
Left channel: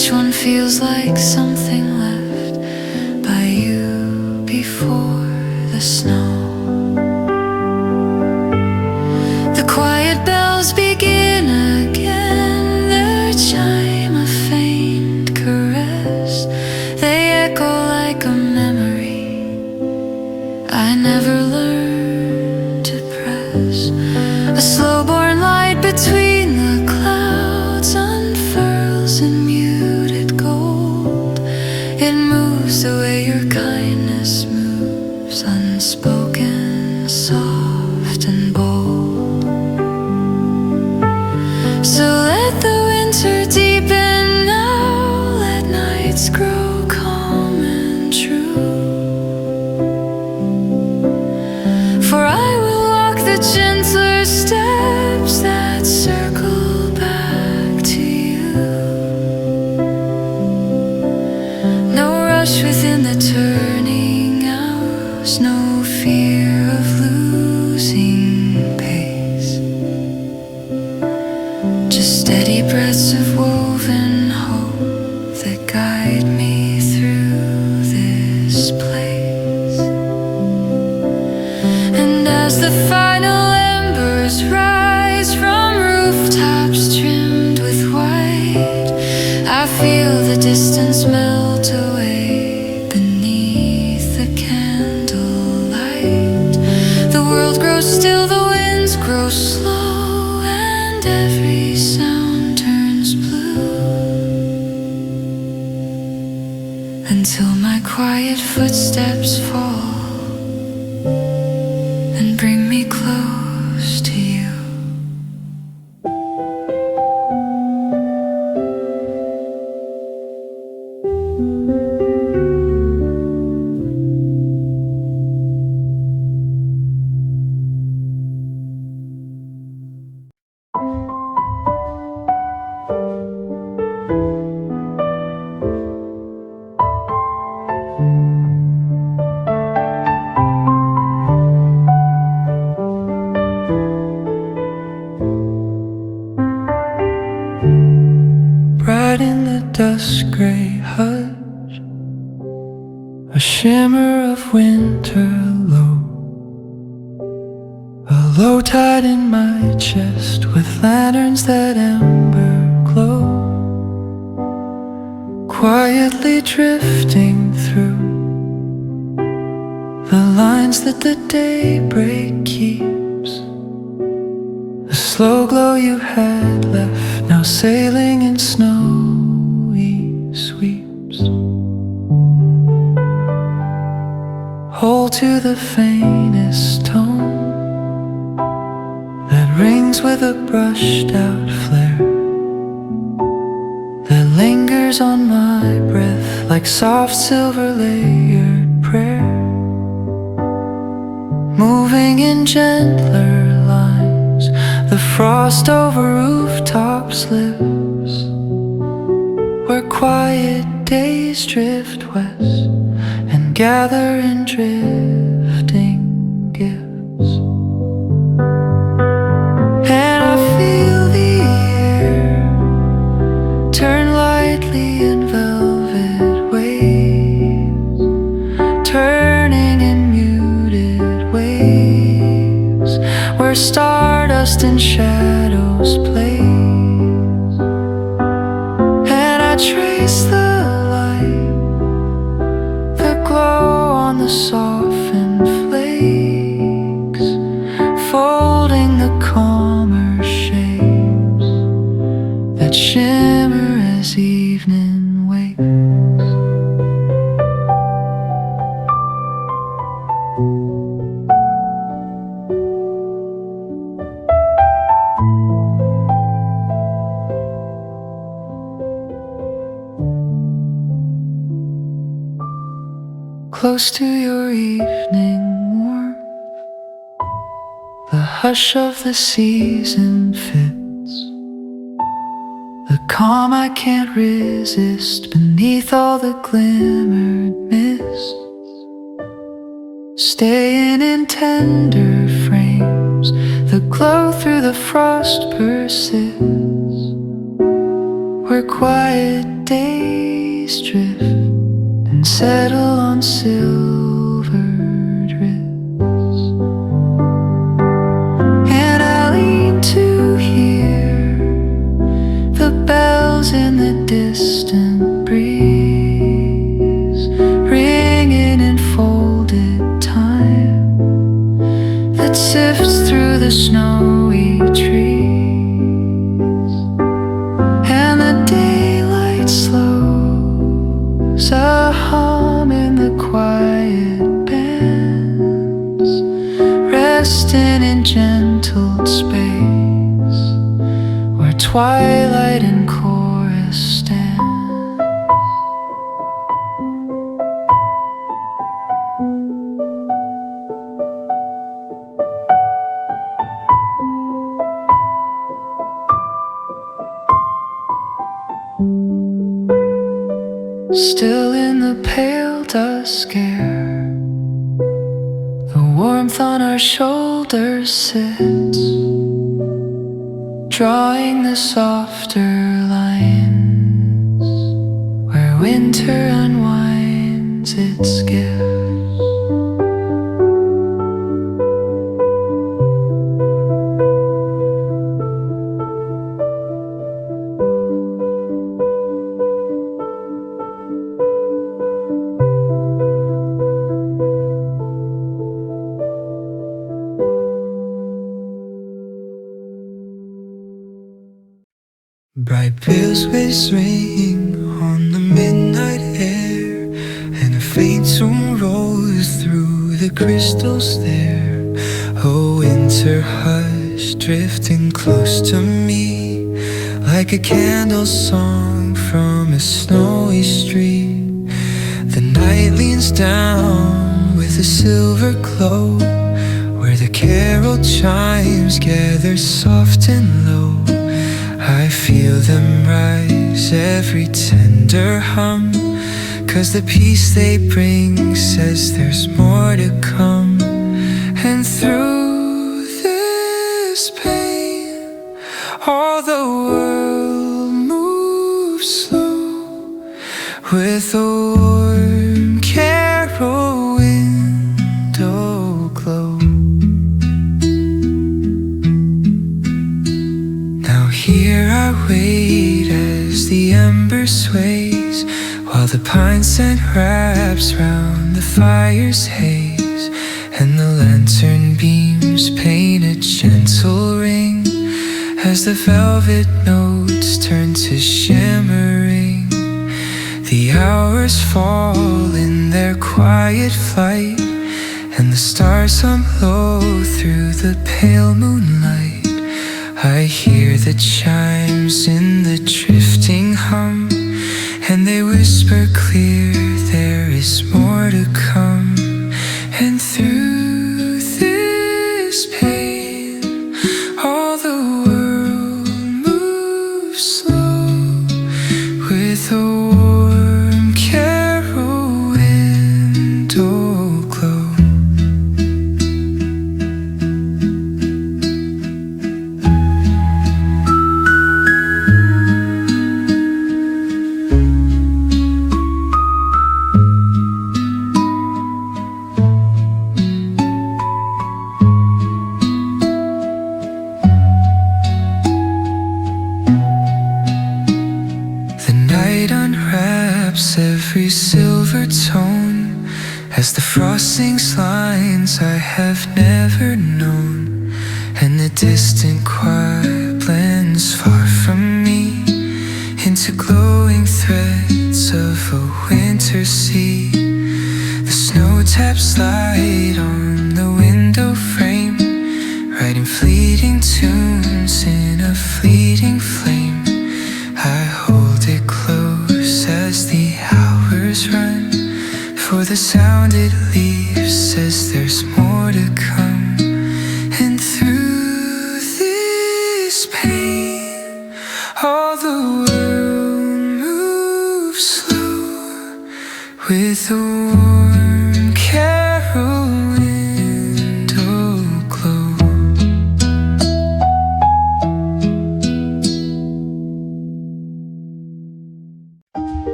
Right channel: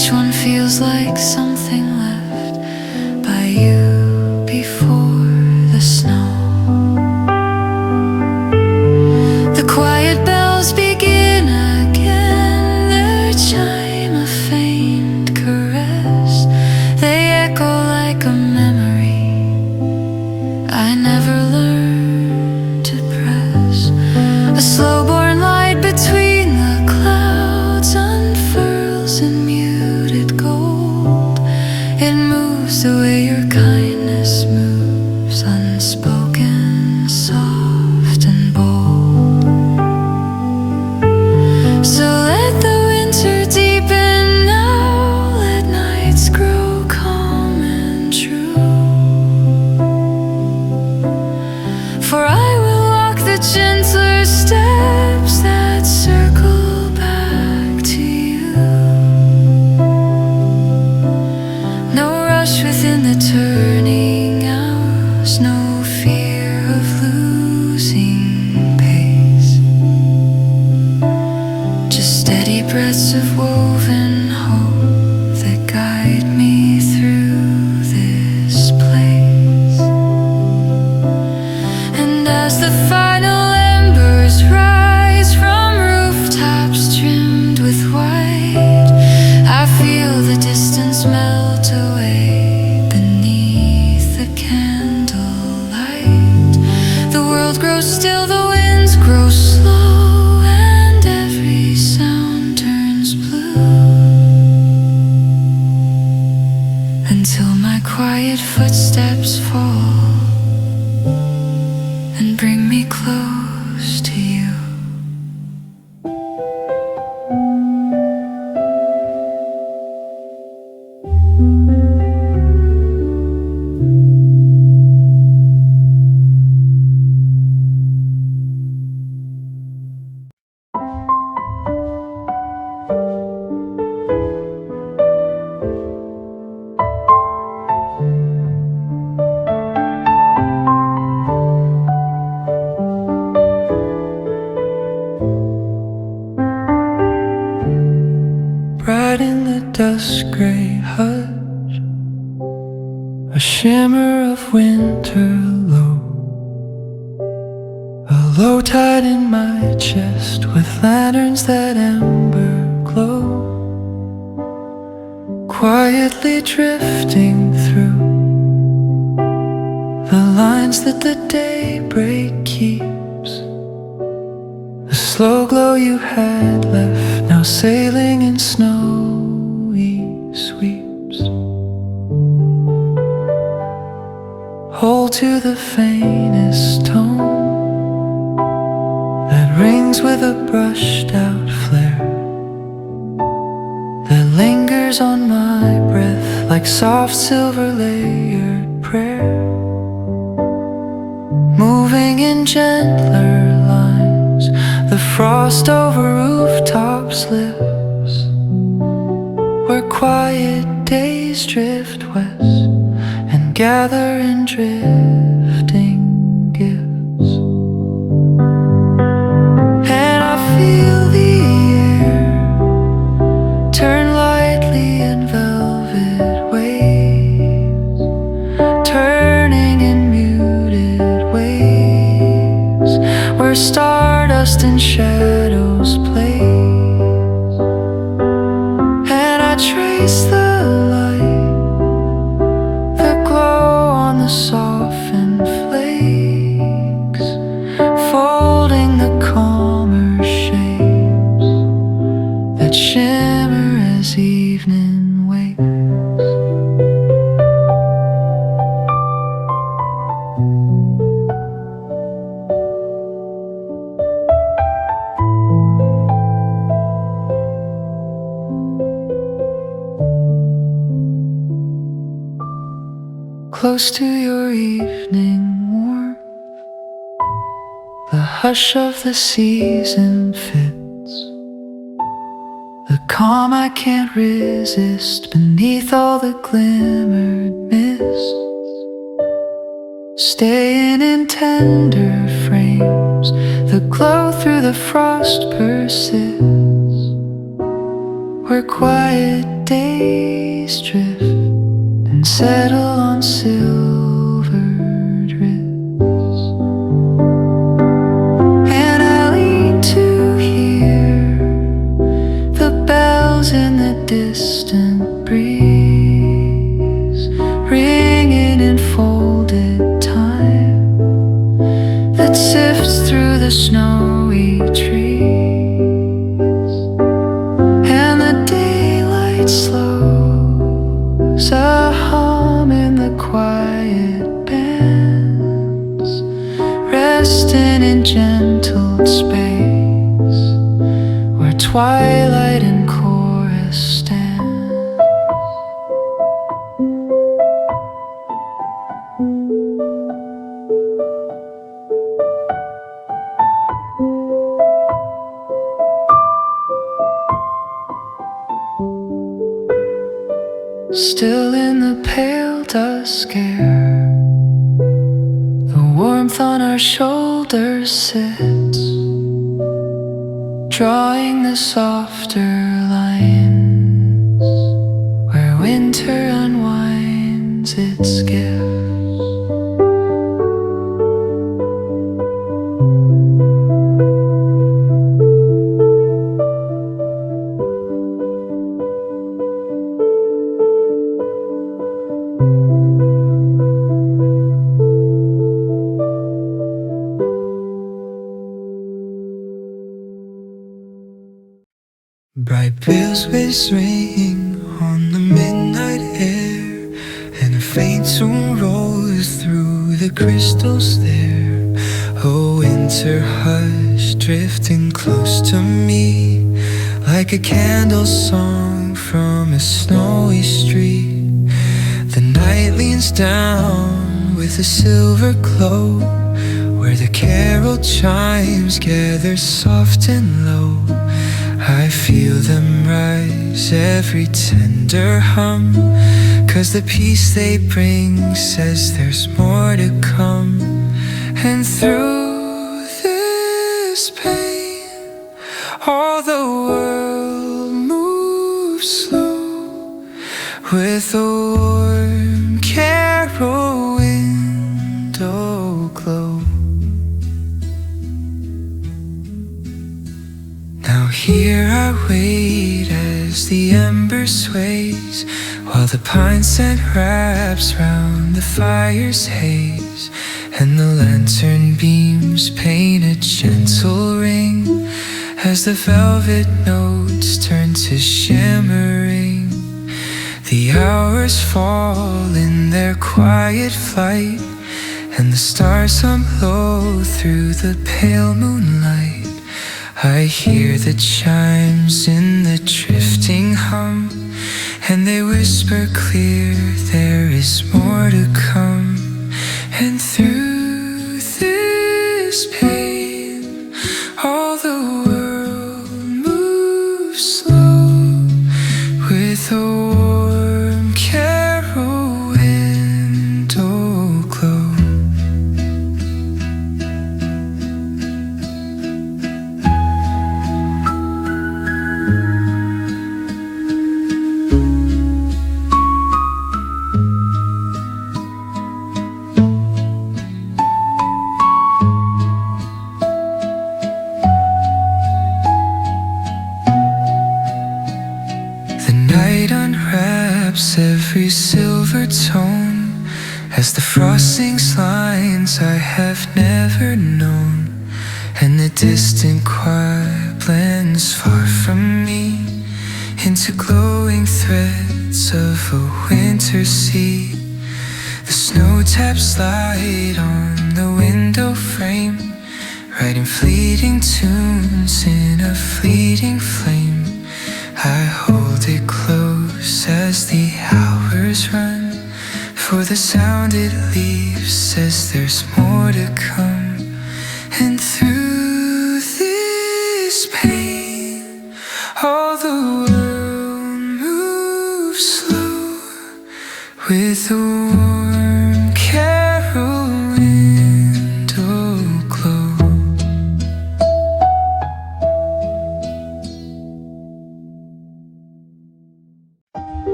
each one feels like something left by you before the snow. The quiet bells begin again, their chime a faint caress. They echo like a memory I never learned to press. A slow-born light between the clouds unfurls in muted gold. It moves the way your kindness moves, unspoken, soft and bold. So let the winter deepen now, let nights grow calm and true. For I will walk the gentler steps that circle back to you. No rush within the turning hours, no fear of losing pace. Just steady breaths of woven hope that guide me through this place. And as the final embers rise from rooftops trimmed with white, I feel the distance melt away beneath the candlelight. The world grows still, the winds grow slow, and every sound turns blue, until my quiet footsteps fall and bring me close to you. Bright in the dusk gray hush, a shimmer of winter low, a low tide in my chest with lanterns that ember glow, quietly drifting through the lines that the daybreak keeps. The slow glow you had left, now sailing in snowy sweeps. Hold to the faintest tone that rings with a brushed out flare, that lingers on my breath like soft silver layered prayer, moving in gentler lines. The frost over rooftops lives, where quiet days drift west and gather in drifting gifts. And I feel the air turn lightly in velvet waves, turning in muted waves, where stardust and shadows plays. And I trace the light, the glow on the softened flakes, folding the calmer shapes that shimmer as evening wakes. Close to your evening warmth, the hush of the season fits, the calm I can't resist beneath all the glimmered mists, staying in tender frames, the glow through the frost persists, where quiet days drift and settle on silvered rifts, and I lean to hear the bells in the distant breeze ringing in folded time that sifts through the snowy trees, and the daylight slows a hum in the quiet bands, resting in gentle space where twilight and chorus stand. Still in the pale dusk air, the warmth on our shoulders sits, drawing the softer lines where winter unwinds its gifts. Bright bells ring on the midnight air, and a faint tune rolls through the crystals there. A winter hush drifting close to me, like a candle song from a snowy street. The night leans down with a silver glow, where the carol chimes gather soft and low. I feel them rise, every tender hum, 'cause the peace they bring says there's more to come. And through this pain, all the world moves slow, with a warm carol window glow. Here I wait as the ember sways, while the pine scent wraps round the fire's haze, and the lantern beams paint a gentle ring as the velvet notes turn to shimmering. The hours fall in their quiet flight, and the stars hum low through the pale moonlight. I hear the chimes in the drifting hum, and they whisper clear there is more to come. And through this pain, all the world moves slow, with a warm carol window glow. Every silver tone as the frost sings lines I have never known, and the distant choir blends far from me into glowing threads of a winter sea. The snow taps light on the window frame, writing fleeting tunes in a fleeting flame. I hold it close as the hours run, for the sound it leaves says there's more to come. And through this pain, all the world moves slow, with a warm carol window glow.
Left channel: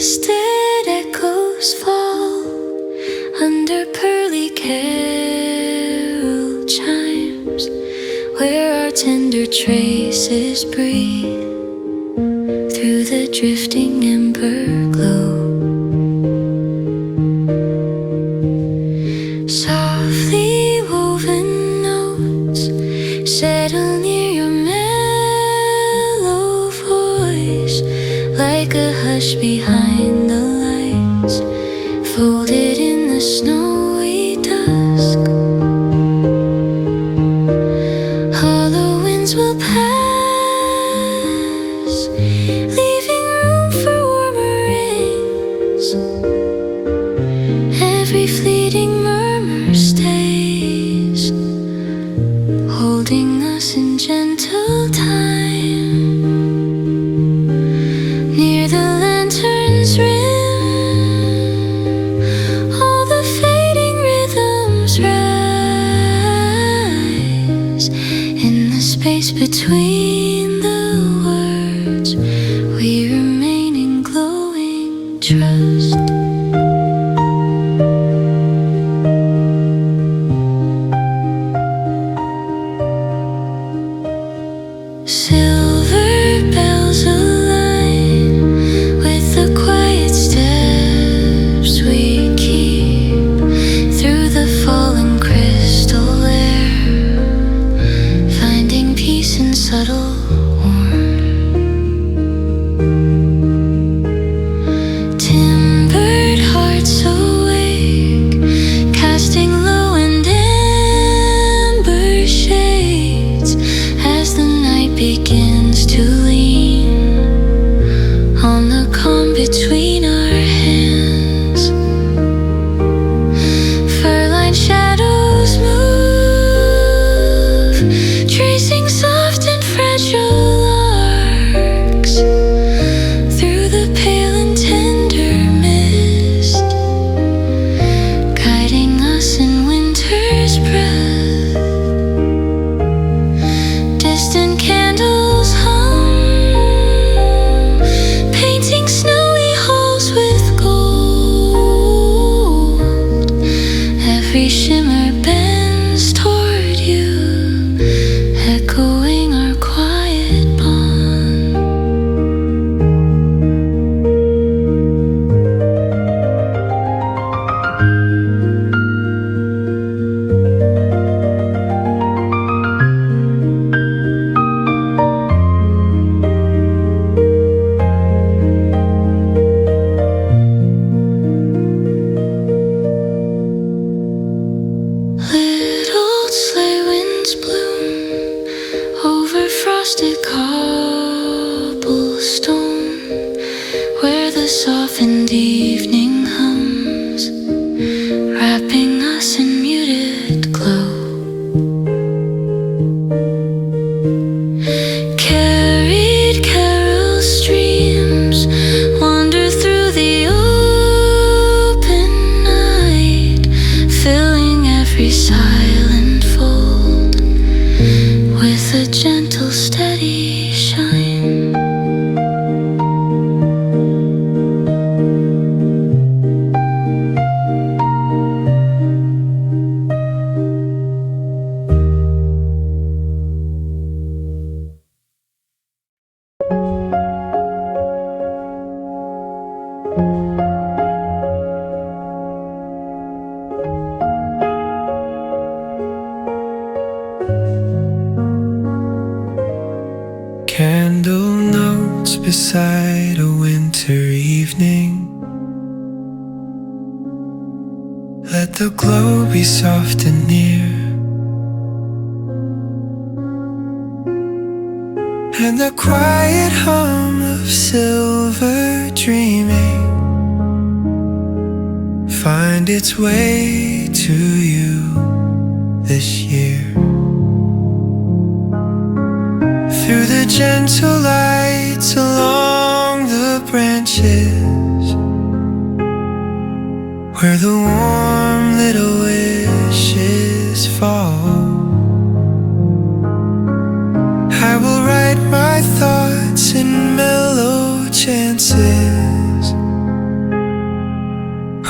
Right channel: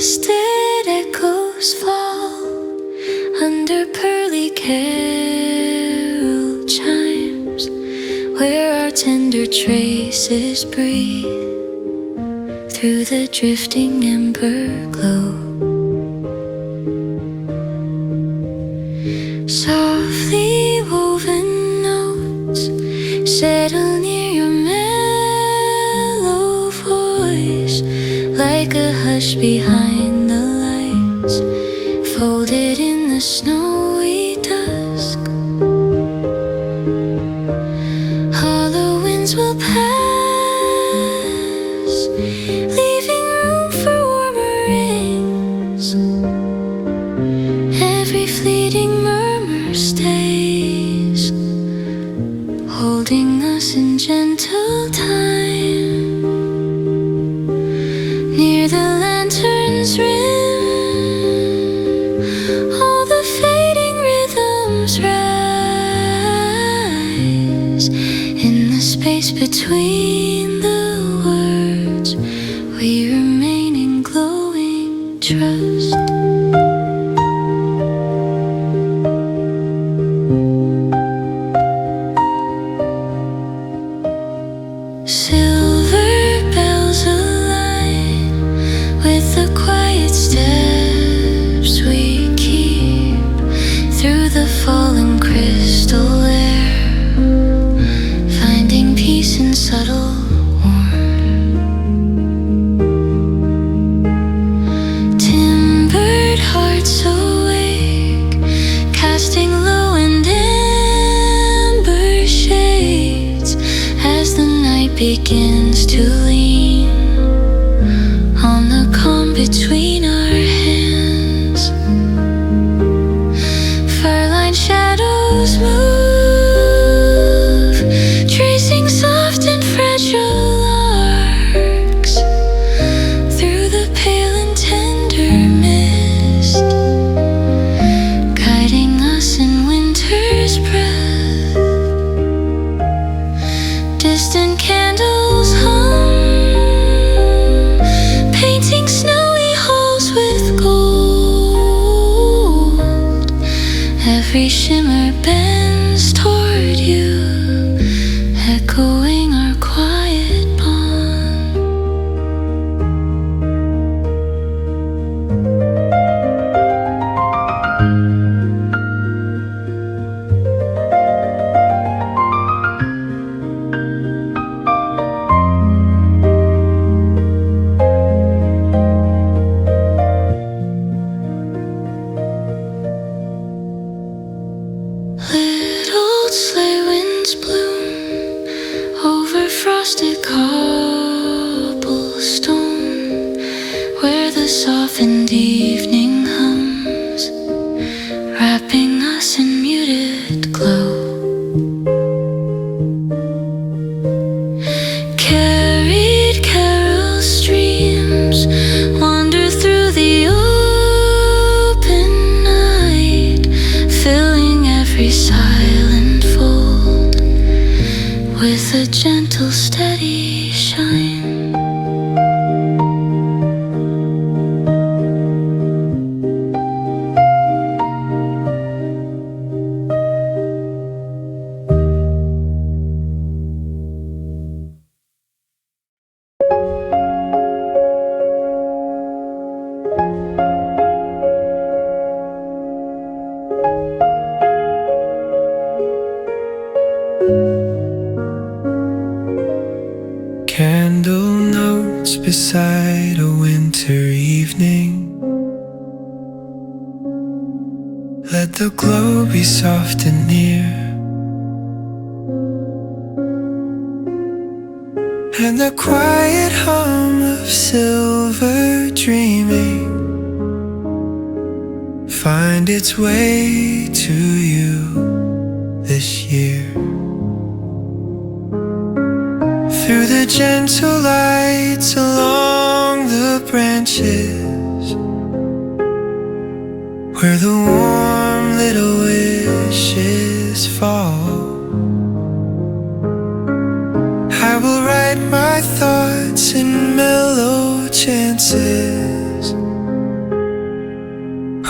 twisted echoes fall under pearly carol chimes, where our tender traces breathe through the drifting ember glow. Softly woven notes settle near your mellow voice, like a hush behind the lights, folded in the snowy dusk. Hollow winds will pass, leaving room for warmer rings. Every fleeting murmur stays, holding us in gentle time, near the lantern's rim. All the fading rhythms rise in the space between the words. We remain in glowing trust. Silver bells align with the quiet steps we keep through the fallen crystal air, finding peace in subtle warmth. Timbered hearts awake, casting low and amber shades as the night begins to lean on the calm between our hands. Fur-lined shadows move, tracing soft and fragile arcs through the pale and tender mist, guiding us in winter's breath. Distant candles hum, painting snowy halls with gold. Every shimmer bends toward you, echoing our quiet bond. Little sleigh winds bloom over frosted cobblestone, where the softened evening hums, wrapping us in muted glow. Carried carol streams wander through the open night, filling every silent fold with a gentle, steady shine. Candle notes beside a winter evening. Let the glow be soft and near, and the quiet hum of silver dreaming find its way to you this year. Through the gentle lights along the branches, where the warm little wishes fall, I will write my thoughts in mellow chances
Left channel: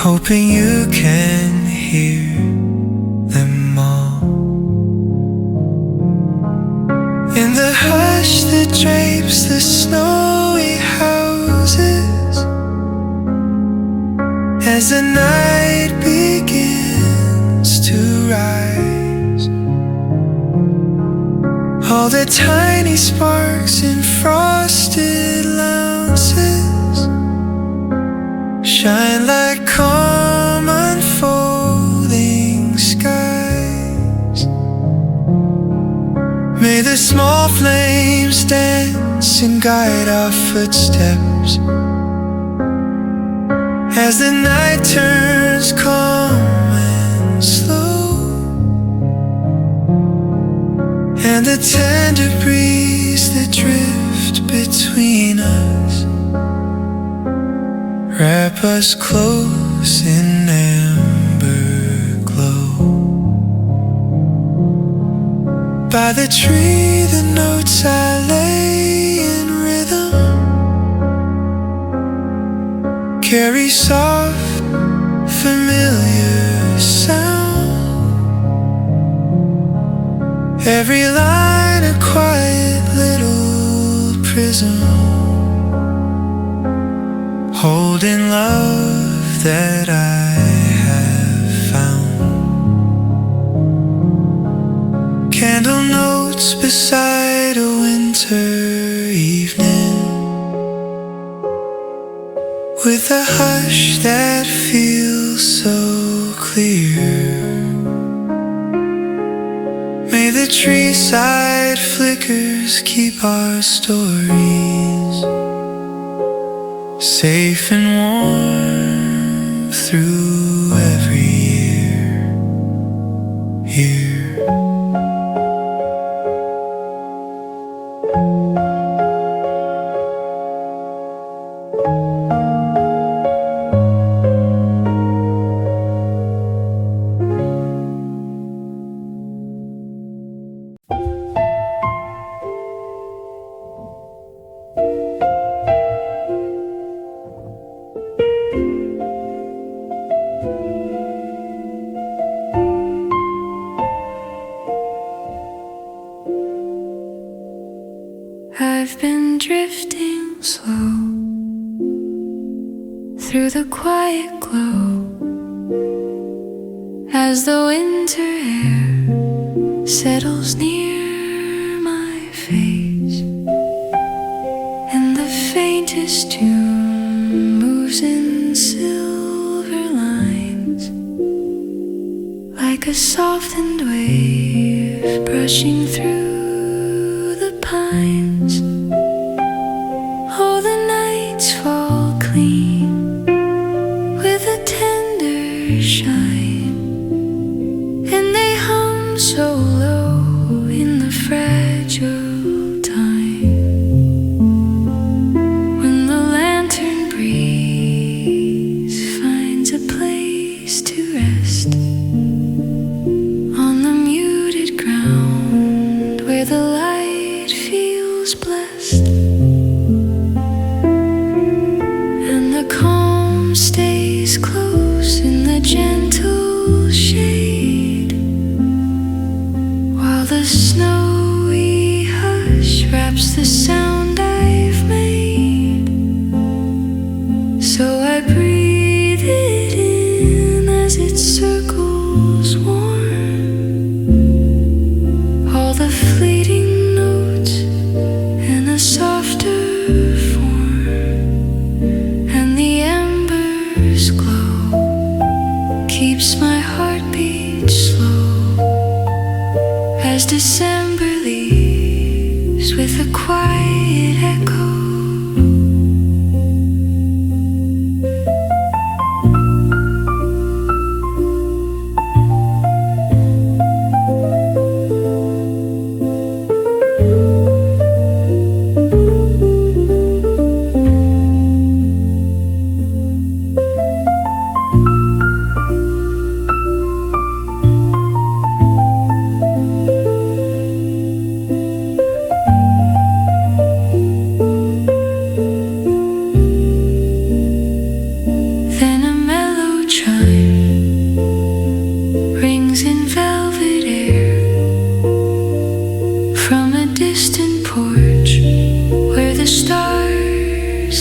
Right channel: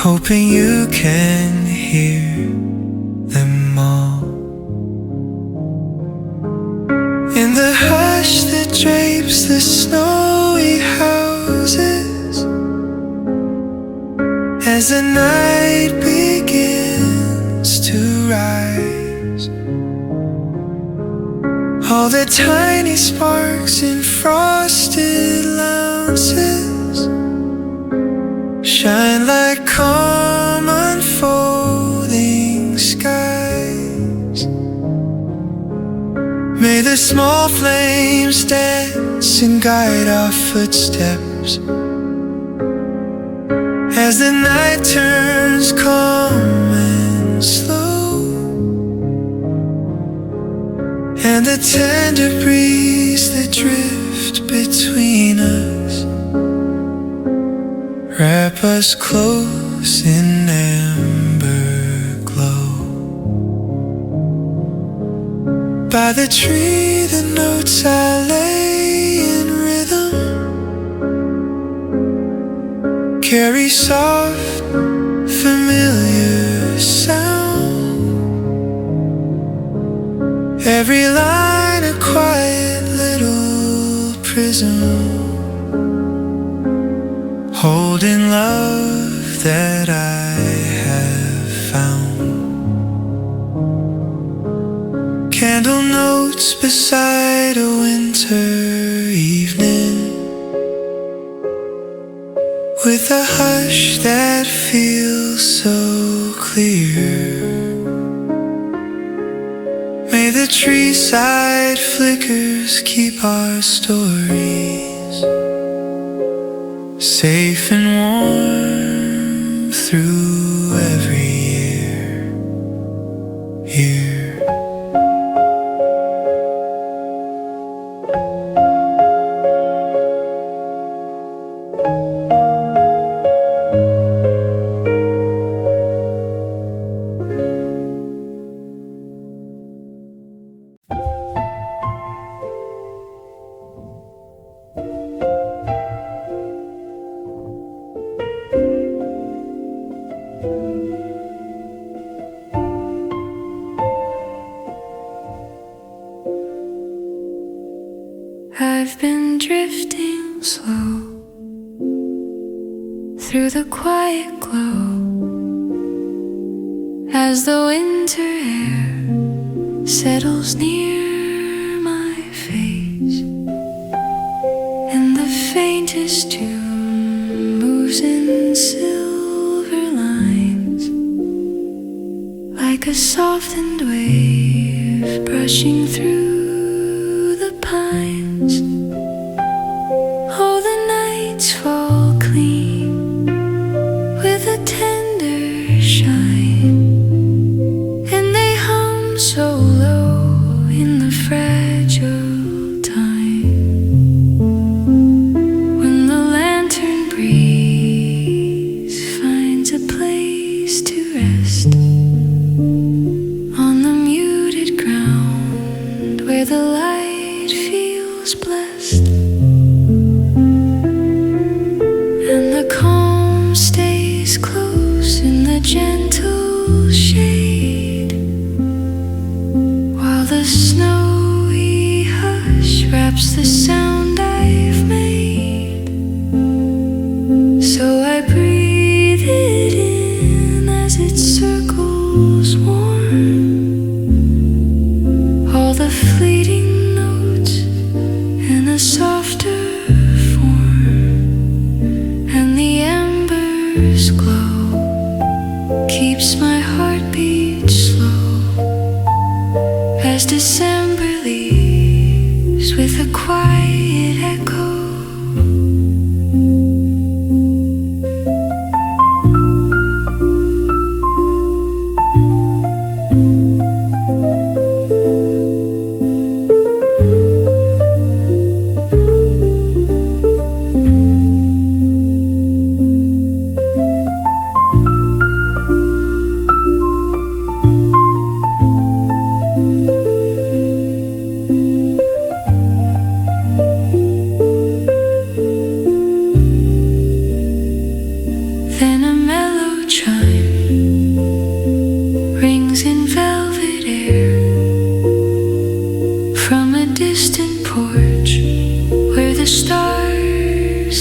hoping you can hear them all. In the hush that drapes the snowy houses, as the night begins to rise, all the tiny sparks in frosted lounges shine like calm unfolding skies. May the small flames dance and guide our footsteps as the night turns calm and slow, and the tender breeze that drifts between us wrap us close in amber glow. By the tree the notes I lay in rhythm carry soft, familiar sound. Every line a quiet little prism holding love that I have found. Candle notes beside a winter evening, with a hush that feels so clear. May the tree side flickers keep our stories safe and warm through every year. I've been drifting slow through the quiet glow as the winter air settles near my face, and the faintest tune moves in silver lines like a softened wave brushing through the pines. Oh, the nights fall clean with a tender shine, and they hum so low in the fragile time. When the lantern breeze finds a place to rest on the muted ground where the light feels blessed, and the calm stays close in the gentle shade, while the snowy hush wraps the sound I've made. So I breathe it in as it circles warm, all the fleeting notes in a softer form, and the embers glow, keeps my heartbeat slow as December leaves with a quiet echo.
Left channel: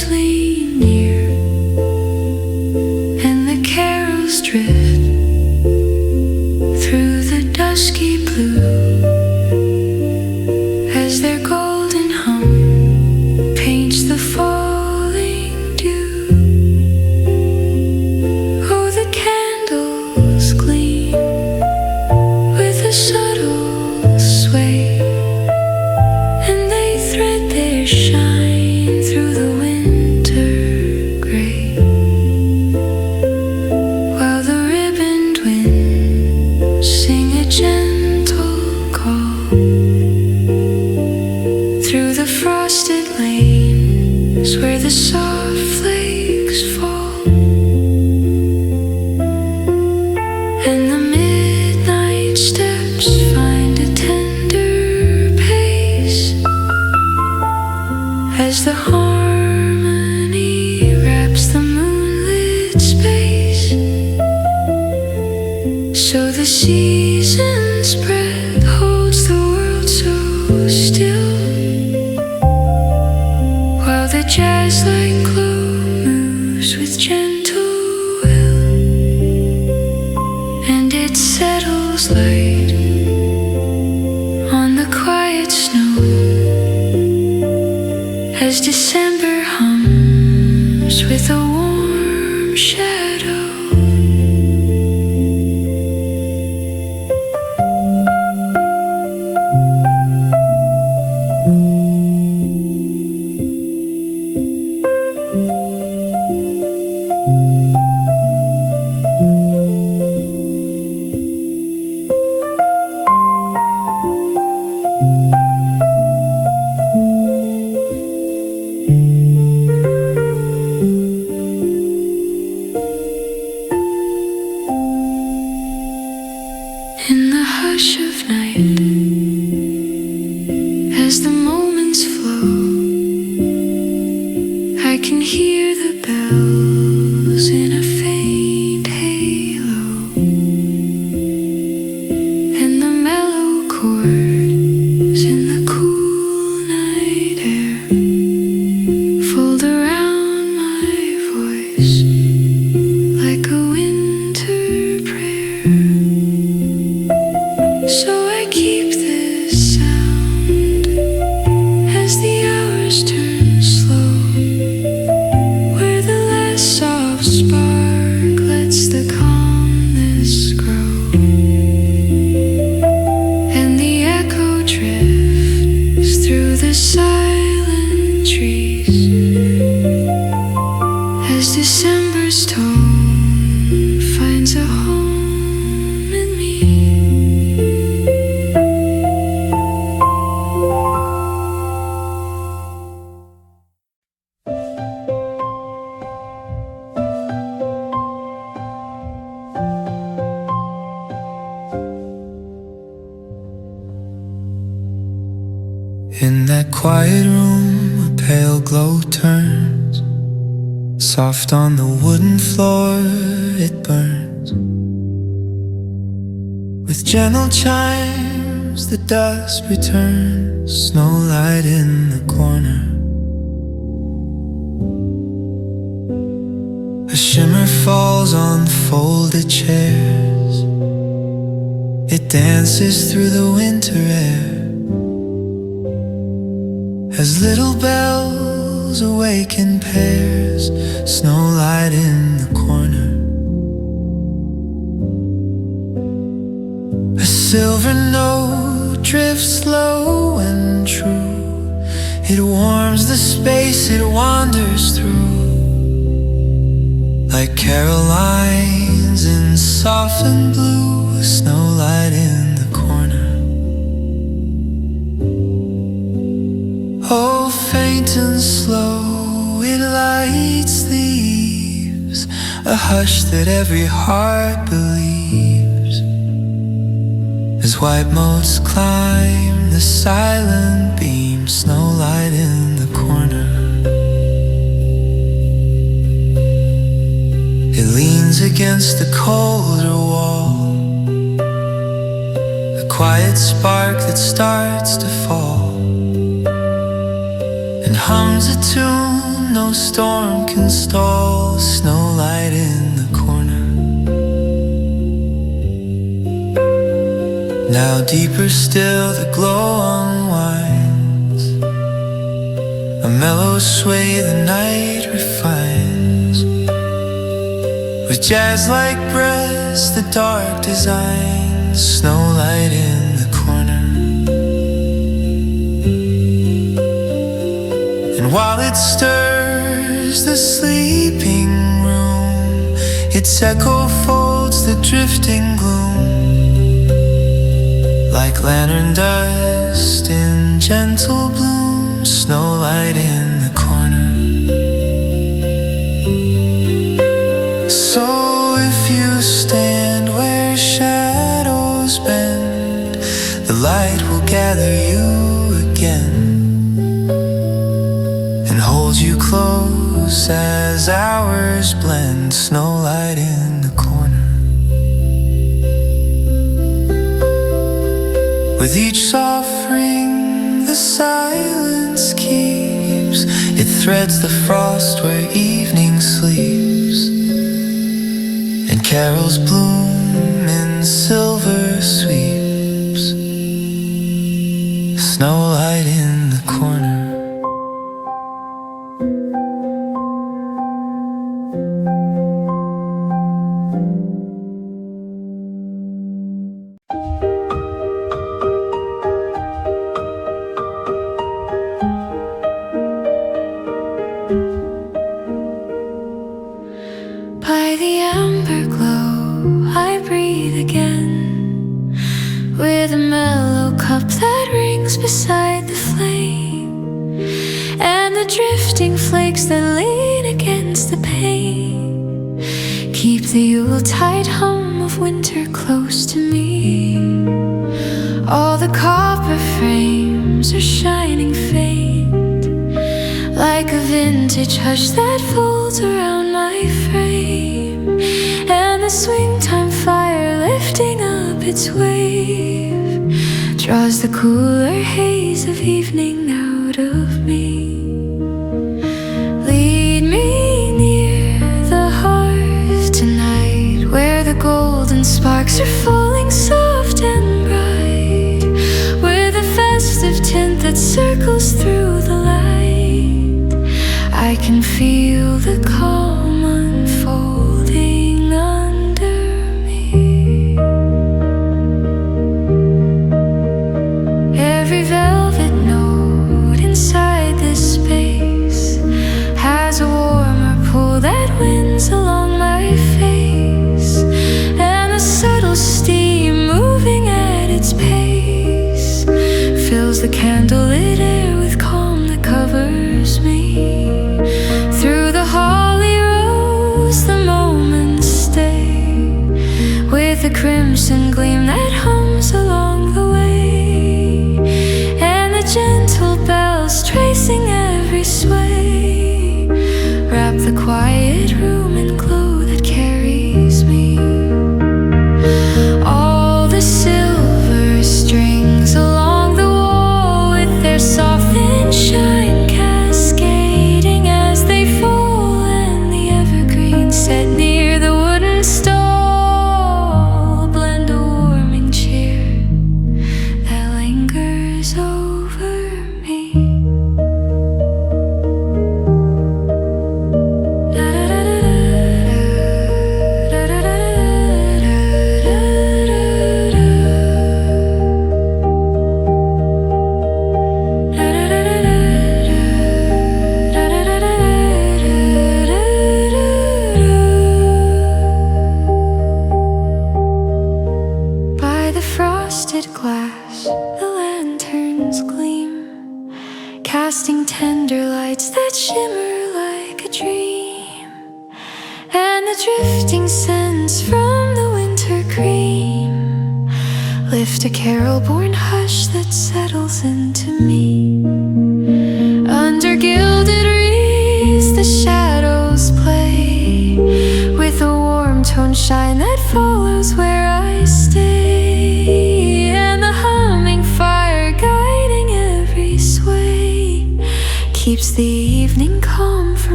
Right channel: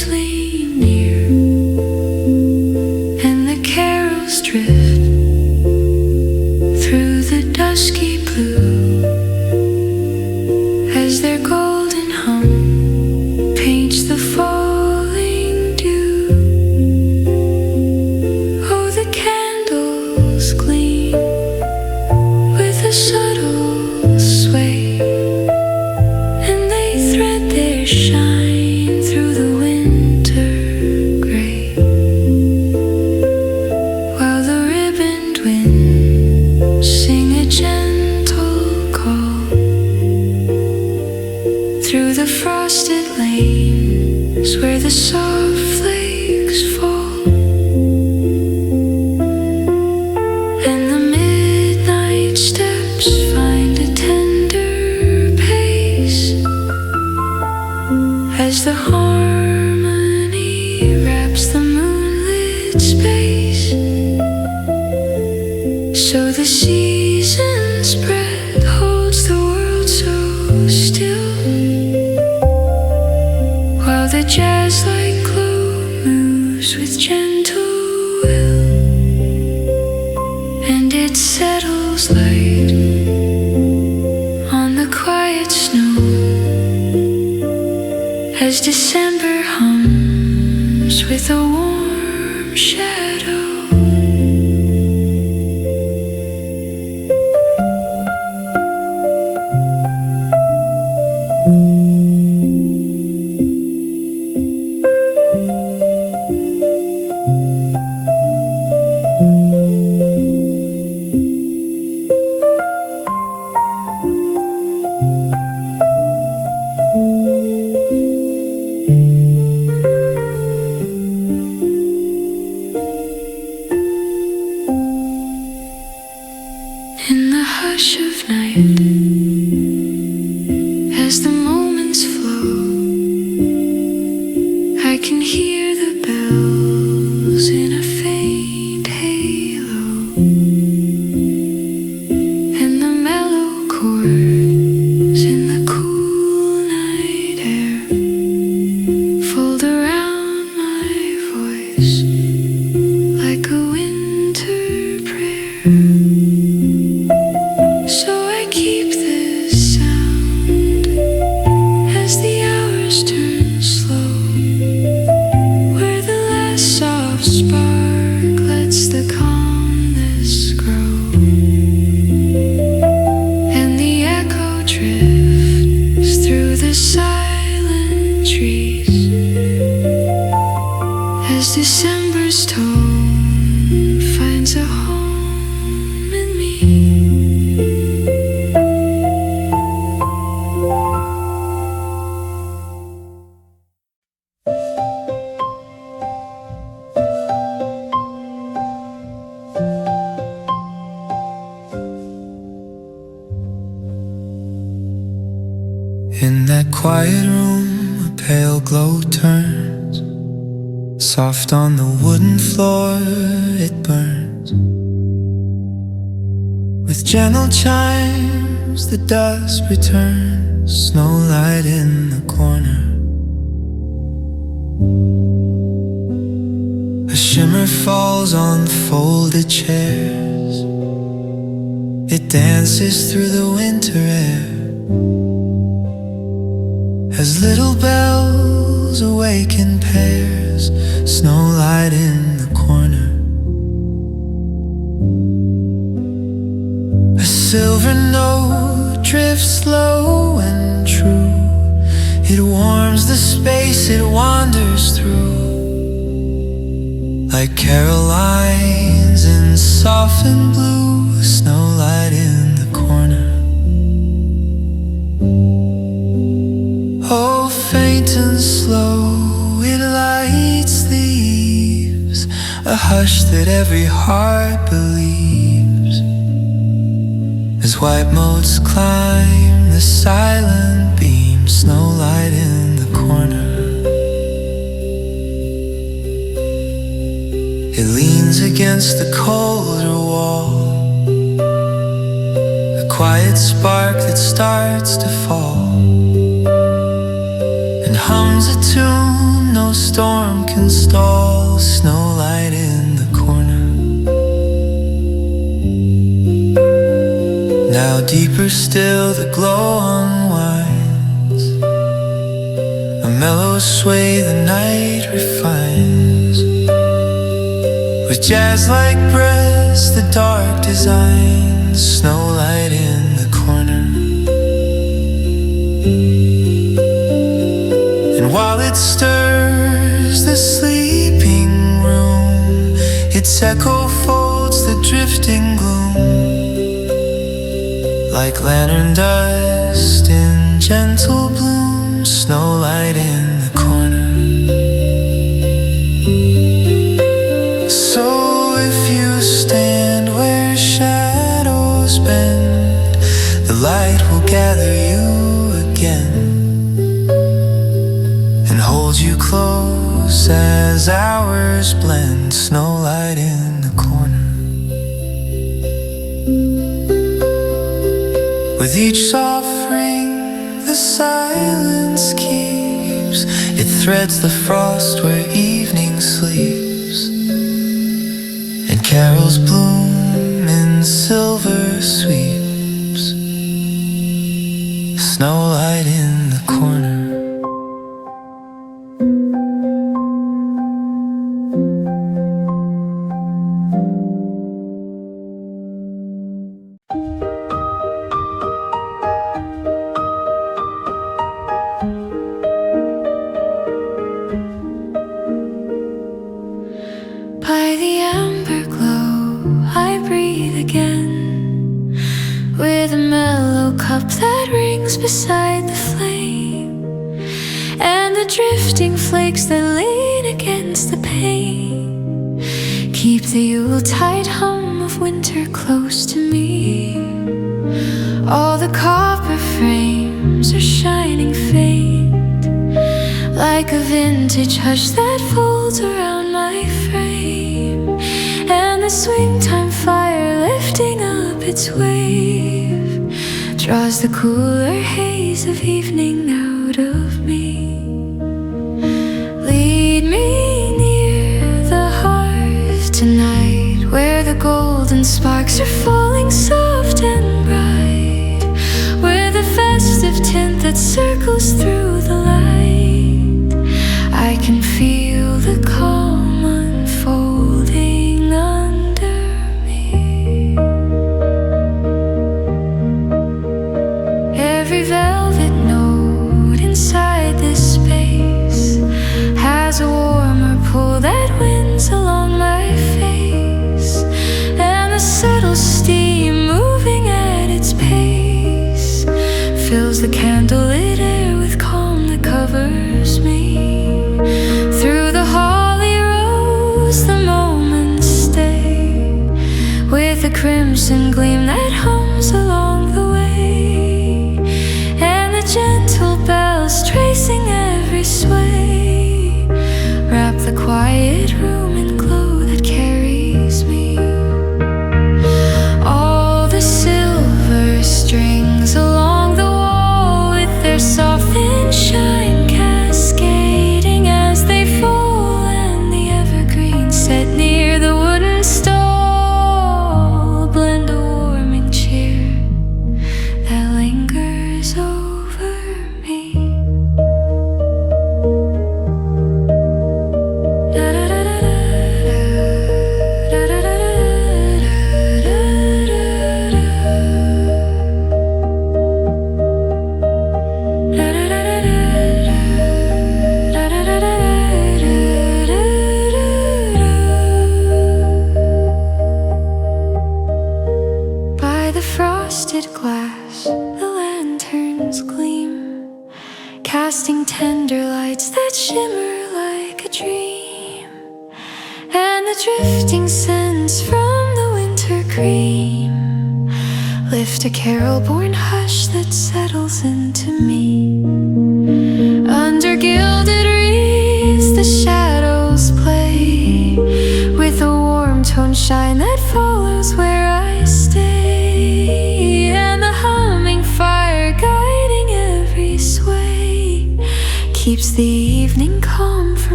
playing near, and the carols drift through the dusky blue as their golden hum paints the falling dew. Oh, the candles gleam with a subtle sway, and they thread their shine through the winter gray, while the ribboned winds sing a gentle call through the frosted lanes where the soft flakes fall, and the midnight steps find a tender pace as the harmony wraps the moonlit space. So the season's breath holds the world so still, while the jazz-like glow moves with gentle will, and it settles light on the quiet snow as December hums with a warm shadow. In the hush of night, as the moments flow, I can hear the bells in a faint halo, and the mellow chords in the cool night air fold around my voice like a winter prayer. So I keep this sound as the hours turn slow, where the last soft spark lets the calmness grow, and the echo drifts through the silent trees as December's tone finds a home in me. In that quiet room, a pale glow turns soft on the wooden floor, it burns with gentle chimes, the dusk returns, snowlight in the corner. A shimmer falls on folded chairs, it dances through the winter air as little bells awaken pairs, snowlight in the corner. A silver note drifts low and true, it warms the space it wanders through, like Carolines in softened blue, snowlight in the corner. Oh, faint and slow, it lights the eaves, a hush that every heart believes, as white motes climb the silent beam, snowlight in the corner. It leans against the colder wall, a quiet spark that starts to fall, and hums a tune no storm can stall. Snowlight in the corner. Now deeper still the glow unwinds. A mellow sway the night refines. With jazz-like breaths the dark designs. Snowlight in the corner. And while it stirs the sleeping room, its echo folds the drifting gloom. Like lantern dust in gentle bloom. Snowlight in the corner. So if you stand where shadows bend, the light will gather you again and hold you close as hours blend. Snowlight in the corner. With each soft ring the silence keeps. It threads the frost where evening sleeps, and carols bloom in silver sweeps. Snowlight in the corner. By the amber glow I breathe again, with a mellow cup that rings beside the flame, and the drifting flakes that lean against the pane keep the Yuletide hum of winter close to me. All the copper frames are shining faint, like a vintage hush that folds around my frame, and the swing time fire lifting up its wave draws the cooler haze of evening out of me. Lead me near the hearth tonight, where the golden sparks are falling soft and bright, with a festive tint that circles through the light. I can feel the calm unfolding under me. Every velvet note inside this space has a warmer pull that winds along my face, and the subtle steam moving at its pace fills the candlelit air with calm that covers me. Through the holly rose the moments stay, with a crimson gleam that hums along the way, and the gentle bells tracing every sway wrap the quiet room in glow that carries me. All the silver strings along the wall, with their softened shine cascading as they fall, and the evergreen set near the wooden stall blend a warming cheer that lingers over me. By the frosted glass the lanterns gleam, casting tender lights that shimmer like a dream, and the drifting scents from the winter cream lift a carol-born hush that settles into me. Under gilded wreaths the shadows play, with a warm tone shine that follows where I stay, and the humming fire guiding every sway keeps the evening calm from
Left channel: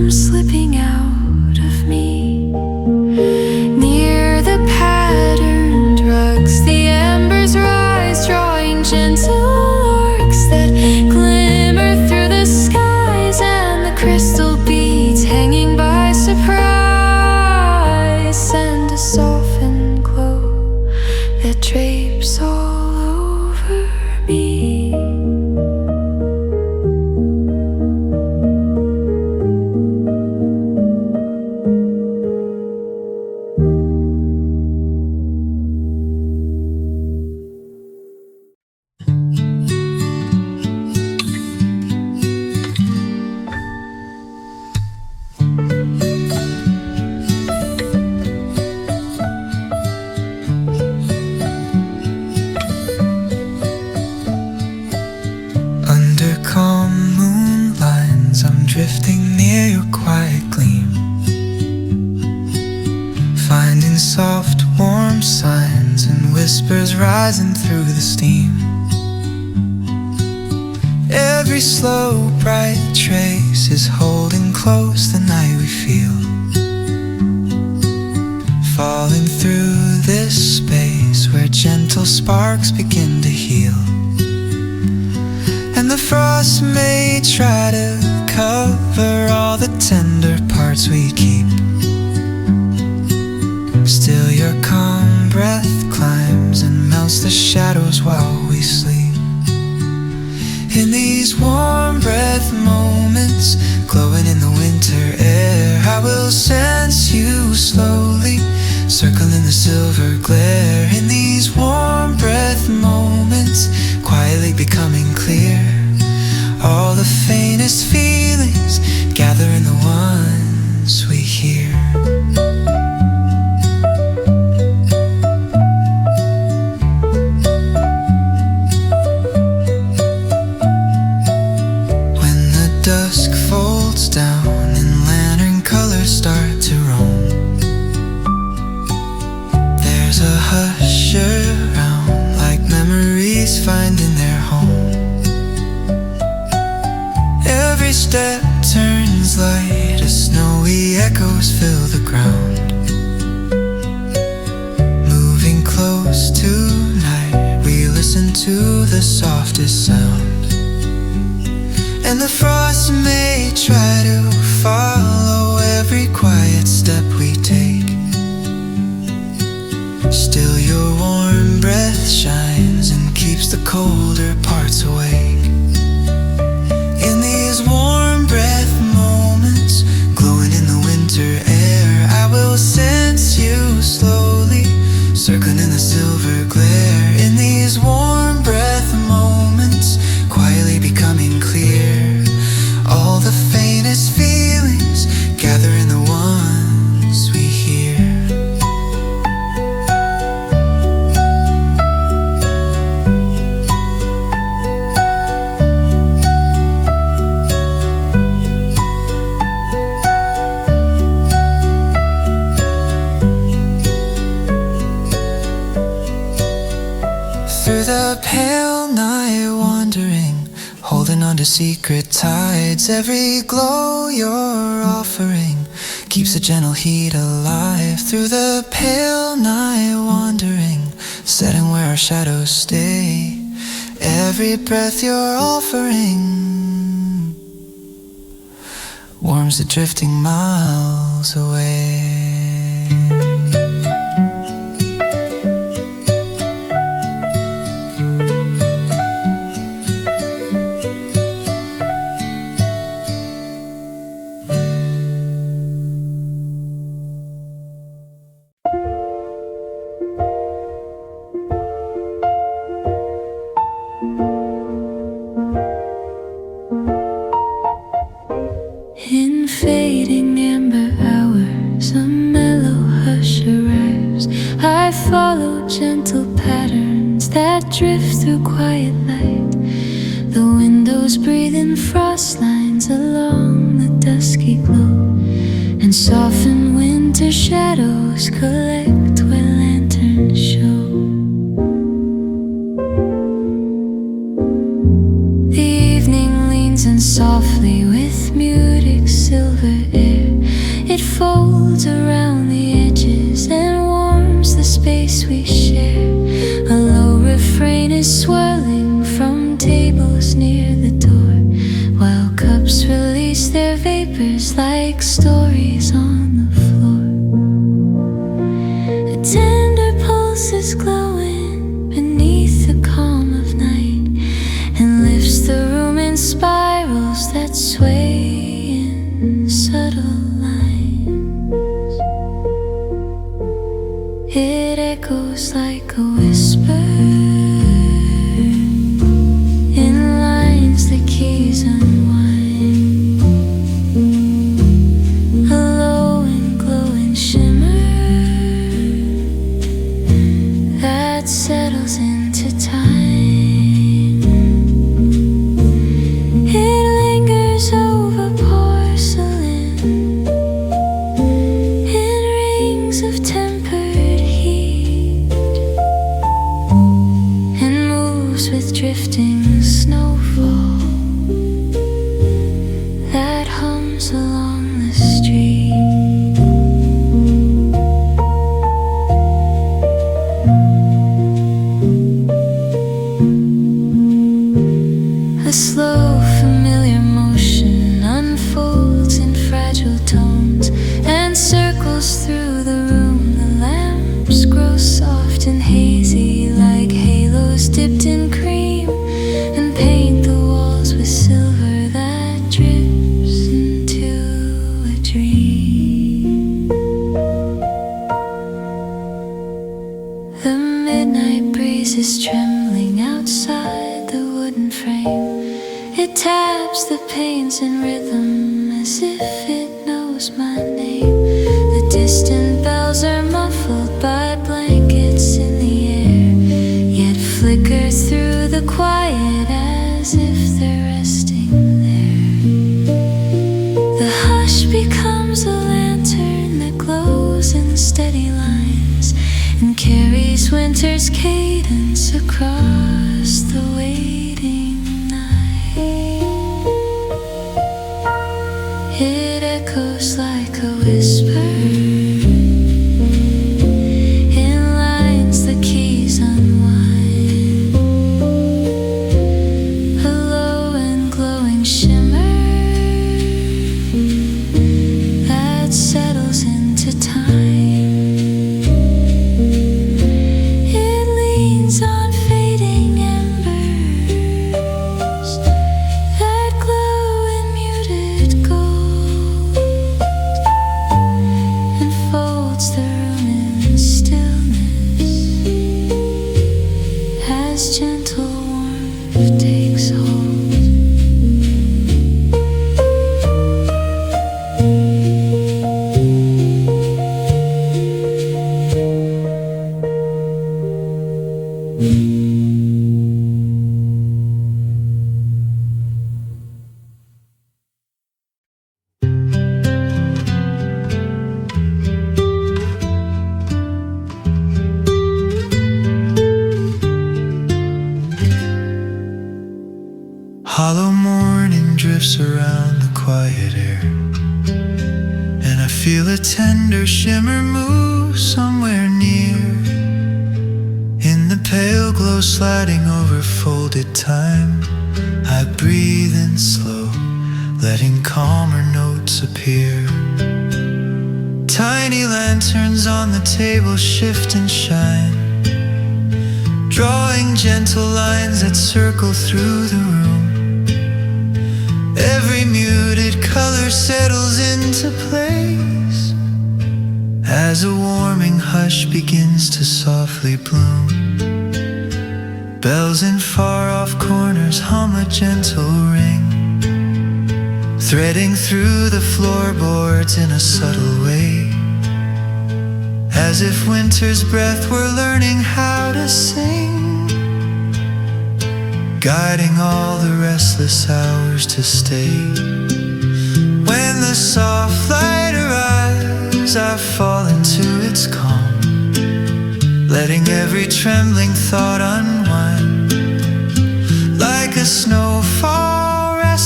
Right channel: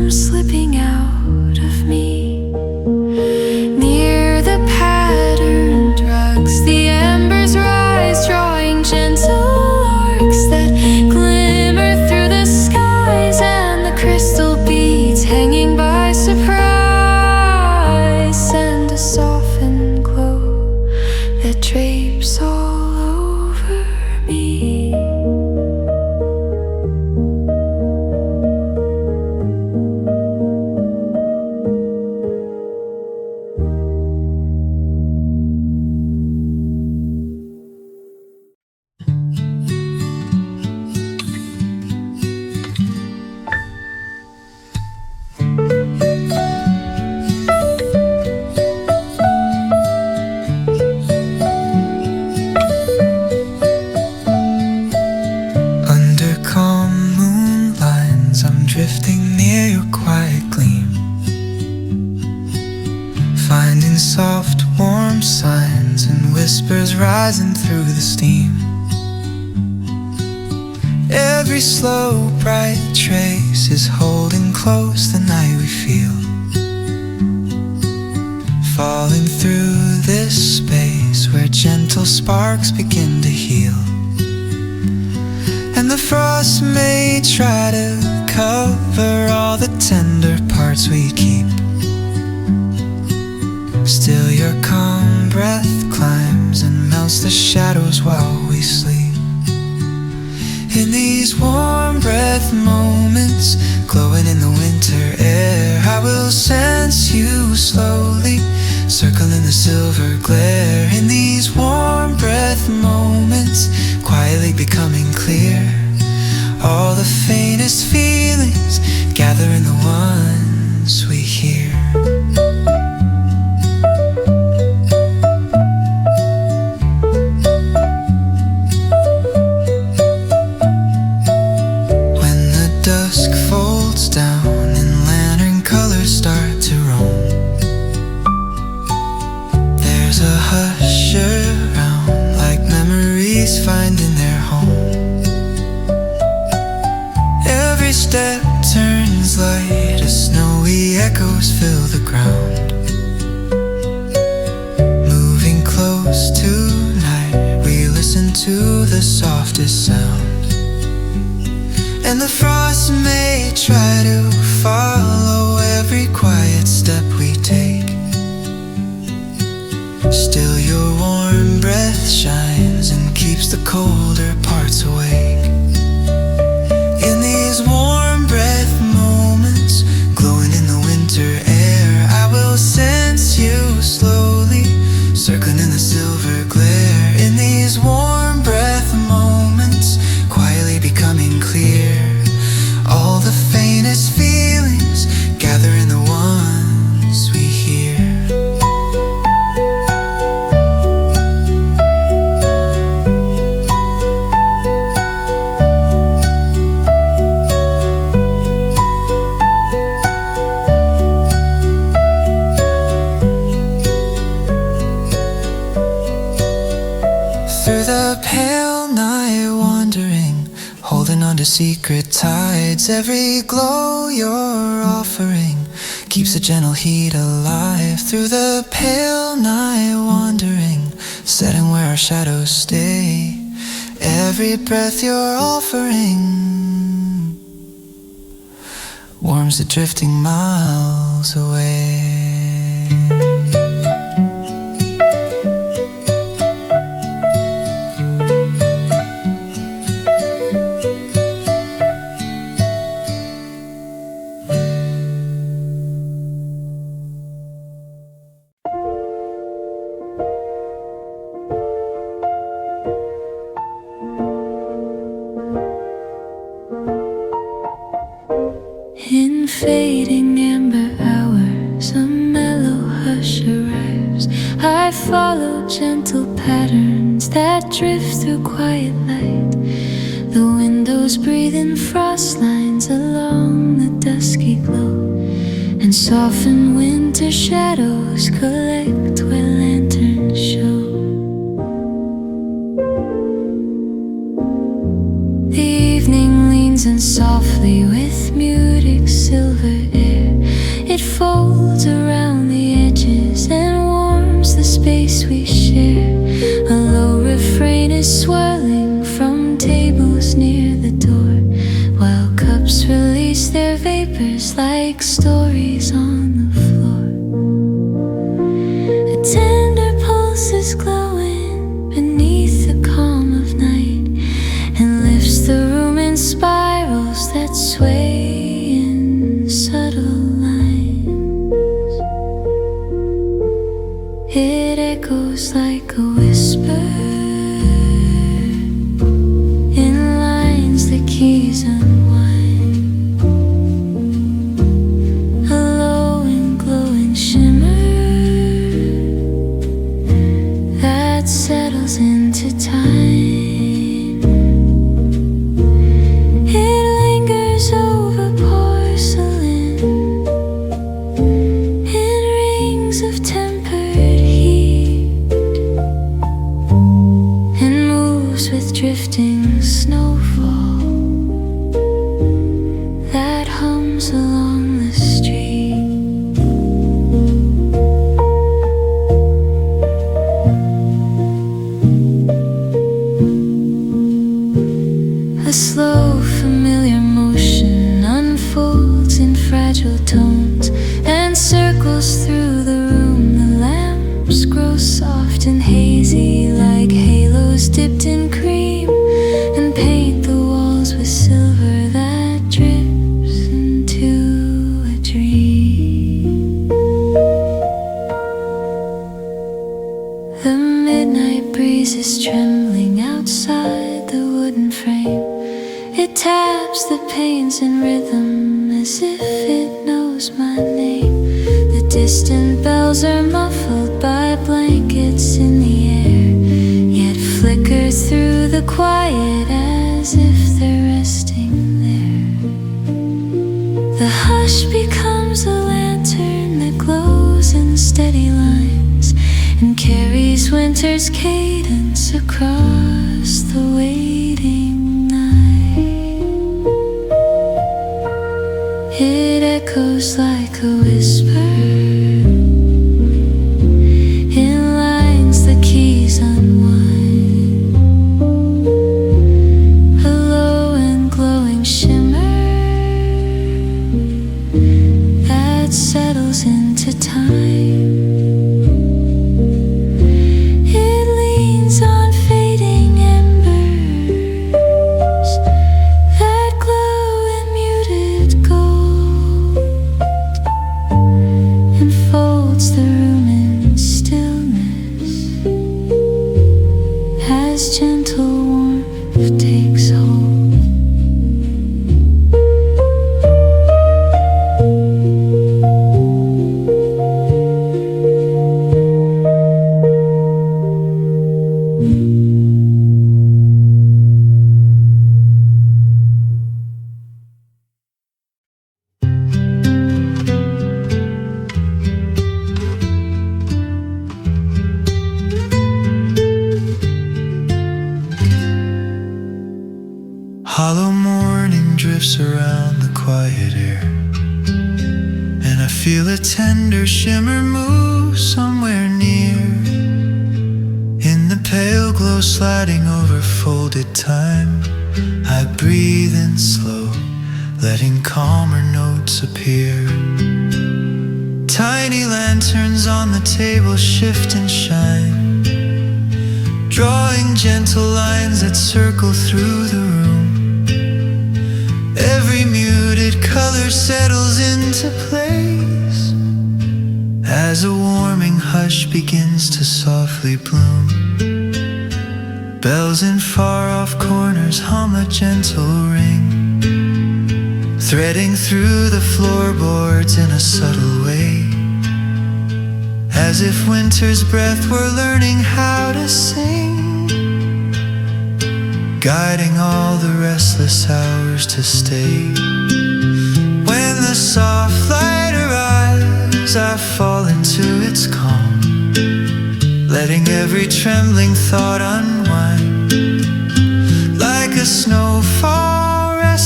come slipping out of me. Near the patterned rugs, the embers rise, drawing gentle arcs that glimmer through the skies, and the crystal beads hanging by surprise send a softened glow that drapes all over me. Drifting near your quiet gleam, finding soft, warm signs and whispers rising through the steam. Every slow, bright trace is holding close the night we feel, falling through this space where gentle sparks begin to heal. And the frost may try to cover all the tender parts we keep, still your calm breath climbs and melts the shadows while we sleep. In these warm breath moments, glowing in the winter air, I will sense you slowly, circling the silver glare. In these warm breath moments, quietly becoming clear, all the faintest feelings gather in the ones we hear. When the dusk folds down and lantern colors start to roam, there's a hush around, like memories finding their home. Every step turns light as snowy echoes fill the ground. Moving close tonight, we listen to the softest sound. And the frost may try to follow every quiet step we take, still your warm breath shines and keeps the colder parts awake. In these warm breath moments, glowing in the winter air, I will sense you slowly, circling in the silver glare. In these warm breath moments, quietly becoming clear, all the faintest feelings gather in the ones we hear. Through the pale night wandering, holding on to secret tides, every glow you're offering keeps a gentle heat alive. Through the pale night wandering, setting where our shadows stay, every breath you're offering warms the drifting miles away. In fading amber hours, a mellow hush arrives. I follow gentle patterns that drift through quiet light. The windows breathe in frost lines along the dusky glow, and soften winter shadows collect where lanterns show. The evening leans risen softly with muted silver air. It folds around the edges and warms the space we share. A low refrain is swirling from tables near the door, while cups release their vapors like stories on the floor. A tender pulse is glowing beneath the calm of night and lifts the room in spirals that sway in subtle lines. It echoes like a whisper in lines the keys unwind. A low and glowing shimmer that settles into time. It lingers over porcelain in rings of tempered heat and moves with drifting snowfall that hums along the street. A slow, familiar motion unfolds in fragile tones and circles through the room. The lamps grow soft and hazy like halos dipped in cream and paint the walls with silver that drips into a dream. The midnight breeze is trembling outside the wooden frame. It taps the panes in rhythm as if it knows my name. The distant bells are muffled by blankets in the air, yet flicker through the quiet as if they're resting there. The hush becomes a lantern that glows in steady lines and carries winter's cadence across the waiting night. It echoes like a whisper in lines the keys unwind. A low and glowing shimmer that settles into time. It leans on fading embers that glow in muted gold and folds the room in stillness as gentle warmth takes hold. Hollow morning drifts around the quiet air, and I feel a tender shimmer move somewhere near. In the pale glow sliding over folded time, I breathe in slow, letting calmer notes appear. Tiny lanterns on the table shift and shine, drawing gentle lines that circle through the room. Every muted color settles into place as a warming hush begins to softly bloom. Bells in far-off corners hum a gentle ring, threading through the floorboards in a subtle way, as if winter's breath were learning how to sing, guiding all the restless hours to stay. When the soft light arrives, I fall into its calm, letting every trembling thought unwind. Like a snowfall resting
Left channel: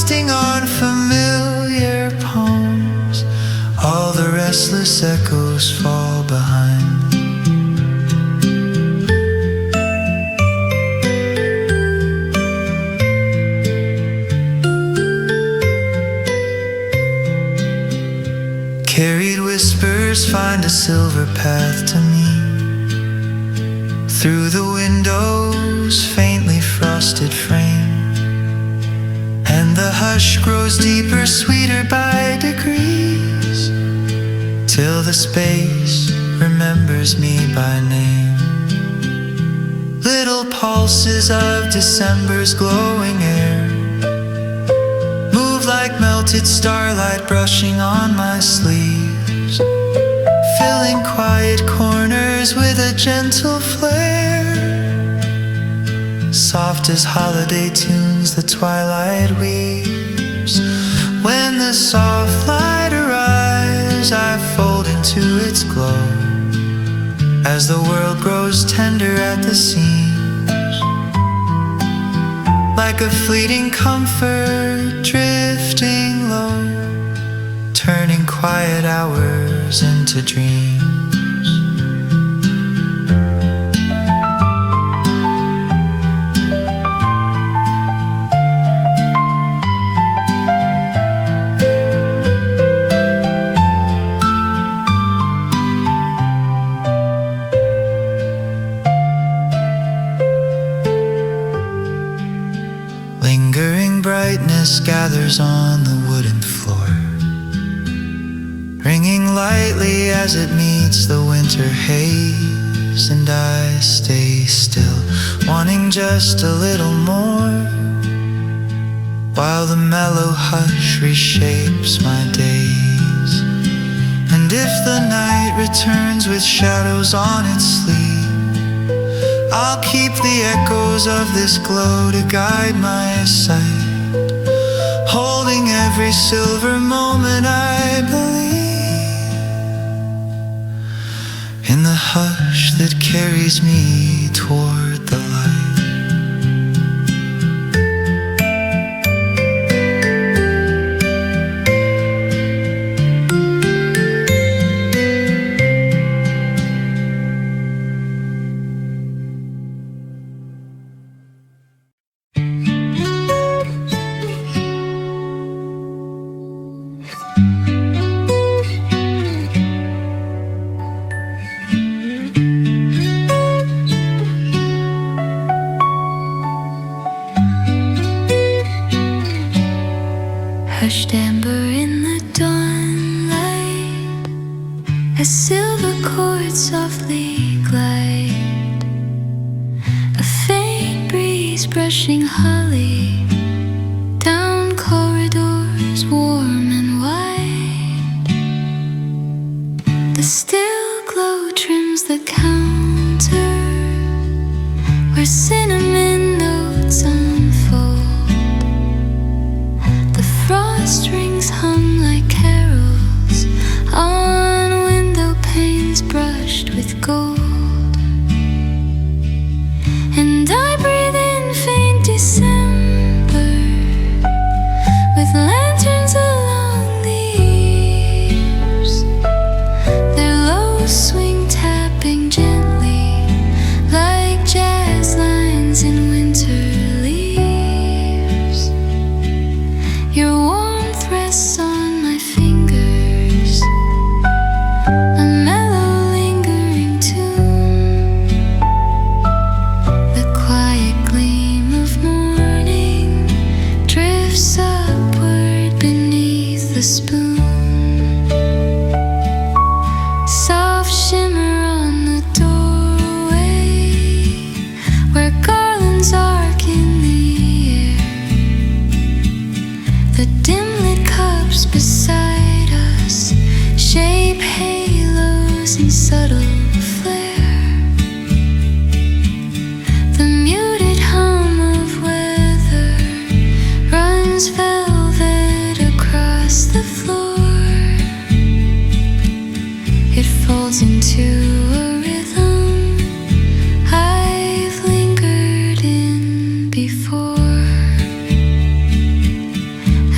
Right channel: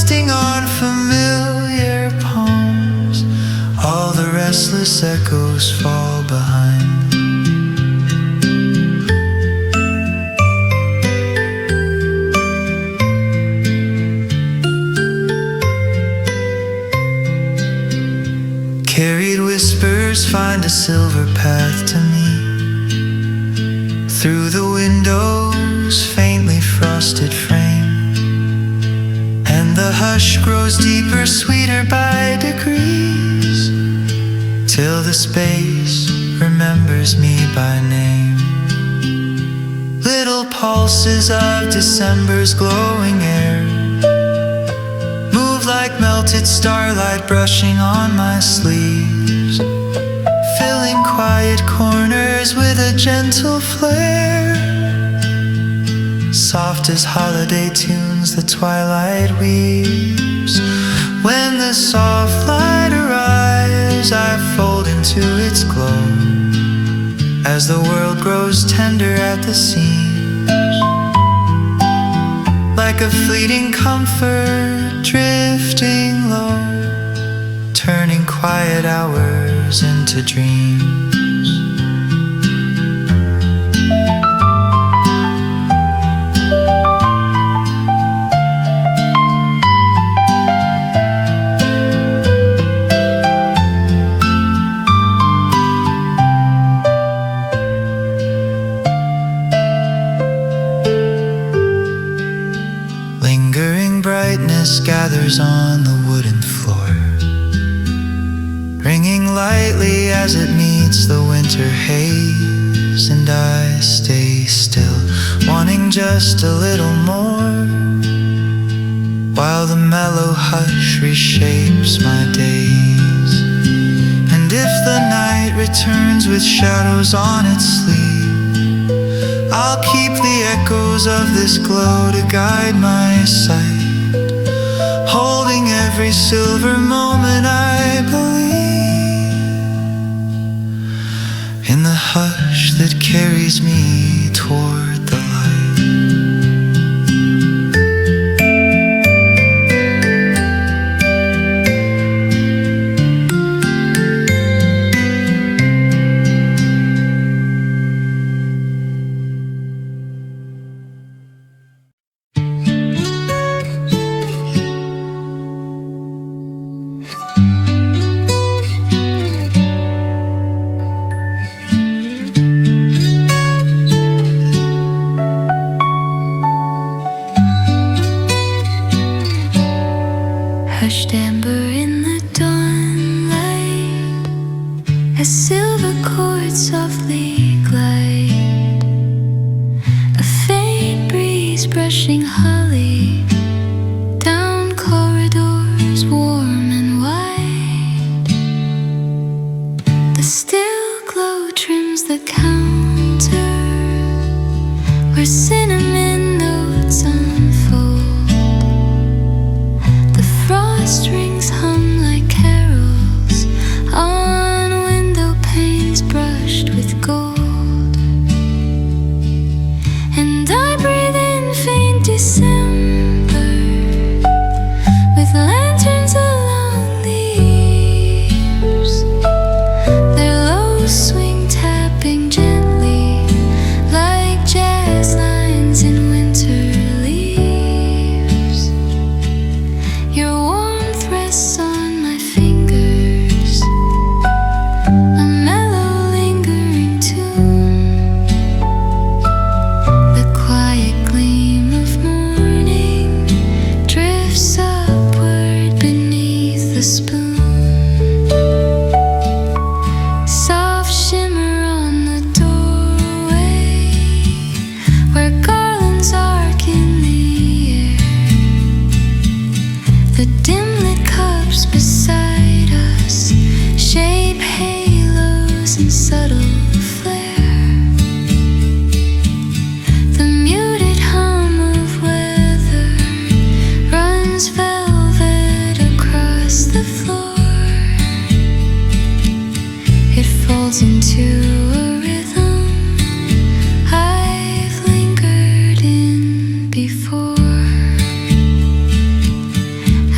resting on familiar palms. All the restless echoes fall behind. Carried whispers find a silver path to me. Through the window's faintly frosted frame, and the hush grows deeper, sweeter by degrees, till the space remembers me by name. Little pulses of December's glowing air move like melted starlight brushing on my sleeves, filling quiet corners with a gentle flare. Soft as holiday tunes the twilight weaves. When the soft light arrives, I fold into its glow, as the world grows tender at the seams, like a fleeting comfort drifting low, turning quiet hours into dreams. Lingering brightness gathers on the wooden floor, ringing lightly as it meets the winter haze. And I stay still, wanting just a little more, while the mellow hush reshapes my days. And if the night returns with shadows on its sleeve, I'll keep the echoes of this glow to guide my sight, holding every silver moment I believe in the hush that carries me toward the light. Hushed amber in the dawnlight, as silver chords softly glide, a faint breeze brushing holly down corridors warm and wide. The still glow trims the counter where cinnamon notes unfold. Strings hum like carols on window panes brushed with gold. And I breathe in faint December with lanterns along the eaves, their low swing tapping gently like jazz lines in winter leaves. Your warmth rests on my fingers, a mellow lingering tune. The quiet gleam of morning drifts upward beneath the spoon. Soft shimmer on the doorway where garlands arc in the air. The dim-lit cups beside us shape halos in subtle flare. The muted hum of weather runs velvet across the floor. It folds into a rhythm I've lingered in before.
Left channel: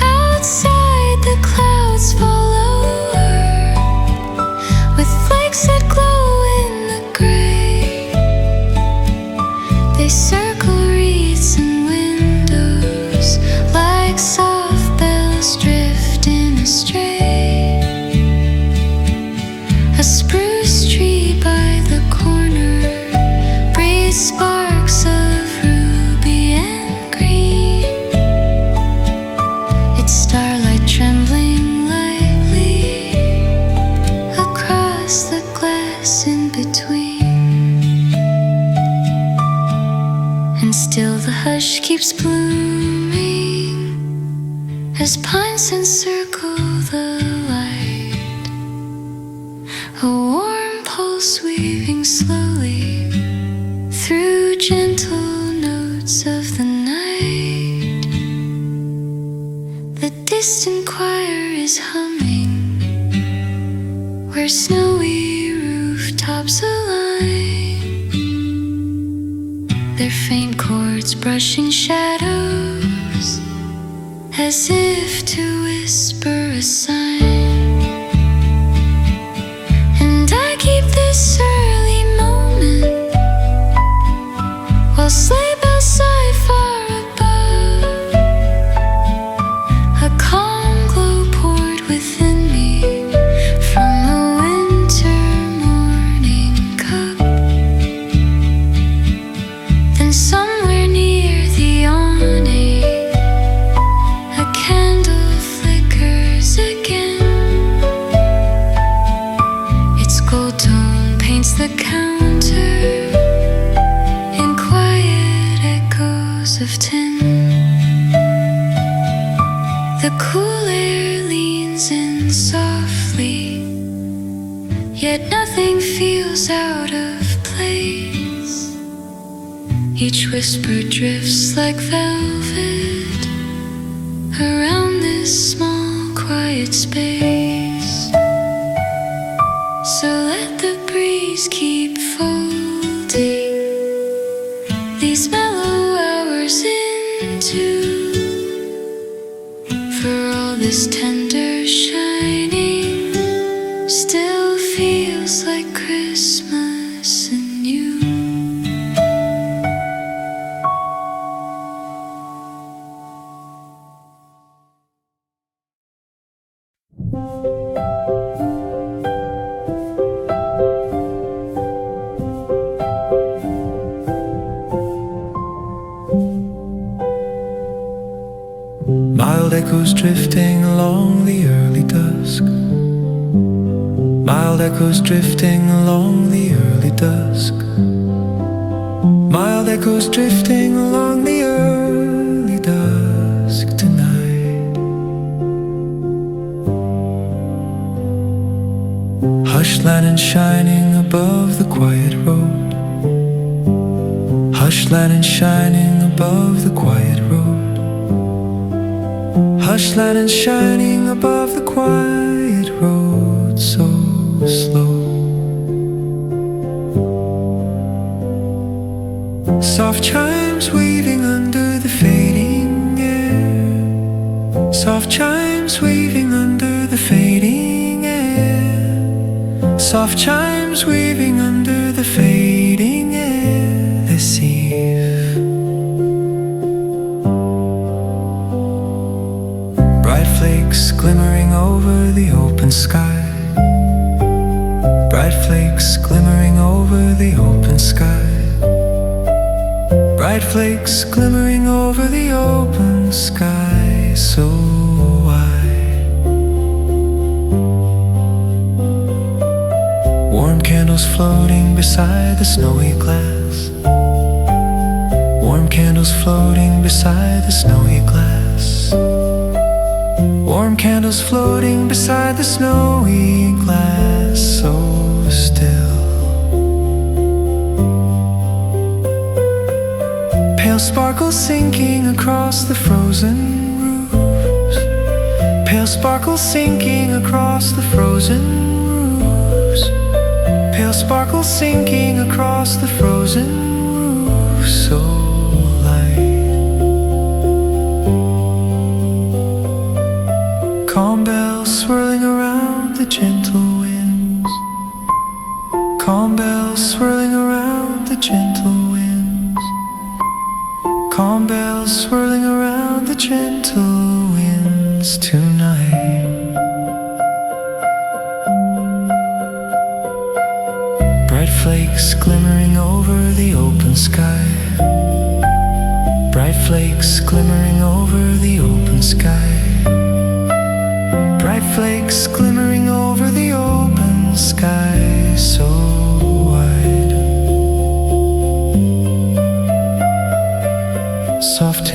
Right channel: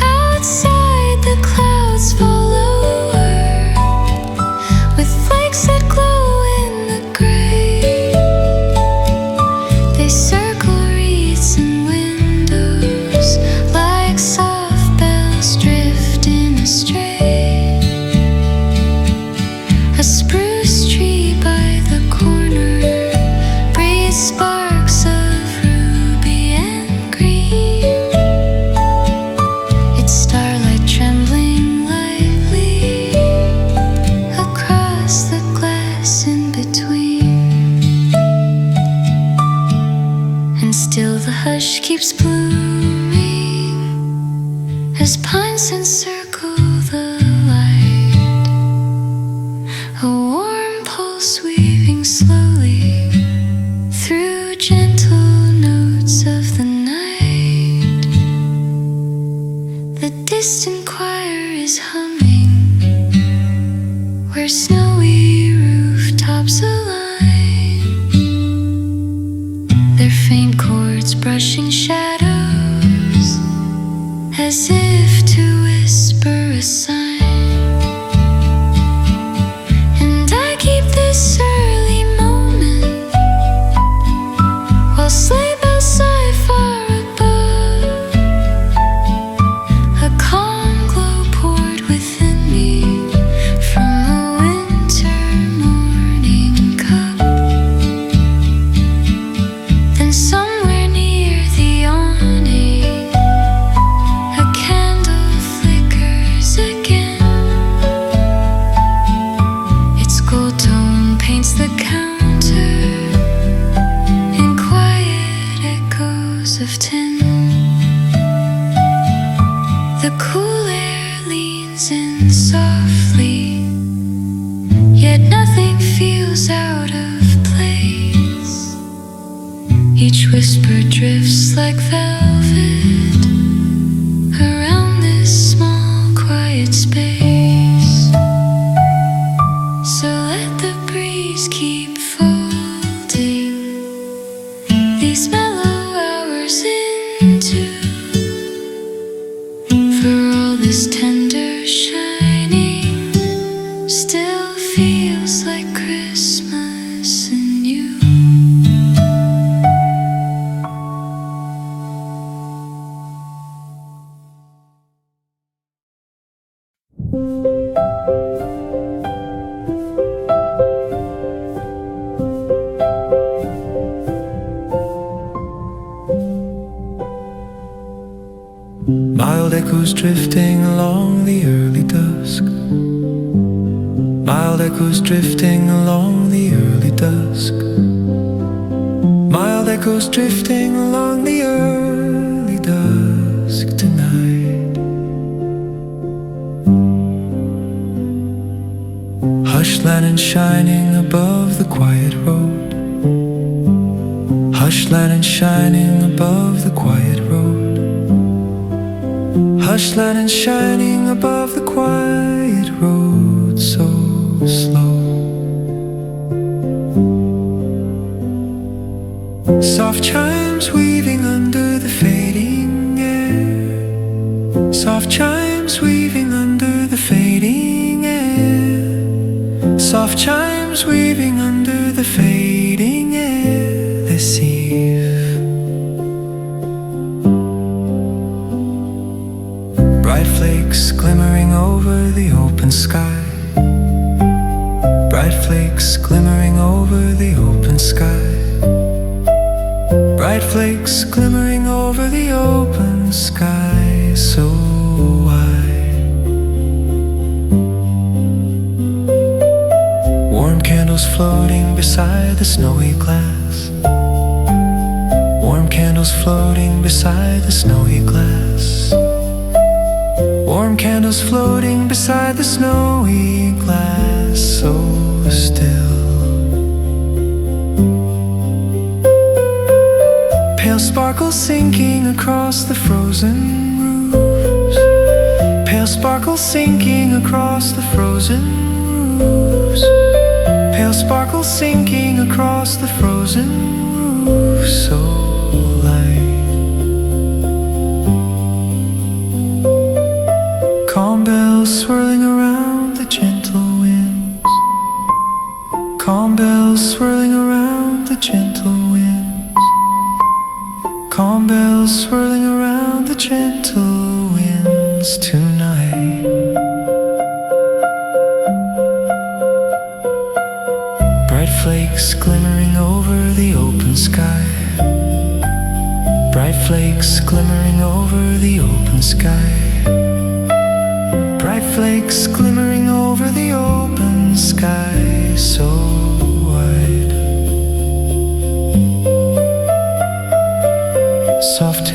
keeps blooming as pines encircle the light. A warm pulse weaving slowly through gentle notes of the night. The distant choir is humming where snowy rooftops align, their faint chords brushing shadows as if to whisper a sign. And I keep this early moment while sleigh bells sigh far above. A calm glow poured within me from a winter morning cup. Then somewhere near the awning, a candle flickers again. Its gold tone paints the counter in quiet echoes of tin. The cool air leans in softly, yet nothing feels out of place. Each whisper drifts like velvet around this small quiet space. So let the breeze keep folding these mellow hours into, for all this tender shining still feels like Christmas and you. Mild echoes drifting along the early dusk. Mild echoes drifting along the early dusk. Mild echoes drifting along the early dusk tonight. Hush lantern shining above the quiet road. Hush lantern shining above the quiet road. Hush lantern shining above the quiet road, so slow. Soft chimes weaving under the fading air. Soft chimes weaving under the fading air. Soft chimes weaving under the fading air this eve. Bright flakes glimmering over the open sky. Bright flakes glimmering over the open sky. Bright flakes glimmering over the open sky, so wide. Warm candles floating beside the snowy glass. Warm candles floating beside the snowy glass. Warm candles floating beside the snowy glass, so still. Pale sparkles sinking across the frozen roofs. Pale sparkles sinking across the frozen roofs. Pale sparkles sinking across the frozen roofs, so light. Calm bells swirling around the gentle winds. Calm bells swirling around the gentle winds. Calm bells swirling around the gentle winds tonight. Bright flakes glimmering over the open sky. Bright flakes glimmering over the open sky. Bright flakes glimmering over the open sky, so wide. Soft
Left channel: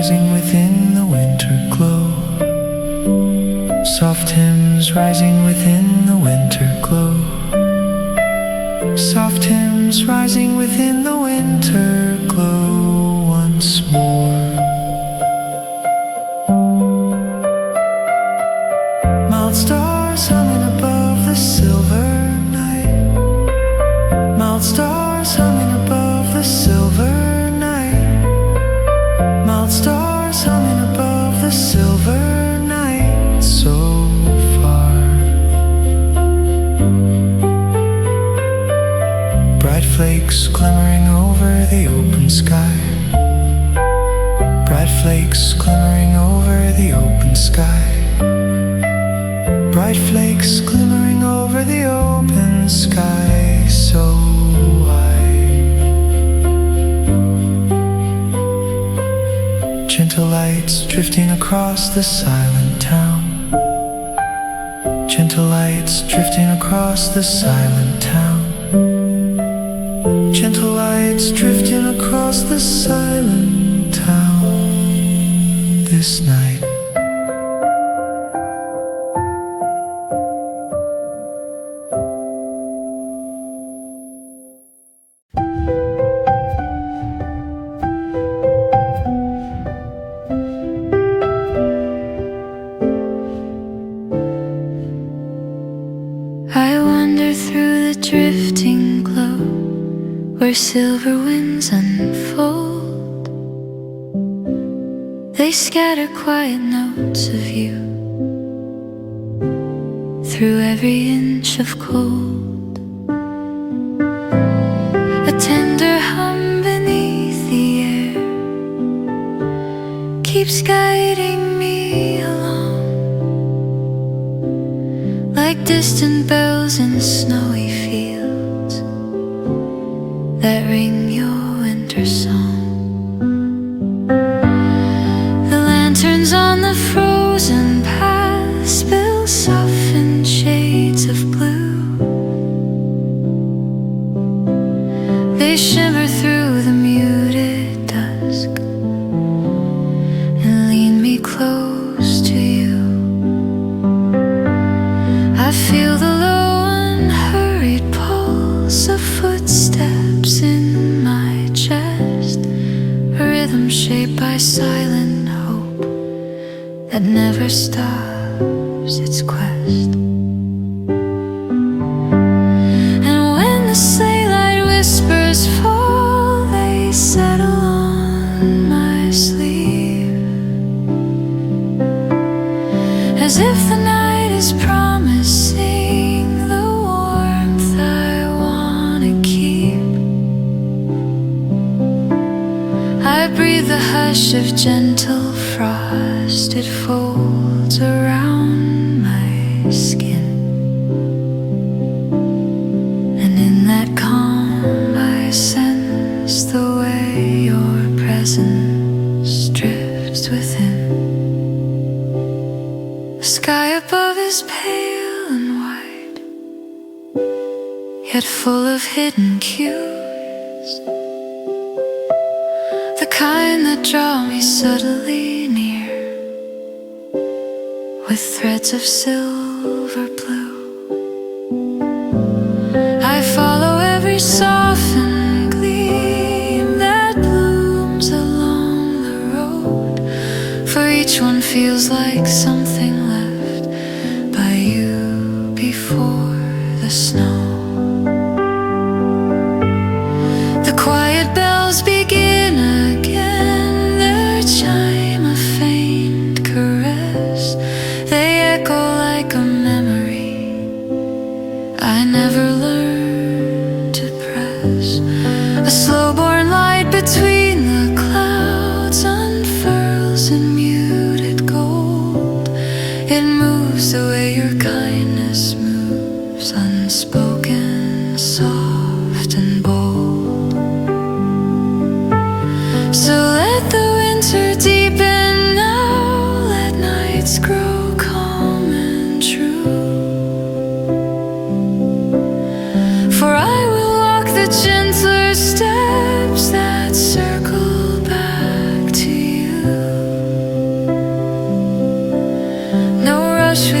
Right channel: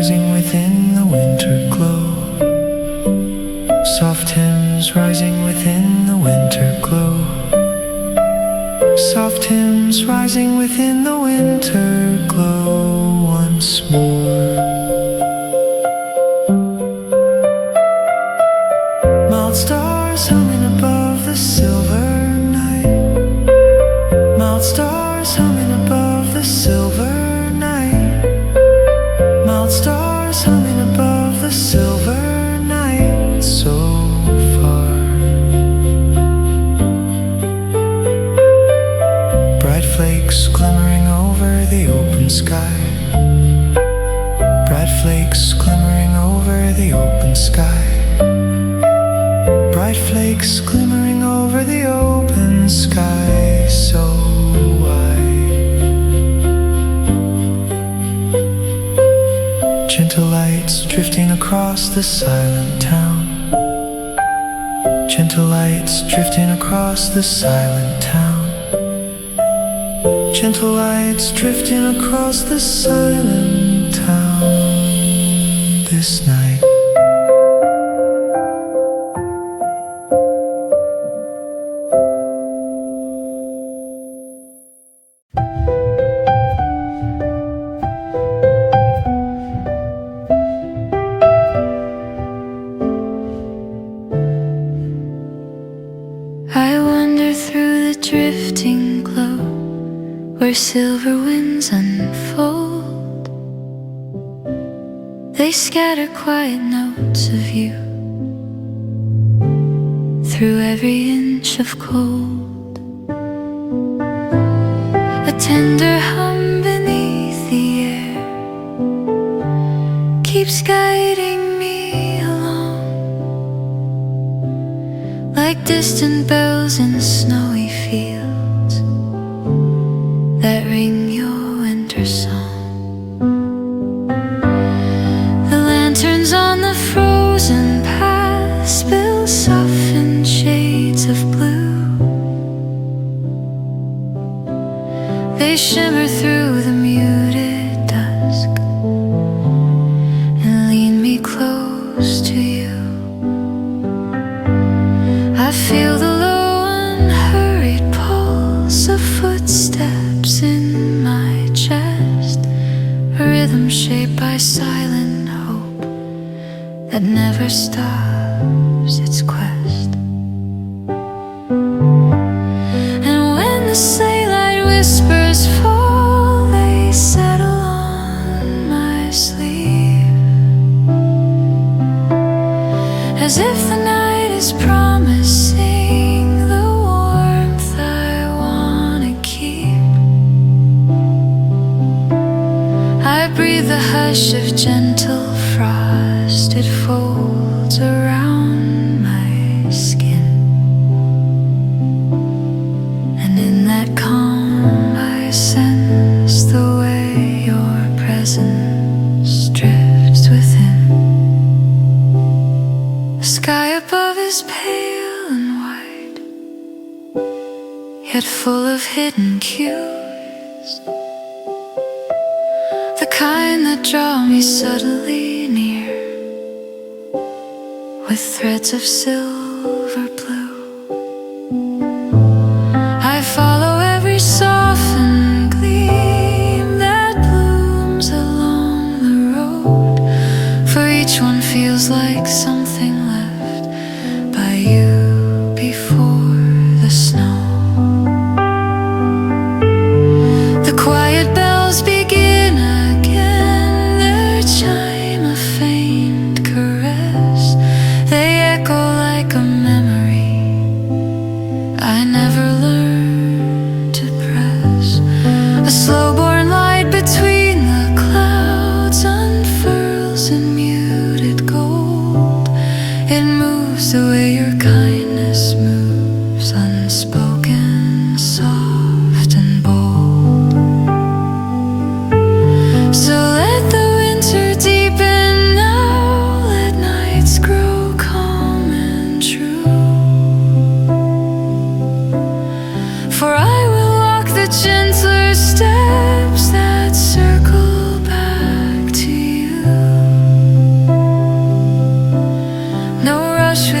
rising within the winter glow. Soft hymns rising within the winter glow. Soft hymns rising within the winter glow once more. Mild stars humming above the silver night. Mild stars humming above the silver night. Mild stars humming above the silver night. So far. Bright flakes glimmering over the open sky. Bright flakes glimmering over the open sky. Bright flakes glimmering over the open sky so wide. Gentle lights drifting across the silent town. Gentle lights drifting across the silent town. Gentle lights drifting across the silent town this night. I wander through the drifting glow where silver winds unfold. They scatter quiet notes of you through every inch of cold. A tender hum beneath the air keeps guiding me along, like distant bells in snowy fields that ring your winter song. The lanterns on the frozen path spill softened shades of blue. They shimmer through the muted dusk and lean me close to you. I feel the low unhurried pulse of footsteps in my chest, a rhythm shaped by silent hope that never stops its quest. And when the sleigh light whispers fall, they settle on my sleeve, as if the night is promising the warmth I wanna keep. I breathe the hush of gentle frost, it folds around my skin, and in that calm I sense the way your presence drifts within. The sky above is pale and white, yet full of hidden cues, the kind that draw me subtly near with threads of silver blue. I follow every softened gleam that blooms along the road, for each one feels like something left by you before the snow. The quiet bells begin again, their chime a faint caress. They echo like a memory I never learned to press. A slow-born light between the clouds unfurls in muted gold. It moves the way your kindness moves, unspoken, soft and bold. So let the winter deepen now, let nights grow calm and true. For I will walk the gentler steps that circle back to you.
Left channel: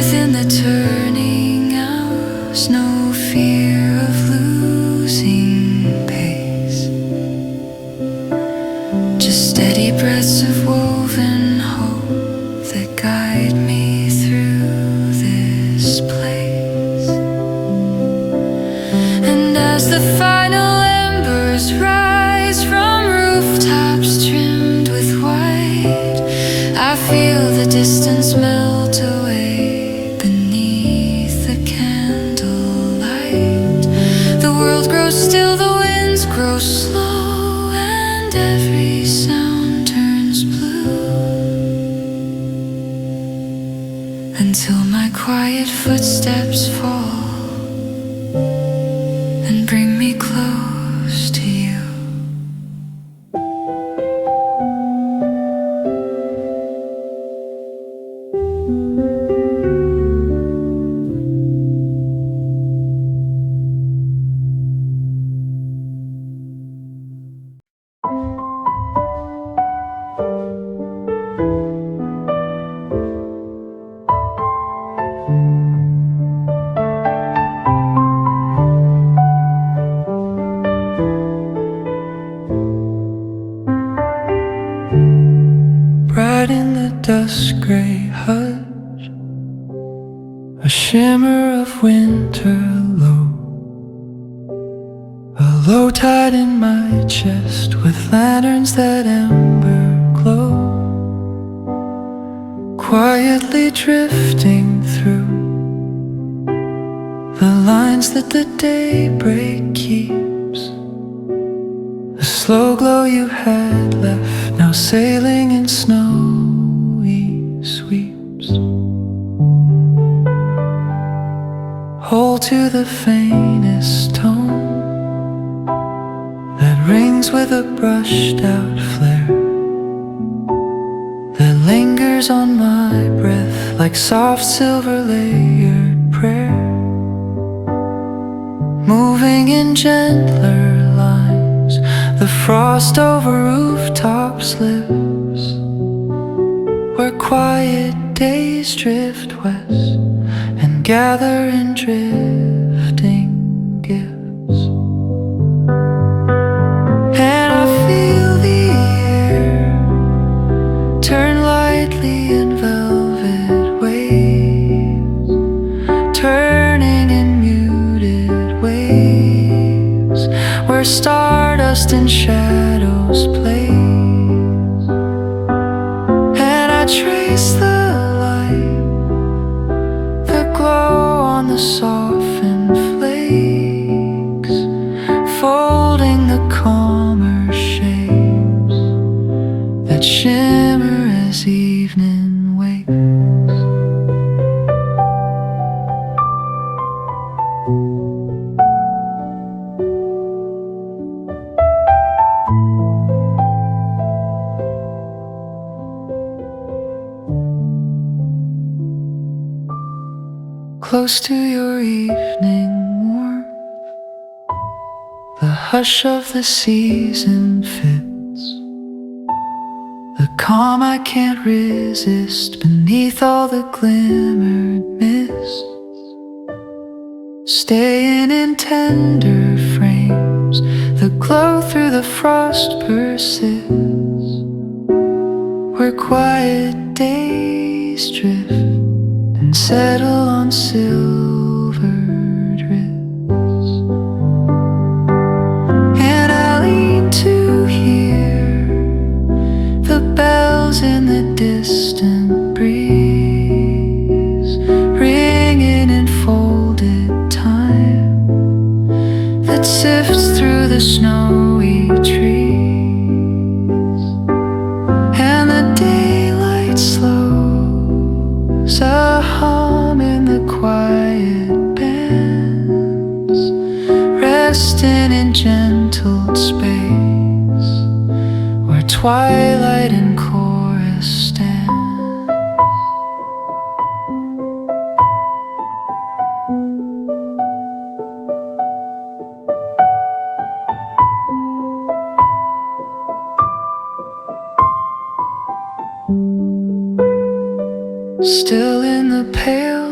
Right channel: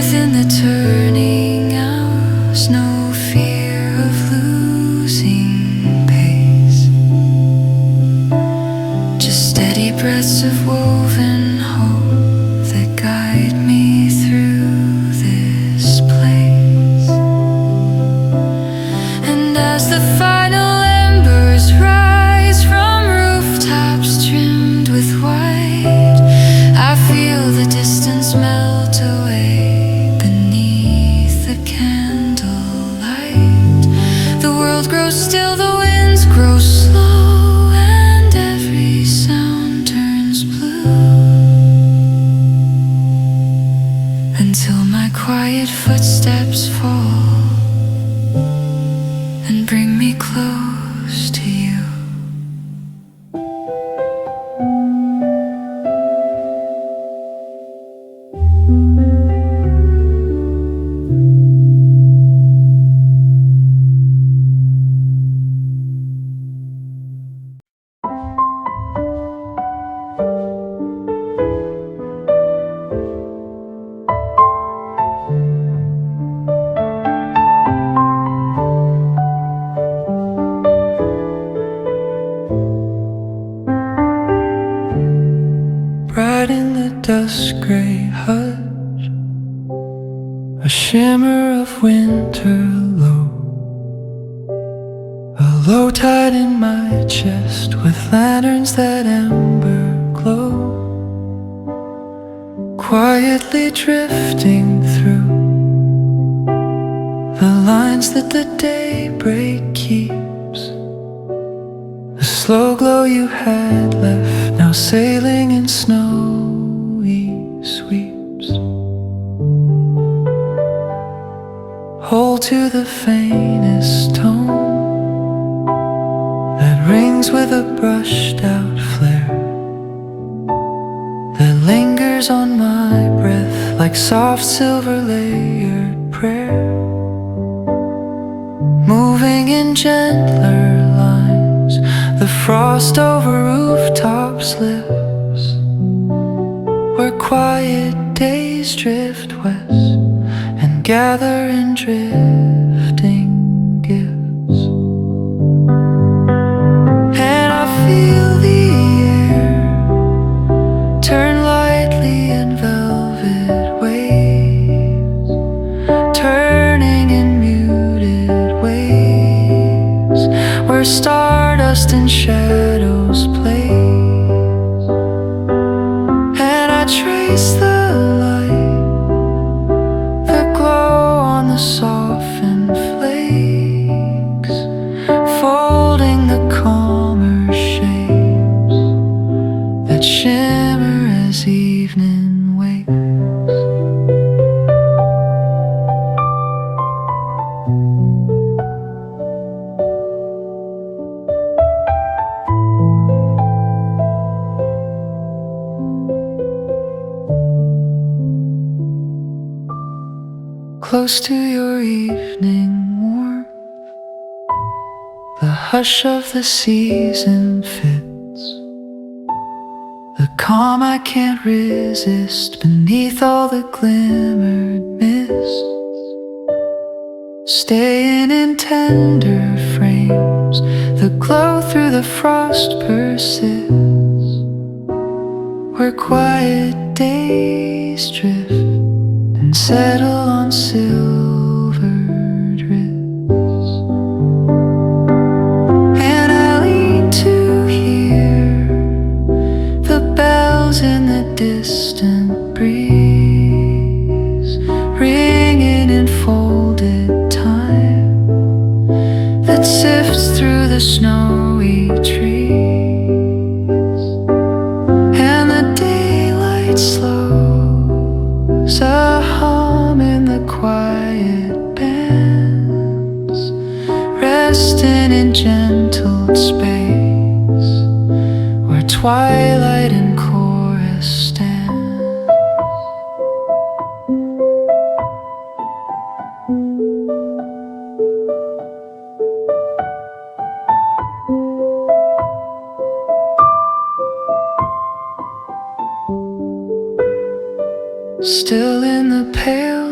within the turning hours, no fear of losing pace, just steady breaths of woven hope that guide me through this place. And as the final embers rise from rooftops trimmed with white, I feel the distance melt away beneath the candlelight. The world grows still, the winds grow slow, and every sound turns blue, until my quiet footsteps fall and bring me close to you. Bright in the dusk gray hush, a shimmer of winter low, a low tide in my chest with lanterns that ember glow, quietly drifting through the lines that the daybreak keeps. The slow glow you had left, now sailing in snowy sweeps. Hold to the faintest tone that rings with a brushed out flare, that lingers on my breath like soft silver layered prayer, moving in gentler lines. The frost over rooftops lives, where quiet days drift west and gather in drifting gifts. And I feel the air turn lightly in velvet waves, turning in muted waves, where stardust and shadows plays. And I trace the light, the glow on the softened flakes, folding the calmer shapes that shimmer as evening wakes. Close to your evening warmth, the hush of the season fits, the calm I can't resist beneath all the glimmered mists, staying in tender frames, the glow through the frost persists, where quiet days drift and settle on silvered wrists. And I lean to hear the bells in the distant breeze, ringing in folded time that sifts through the snowy trees. And the daylight slows, a hum in the quiet bands, resting in gentle space, where twilight and chorus stand. Still in the pale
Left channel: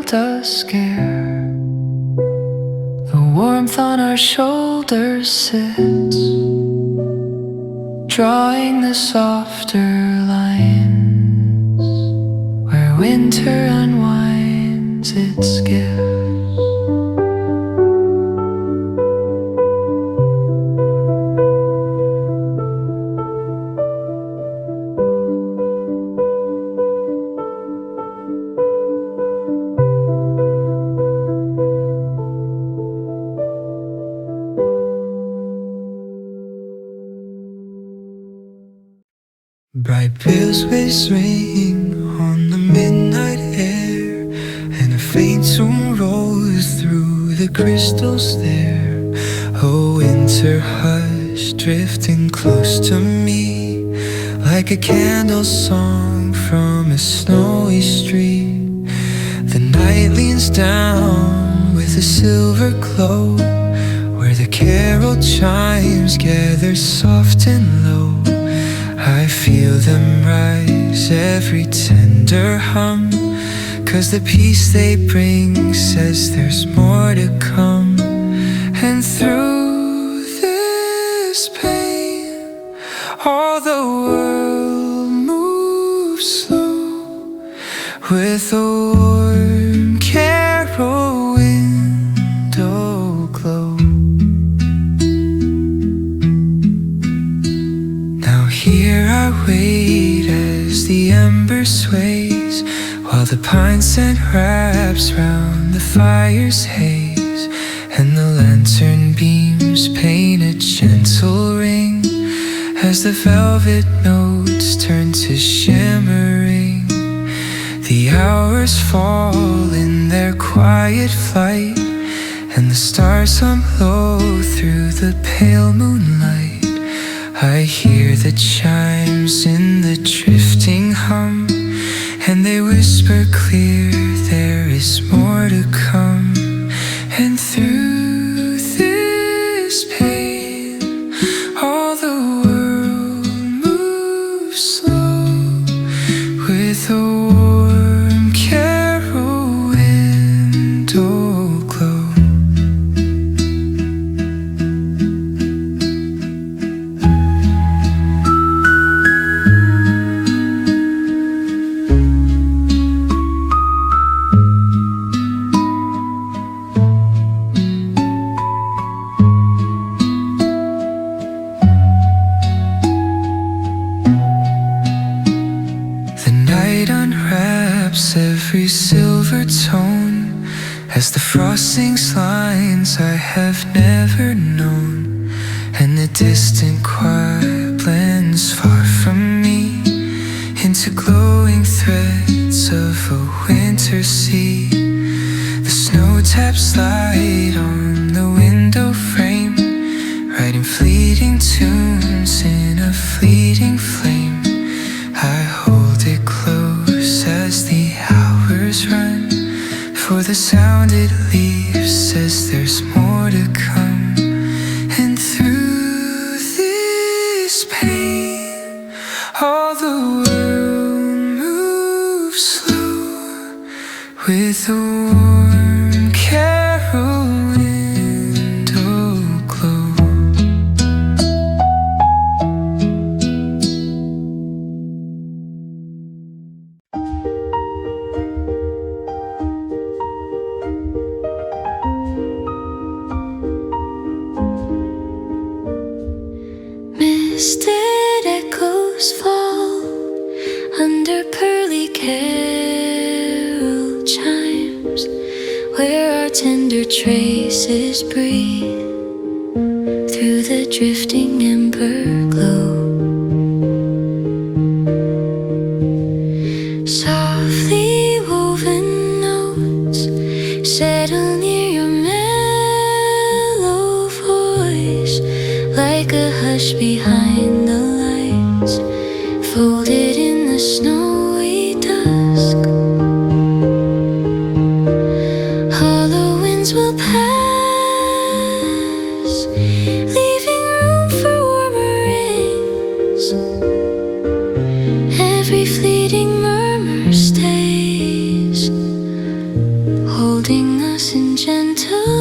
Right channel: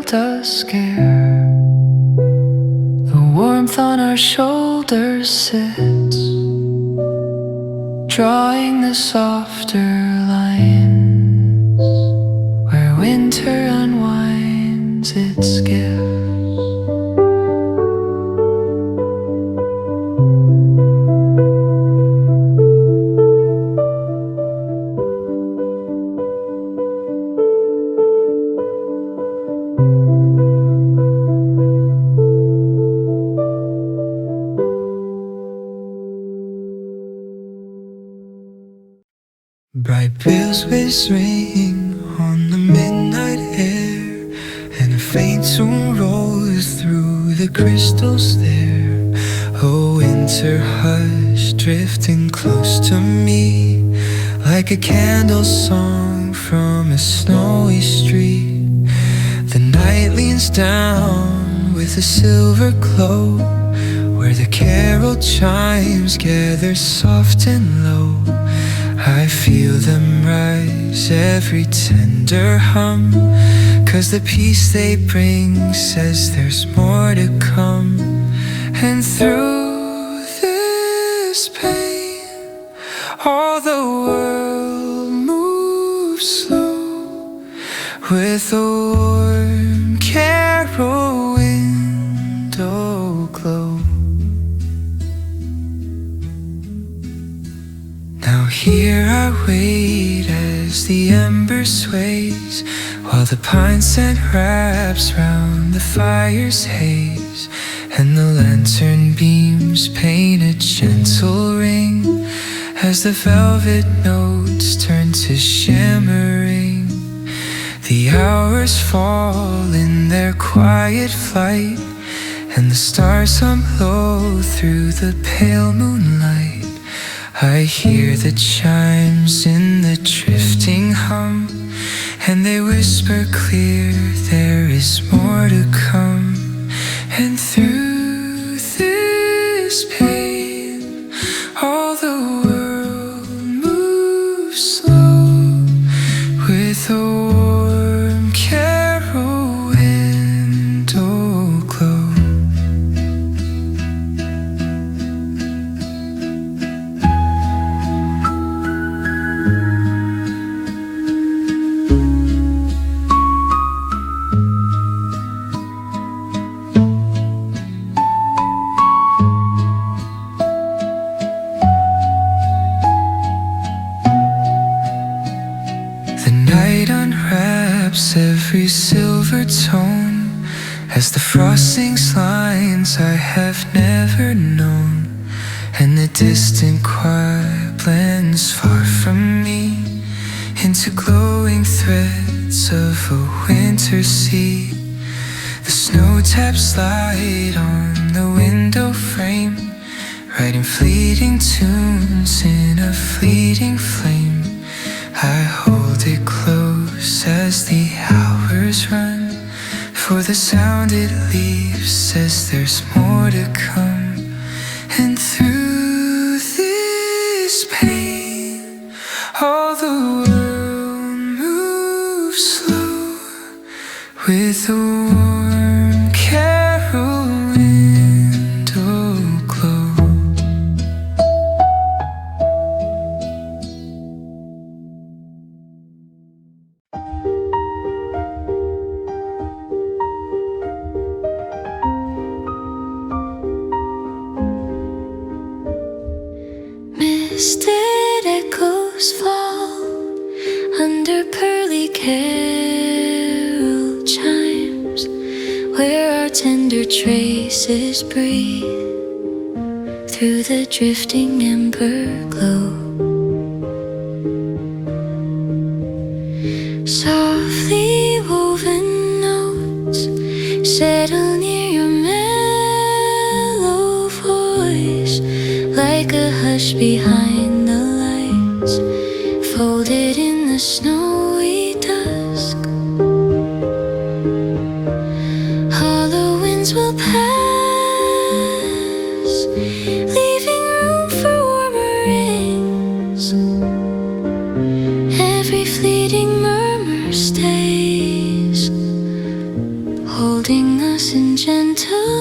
does scare. The warmth on our shoulders sits, drawing the softer lines where winter unwinds its gifts. Bright bells ring on the midnight air, and a faint tune rolls through the crystals there. A winter hush drifting close to me, like a candle song from a snowy street. The night leans down with a silver glow, where the carol chimes gather soft and low. I feel them rise, every tender hum, 'cause the peace they bring says there's more to come. And through this pain, all the world moves slow, with a warm carol window glow. Here I wait as the ember sways, while the pine scent wraps round the fire's haze, and the lantern beams paint a gentle ring as the velvet notes turn to shimmering. The hours fall in their quiet flight, and the stars hum low through the pale moonlight. I hear the chimes in the drifting hum, and they whisper clear there is more to come. And through this pain, all the world moves slow, with a warm carol window glow. Every silver tone as the frost sings lines I have never known, and the distant choir blends far from me into glowing threads of a winter sea. The snow taps light on the window frame, writing fleeting tunes in a fleeting flame. I hold it close as the hours run, for the sound it leaves says there's more to come. And through this pain, all the world moves slow, with a warm carol window glow. Misted echoes fall under pearly carol chimes, where our tender traces breathe through the drifting ember glow. Softly woven notes settle near your mellow voice, like a hush behind the lights, folded in the snowy dusk. Hollow winds will pass, leaving room for warmer rings. Every fleeting murmur stays,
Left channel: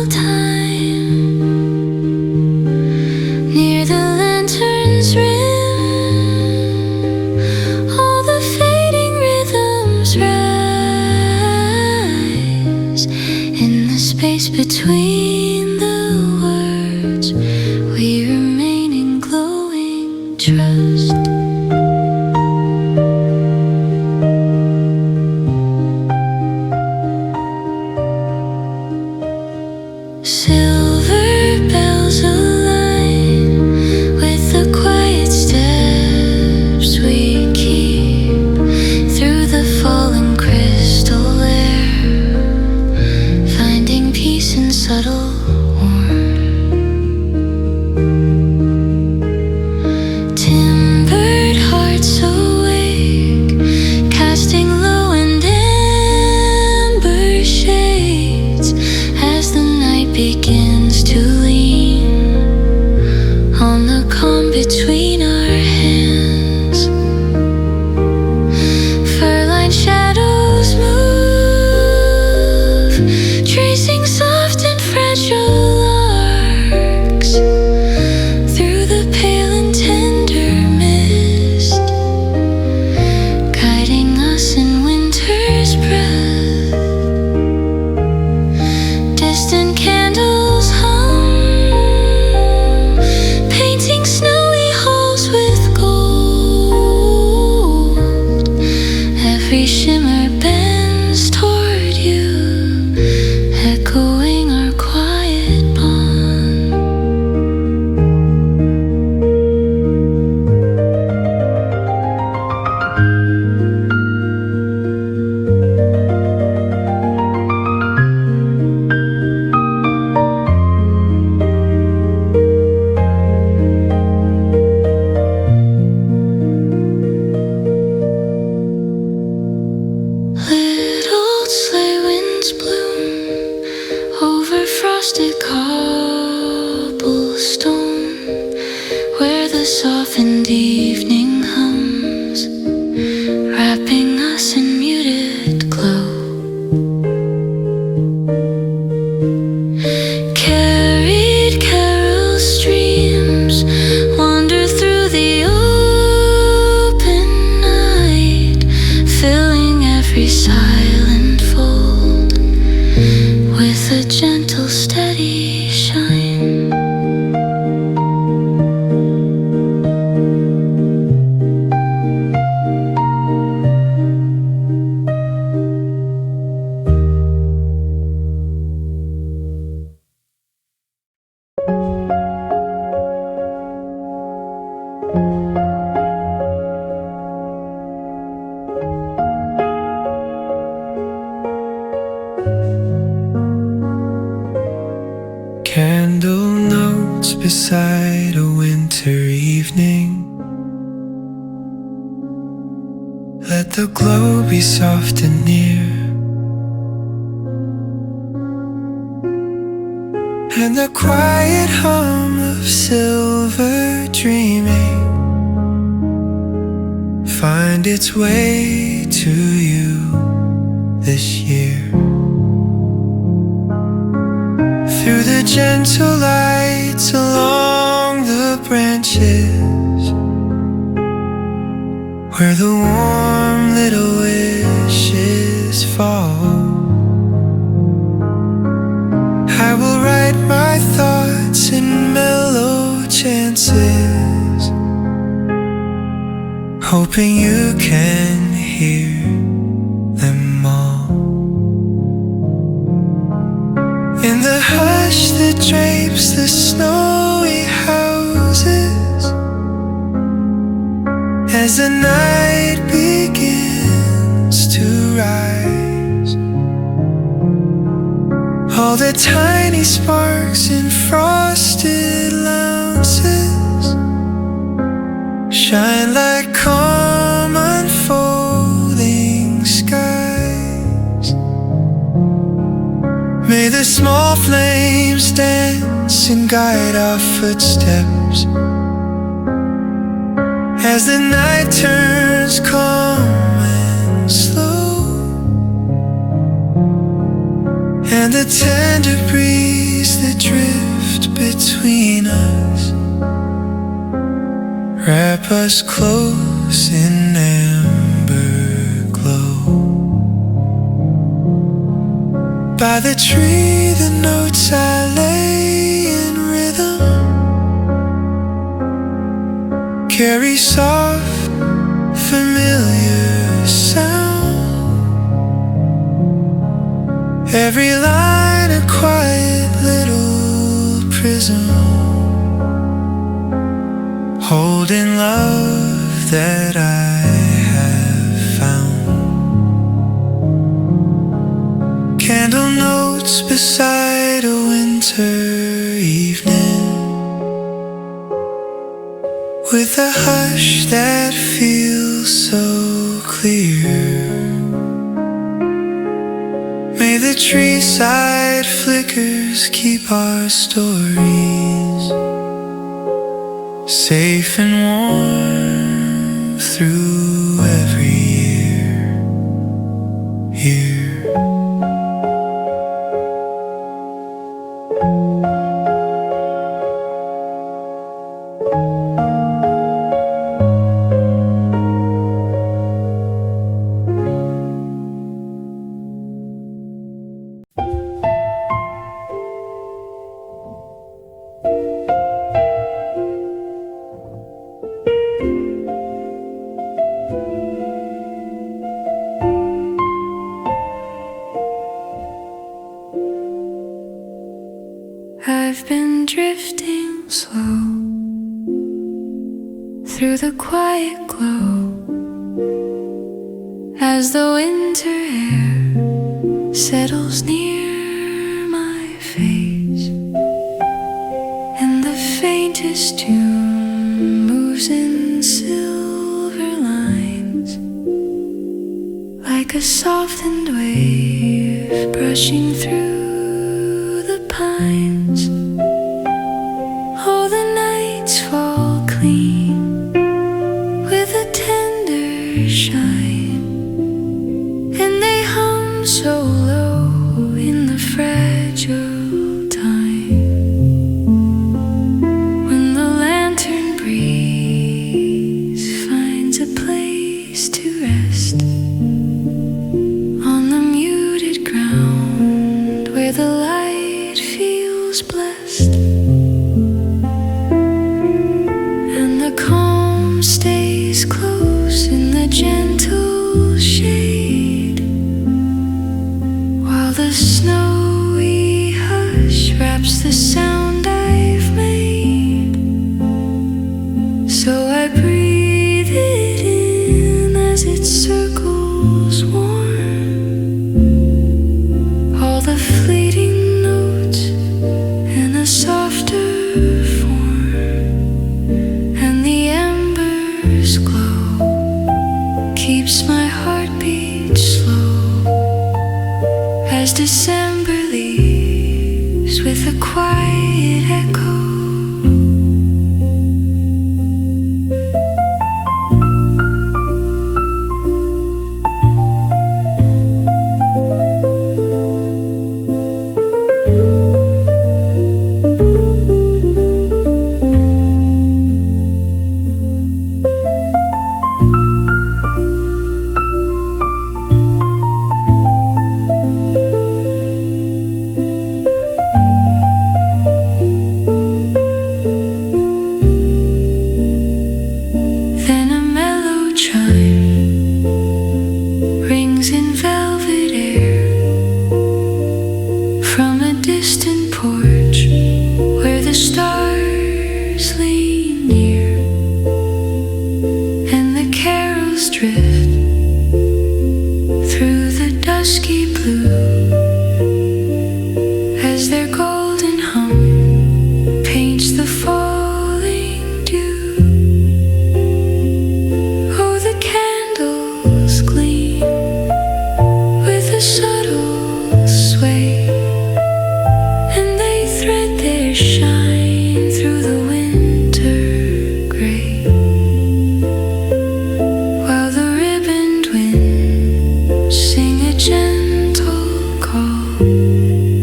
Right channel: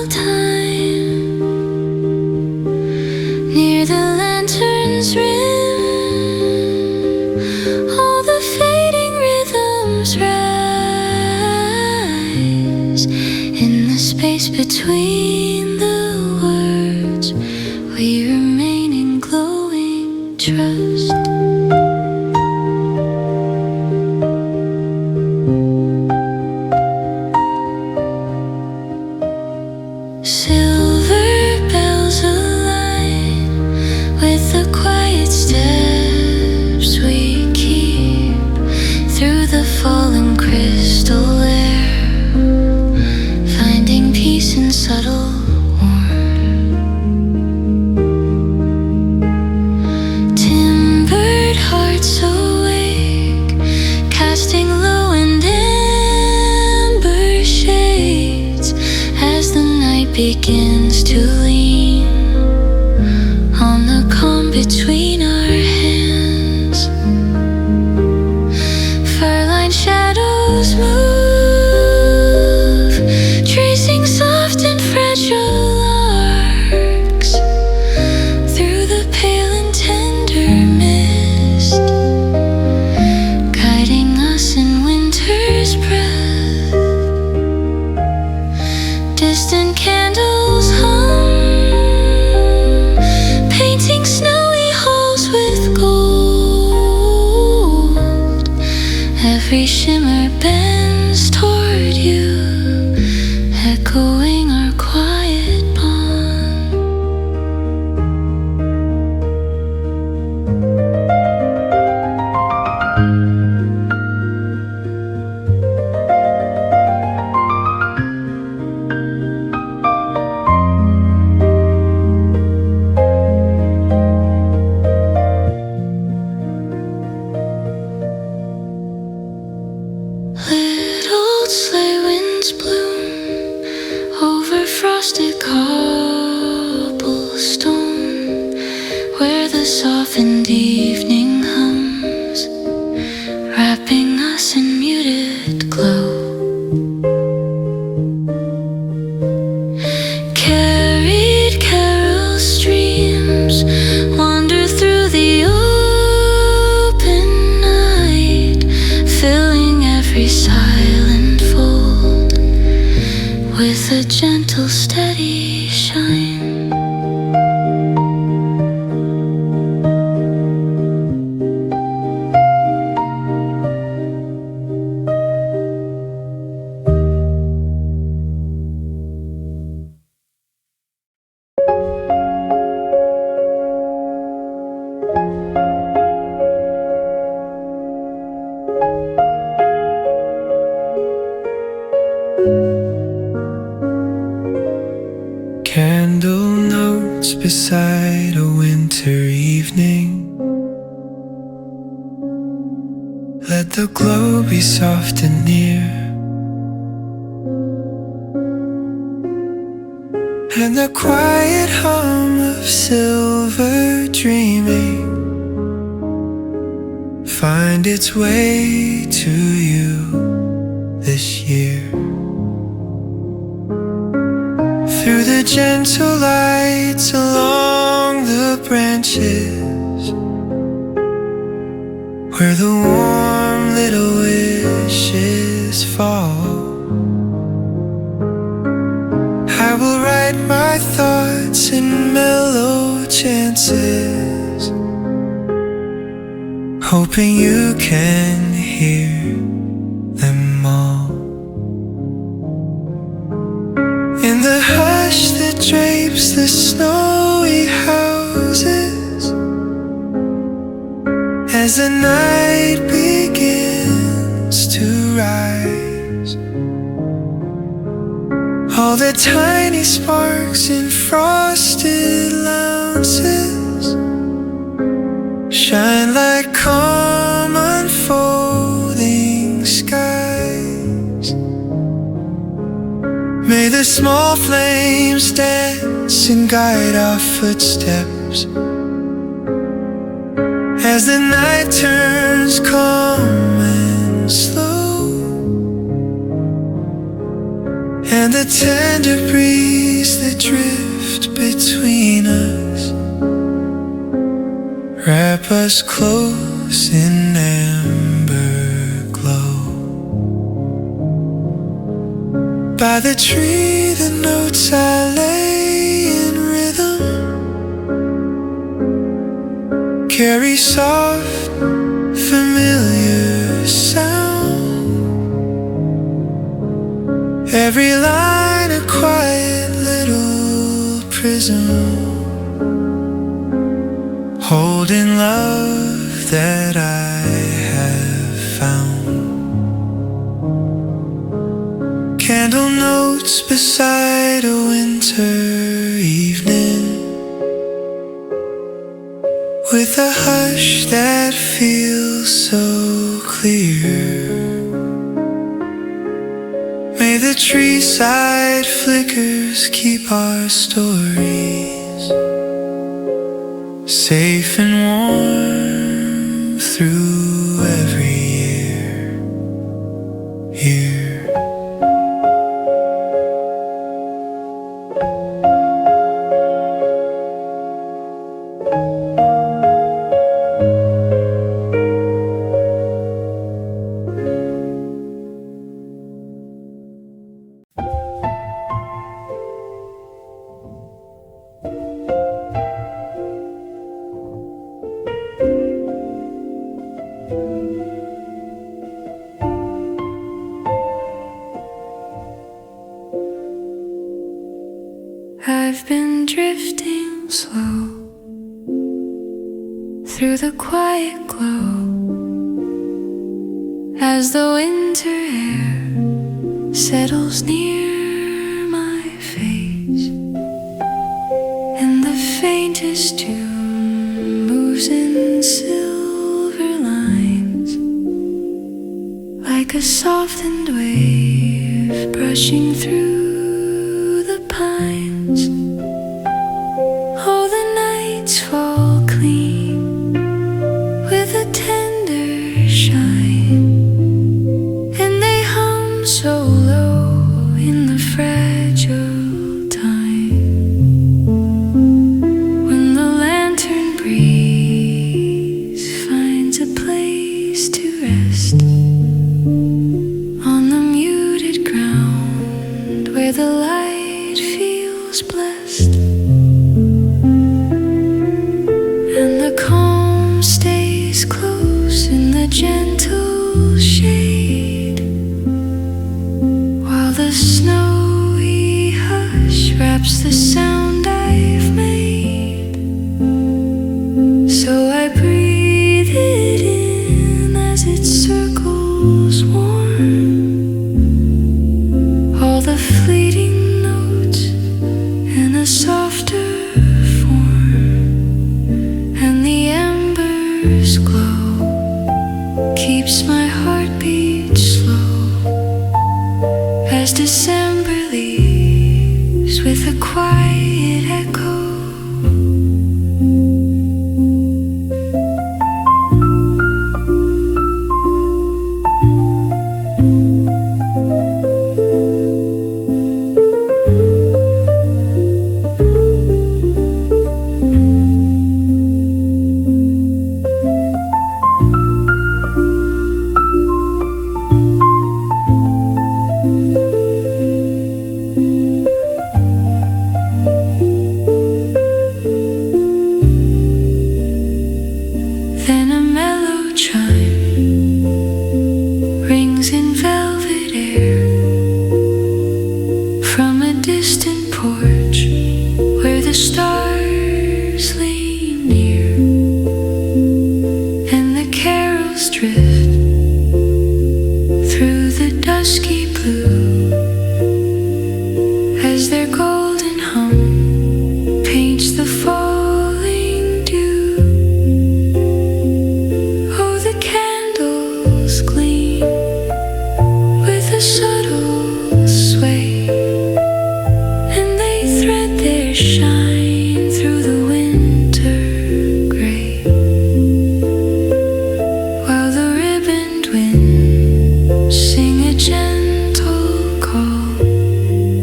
time near the lantern's rim. All the fading rhythms rise in the space between the words. We remain in glowing trust. Silver bells align with the quiet steps we keep through the fallen crystal air, finding peace in subtle warmth. Timbered hearts awake, casting low and amber shades as the night begins to lean on the calm between our hands. Fur-lined shadows move, tracing soft and fragile arcs through the pale and tender mist, guiding us in winter's breath. Distant candles hum, painting snowy halls with gold. Every shimmer bends toward you, echoing our quiet bond. Little sleigh winds bloom over frosted cobblestone, where the softened evening hums, wrapping us in muted glow. Carried carol streams wander through the open night, filling every silent fold with a gentle, steady shine. Candle notes beside a winter evening. Let the glow be soft and near, and the quiet hum of silver dreaming find its way to you this year. Through the gentle lights along the branches, where the warm little wishes fall, I will write my thoughts in mellow chances, hoping you can hear them all. In the hush that drapes the snowy houses, as the night begins to rise, all the tiny sparks in frosted lounges shine like calm unfolding skies. May the small flames dance and guide our footsteps as the night turns calm and slow, and the tender breeze that drift between us wrap us close in amber glow. By the tree the notes I lay in rhythm carry soft familiar sound. Every line a quiet little prism holding love that I have found. Candle notes beside a winter evening with a hush that feels so clear. May the tree side flickers keep our stories safe and warm through every year. I've been drifting slow through the quiet glow as the winter air settles near my face, and the faintest tune moves in silver lines like a softened wave brushing through the pines. Oh, the nights fall clean with a tender shine, and they hum so low in the fragile time when the lantern breeze finds a place to rest on the muted ground where the light feels blessed, and the calm stays close in the gentle shade, while the snowy hush wraps the sound I've made. So I breathe it in as it circles warm, all the fleeting notes in a softer form, and the embers glow keeps my heartbeat slow as December leaves with a quiet echo. Then a mellow chime rings in velvet air from a distant porch where the stars lean near, and the carols drift through the dusky blue as their golden hum paints the falling dew. The candles gleam with a subtle sway, and they thread their shine through the winter gray, while the ribboned winds sing a gentle call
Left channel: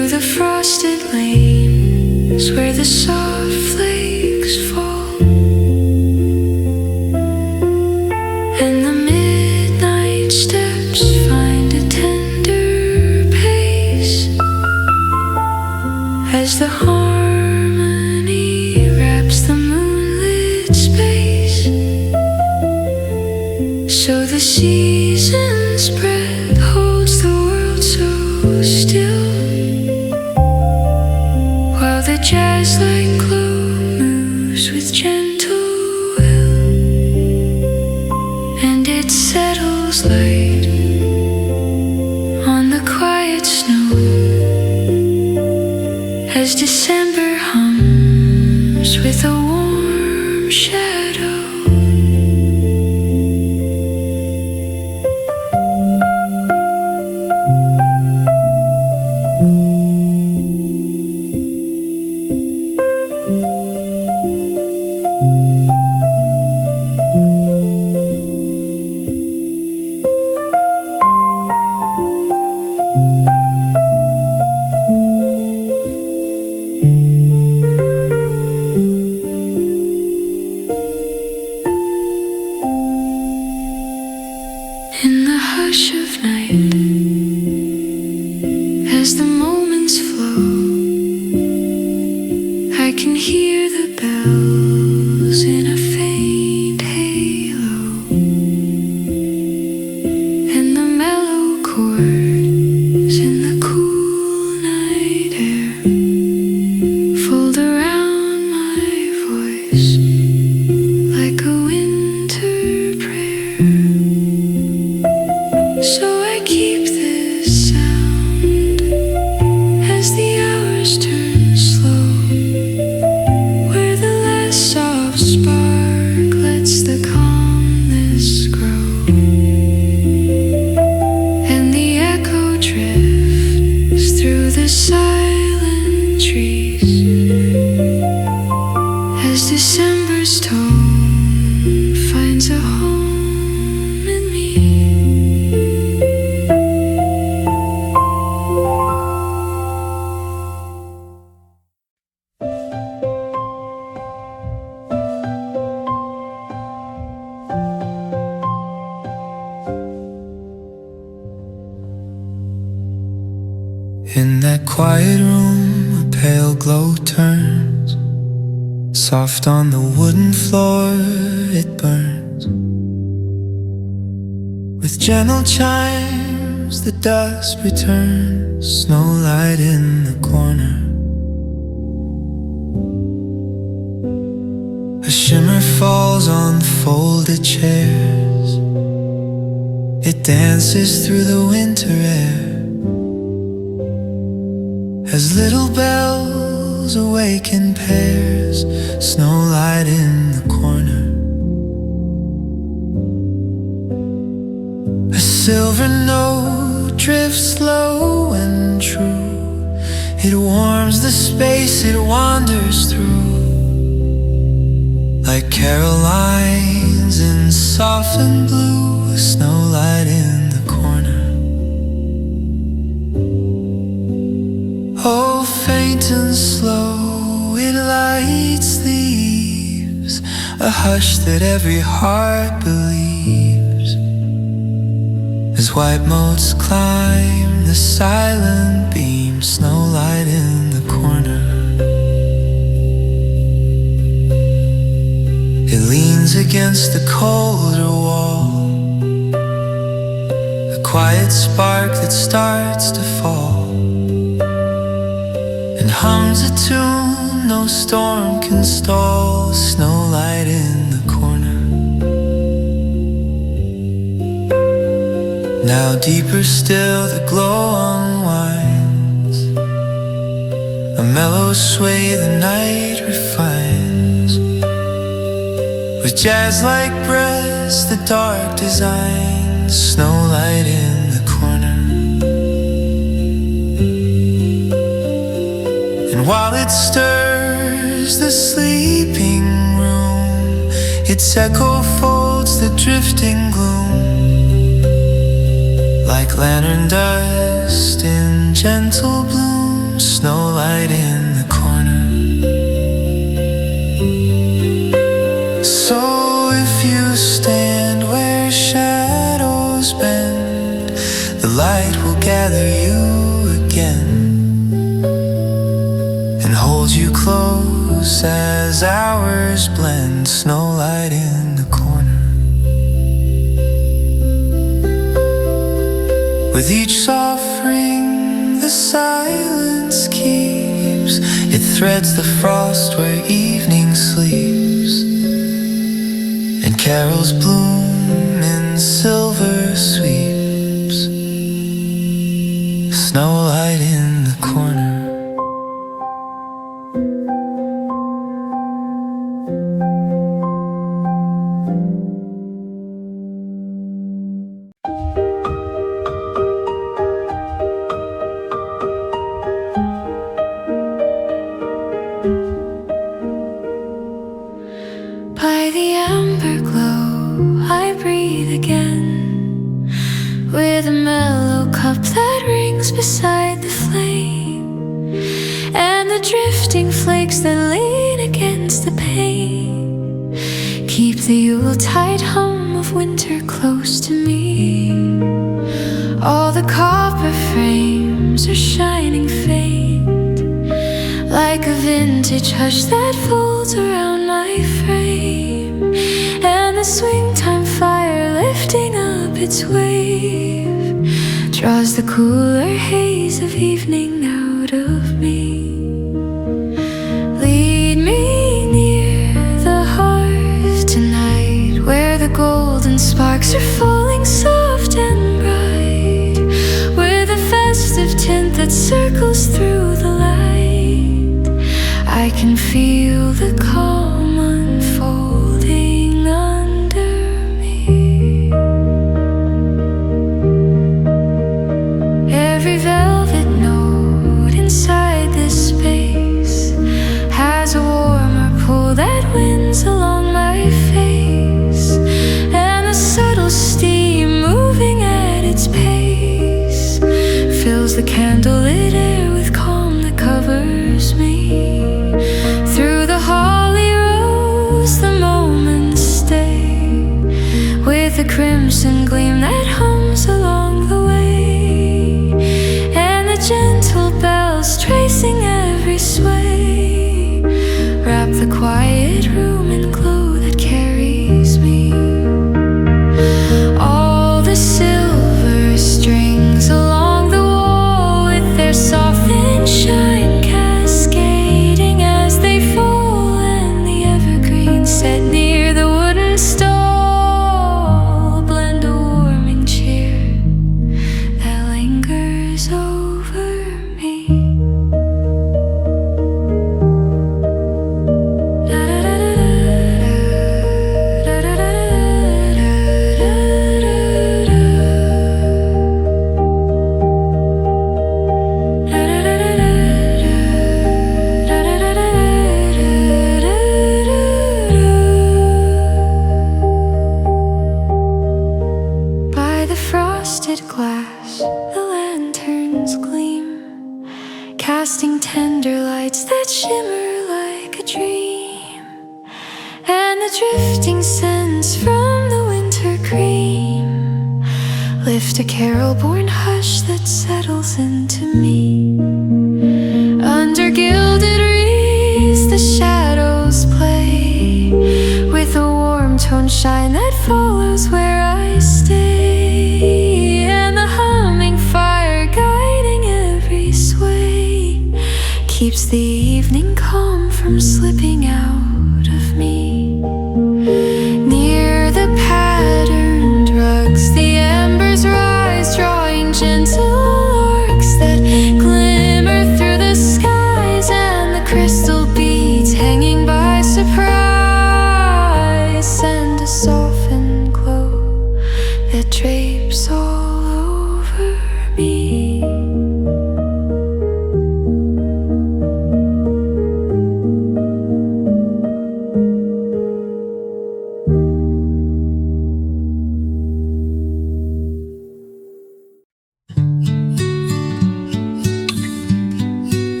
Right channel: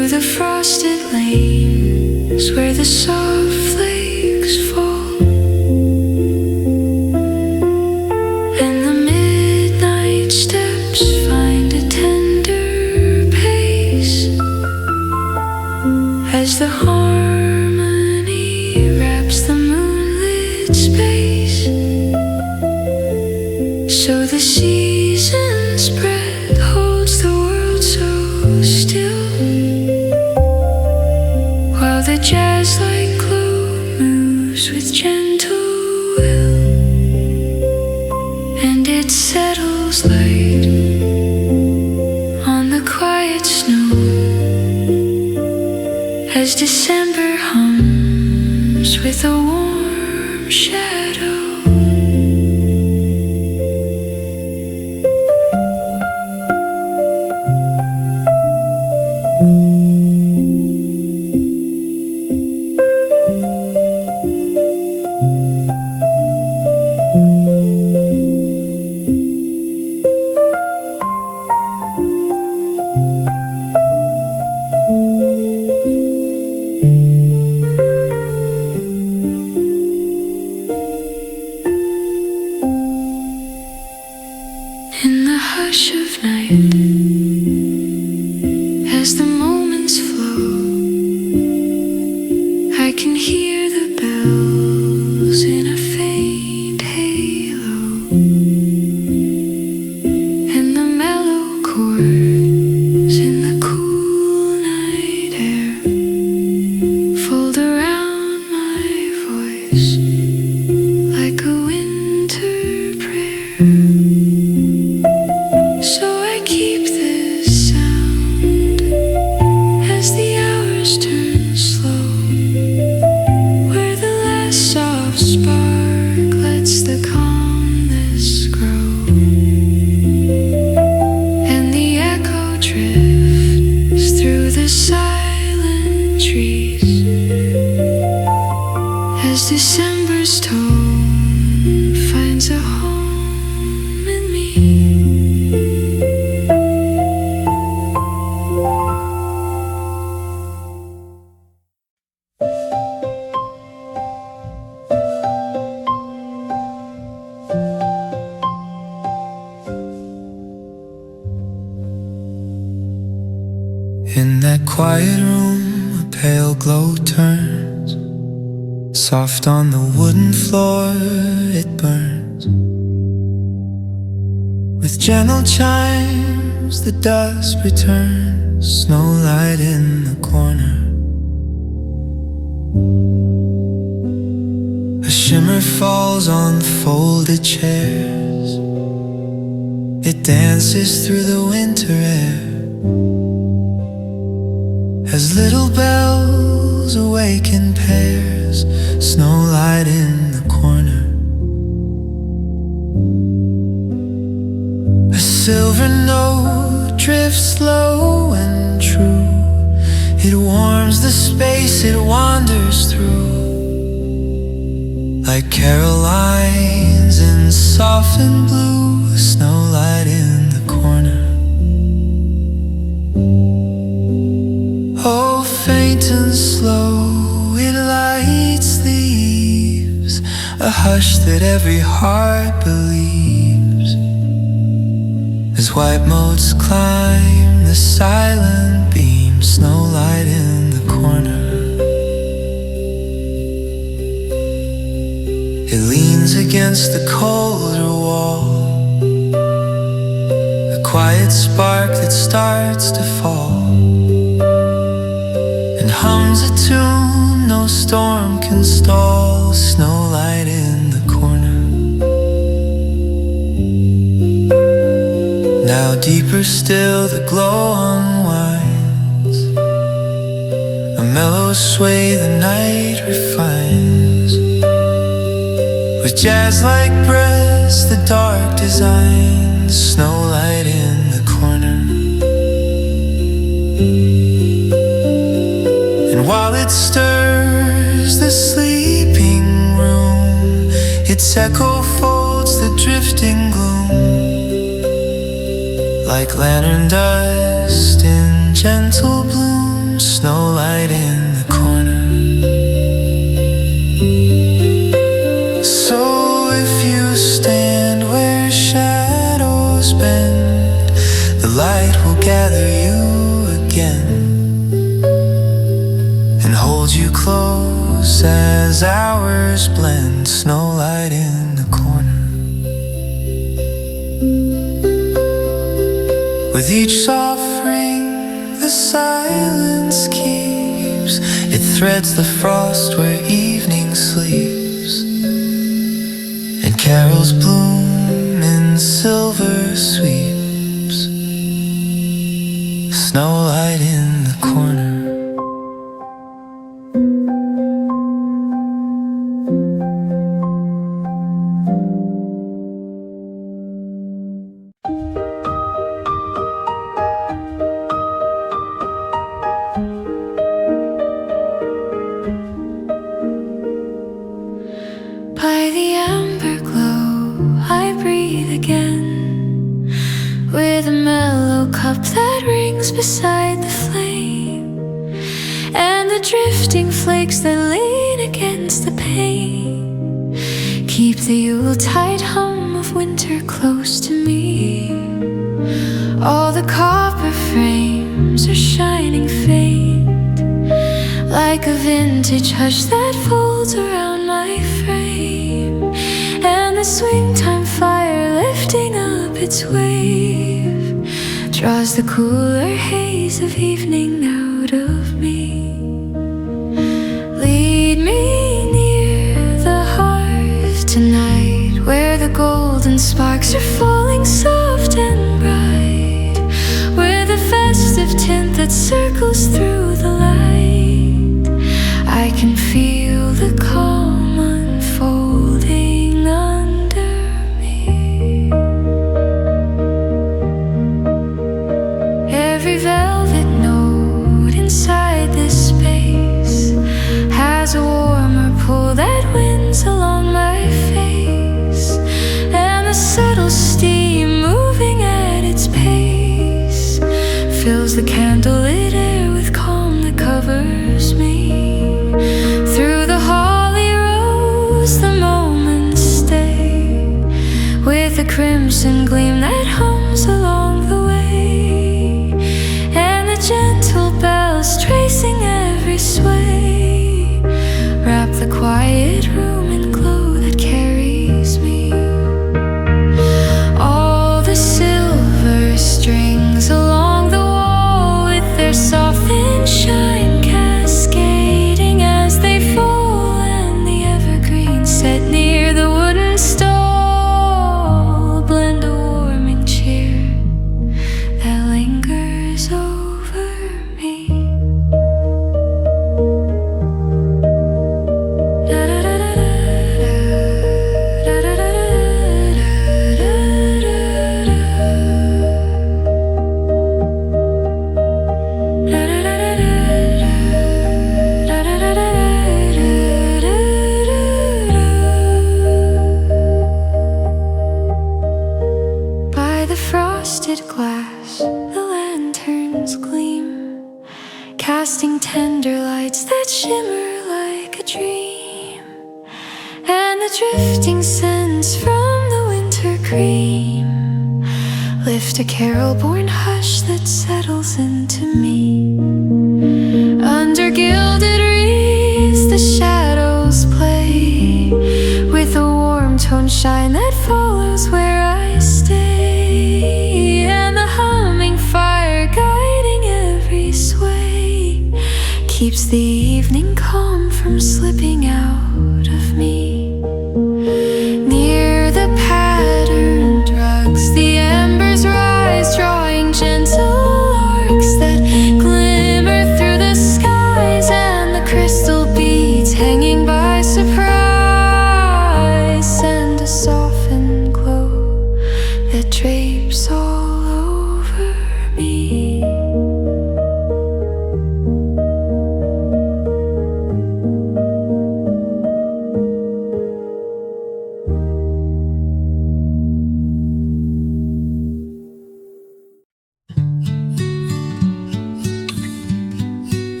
the frosted lanes where the soft flakes fall, and the midnight steps find a tender pace as the harmony wraps the moonlit space. So the season spread holds the world so still, while the jazz-like glow moves with gentle will, and it settles light on the quiet snow as December hums with a warm shadow. In the hush of night, as the moments flow, I can hear the bells in a faint halo, and the mellow chords in the cool night air fold around my voice like a winter prayer. So I keep this sound as the hours turn slow, where the last soft spark lets the calmness grow, and the echo drifts through the silent trees as December's tone finds a home in me. In that quiet room, a pale glow turns. Soft on the wooden floor, it burns. With gentle chimes, the dusk returns. Snowlight in the corner. A shimmer falls on folded chairs. It dances through the winter air as little bells awaken pairs. Snowlight in the corner. A silver note drifts low and true. It warms the space it wanders through, like Carolines in softened blue. Snowlight in the corner. Oh, faint and slow, it lights the eaves, a hush that every heart believes, as white motes climb the silent beam. Snowlight in the corner. It leans against the colder wall, a quiet spark that starts to fall, and hums a tune no storm can stall. Snowlight in the corner. Now deeper still the glow unwinds, a mellow sway the night refines, with jazz-like breaths the dark designs. Snowlight in the corner. And while it stirs the sleeping room, its echo folds the drifting gloom, like lantern dust in gentle bloom. Snowlight in the corner. So if you stand where shadows bend, the light will gather you again and hold you close as hours blend. Snowlight in the corner. With each soft ring the silence keeps, it threads the frost where evening sleeps, and carols bloom in silver sweeps. Snowlight in the corner. By the amber glow, I breathe again, with a mellow cup that rings beside the flame, and the drifting flakes that lean against the pane keep the Yuletide hum of winter close to me. All the copper frames are shining faint, like a vintage hush that folds around my frame, and the swing time fire lifting up its wave draws the cooler haze of evening out of me. Lead me near the hearth tonight, where the golden sparks are falling soft and bright, with a festive tint that circles through the light. I can feel the calm unfolding under me. Every velvet note inside this space has a warmer pull that winds along my face, and the subtle steam moving at its pace fills the candlelit air with calm that covers me. Through the holly rose the moments stay, with a crimson gleam that hums along the way, and the gentle bells tracing every sway wrap the quiet room in glow that carries me. All the silver strings along the wall, with their softened shine cascading as they fall, and the evergreen set near the wooden stall blend a warming cheer that lingers over me. By the frosted glass, the lanterns gleam, casting tender lights that shimmer like a dream, and the drifting scents from the winter cream lift a carol-born hush that settles into me. Under gilded wreaths the shadows play, with a warm tone shine that follows where I stay, and the humming fire guiding every sway keeps the evening calm from slipping out of me. Near the patterned rugs the embers rise, drawing gentle arcs that glimmer through the skies, and the crystal beads hanging by surprise send a softened glow that drapes all over me.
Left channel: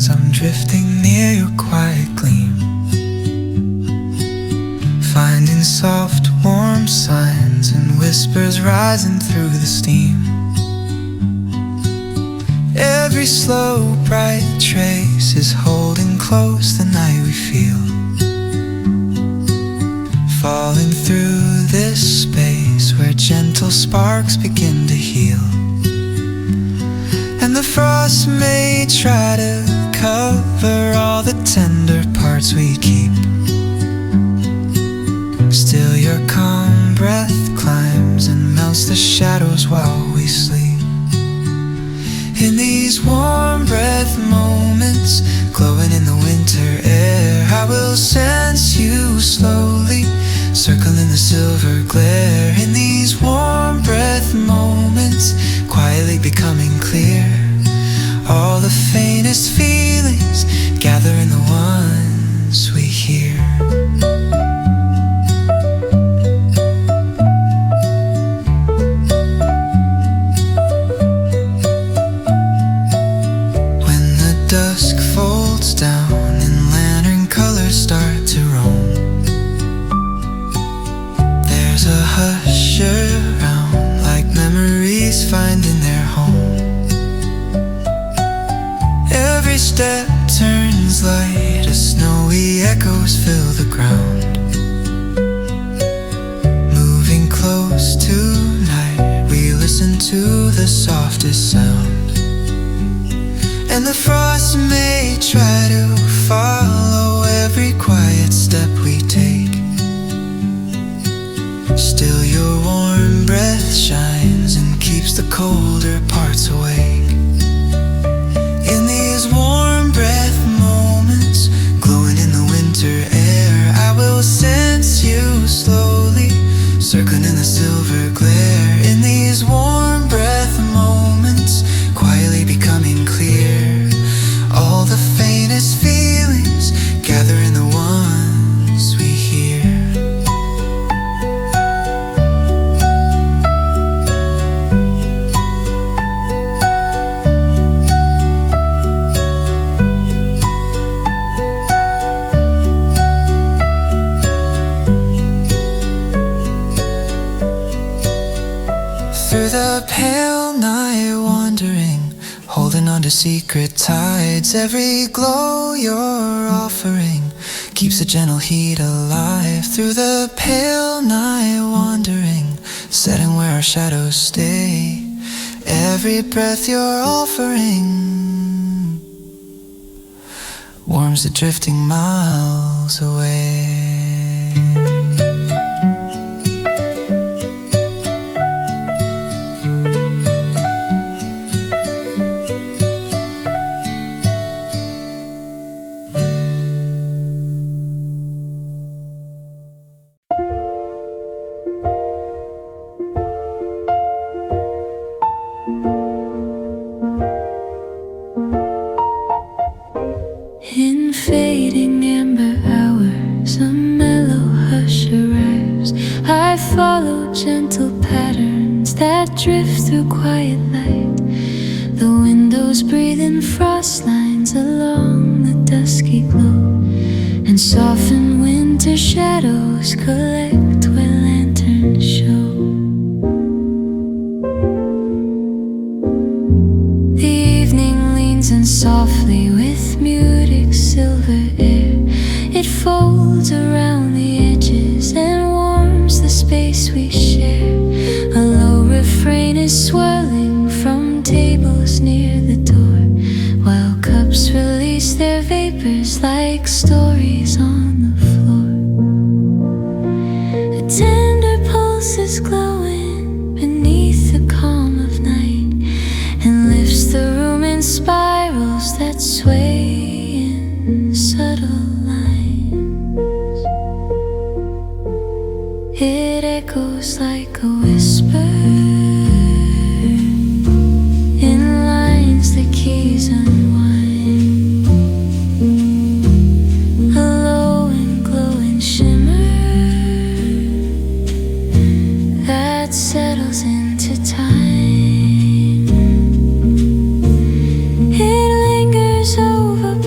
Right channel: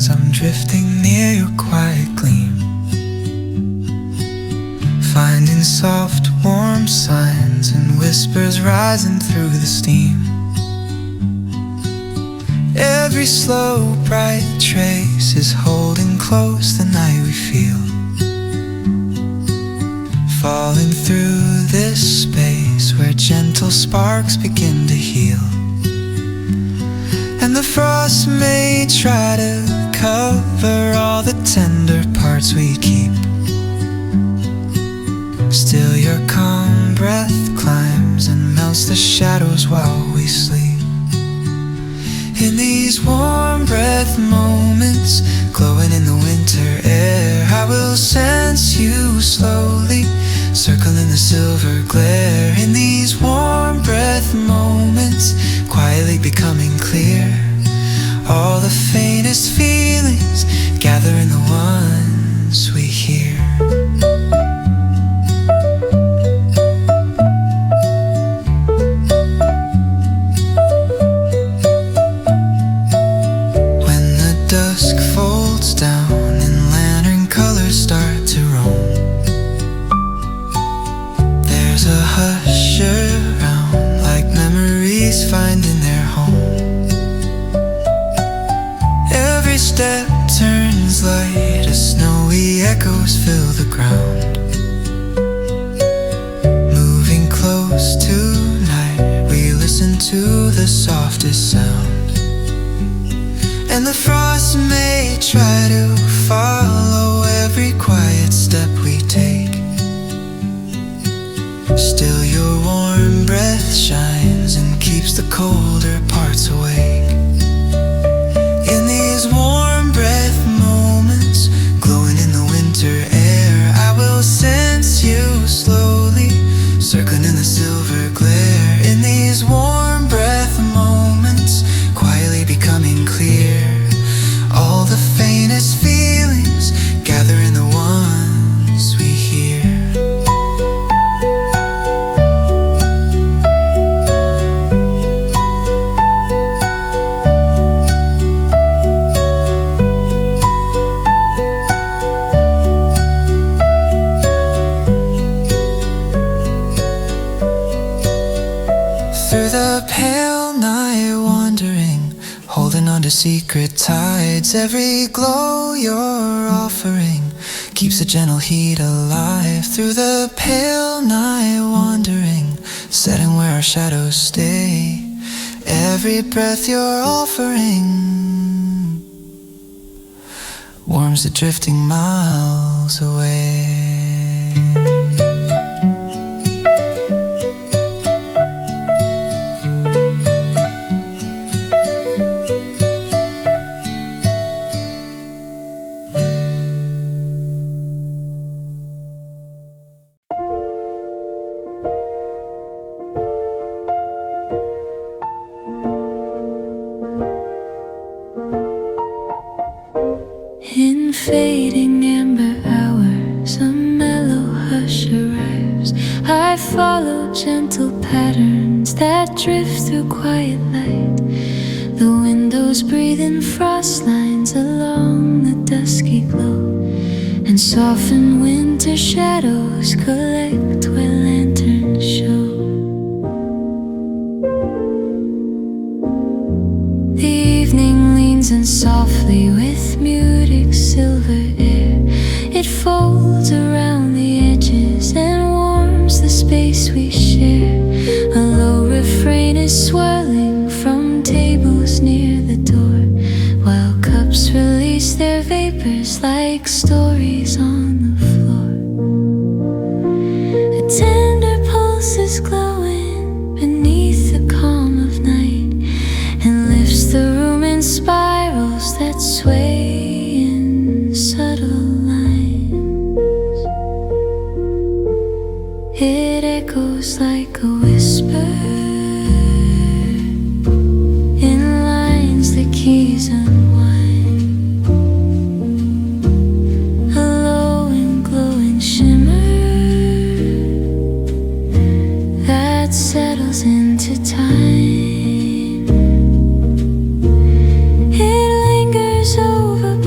lines, I'm drifting near your quiet gleam, finding soft, warm signs and whispers rising through the steam. Every slow, bright trace is holding close the night we feel, falling through this space where gentle sparks begin to heal. And the frost may try to cover all the tender parts we keep, still your calm breath climbs and melts the shadows while we sleep. In these warm breath moments, glowing in the winter air, I will sense you slowly, circling the silver glare. In these warm breath moments, quietly becoming clear, all the faintest feelings gather in the ones we hear. Dusk folds down and lantern colors start to roam. There's a hush around, like memories finding their home. Every step turns light as snowy echoes fill the ground. Moving close tonight, we listen to the softest sound. And the frost may try to follow every quiet step we take, still your warm breath shines and keeps the colder parts awake. In these warm breath moments, glowing in the winter air, I will sense you slowly, circling in the silver glare. In these warm breath moments, quietly becoming clear, all the faintest feelings gather in the ones we hear. Through the pale night wandering, holding on to secret tides, every glow you're offering keeps a gentle heat alive. Through the pale night wandering, setting where our shadows stay, every breath you're offering warms the drifting miles away. In fading amber hours, a mellow hush arrives. I follow gentle patterns that drift through quiet light. The windows breathe in frost lines along the dusky glow, and soften winter shadows collect where lanterns show. The evening leans in softly with muted silver air. It folds around the edges and warms the space we share. A low refrain is swirling from tables near the door, while cups release their vapors like stories on the floor. A tender pulse is glowing beneath the calm of night, and lifts the room in spirals that sway in subtle lines. It echoes like a whisper in lines the keys unwind. A low and glowing shimmer that settles into time. It lingers over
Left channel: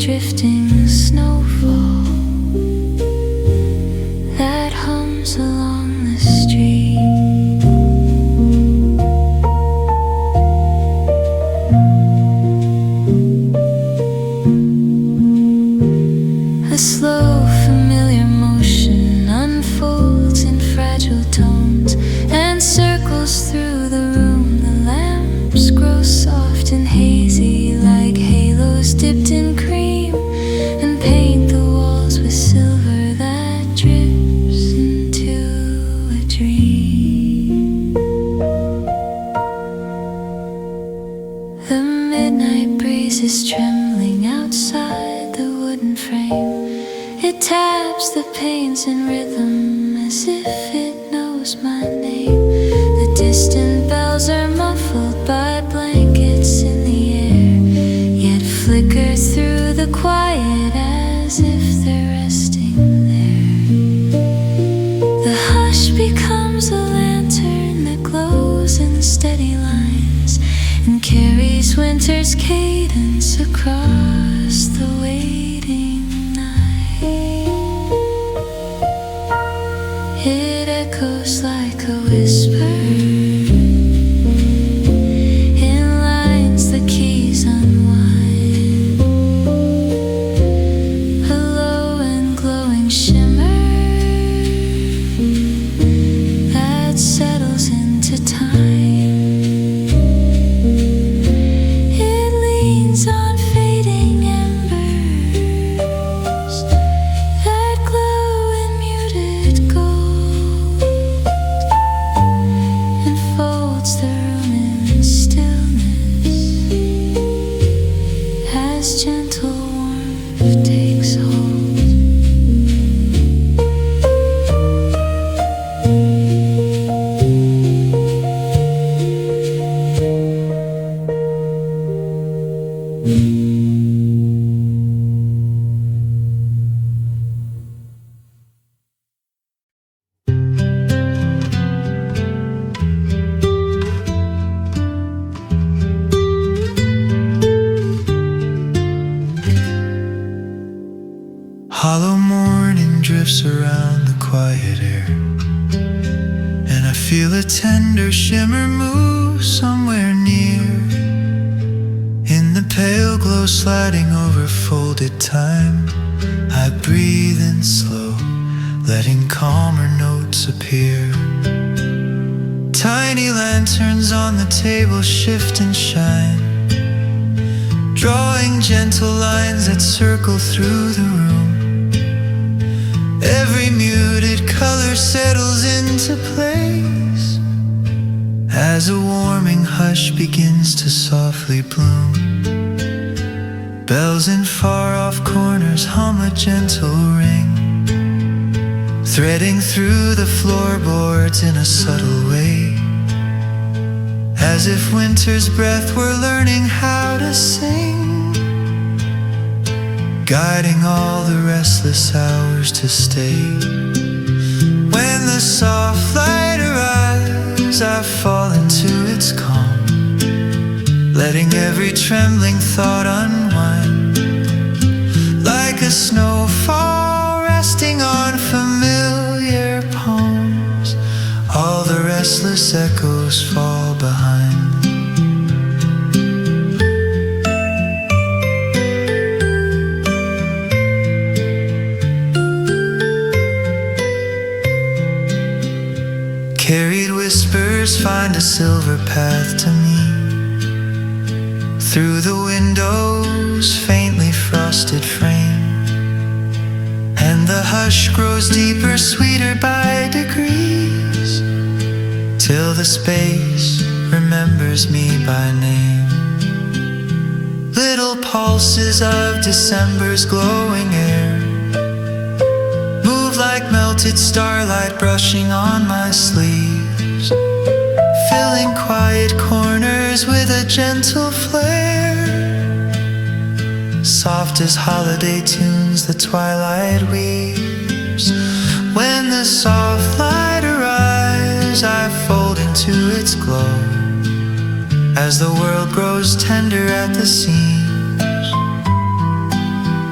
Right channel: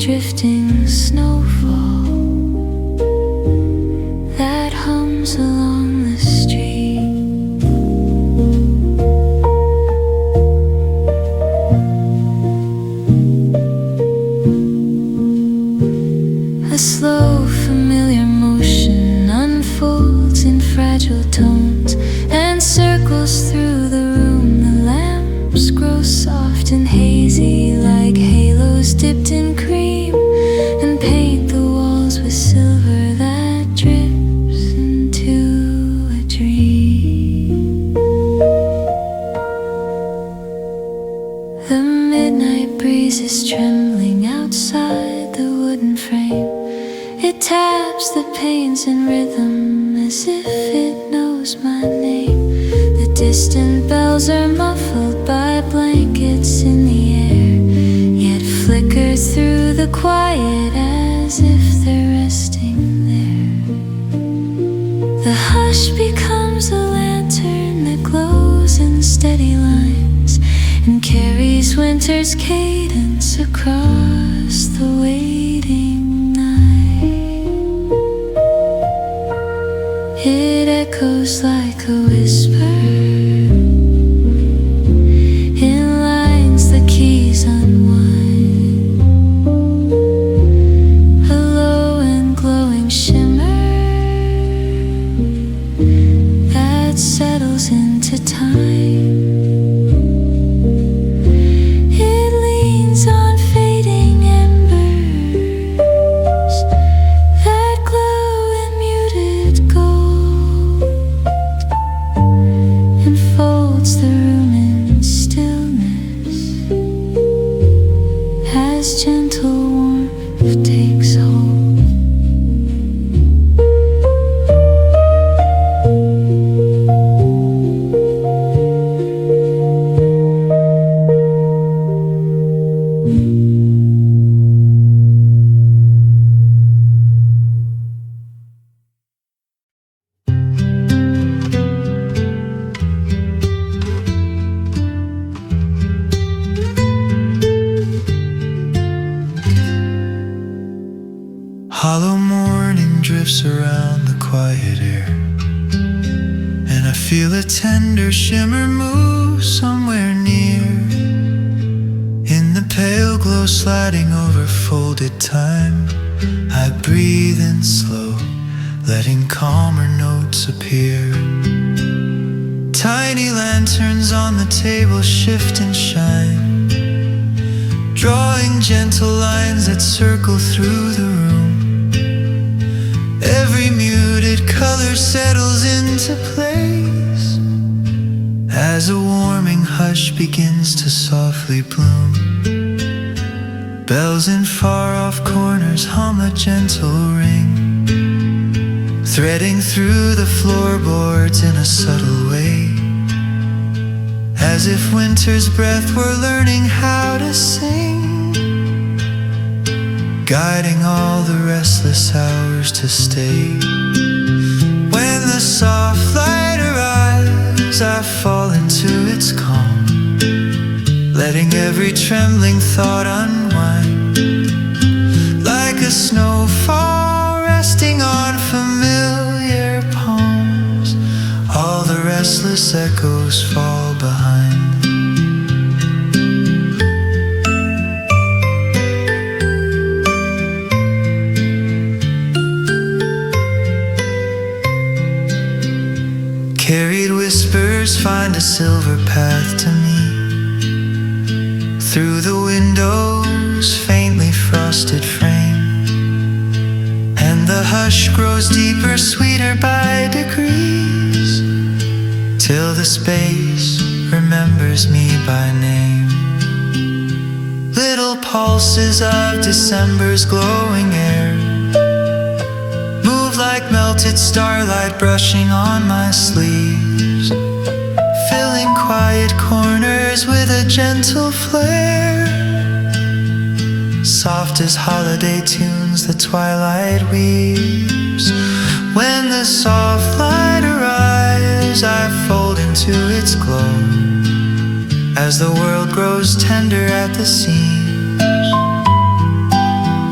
drifting snowfall that hums along the street. A slow, familiar motion unfolds in fragile tones and circles through the room. The lamps grow soft and hazy like halos dipped in cream and paint the walls with silver that drips into a dream. The midnight breeze is trembling outside the wooden frame. It taps the panes in rhythm as if it knows my name. The distant bells are muffled by blankets in the air, yet flicker through the quiet as if they're resting there. The hush becomes a lantern that glows in steady lines and carries winter's cadence across the waiting night. It echoes like a whisper in lines the keys unwind. A low and glowing shimmer that settles into time. It leans on fading embers that glow in muted gold and folds the room in stillness as gentle warmth takes hold. Hollow morning drifts around the quiet air, and I feel a tender shimmer move somewhere near. In the pale glow sliding over folded time, I breathe in slow, letting calmer notes appear. Tiny lanterns on the table shift and shine, drawing gentle lines that circle through the room. Every muted color settles into place as a warming hush begins to softly bloom. Bells in far-off corners hum a gentle ring, threading through the floorboards in a subtle way, as if winter's breath were learning how to sing, guiding all the restless hours to stay. When the soft light arrives, I fall into its calm, letting every trembling thought unwind, like a snowfall resting on familiar palms. All the restless echoes fall behind. Carried whispers find a silver path to me, through the window's faintly frosted frame, and the hush grows deeper, sweeter by degrees, till the space remembers me by name. Little pulses of December's glowing air move like melted starlight brushing on my sleeves, filling quiet corners with a gentle flare, soft as holiday tunes the twilight weaves. When the soft light arrives, I fold into its glow, as the world grows tender at the seams.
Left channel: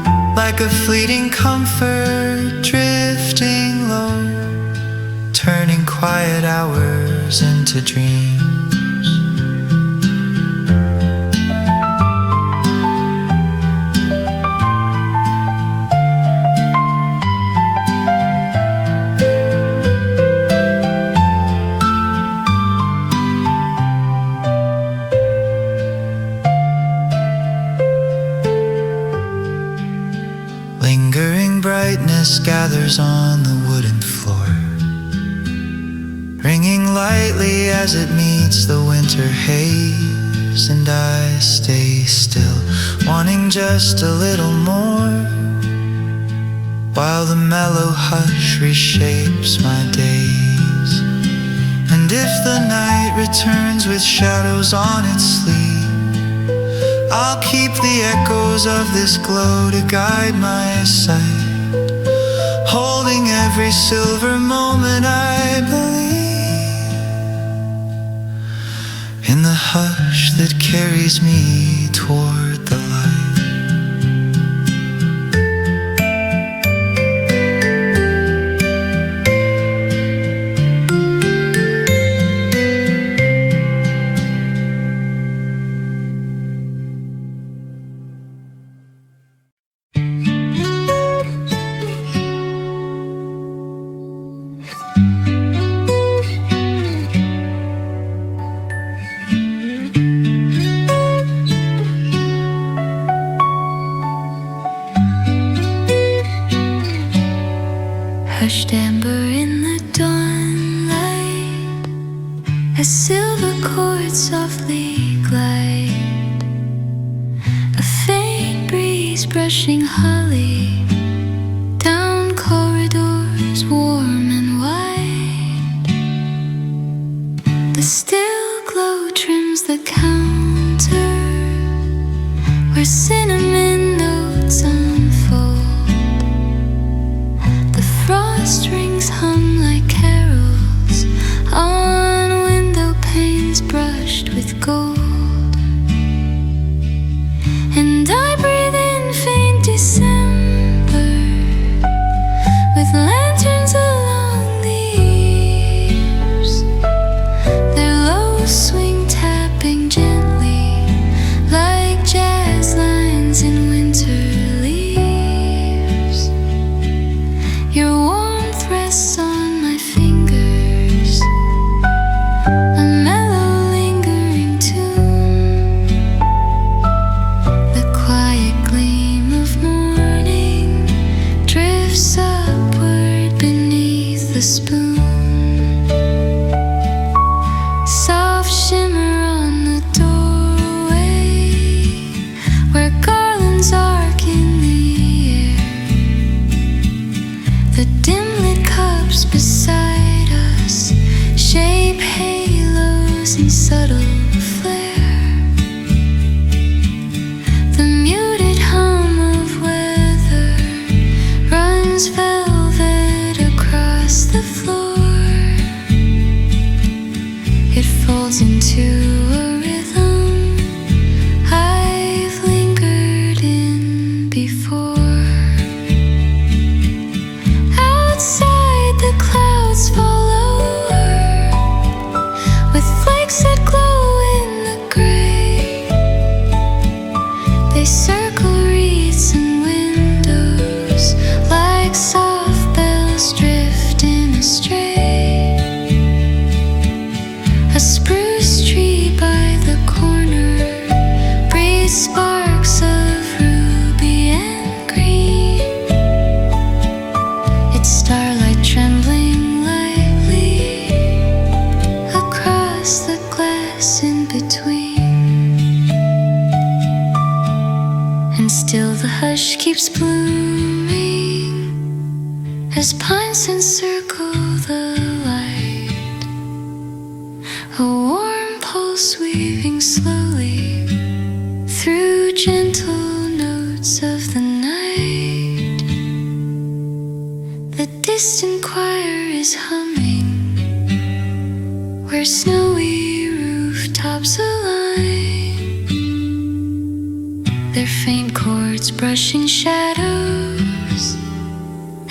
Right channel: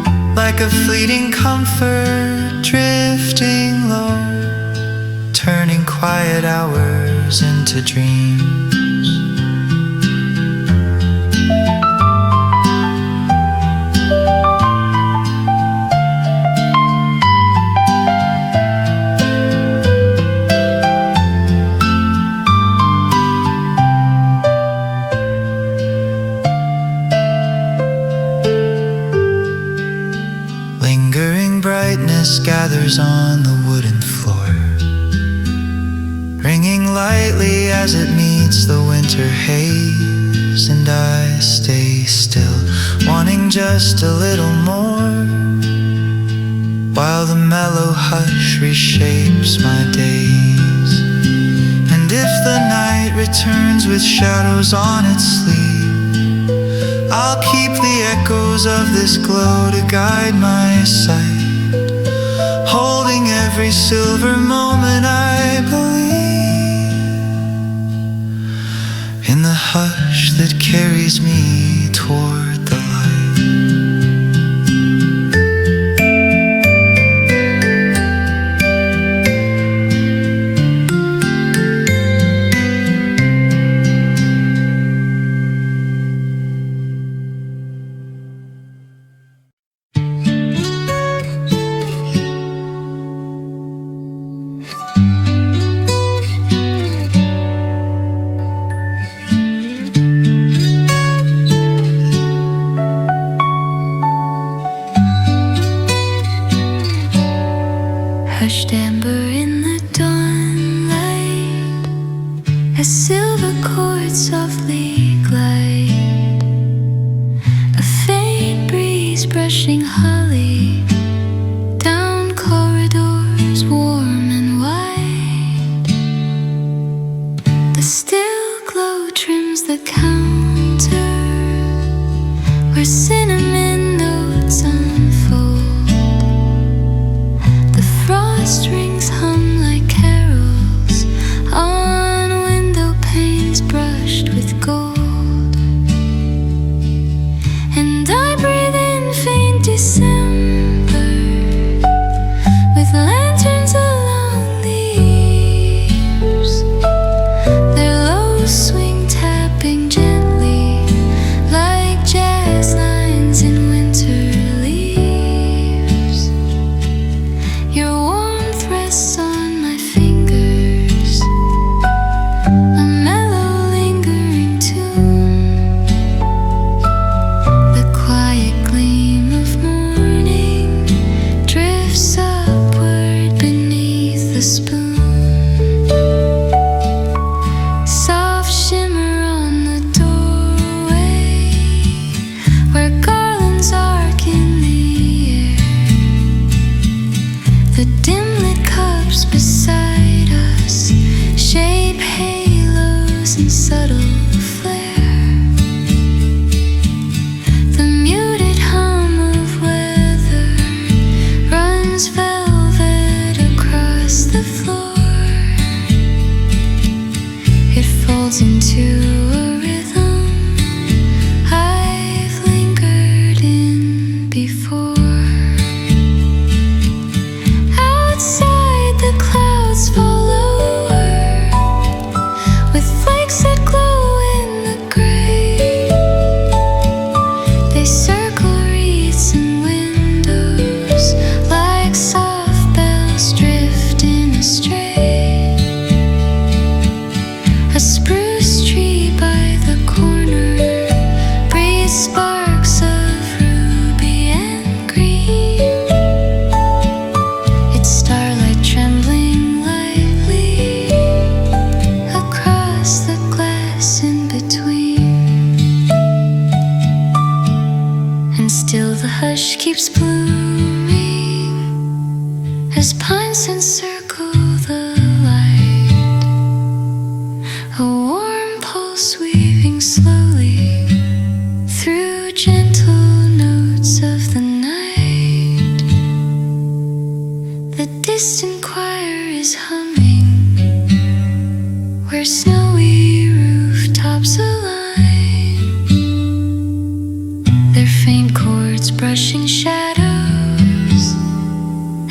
like a fleeting comfort drifting low, turning quiet hours into dreams. Lingering brightness gathers on the wooden floor, ringing lightly as it meets the winter haze. And I stay still, wanting just a little more, while the mellow hush reshapes my days. And if the night returns with shadows on its sleeve, I'll keep the echoes of this glow to guide my sight, holding every silver moment I believe in the hush that carries me toward the light. Hushed amber in the dawnlight, as silver chords softly glide, a faint breeze brushing holly down corridors warm and wide. The still glow trims the counter where cinnamon notes unfold. Frost rings hum like carols on window panes brushed with gold. And I breathe in faint December with lanterns along the eaves, their low swing tapping gently like jazz lines in winter leaves. Your warmth rests on my fingers, a mellow lingering tune. The quiet gleam of morning drifts upward beneath the spoon. Soft shimmer on the doorway where garlands arc in the the dim-lit cups beside us shape halos in subtle flare. The muted hum of weather runs velvet across the floor. It folds into a rhythm I've lingered in before. Outside the clouds fall lower with flakes that glow in the gray. They circle wreaths and windows like soft bells drifting astray. A spruce tree by the corner breathes sparks of ruby and green, its starlight trembling lightly across the glass in between. And still the hush keeps blooming as pines encircle the light, a warm pulse weaving slowly through gentle notes of the night. The distant choir is humming where snowy rooftops align, their faint chords brushing shadows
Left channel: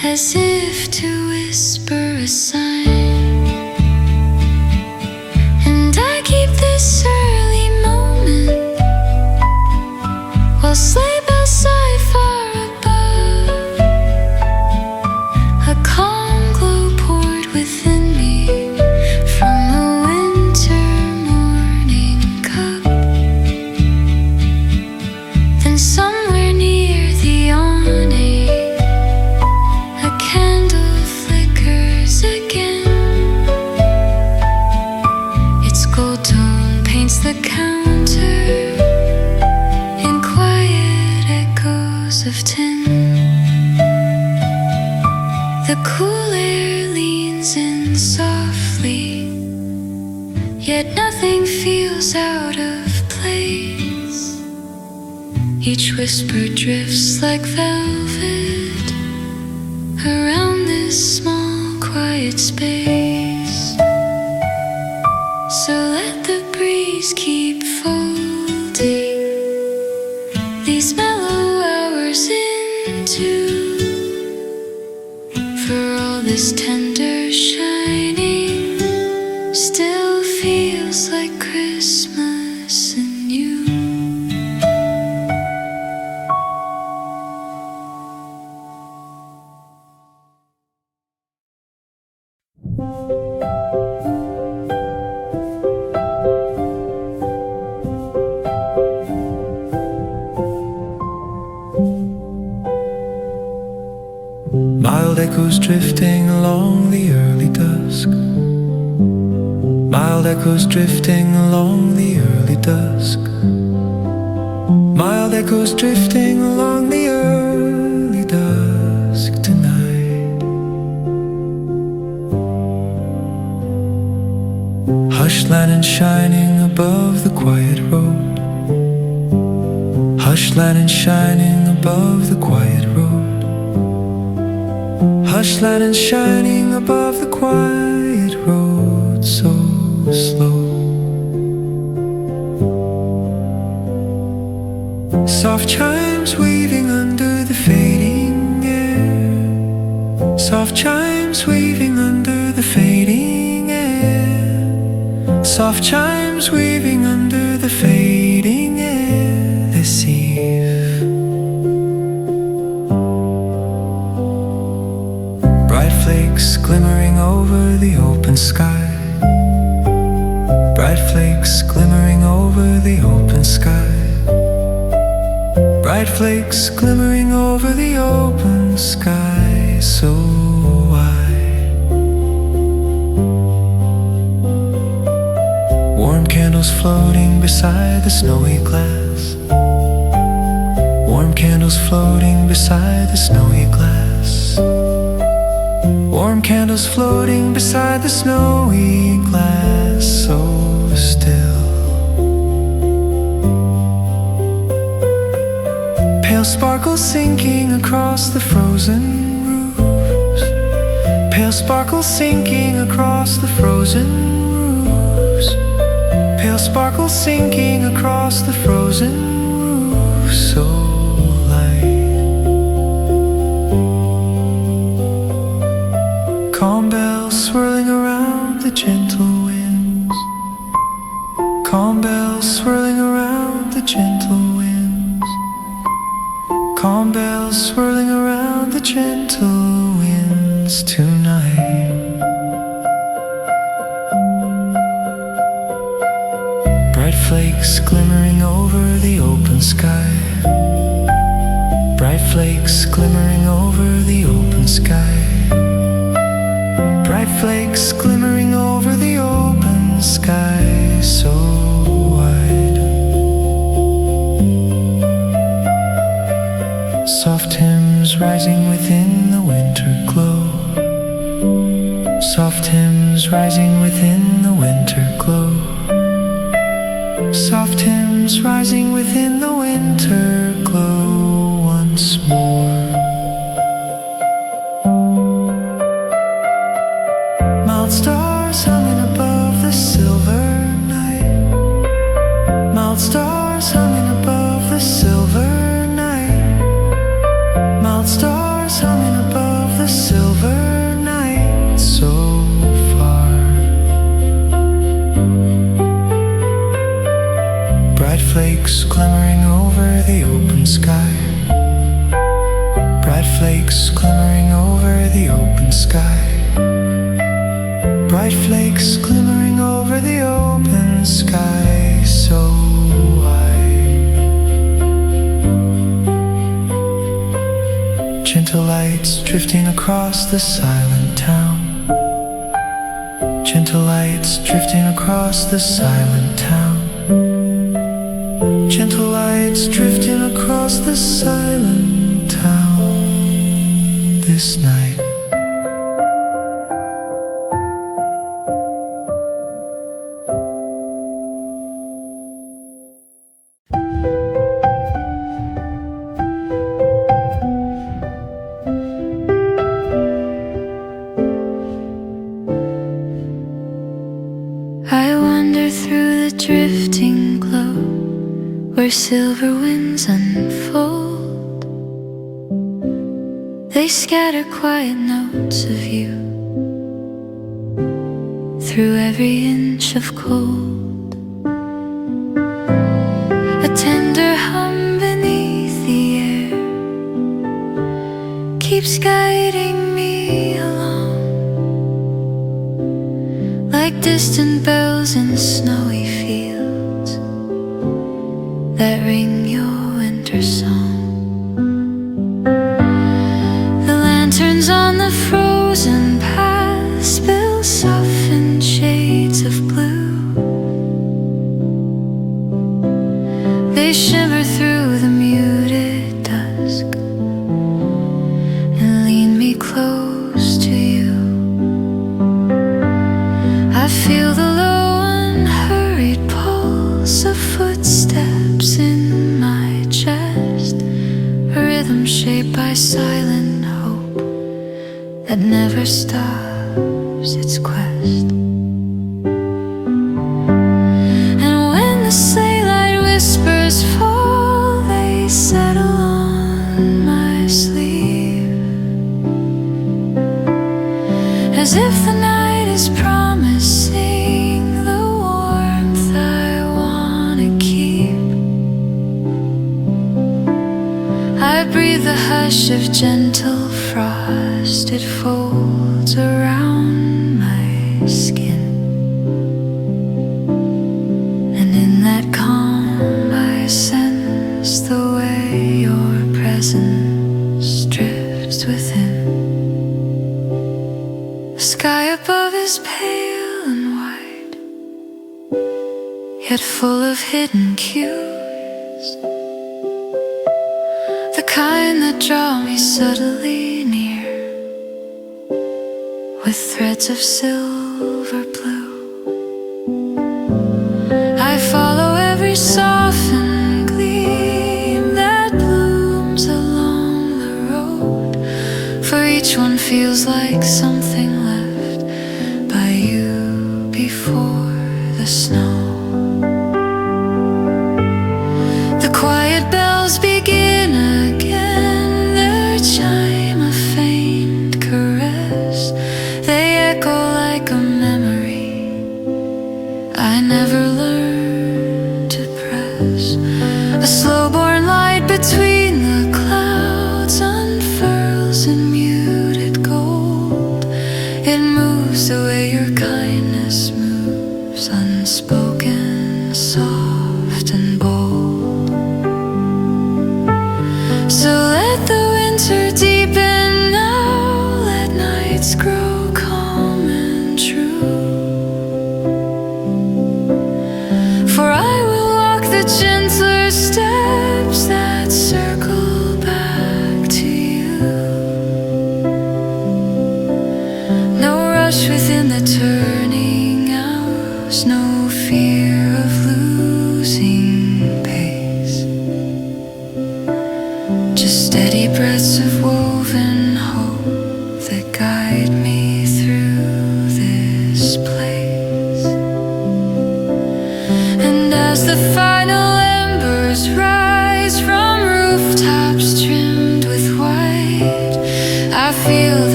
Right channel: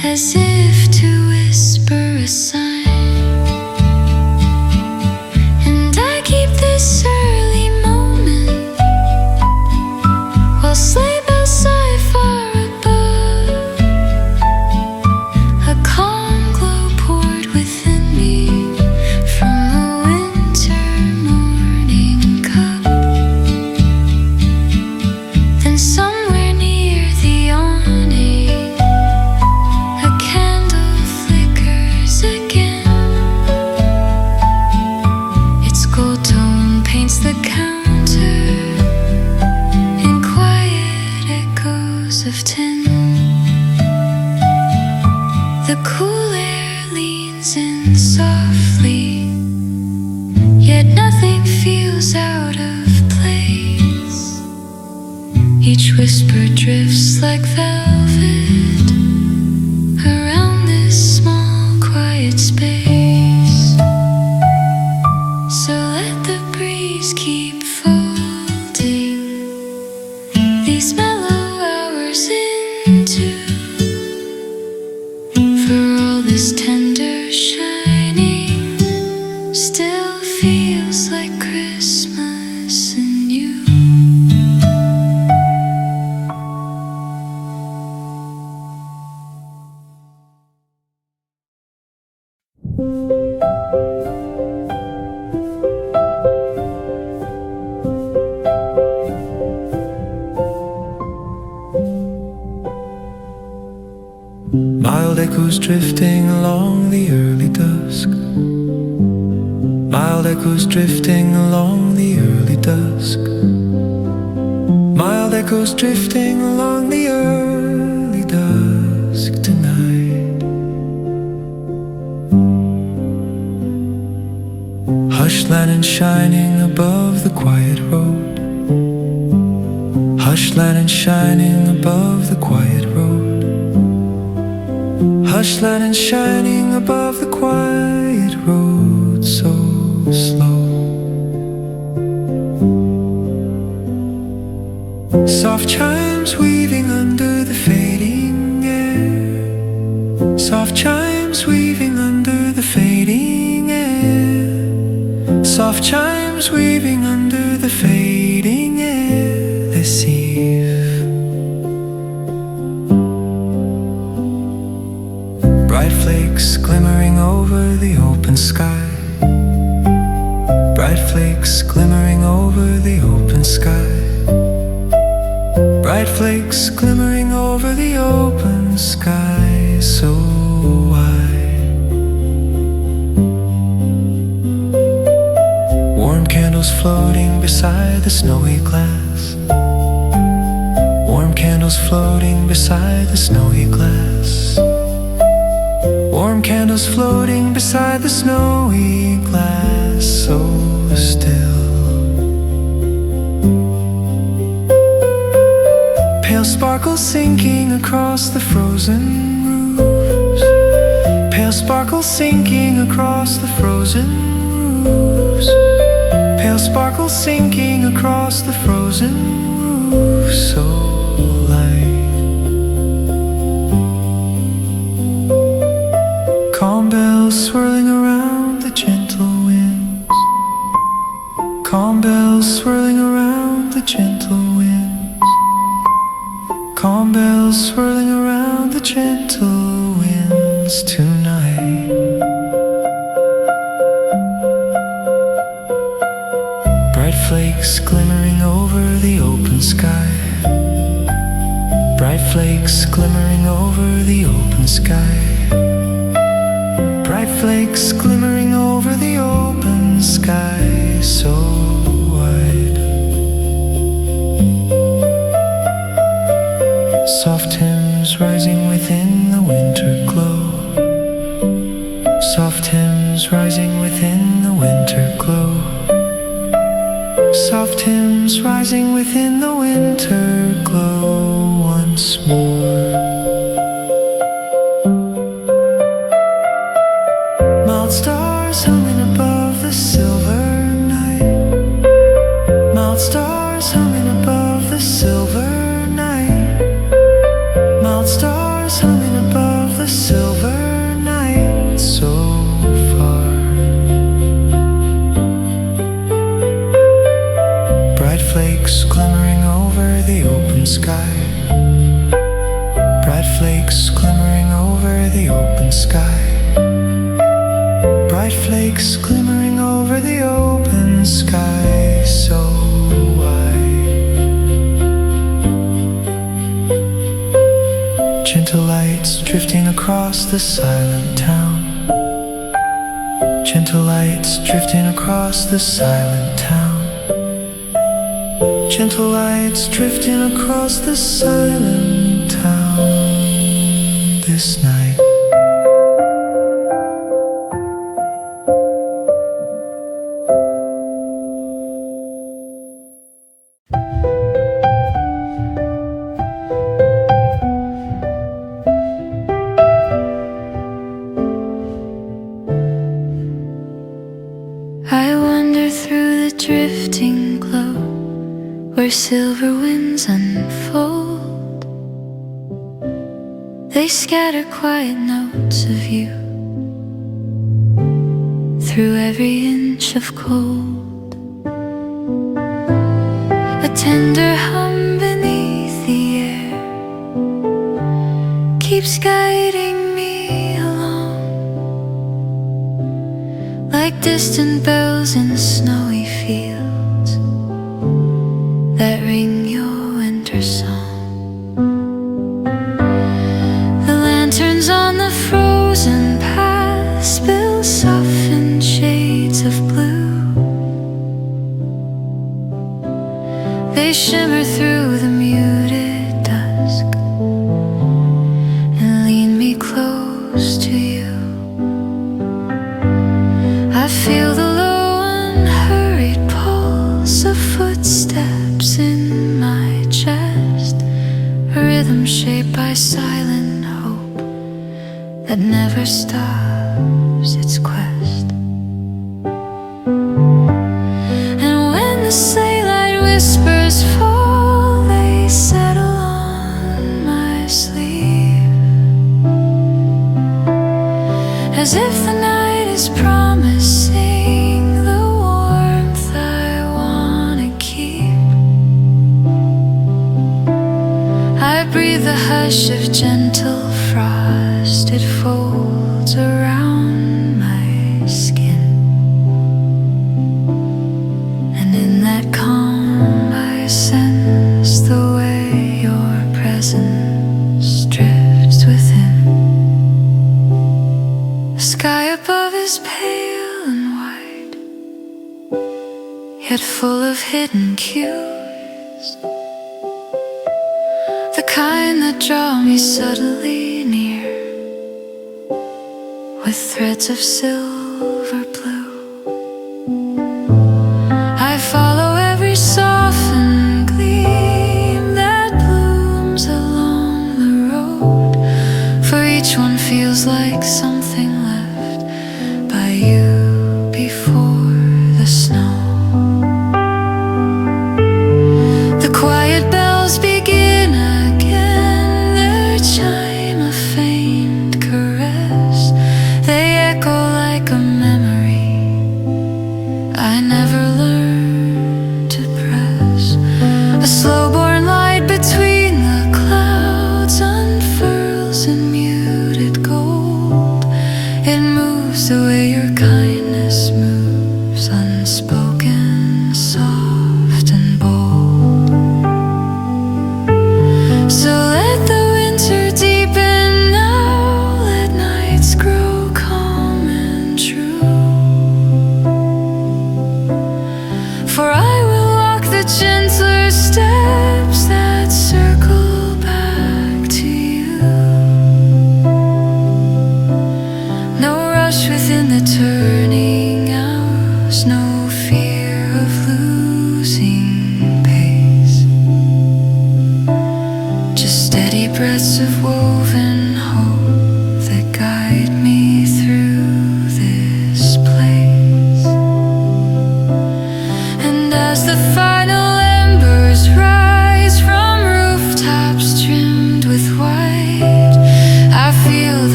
as if to whisper a sign. And I keep this early moment while sleigh bells sigh far above. A calm glow poured within me from a winter morning cup. Then somewhere near the awning, a candle flickers again. Its gold tone paints the counter in quiet echoes of tin. The cool air leans in softly, yet nothing feels out of place. Each whisper drifts like velvet around this small, quiet space. So let the breeze keep folding these mellow hours into. For all this tender shining still feels like Christmas and you. Mild echoes drifting along the early dusk. Mild echoes drifting along the early dusk. Mild echoes drifting along the early dusk tonight. Hush lantern shining above the quiet road. Hush lantern shining above the quiet road. Hush lantern shining above the quiet road, so slow. Soft chimes weaving under the fading air. Soft chimes weaving under the fading air. Soft chimes weaving under the fading air this eve. Bright flakes glimmering over the open sky. Bright flakes glimmering over the open sky. Bright flakes glimmering over the open sky, so wide. Warm candles floating beside the snowy glass. Warm candles floating beside the snowy glass. Warm candles floating beside the snowy glass, so still. Pale sparkles sinking across the frozen roofs. Pale sparkles sinking across the frozen roofs. Pale sparkles sinking across the frozen roofs, so light. Calm bells swirling around the gentle winds. Calm bells swirling around the gentle winds. Calm bells swirling around the gentle winds tonight. Bright flakes glimmering over the open sky. Bright flakes glimmering over the open sky. Bright flakes glimmering over the open sky, so wide. Soft hymns rising within the winter glow. Soft hymns rising within the winter glow. Soft hymns rising within the winter glow once more. Mild stars humming above the silver night. Mild stars humming above the silver night. Mild stars humming above the silver night so far. Bright flakes glimmering over the open sky. Bright flakes glimmering over the open sky. Bright flakes glimmering over the open sky so wide. Gentle lights drifting across the silent town. Gentle lights drifting across the silent town. Gentle lights drifting across the silent town this night. I wander through the drifting glow where silver winds unfold. They scatter quiet notes of you through every inch of cold. A tender hum beneath the air keeps guiding me along, like distant bells in snowy fields that ring your winter song. The lanterns on the frozen path spill softened shades of blue. They shimmer through the muted dusk and lean me close to you. I feel the low unhurried pulse of footsteps in my chest, a rhythm shaped by silent hope that never stops its quest. And when the sleigh light whispers fall, they settle on my sleeve, as if the night is promising the warmth I wanna keep. I breathe the hush of gentle frost, it folds around my skin, and in that calm I sense the way your presence drifts within. The sky above is pale and white, yet full of hidden cues, the kind that draw me subtly near with threads of silver blue. I follow every softened gleam that blooms along the road, for each one feels like something left by you before the snow. The quiet bells begin again, their chime a faint caress. They echo like a memory I never learned to press. A slow-born light between the clouds unfurls in muted gold. It moves the way your kindness moves, unspoken, soft and bold. So let the winter deepen now, let nights grow calm and true. For I will walk the gentler steps that circle back to you. No rush within the turning hours, no fear of losing pace, just steady breaths of woven hope that guide me through this place. And as the final embers rise from rooftops trimmed with white, I feel the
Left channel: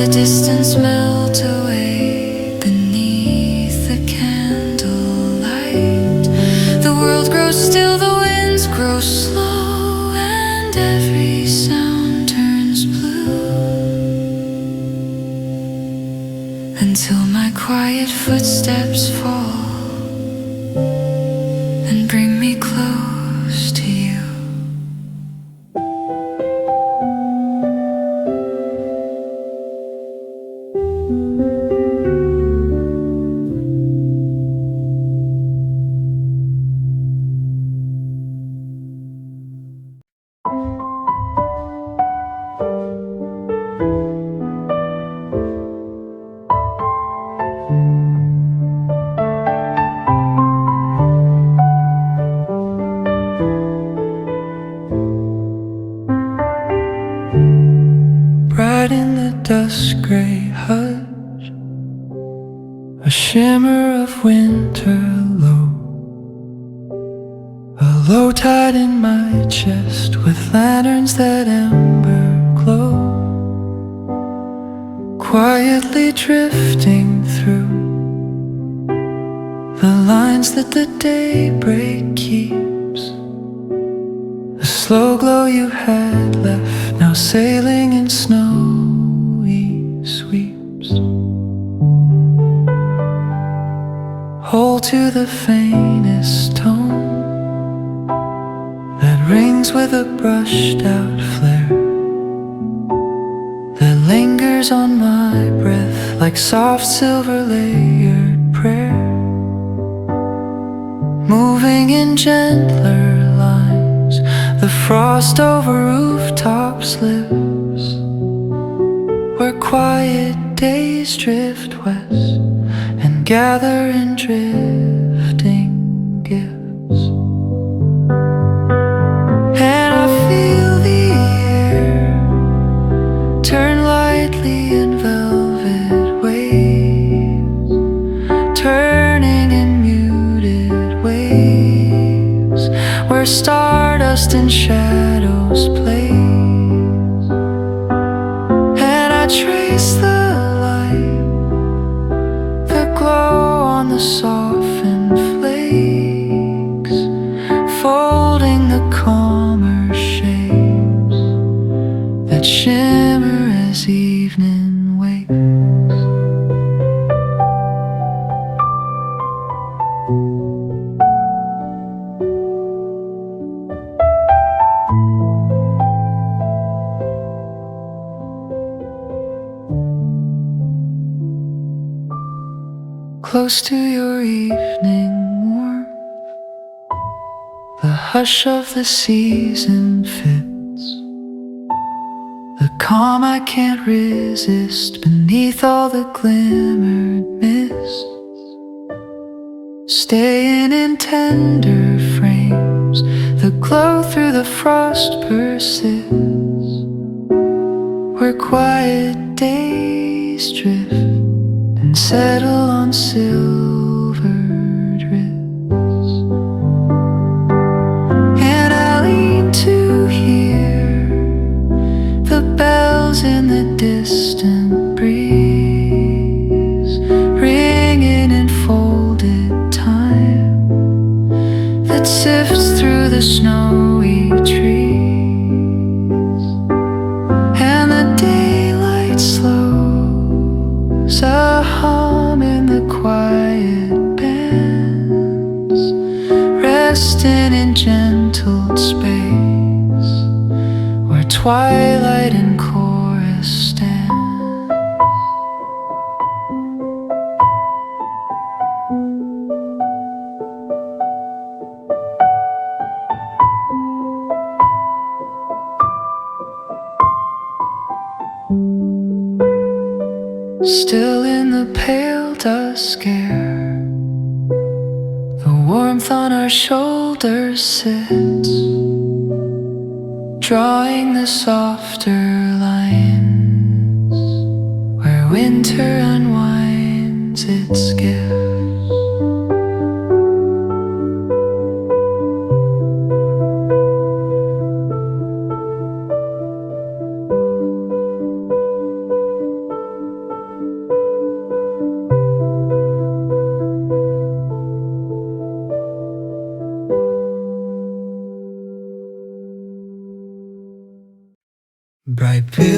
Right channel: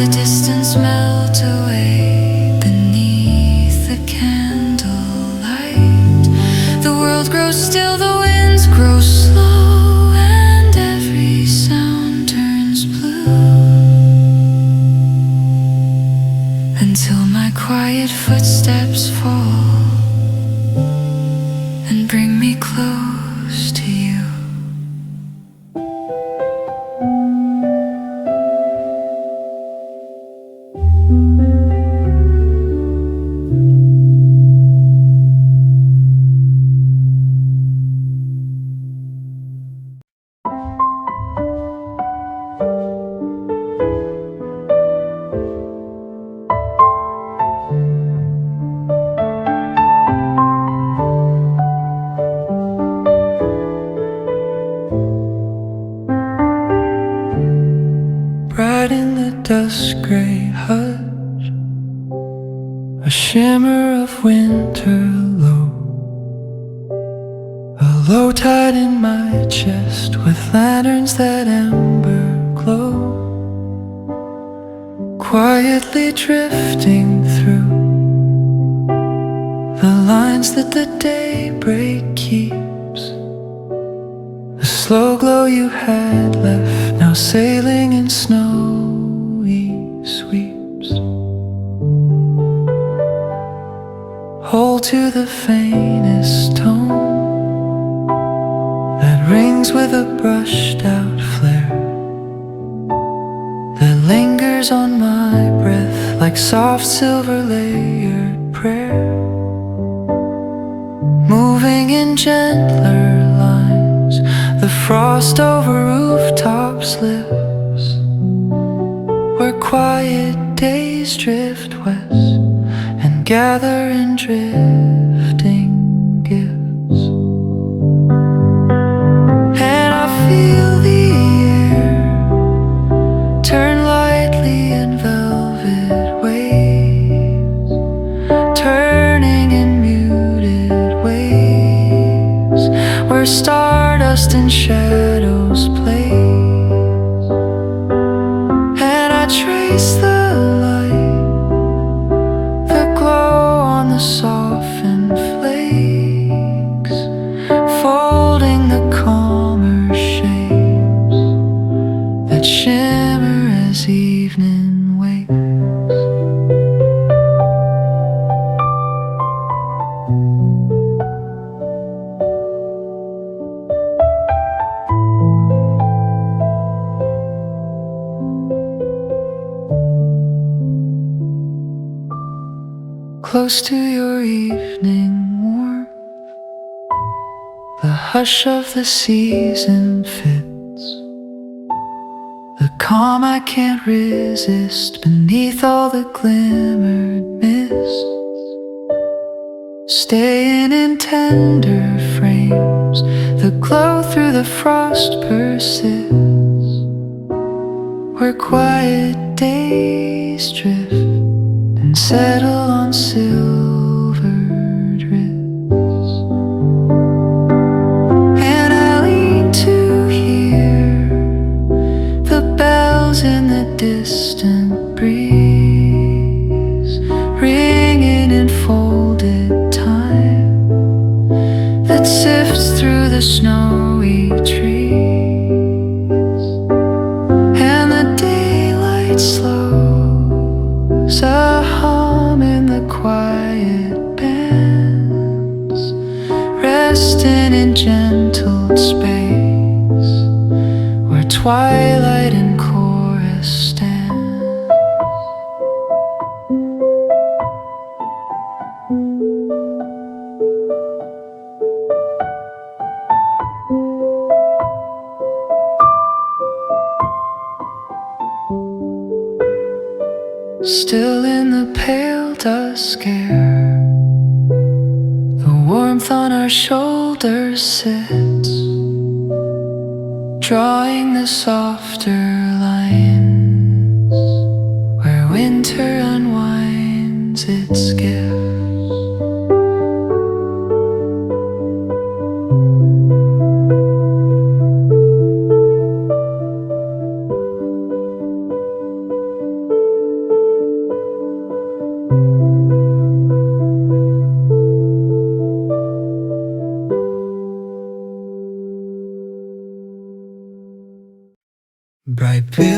the distance melt away beneath the candlelight. The world grows still, the winds grow slow, and every sound turns blue, until my quiet footsteps fall and bring me close to you. Bright in the dusk gray hush, a shimmer of winter low, a low tide in my chest with lanterns that ember glow, quietly drifting through the lines that the daybreak keeps. The slow glow you had left, now sailing in snowy sweeps. Hold to the faintest tone that rings with a brushed out flare, that lingers on my breath like soft silver layered prayer, moving in gentler lines. The frost over rooftops lives, where quiet days drift west and gather in drifting gifts. And I feel the air turn lightly in velvet waves, turning in muted waves, where stardust and shadows plays. And I trace the light, the glow on the softened flakes, folding the calmer shapes that shimmer as evening wakes. Close to your evening warmth, the hush of the season fits, the calm I can't resist beneath all the glimmered mists, staying in tender frames, the glow through the frost persists, where quiet days drift and settle on silvered wrists. And I lean to hear the bells in the distant breeze, ringing in folded time that sifts through the snowy trees. And the daylight slows, a hum in the quiet bands, resting in gentle space, where twilight and chorus stand. Still in the pale dusk air, the warmth on our shoulders sits, drawing the softer lines, where winter unwinds its gifts.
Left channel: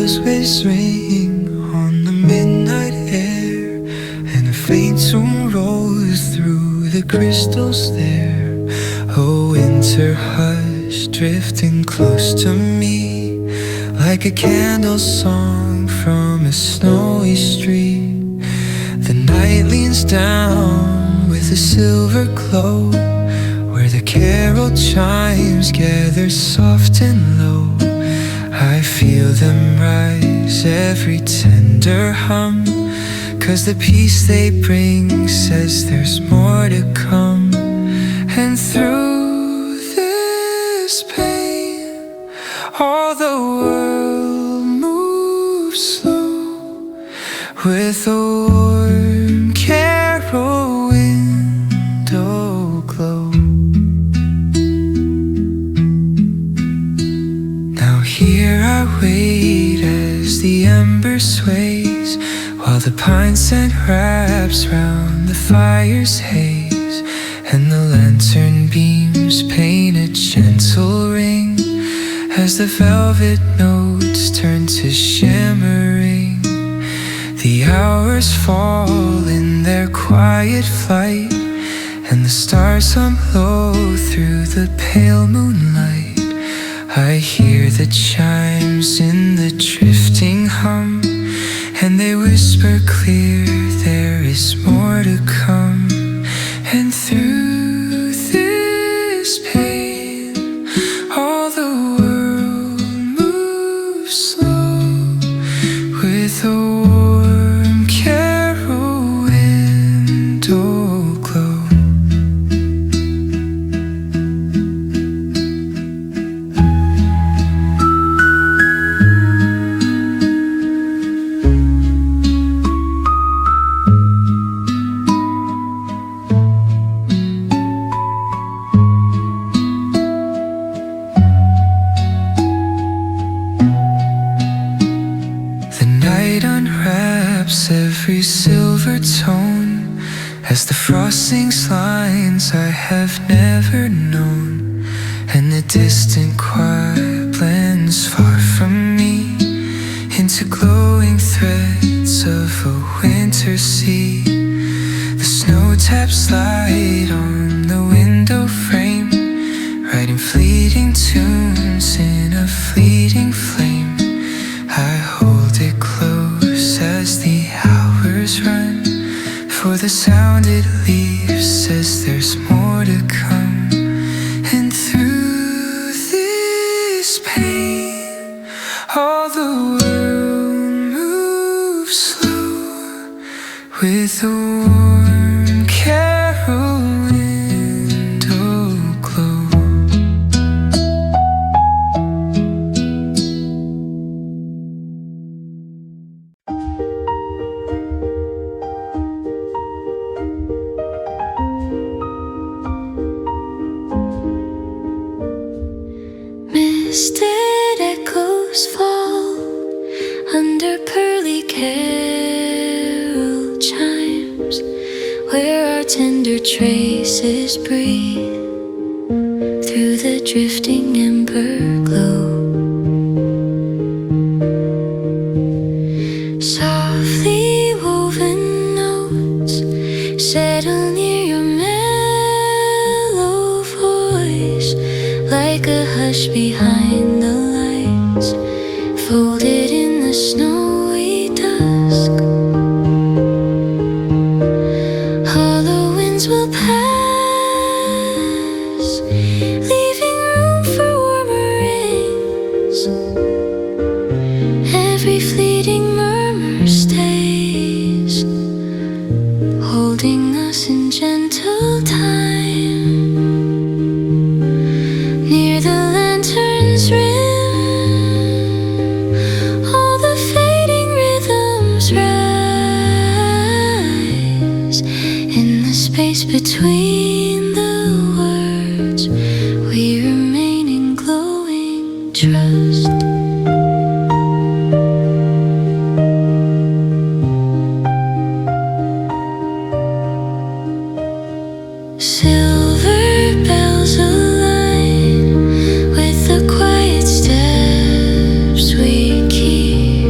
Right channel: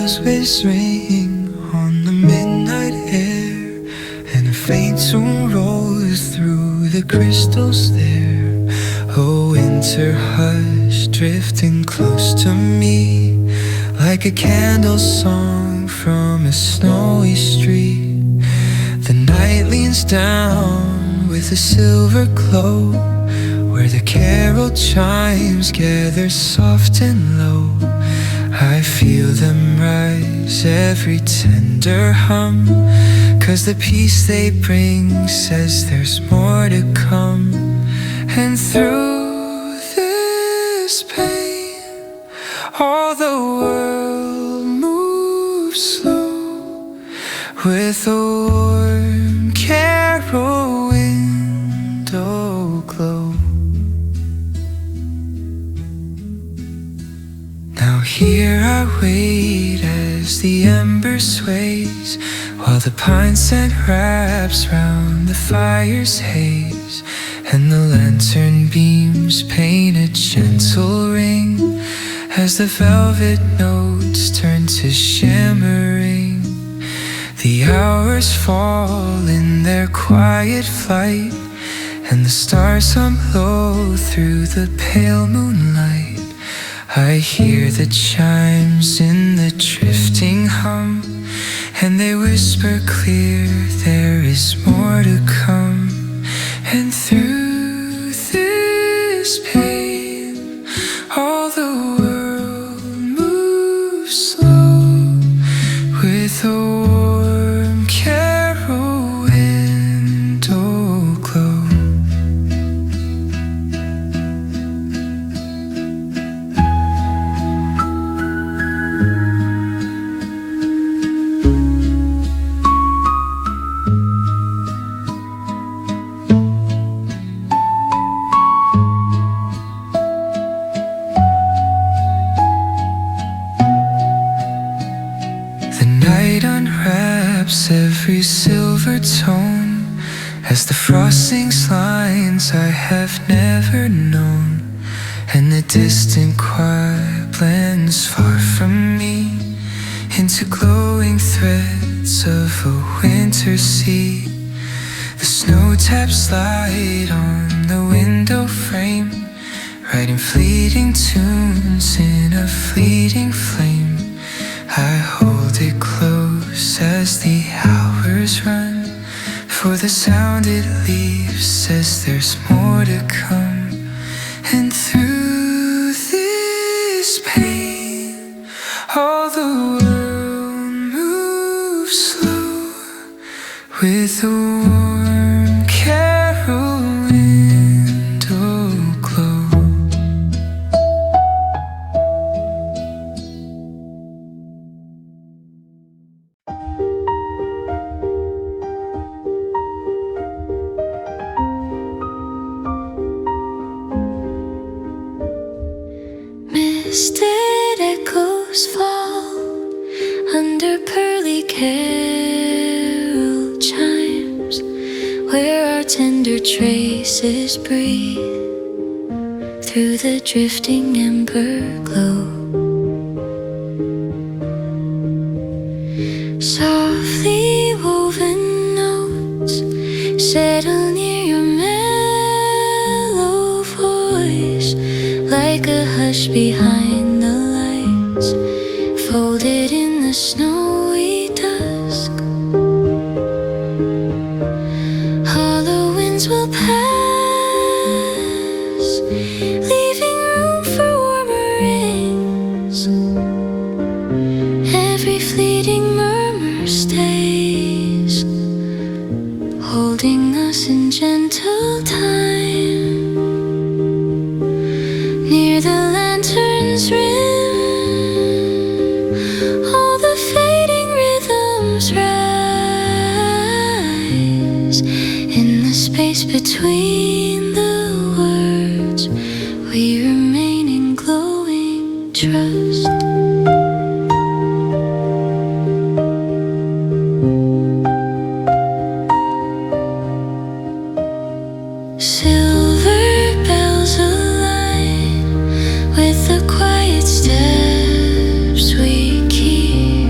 Moasways ring on the midnight air, and a faint tune rolls through the crystals there. A winter hush drifting close to me, like a candle song from a snowy street. The night leans down with a silver glow, where the carol chimes gather soft and low. I feel them rise, every tender hum, 'cause the peace they bring says there's more to come. And through this pain, all the world moves slow, with a warm carol window glow. Now here I wait as the ember sways, while the pine scent wraps round the fire's haze, and the lantern beams paint a gentle ring as the velvet notes turn to shimmering. The hours fall in their quiet flight, and the stars hum low through the pale moonlight. I hear the chimes in the drifting hum, and they whisper clear there is more to come. And through this pain, all the world moves slow, with a warm carol window glow. Unwraps every silver tone as the frosting lines I have never known, and the distant choir blends far from me into glowing threads of a winter sea. The snow taps light on the window frame, writing fleeting tunes in a fleeting flame. I hold it close as the hours run, for the sound it leaves says there's more to come. And through this pain, all the world moves slow, with a warm carol window glow. Misted echoes fall under pearly carol chimes, where our tender traces breathe through the drifting ember glow. Softly woven notes settle near your mellow voice, like a hush behind the lights, folded in the snowy dusk. Hollow winds will pass, leaving room for warmer rings. Every fleeting murmur stays, holding us in gentle time. Near the lantern's rim, all the fading rhythms rise. In the space between the words, we remain in glowing trust. Silver bells align with the quiet steps we keep,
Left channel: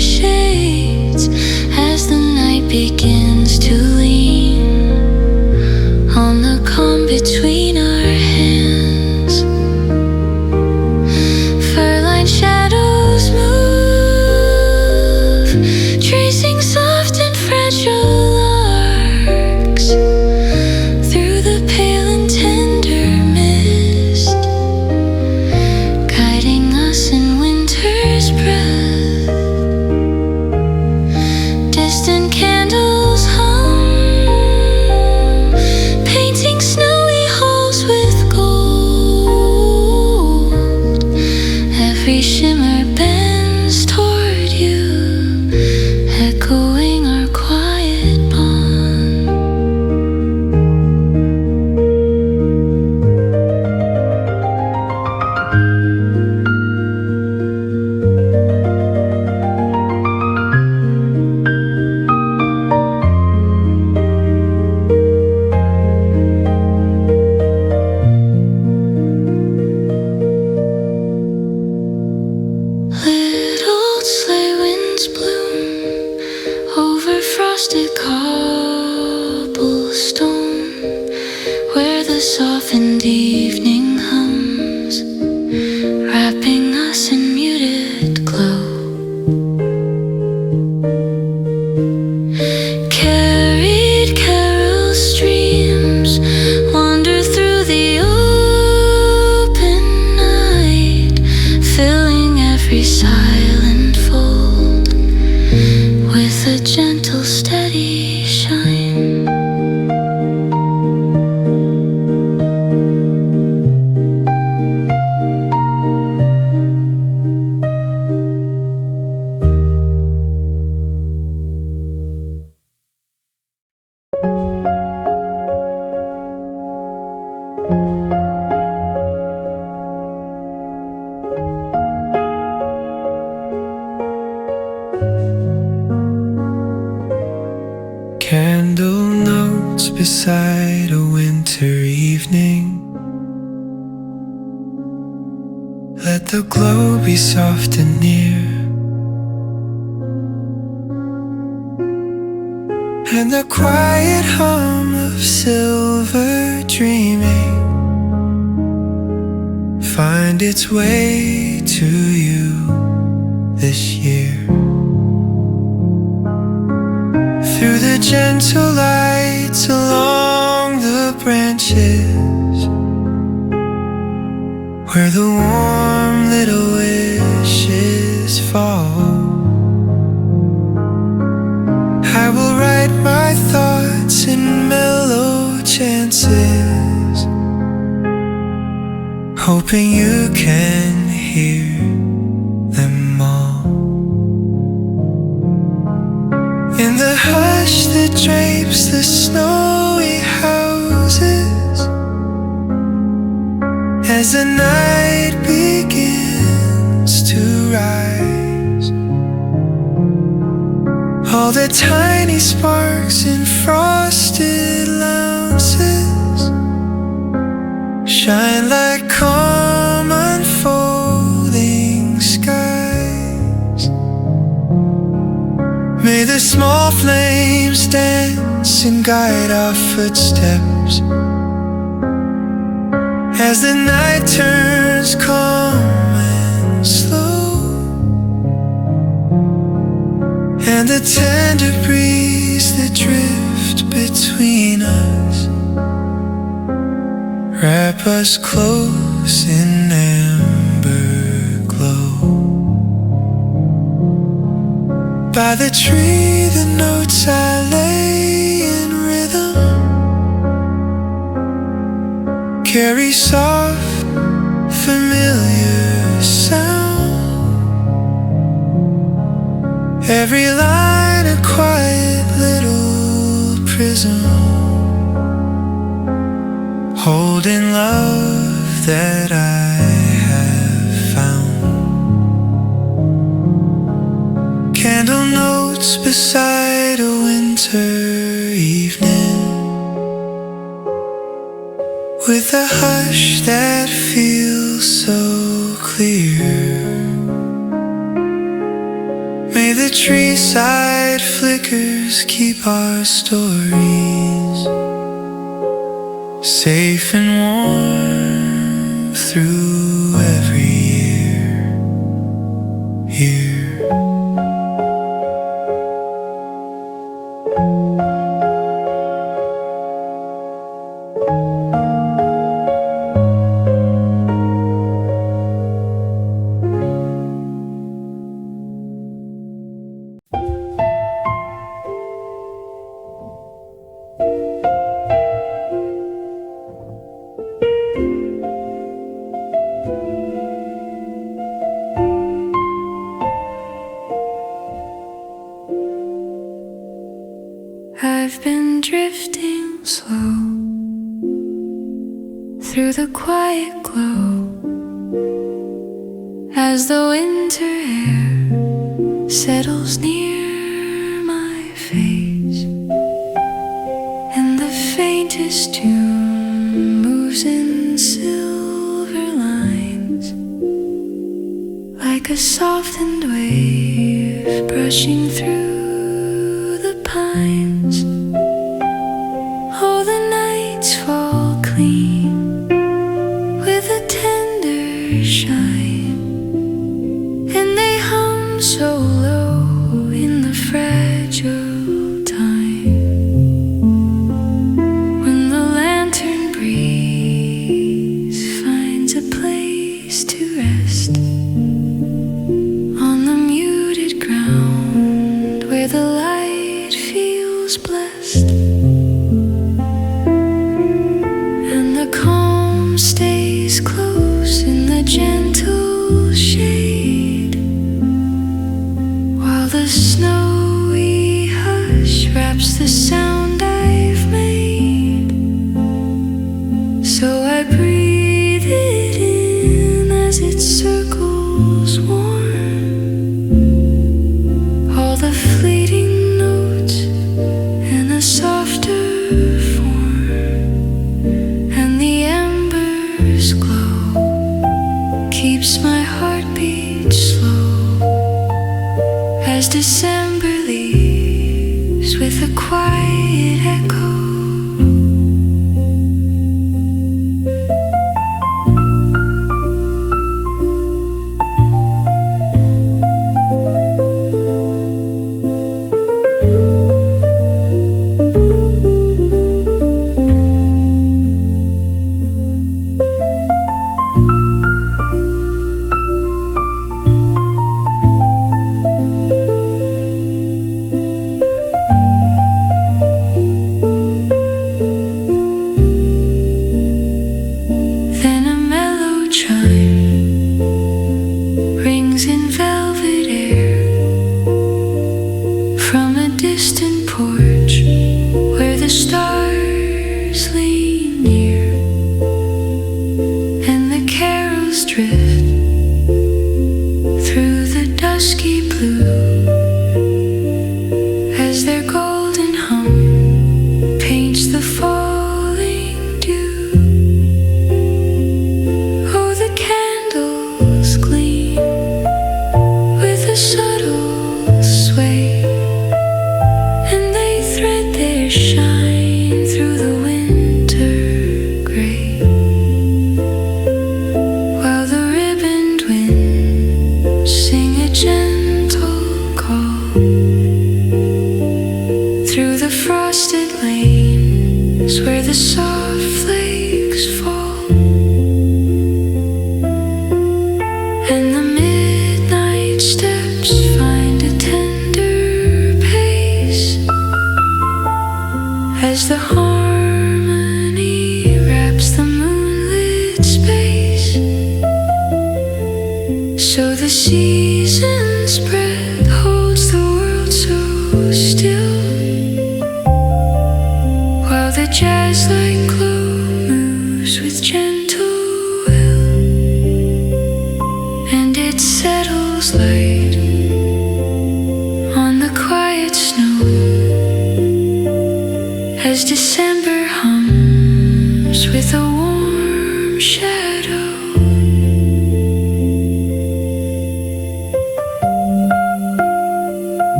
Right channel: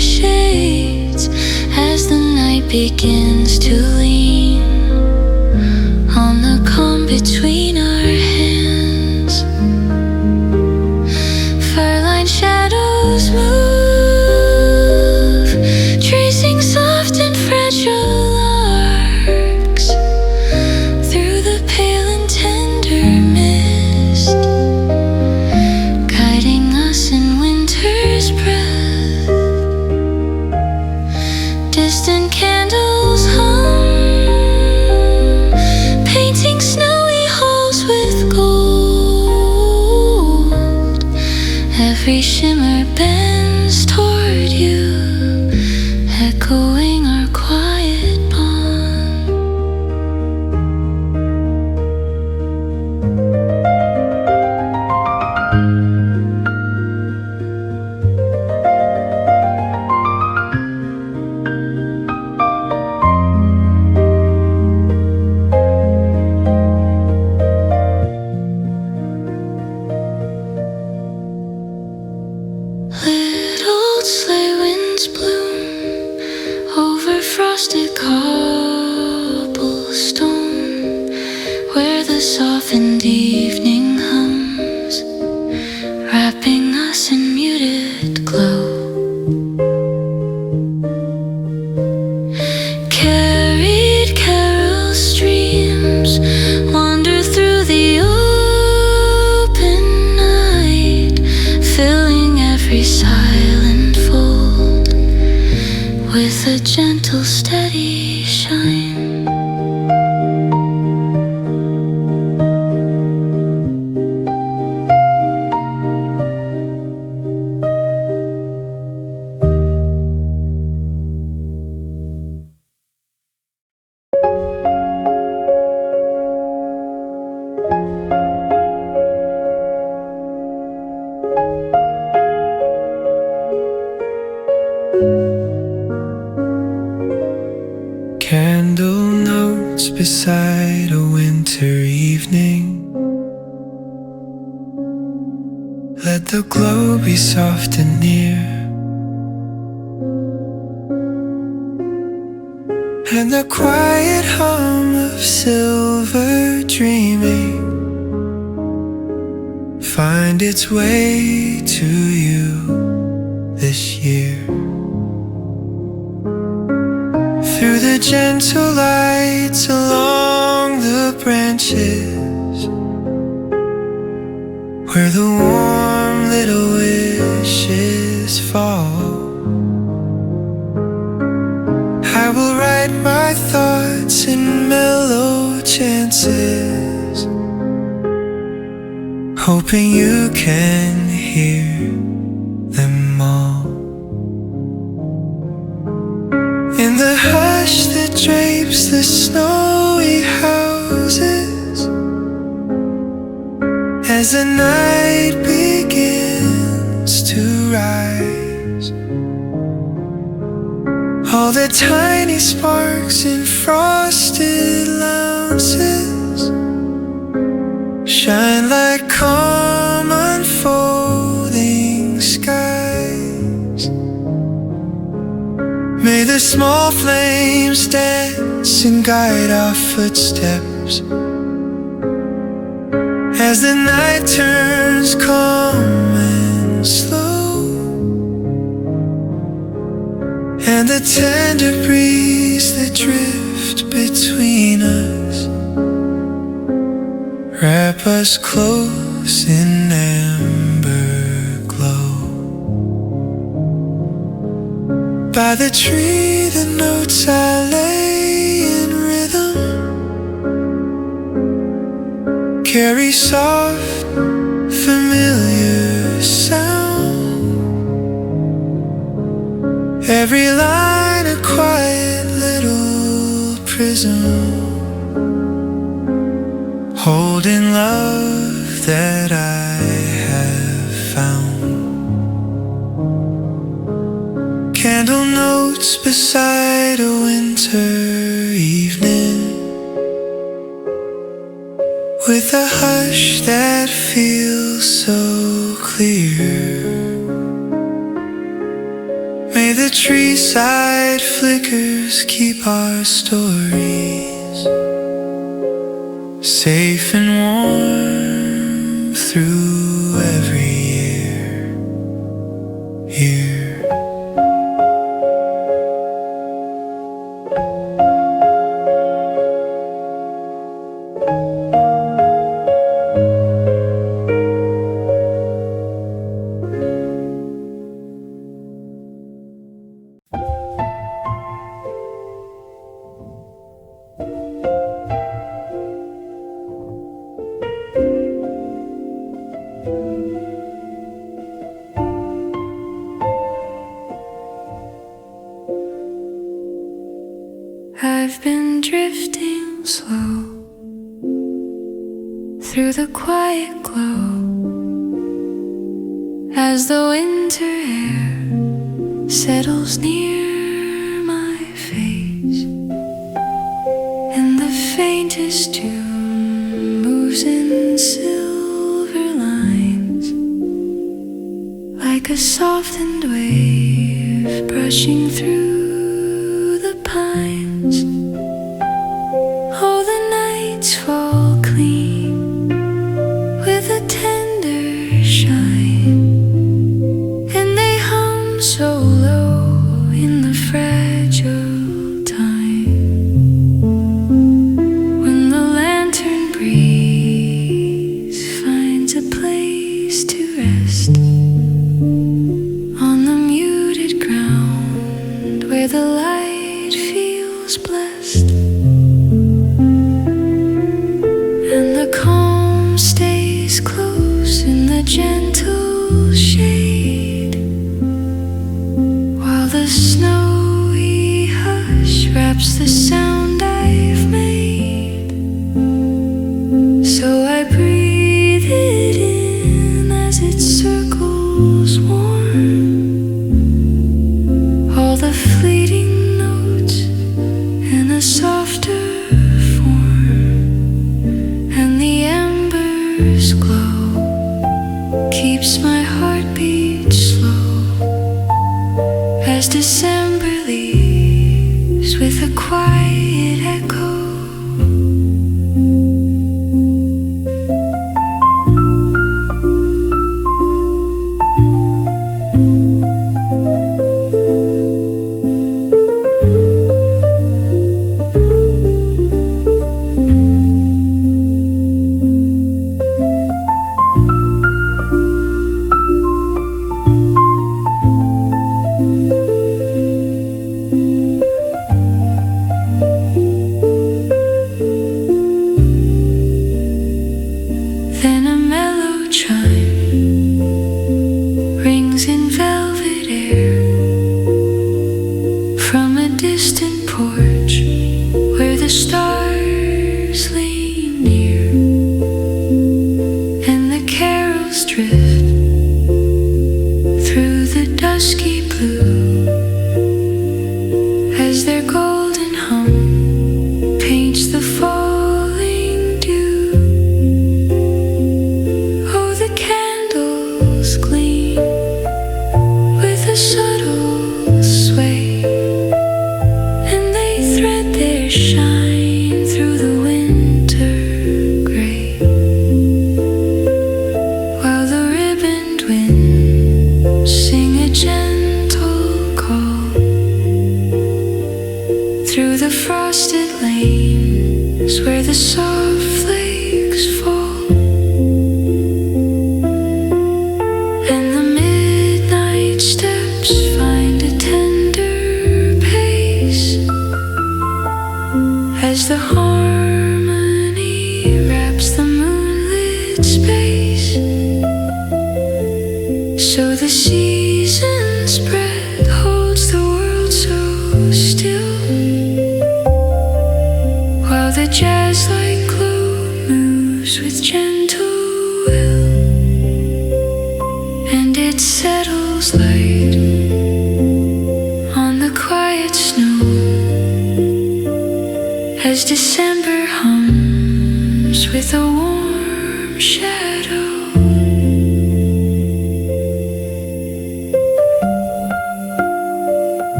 it begins to lean on the calm between our hands. Fur-lined shadows move, tracing soft and fragile arcs through the pale and tender mist, guiding us in winter's breath. Distant candles hum, painting snowy halls with gold. Every shimmer bends toward you, echoing our quiet bond. Little sleigh winds bloom over frosted cobblestone, where the softened evening hums, wrapping us in muted glow. Carried carol streams wander through the open night, filling every silent fold with a gentle, steady shine. Candle notes beside a winter evening. Let the glow be soft and near, and the quiet hum of silver dreaming find its way to you this year. Through the gentle lights along the branches, where the warm little wishes fall, I will write my thoughts in mellow chances, hoping you can hear them all. In the hush that drapes the snowy houses, as the night begins to rise, all the tiny sparks in frosted lounges shine like calm unfolding skies. May the small flames dance and guide our footsteps as the night turns calm and slow, and the tender breeze that drift between us wrap us close in amber glow. By the tree the notes I lay in rhythm carry soft, familiar sound. Every line a quiet little prism, holding love that I have found. Candle notes beside a winter evening, with a hush that feels so clear. May the treeside flickers keep our stories safe and warm through every year. I've been drifting slow through the quiet glow as the winter air settles near my face, and the faintest tune moves in silver lines like a softened wave brushing through the pines. Oh, the nights fall clean with a tender shine, and they hum so low in the fragile time when the lantern breeze finds a place to rest on the muted ground where the light feels blessed, and the calm stays close in the gentle shade, while the snowy hush wraps the sound I've made. So I breathe it in as it circles warm, all the fleeting notes in a softer form, and the embers glow keeps my heartbeat slow as December leaves with a quiet echo. Then a mellow chime rings in velvet air from a distant porch where the stars lean near, and the carols drift through the dusky blue as their golden hum paints the falling dew. The candles gleam with a subtle sway, and they thread their shine through the winter gray, while the ribboned winds sing a gentle call through the frosted lanes where the soft flakes fall. And the midnight steps find a tender pace as the harmony wraps the moonlit space. So the season spread holds the world so still, while the jazz-like glow moves with gentle will, and it settles light on the quiet snow as December hums with a warm shadow.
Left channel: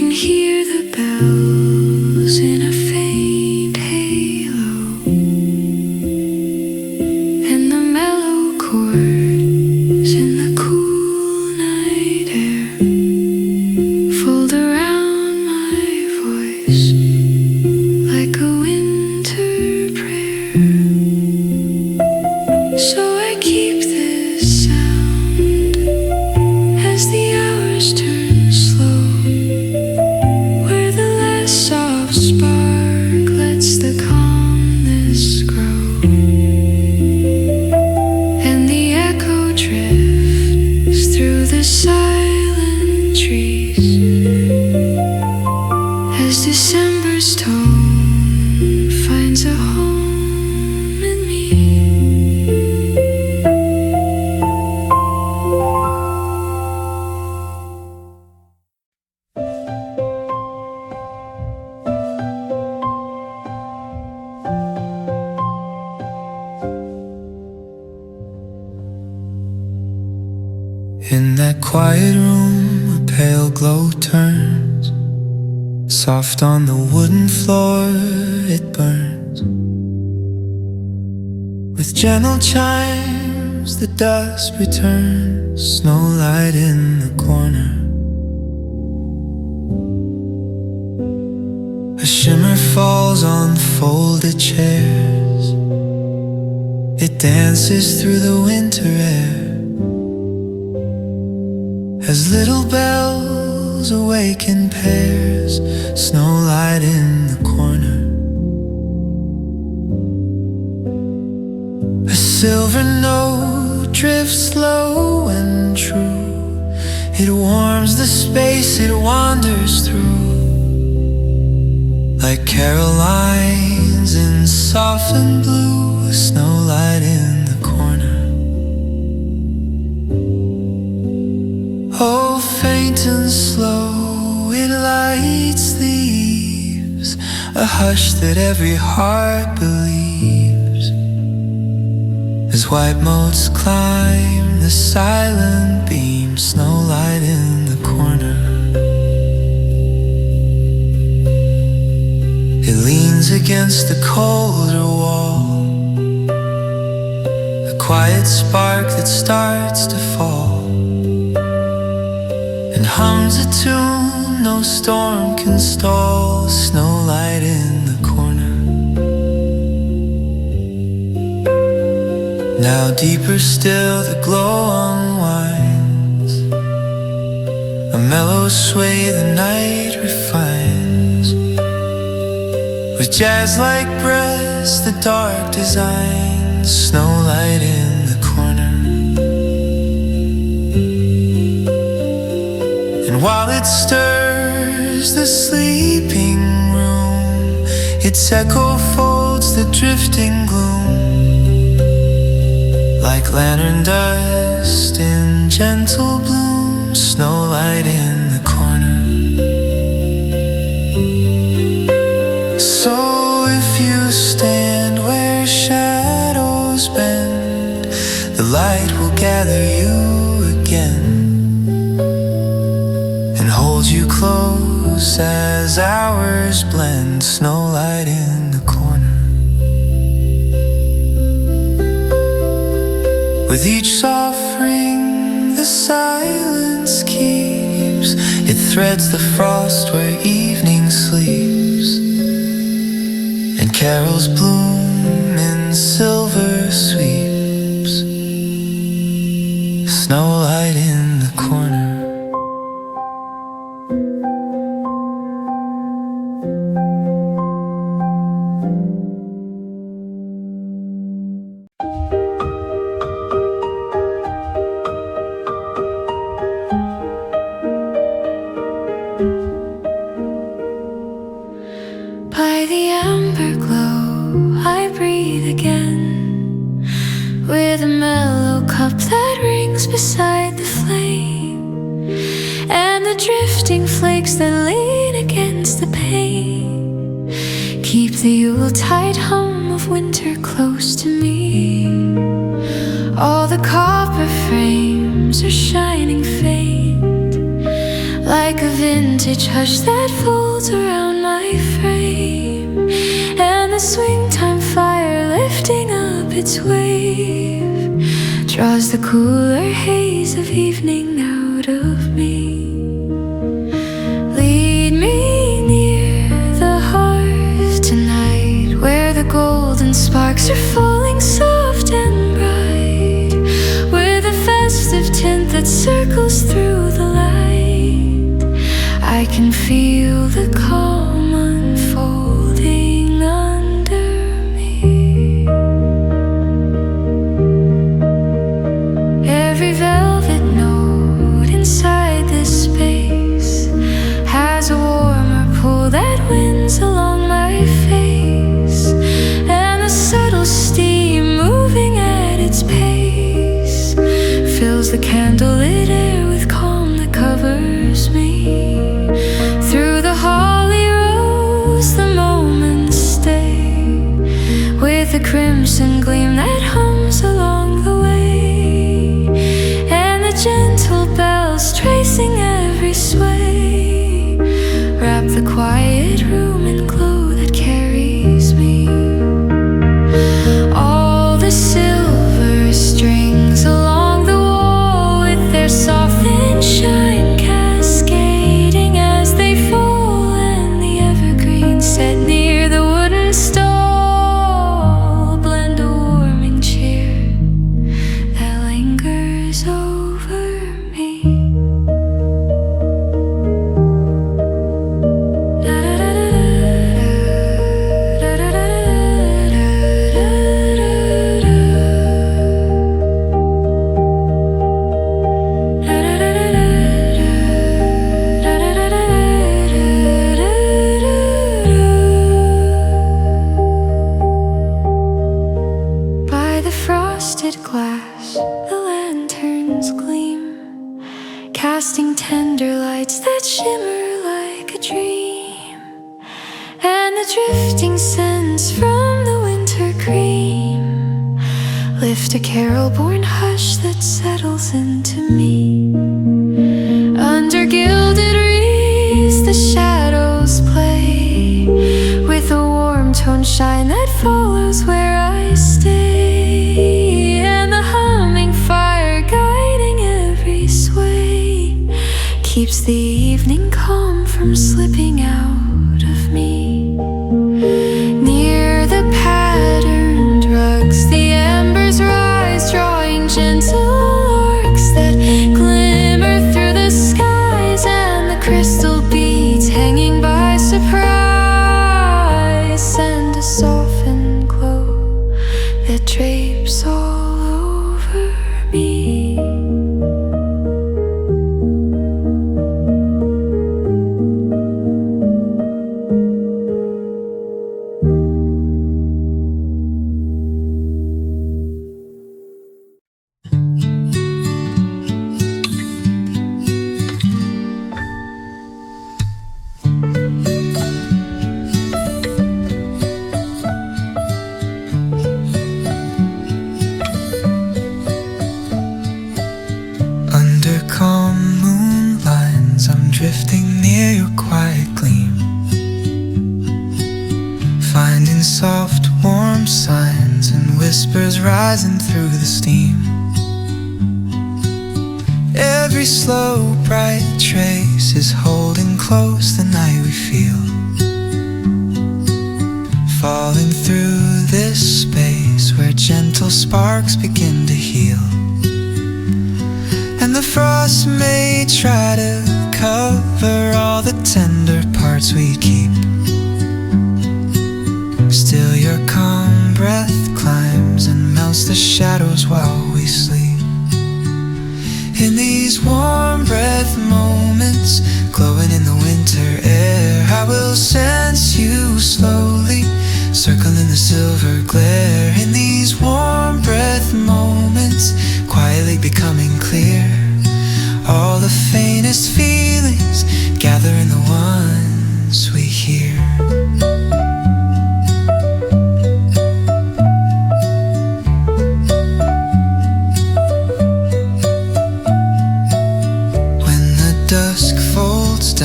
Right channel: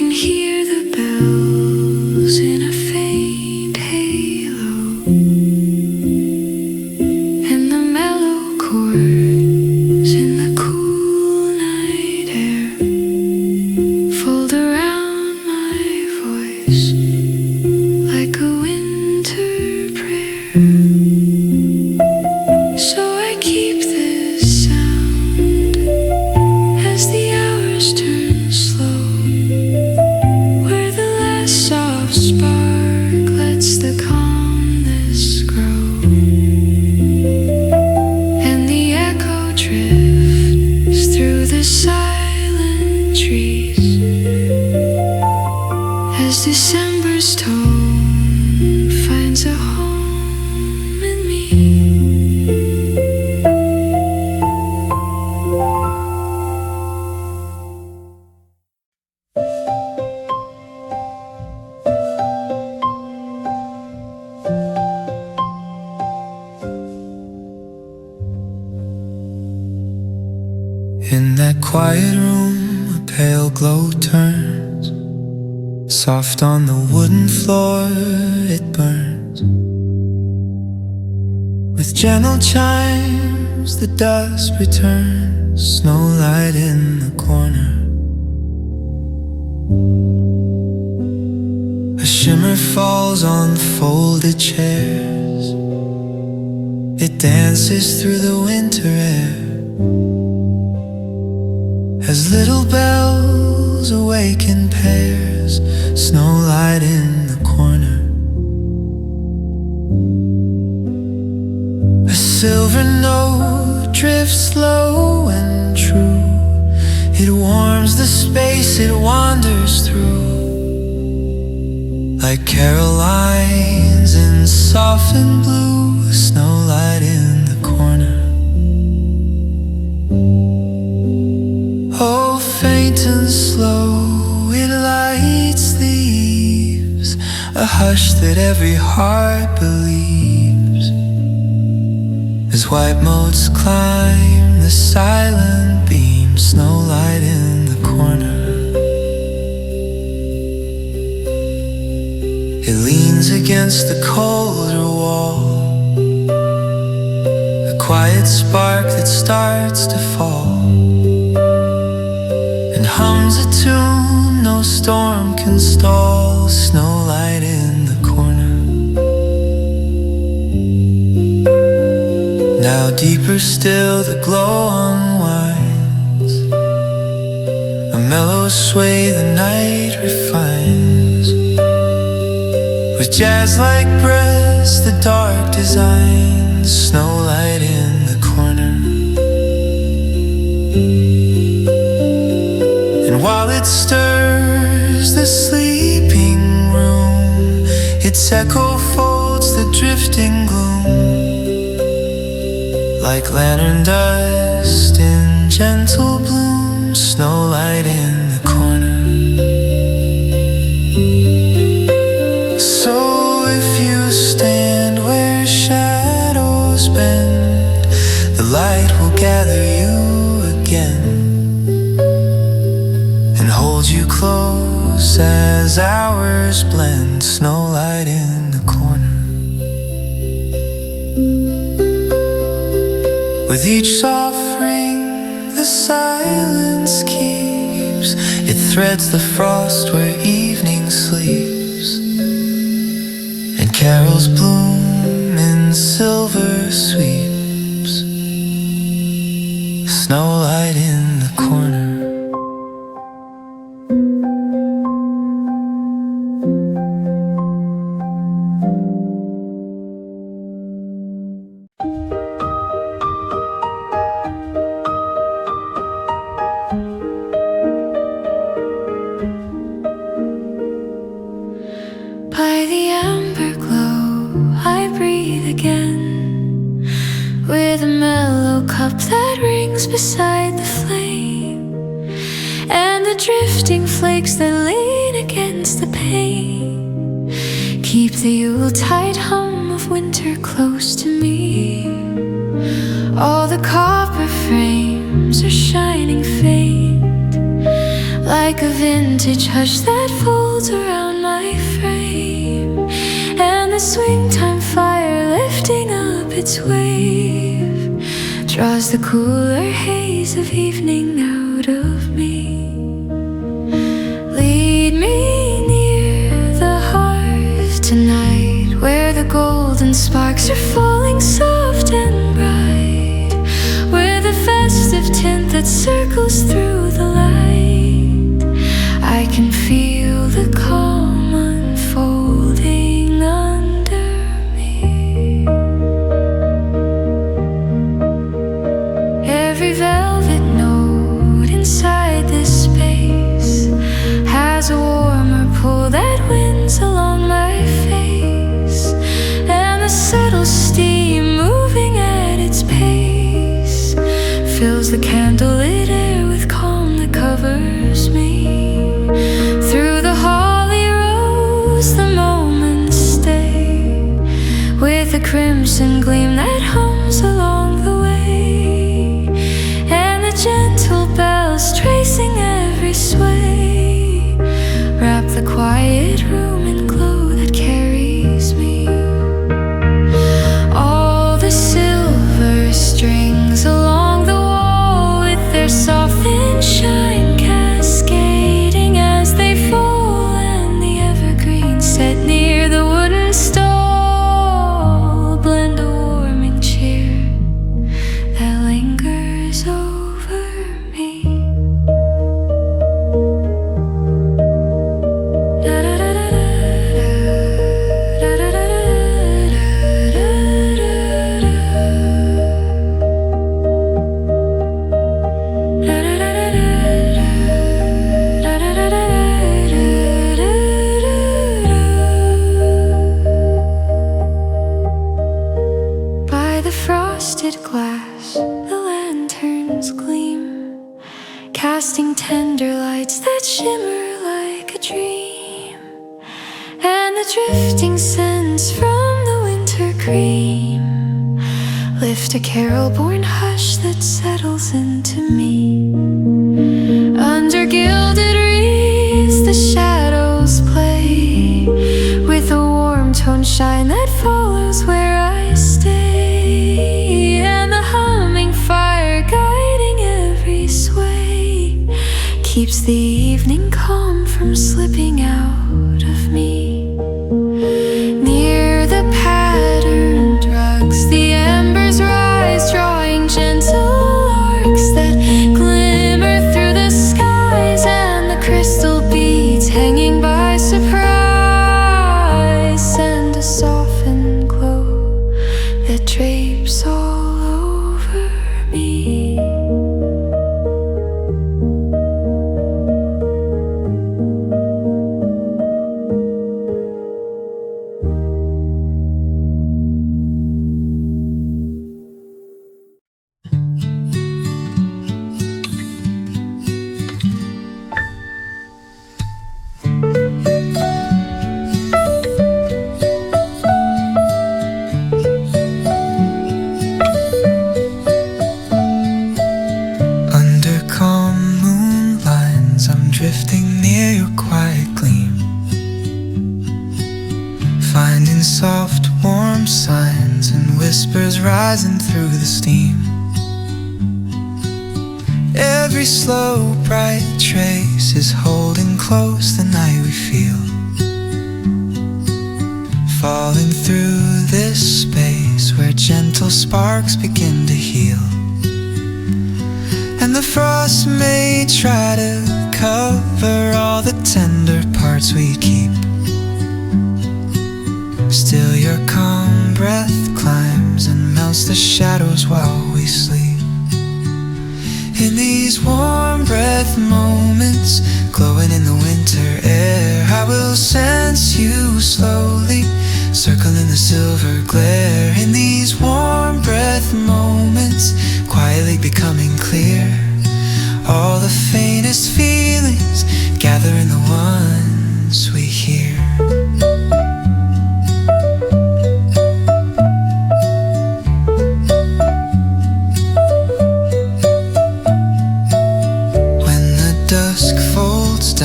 can hear the bells in a faint halo, and the mellow chords in the cool night air fold around my voice like a winter prayer. So I keep this sound as the hours turn slow, where the last soft spark lets the calmness grow, and the echo drifts through the silent trees as December's tone finds a home in me. In that quiet room, a pale glow turns. Soft on the wooden floor, it burns. With gentle chimes, the dusk returns. Snowlight in the corner. A shimmer falls on folded chairs. It dances through the winter air as little bells awaken pairs. Snowlight in the corner. A silver note drifts low and true. It warms the space it wanders through, like Carolines in softened blue. Snowlight in the corner. Oh, faint and slow, it lights the eaves, a hush that every heart believes, as white motes climb the silent beam. Snowlight in the corner. It leans against the colder wall, a quiet spark that starts to fall, and hums a tune no storm can stall. Snowlight in the corner. Now deeper still the glow unwinds, a mellow sway the night refines, with jazz-like breaths the dark designs. Snowlight in the corner. And while it stirs the sleeping room, its echo folds the drifting gloom, like lantern dust in gentle bloom. Snowlight in the corner. So if you stand where shadows bend, the light will gather you again and hold you close as hours blend. Snowlight in the corner. With each soft ring the silence keeps, it threads the frost where evening sleeps, and carols bloom in silver sweeps. Snowlight in the corner. By the amber glow I breathe again, with a mellow cup that rings beside the flame, and the drifting flakes that lean against the pane keep the Yuletide hum of winter close to me. All the copper frames are shining faint, like like a vintage hush that folds around my frame, and the swing time fire lifting up its wave draws the cooler haze of evening out of me. Lead me near the hearth tonight, where the golden sparks are falling soft and bright, with a festive tint that circles through the light. I can feel the calm unfolding under me. Every velvet note inside this space has a warmer pull that winds along my face, and the subtle steam moving at its pace fills the candlelit air with calm that covers me. Through the holly rose the moments stay, with a crimson gleam that hums along the way, and the gentle bells tracing every sway wrap the quiet room in glow that carries me. All the silver strings along the wall, with their soft thin shine cascading as they fall, and the evergreen set near the wooden stall blend a warming cheer that lingers over me. By the frosted glass, the lanterns gleam, casting tender lights that shimmer like a dream, and the drifting scents from the winter cream lift a carol-born hush that settles into me. Under gilded wreaths the shadows play, with a warm tone shine that follows where I stay, and the humming fire guiding every sway keeps the evening calm from slipping out of me. Near the patterned rugs the embers rise, drawing gentle arcs that glimmer through the skies, and the crystal beads hanging by surprise send a softened glow that drapes all over me. Drifting near your quiet gleam, finding soft warm signs and whispers rising through the steam. Every slow bright trace is holding close the night we feel, falling through this space where gentle sparks begin to heal. And the frost may try to cover all the tender parts we keep, still your calm breath climbs and melts the shadows while we sleep. In these warm breath moments, glowing in the winter air, I will sense you slowly, circling the silver glare. In these warm breath moments, quietly becoming clear, all the faintest feelings gather in the ones we hear. When the dusk folds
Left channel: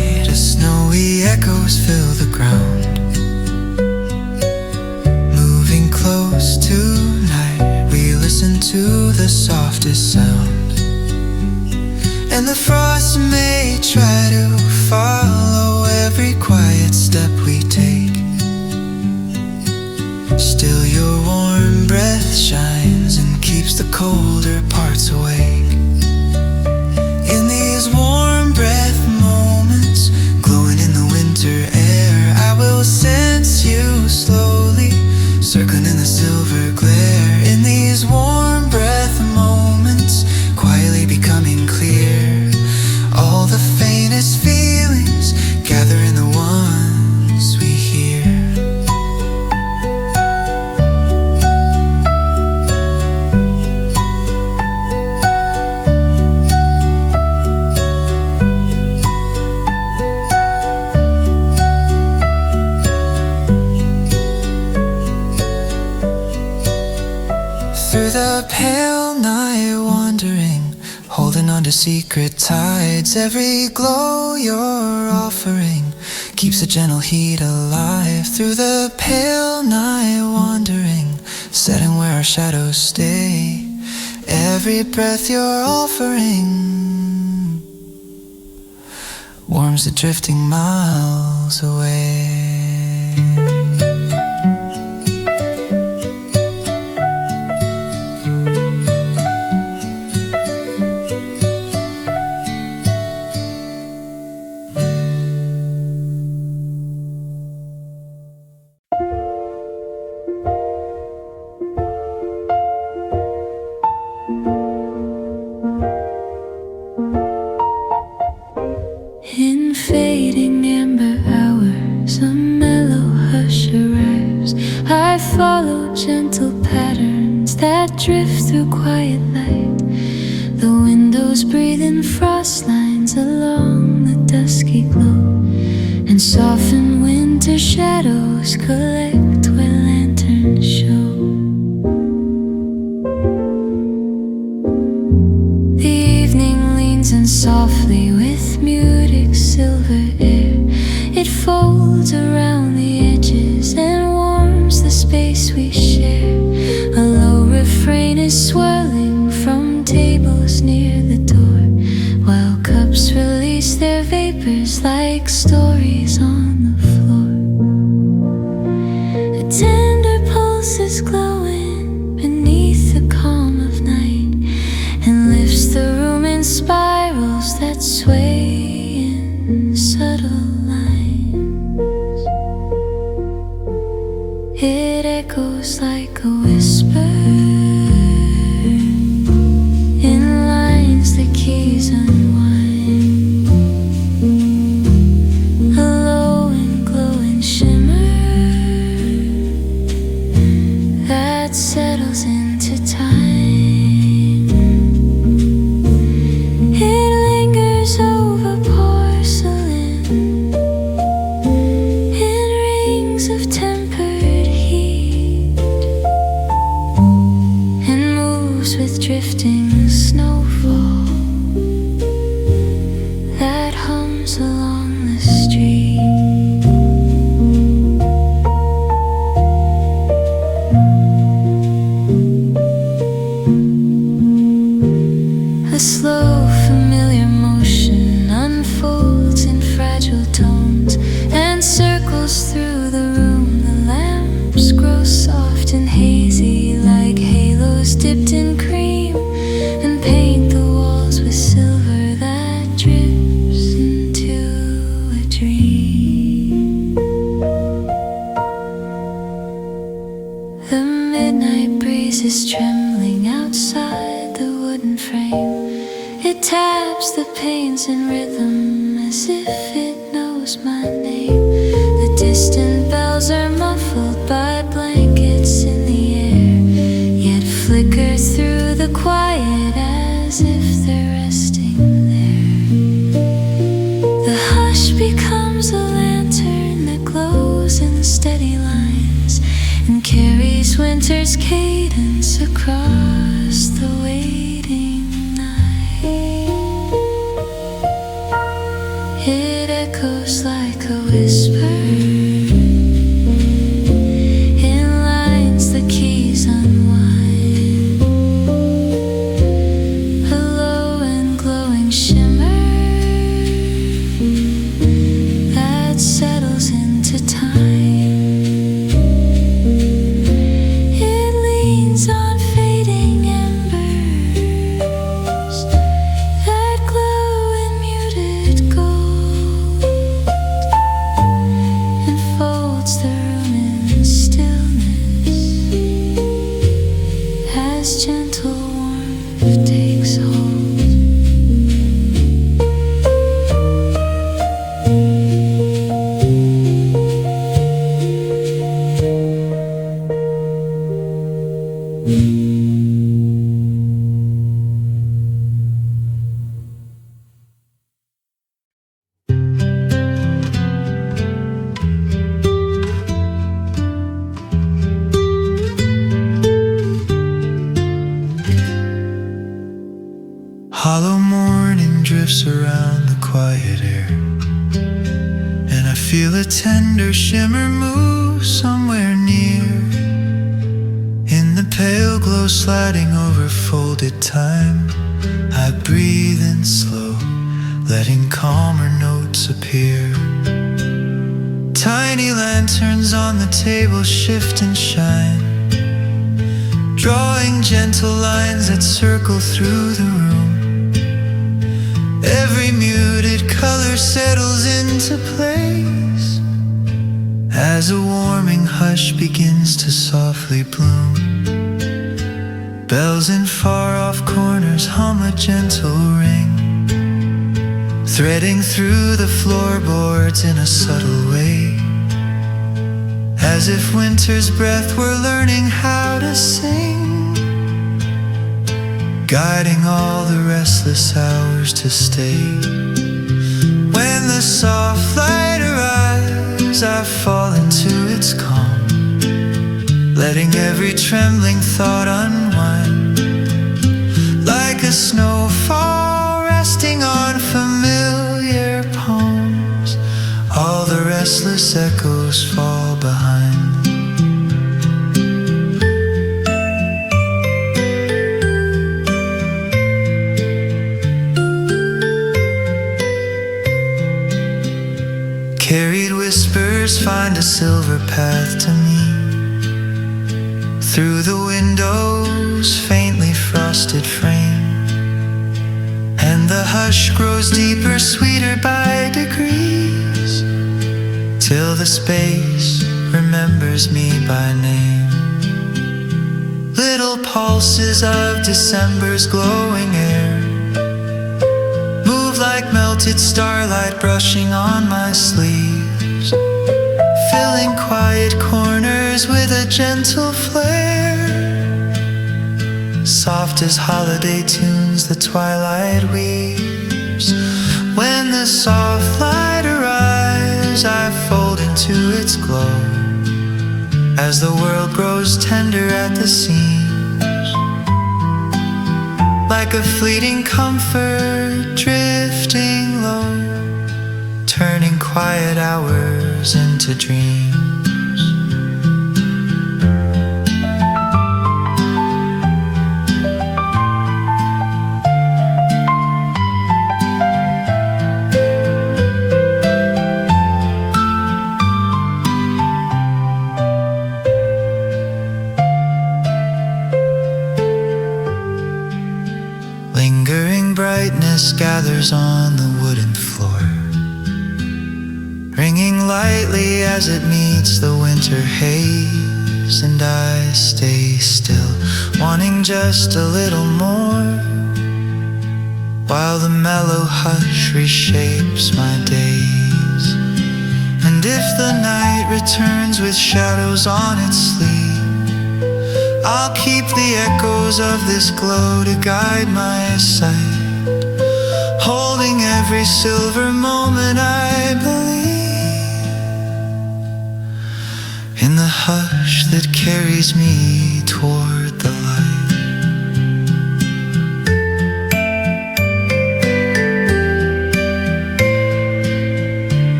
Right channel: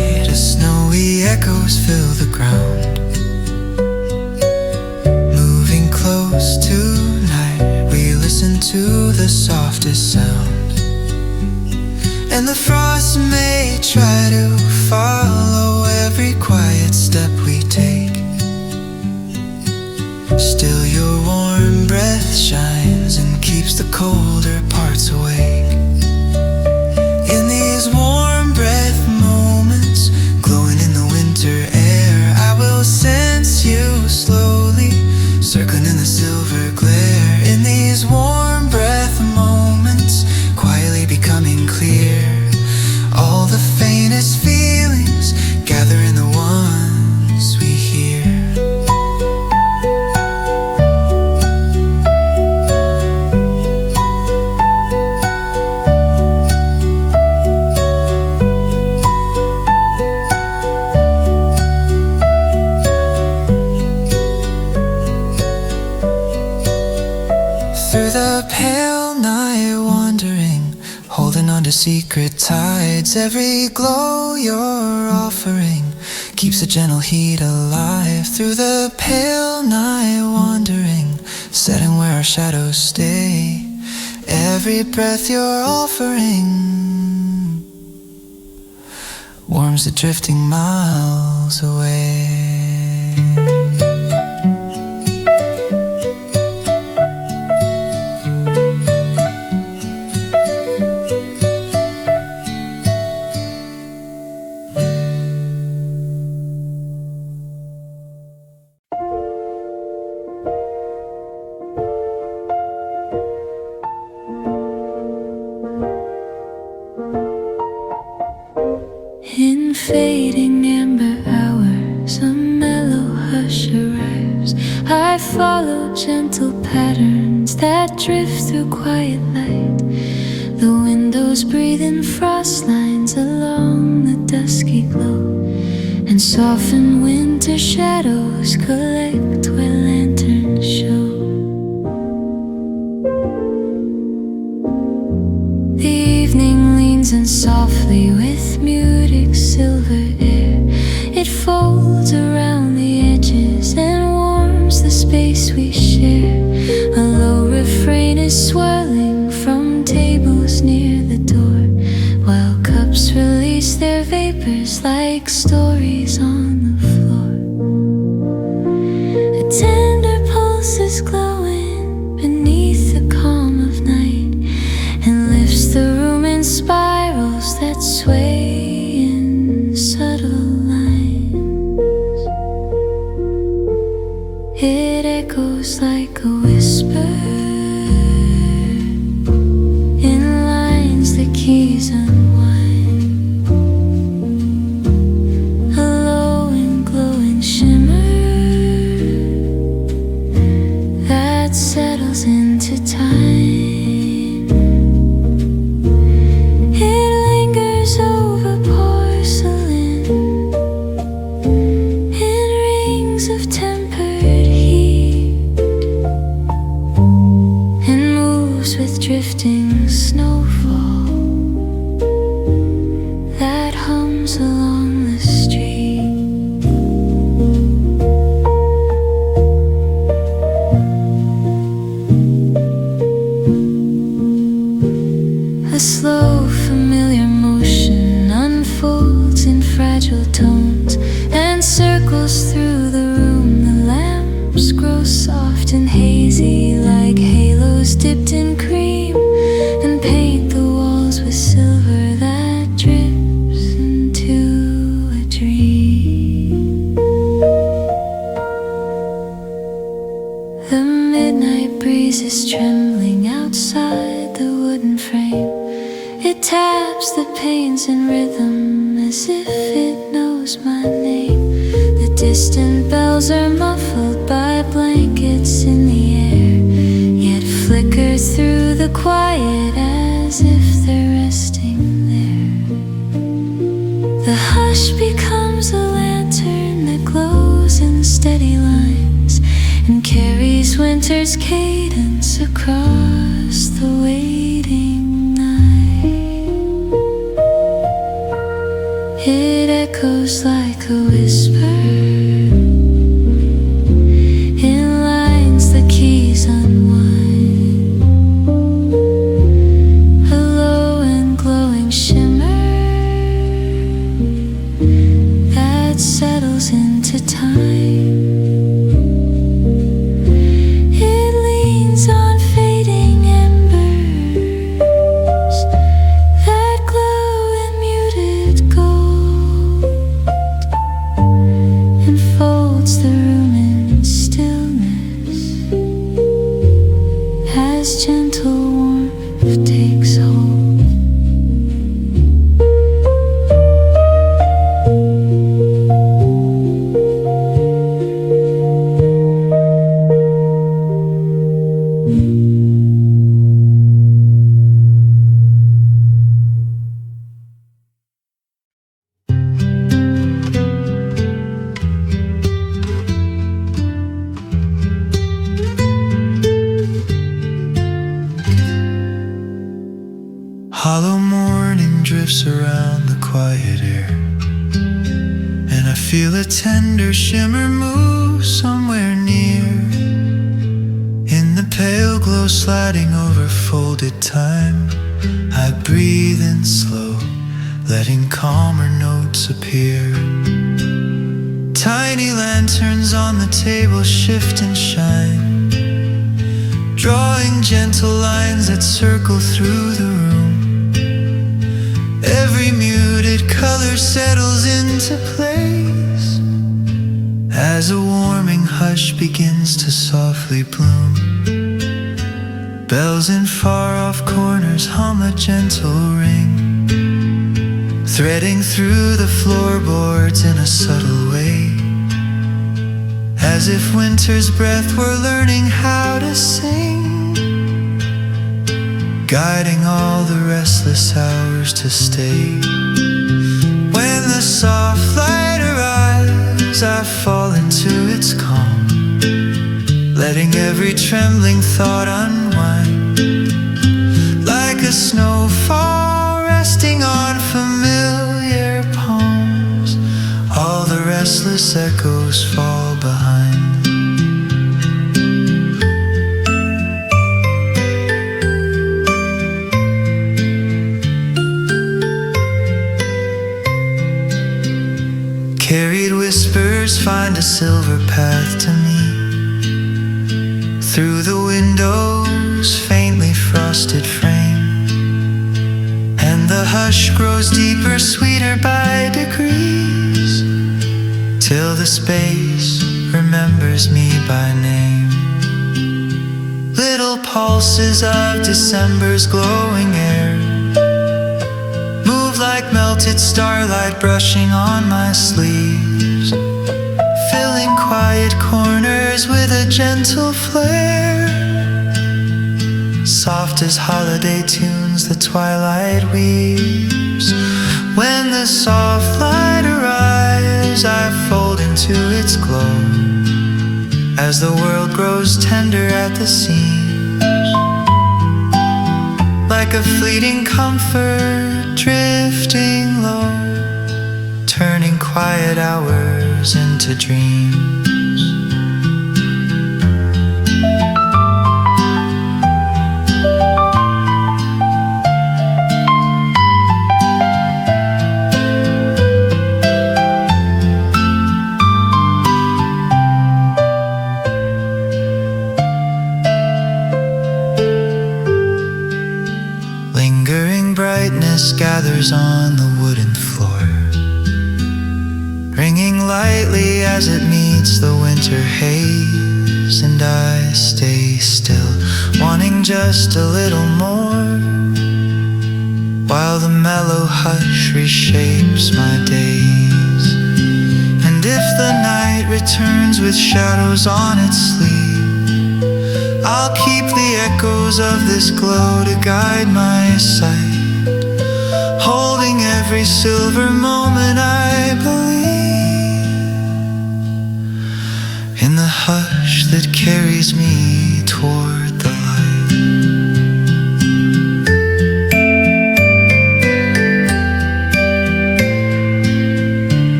the echoes fill the ground. Moving close tonight, we listen to the softest sound. And the frost may try to follow every quiet step we take. Still your warm breath shines and keeps the colder parts awake. In these warm breath moments, glowing in the winter air, I will sense you slowly, circling in the silver glare. In these warm breath moments, quietly becoming clear. All the faintest feelings gather in the ones we hear. Through the pale night wandering, holding on to secret tides. Every glow you're offering keeps a gentle heat alive. Through the pale night wandering, setting where our shadows stay. Every breath you're offering warms the drifting miles away. In fading amber hours, a mellow hush arrives. I follow gentle patterns that drift through quiet light. The windows breathe in frost lines along the dusky glow, and soften winter shadows collect where lanterns show. The evening leans in softly with muted silver air. It folds around the edges and warms the space we share. A low refrain is swirling from tables near the door, while cups release their vapors like stories on the floor. A tender pulse is glowing beneath the calm of night, and lifts the room in spirals that sway in subtle lines. It echoes like a whisper in lines the keys unwind. A low and glowing shimmer that settles into time. Over porcelain in rings of tempered heat, and moves with drifting snowfall that hums along the street. A slow, familiar motion unfolds in fragile tones and circles through the room. The lamps grow soft and hazy like halos dipped in cream, and paint the walls with silver that drips into a dream. The midnight breeze is trembling outside the wooden frame. It taps the panes in rhythm as if it knows my name. The distant bells are muffled by blankets in the air, yet flicker through the quiet as if they're resting there. The hush becomes a lantern that glows in steady lines and carries winter's cadence across the waiting night. It echoes like a whisper in lines the keys unwind, a low and glowing shimmer that settles into time. It leans on fading embers that glow in muted gold, enfolds the room in stillness as gentle warmth takes hold. Hollow morning drifts around the quiet air, and I feel a tender shimmer move somewhere near. In the pale glow sliding over folded time, I breathe in slow, letting calmer notes appear. Tiny lanterns on the table shift and shine, drawing gentle lines that circle through the room. Every muted color settles into place as a warming hush begins to softly bloom. Bells in far-off corners hum a gentle ring, threading through the floorboards in a subtle way, as if winter's breath were learning how to sing, guiding all the restless hours to stay. When the soft light arrives, I fall into its calm, letting every trembling thought unwind, like a snowfall resting on familiar palms. All the restless echoes fall behind. Carried whispers find a silver path to me, through the window's faintly frosted frame, and the hush grows deeper, sweeter by degrees, till the space remembers me by name. Little pulses of December's glowing air move like melted starlight brushing on my sleeves, filling quiet corners with a gentle flare. Soft as holiday tunes the twilight weaves. When the soft light arrives, I fold into its glow, as the world grows tender at the seams, like a fleeting comfort drifting low, turning quiet hours into dreams. Lingering brightness gathers on the wooden floor, ringing lightly as it meets the winter haze, and I stay still, wanting just a little more, while the mellow hush reshapes my days. And if the night returns with shadows on its sleeve, I'll keep the echoes of this glow to guide my sight, holding every silver moment I believe in the hush that carries me toward the light.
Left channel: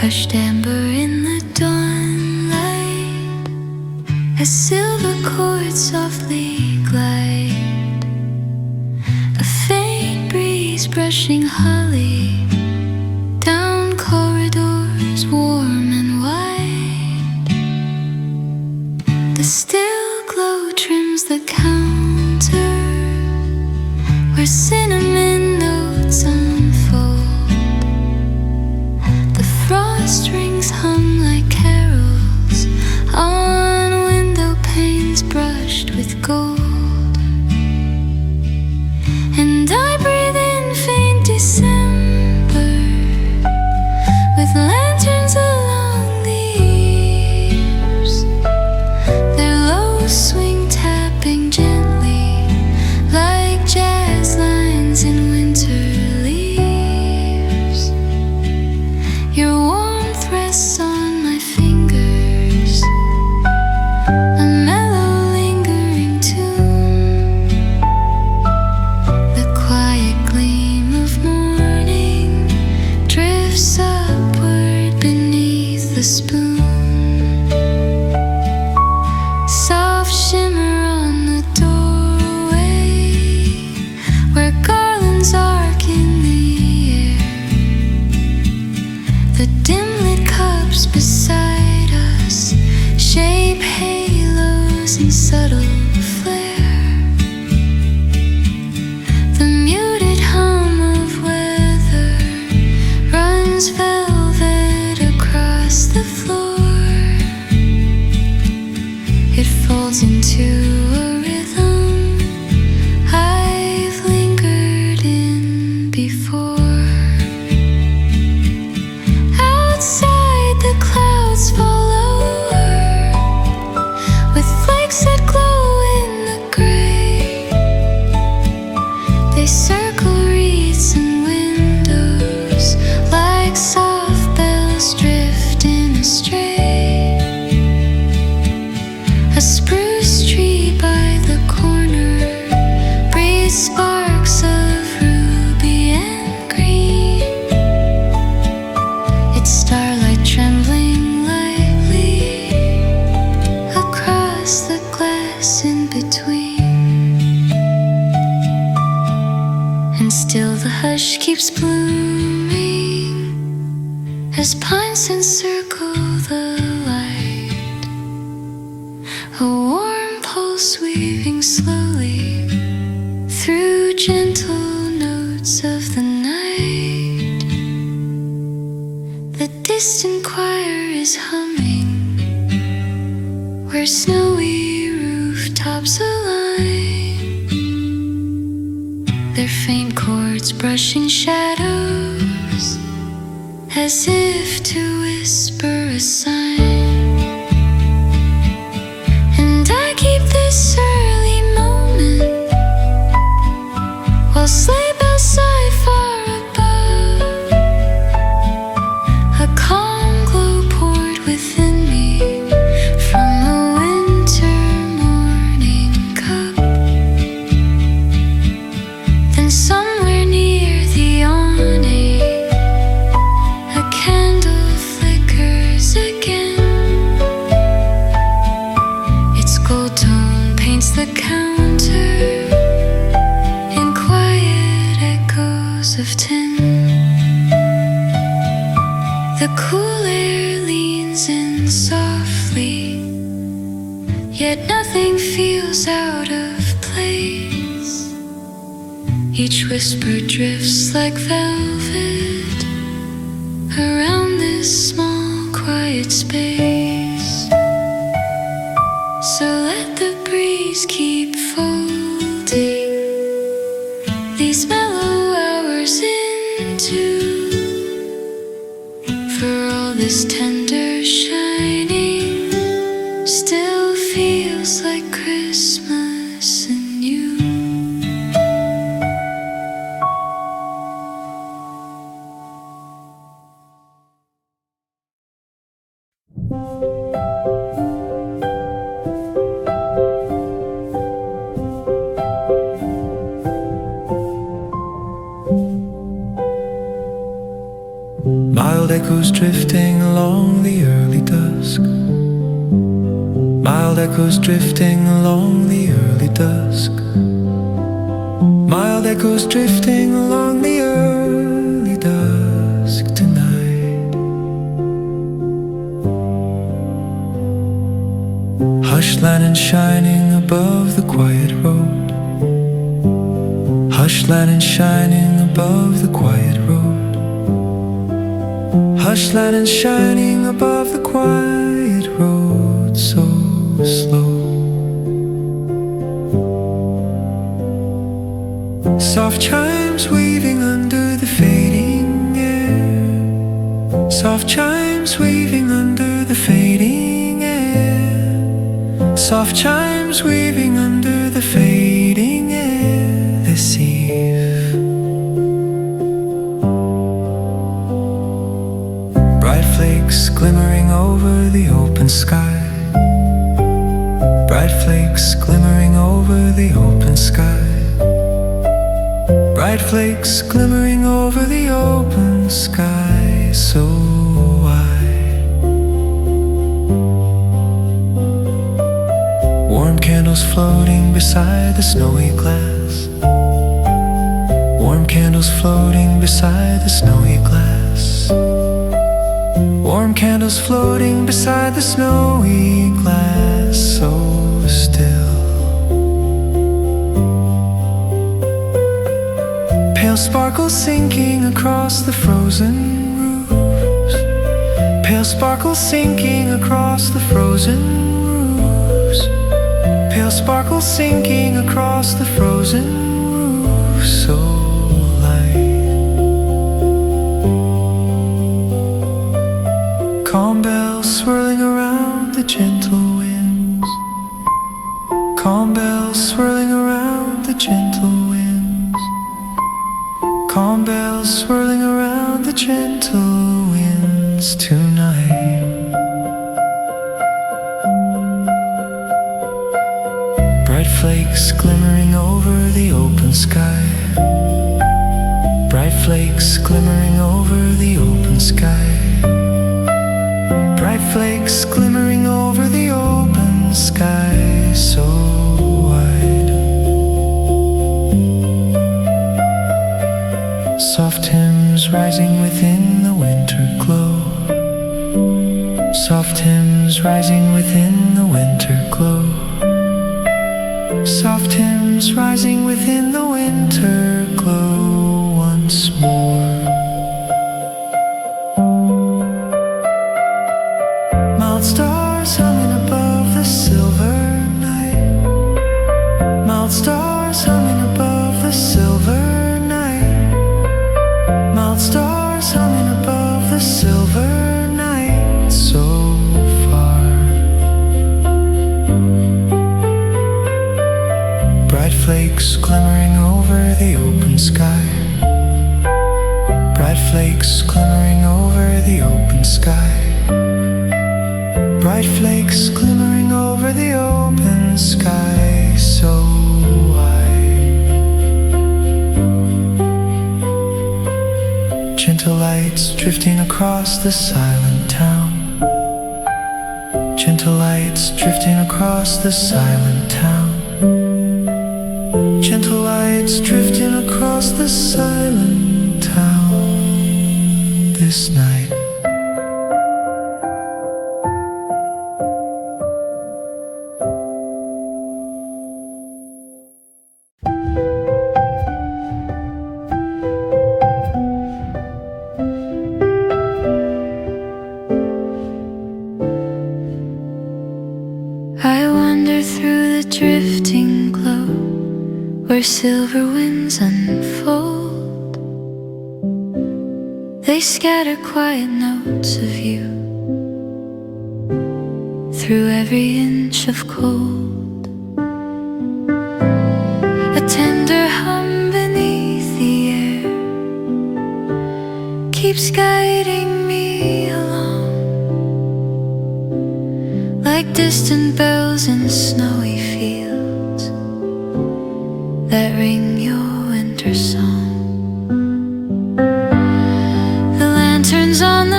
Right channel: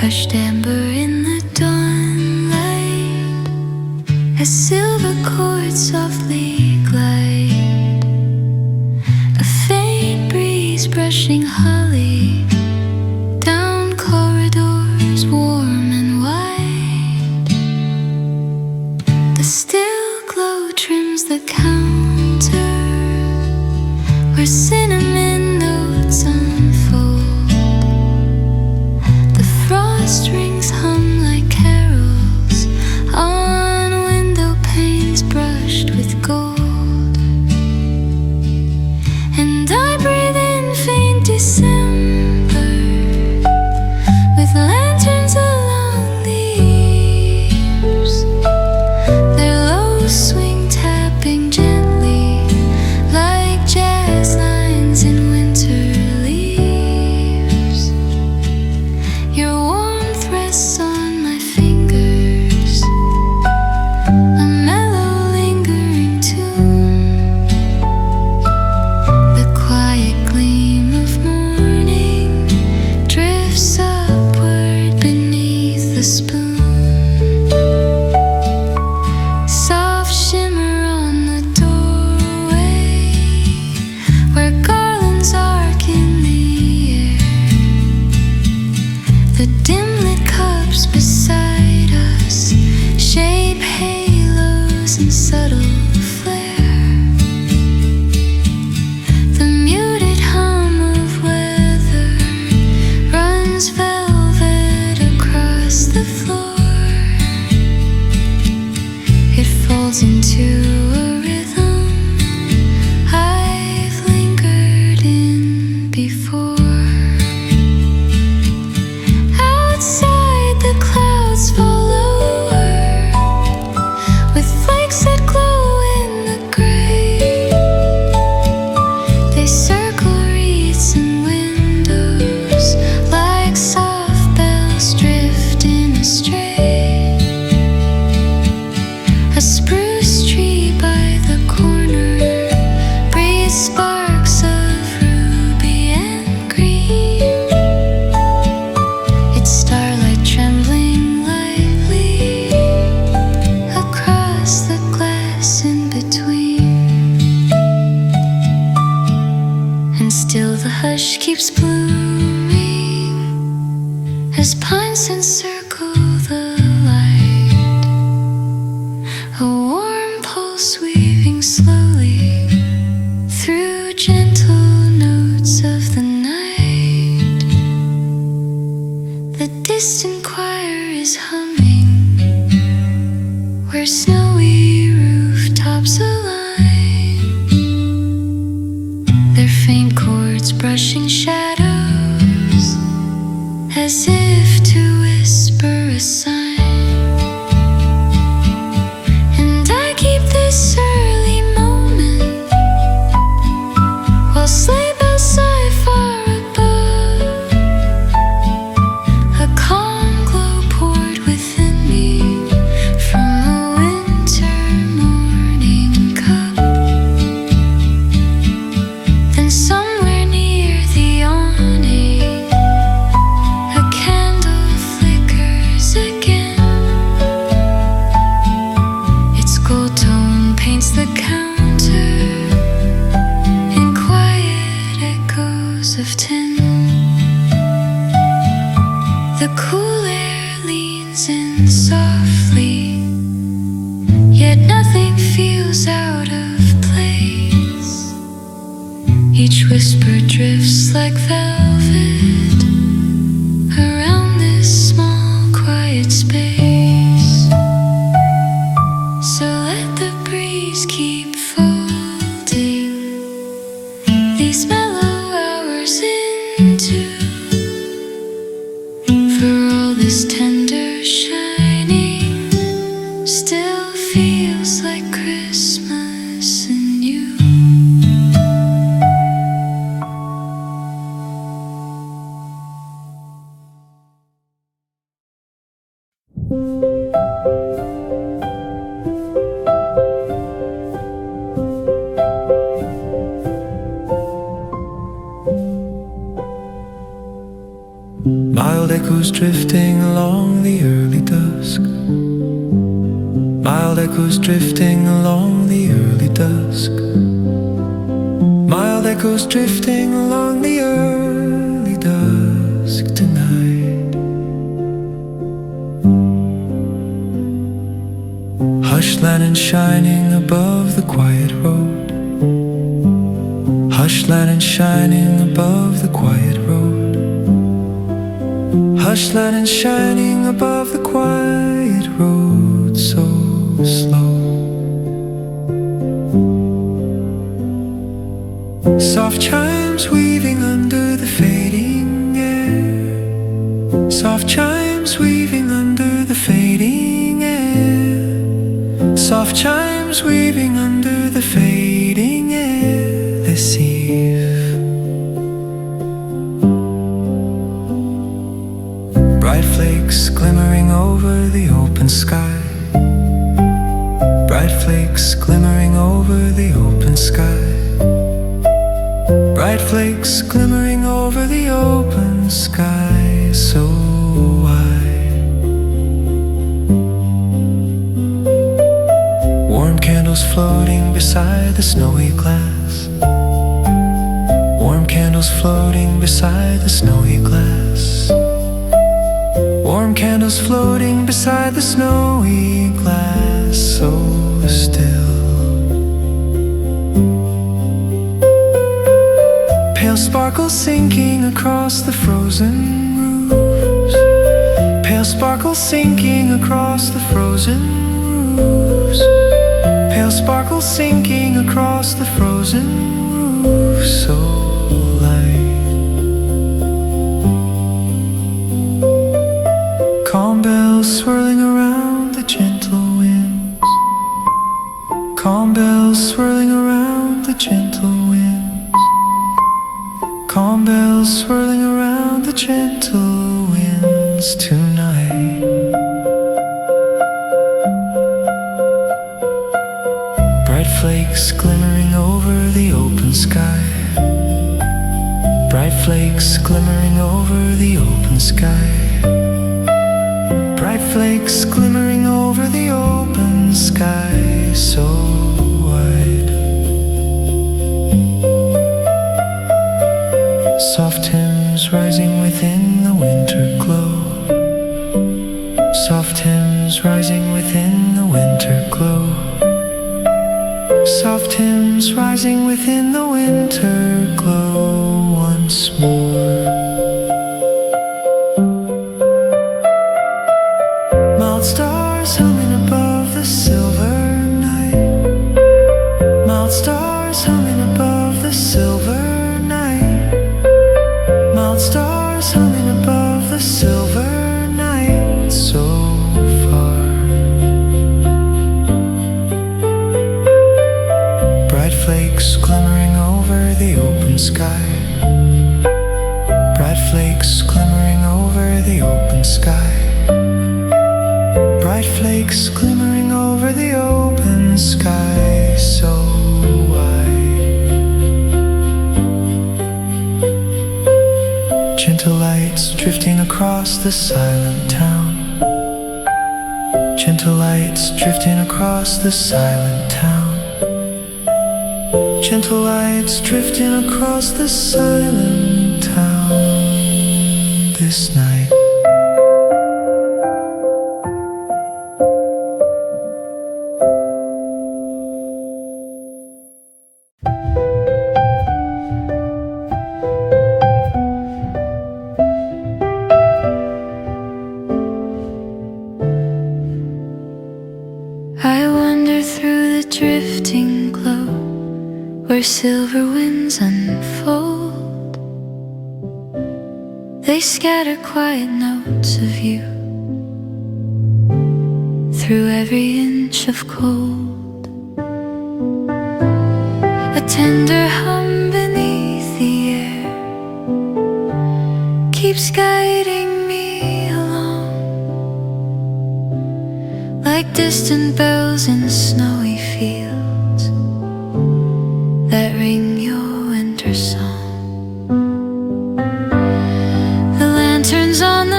hushed amber in the dawnlight, as silver chords softly glide, a faint breeze brushing holly down corridors warm and wide. The still glow trims the counter where cinnamon notes unfold. The frost rings hum like carols on window panes brushed with gold. And I breathe in faint December with lanterns along the eaves, their low swing tapping gently like jazz lines in winter leaves. Your warmth rests on my fingers, a mellow lingering tune. The quiet gleam of morning drifts upward beneath the spoon. Soft shimmer on the doorway where garlands arc in the air. The dim-lit cups beside us shape halos in subtle flare. The muted hum of weather runs velvet across the floor. It folds into a rhythm I've lingered in before. Outside the clouds fall lower with flakes that glow in the gray. They circle wreaths and windows like soft bells drifting astray. A spruce tree by the corner breathes sparks of ruby and green, its starlight trembling lightly across the glass in between. And still the hush keeps blooming as pines encircle the light, a warm pulse weaving slowly through gentle notes of the night. The distant choir is humming where snowy rooftops align, their faint chords brushing shadows as if to whisper a sign. And I keep this early moment while sleigh bells sigh far above. A calm glow poured within me from a winter morning cup. Then somewhere near the awning a candle flickers again. Its gold tone paints the counter in quiet echoes of tin. The cool air leans in softly, yet nothing feels out of place. Each whisper drifts like velvet around this small quiet space. So let the breeze keep folding these mellow hours into, for all this tender shining still feels like Christmas in you. Mild echoes drifting along the early dusk. Mild echoes drifting along the early dusk. Mild echoes drifting along the early dusk tonight. Hush lantern shining above the quiet road. Hush lantern shining above the quiet road. Hush lantern shining above the quiet road, so slow. Soft chimes weaving under the fading air. Soft chimes weaving under the fading air. Soft chimes weaving under the fading air this eve. Bright flakes glimmering over the open sky. Bright flakes glimmering over the open sky. Bright flakes glimmering over the open sky, so wide. Warm candles floating beside the snowy glass. Warm candles floating beside the snowy glass. Warm candles floating beside the snowy glass, so still. Pale sparkles sinking across the frozen roofs. Pale sparkles sinking across the frozen roofs. Pale sparkles sinking across the frozen roofs, so light. Calm bells swirling around the gentle winds. Calm bells swirling around the gentle winds. Calm bells swirling around the gentle winds tonight. Bright flakes glimmering over the open sky. Bright flakes glimmering over the open sky. Bright flakes glimmering over the open sky, so wide. Soft hymns rising within the winter glow. Soft hymns rising within the winter glow. Soft hymns rising within the winter glow once more. Mild stars humming above the silver night. Mild stars humming above the silver night. Mild stars humming above the silver night, so far. Bright flakes glimmering over the open sky. Bright flakes glimmering over the open sky. Bright flakes glimmering over the open sky, so wide. Gentle lights drifting across the silent town. Gentle lights drifting across the silent town. Gentle lights drifting across the silent town this night. I wander through the drifting glow where silver winds unfold. They scatter quiet notes of you through every inch of cold. A tender hum beneath the air keeps guiding me along, like distant bells in snowy fields that ring your winter song. The lantern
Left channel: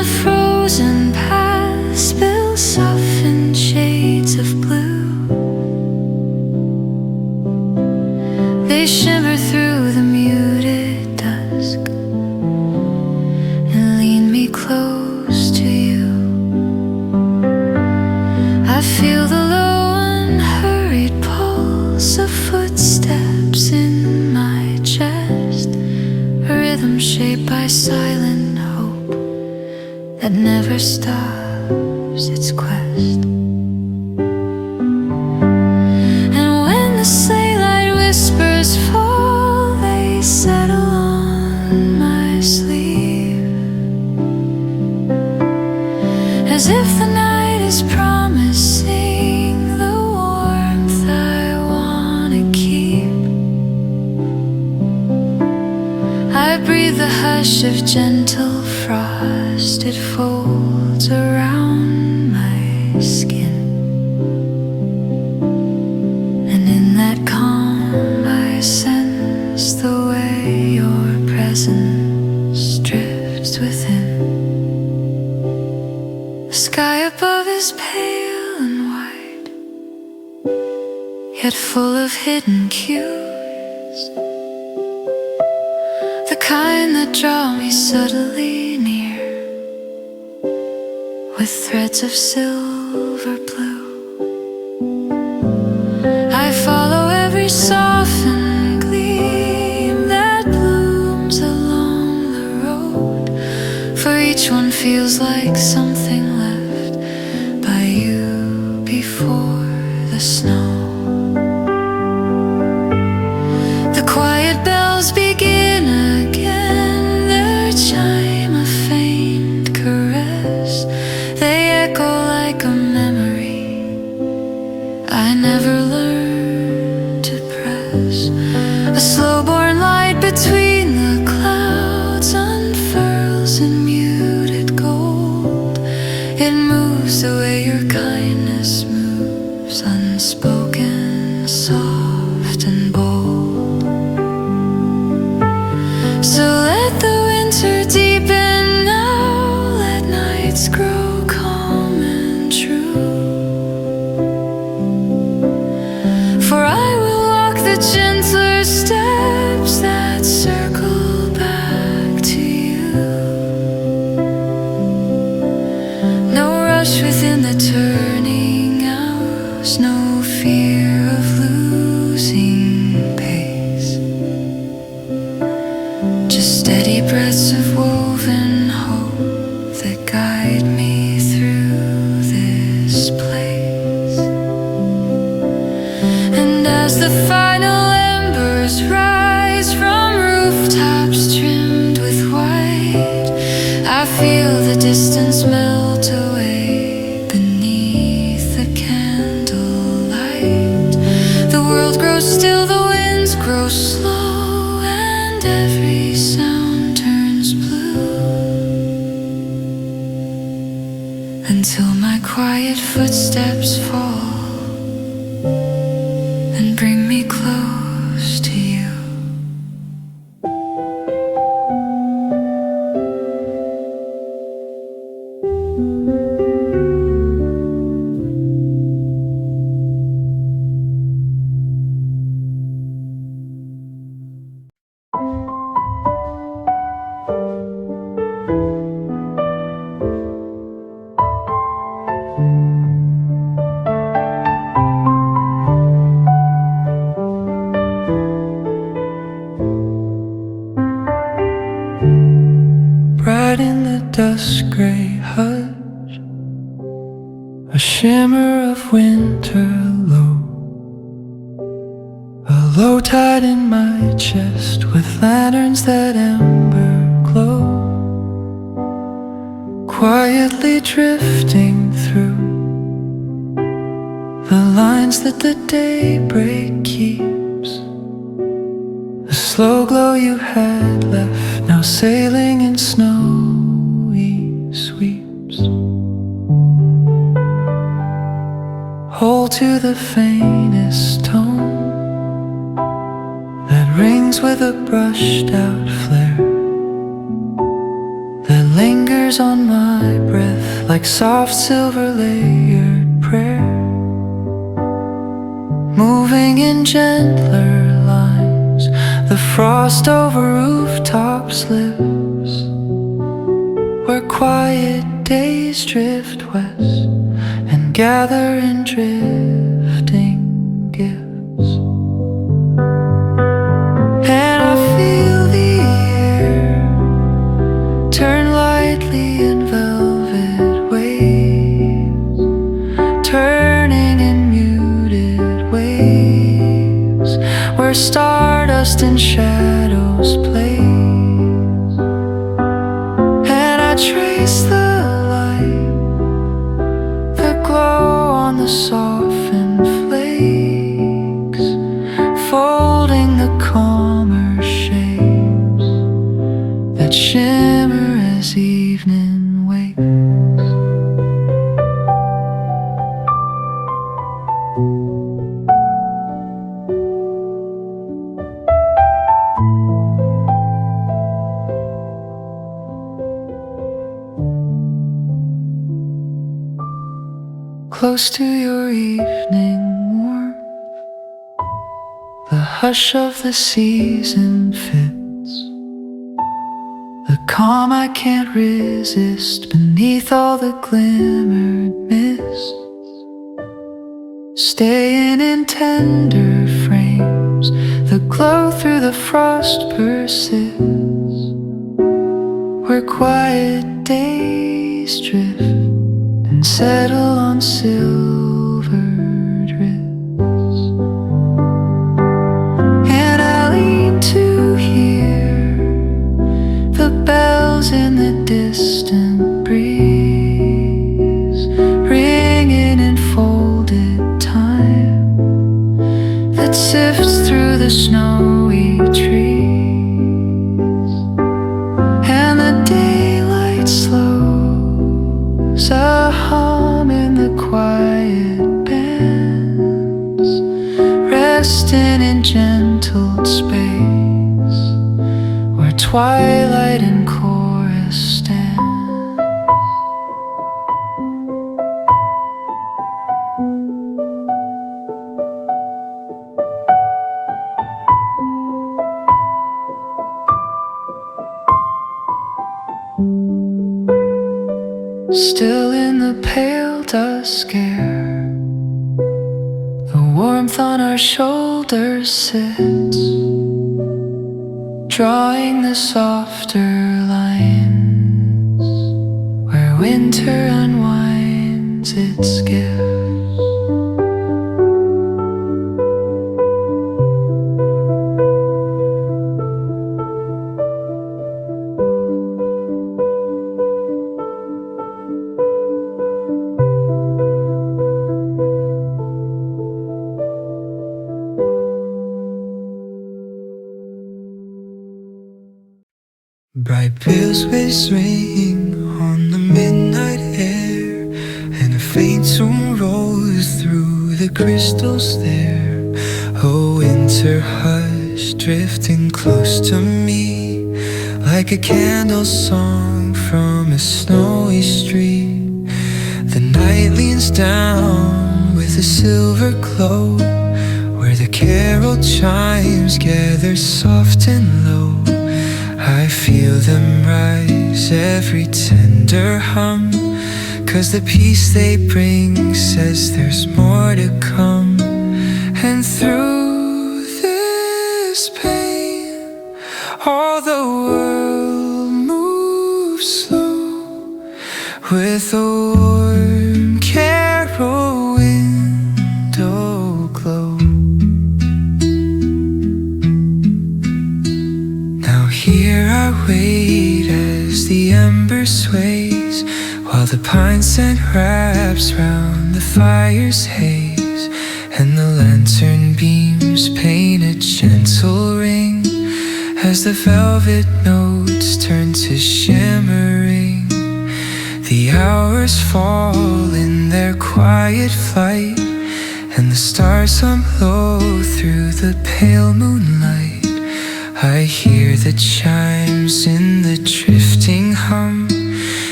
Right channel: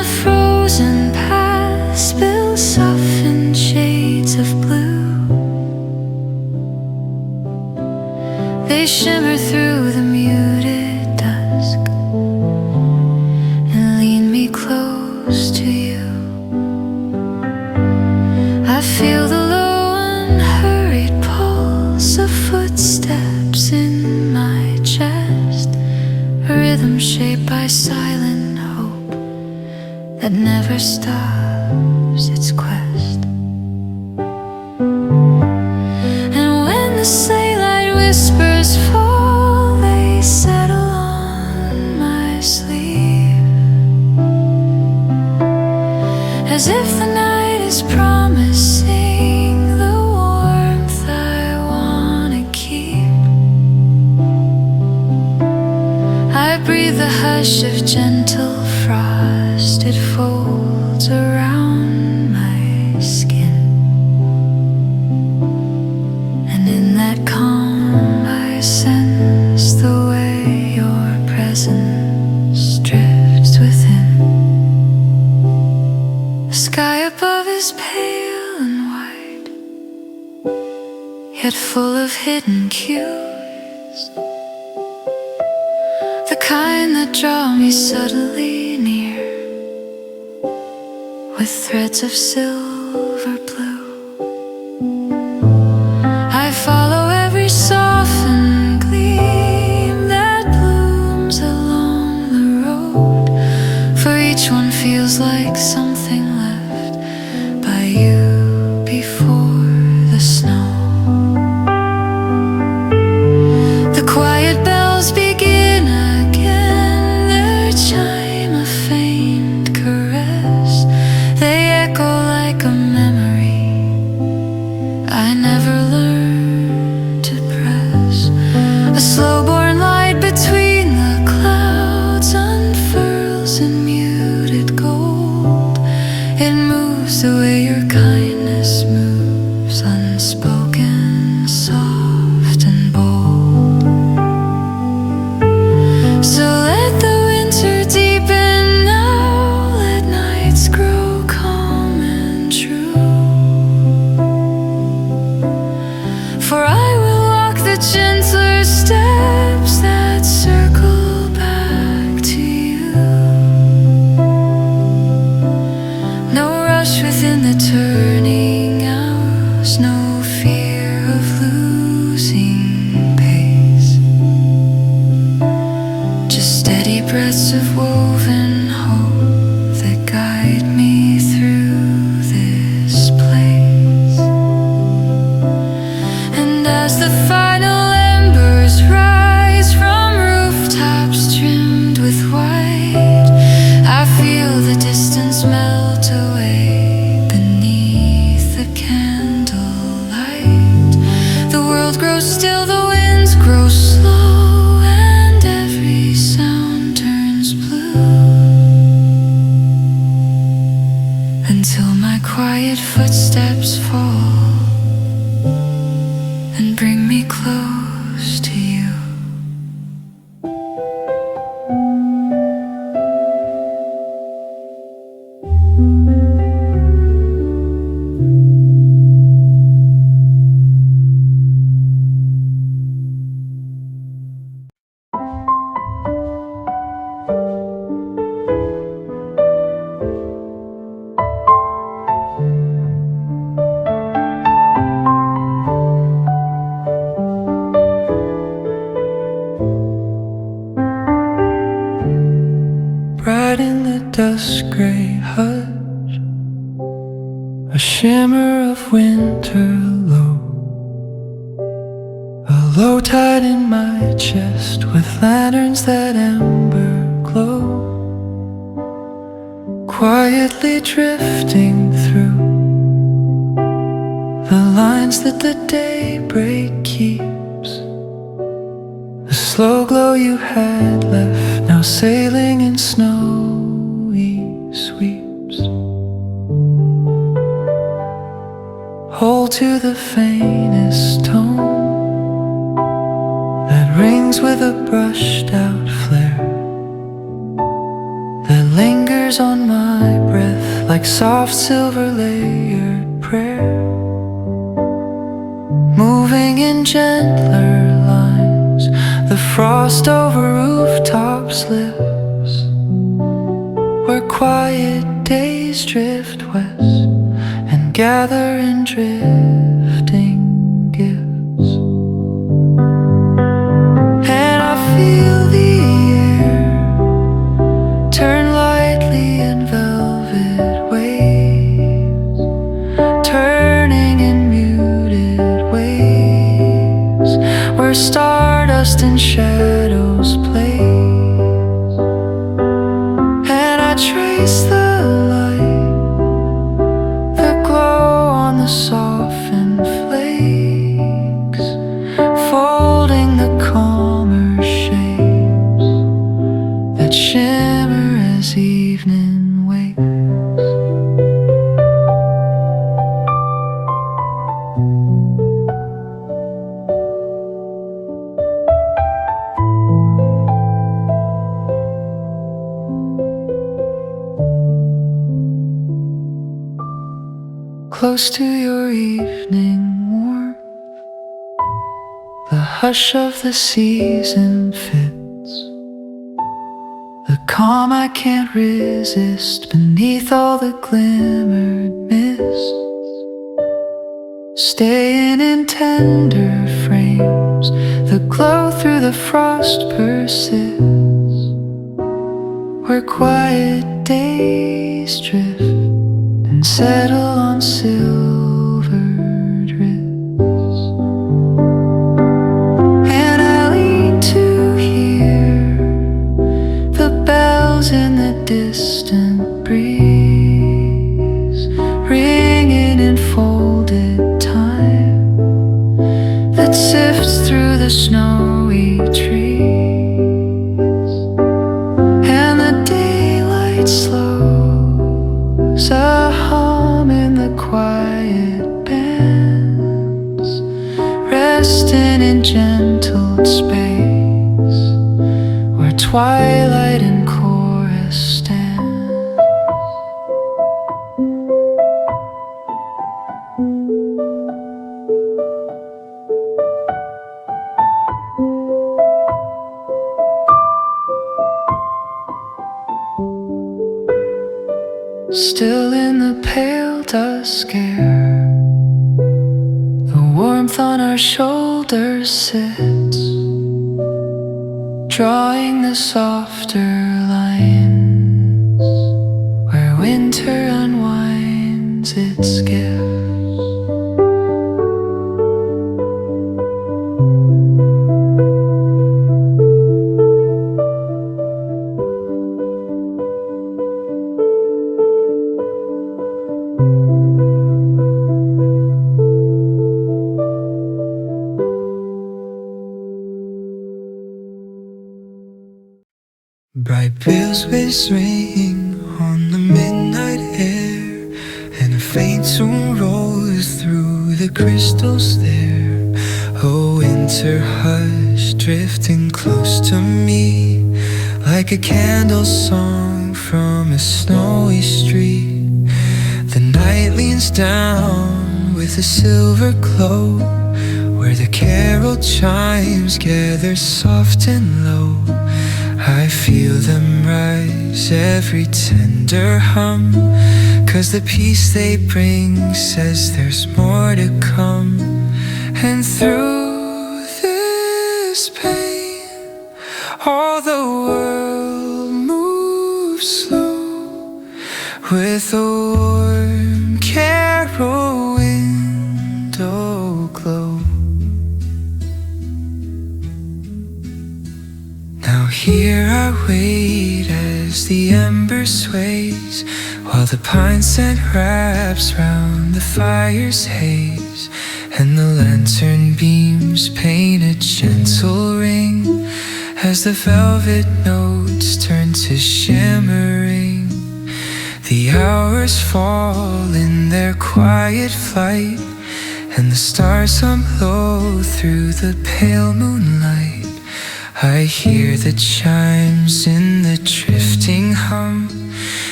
the frozen past build softened shades of blue. They shimmer through the muted dusk and lean me close to you. I feel the low unhurried pulse of footsteps in my chest, a rhythm shaped by silent hope that never stops its quest. And when the sleigh light whispers fall, they settle on my sleeve, as if the night is promising the warmth I wanna keep. I breathe the hush of gentle frost, it folds around my skin, and in that calm I sense the way your presence drifts within. The sky above is pale and white, yet full of hidden cues, the kind that draw me subtly near with threads of silver blue. I follow every softened gleam that blooms along the road, for each one feels like something left by you before the snow. The quiet bells begin again, their chime a faint caress. They echo like a memory I never learned to press. A slow-born light between the clouds unfurls in muted gold. It moves the way your kindness moves, unspoken, soft and bold. So let the winter deepen now, let nights grow calm and true. For I will walk the gentler steps that circle back to you. No rush within the turning hours, no fear of losing pace, just steady breaths of woven hope that guide me through this place. And as the final embers rise from rooftops trimmed with white, I feel the distance melt away beneath the candlelight. The world grows still, the winds grow slow, and every sound turns blue, until my quiet footsteps fall and bring me close to you. Bright in the dusk gray hush, a shimmer of winter low, a low tide in my chest with lanterns that ember glow, quietly drifting through the lines that the daybreak keeps. The slow glow you had left, now sailing in snowy sweeps. Hold to the faintest tone that rings with a brushed out flare, that lingers fingers on my breath like soft silver layered prayer, moving in gentler lines. The frost over rooftops lives where quiet days drift west and gather in drifting gifts. And I feel the air turn lightly in velvet waves, turning in muted waves where stardust and shadows play. And I trace the light, the glow on the softened flakes, folding the calmer shapes that shimmer as evening wakes. Close to your evening warmth, the hush of the season fits, the calm I can't resist beneath all the glimmered mists, staying in tender frames, the glow through the frost persists, where quiet days drift and settle on silvered wrists. And I lean to hear the bells in the distant breeze, ringing in folded time that sifts through the snowy trees. And the daylight slows, a hum in the quiet bands, resting in gentled space where twilight and chorus stand. Still in the pale dusk air, the warmth on our shoulders sits, drawing the softer lines where winter unwinds its gifts. Bright bells ring on the midnight air, and a faint tune rolls through the crystals there. A winter hush drifting close to me, like a candle song from a snowy street. The night leans down with a silver glow, where the carol chimes gather soft and low. I feel them rise, every tender hum, 'cause the peace they bring says there's more to come. And through this pain, all the world moves slow, with a warm carol window glow. Here I wait as the ember sways, while the pine scent wraps round the fire's haze, and the lantern beams paint a gentle ring as the velvet notes turn to shimmering. The hours fall in their quiet flight, and the stars hum low through the pale moonlight. I hear the chimes in the drifting hum,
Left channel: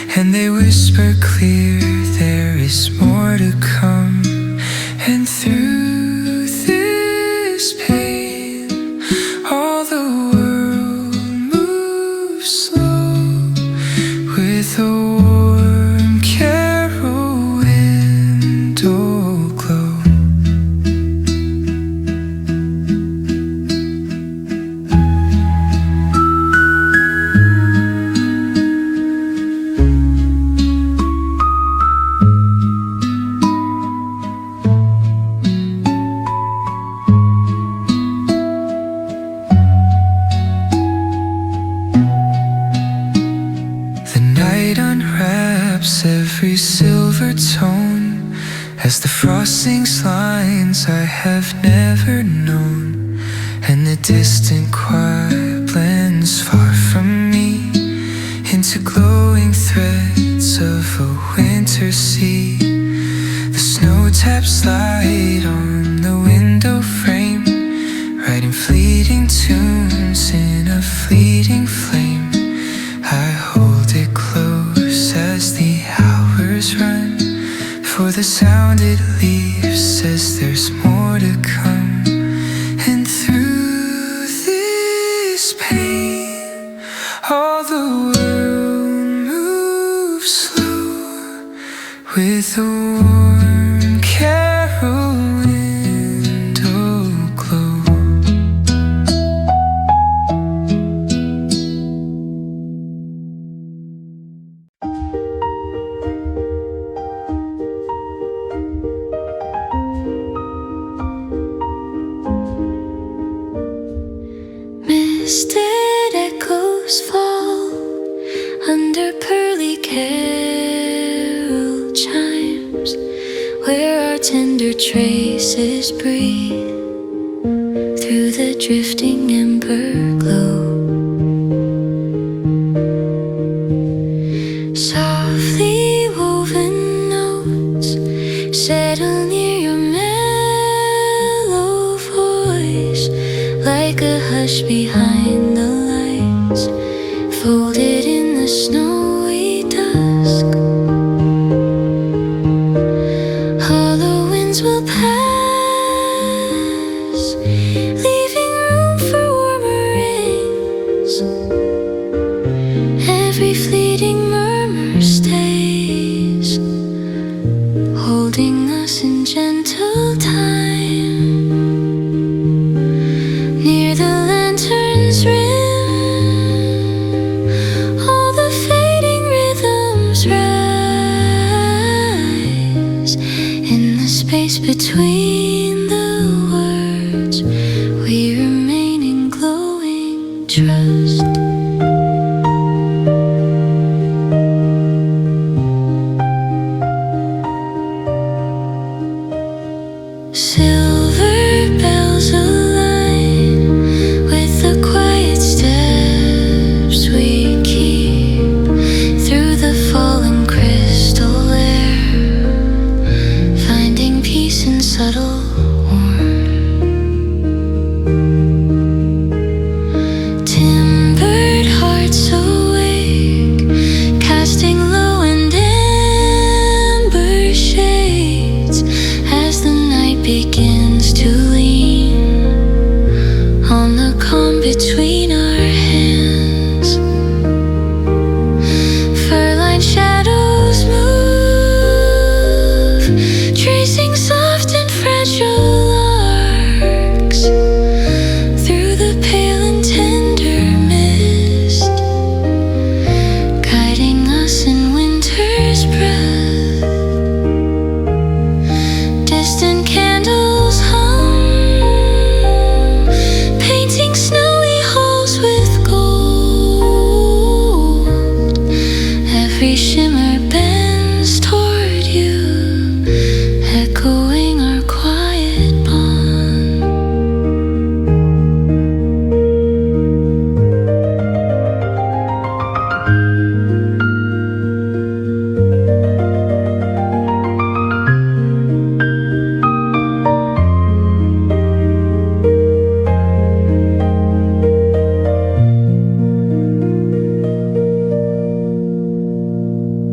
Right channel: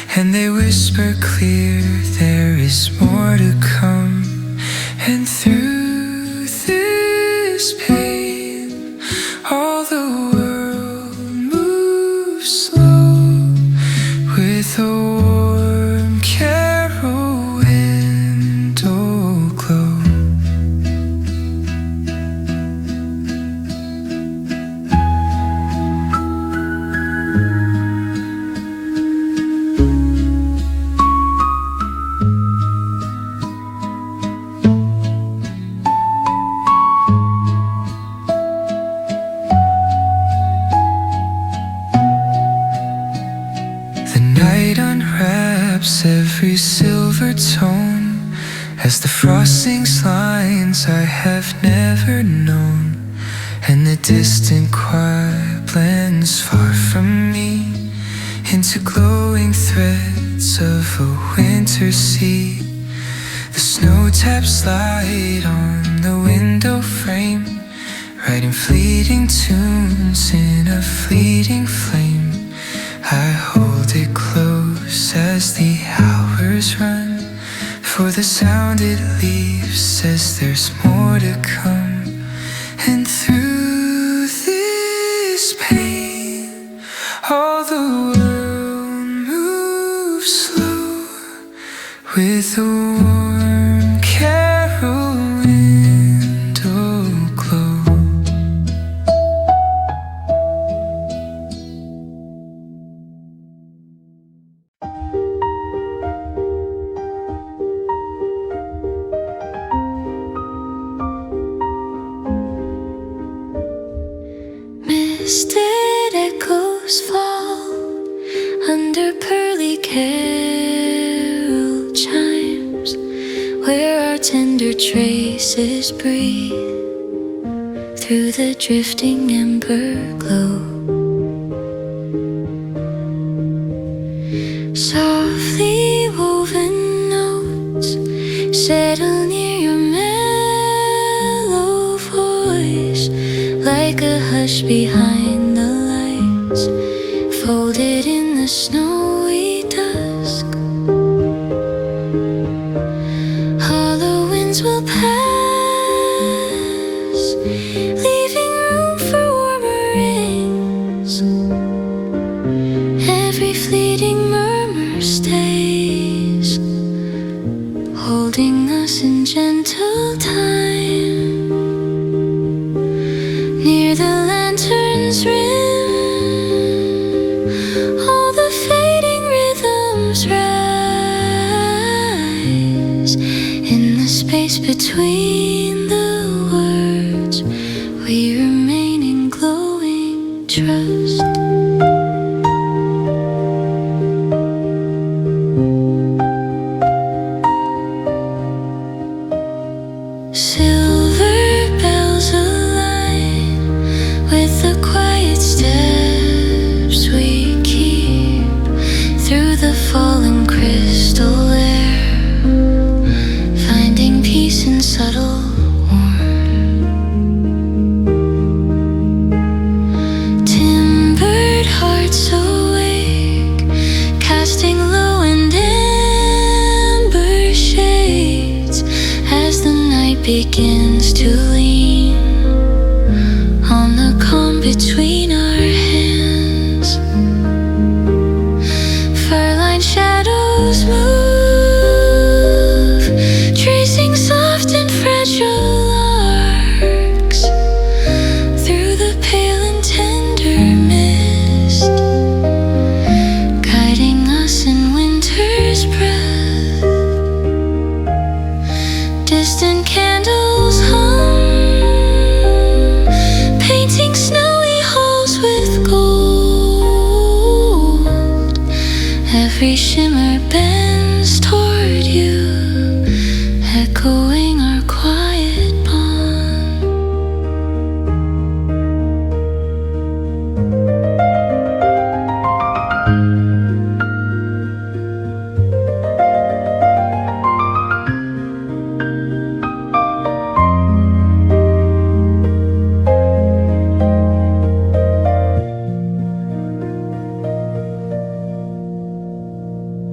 and they whisper clear there is more to come. And through this pain, all the world moves slow with a warm carol window glow. Unwraps every silver tone as the frosting lines I have never known, and the distant choir blends far from me into glowing threads of a winter sea. The snow taps light on the window frame, writing fleeting tunes in a fleeting flame. I hold it close as the hours run, for the sound it leaves says there's more to come. And through this pain, all the world moves slow with a warm carol window glow. Misted echoes fall under pearly carol chimes, where our tender traces breathe through the drifting ember glow. Softly woven notes settle near your mellow voice, like a hush behind the lights, folded in the snowy dusk. Hollow winds will pass, leaving room for warmer rains. Every fleeting murmur stays, holding us in gentle time. Near the lantern's rim, all the fading rhythms rise. In the space between the words, we remain in glowing trust. Silver bells align with the quiet steps we keep through the fallen crystal air, finding peace in subtle warmth. Timbered hearts awake, casting low and amber shades as the night begins to lean on the calm between our hands. Fur-lined shadows move, tracing soft and fragile arcs through the pale and tender mist, guiding us in winter's breath. Distant candles hum, painting snowy halls with gold. Every shimmer bends toward you, echoing our quiet bond.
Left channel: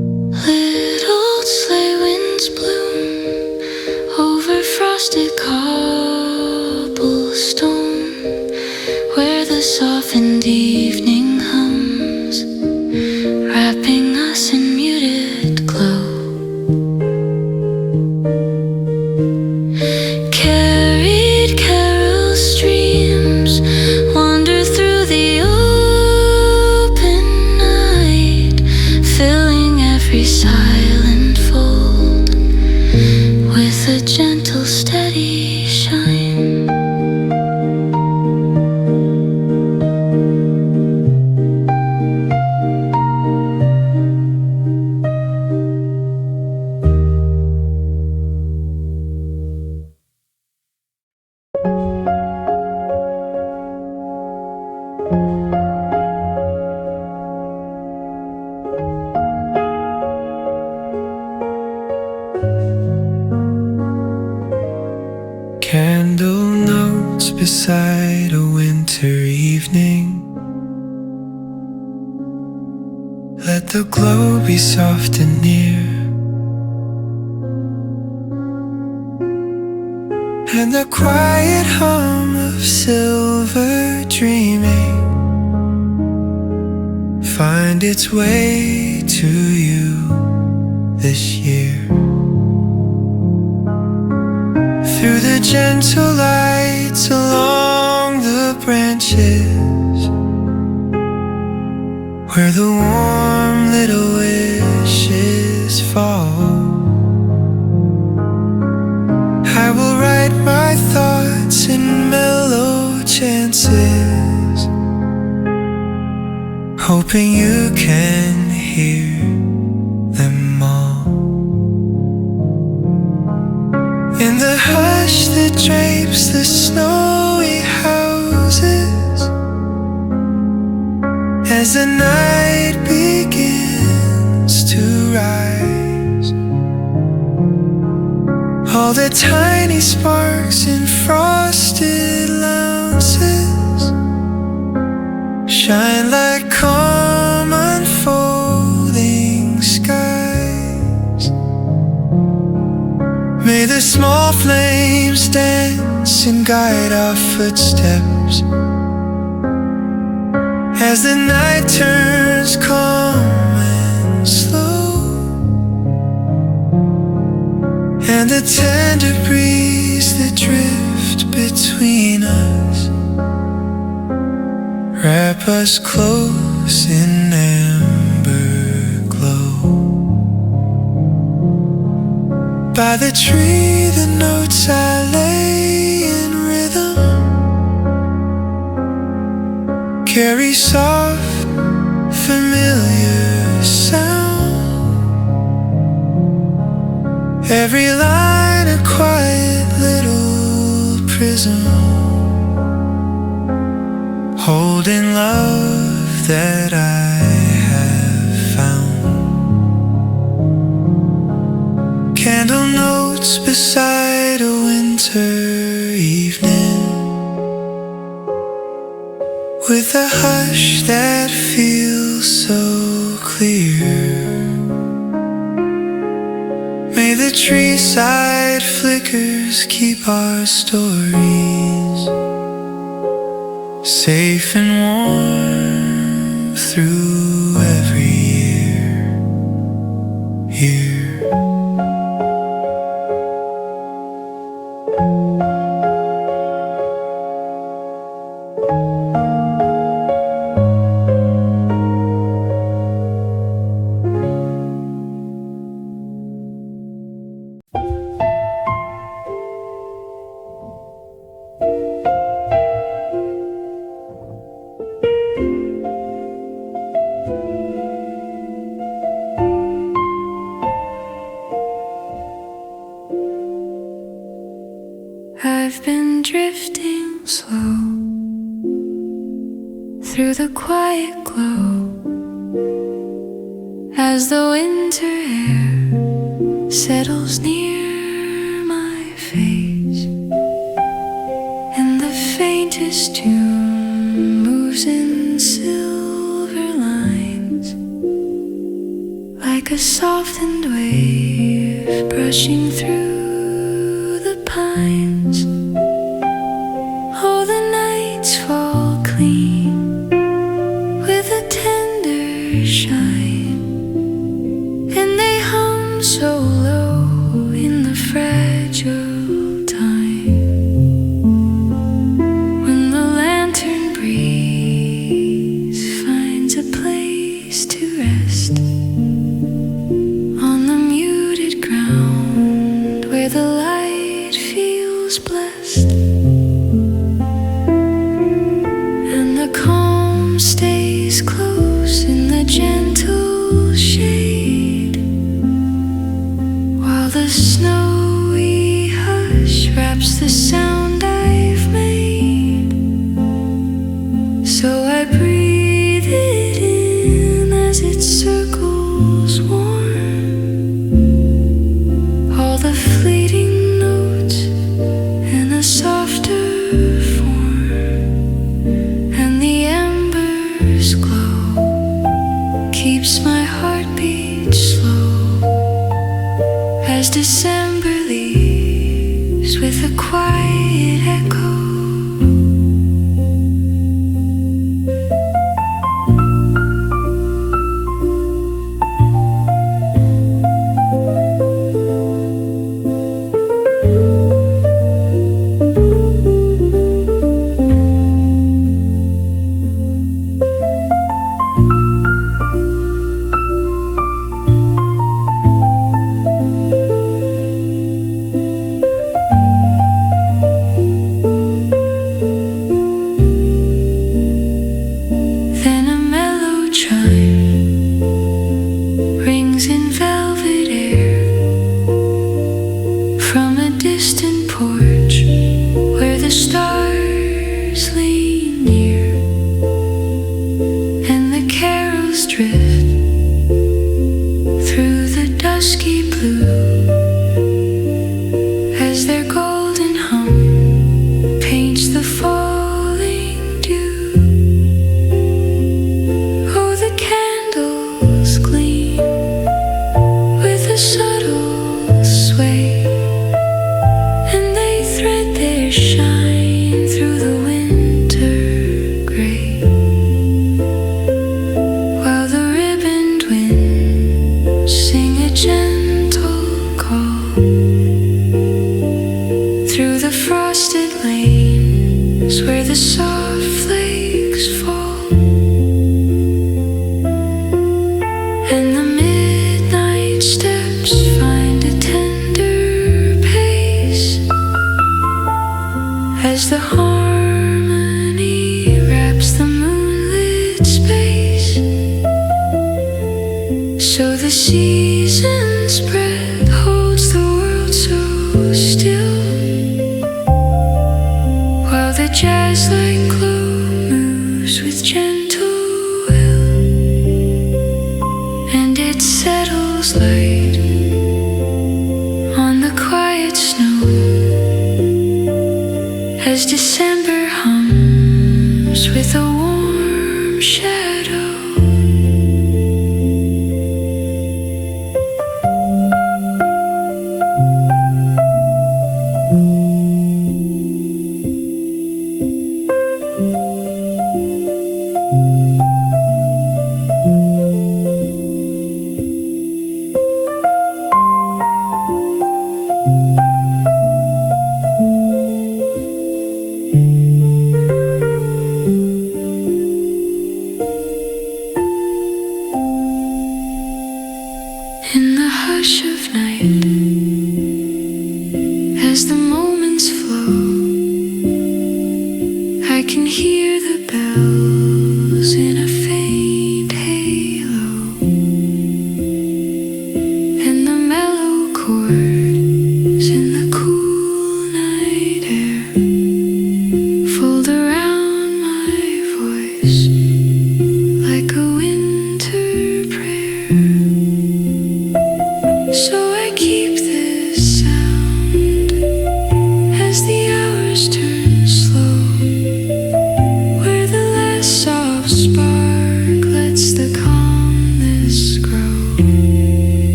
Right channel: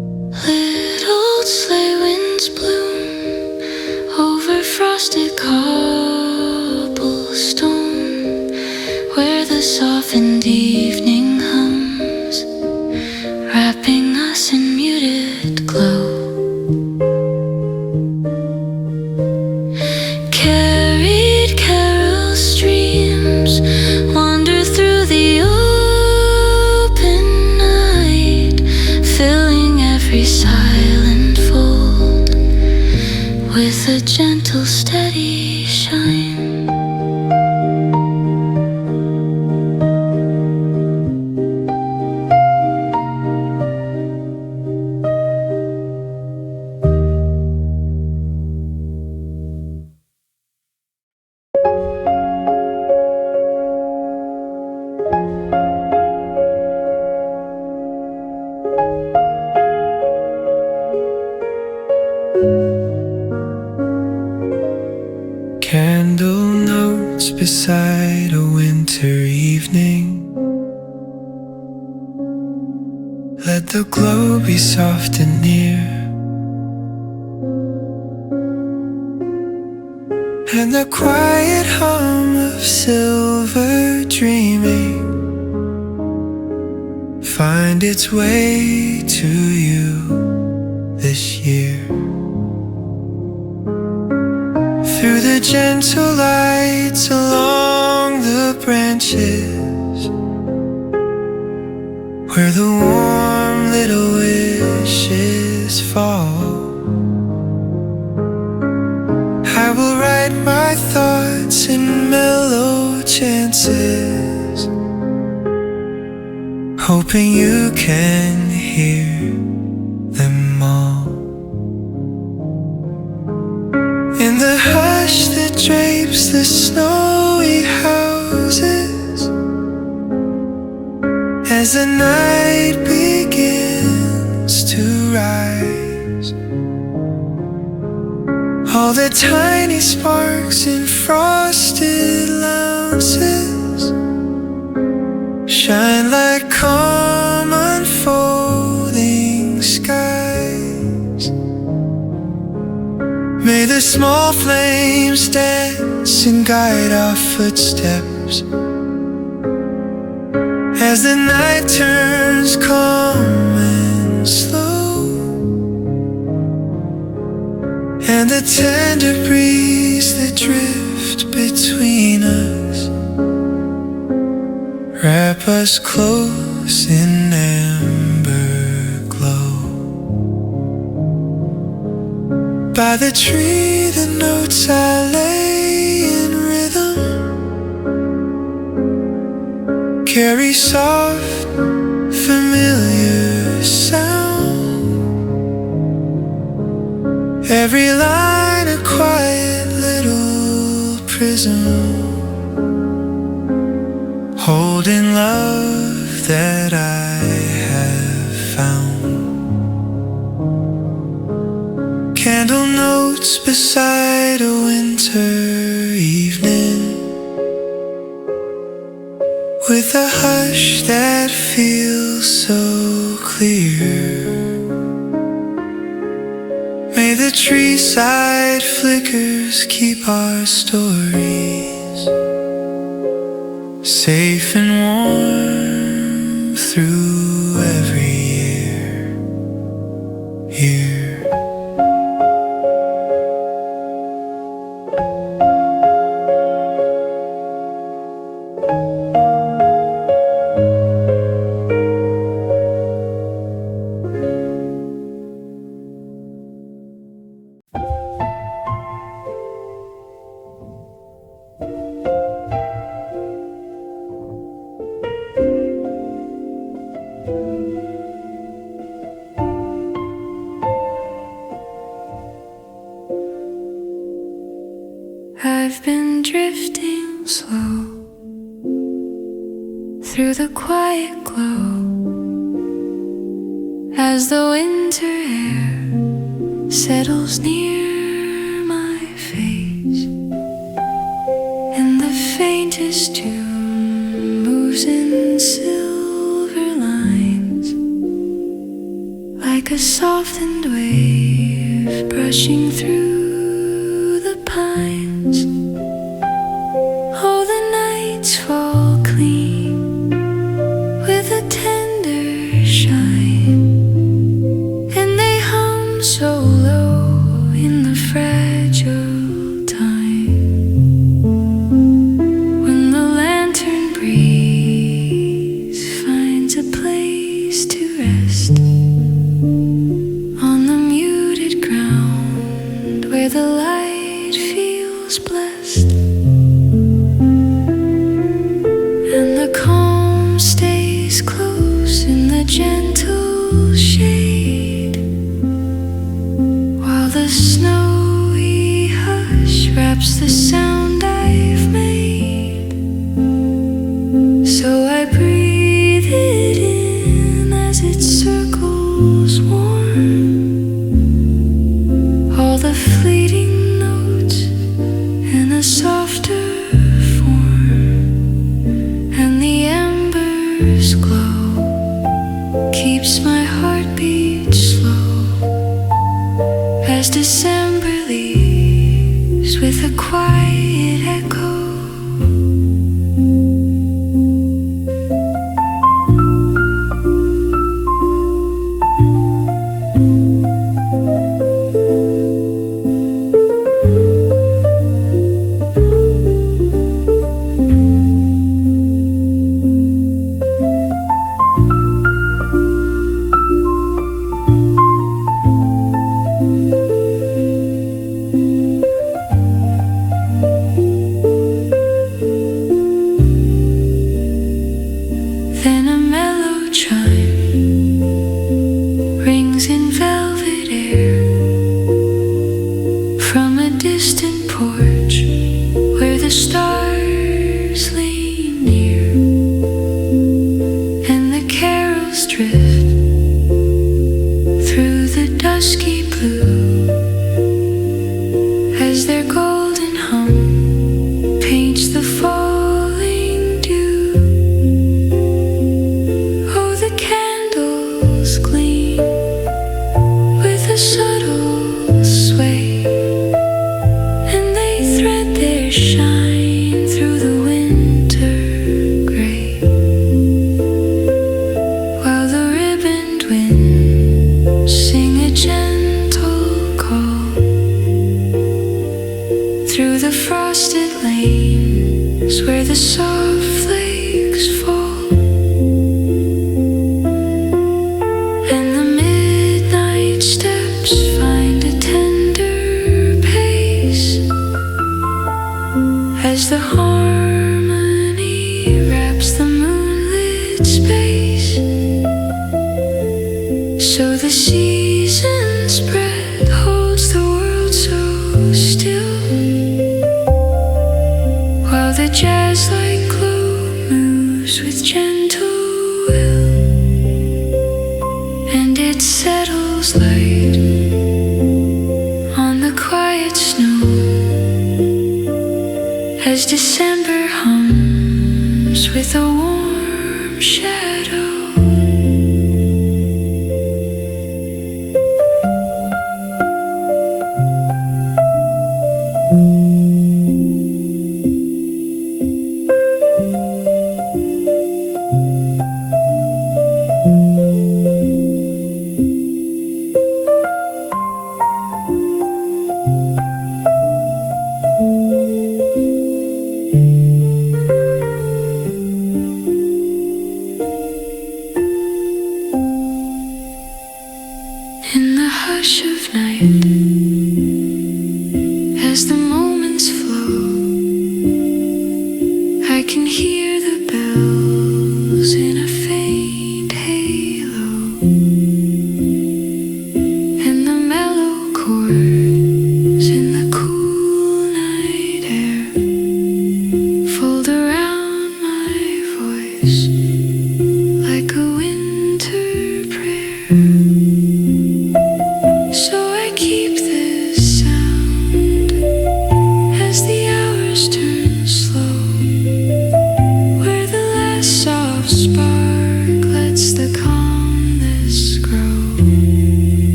sleigh winds bloom over frosted cobblestone, where the softened evening hums, wrapping us in muted glow. Carried carol streams wander through the open night, filling every silent fold with a gentle, steady shine. Candle notes beside a winter evening. Let the glow be soft and near, and the quiet hum of silver dreaming find its way to you this year. Through the gentle lights along the branches, where the warm little wishes fall, I will write my thoughts in mellow chances, hoping you can hear them all. In the hush that drapes the snowy houses, as the night begins to rise, all the tiny sparks in frosted lounges shine like calm unfolding skies. May the small flames dance and guide our footsteps as the night turns calm and slow, and the tender breeze that drift between us wrap us close in amber glow. By the tree the notes I lay in rhythm carry soft, familiar sound. Every line a quiet little prism, holding love that I have found. Candle notes beside a winter evening, with a hush that feels so clear. May the tree side flickers keep our stories safe and warm through every year. I've been drifting slow through the quiet glow as the winter air settles near my face, and the faintest tune moves in silver lines like like a softened wave brushing through the pines. Oh, the nights fall clean with a tender shine, and they hum so low in the fragile time. When the lantern breeze finds a place to rest on the muted ground where the light feels blessed, and the calm stays close in the gentle shade, while the snowy hush wraps the sound I've made. So I breathe it in as it circles warm, all the fleeting notes in a softer form, and the embers glow, keeps my heartbeat slow as December leaves with a quiet echo. Then a mellow chime rings in velvet air from a distant porch where the stars lean near, and the carols drift through the dusky blue as their golden hum paints the falling dew. The candles gleam with a subtle sway, and they thread their shine through the winter gray, while the ribboned winds sing a gentle call through the frosted lanes where the soft flakes fall. And the midnight steps find a tender pace as the harmony wraps the moonlit space. So the season's spread holds the world so still, while the jazz-like glow moves with gentle will, and it settles light on the quiet snow as December hums with a warm shadow. In the hush of night, as the moments flow, I can hear the bells in a faint halo, and the mellow chords in the cool night air fold around my voice like a winter prayer. So I keep this sound as the hours turn slow, where the last soft spark lets the calmness grow,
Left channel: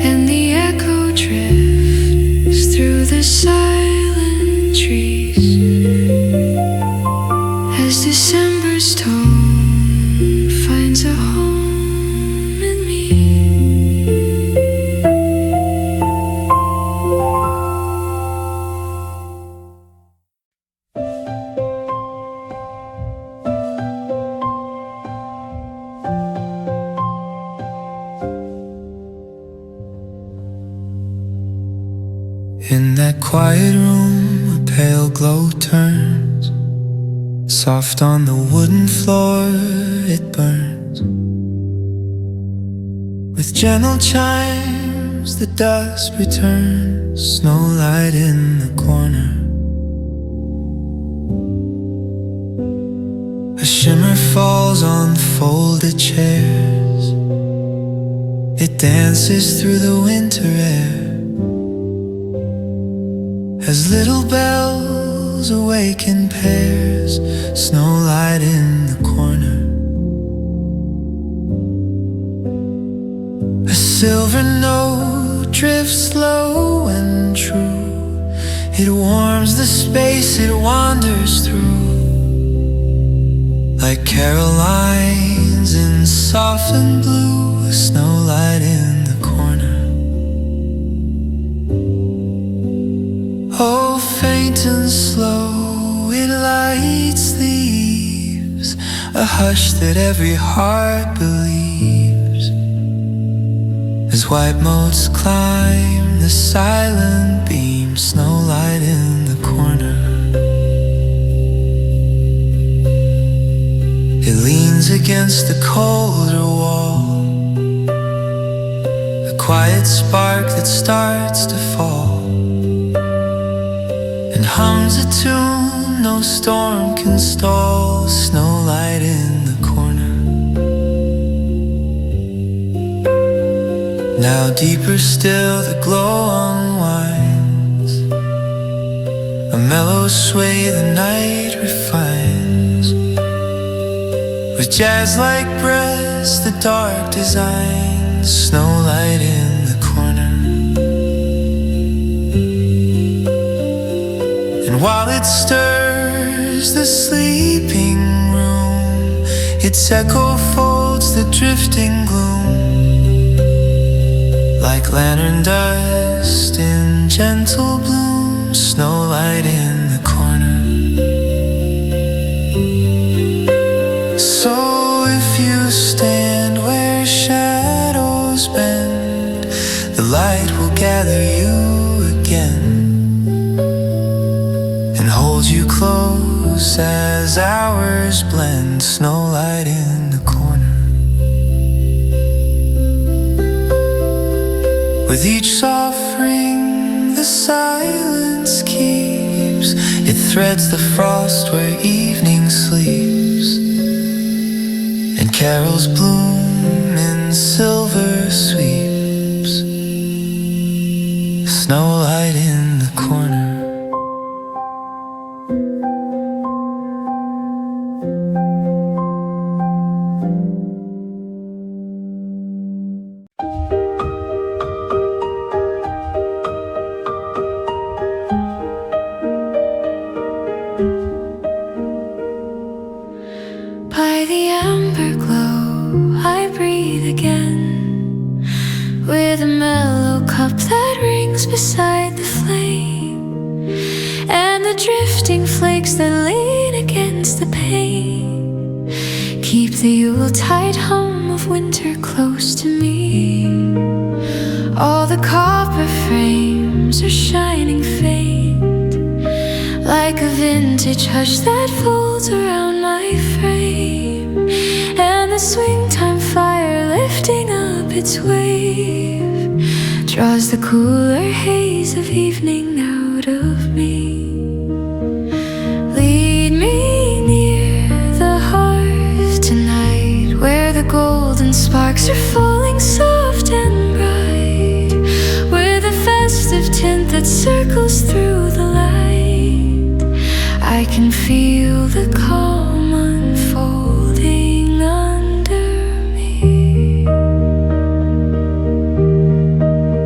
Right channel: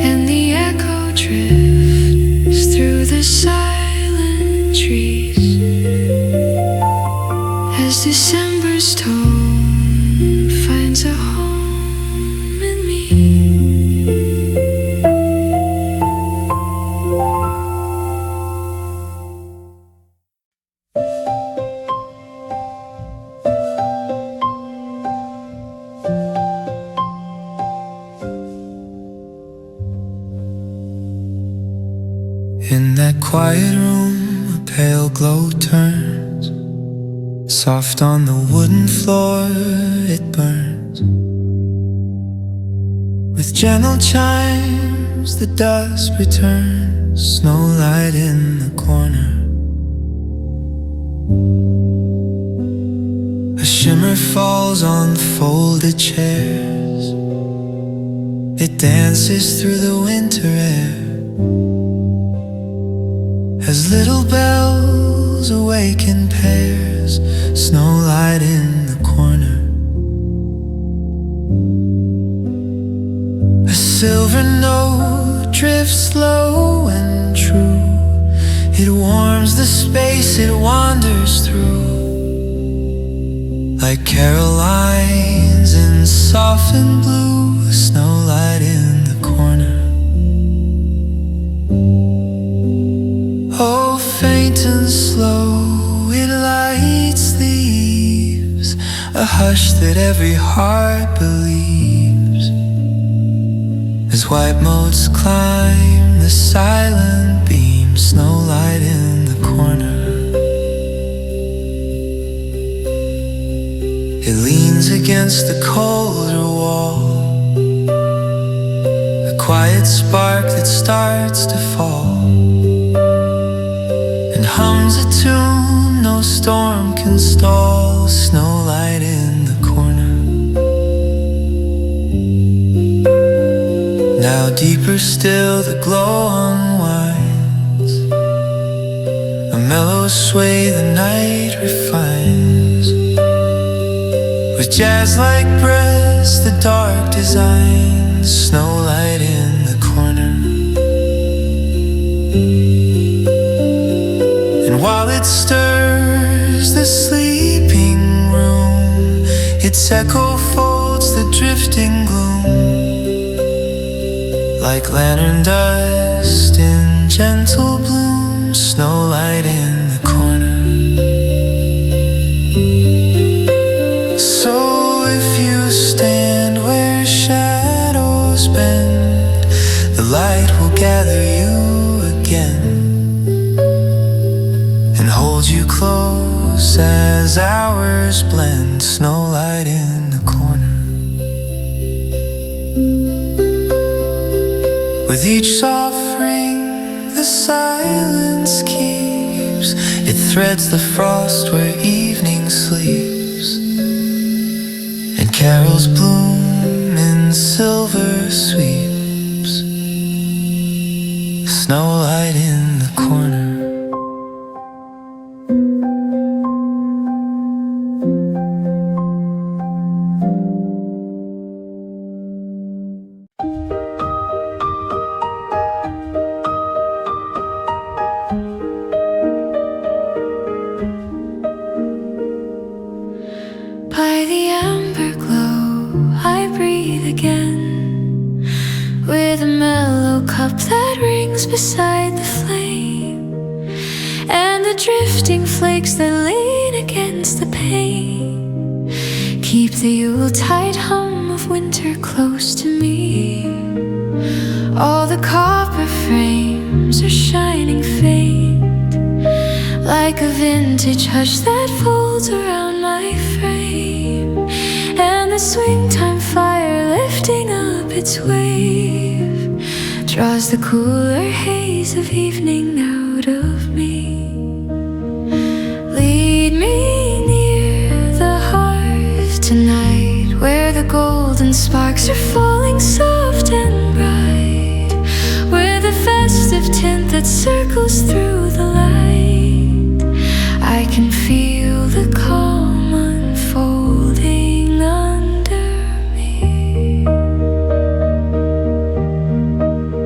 and the echo drifts through the silent trees as December's tone finds a home in me. In that quiet room, a pale glow turns. Soft on the wooden floor, it burns. With gentle chimes, the dusk returns. Snowlight in the corner. A shimmer falls on folded chairs. It dances through the winter air as little bells awaken pairs. Snowlight in the corner. A silver note drifts low and true. It warms the space it wanders through, like Carolines in softened blue. Snowlight in the corner. Oh, faint and slow, it lights the eaves, a hush that every heart believes, as white motes climb the silent beam. Snowlight in the corner. It leans against the colder wall, a quiet spark that starts to fall, and hums a tune no storm can stall. Snowlight in the corner. Now deeper still the glow unwinds, a mellow sway the night refines, with jazz-like breaths the dark designs. Snowlight in the corner. And while it stirs the sleeping room, its echo folds the drifting gloom, like lantern dust in gentle bloom. Snowlight in the corner. So if you stand where shadows bend, the light will gather you again and hold you close as hours blend. Snowlight in the corner. With each soft ring the silence keeps, it threads the frost where evening sleeps, and carols bloom in silver sweeps. Snowlight in the corner. By the amber glow I breathe again, with a mellow cup that rings beside the flame, and the drifting flakes that lean against the pane keep the Yuletide hum of winter close to me. All the copper frames are shining faint, like a vintage hush that folds around my frame, and the swing time fire lifting up its wave draws the cooler haze of evening out of me. Lead me near the hearth tonight, where the golden sparks are falling soft and bright, with a festive tint that circles through the light. I can feel the calm unfolding under me.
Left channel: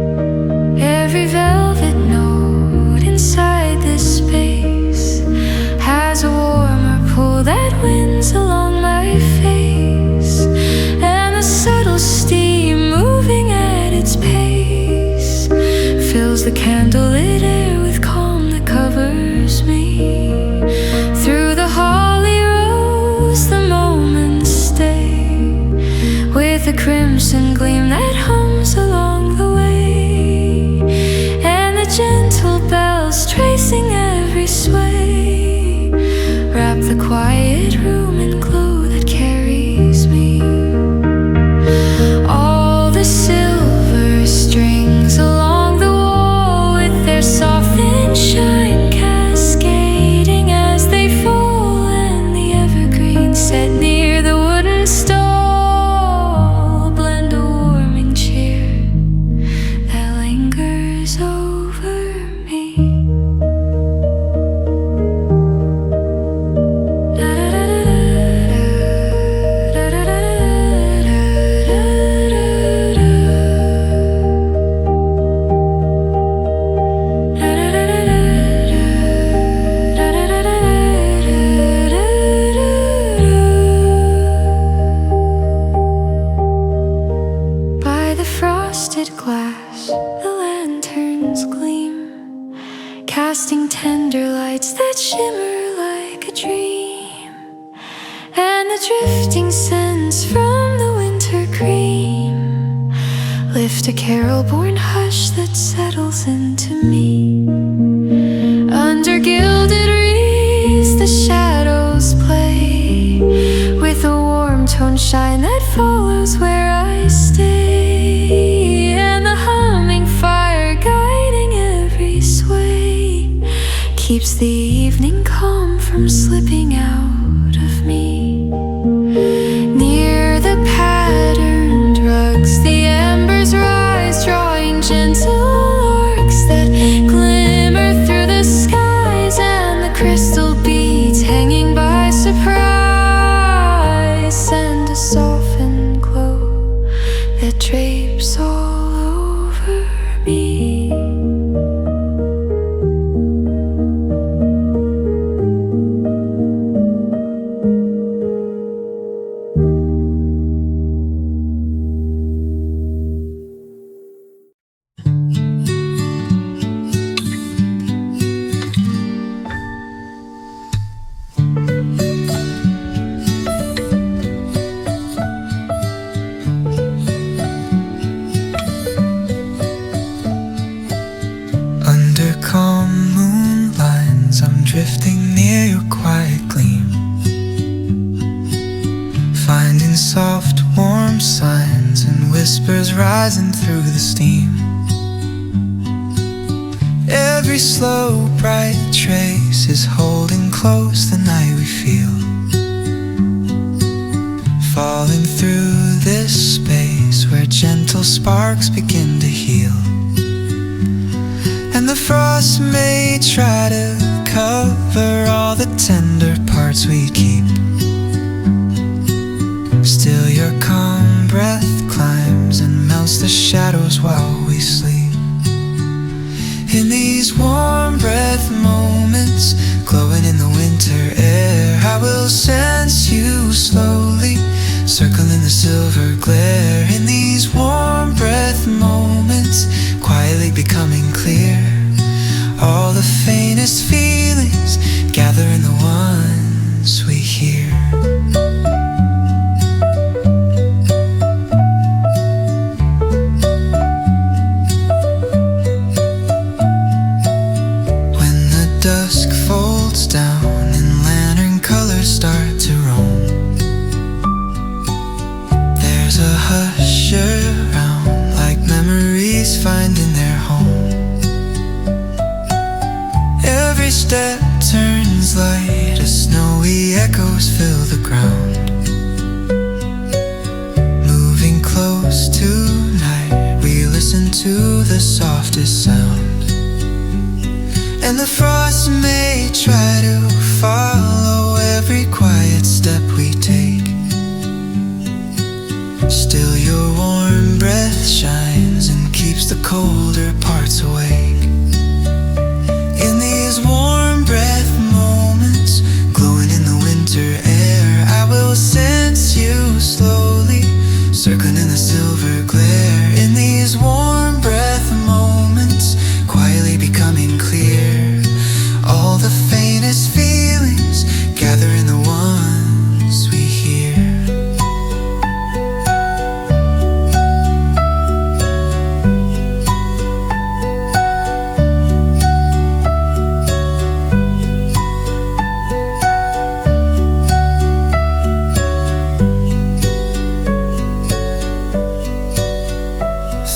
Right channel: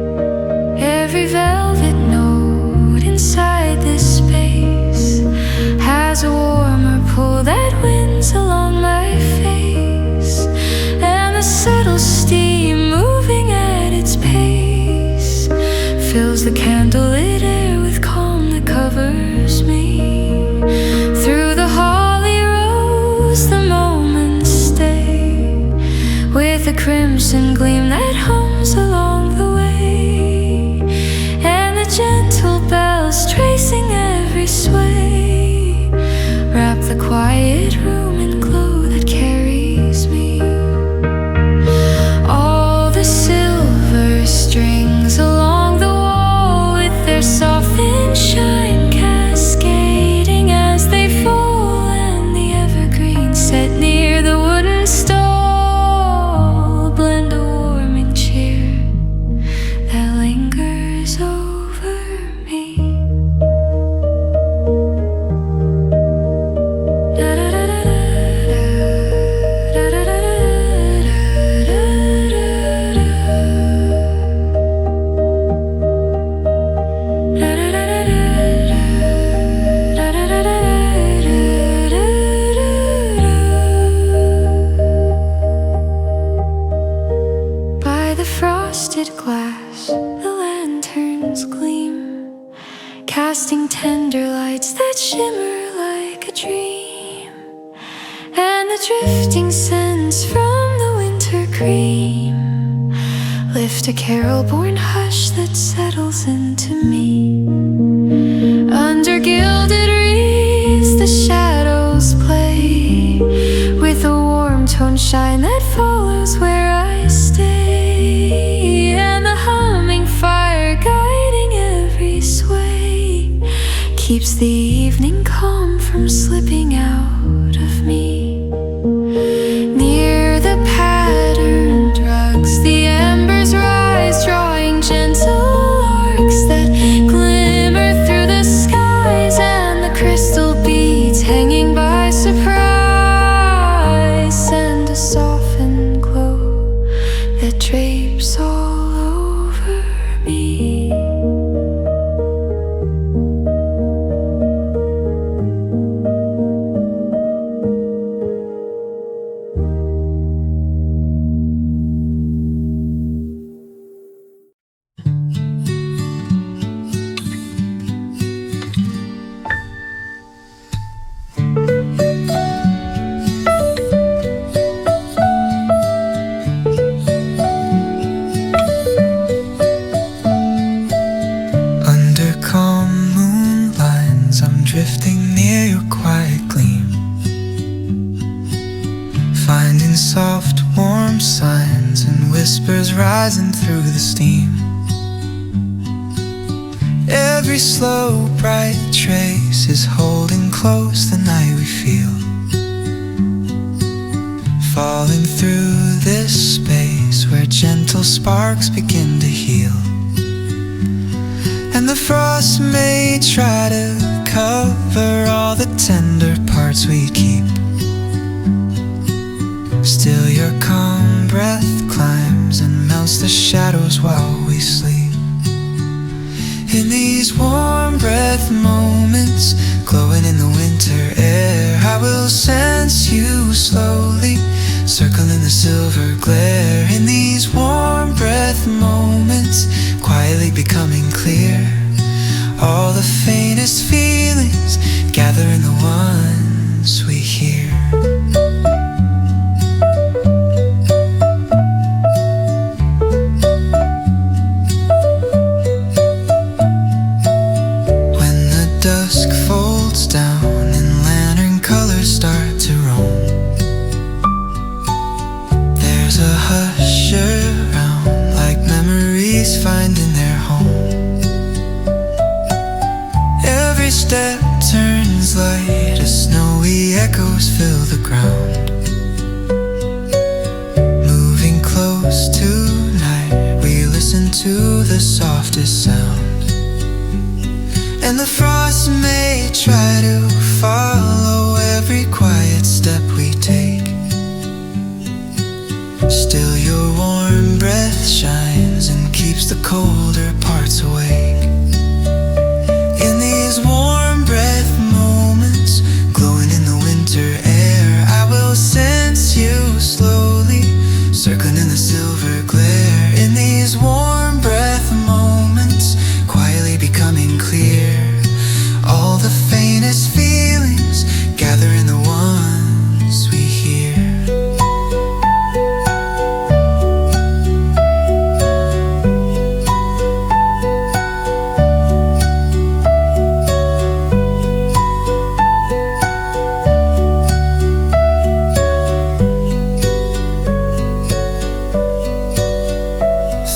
every velvet note inside this space has a warmer pull that winds along my face, and the subtle steam moving at its pace fills the candlelit air with calm that covers me. Through the holly rose the moments stay, with a crimson gleam that hums along the way, and the gentle bells tracing every sway wrap the quiet room in glow that carries me. All the silver strings along the wall with their softened shine cascading as they fall, and the evergreen set near the wooden stall blend a warming cheer that lingers over me. Frosted glass, the lanterns gleam, casting tender lights that shimmer like a dream, and the drifting scents from the winter cream lift a carol-born hush that settles into me. Under gilded wreaths the shadows play, with a warm tone shine that follows where I stay, and the humming fire guiding every sway keeps the evening calm from slipping out of me. Near the patterned rugs the embers rise, drawing gentle arcs that glimmer through the skies, and the crystal beads hanging by surprise send a softened glow that drapes all over me. Drifting near your quiet gleam, finding soft warm signs and whispers rising through the steam. Every slow bright trace is holding close the night we feel, falling through this space where gentle sparks begin to heal. And the frost may try to cover all the tender parts we keep, still your calm breath climbs and melts the shadows while we sleep. In these warm breath moments, glowing in the winter air, I will sense you slowly, circling the silver glare. In these warm breath moments, quietly becoming clear, all the faintest feelings gather in the ones we hear. When the dusk folds down and lantern colors start to roam, there's a hush around, like memories finding their home. Every step turns light as snowy echoes fill the ground. Moving close tonight, we listen to the softest sound. And the frost may try to follow every quiet step we take, still your warm breath shines and keeps the colder parts away.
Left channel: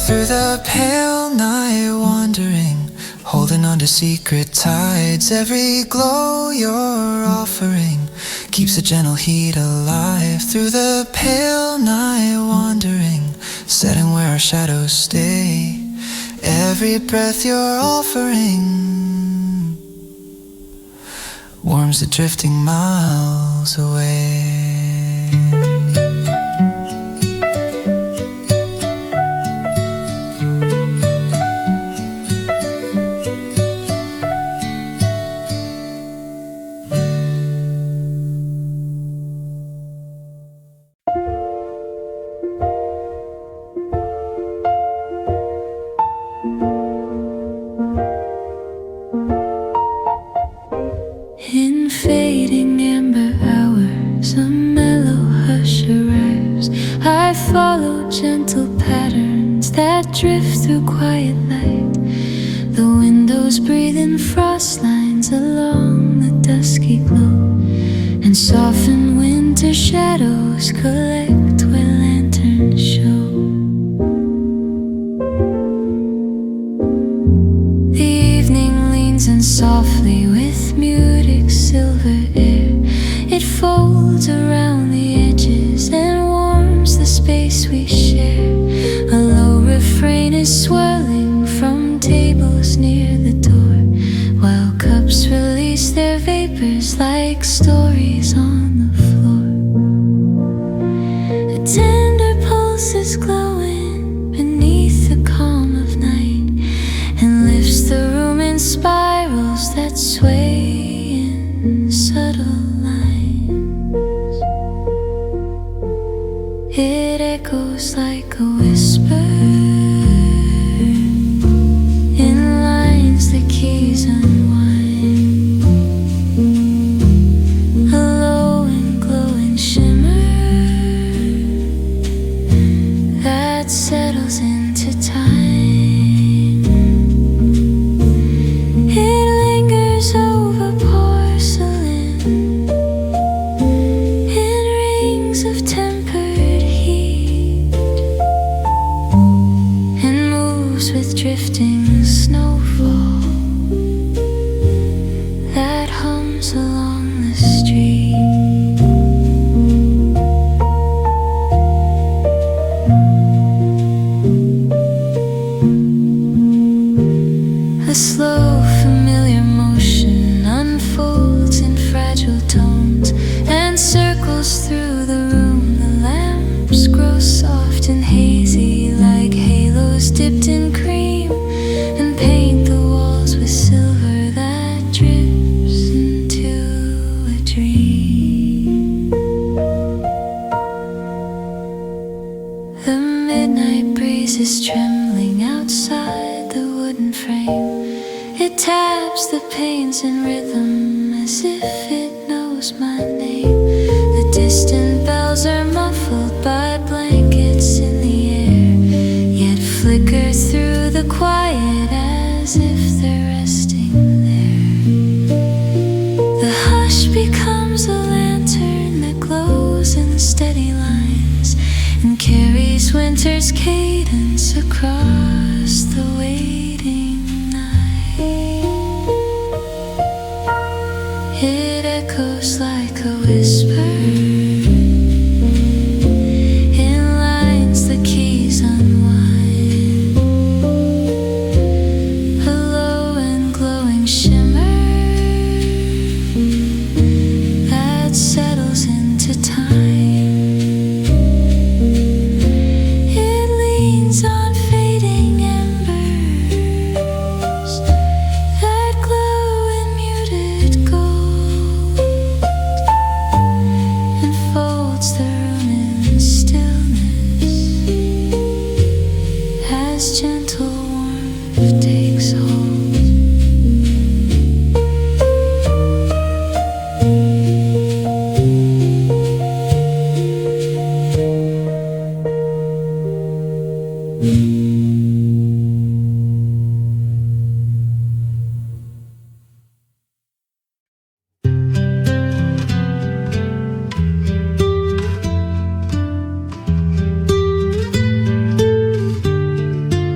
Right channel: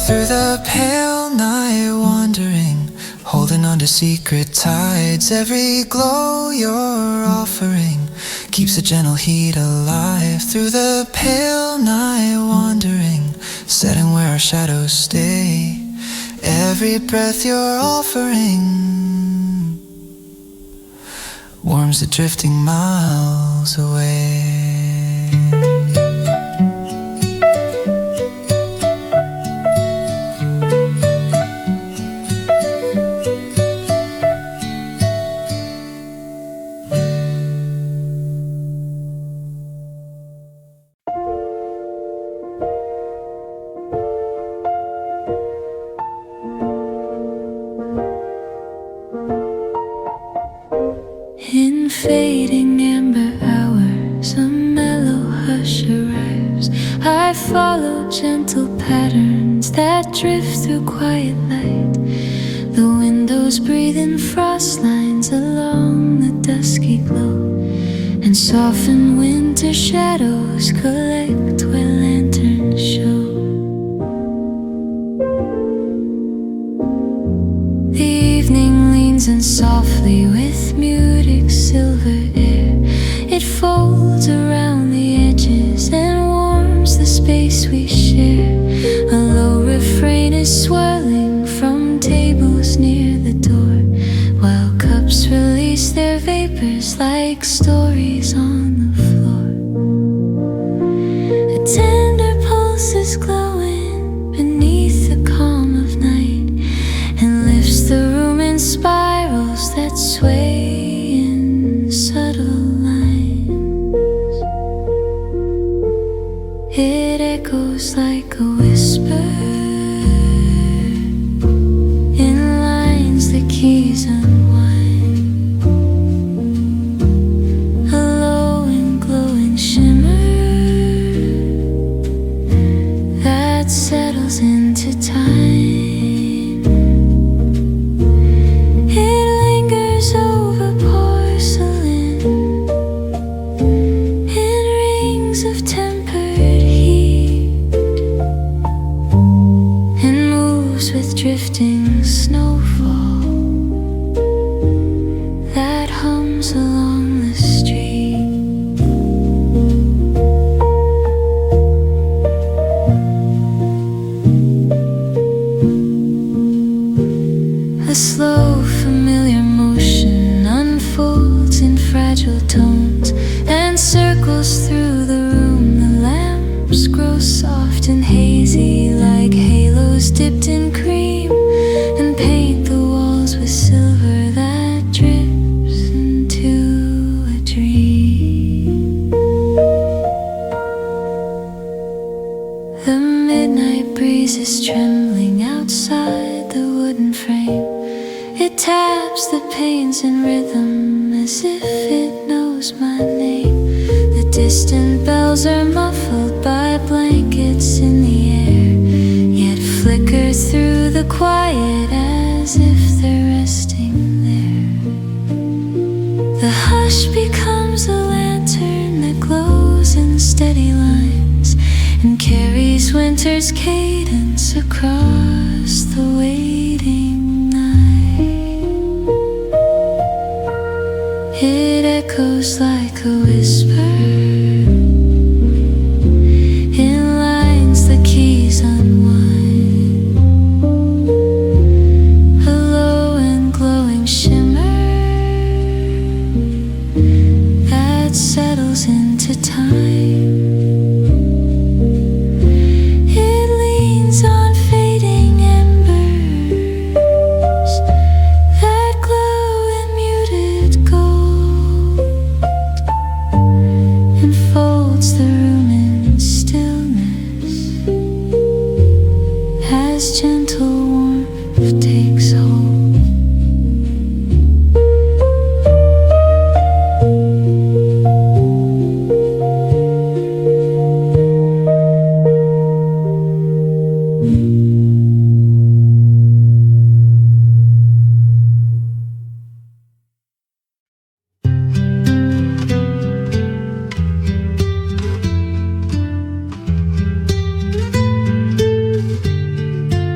through the pale night wandering, holding on to secret tides. Every glow you're offering keeps a gentle heat alive. Through the pale night wandering, setting where our shadows stay. Every breath you're offering warms the drifting miles away. In fading amber hours, a mellow hush arrives. I follow gentle patterns that drift through quiet light. The windows breathe in frost lines along the dusky glow, and soften winter shadows collect where lanterns show. The evening leans in softly with muted silver air. It folds around the edges and warms the space we share. A low refrain is swirling from tables near the door, while cups release their vapors like stories on the floor. A tender pulse is glowing beneath the calm of night, and lifts the room in spirals that sway in subtle lines. It echoes like a whisper in lines the keys unwind. A low and glowing shimmer that settles into time. Over porcelain in rings of tempered heat, and moves with drifting snowfall that hums along the street. A slow, familiar motion unfolds in fragile tones and circles through the room. The lamps grow soft and hazy like halos dipped in cream, and paint the walls with silver that drips into a dream. The midnight breeze is trembling outside the wooden frame. It taps the panes in rhythm as if it knows my name. The distant bells are muffled by blankets in the air, yet flicker through the quiet as if they're resting there. The hush becomes a lantern that glows in steady lines and carries winter's cadence across the waiting night. It echoes like a whisper in lines the keys unwind. A low and glowing shimmer that settles into time. It leans on fading embers that glow in muted gold, and folds the room in stillness as gentle warmth takes hold.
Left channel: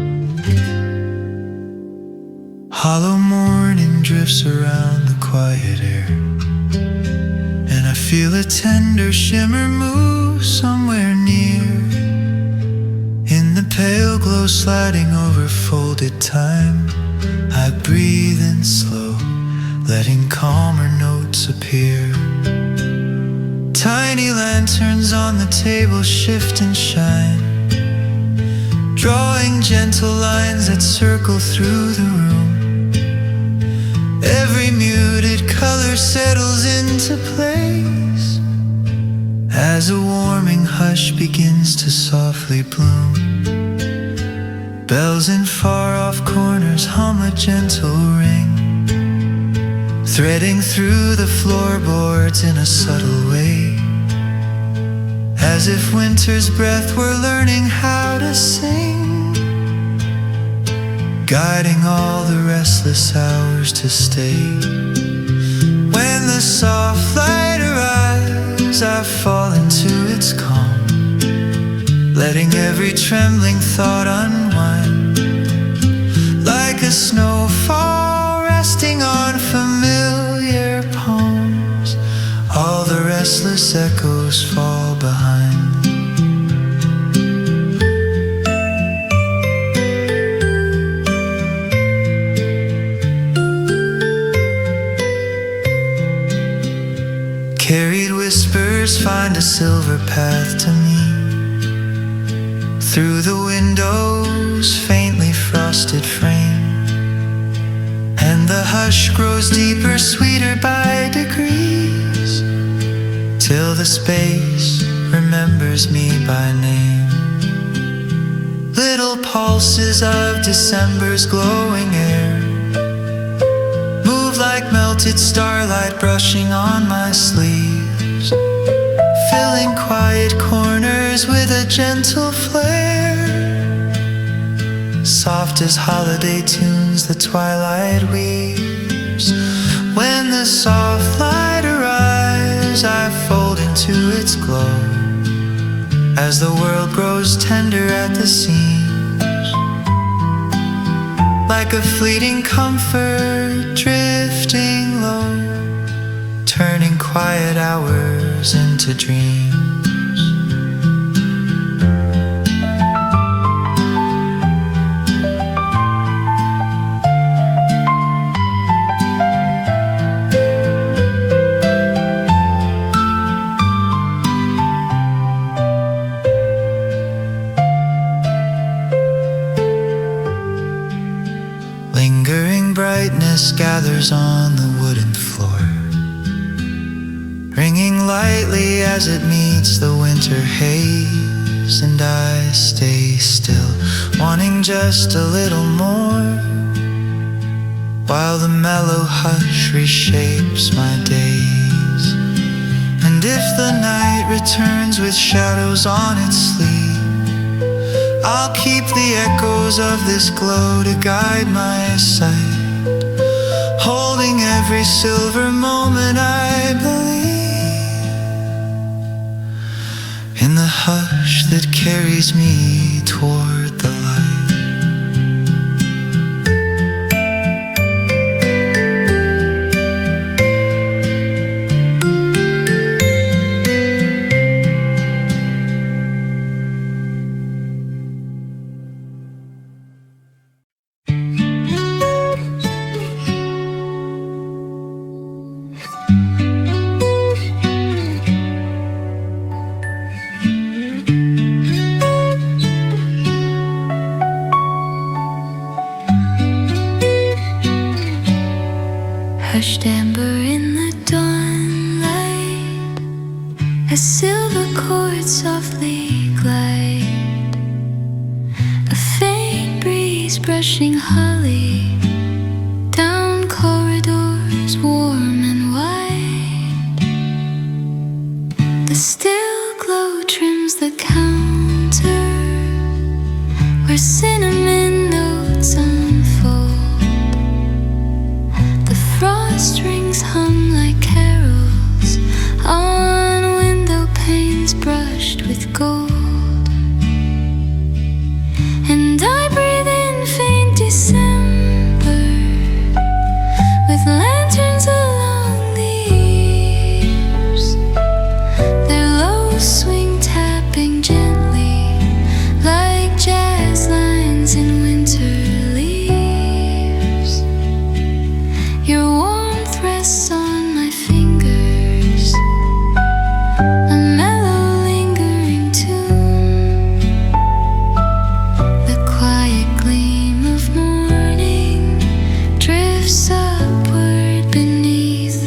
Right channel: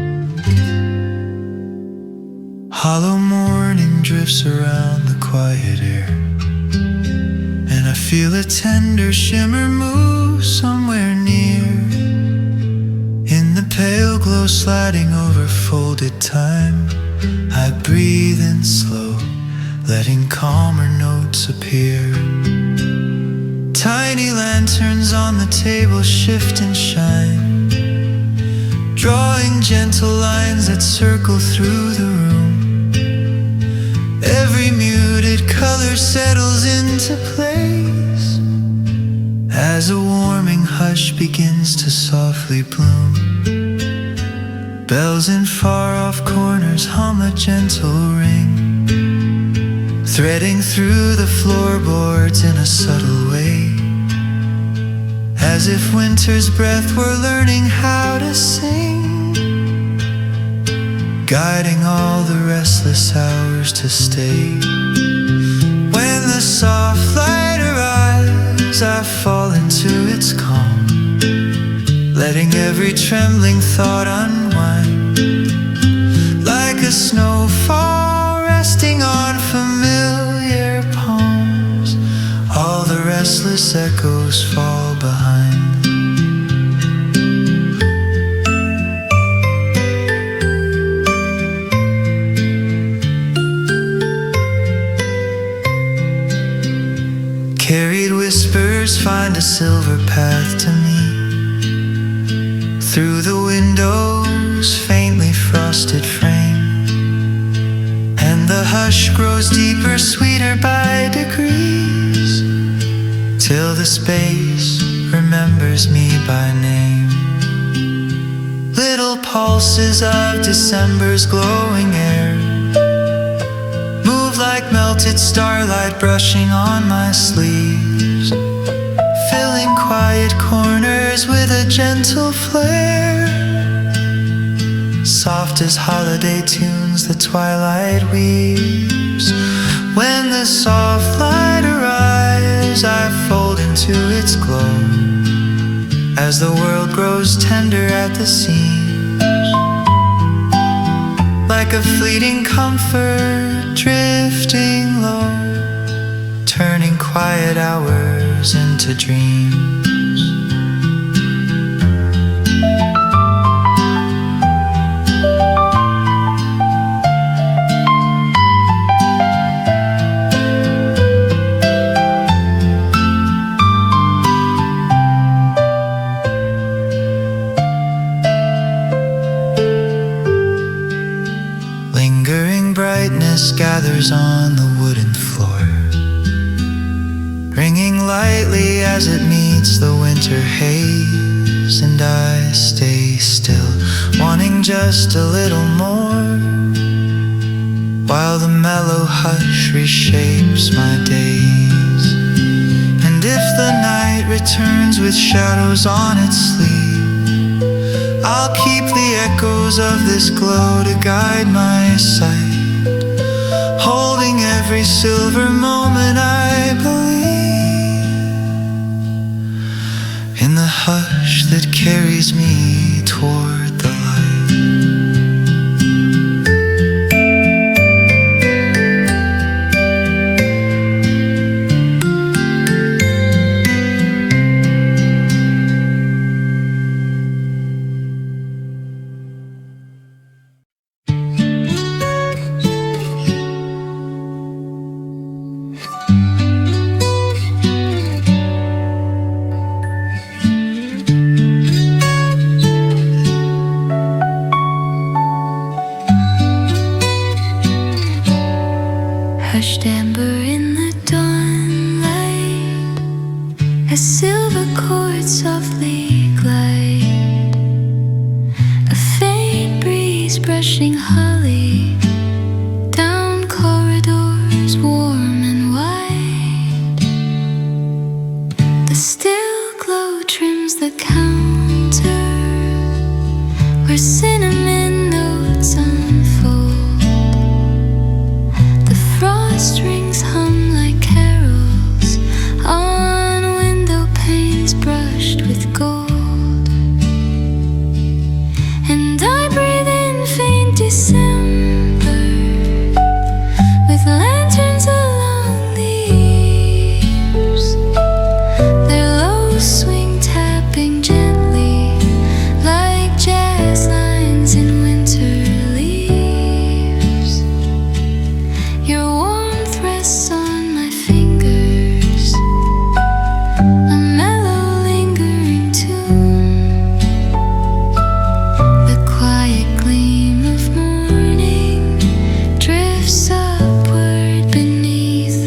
floats around the quiet air, and I feel a tender shimmer move somewhere near. In the pale glow sliding over folded time, I breathe in slow, letting calmer notes appear. Tiny lanterns on the table shift and shine, drawing gentle lines that circle through the room. Every muted color settles into place as a warming hush begins to softly bloom. Bells in far-off corners hum a gentle ring, threading through the floorboards in a subtle way, as if winter's breath were learning how to sing, guiding all the restless hours to stay. When the soft light arrives, I fall into its calm, letting every trembling thought unwind, like a snowfall resting on familiar palms. All the restless echoes fall behind. Carried whispers find a silver path to me, through the window's faintly frosted frame, and the hush grows deeper, sweeter by degrees, till the space remembers me by name. Little pulses of December's glowing air move like melted starlight brushing on my sleeves, filling quiet corners with a gentle flare, soft as holiday tunes the twilight weaves. When the soft light arrives, I fold into its glow, as the world grows tender at the seams, like a fleeting comfort drifting low, turning quiet hours into dreams. Lingering brightness gathers on the wooden floor, ringing lightly as it meets the winter haze, and I stay still, wanting just a little more, while the mellow hush reshapes my days. And if the night returns with shadows on its sleeve, I'll keep the echoes of this glow to guide my sight, holding every silver moment I believe in the hush that carries me toward the light. Hushed amber in the dawnlight, as silver chords softly glide, a faint breeze brushing holly down corridors warm and wide. The still glow trims the counter where cinnamon notes unfold. Frost rings hum like carols on window panes brushed with gold, and I breathe in faint December with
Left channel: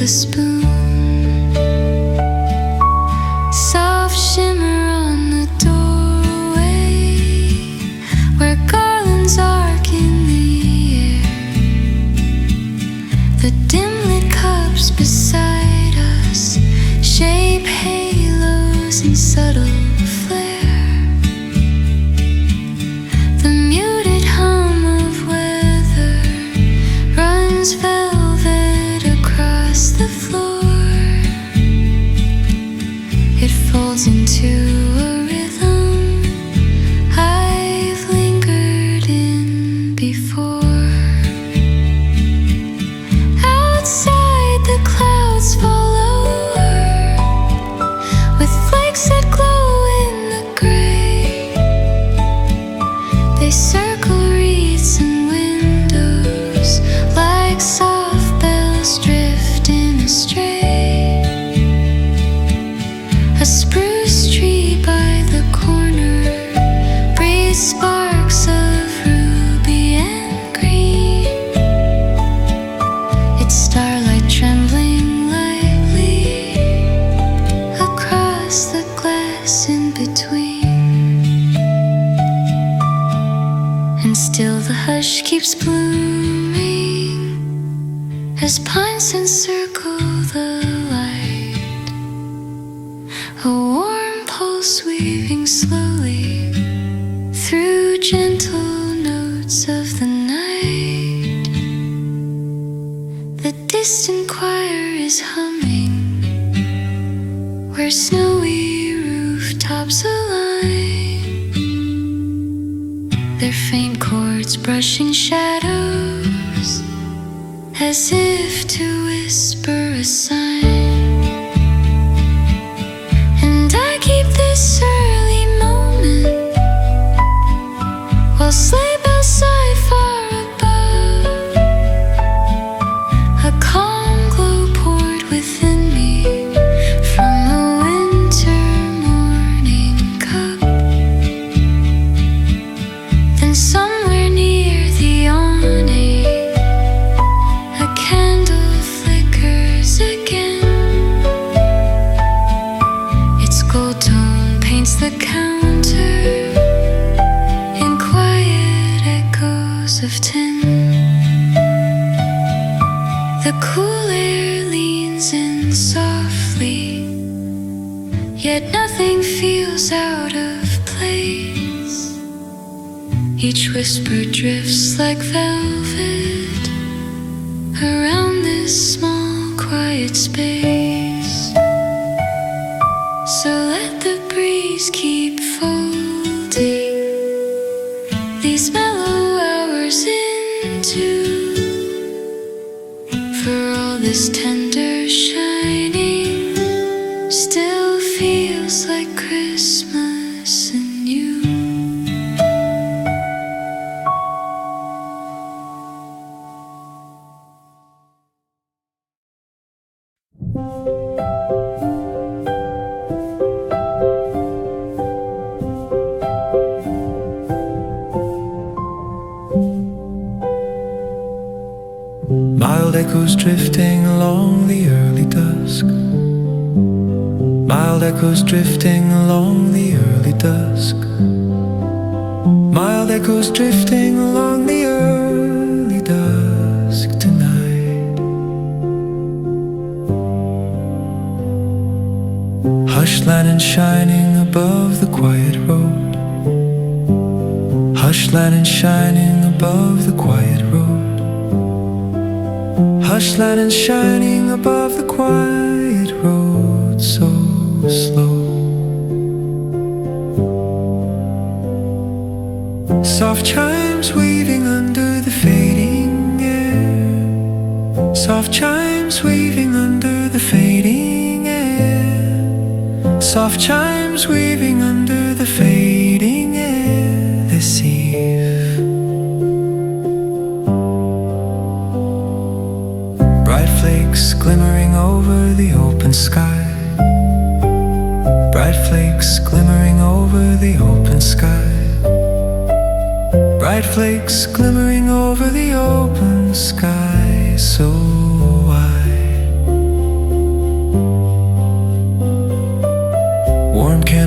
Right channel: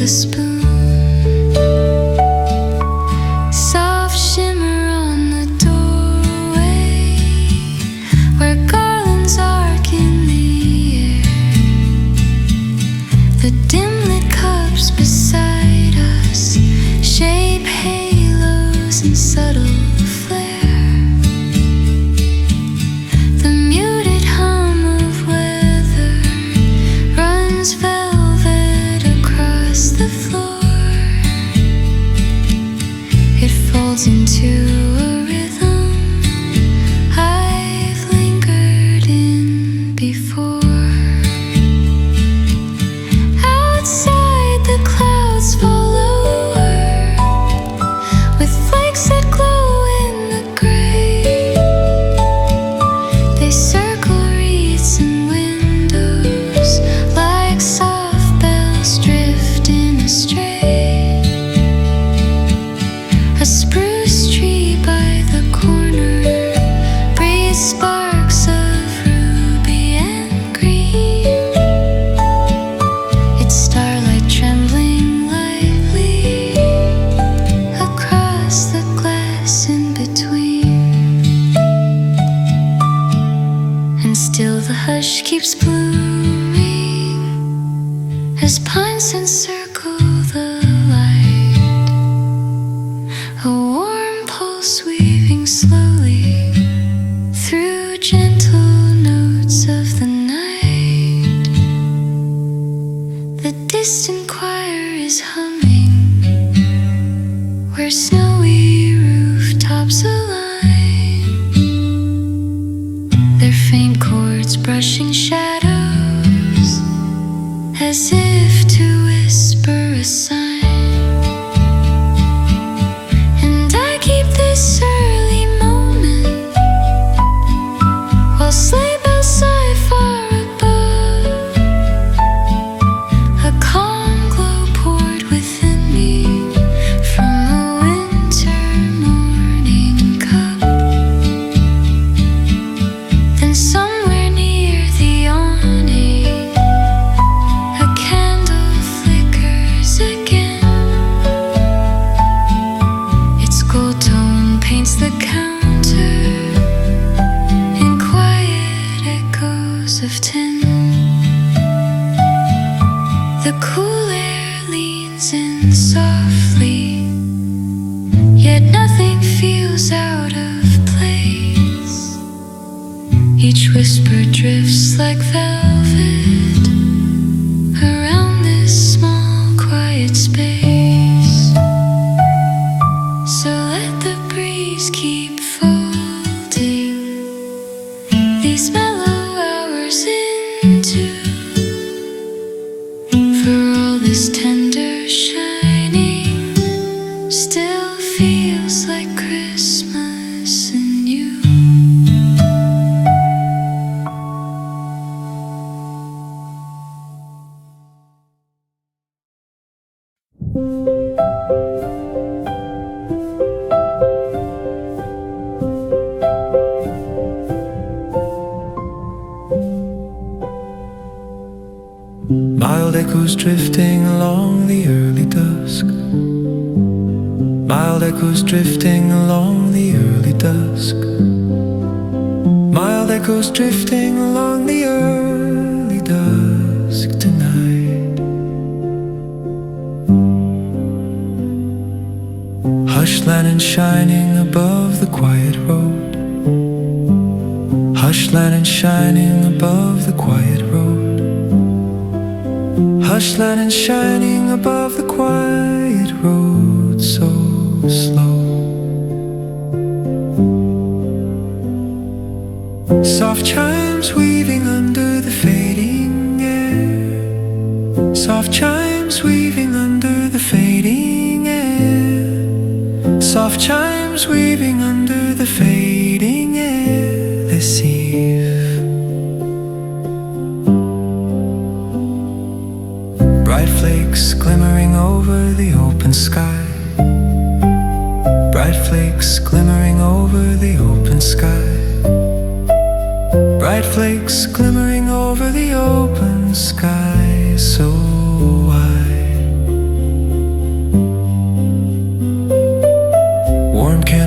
a spoon. Soft shimmer on the doorway, where garlands arc in the air. The dim-lit cups beside us shape halos in subtle flare. The muted hum of weather runs velvet across the floor. It folds into a rhythm I've lingered in before. Outside the clouds fall lower, with flakes that glow in the gray. They circle wreaths and windows like soft bells drifting astray. A spruce tree by the corner breathes sparks of ruby and green. Its starlight trembling lightly across the glass in between. And still the hush keeps blooming as pines encircle the light. A warm pulse weaving slowly through gentle notes of the night. The distant choir is humming where snowy rooftops align, their faint chords brushing shadows as if to whisper a sign. And I keep this early moment while sleigh bells sigh far above. A calm glow poured within me from a winter morning cup. Then somewhere near the awning, a candle flickers again. Its gold tone paints the counter in quiet echoes of tin. The cool air leans in softly, yet nothing feels out of place. Each whisper drifts like velvet around this small quiet space. So let the breeze keep folding these mellow hours into. For all this tender shining still feels like Christmas and you. Mild echoes drifting along the early dusk. Mild echoes drifting along the early dusk. Mild echoes drifting along the early dusk tonight. Hush lantern shining above the quiet road. Hush lantern shining above the quiet road. Hush lantern shining above the quiet road, so slow. Soft chimes weaving under the fading air. Soft chimes weaving under the fading air. Soft chimes weaving under the fading air this eve. Bright flakes glimmering over the open sky. Bright flakes glimmering over the open sky. Bright flakes glimmering over the open sky so wide.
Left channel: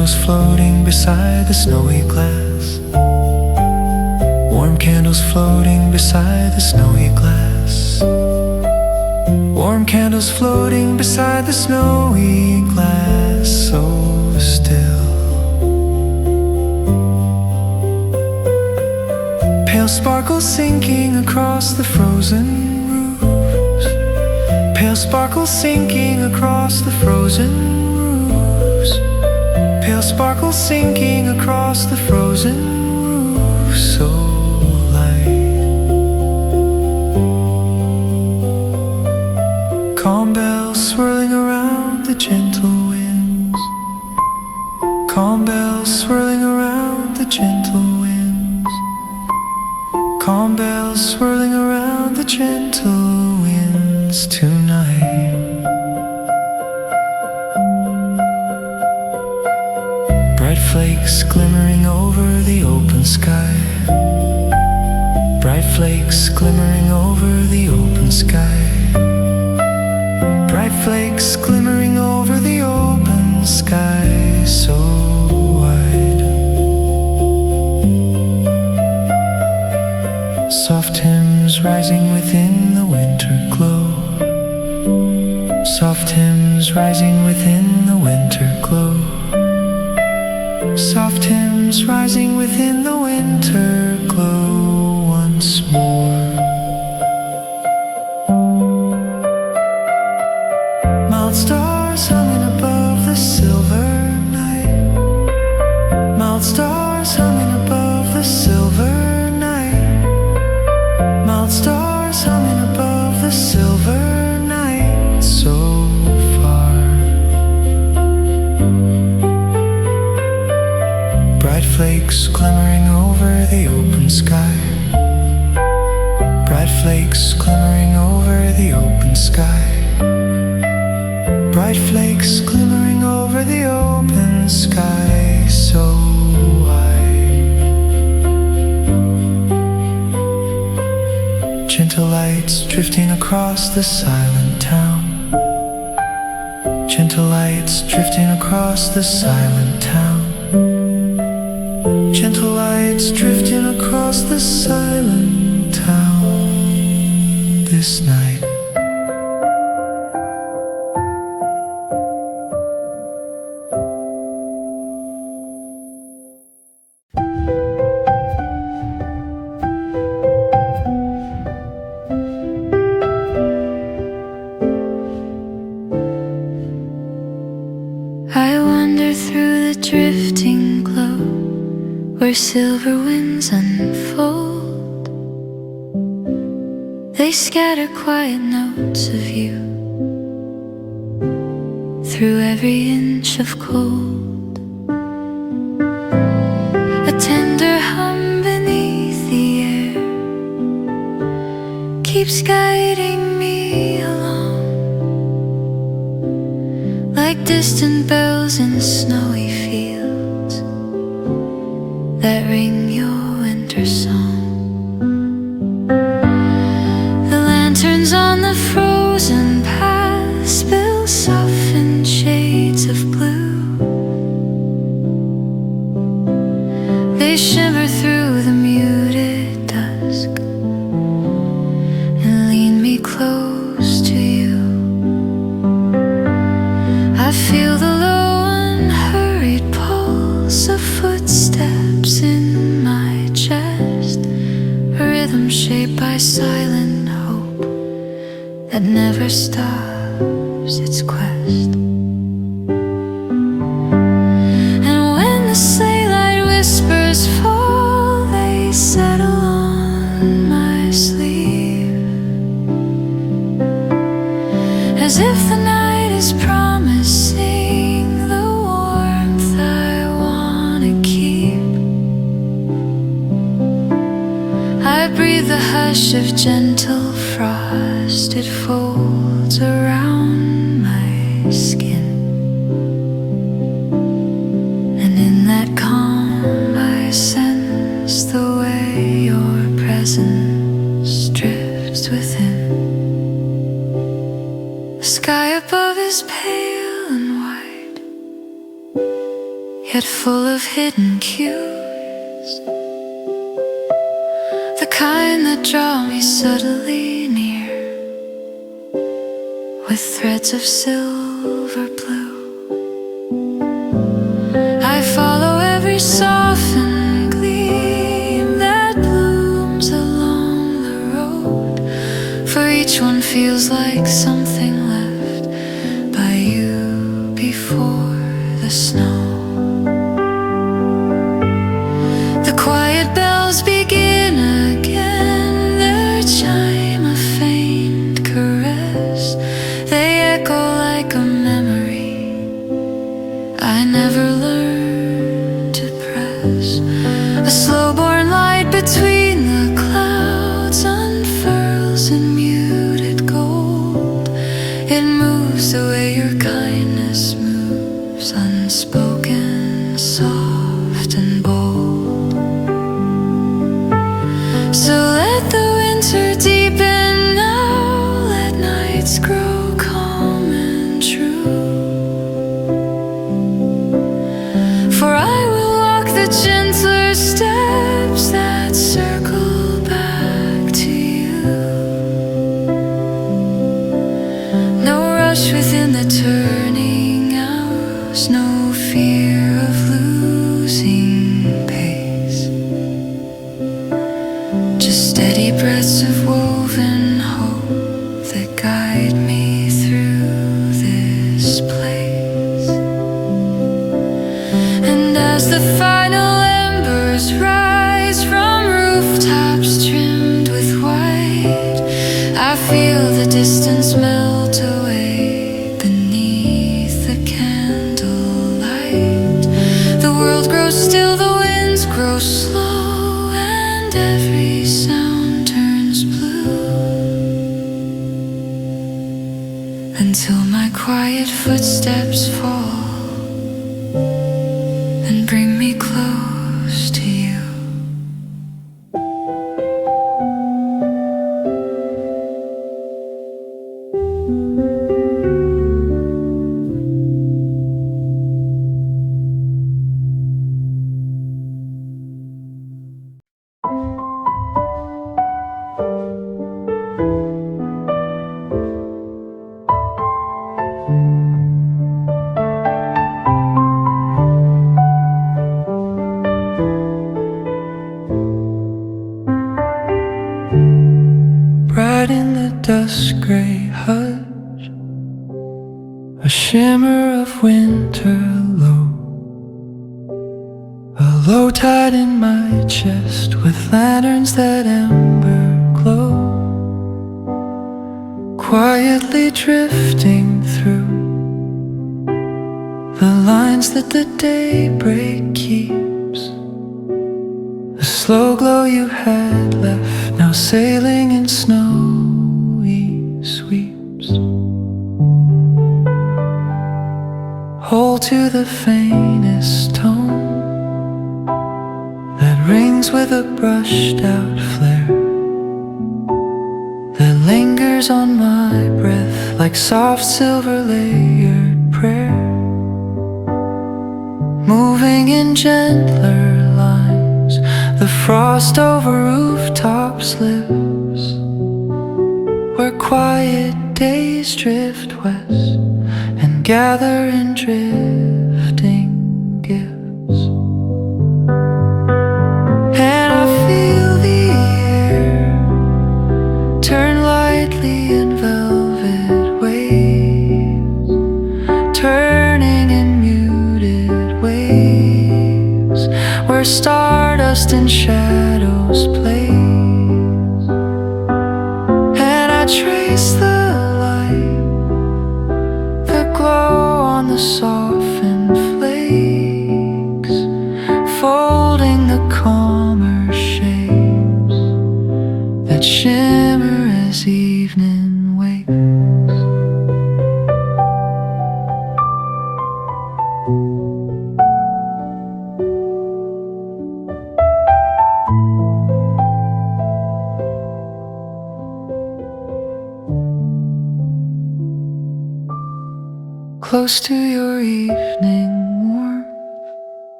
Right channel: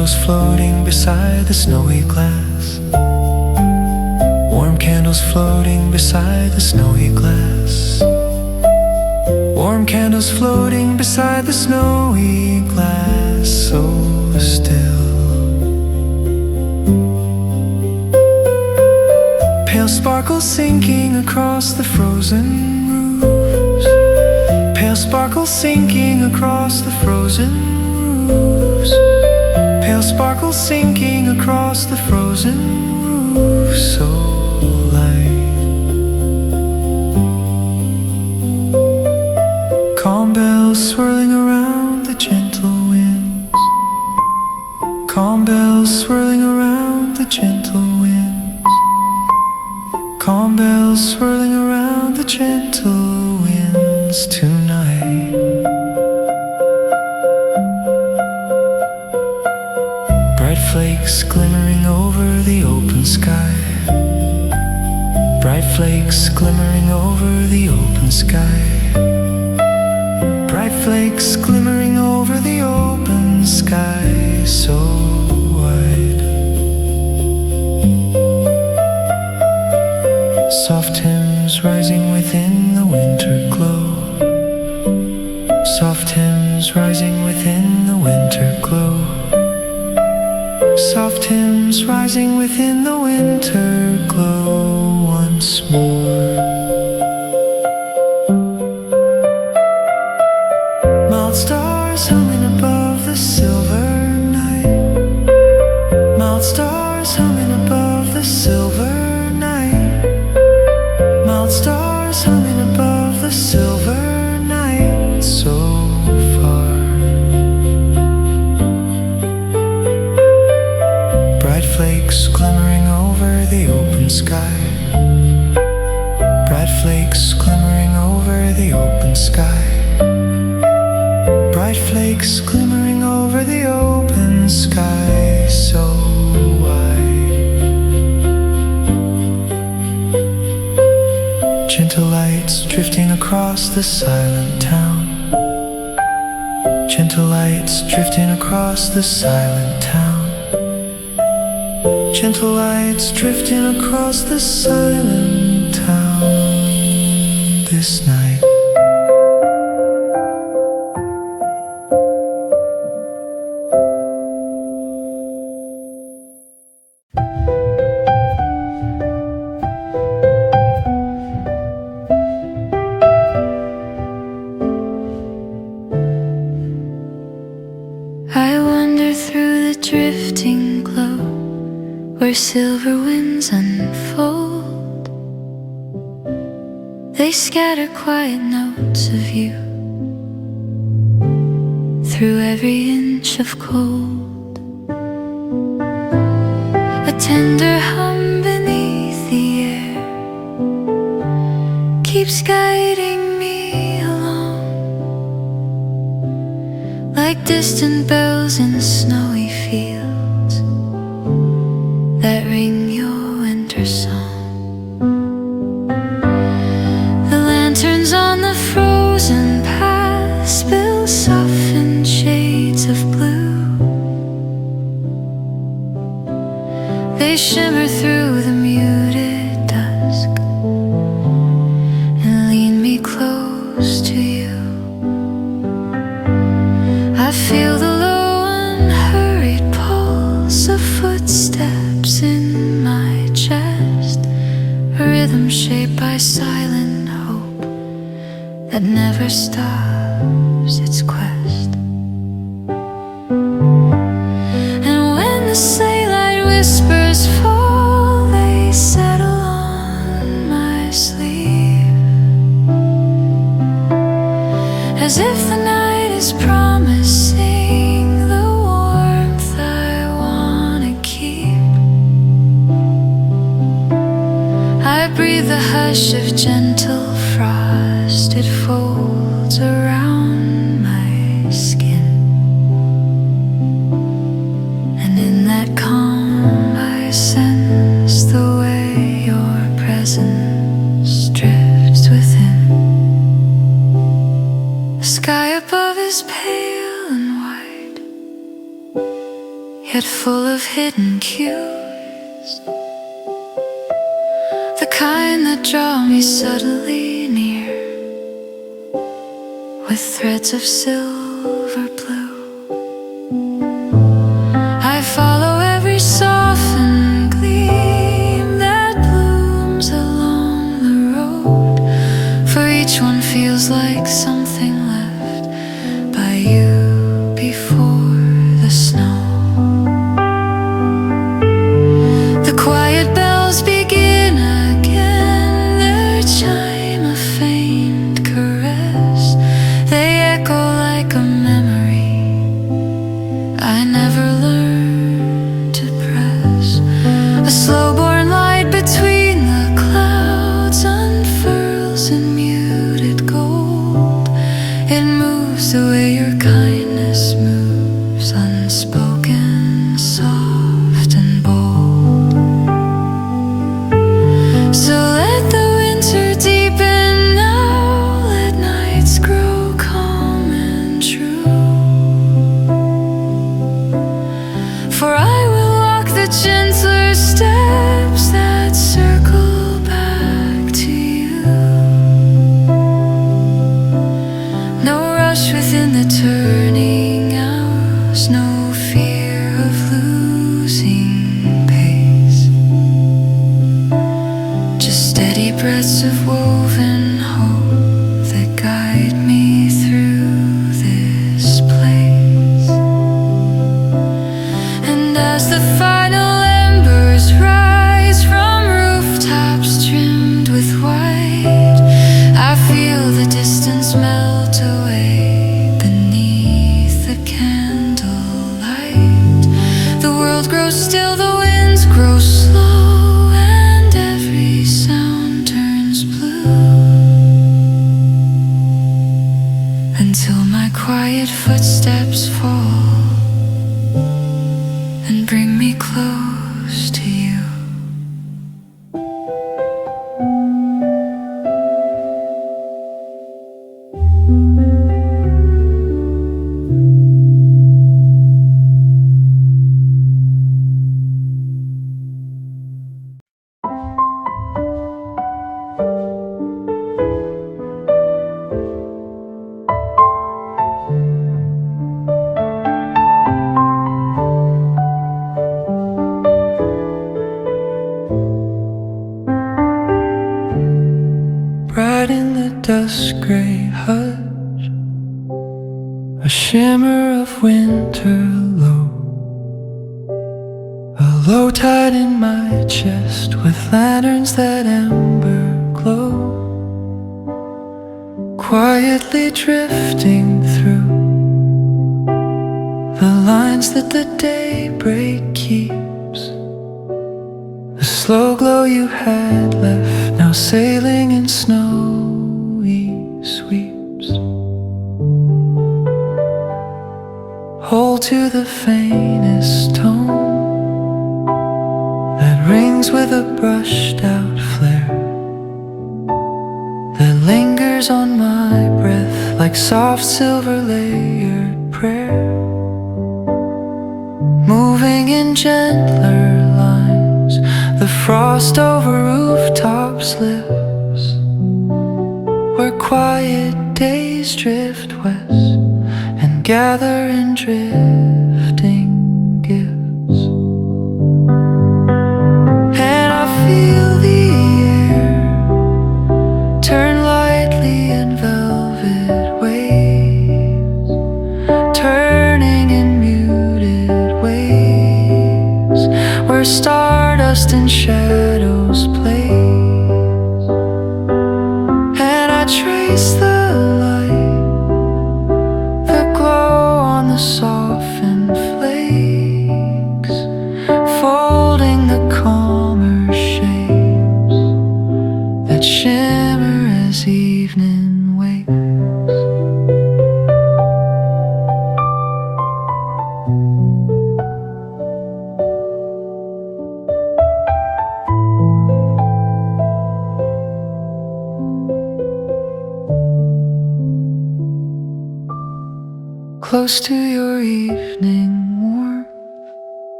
candles floating beside the snowy glass. Warm candles floating beside the snowy glass. Warm candles floating beside the snowy glass, so still. Pale sparkles sinking across the frozen roofs. Pale sparkles sinking across the frozen roofs. Pale sparkles sinking across the frozen roofs, so light. Calm bells swirling around the gentle winds. Calm bells swirling around the gentle winds. Calm bells swirling around the gentle winds tonight. Bright flakes glimmering over the open sky. Bright flakes glimmering over the open sky. Bright flakes glimmering over the open sky, so wide. Soft hymns rising within the winter glow. Soft hymns rising within the winter glow. Soft hymns rising within the winter glow once more. Mild stars humming above the silver night. Mild stars humming above the silver night. Mild stars humming above the silver night, so far. Bright flakes glimmering over the open sky. Bright flakes glimmering over the open sky. Bright flakes glimmering over the open sky, so wide. Gentle lights drifting across the silent town. Gentle lights drifting across the silent town. Gentle lights drifting across the silent town this night. I wander through the drifting glow where silver winds unfold. They scatter quiet notes of you through every inch of cold. A tender hum beneath the air keeps guiding me along, like distant bells in snowy fields that ring your winter song. The lanterns on the frozen path spill softened shades of blue. They shimmer through the muted dusk and lean me close to you. I feel the low unhurried pulse of footsteps in my chest, a rhythm shaped by silent hope that never stops its quest. And when the sleigh light whispers fall, they settle on my sleeve, as if the night is promising the warmth I wanna keep. I breathe the hush of gentle frost, it folds around my skin, and in that calm I sense the way your presence drifts within. The sky above is pale and white, yet full of hidden cues, the kind that draw me subtly near with threads of silver blue. I follow every softened gleam that blooms along the road, for each one feels like something left by you before the snow. The quiet bells begin again, their chime a faint caress. They echo like a memory I never learned to press. A slow-born light between the clouds unfurls in muted gold. It moves the way your kindness moves, unspoken, soft and bold. So let the winter deepen now, let nights grow calm and true. For I will walk the gentler steps that circle back to you. No rush within the turning hours, no fear of losing pace, just steady breaths of woven hope that guide me through this place. And as the final embers rise from rooftops trimmed with white, I feel the distance melt away beneath the candlelight. The world grows still, the winds grow slow, and every sound turns blue, until my quiet footsteps fall and bring me close to you. Bright in the dusk gray hush, a shimmer of winter low, a low tide in my chest with lanterns that ember glow, quietly drifting through the lines that the daybreak keeps. The slow glow you had left, now sailing in snowy sweeps. Hold to the faintest tone that rings with a brushed out flare, that lingers on my breath like soft silver layered prayer, moving in gentler lines. The frost over rooftops lives, where quiet days drift west and gather in drifting gifts. And I feel the air turn lightly in velvet waves, turning in muted waves, where stardust and shadows play. And I trace the light, the glow on the softened flakes, folding the calmer shapes that shimmer as evening wakes. Close to your evening warmth,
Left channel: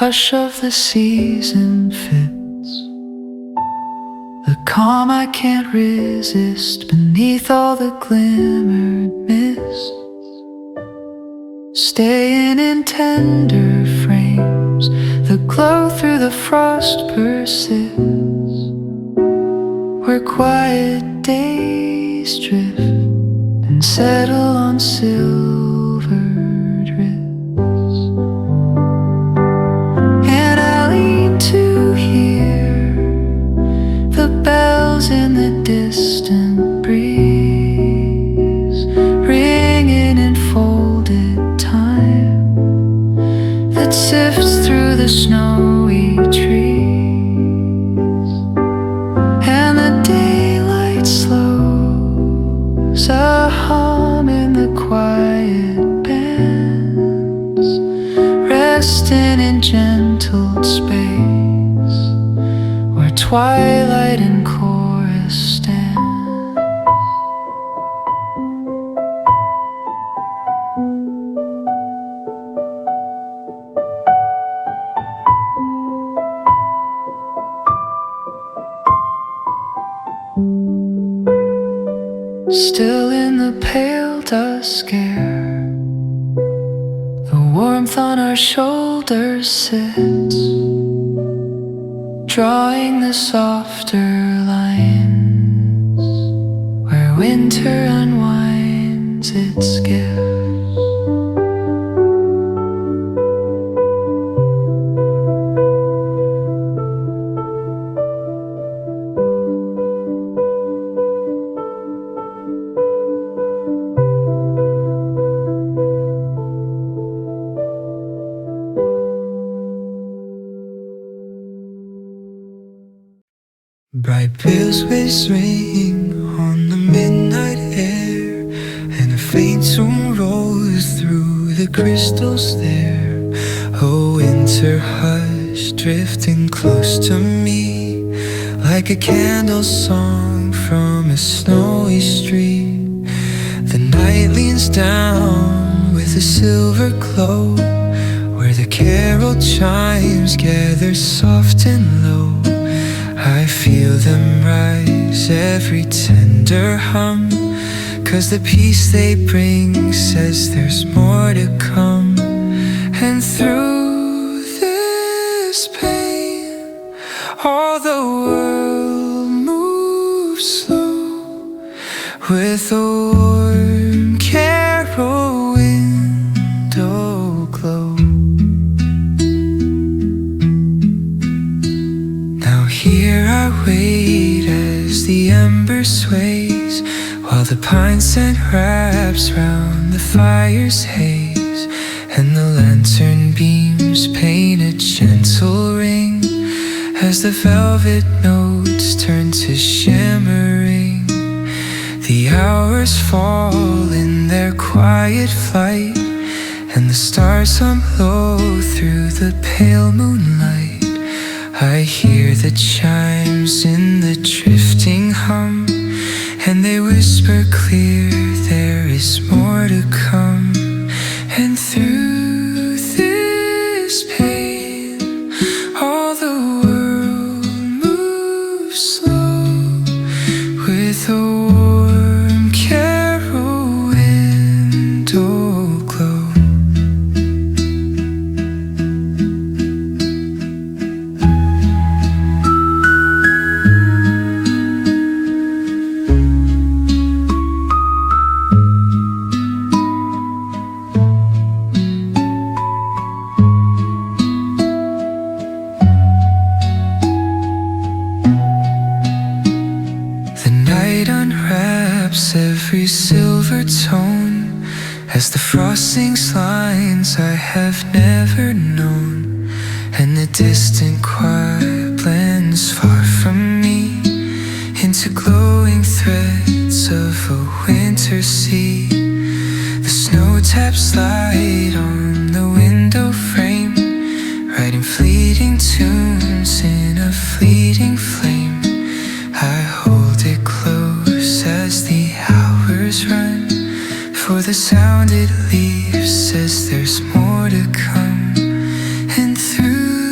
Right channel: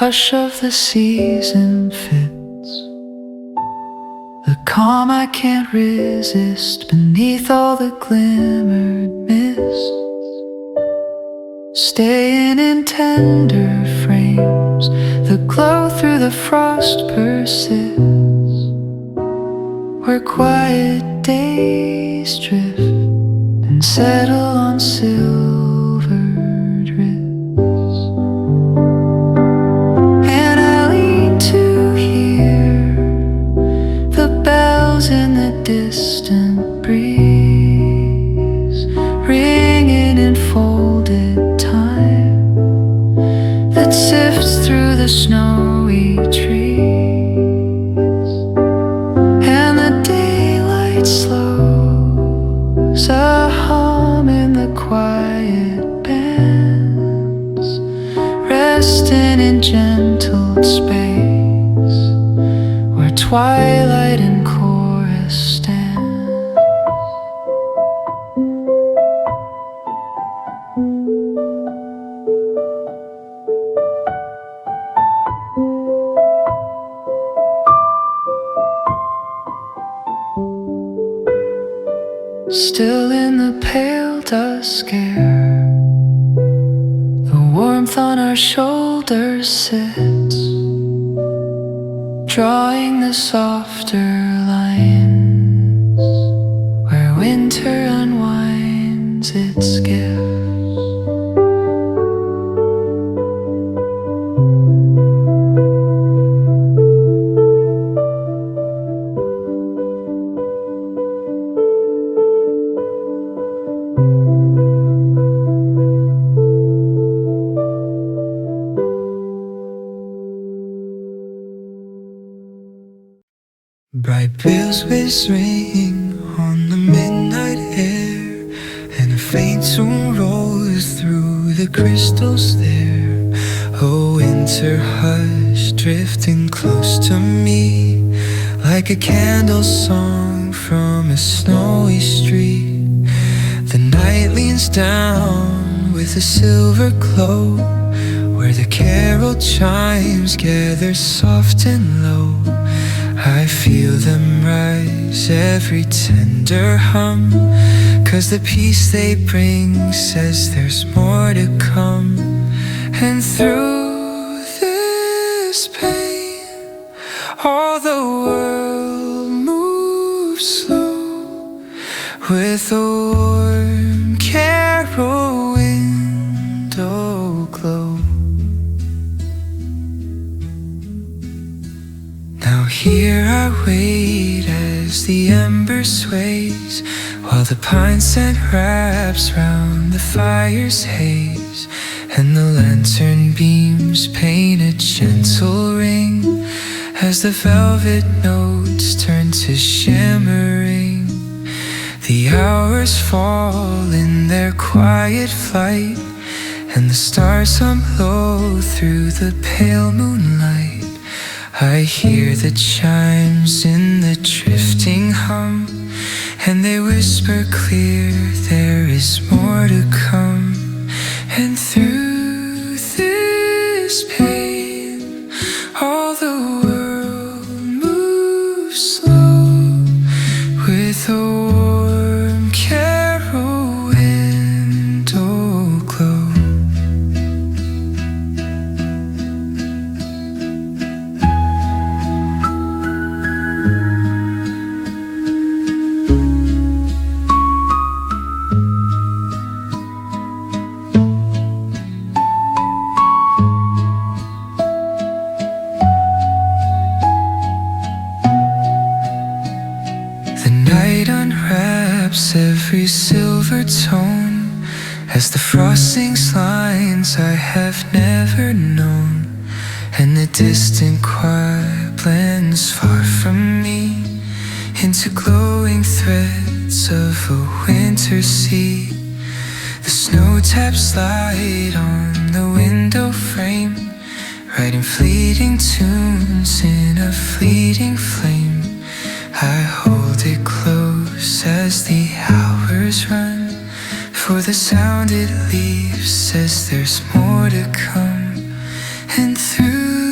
hush of the season fits the calm I can't resist beneath all the glimmered mists, staying in tender frames. The glow through the frost persists, where quiet days drift and settle on silvered wrists. And I lean to hear the bells in the distant breeze, ringing in folded time that sifts through the snowy trees. And the daylight slows, a hum in the quiet bands, resting in gentled space where twilight and chorus stand. Still in the pale dusk air, the warmth on our shoulders sits, drawing the softer lines where winter unwinds its gifts. Bright bells ring on the midnight air, and a faint tune rolls through the crystals there. A winter hush drifting close to me, like a candle song from a snowy street. The night leans down with a silver glow, where the carol chimes gather soft and low. I feel them rise, every tender hum, 'cause the peace they bring says there's more to come. And through this pain, all the world moves slow, with a warm carol window glow. Here I wait as the ember sways, while the pine scent wraps round the fire's haze, and the lantern beams paint a gentle ring as the velvet notes turn to shimmering. The hours fall in their quiet flight, and the stars hum low through the pale moonlight. I hear the chimes in the drifting hum, and they whisper clear there is more to come. And through this pain, all the world moves slow, with a warm carol window glow. Every silver tone as the frost sings lines I have never known, and the distant choir blends far from me into glowing threads of a winter sea. The snow taps light on the window frame, writing fleeting tunes in a fleeting flame. I hold it close as the hours run, for the sound it leaves says there's more to come. And through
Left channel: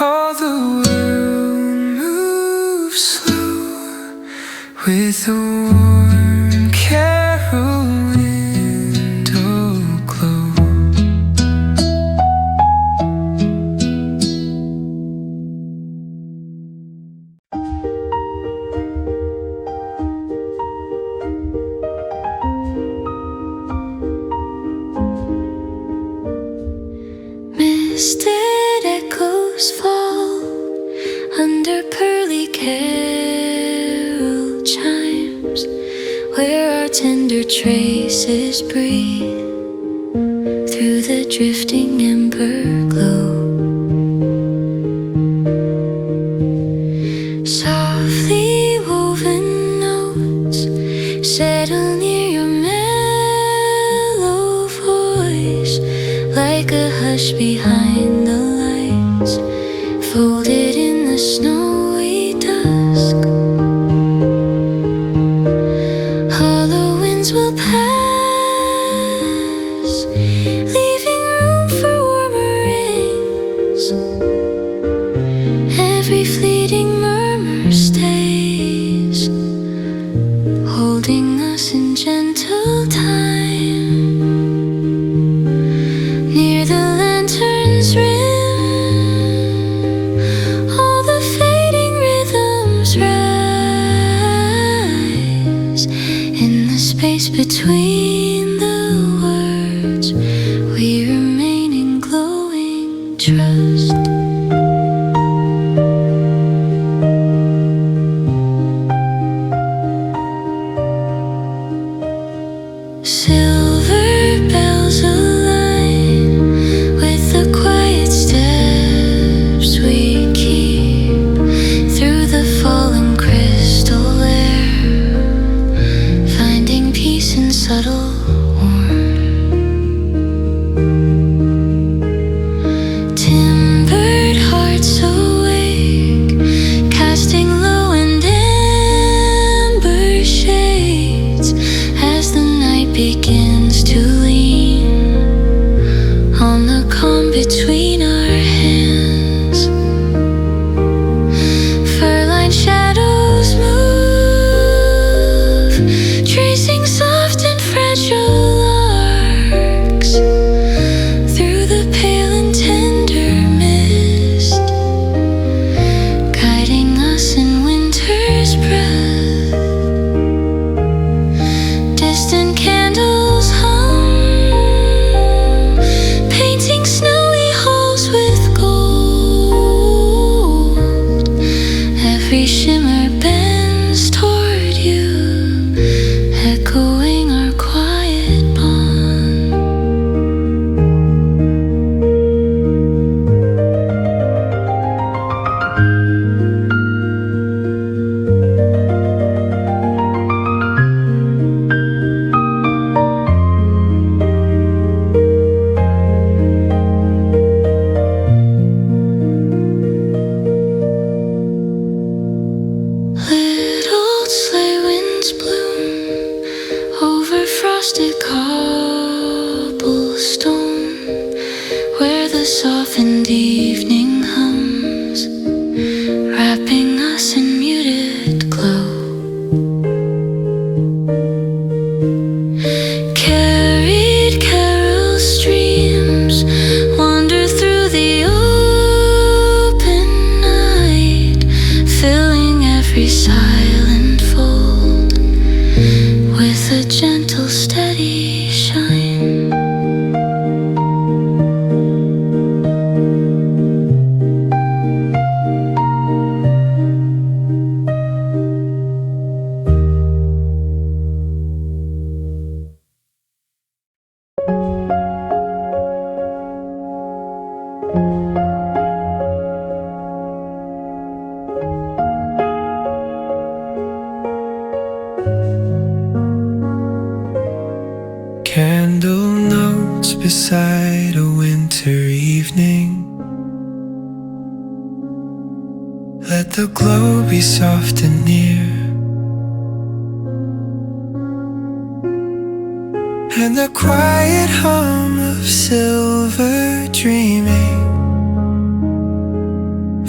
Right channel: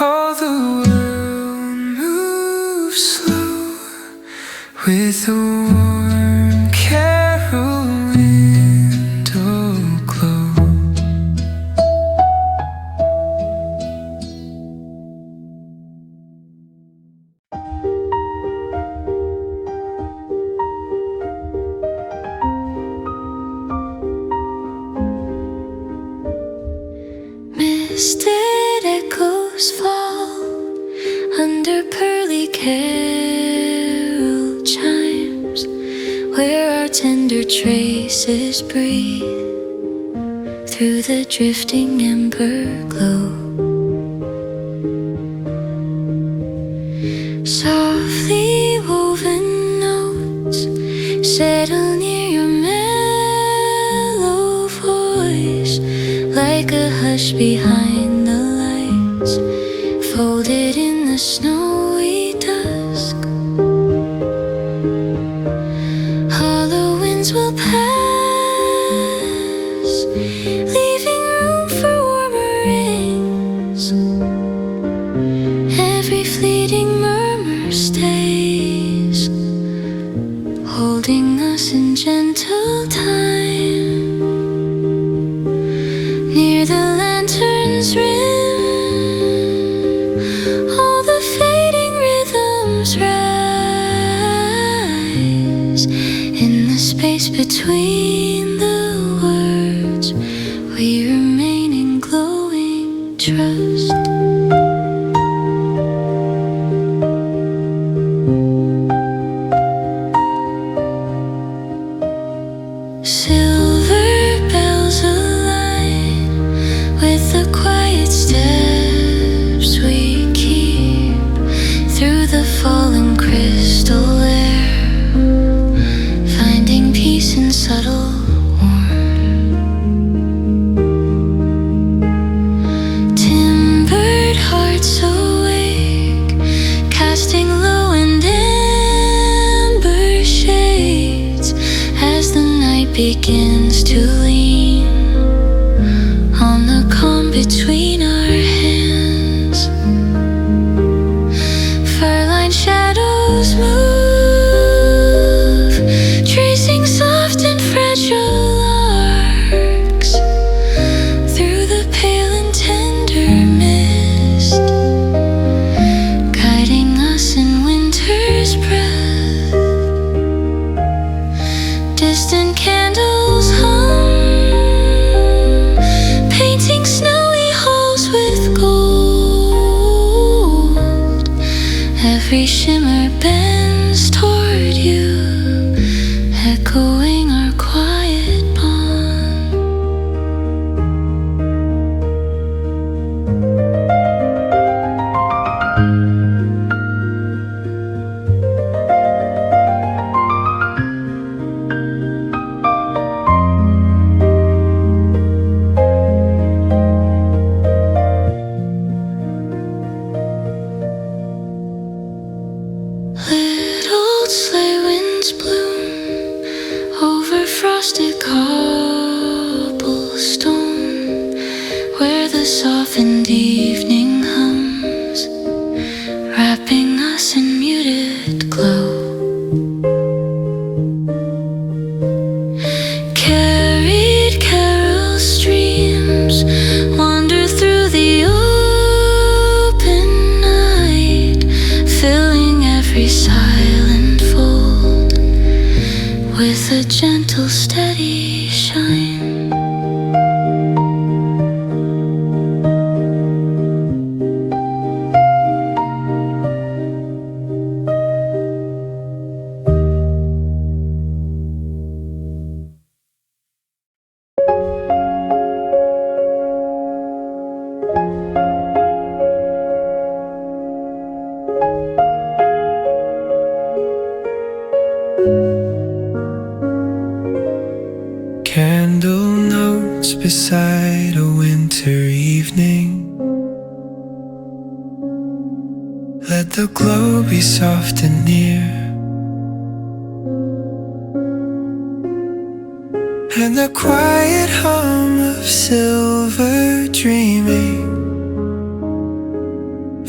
All the world moves slow with a warm carol window glow. Misted echoes fall under pearly carol chimes, where our tender traces breathe through the drifting ember glow. Softly woven notes settle near your mellow voice, like a hush behind the lights, folded in the snowy dusk. Hollow winds will pass, leaving room for warmer rains. Every fleeting murmur stays, holding us in gentle time. Near the lantern's rim, all the fading rhythms rise. In the space between the words, we remain in glowing trust. Silver bells align with the quiet steps we keep through the fallen crystal air, finding peace in subtle warmth. Timbered hearts awake, casting low and amber shades as the night begins to lean on the calm between our hands. Fur-lined shadows move, tracing soft and fragile arcs through the pale and tender mist, guiding us in winter's breath. Distant candles hum, painting snowy halls with gold. Every shimmer bends toward you, echoing our quiet bond. Little sleigh winds bloom over frosted cobblestone, where the softened evening hums, wrapping us in muted glow. Carried carol streams wander through the open night, filling every silent fold with a gentle, steady shine. Candle notes beside a winter evening. Let the glow be soft and near, and the quiet hum of silver dreaming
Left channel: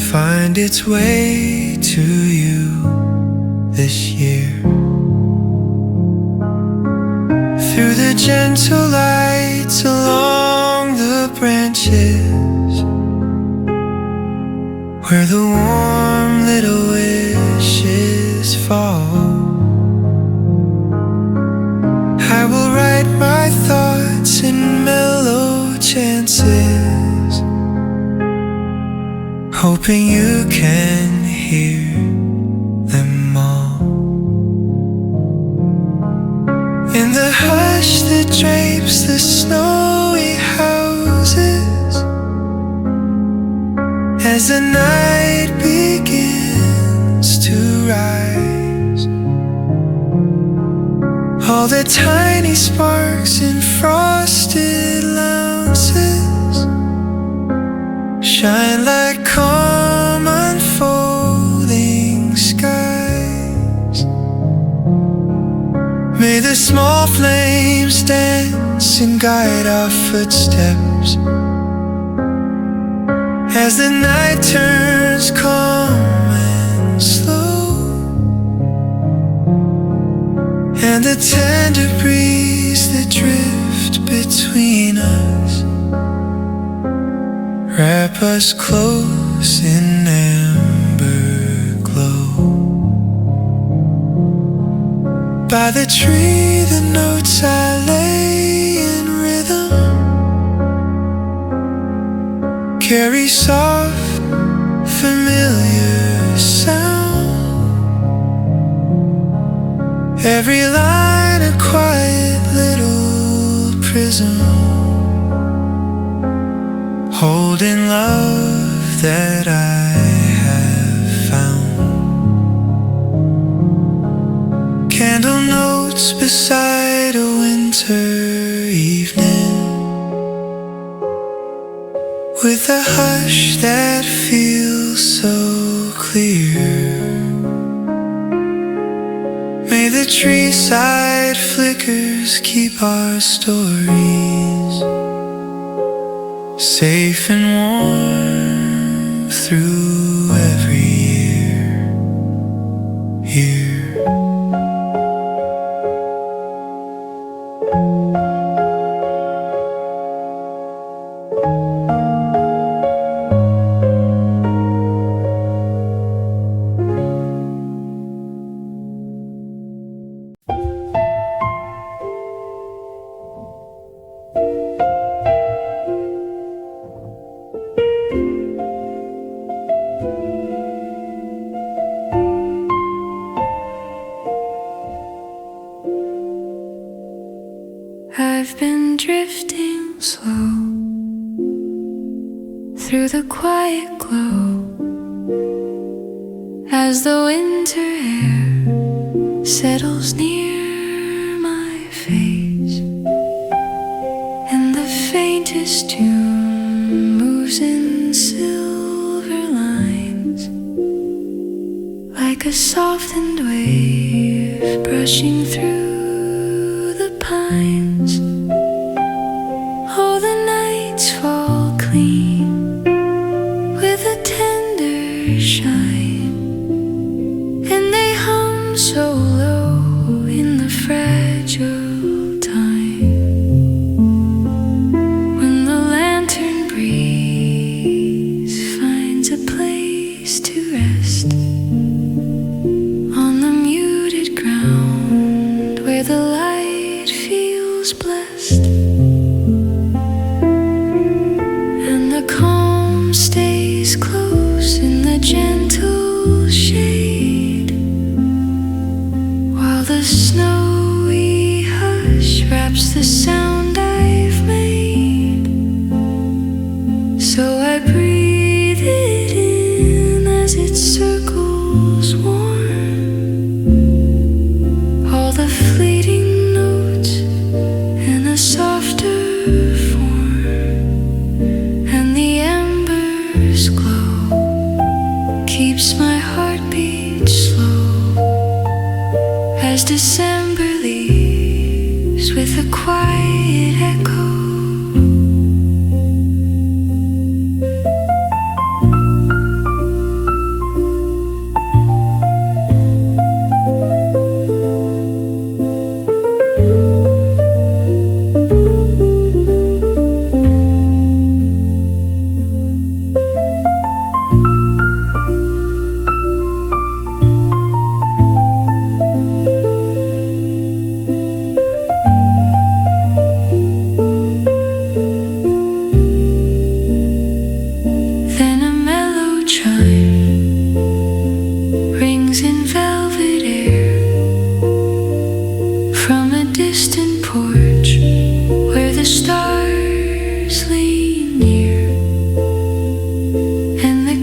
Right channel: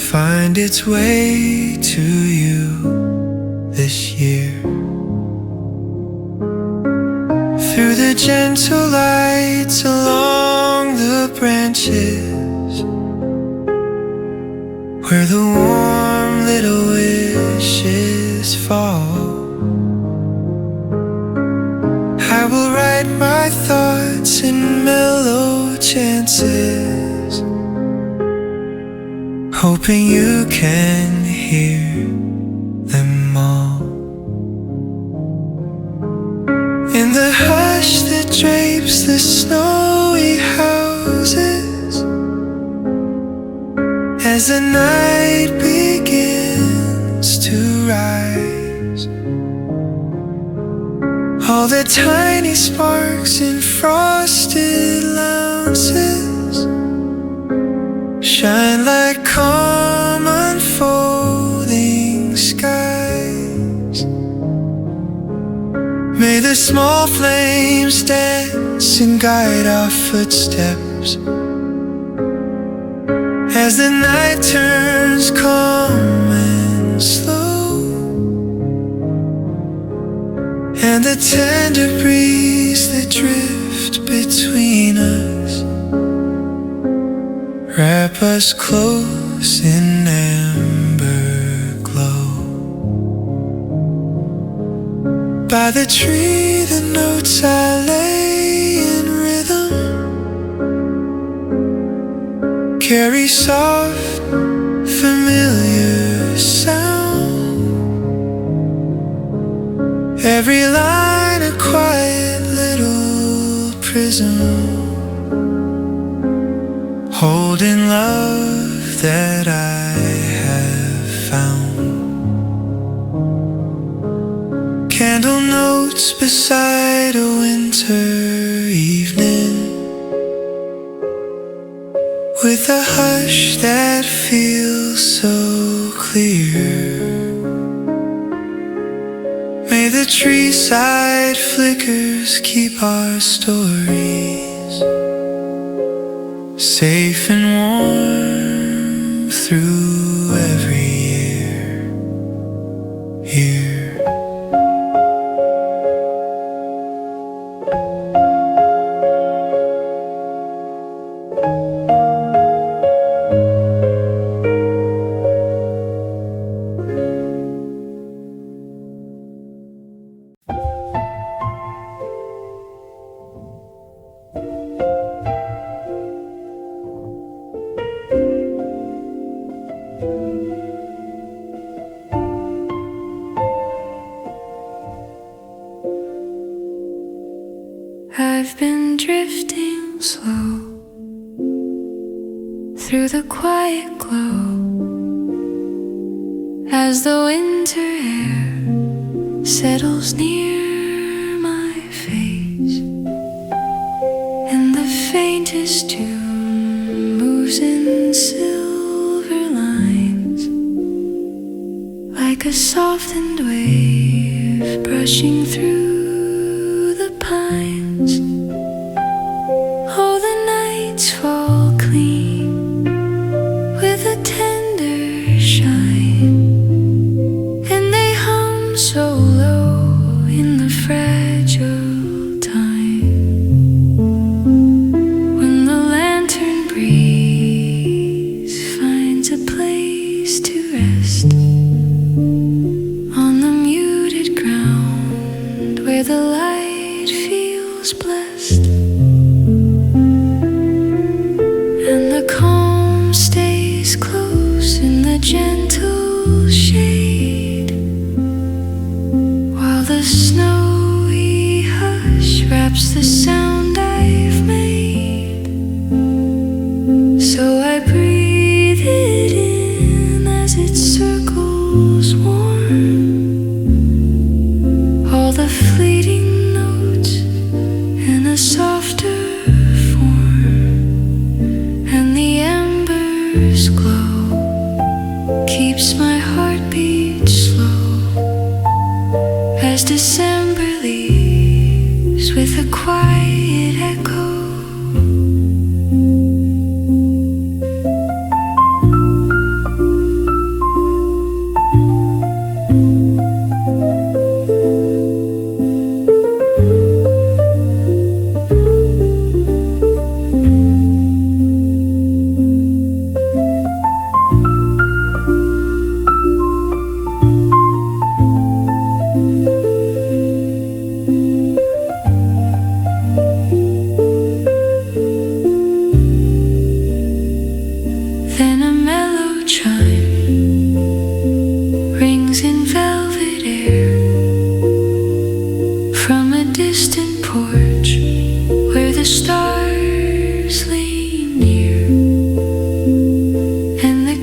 find its way to you this year. Through the gentle lights along the branches, where the warm little wishes fall, I will write my thoughts in mellow chances, hoping you can hear them all. In the hush that drapes the snowy houses, as the night begins to rise, all the tiny sparks in frosted lounges shine like calm unfolding skies. May the small flames dance and guide our footsteps as the night turns calm and slow, and the tender breeze that drifts between us wrap us close in amber glow. By the tree the notes I lay in rhythm carry soft, familiar sound. Every line a quiet little prism, holding love that I have found. Candle notes beside a winter evening, with a hush that feels so clear. May the tree side flickers keep our stories safe and warm through every year. I've been drifting slow through the quiet glow as the winter air settles near my face, and the faintest tune moves in silver lines like a softened wave brushing through the pines. Oh, the nights fall clean with a tender shine, and they hum so low in the fragile time when the lantern breeze finds a place to rest on the muted ground where the light feels blessed, and the calm stays close in the gentle shade, while the snowy hush wraps the sound I've made. So I breathe it in as it circles warm, all the fleeting notes in a softer form, and the embers glow, keeps my heartbeat slow as December leaves with a quiet echo.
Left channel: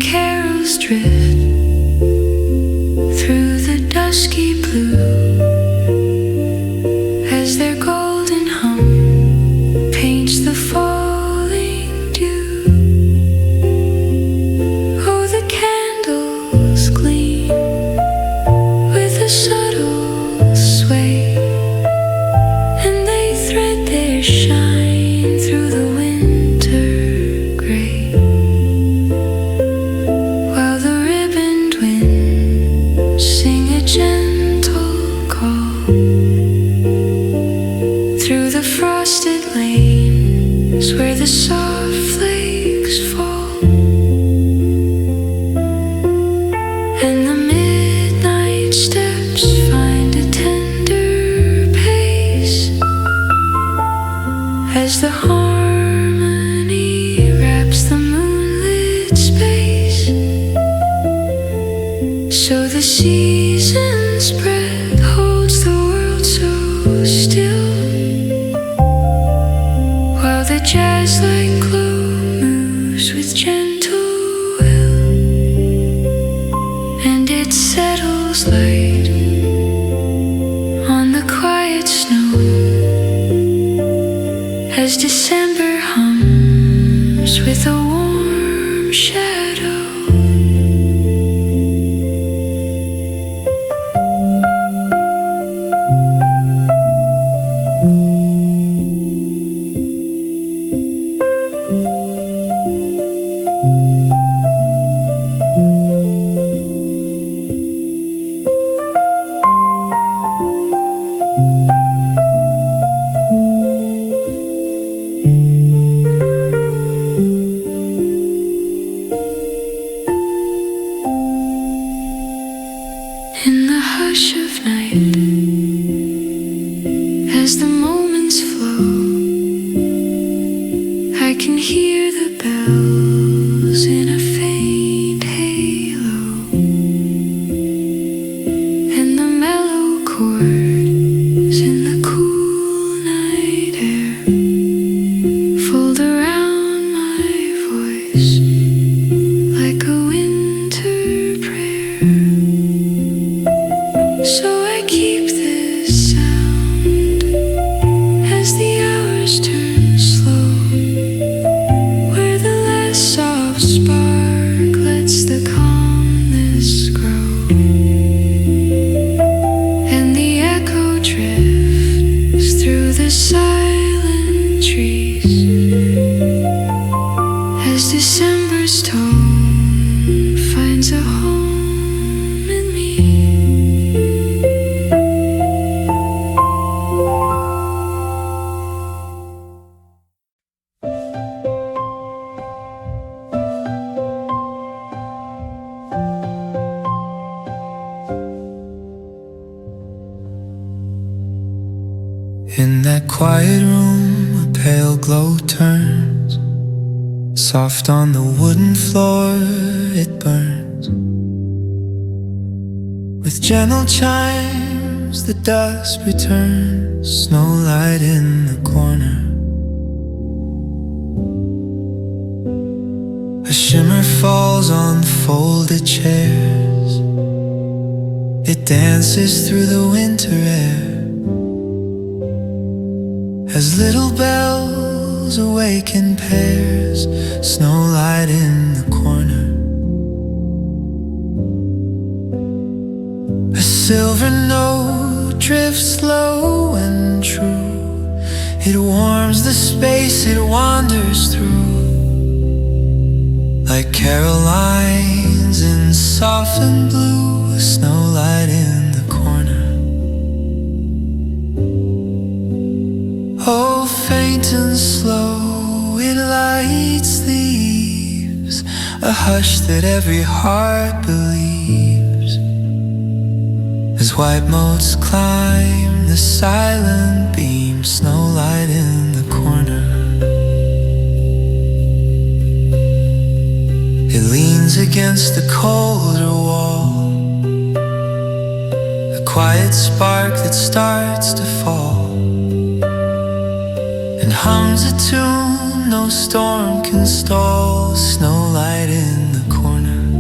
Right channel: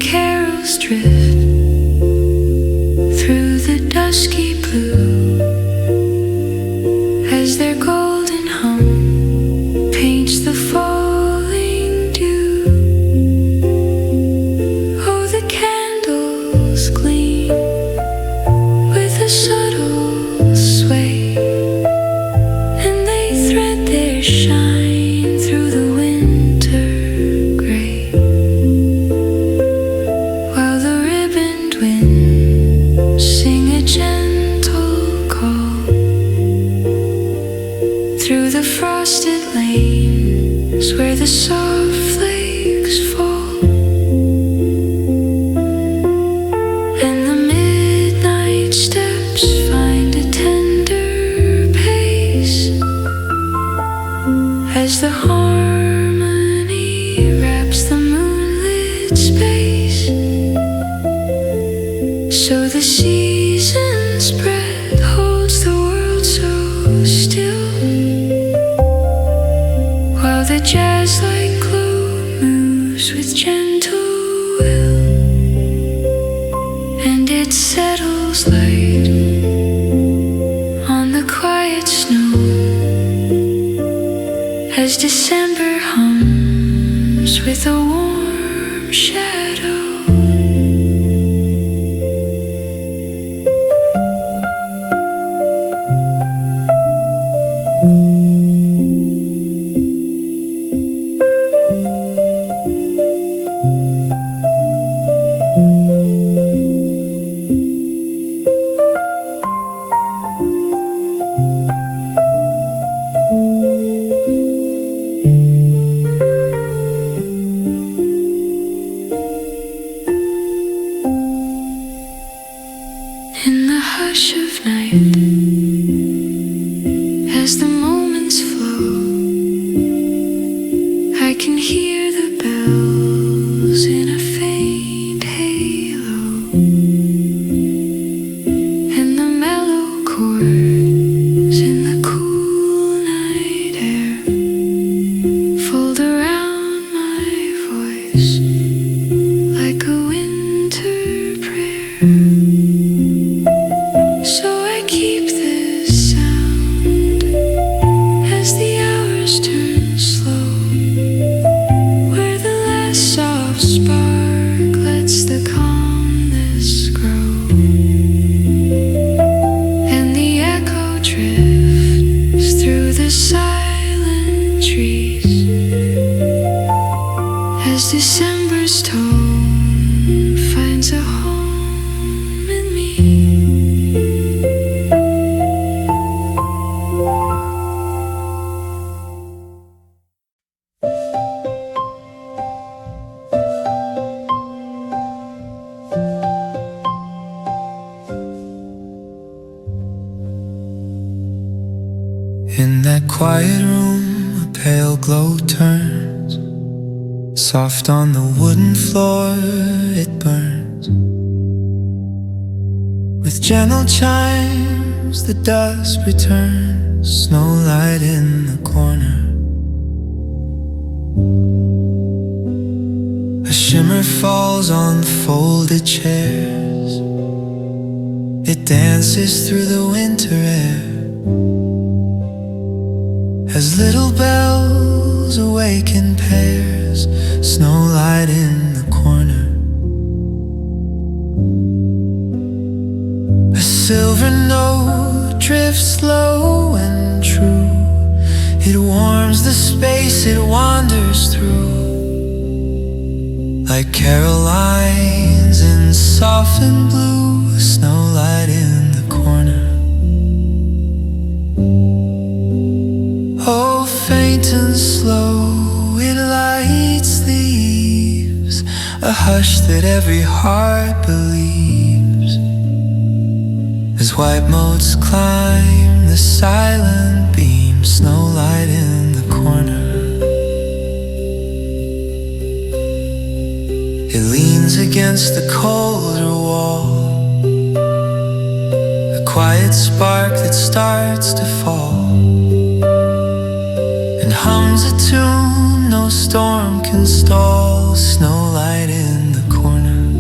carols drift through the dusky blue as their golden hum paints the falling dew. Oh, the candles gleam with a subtle sway, and they thread their shine through the winter gray, while the ribboned winds sing a gentle call through the frosted lanes where the soft flakes fall, and the midnight steps find a tender pace as the harmony wraps the moonlit space. So the season's breath holds the world so still, while the jazz-like glow moves with gentle will, and it settles light on the quiet snow as December hums with a warm shadow. In the hush of night, as the moments flow, I can hear the bells in a faint halo, and the mellow chords in the cool night air fold around my voice like a winter prayer. So I keep this sound as the hours turn slow, where the last soft spark lets the calmness grow, and the echo drifts through the silent trees as December's tone finds a home in me. In that quiet room, a pale glow turns. Soft on the wooden floor, it burns. With gentle chimes, the dusk returns. Snowlight in the corner. A shimmer falls on folded chairs. It dances through the winter air as little bells awaken pairs. Snowlight in the corner. A silver note drifts low and true. It warms the space it wanders through, like Carolines in softened blue. Snowlight in the corner. Oh, faint and slow, it lights the eaves, a hush that every heart believes, as white motes climb the silent beam. Snowlight in the corner. It leans against the colder wall, a quiet spark that starts to fall, and hums a tune no storm can stall. Snowlight in the corner.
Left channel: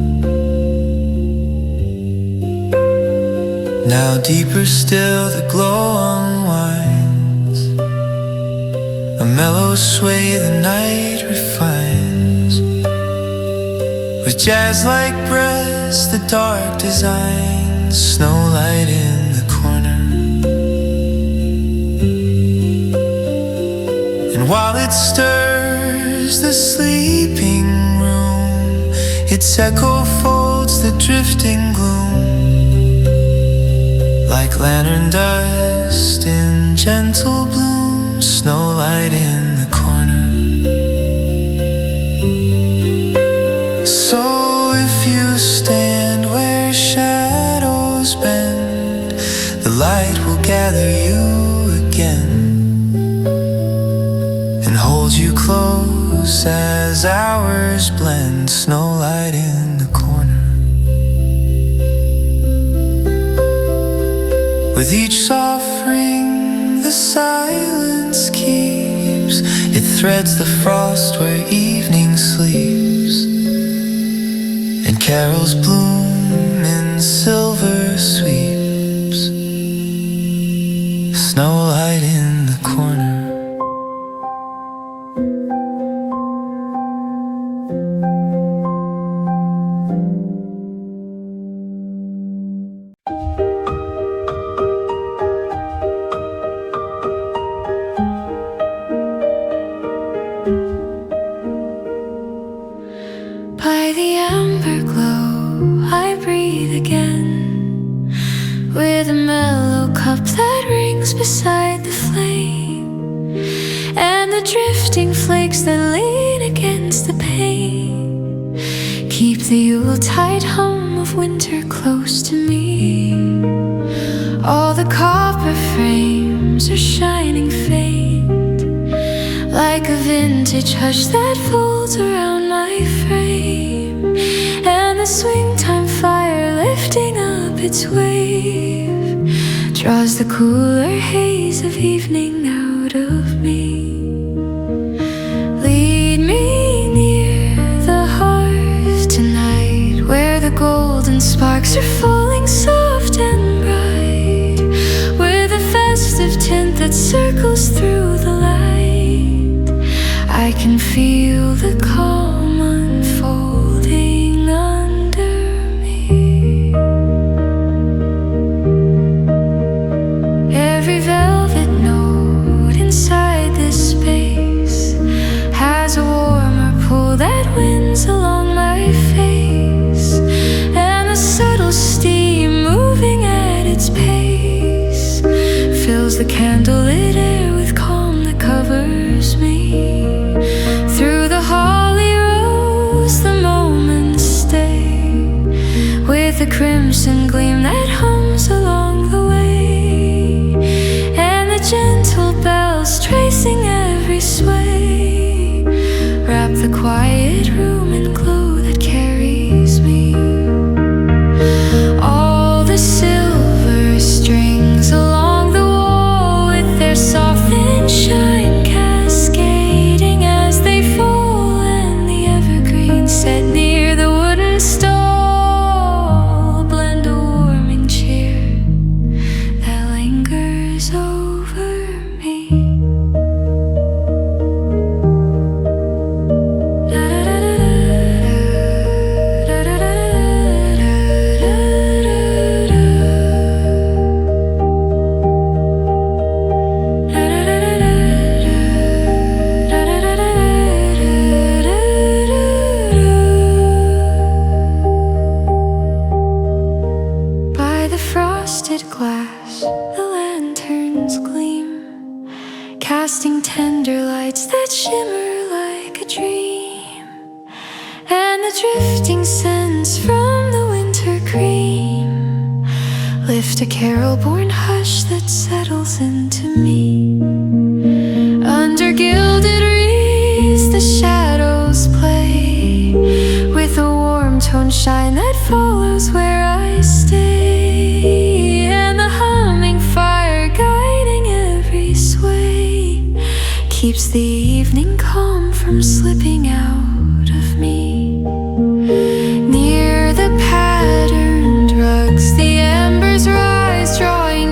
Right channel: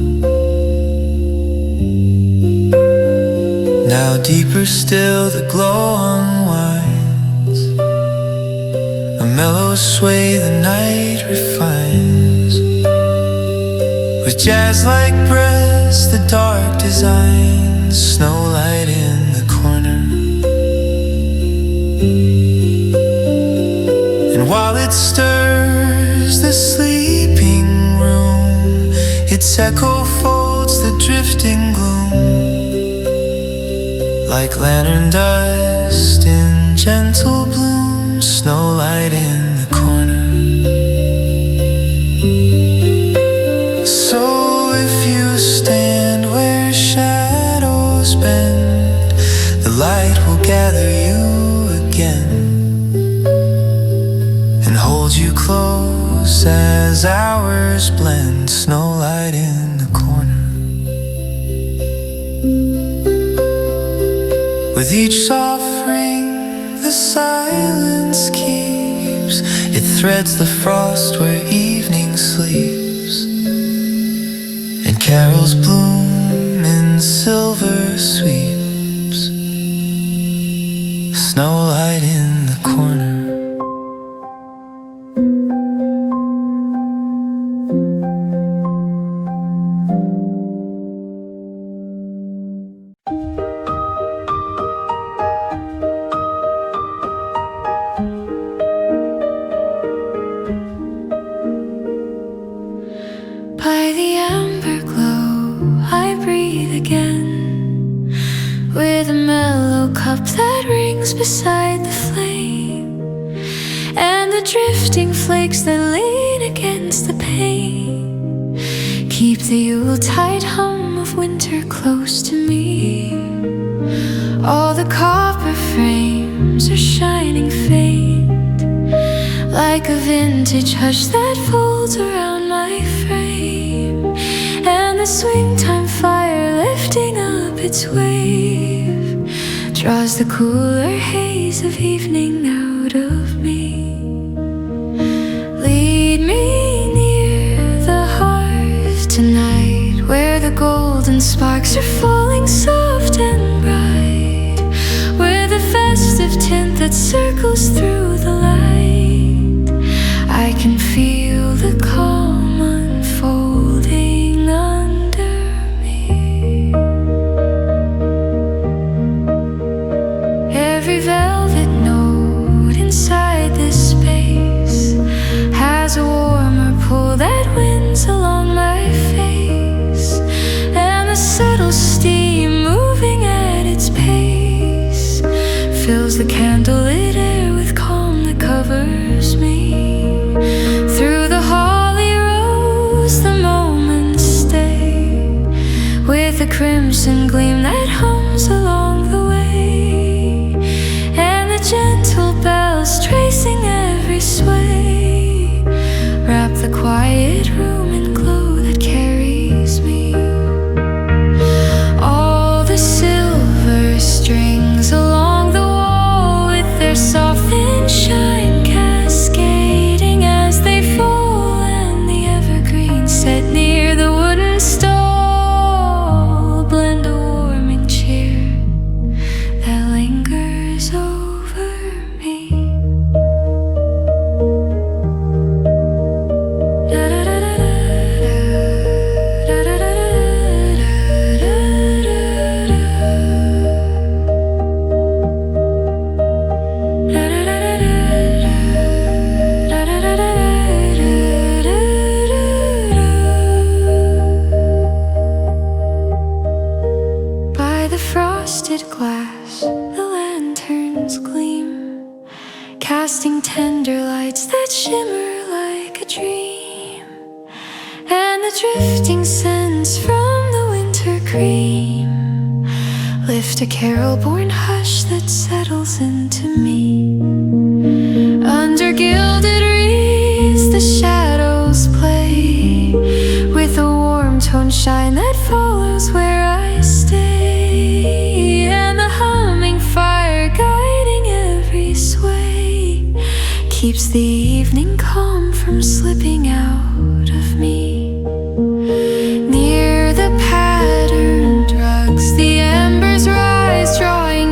Now deeper still the glow unwinds, a mellow sway the night refines. With jazz-like breaths the dark designs, snowlight in the corner. And while it stirs the sleeping room, its echo folds the drifting gloom, like lantern dust in gentle bloom, snowlight in the corner. So if you stand where shadows bend, the light will gather you again and hold you close as hours blend, snowlight in the corner. With each soft ring the silence keeps, it threads the frost where evening sleeps, and carols bloom in silver sweeps, snowlight in the corner. By the amber glow I breathe again, with a mellow cup that rings beside the flame, and the drifting flakes that lean against the pane keep the Yuletide hum of winter close to me. All the copper frames are shining faint, like a vintage hush that folds around my frame, and the swing time fire lifting up its wave draws the cooler haze of evening out of me. Lead me near the hearth tonight, where the golden sparks are falling soft and bright, with a festive tint that circles through the light. I can feel the calm unfolding under me. Every velvet note inside this space has a warmer pull that winds along my face, and the subtle steam moving at its pace fills the candlelit air with calm that covers me. Through the holly rose the moments stay, with a crimson gleam that hums along the way, and the gentle bells tracing every sway wrap the quiet room in glow that carries me. All the silver strings along the wall, with their soft thin shine cascading as they fall, and the evergreens set near the wooden stall blend a warming cheer that lingers over me. By the frosted glass the lanterns gleam, casting tender lights that shimmer like a dream, and the drifting scents from the winter cream lift a carol-born hush that settles into me. Under gilded wreaths the shadows play, with a warm tone shine that follows where I stay, and the humming fire guiding every sway keeps the evening calm from slipping out of me. Near the patterned rugs the embers rise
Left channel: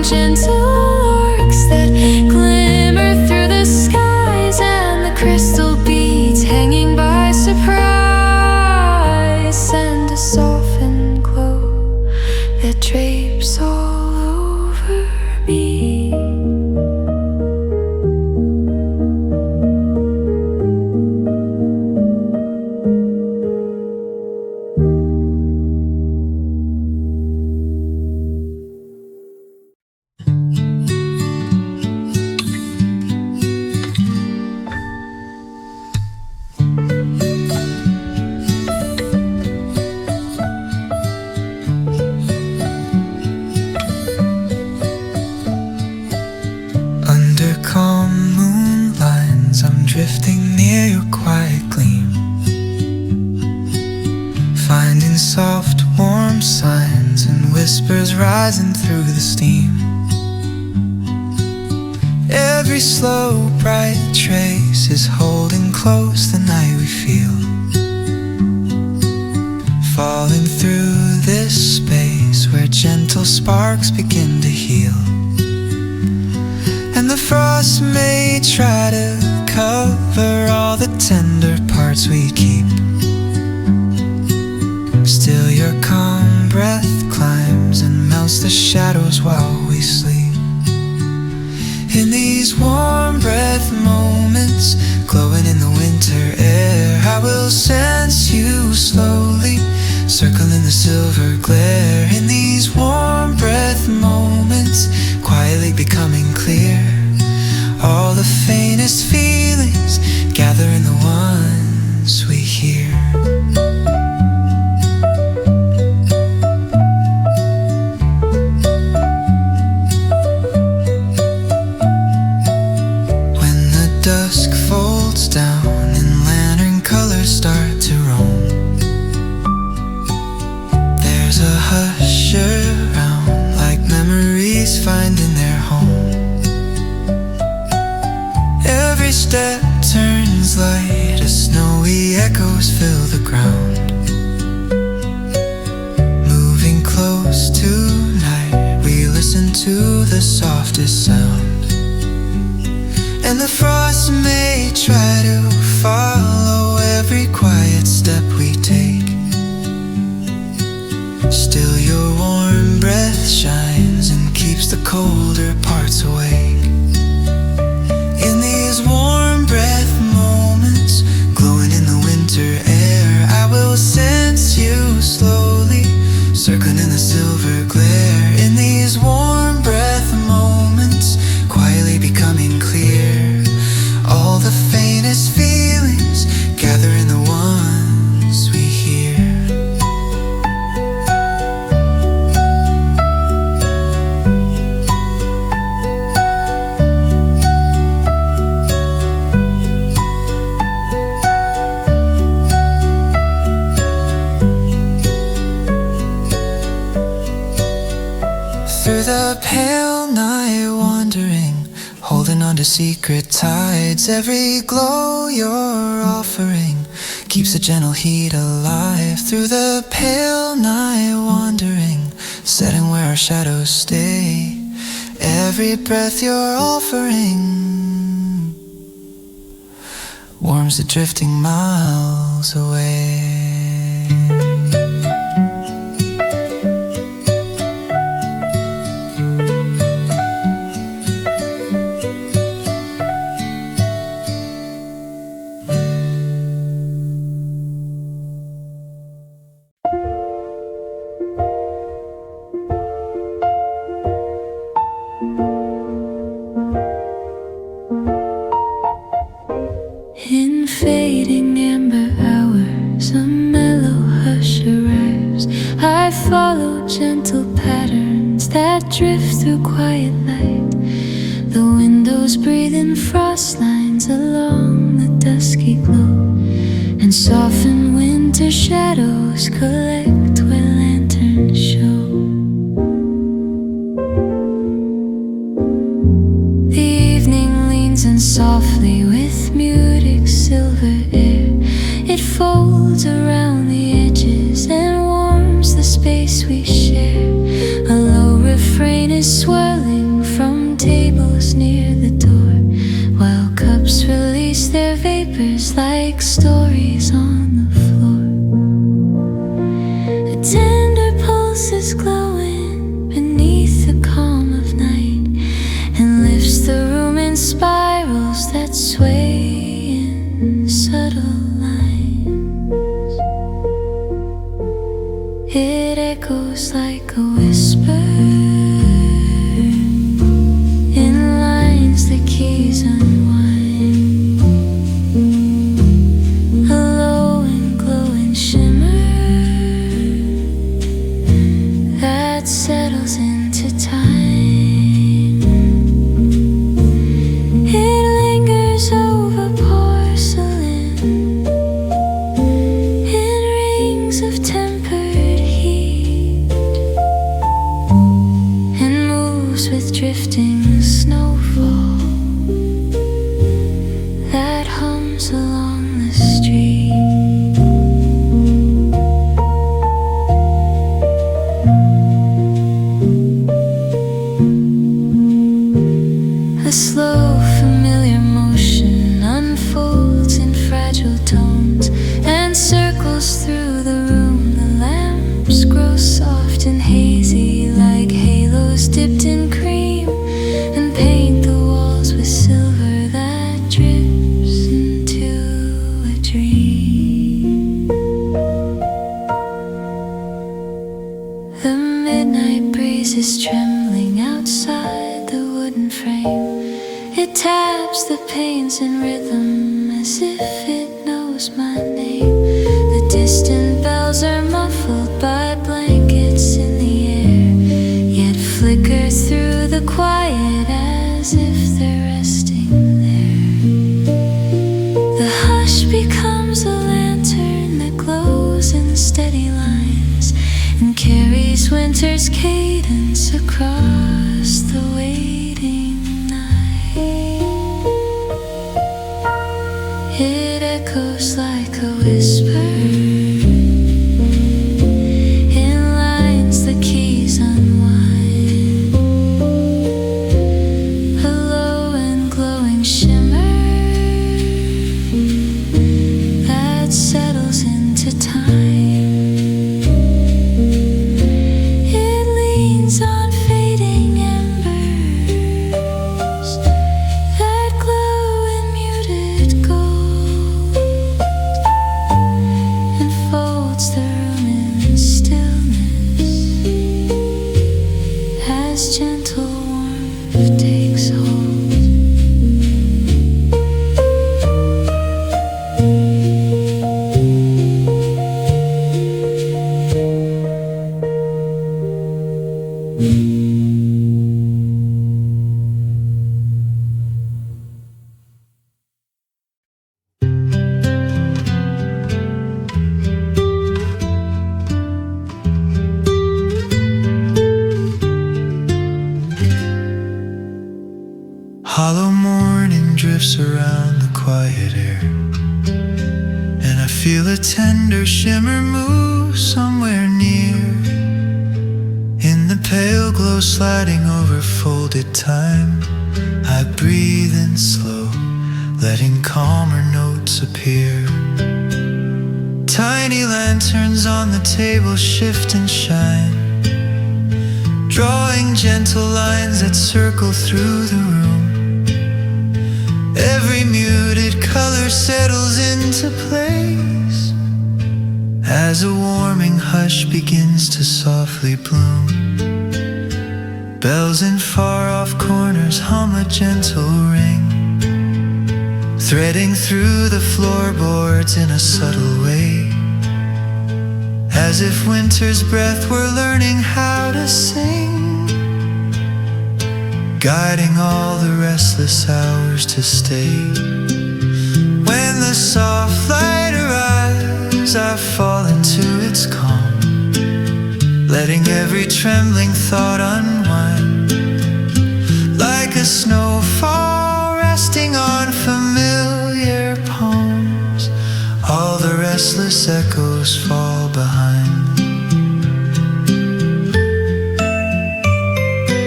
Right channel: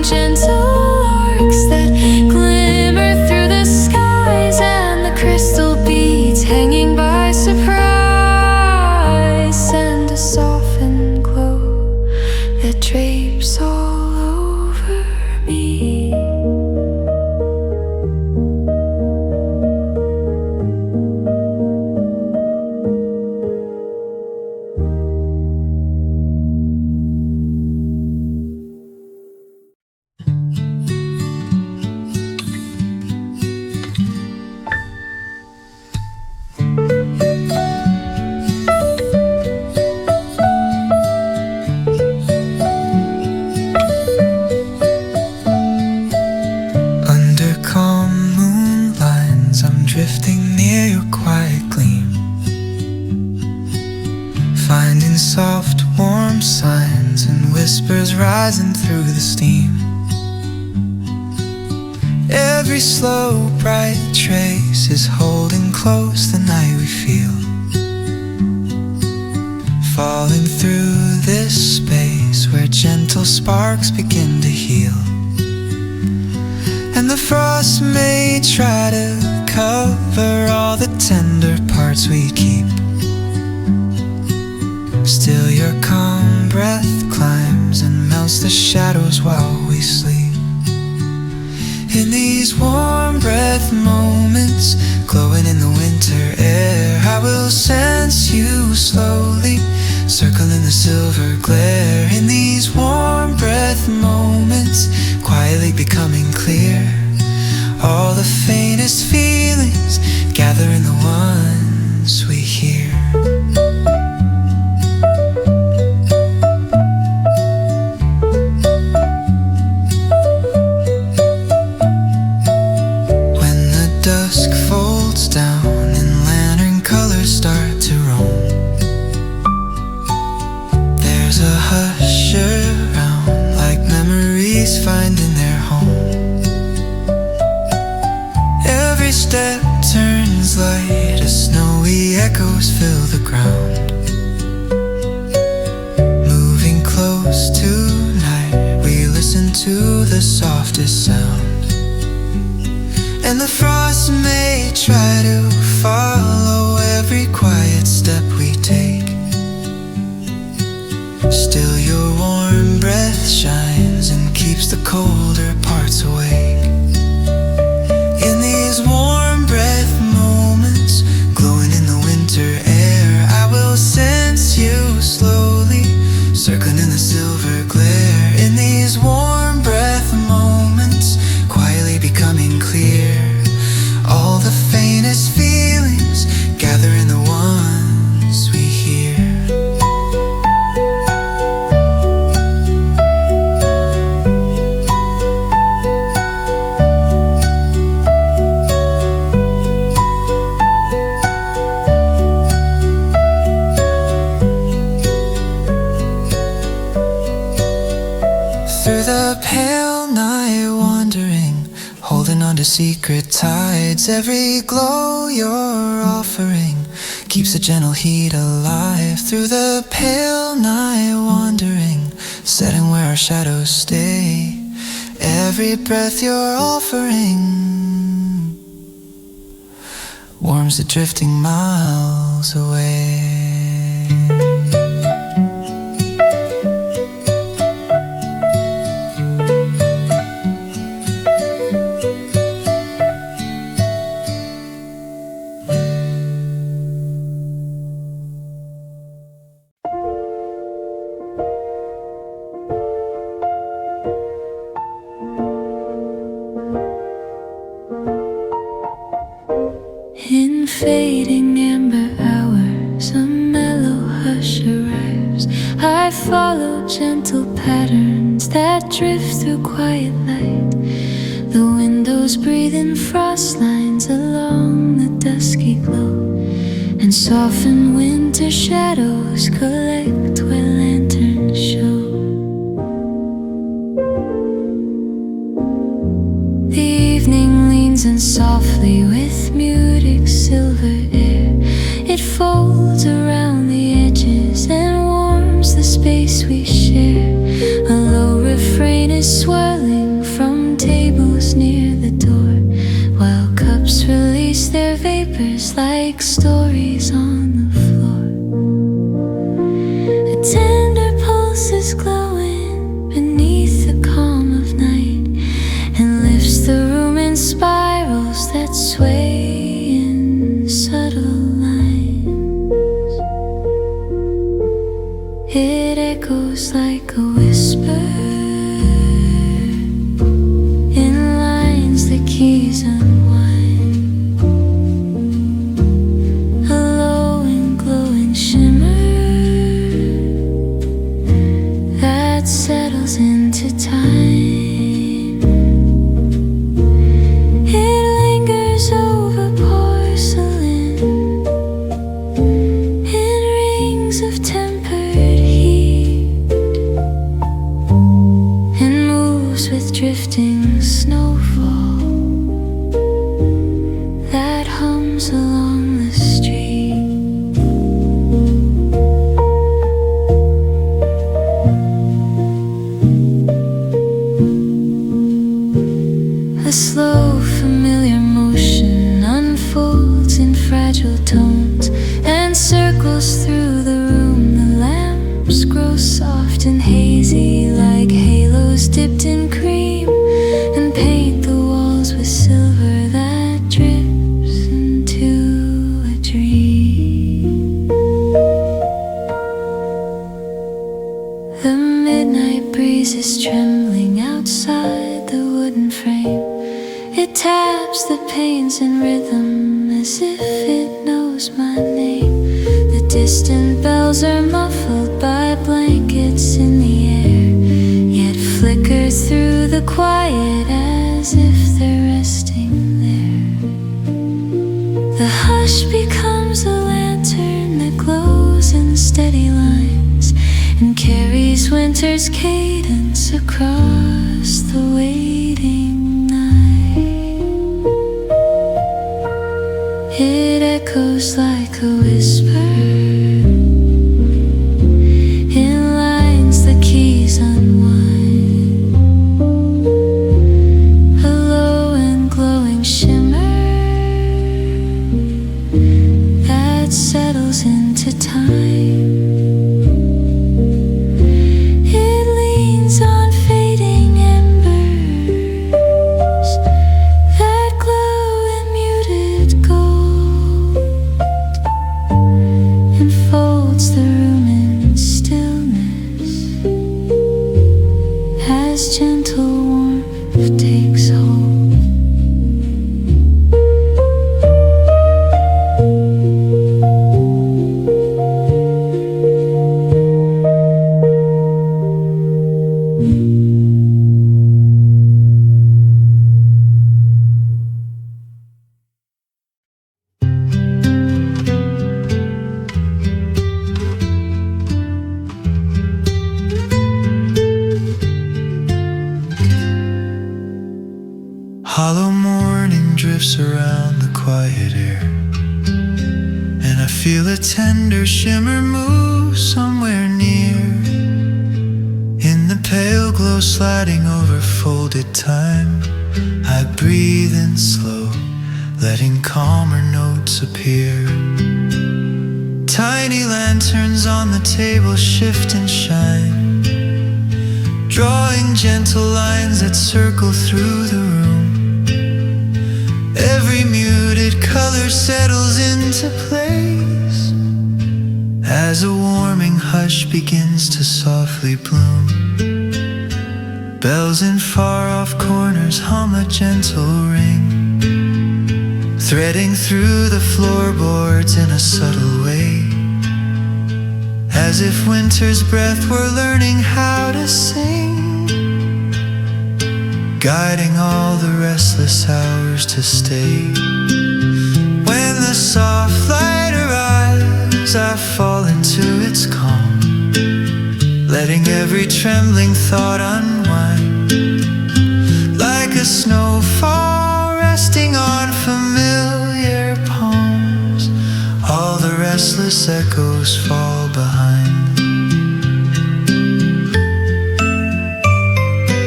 gentle arcs that glimmer through the skies, and the crystal beads hanging by surprise send a softened glow that drapes all over me. Drifting near your quiet gleam, finding soft, warm signs and whispers rising through the steam. Every slow, bright trace is holding close the night we feel, falling through this space where gentle sparks begin to heal. And the frost may try to cover all the tender parts we keep, still your calm breath climbs and melts the shadows while we sleep. In these warm breath moments, glowing in the winter air, I will sense you slowly, circling the silver glare. In these warm breath moments, quietly becoming clear, all the faintest feelings gather in the ones we hear. When the dusk folds down and lantern colors start to roam, there's a hush around, like memories finding their home. Every step turns light as snowy echoes fill the ground. Moving close tonight, we listen to the softest sound. And the frost may try to follow every quiet step we take, still your warm breath shines and keeps the colder parts awake. In these warm breath moments, glowing in the winter air, I will sense you slowly, circling in the silver glare. In these warm breath moments, quietly becoming clear, all the faintest feelings gather in the ones we hear. Through the pale night wandering, holding on to secret tides, every glow you're offering keeps a gentle heat alive. Through the pale night wandering, setting where our shadows stay, every breath you're offering warms the drifting miles away. In fading amber hours, a mellow hush arrives. I follow gentle patterns that drift through quiet light. The windows breathe in frost lines along the dusky glow, and soften winter shadows collect where lanterns show. The evening leans in softly with muted silver air. It folds around the edges and warms the space we share. A low refrain refrain is swirling from tables near the door, while cups release their vapors like stories on the floor. A tender pulse is glowing beneath the calm of night, and lifts the room in spirals that sway in subtle lines. It echoes like a whisper in lines the keys unwind. A low and glowing shimmer that settles into time. It lingers over porcelain in rings of tempered heat, and moves with drifting snowfall that hums along the street. A slow, familiar motion unfolds in fragile tones and circles through the room. The lamps grow soft and hazy like halos dipped in cream, and paint the walls with silver that drips into a dream. The midnight breeze is trembling outside the wooden frame. It taps the panes in rhythm as if it knows my name. The distant bells are muffled by blankets in the air, yet flicker through the quiet as if they're resting there. The hush becomes a lantern that glows in steady lines and carries winter's cadence across the waiting night. It echoes like a whisper in lines the keys unwind. A low and glowing shimmer that settles into time. It leans on fading embers that glow in muted gold, and folds the room in stillness as gentle warmth takes hold. Hollow morning drifts around the quiet air, and I feel a tender shimmer move somewhere near. In the pale glow sliding over folded time, I breathe in slow, letting calmer notes appear. Tiny lanterns on the table shift and shine, drawing gentle lines that circle through the room. Every muted color settles into place as a warming hush begins to softly bloom. Bells in far-off corners hum a gentle ring, threading through the floorboards in a subtle way, as if winter's breath were learning how to sing, guiding all the restless hours to stay. When the soft light arrives, I fall into its calm, letting every trembling thought unwind, like a snowfall resting on familiar palms. All the restless echoes fall behind.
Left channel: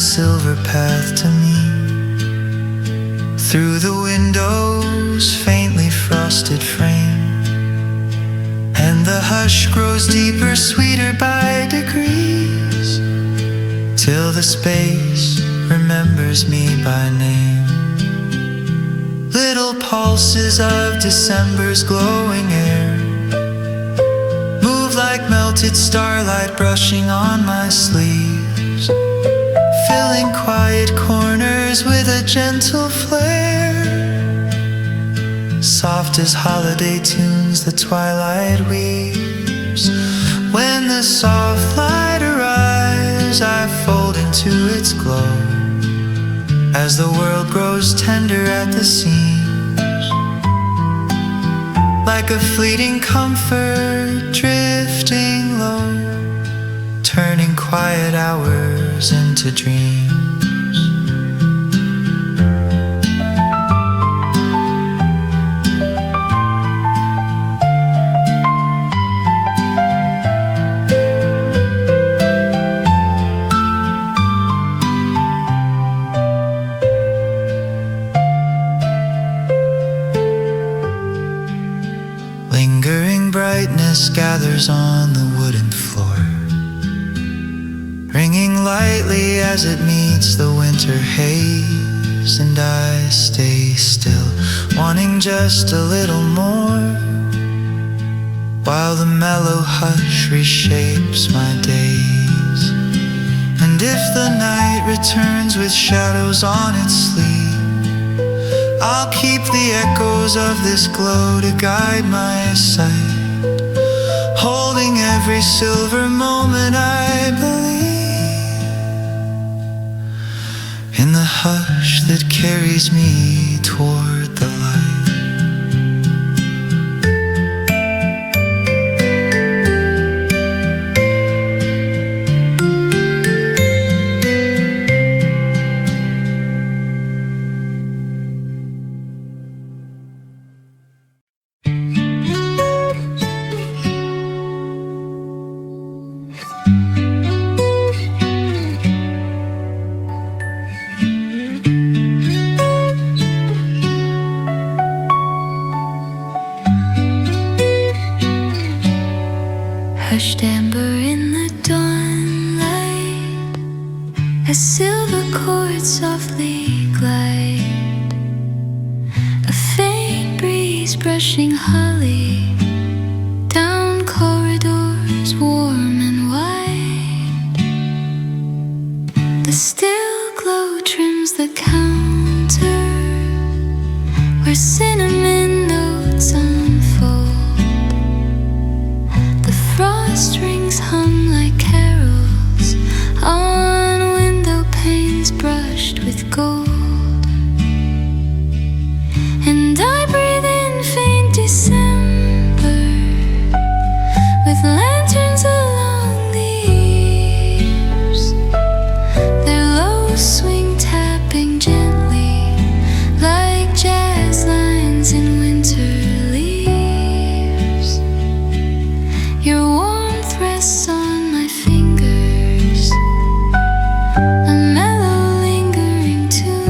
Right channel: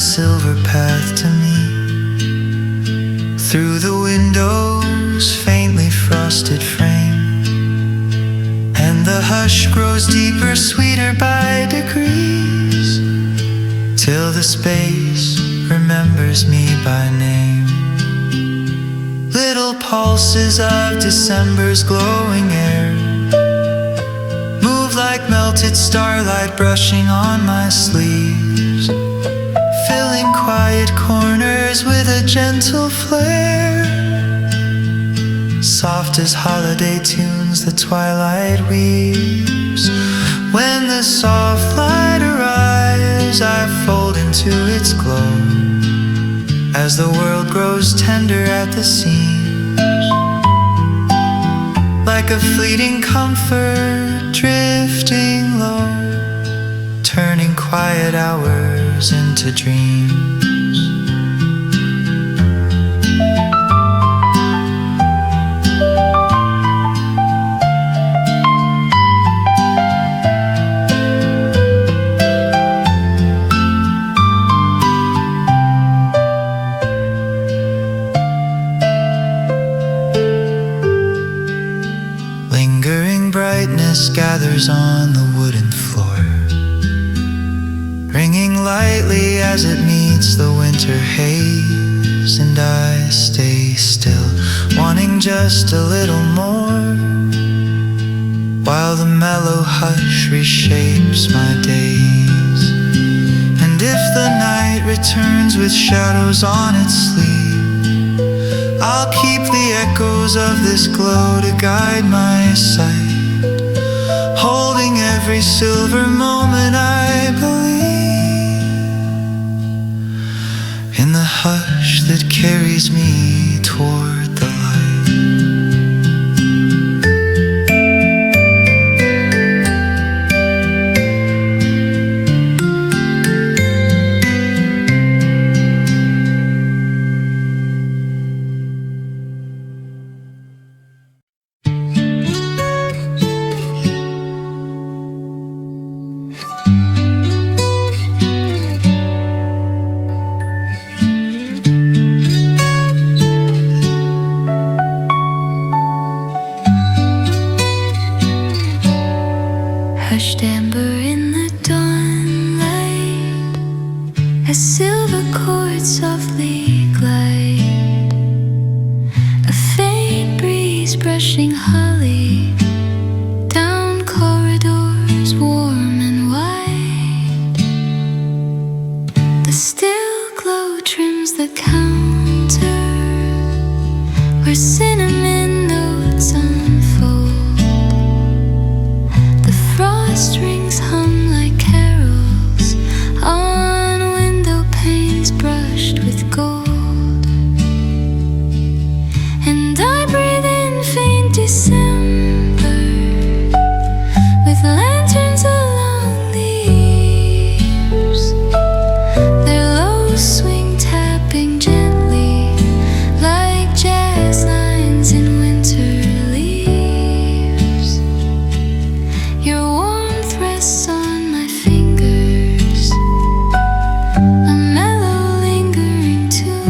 silver path to me. Through the window's faintly frosted frame, and the hush grows deeper, sweeter by degrees, till the space remembers me by name. Little pulses of December's glowing air move like melted starlight brushing on my sleeves, filling quiet corners with a gentle flare. Soft as holiday tunes the twilight weaves. When the soft light arrives, I fold into its glow, as the world grows tender at the seams, like a fleeting comfort drifting low, turning quiet hours into dreams. Lingering brightness gathers on the wooden floor, ringing lightly as it meets the winter haze. And I stay still, wanting just a little more, while the mellow hush reshapes my days. And if the night returns with shadows on its sleeve, I'll keep the echoes of this glow to guide my sight, holding every silver moment I believe in the hush that carries me toward the light. Hushed amber in the dawnlight, as silver chords softly glide, a faint breeze brushing holly down corridors warm and wide. The still glow trims the counter where cinnamon notes unfold. Frost rings hum like carols on window panes brushed with gold. And I breathe in faint December with lanterns along the eaves, their low swing tapping gently like jazz lines in winter leaves. Your warmth rests on my fingers, a mellow lingering tune.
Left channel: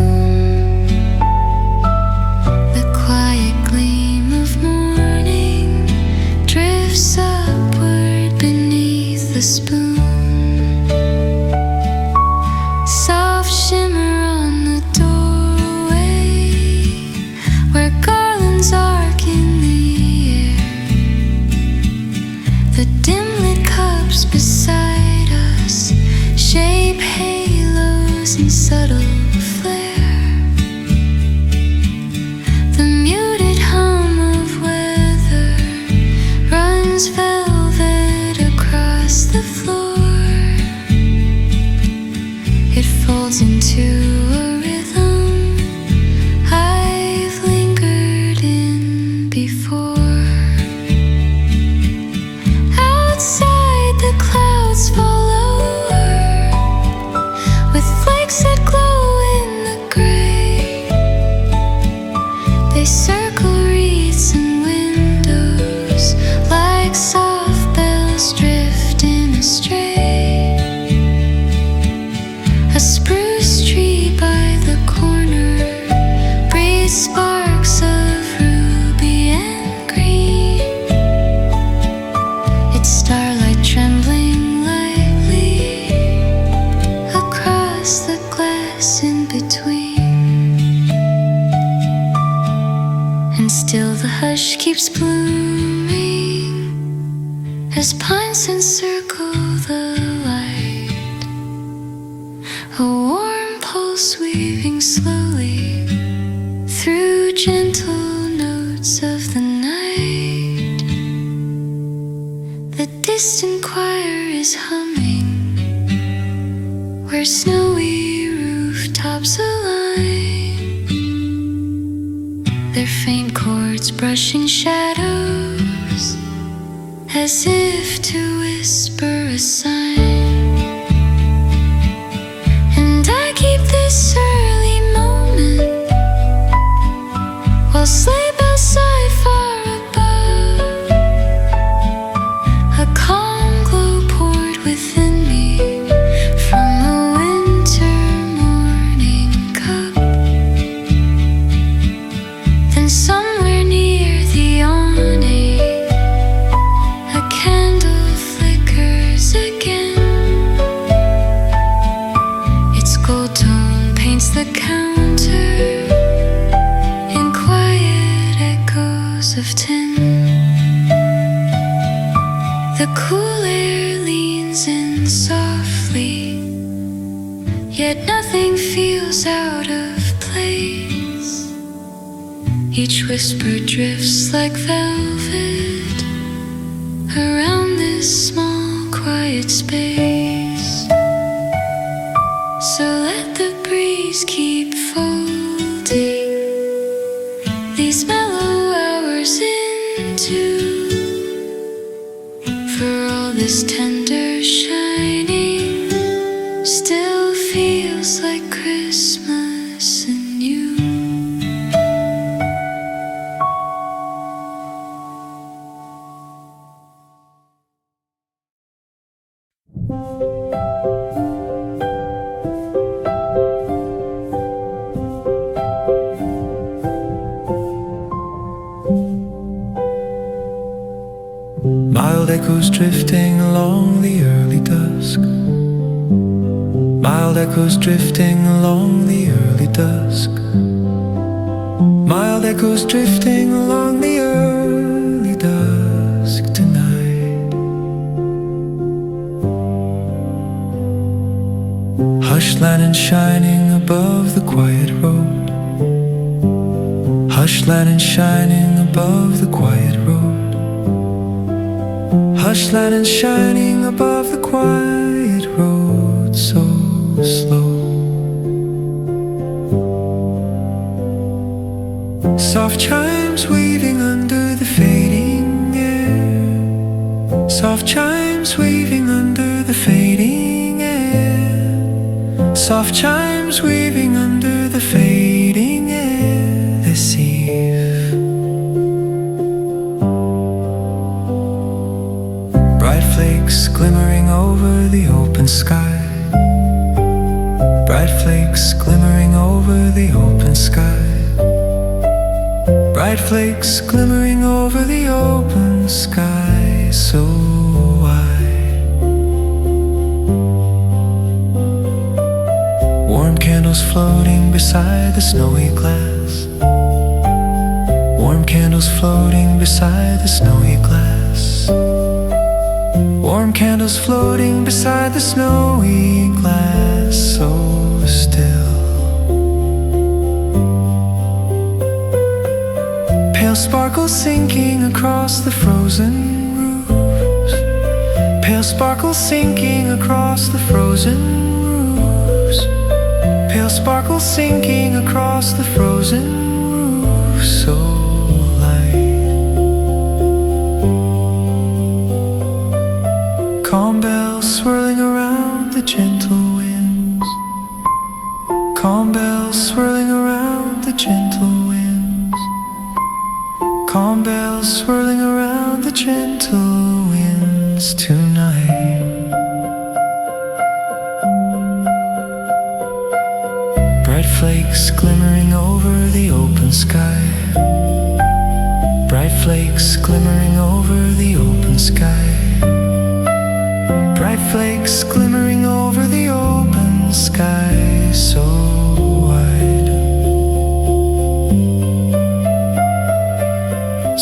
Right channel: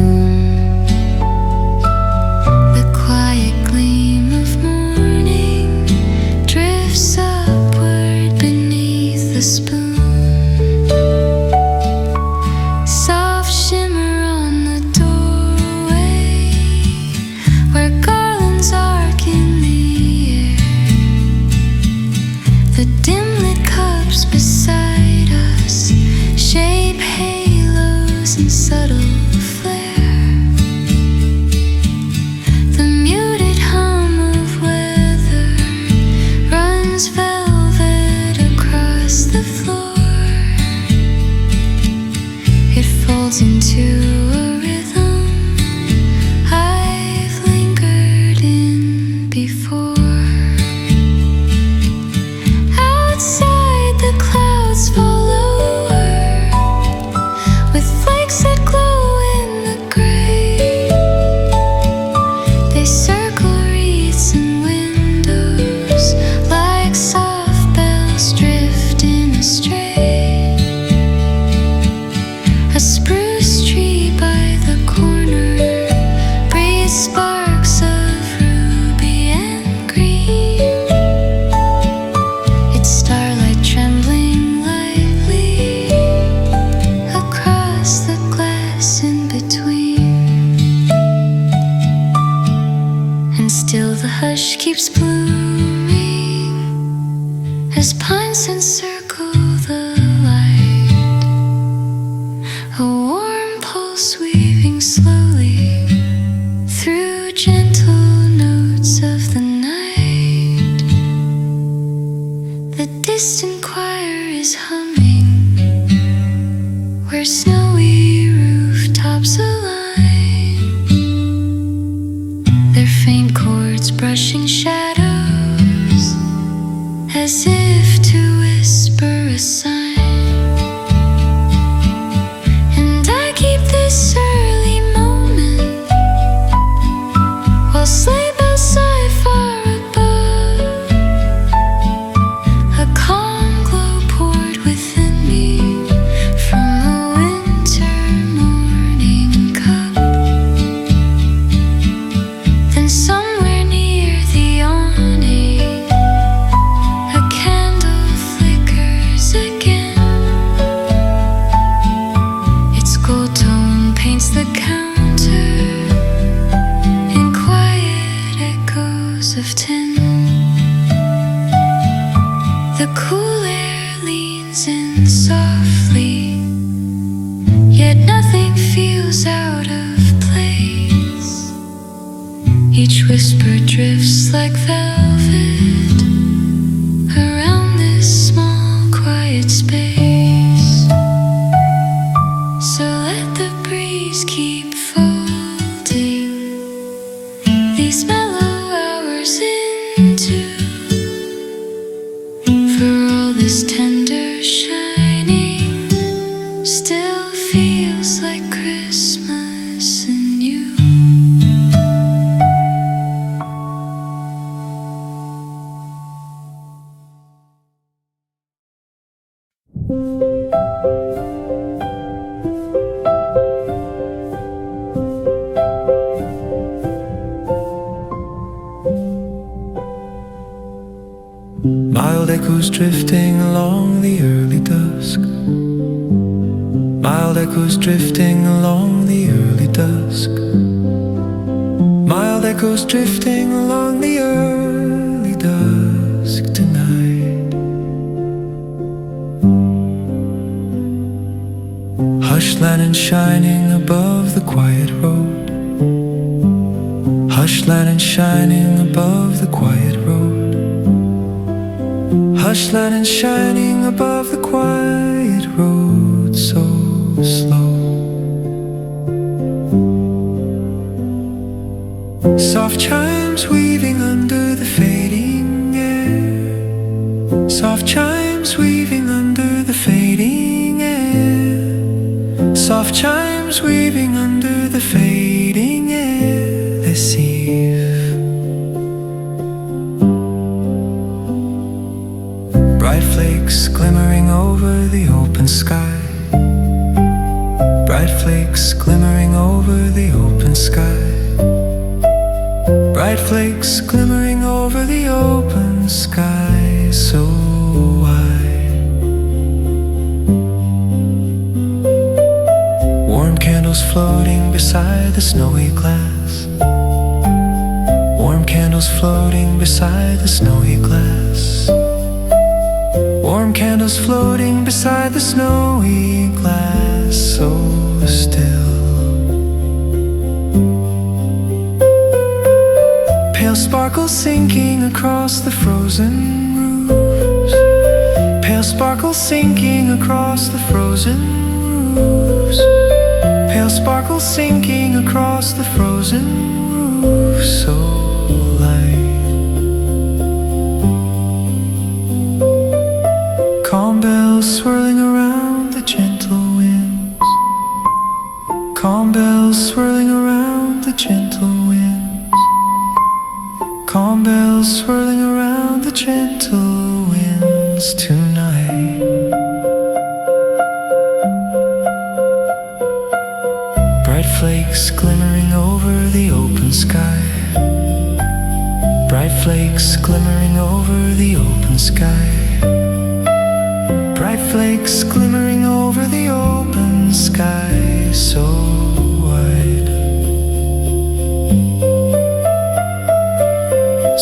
Still the hush keeps blooming as pines encircle the light. A warm pulse weaving slowly through gentle notes of the night. The distant choir is humming where snowy rooftops align, their faint chords brushing shadows as if to whisper a sign. And I keep this early moment while sleigh bells sigh far above. A calm glow poured within me from a winter morning cup. Then somewhere near the awning a candle flickers again. Its gold tone paints the counter in quiet echoes of tin. The cool air leans in softly, yet nothing feels out of place. Each whisper drifts like velvet around this small quiet space. So let the breeze keep folding these mellow hours into, for all this tender shining still feels like Christmas and you. Mild echoes drifting along the early dusk. Mild echoes drifting along the early dusk. Mild echoes drifting along the early dusk tonight. Hush lantern shining above the quiet road. Hush lantern shining above the quiet road. Hush lantern shining above the quiet road, so slow. Soft chimes weaving under the fading air. Soft chimes weaving under the fading air. Soft chimes weaving under the fading air this eve. Bright flakes glimmering over the open sky. Bright flakes glimmering over the open sky. Bright flakes glimmering over the open sky, so wide. Warm candles floating beside the snowy glass. Warm candles floating beside the snowy glass. Warm candles floating beside the snowy glass, so still. Pale sparkles sinking across the frozen roofs. Pale sparkles sinking across the frozen roofs. Pale sparkles sinking across the frozen roofs, so light. Calm bells swirling around the gentle winds. Calm bells swirling around the gentle winds. Calm bells swirling around the gentle winds tonight. Bright flakes glimmering over the open sky. Bright flakes glimmering over the open sky. Bright flakes glimmering over the open sky, so wide.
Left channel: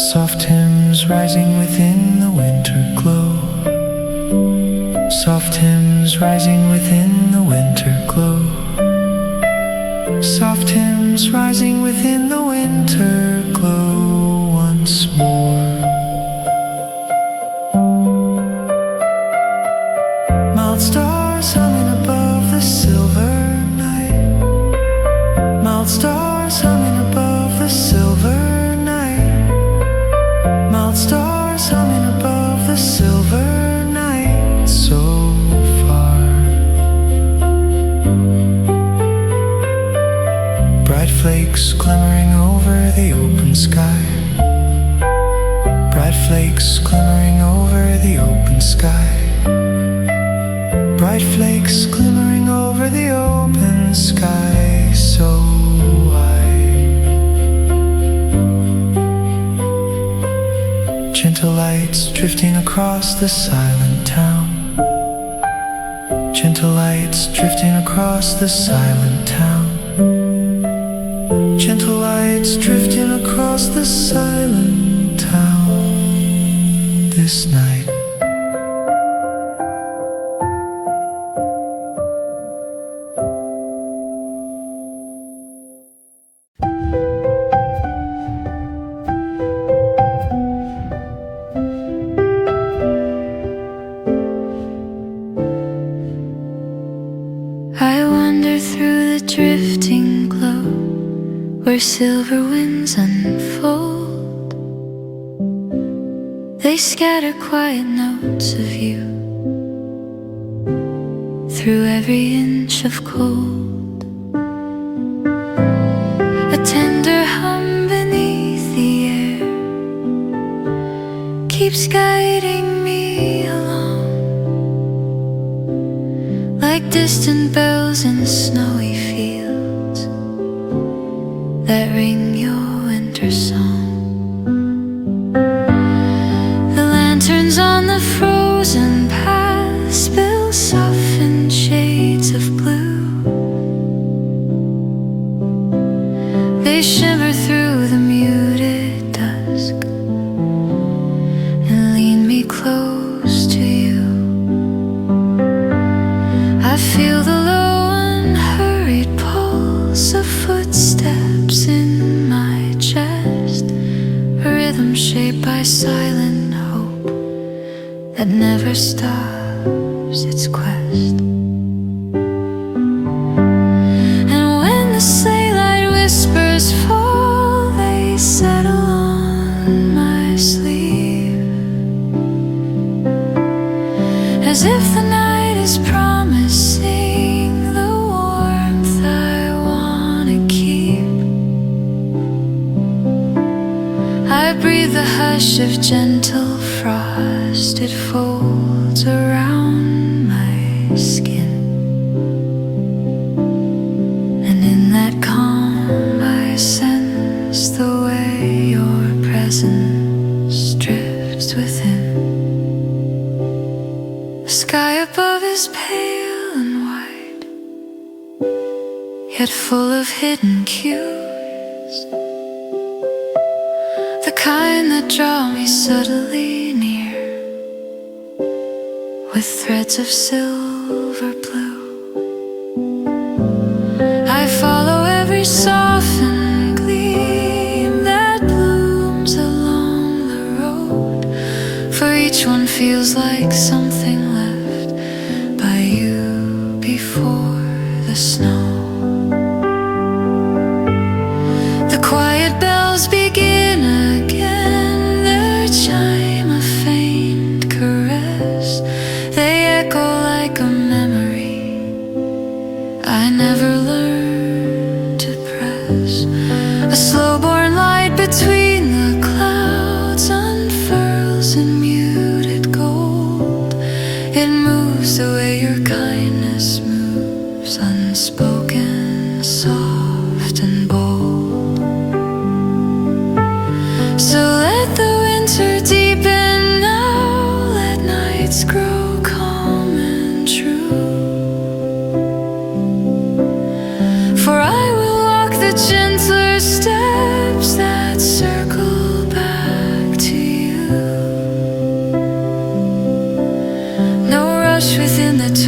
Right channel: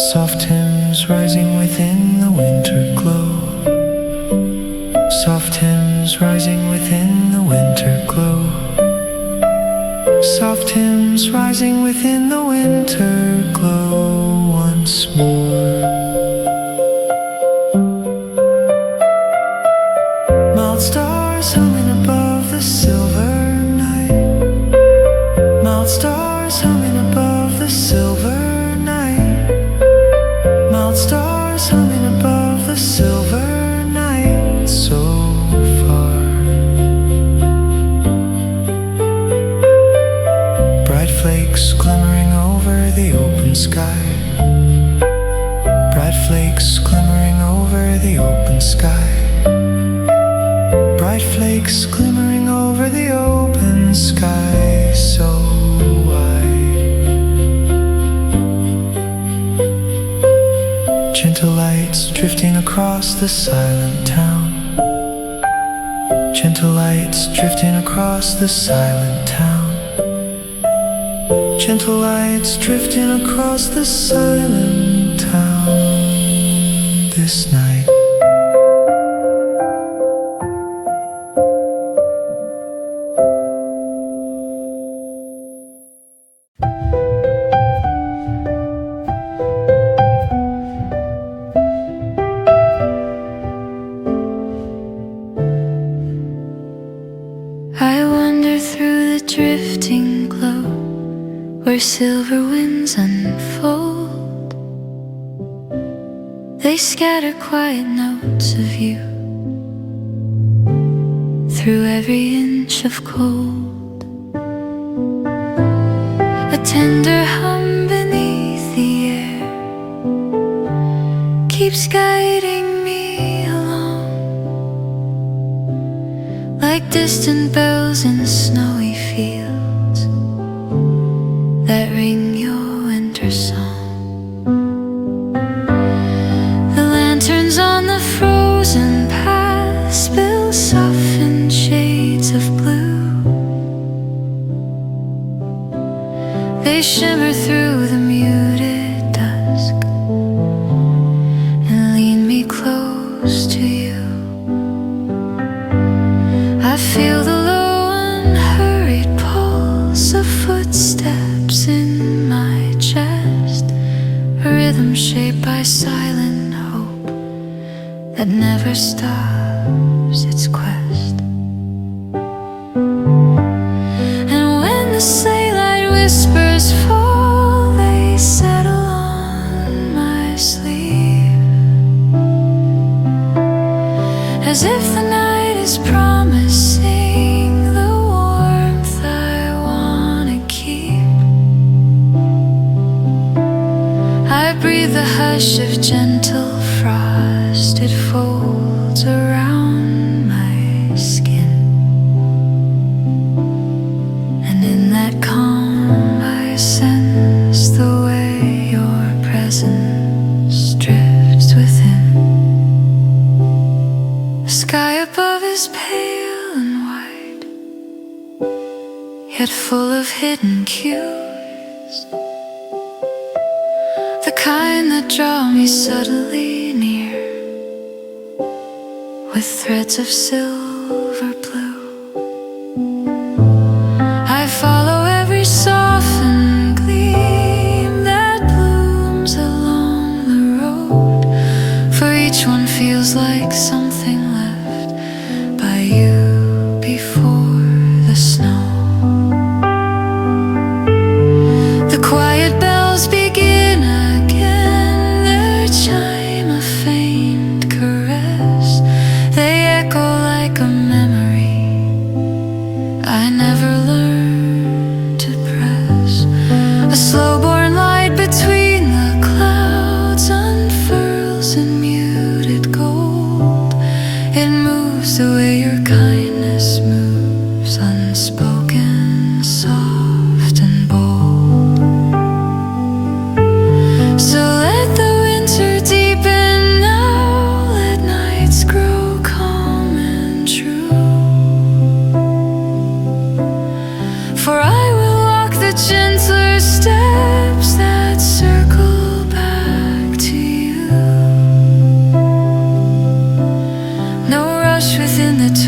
Soft hymns rising within the winter glow. Soft hymns rising within the winter glow. Soft hymns rising within the winter glow once more. Mild stars humming above the silver night. Mild stars humming above the silver night. Mild stars humming above the silver night. So far. Bright flakes glimmering over the open sky. Bright flakes glimmering over the open sky. Bright flakes glimmering over the open sky, so wide. Gentle lights drifting across the silent town. Gentle lights drifting across the silent town. Gentle lights drifting across the silent town this night. I wander through the drifting glow where silver winds unfold. They scatter quiet notes of you through every inch of cold. A tender hum beneath the air keeps guiding me along, like distant bells in snowy fields that ring your winter song. The lanterns on the frozen path spill softened shades of blue. They shimmer through the muted dusk and lean me close to you. I feel the low unhurried pulse of footsteps in my chest, a rhythm shaped by silent hope that never stops its quest. And when the sleigh light whispers fall, they settle on my sleeve, as if the night is promising the warmth I wanna keep. I breathe the hush of gentle frost, it folds around my skin, and in that calm I sense the way your presence drifts within. The sky above is pale and white, yet full of hidden cues, the kind that draw me subtly near with threads of silver blue. I follow every softened gleam that blooms along the road, for each one feels like something left by you before the snow. The quiet bells begin again, their chime a faint caress. They echo like a memory I never learned to press. A slow-born light between the clouds unfurls in muted gold. It moves the way your kindness moves, unspoken, soft and bold. So let the winter deepen now, let nights grow calm and true. For I will walk the gentler steps that circle back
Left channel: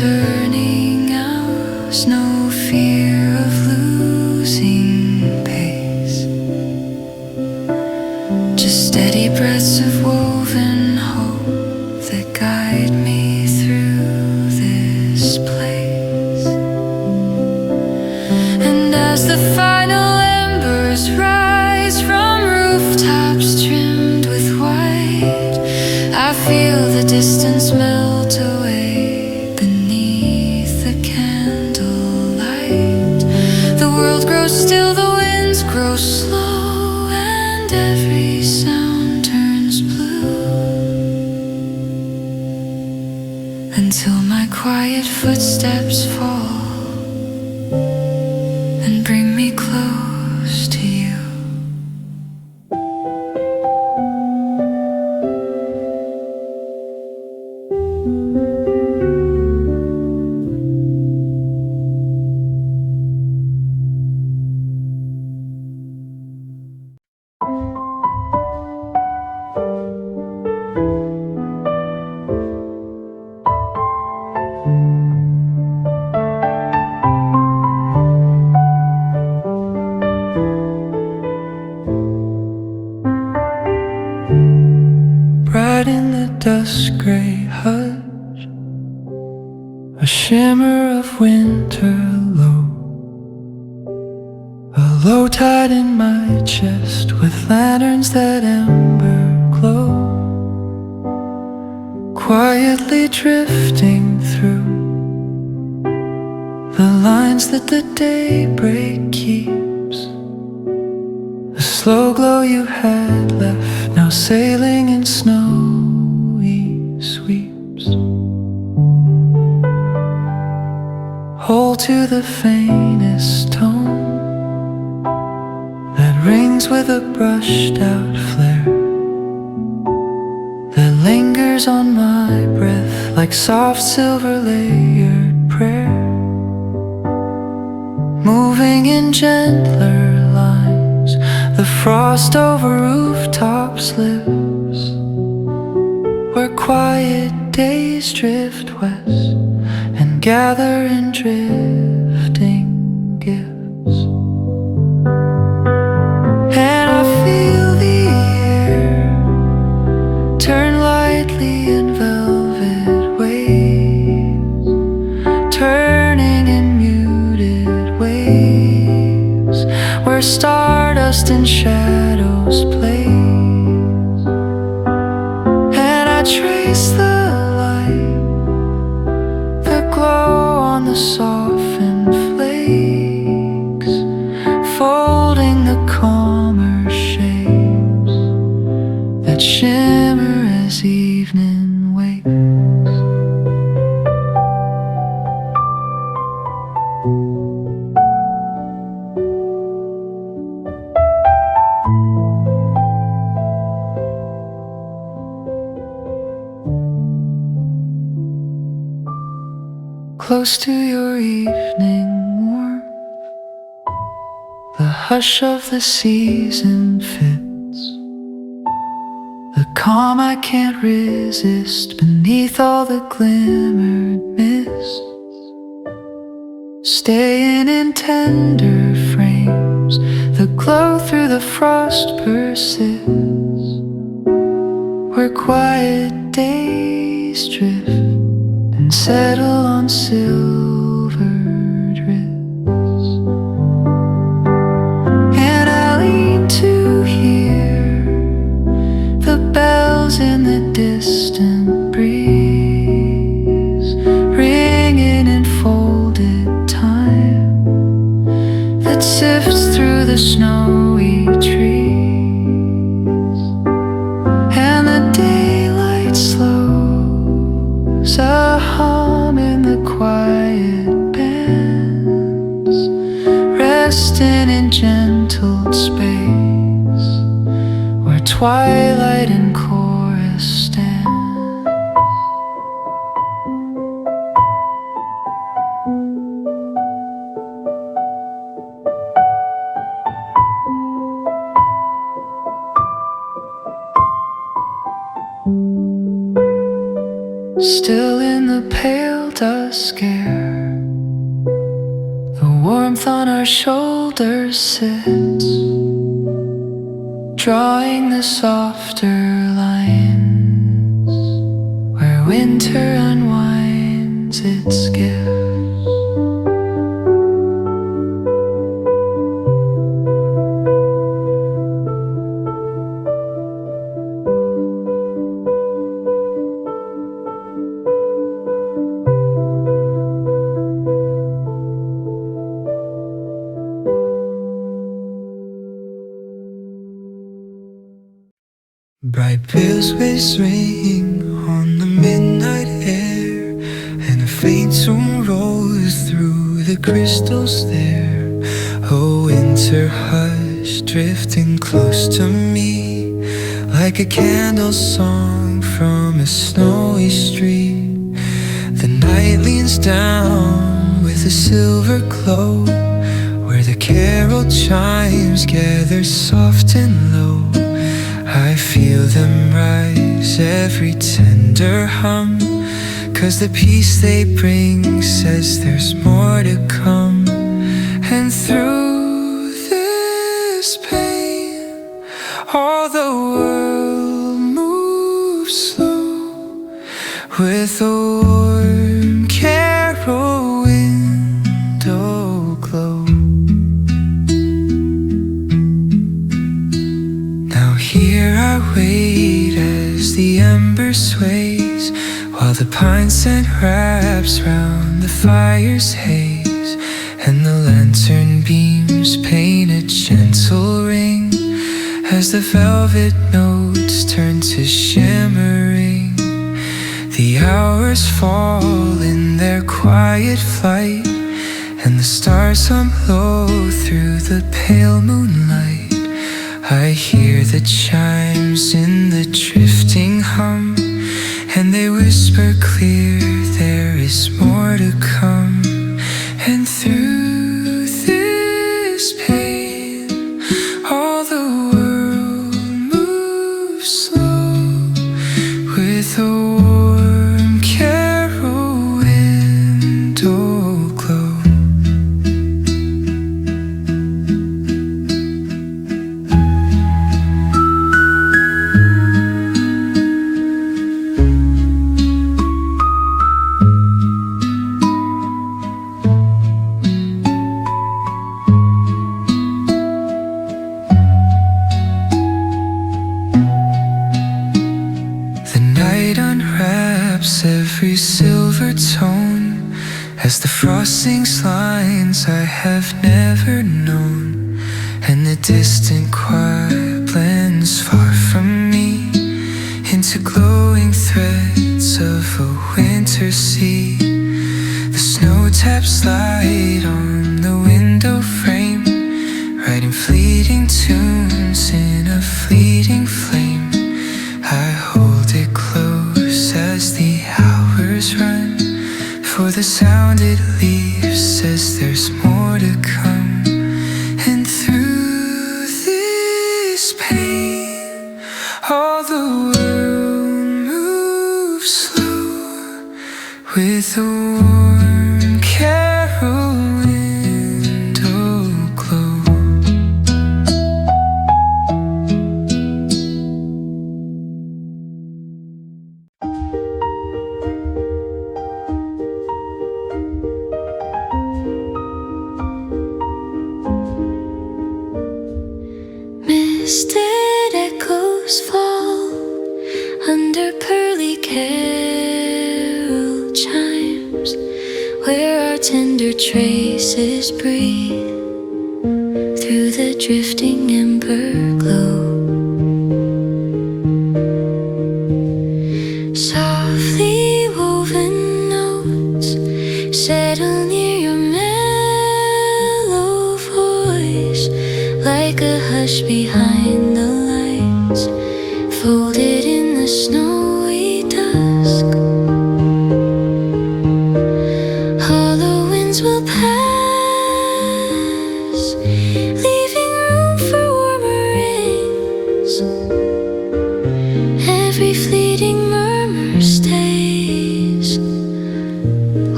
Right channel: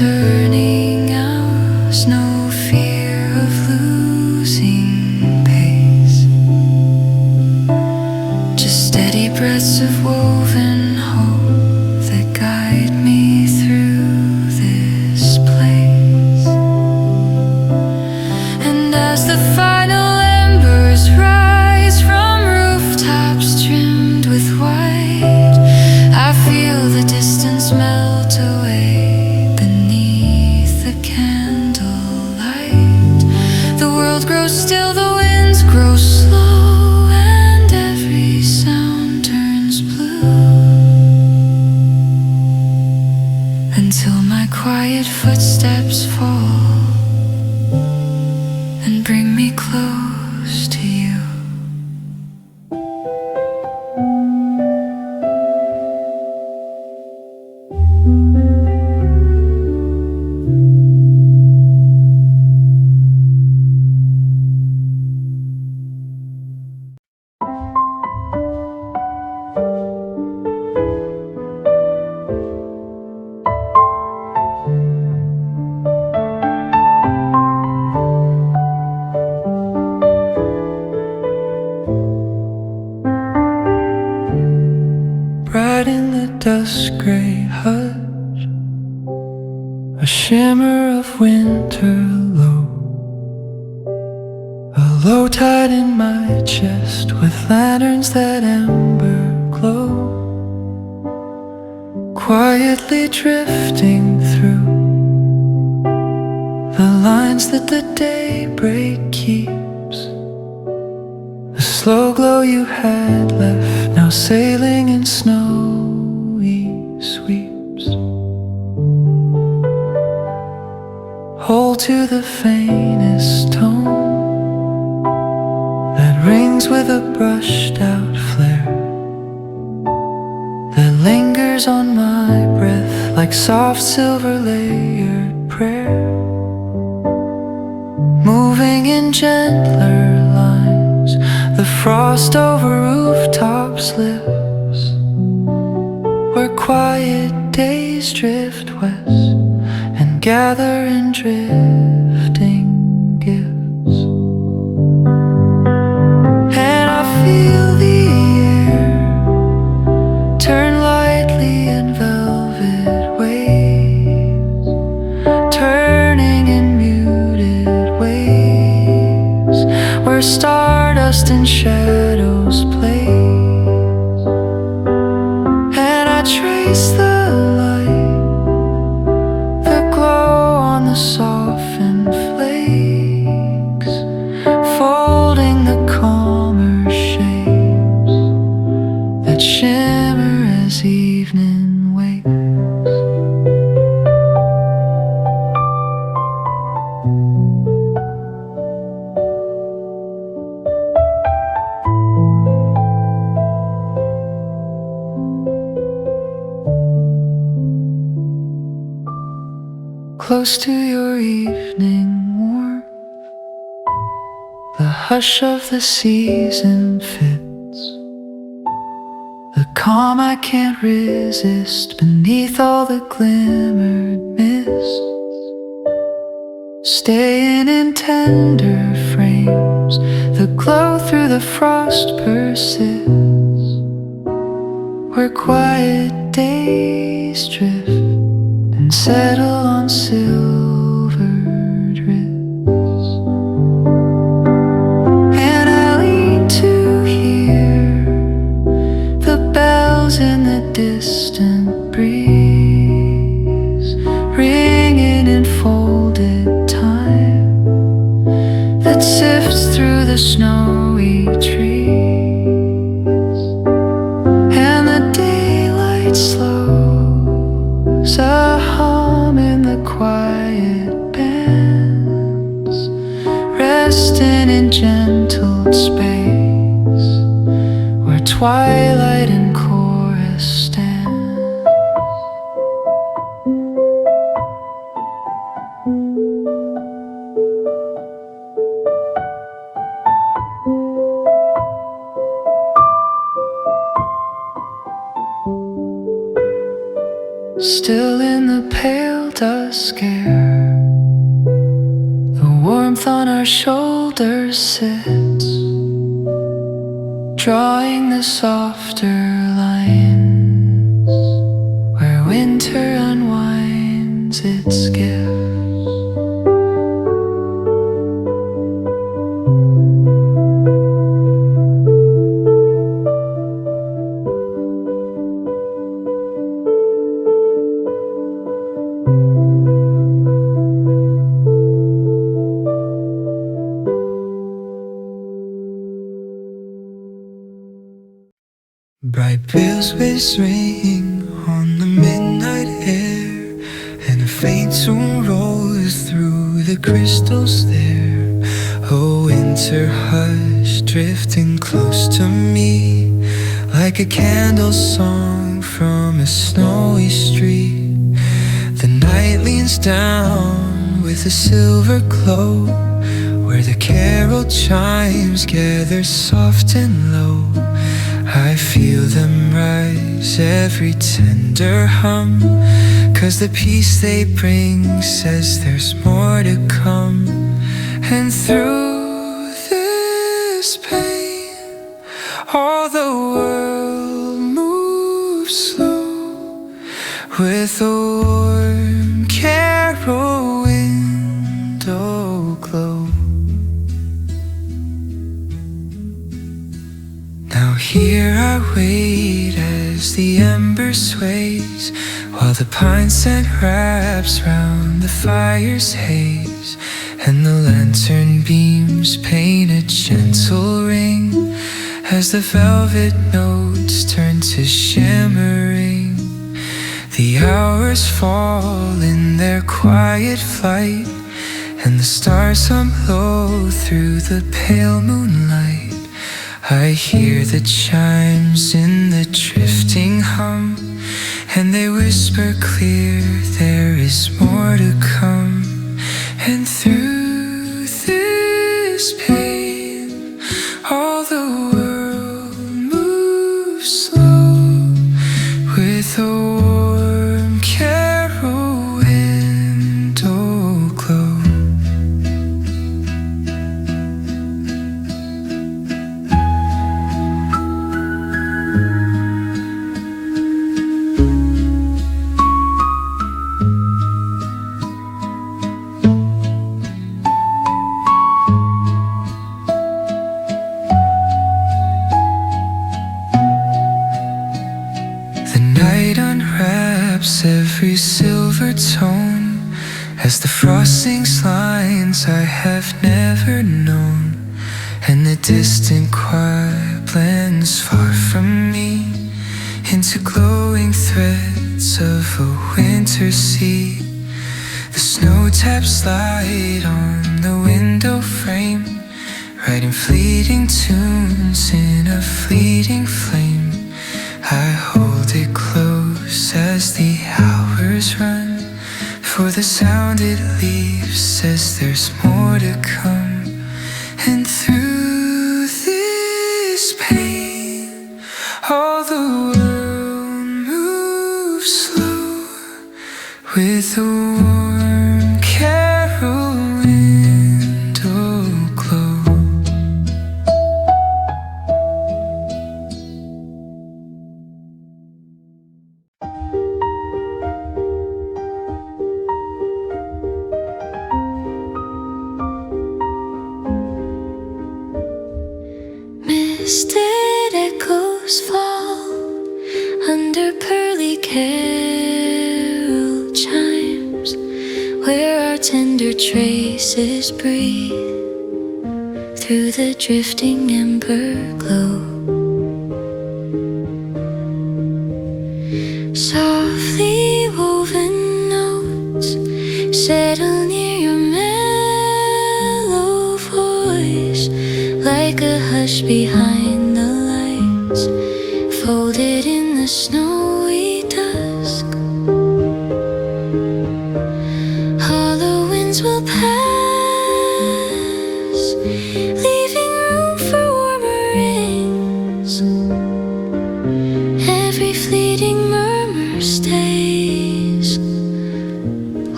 turning out, no fear of losing pace. Just steady breaths of woven hope that guide me through this place. And as the final embers rise from rooftops trimmed with white, I feel the distance melt away beneath the candlelight. The world grows still, the winds grow slow, and every sound turns blue, until my quiet footsteps fall and bring me close to you. Bright in the dusk gray hush, a shimmer of winter low, a low tide in my chest with lanterns that ember glow, quietly drifting through the lines that the daybreak keeps. The slow glow you had left, now sailing in snowy sweeps. Hold to the faintest tone that rings with a brushed out flare, that lingers on my breath like soft silver layered prayer, moving in gentler lines. The frost over rooftops lives, where quiet days drift west and gather in drifting gifts. And I feel the air turn lightly in velvet waves, turning in muted waves, where stardust and shadows plays. And I trace the light, the glow on the softened flakes, folding the calmer shapes that shimmer as evening wakes. Close to your evening warmth, the hush of the season fits, the calm I can't resist beneath all the glimmered mists, staying in tender frames, the glow through the frost persists, where quiet days drift and settle on silvered wrists. And I lean to hear the bells in the distant breeze, ringing in folded time that sifts through the snowy trees. And the daylight slows, a hum in the quiet bands, resting in gentle space, where twilight and chorus stand. Still in the pale does scare. The warmth on our shoulders sits, drawing the softer lines where winter unwinds its gifts. Bright bells ring on the midnight air, and a faint tune rolls through the crystals there. A winter hush drifting close to me, like a candle song from a snowy street. The night leans down with a silver glow, where the carol chimes gather soft and low. I feel them rise, every tender hum, 'cause the peace they bring says there's more to come. And through this pain, all the world moves slow, with a warm carol window glow. Here I wait as the ember sways, while the pine scent wraps round the fire's haze, and the lantern beams paint a gentle ring as the velvet notes turn to shimmering. The hours fall in their quiet flight, and the stars hum low through the pale moonlight. I hear the chimes in the drifting hum, and they whisper clear, there is more to come. And through this pain, all the world moves slow, with a warm carol window glow. Every silver tone as the frost sings lines I have never known, and the distant choir blends far from me into glowing threads of a winter sea. The snow taps light on the window frame, writing fleeting tunes in a fleeting flame. I hold it close as the hours run, for the sound it leaves says there's more to come. And through this pain, all the world moves slow, with a warm carol window glow. Misted echoes fall under pearly carol chimes, where our tender traces breathe through the drifting ember glow. Softly woven notes settle near your mellow voice, like a hush behind the lights, folded in the snowy dusk. Hollow winds will pass, leaving room for warmer rings. Every fleeting murmur stays,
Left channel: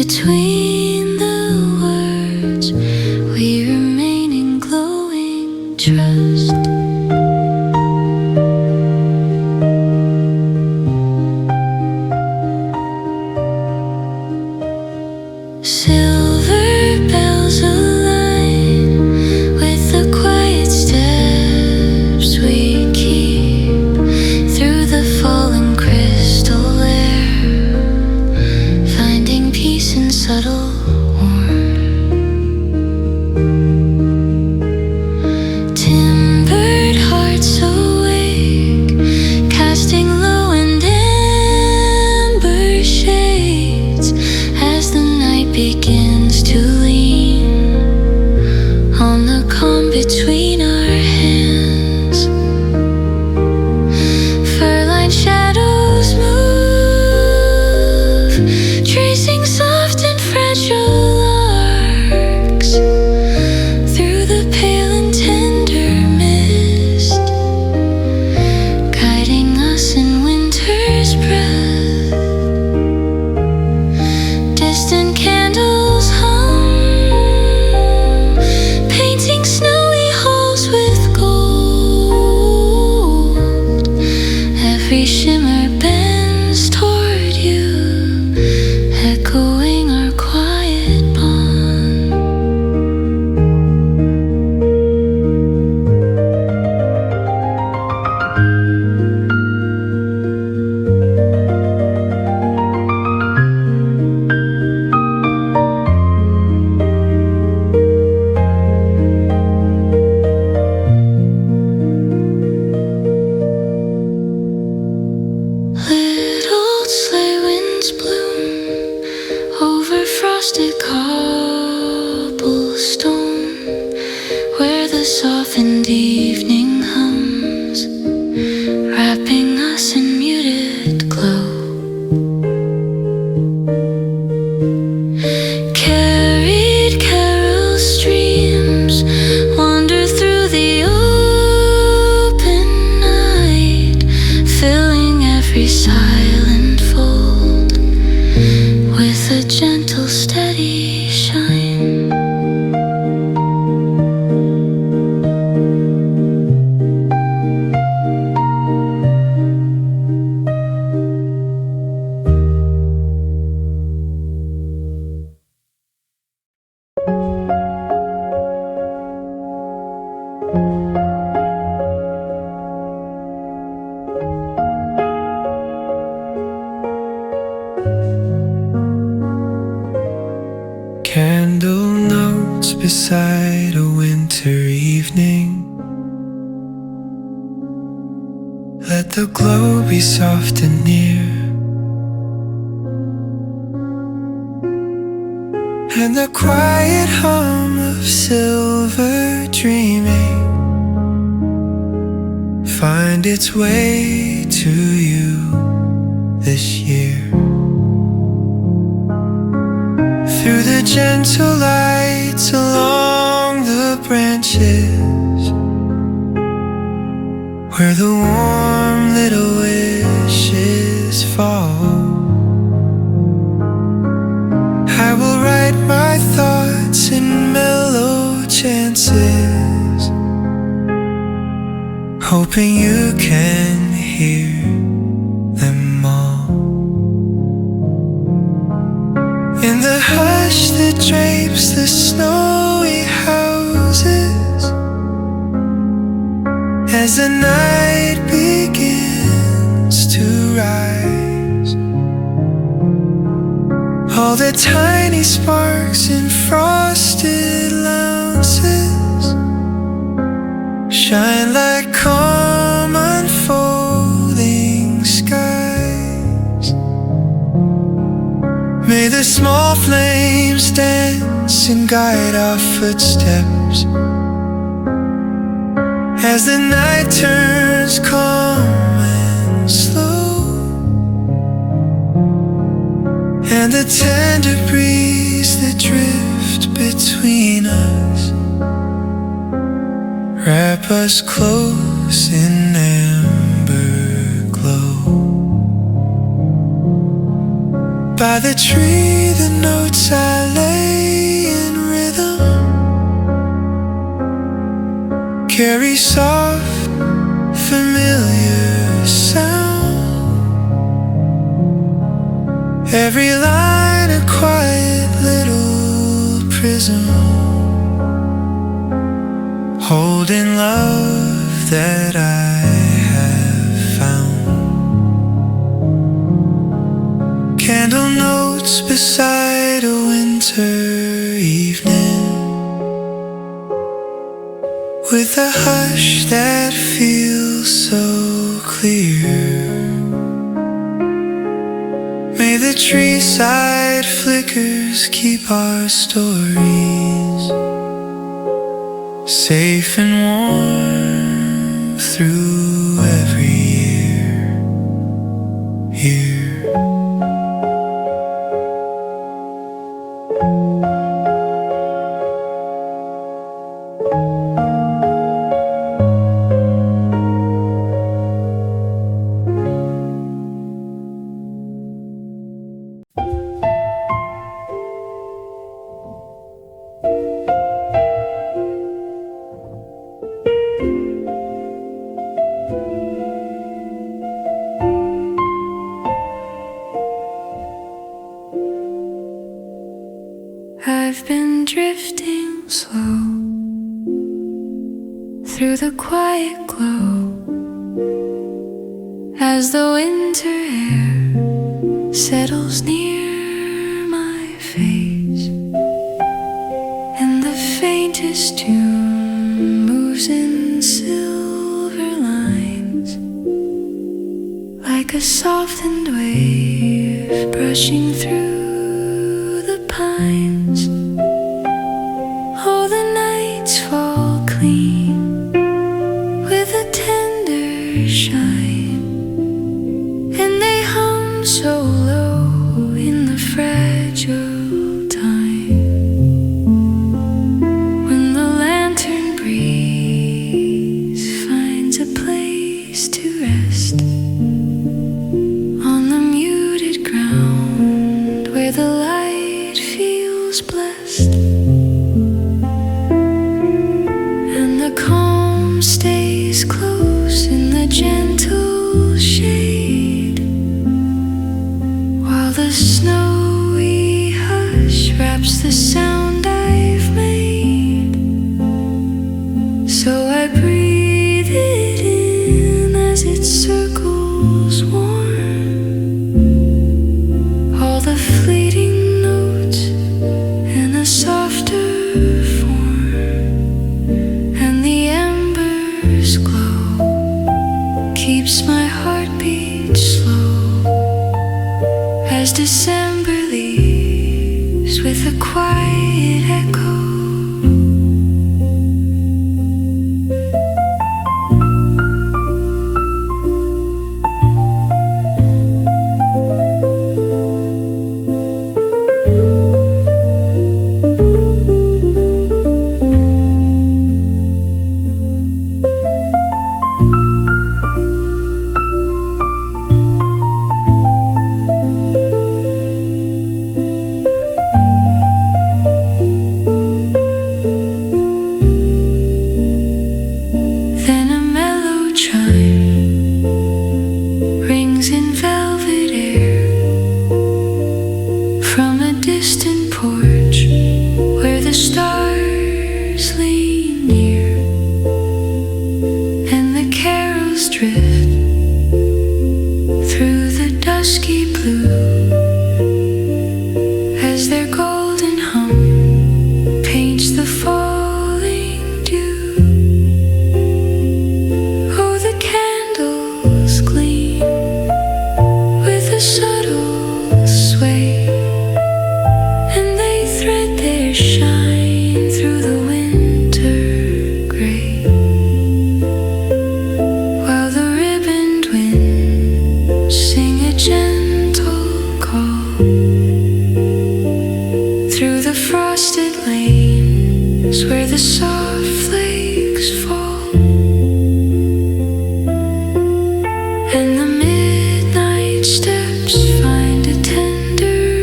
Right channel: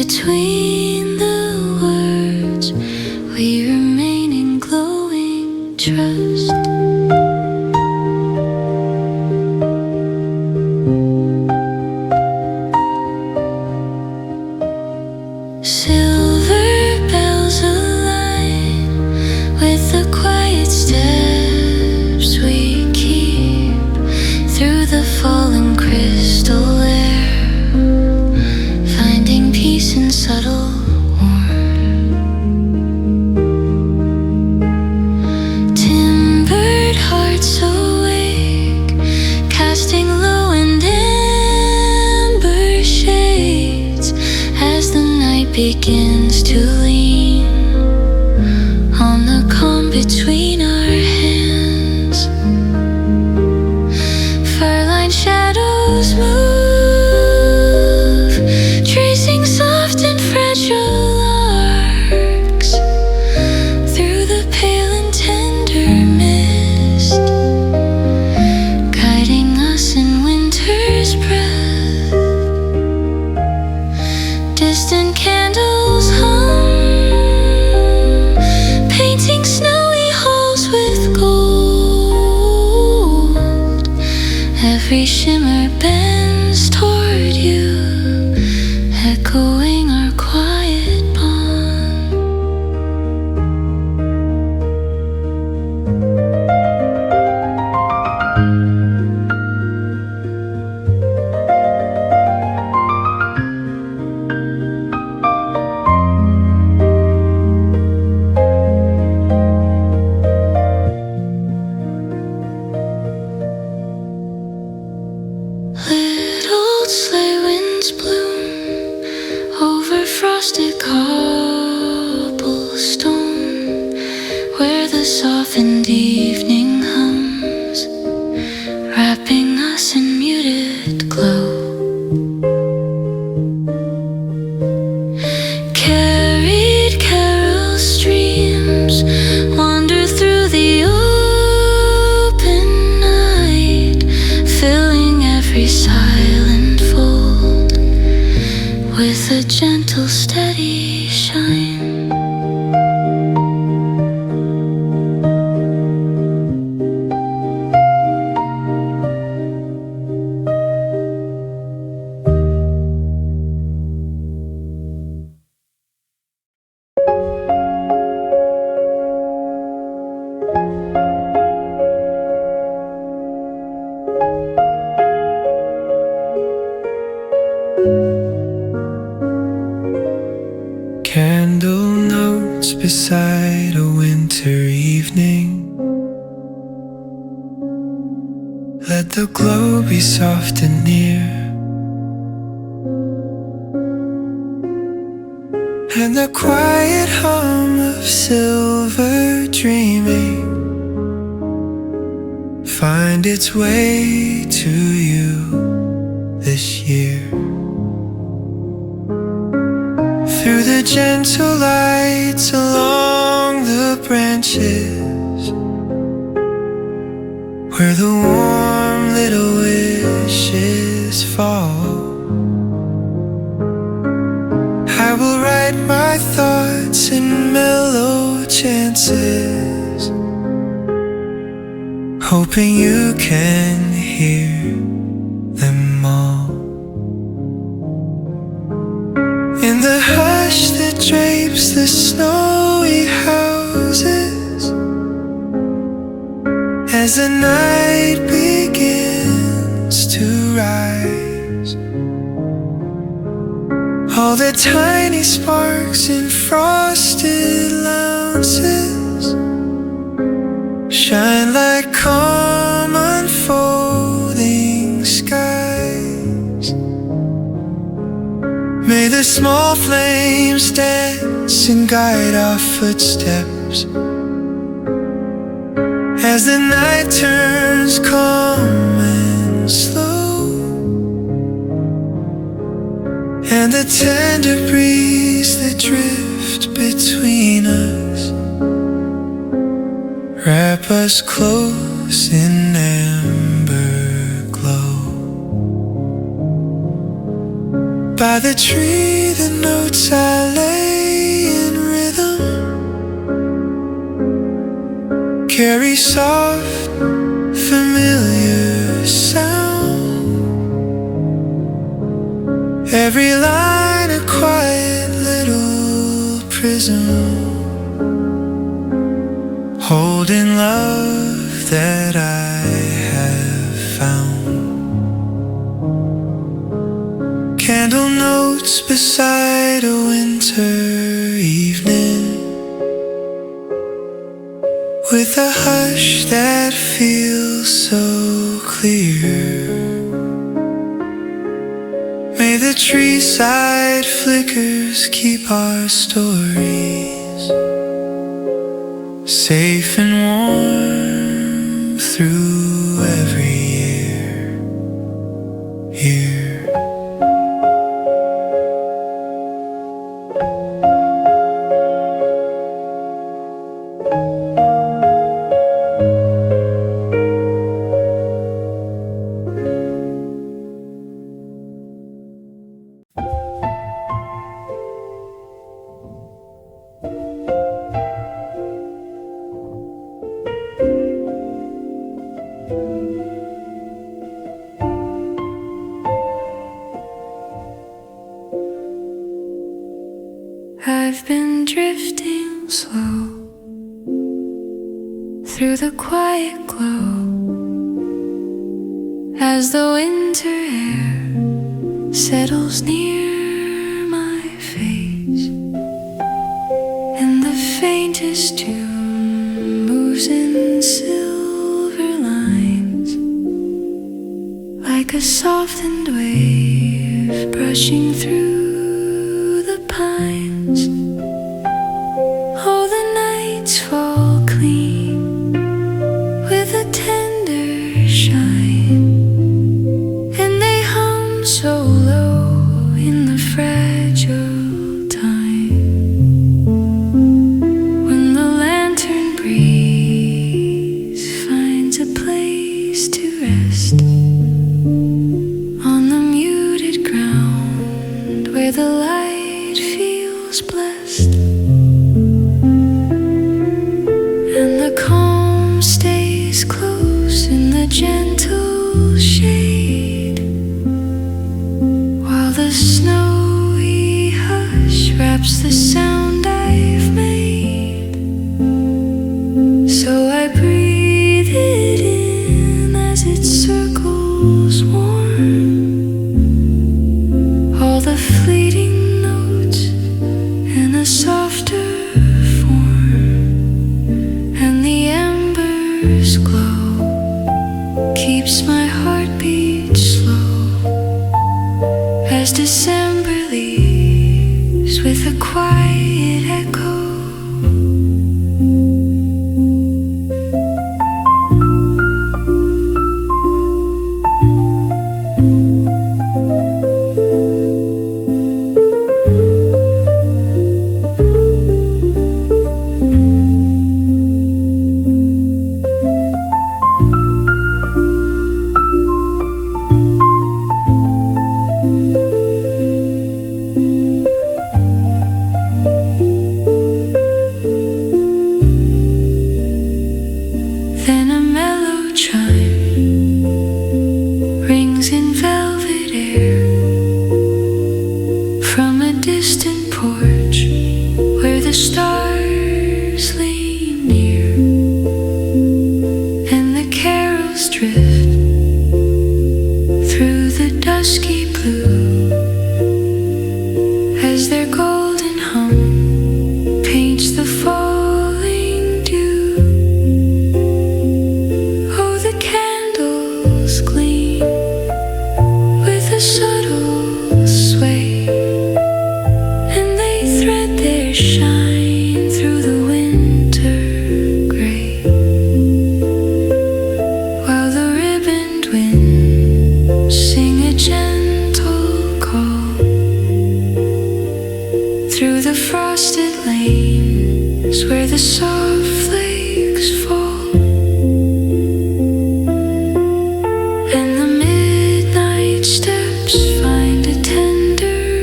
between the words, we remain in glowing trust. Silver bells align with the quiet steps we keep through the fallen crystal air, finding peace in subtle warmth. Timbered hearts awake, casting low and amber shades as the night begins to lean on the calm between our hands. Fur-lined shadows move, tracing soft and fragile arcs through the pale and tender mist, guiding us in winter's breath. Distant candles hum, painting snowy halls with gold. Every shimmer bends toward you, echoing our quiet bond. Little sleigh winds bloom over frosted cobblestone, where the softened evening hums, wrapping us in muted glow. Carried carol streams wander through the open night, filling every silent fold with a gentle, steady shine. Candle notes beside a winter evening. Let the glow be soft and near, and the quiet hum of silver dreaming find its way to you this year. Through the gentle lights along the branches, where the warm little wishes fall, I will write my thoughts in mellow chances, hoping you can hear them all. In the hush that drapes the snowy houses, as the night begins to rise, all the tiny sparks in frosted lounges shine like calm unfolding skies. May the small flames dance and guide our footsteps as the night turns calm and slow, and the tender breeze that drifts between us wrap us close in amber glow. By the tree, the notes I lay in rhythm carry soft, familiar sound. Every line a quiet little prism, holding love that I have found. Candle notes beside a winter evening, with a hush that feels so clear. May the treeside flickers keep our stories safe and warm through every year. I've been drifting slow through the quiet glow as the winter air settles near my face, and the faintest tune moves in silver lines like a softened wave brushing through the pines. Oh, the nights fall clean with a tender shine, and they hum so low in the fragile time. When the lantern breeze finds a place to rest on the muted ground where the light feels blessed, and the calm stays close in the gentle shade, while the snowy hush wraps the sound I've made. So I breathe it in as it circles warm, all the fleeting notes in a softer form, and the embers glow, keeps my heartbeat slow as December leaves with a quiet echo. Then a mellow chime rings in velvet air from a distant porch where the stars lean near, and the carols drift through the dusky blue as their golden hum paints the falling dew. Oh, the candles gleam with a subtle sway, and they thread their shine through the winter gray, while the ribboned winds sing a gentle call through the frosted lanes where the soft flakes fall. And the midnight steps find a tender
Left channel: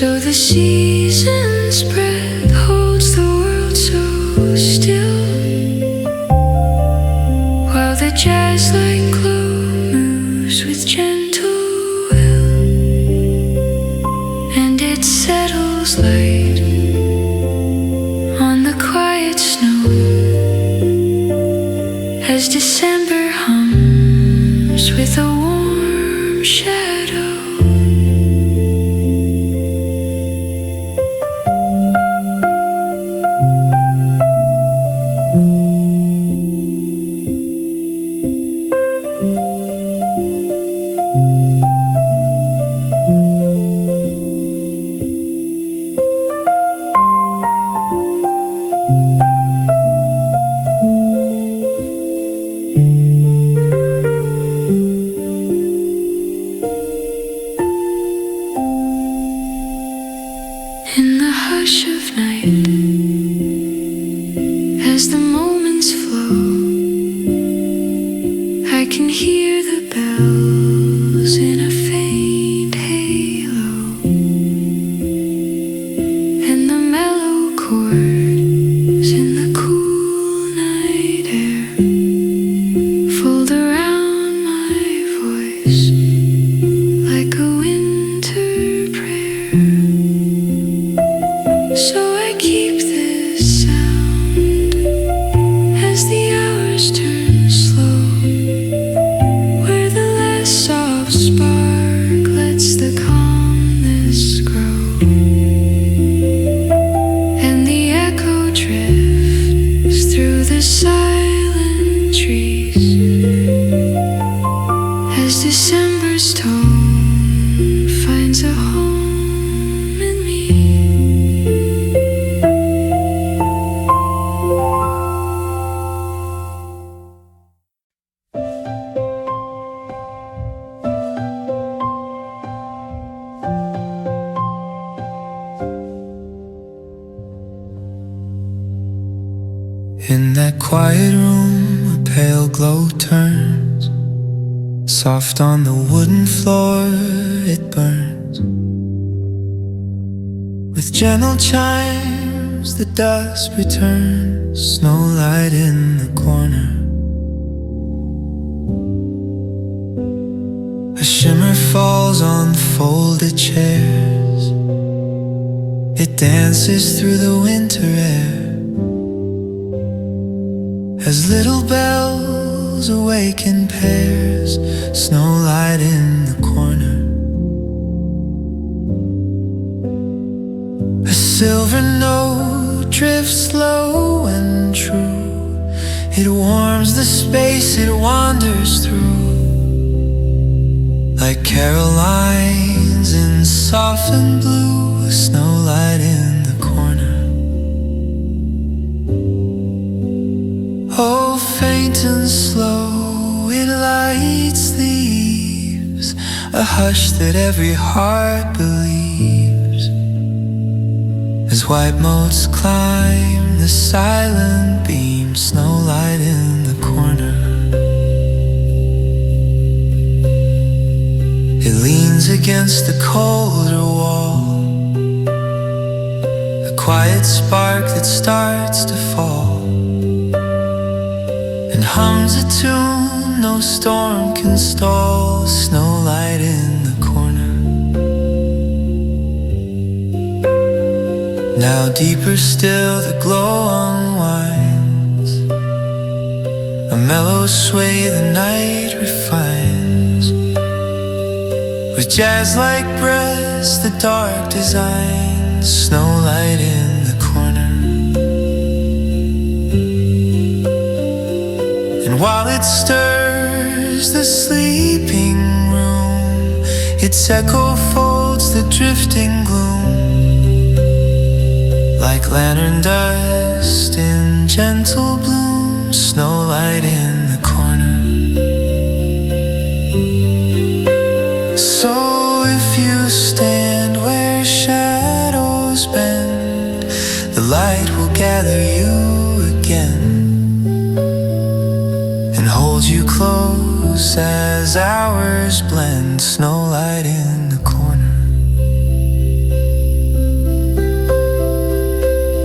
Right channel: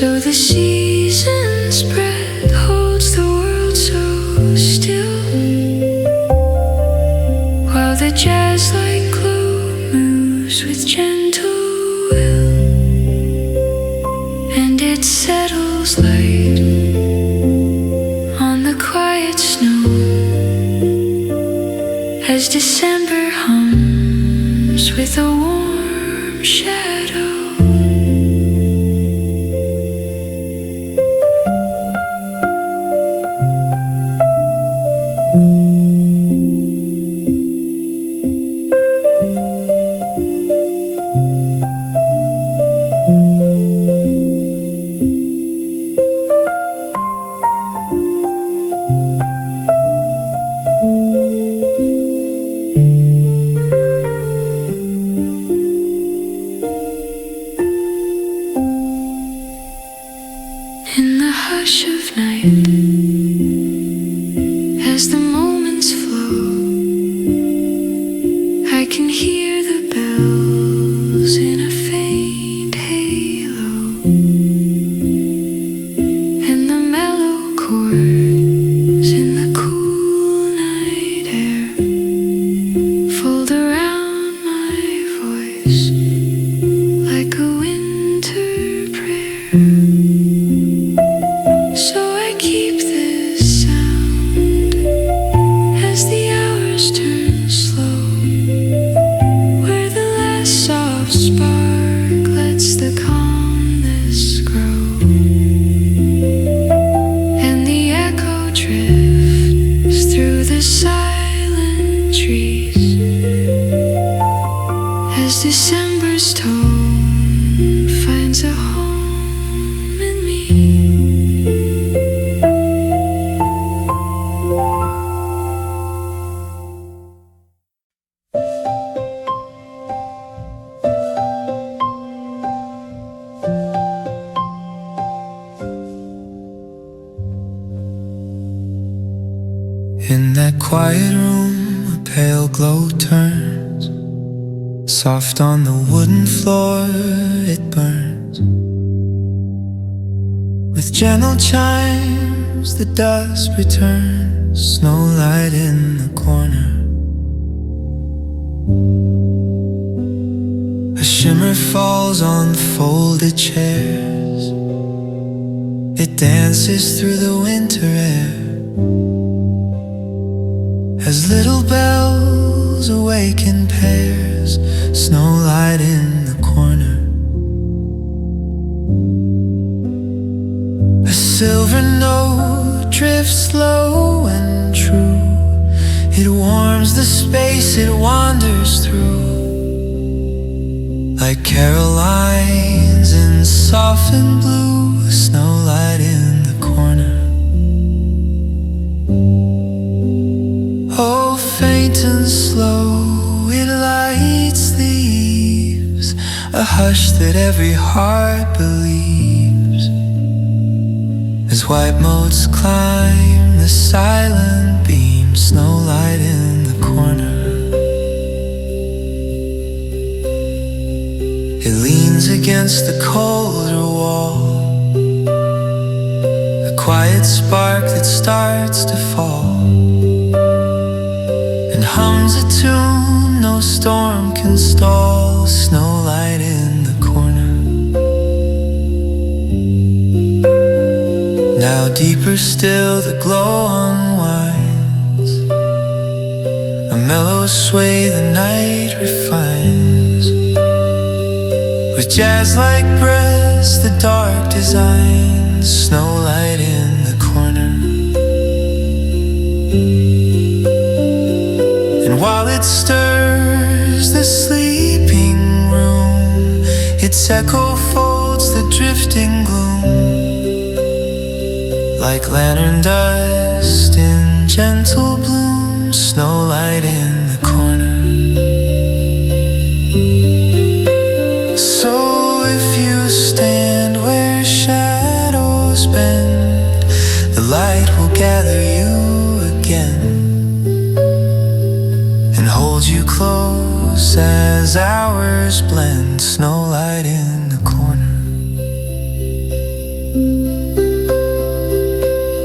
So the season's breath holds the world so still, while the jazz-like glow moves with gentle will, and it settles light on the quiet snow as December hums with a warm shadow. In the hush of night, as the moments flow, I can hear the bells in a faint halo, and the mellow chords in the cool night air fold around my voice like a winter prayer. So I keep this sound as the hours turn slow, where the last soft spark lets the calmness grow, and the echo drifts through the silent trees as December's tone finds a home in me. In that quiet room, a pale glow turns. Soft on the wooden floor, it burns. With gentle chimes, the dusk returns. Snowlight in the corner. A shimmer falls on folded chairs. It dances through the winter air as little bells awaken pairs. Snowlight in the corner. A silver note drifts low and true. It warms the space it wanders through, like Carolines in softened blue. Snowlight in the corner. Oh, faint and slow, it lights the eaves, a hush that every heart believes, as white motes climb the silent beam. Snowlight in the corner. It leans against the colder wall, a quiet spark that starts to fall, and hums a tune no storm can stall. Snowlight in the corner. Now deeper still the glow unwinds, a mellow sway the night refines, with jazz-like breaths the dark designs. Snowlight in the corner. And while it stirs the sleeping room, its echo folds the drifting gloom, like lantern dust in gentle bloom. Snowlight in the corner. So if you stand where shadows bend, the light will gather you again and hold you close as hours blend. Snowlight in the corner.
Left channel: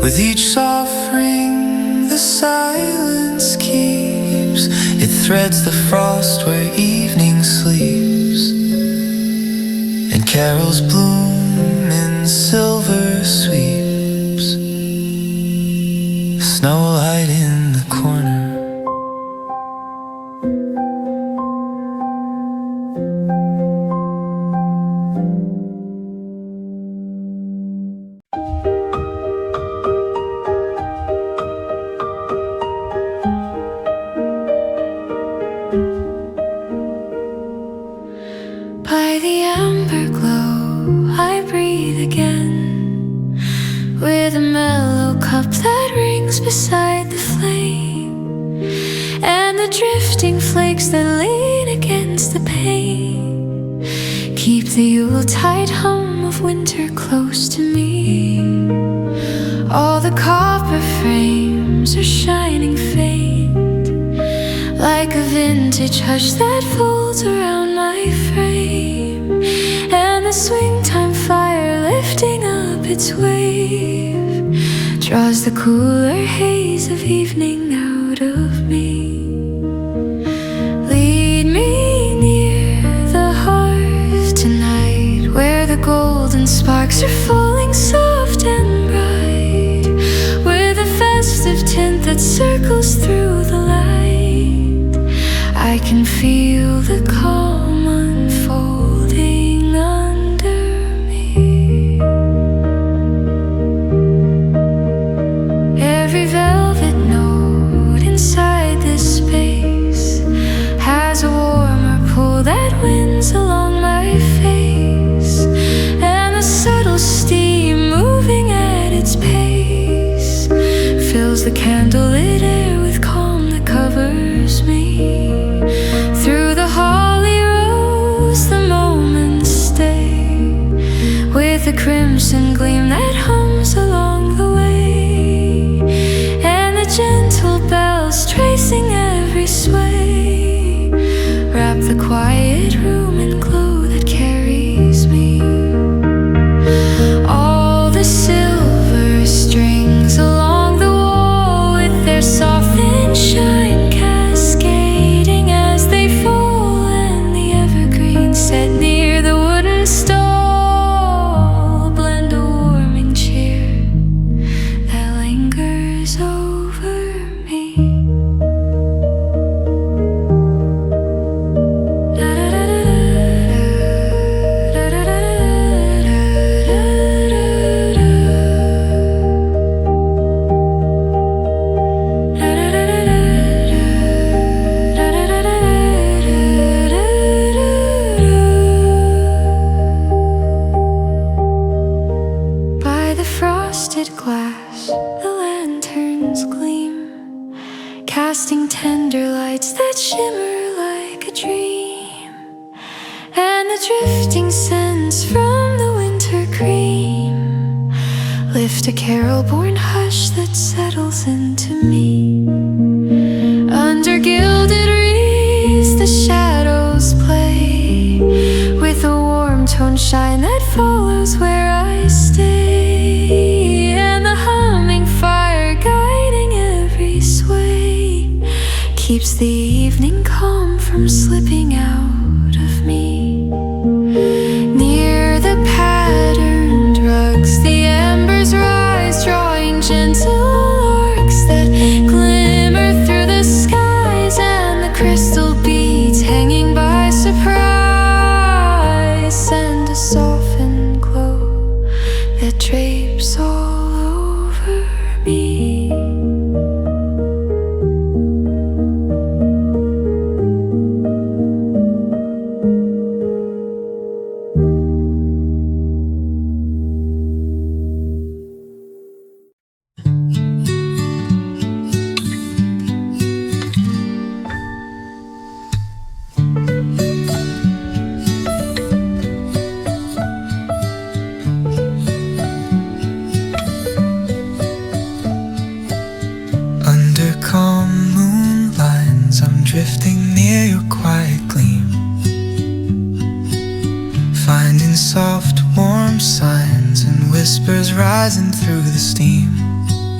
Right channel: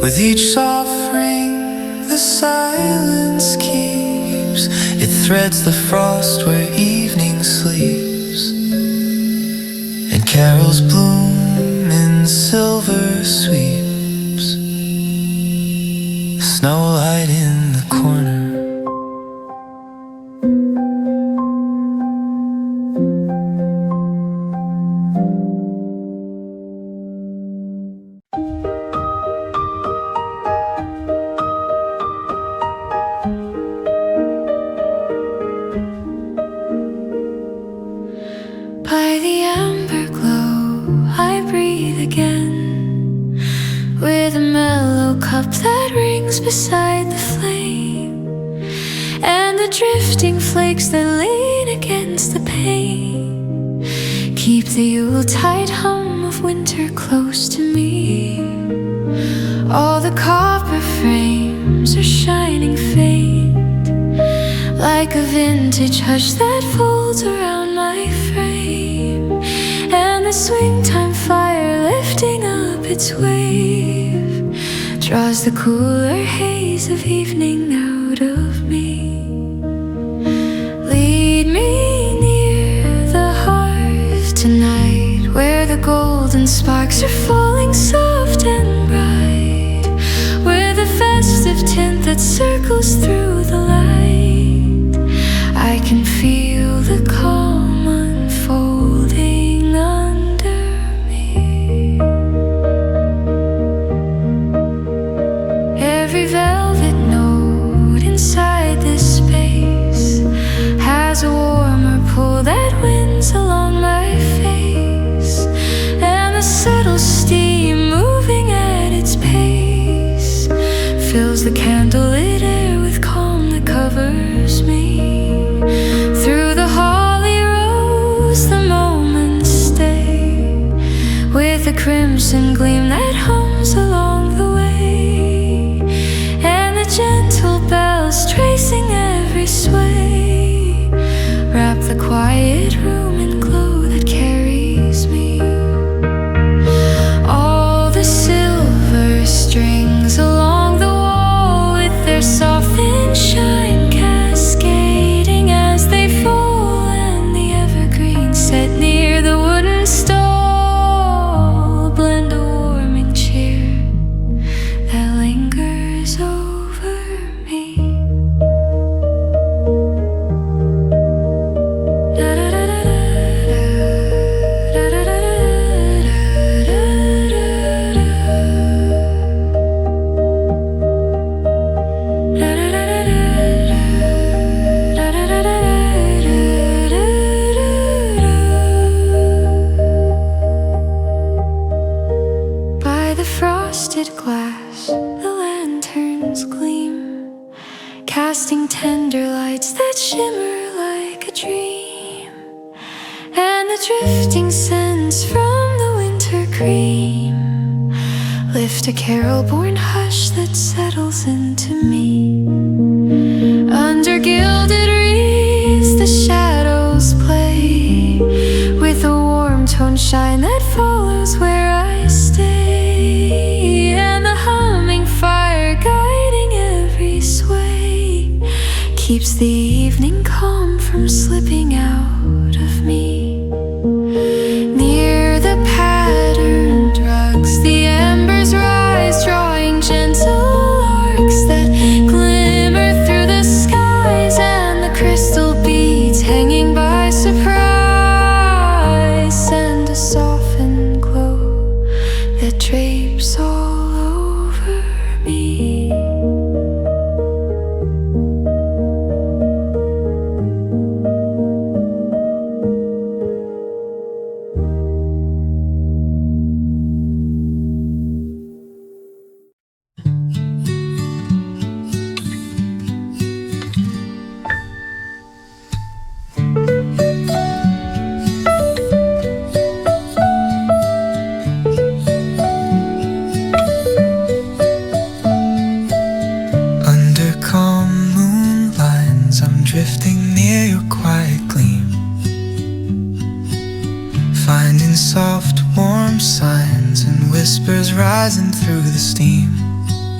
With each soft ring the silence keeps, it threads the frost where evening sleeps, and carols bloom in silver sweeps. Snowlight in the corner. By the amber glow, I breathe again, with a mellow cup that rings beside the flame, and the drifting flakes that lean against the pane keep the Yuletide hum of winter close to me. All the copper frames are shining faint, like a vintage hush that folds around my frame, and the swing time fire lifting up its wave draws the cooler haze of evening out of me. Lead me near the hearth tonight, where the golden sparks are falling soft and bright, with a festive tint that circles through the light. I can feel the calm unfolding under me. Every velvet note inside this space has a warmer pull that winds along my face, and the subtle steam moving at its pace fills the candlelit air with calm that covers me. Through the holly rose the moments stay, with a crimson gleam that hums along the way, and the gentle bells tracing every sway wrap the quiet room in glow that carries me. All the silver strings along the wall, with their softened shine cascading as they fall, and the evergreens set near the wooden stall blend a warming cheer that lingers over me. By the frosted glass, the lanterns gleam, casting tender lights that shimmer like a dream, and the drifting scents from the winter cream lift a carol-born hush that settles into me. Under gilded wreaths the shadows play, with a warm tone shine that follows where I stay, and the humming fire guiding every sway keeps the evening calm from slipping out of me. Near the patterned rugs the embers rise, drawing gentle arcs that glimmer through the skies, and the crystal beads hanging by surprise send a softened glow that drapes all over me. Drifting near your quiet gleam, finding soft warm signs and whispers rising through the steam.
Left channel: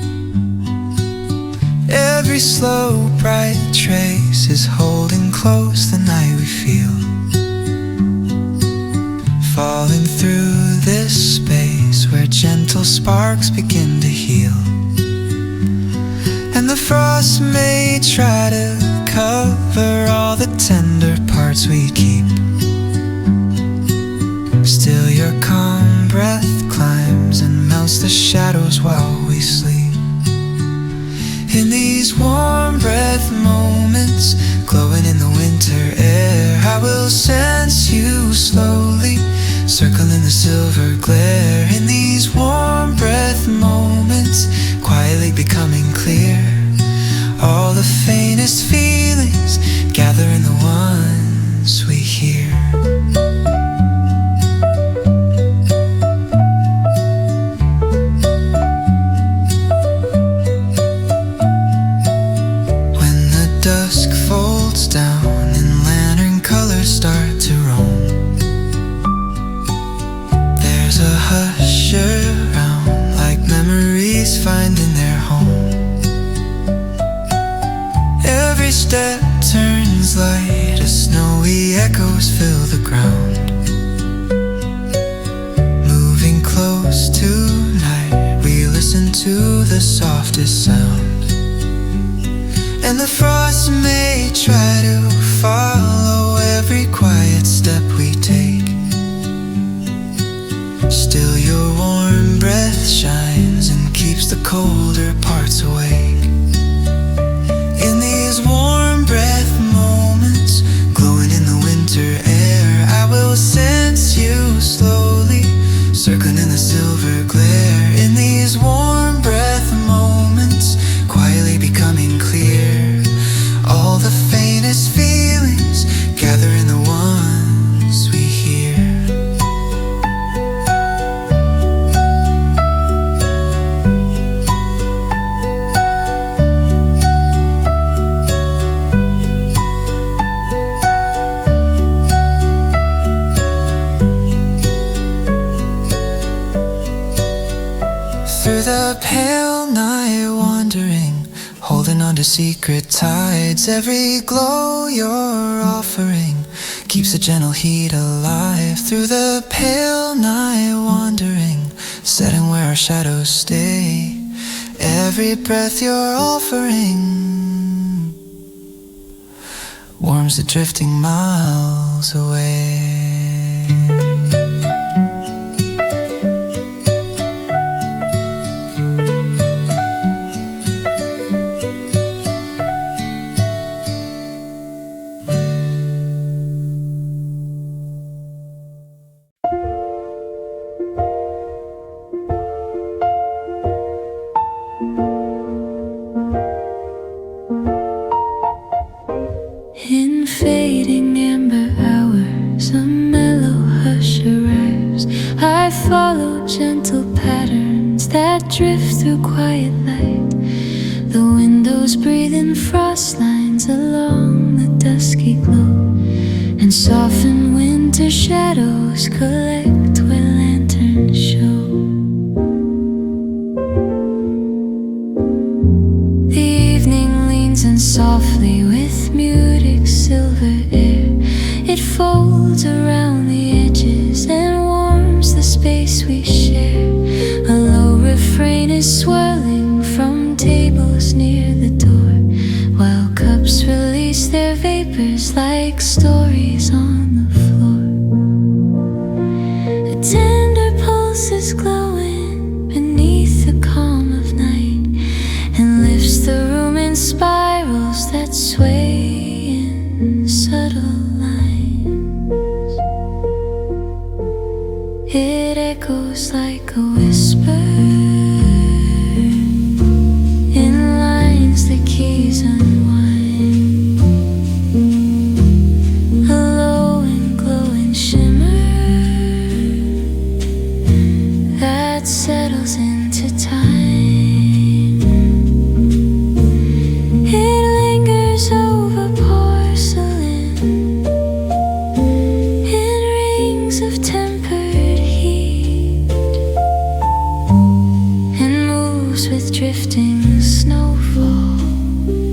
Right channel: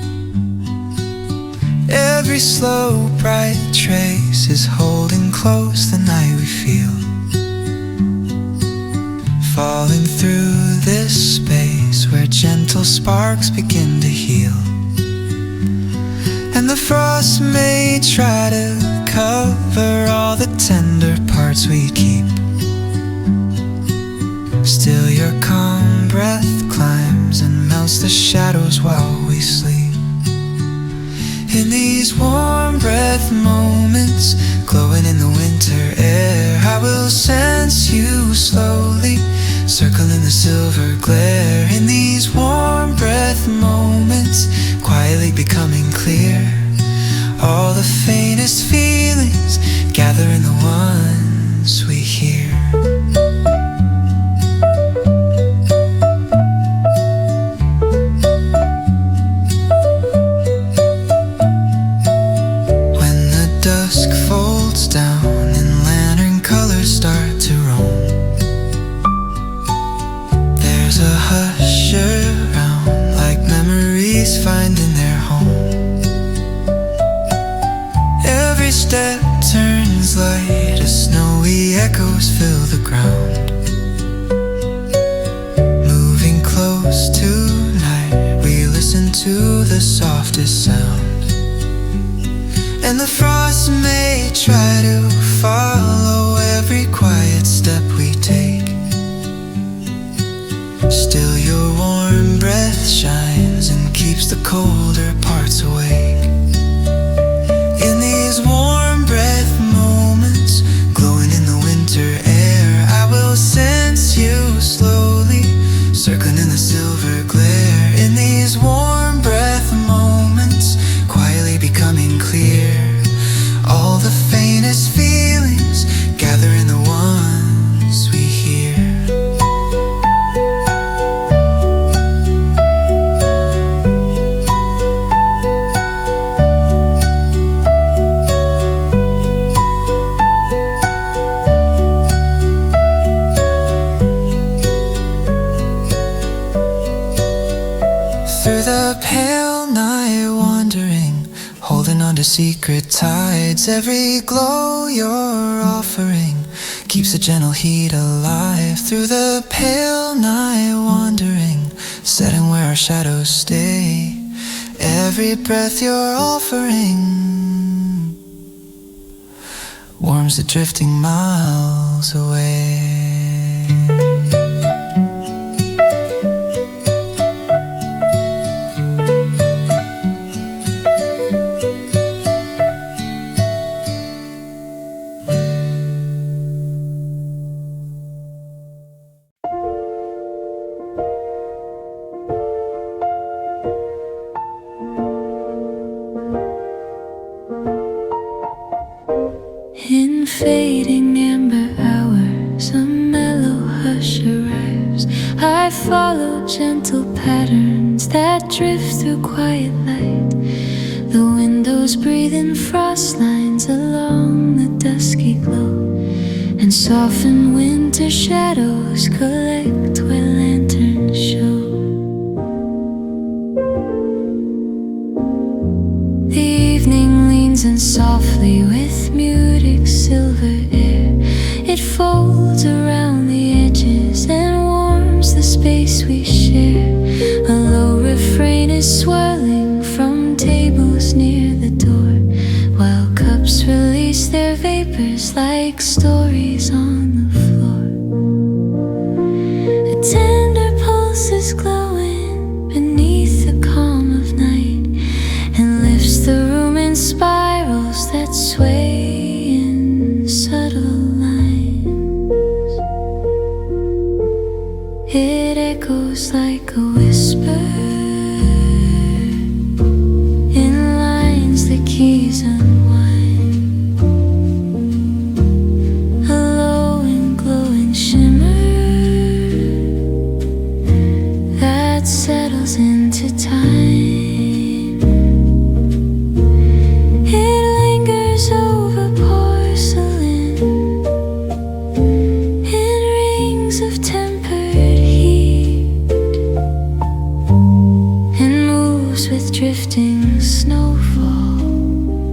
Every slow, bright trace is holding close the night we feel. Falling through this space where gentle sparks begin to heal. And the frost may try to cover all the tender parts we keep. Still your calm breath climbs and melts the shadows while we sleep. In these warm breath moments, glowing in the winter air, I will sense you slowly, circling the silver glare. In these warm breath moments, quietly becoming clear. All the faintest feelings gather in the ones we hear. When the dusk folds down and lantern colors start to roam, there's a hush around, like memories finding their home. Every step turns light as snowy echoes fill the ground. Moving close tonight, we listen to the softest sound. And the frost may try to follow every quiet step we take. Still your warm breath shines and keeps the colder parts awake. In these warm breath moments, glowing in the winter air, I will sense you slowly, circling in the silver glare. In these warm breath moments, quietly becoming clear. All the faintest feelings gather in the ones we hear. Through the pale night wandering, holding on to secret tides. Every glow you're offering keeps a gentle heat alive. Through the pale night wandering, setting where our shadows stay. Every breath you're offering warms the drifting miles away. In fading amber hours, a mellow hush arrives. I follow gentle patterns that drift through quiet light. The windows breathe in frost lines along the dusky glow, and soften winter shadows collect where lanterns show. The evening leans in softly with muted silver air. It folds around the edges and warms the space we share. A low refrain is swirling from tables near the door, while cups release their vapors like stories on the floor. A tender pulse is glowing beneath the calm of night, and lifts the room in spirals that sway in subtle lines. It echoes like a whisper in lines the keys unwind. A low and glowing shimmer that settles into time. Over porcelain in rings of tempered heat, and moves with drifting snowfall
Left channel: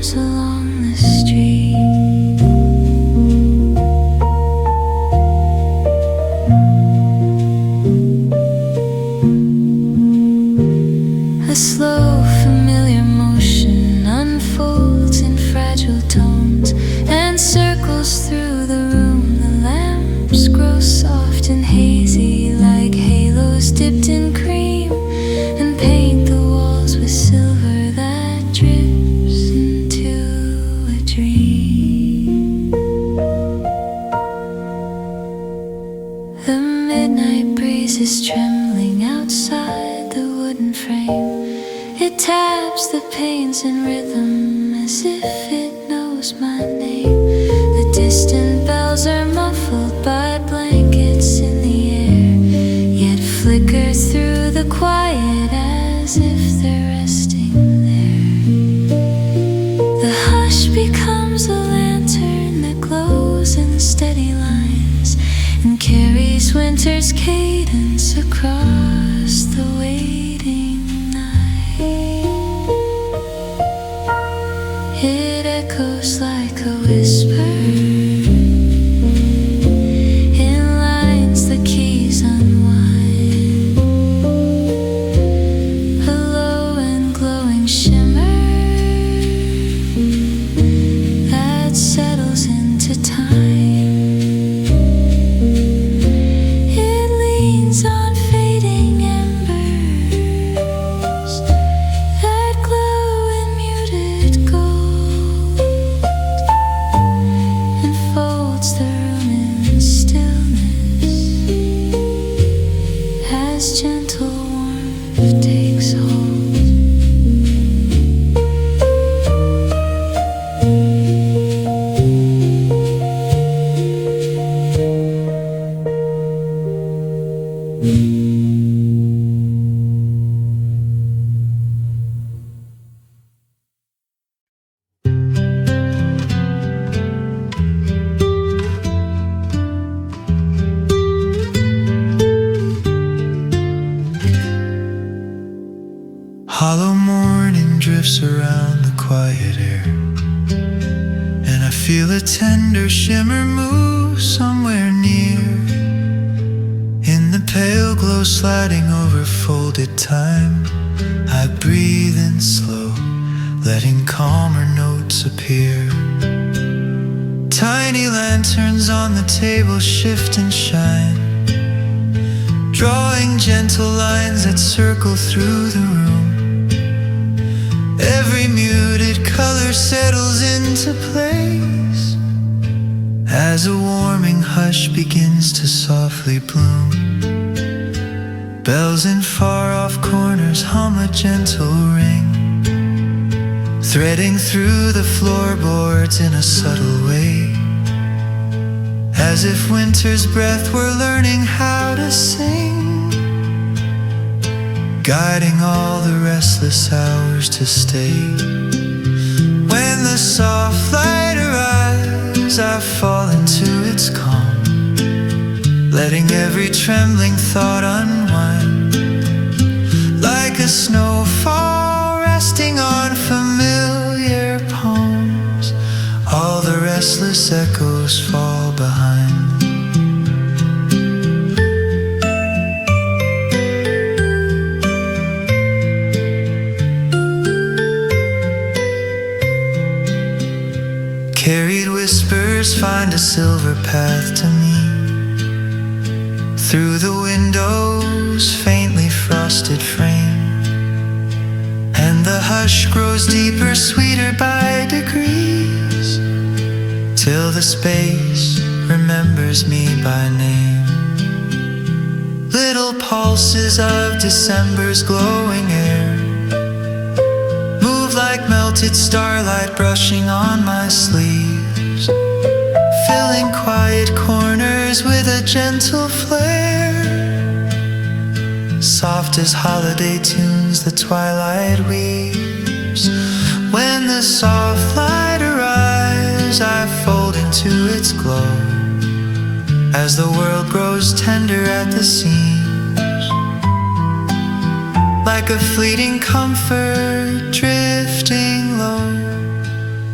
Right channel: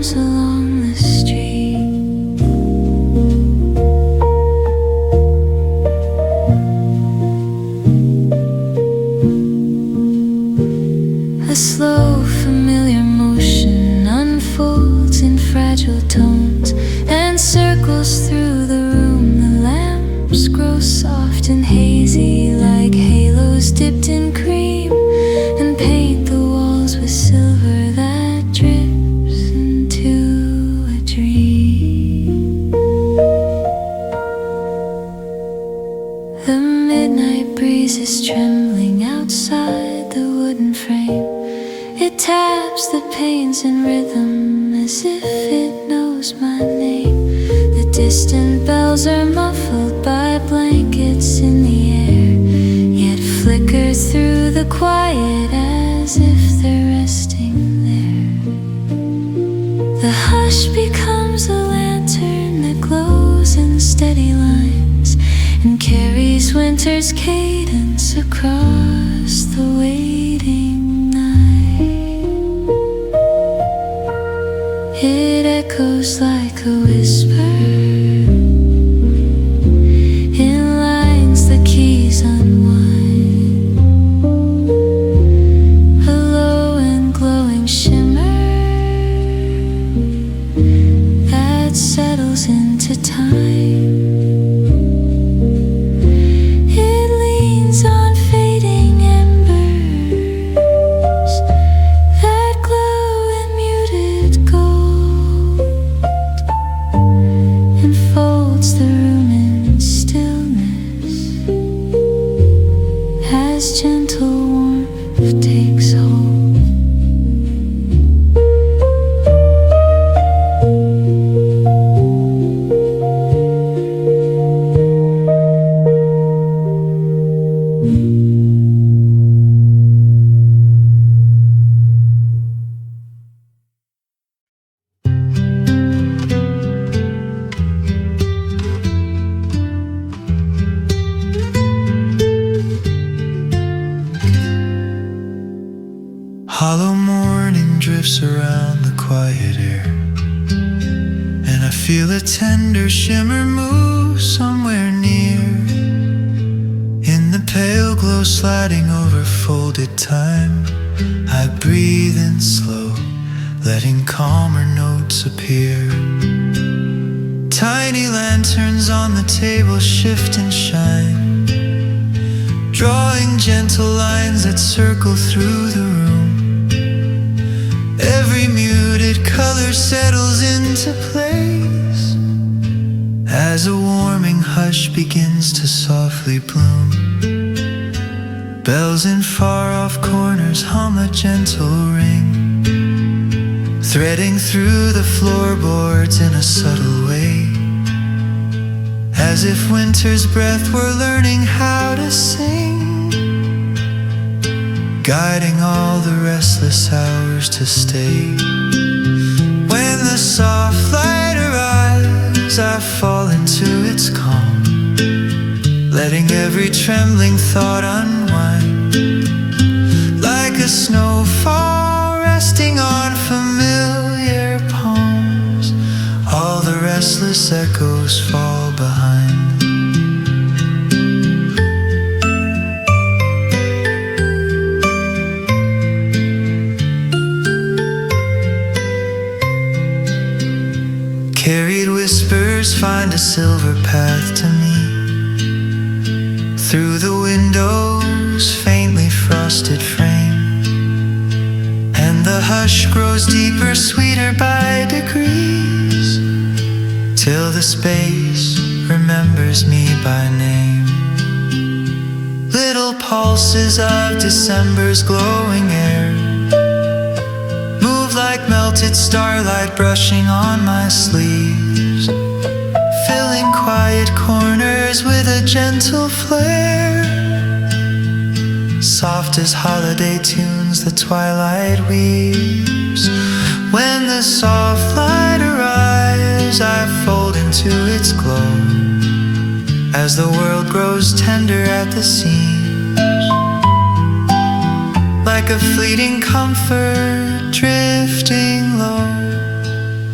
arms along the street. A slow, familiar motion unfolds in fragile tones and circles through the room. The lamps grow soft and hazy like halos dipped in cream, and paint the walls with silver that drips into a dream. The midnight breeze is trembling outside the wooden frame. It taps the panes in rhythm as if it knows my name. The distant bells are muffled by blankets in the air, yet flicker through the quiet as if they're resting there. The hush becomes a lantern that glows in steady lines and carries winter's cadence across the waiting night. It echoes like a whisper in lines the keys unwind. A low and glowing shimmer that settles into time. It leans on fading embers that glow in muted gold, enfolds the room in stillness as gentle warmth takes hold. Hollow morning drifts around the quiet air, and I feel a tender shimmer move somewhere near. In the pale glow sliding over folded time, I breathe in slow, letting calmer notes appear. Tiny lanterns on the table shift and shine, drawing gentle lines that circle through the room. Every muted color settles into place as a warming hush begins to softly bloom. Bells in far-off corners hum a gentle ring, threading through the floorboards in a subtle way, as if winter's breath were learning how to sing, guiding all the restless hours to stay. When the soft light arrives, I fall into its calm, letting every trembling thought unwind, like a snowfall resting on familiar palms. All the restless echoes fall behind. Carried whispers find a silver path to me, through the window's faintly frosted frame, and the hush grows deeper, sweeter by degrees, till the space remembers me by name. Little pulses of December's glowing air move like melted starlight brushing on my sleeves, filling quiet corners with a gentle flare. Soft as holiday tunes the twilight weaves. When the soft light arrives, I fold into its glow, as the world grows tender at the seams, like a fleeting comfort drifting low,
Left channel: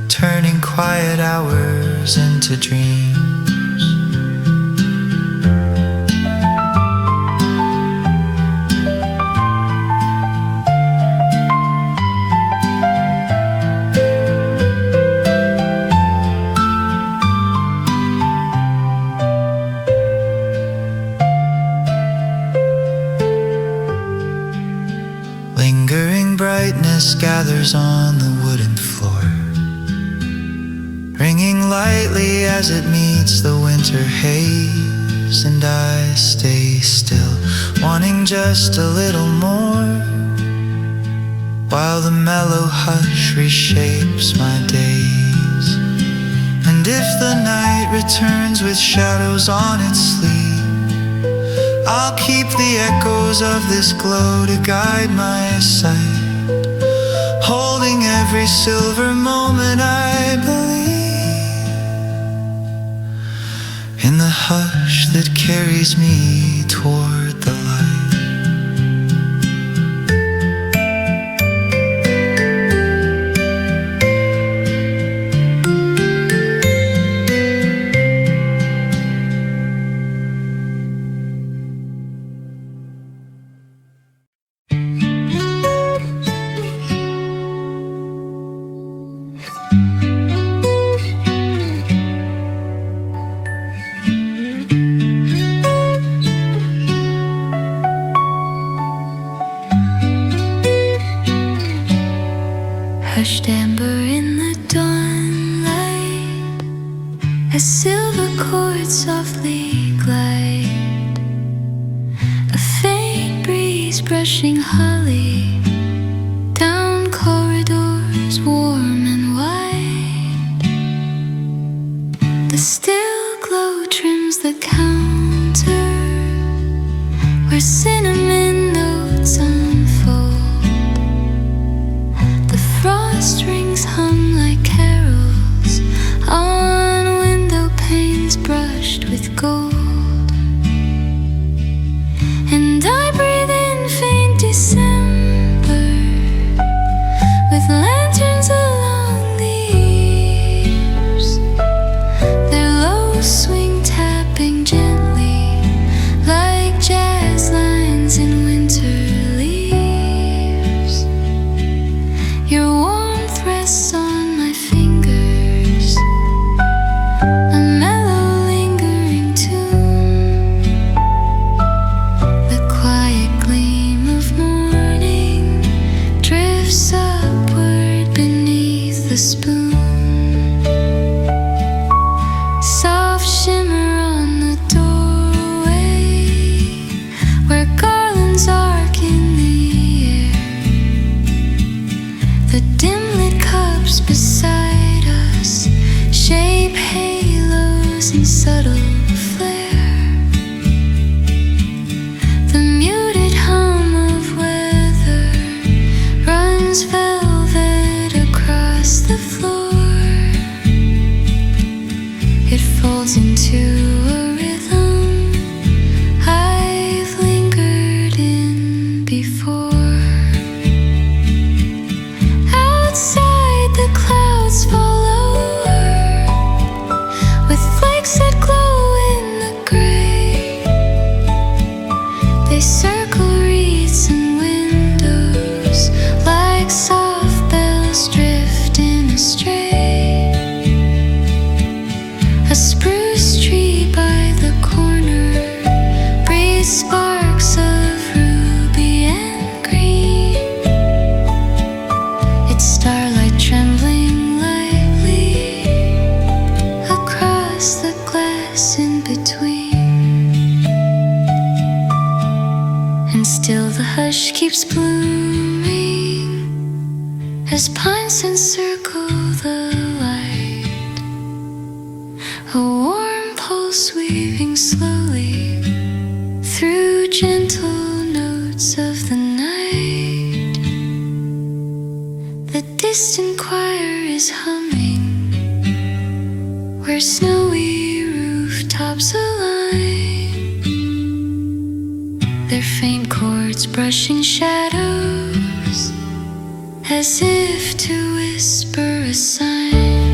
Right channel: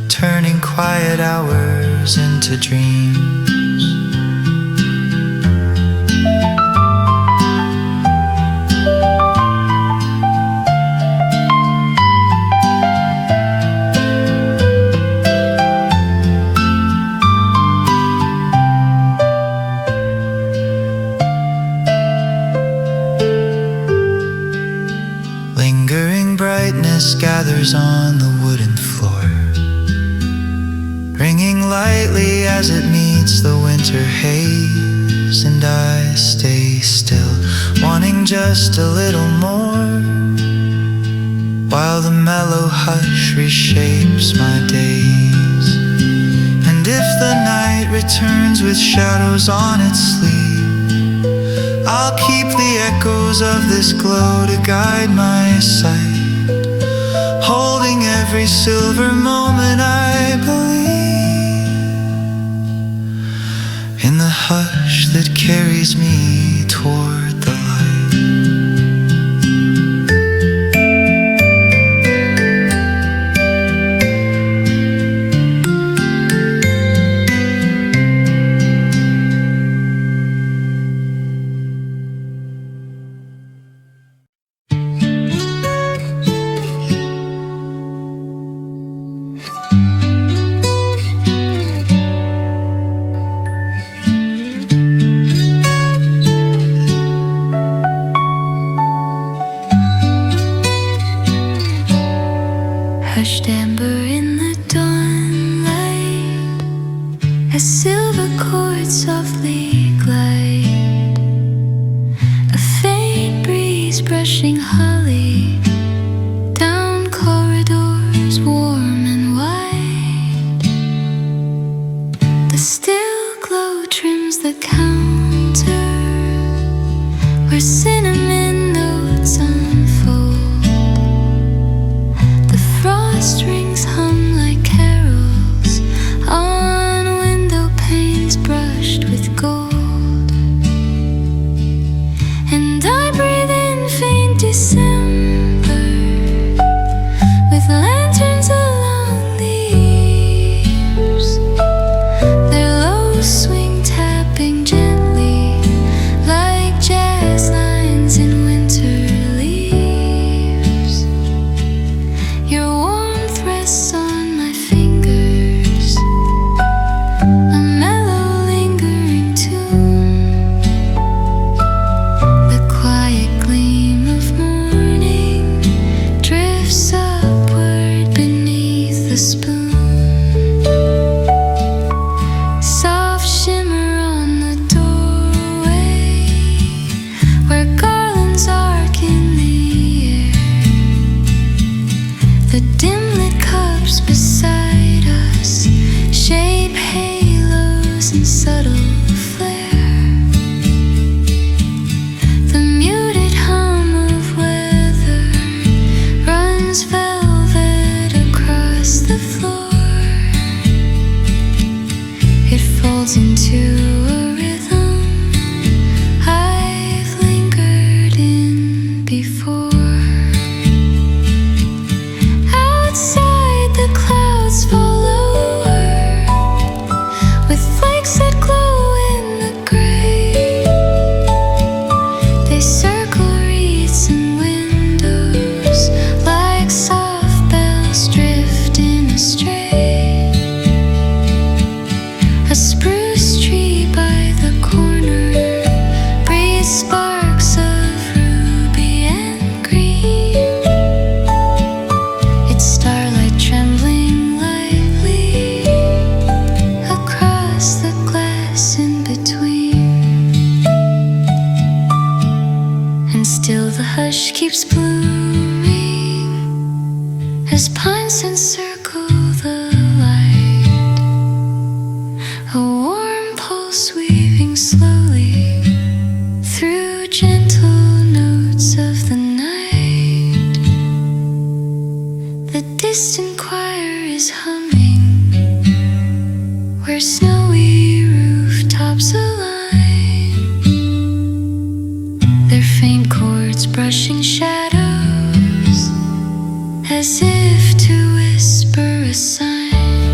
turning quiet hours into dreams. Lingering brightness gathers on the wooden floor, ringing lightly as it meets the winter haze. And I stay still, wanting just a little more, while the mellow hush reshapes my days. And if the night returns with shadows on its sleeve, I'll keep the echoes of this glow to guide my sight, holding every silver moment I believe in the hush that carries me toward the light. Hushed amber in the dawnlight, as silver chords softly glide, a faint breeze brushing holly down corridors warm and wide. The still glow trims the counter where cinnamon notes unfold. Frost rings hum like carols on window panes brushed with gold. And I breathe in faint December with lanterns along the eaves, their low swing tapping gently like jazz lines in winter leaves. Your warmth rests on my fingers, a mellow lingering tune. The quiet gleam of morning drifts upward beneath the spoon. Soft shimmer on the doorway where garlands arc in the air. The dim-lit cups beside us shape halos in subtle flare. The muted hum of weather runs velvet across the floor. It folds into a rhythm I've lingered in before. Outside the clouds fall lower with flakes that glow in the gray. They circle wreaths and windows like soft bells drifting astray. A spruce tree by the corner breathes sparks of ruby and green, its starlight trembling lightly across the glass in between. And still the hush keeps blooming as pines encircle the light, a warm pulse weaving slowly through gentle notes of the night. The distant choir is humming where snowy rooftops align, their faint chords brushing shadows as if to whisper a sign.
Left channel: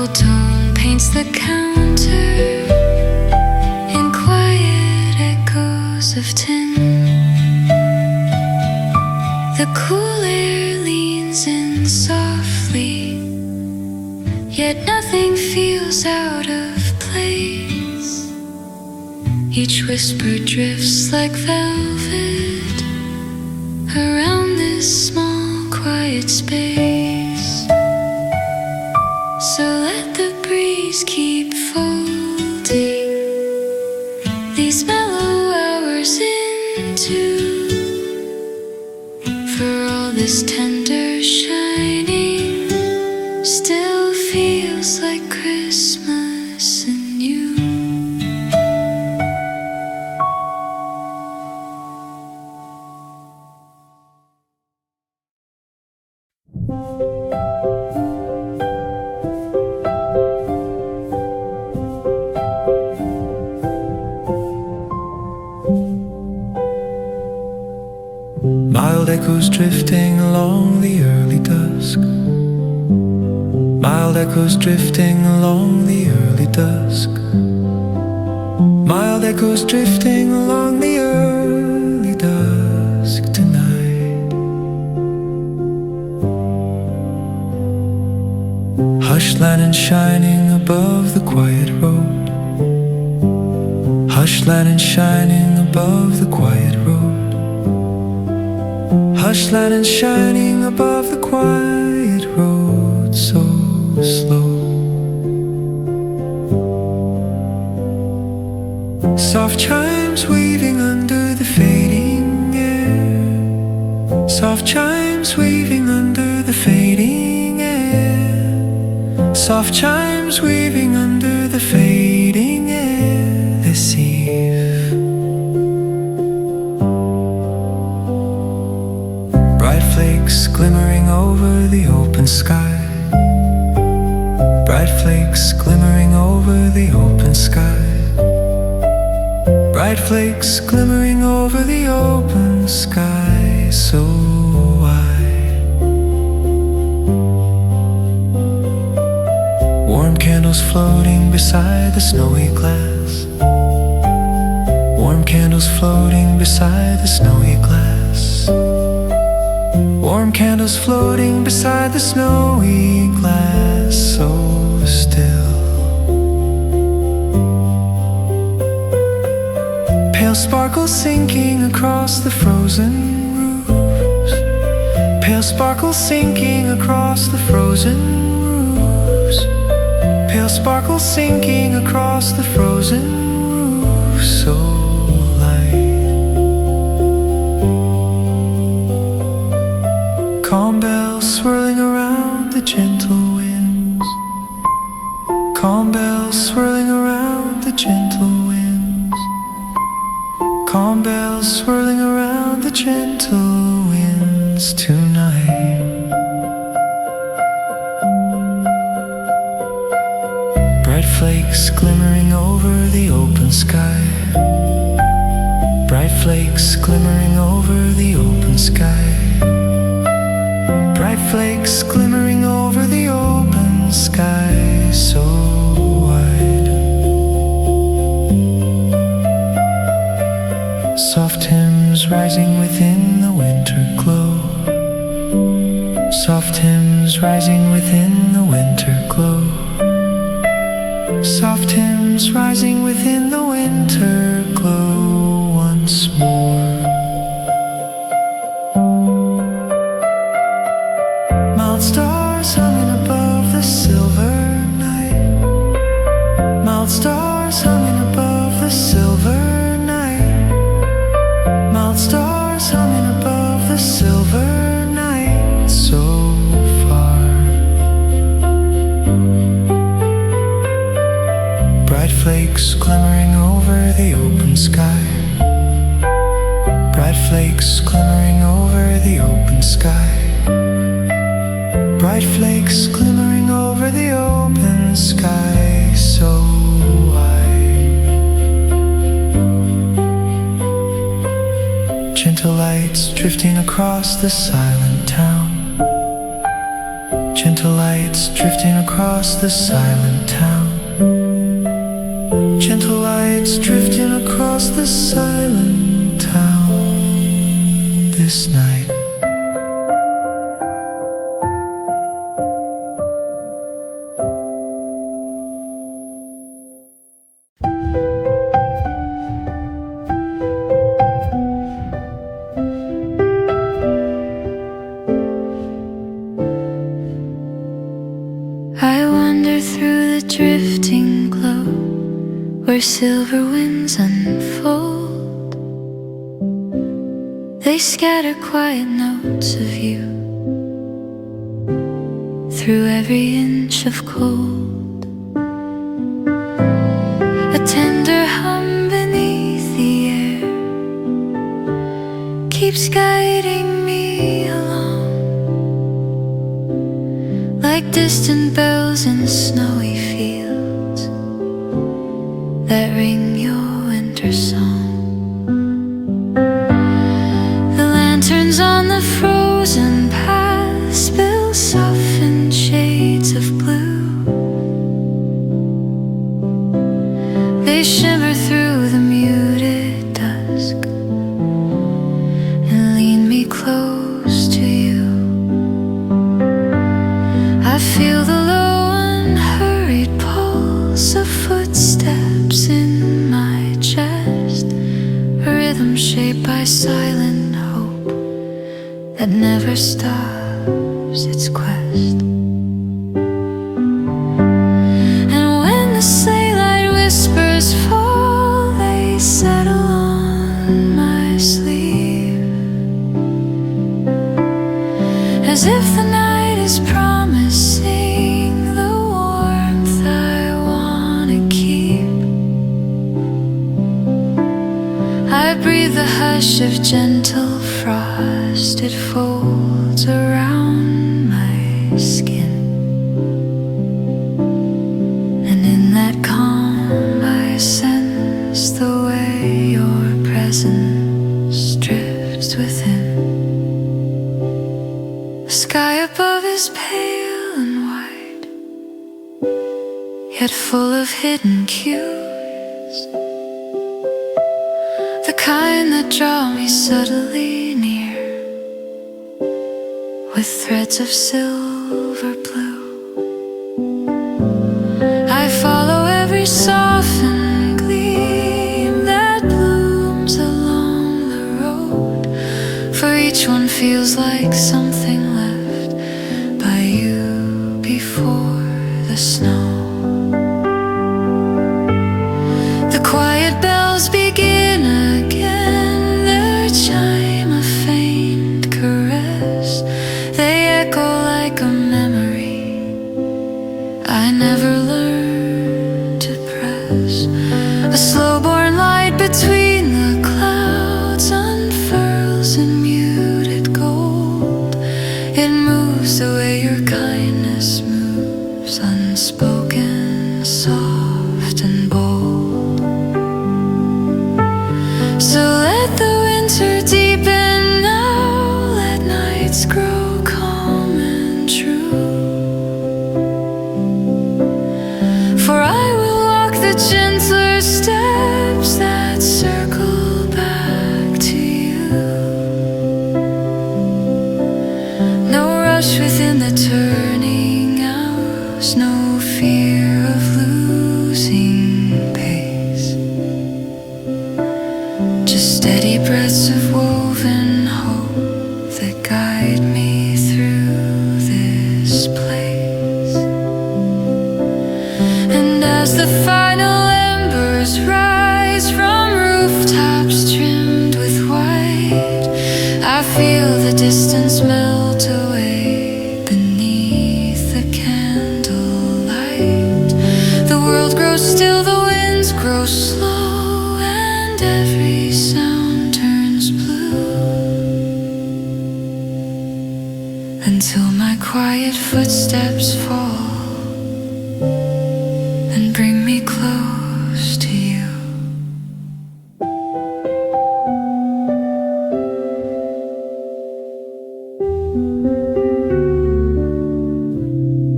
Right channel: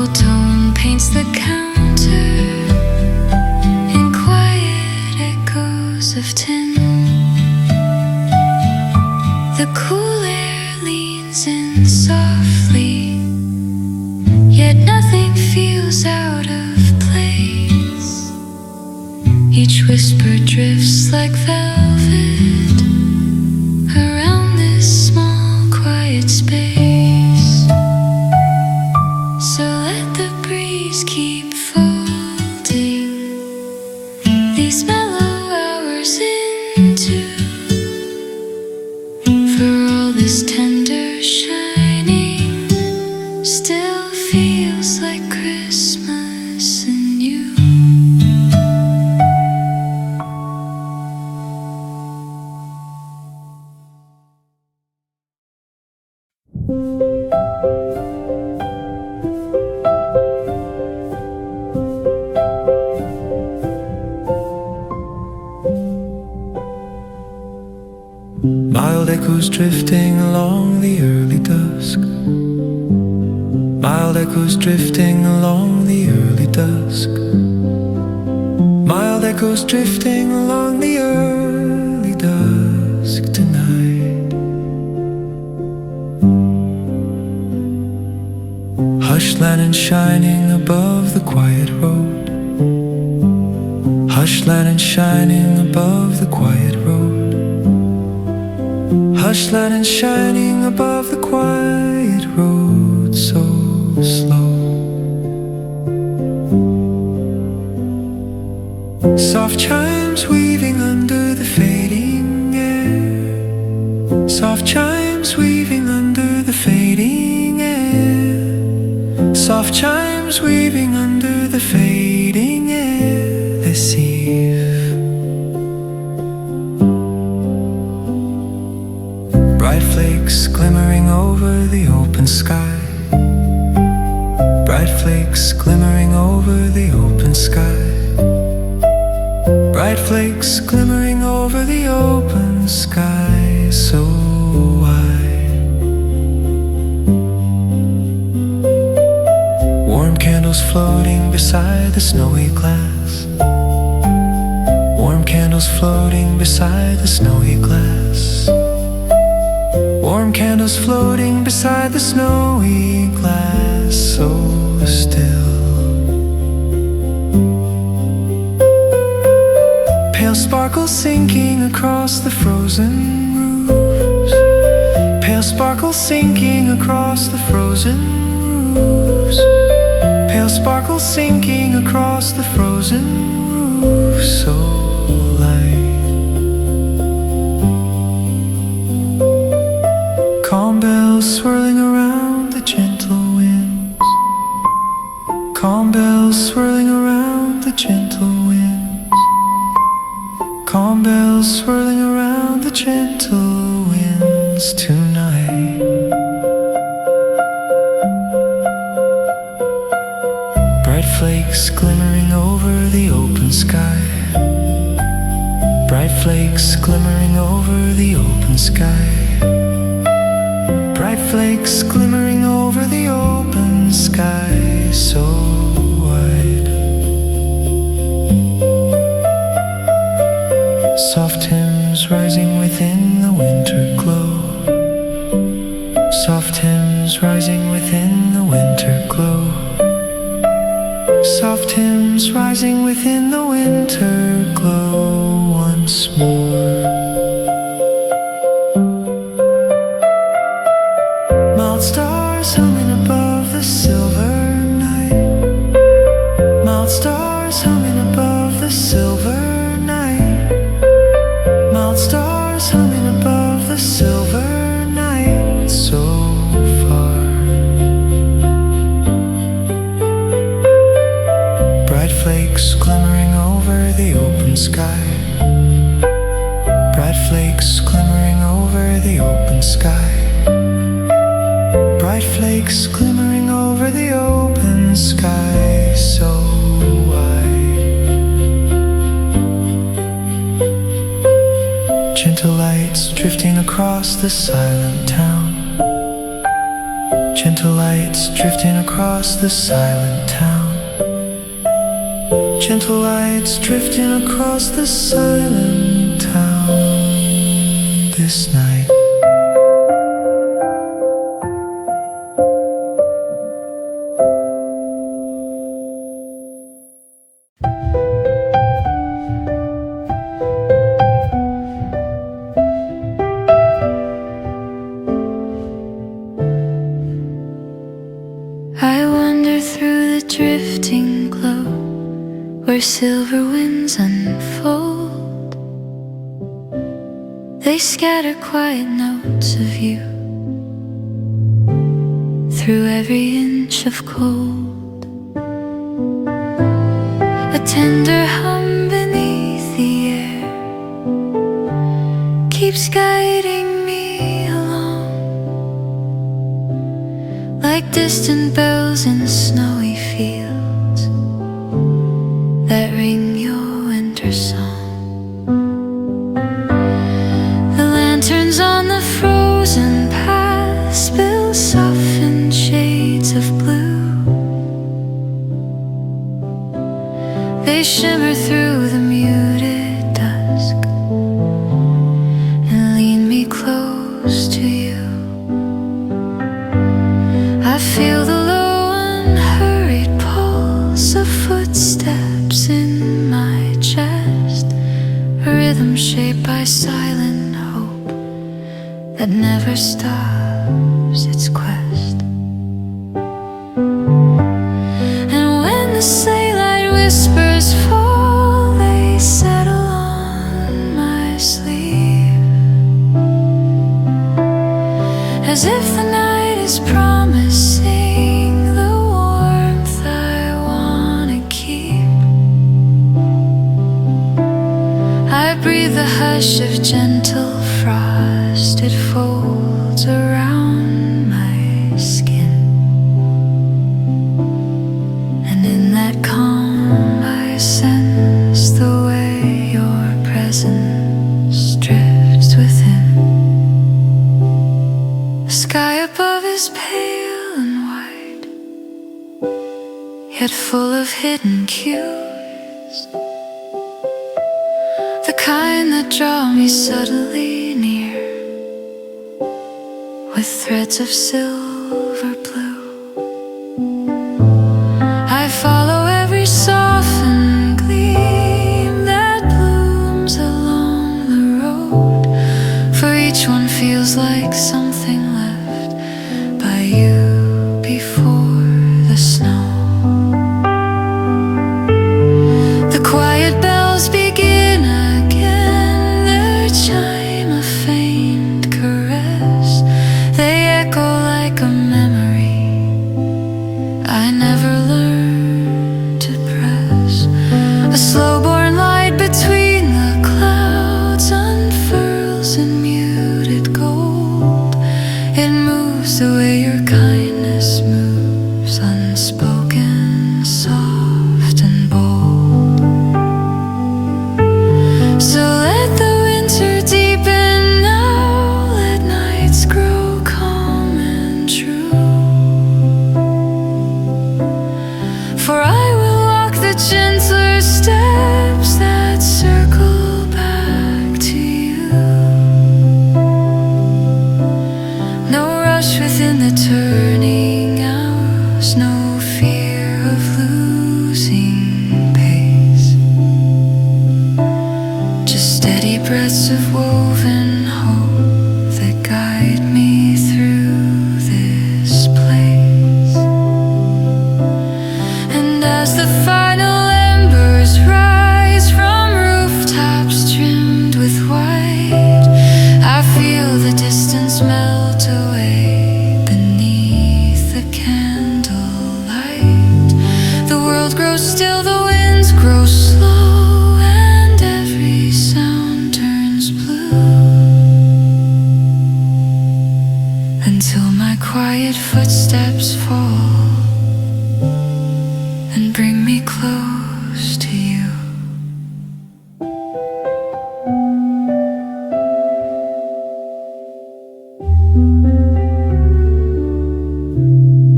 gold tone paints the counter in quiet echoes of tin. The cool air leans in softly, yet nothing feels out of place. Each whisper drifts like velvet around this small quiet space. So let the breeze keep folding these mellow hours into, for all this tender shining still feels like Christmas and you. Mild echoes drifting along the early dusk. Mild echoes drifting along the early dusk. Mild echoes drifting along the early dusk tonight. Hush lantern shining above the quiet road. Hush lantern shining above the quiet road. Hush lantern shining above the quiet road, so slow. Soft chimes weaving under the fading air. Soft chimes weaving under the fading air. Soft chimes weaving under the fading air this eve. Bright flakes glimmering over the open sky. Bright flakes glimmering over the open sky. Bright flakes glimmering over the open sky, so wide. Warm candles floating beside the snowy glass. Warm candles floating beside the snowy glass. Warm candles floating beside the snowy glass, so still. Pale sparkles sinking across the frozen roofs. Pale sparkles sinking across the frozen roofs. Pale sparkles sinking across the frozen roofs, so light. Calm bells swirling around the gentle winds. Calm bells swirling around the gentle winds. Calm bells swirling around the gentle winds tonight. Bright flakes glimmering over the open sky. Bright flakes glimmering over the open sky. Bright flakes glimmering over the open sky, so wide. Soft hymns rising within the winter glow. Soft hymns rising within the winter glow. Soft hymns rising within the winter glow once more. Mild stars humming above the silver night. Mild stars humming above the silver night. Mild stars humming above the silver night, so far. Bright flakes glimmering over the open sky. Bright flakes glimmering over the open sky. Bright flakes glimmering over the open sky, so wide. Gentle lights drifting across the silent town. Gentle Gentle lights drifting across the silent town. Gentle lights drifting across the silent town this night. I wander through the drifting glow where silver winds unfold. They scatter quiet notes of you through every inch of cold. A tender hum beneath the air keeps guiding me along, like distant bells in snowy fields that ring your winter song. The lanterns on the frozen path spill softened shades of blue. They shimmer through the muted dusk and lean me close to you. I feel the low unhurried pulse of footsteps in my chest, a rhythm shaped by silent hope that never stops its quest. And when the sleigh light whispers fall, they settle on my sleeve, as if the night is promising the warmth I wanna keep. I breathe the hush of gentle frost, it folds around my skin, and in that calm I sense the way your presence drifts within. The sky above is pale and white, yet full of hidden cues, the kind that draw me subtly near with threads of silver blue. I follow every softened gleam that blooms along the road, for each one feels like something left by you before the snow. The quiet bells begin again, their chime a faint caress. They echo like a memory I never learned to press. A slow-born light between the clouds unfurls in muted gold. It moves the way your kindness moves, unspoken, soft and bold. So let the winter deepen now, let nights grow calm and true. For I will walk the gentler steps that circle back to you. No rush within the turning hours, no fear of losing pace, just steady breaths of woven hope that guide me through this place. And as the final embers rise from rooftops trimmed with white, I feel the distance melt away beneath the candlelight. The world grows still, the winds grow slow, and every sound turns blue, until my quiet footsteps fall and bring me close to you.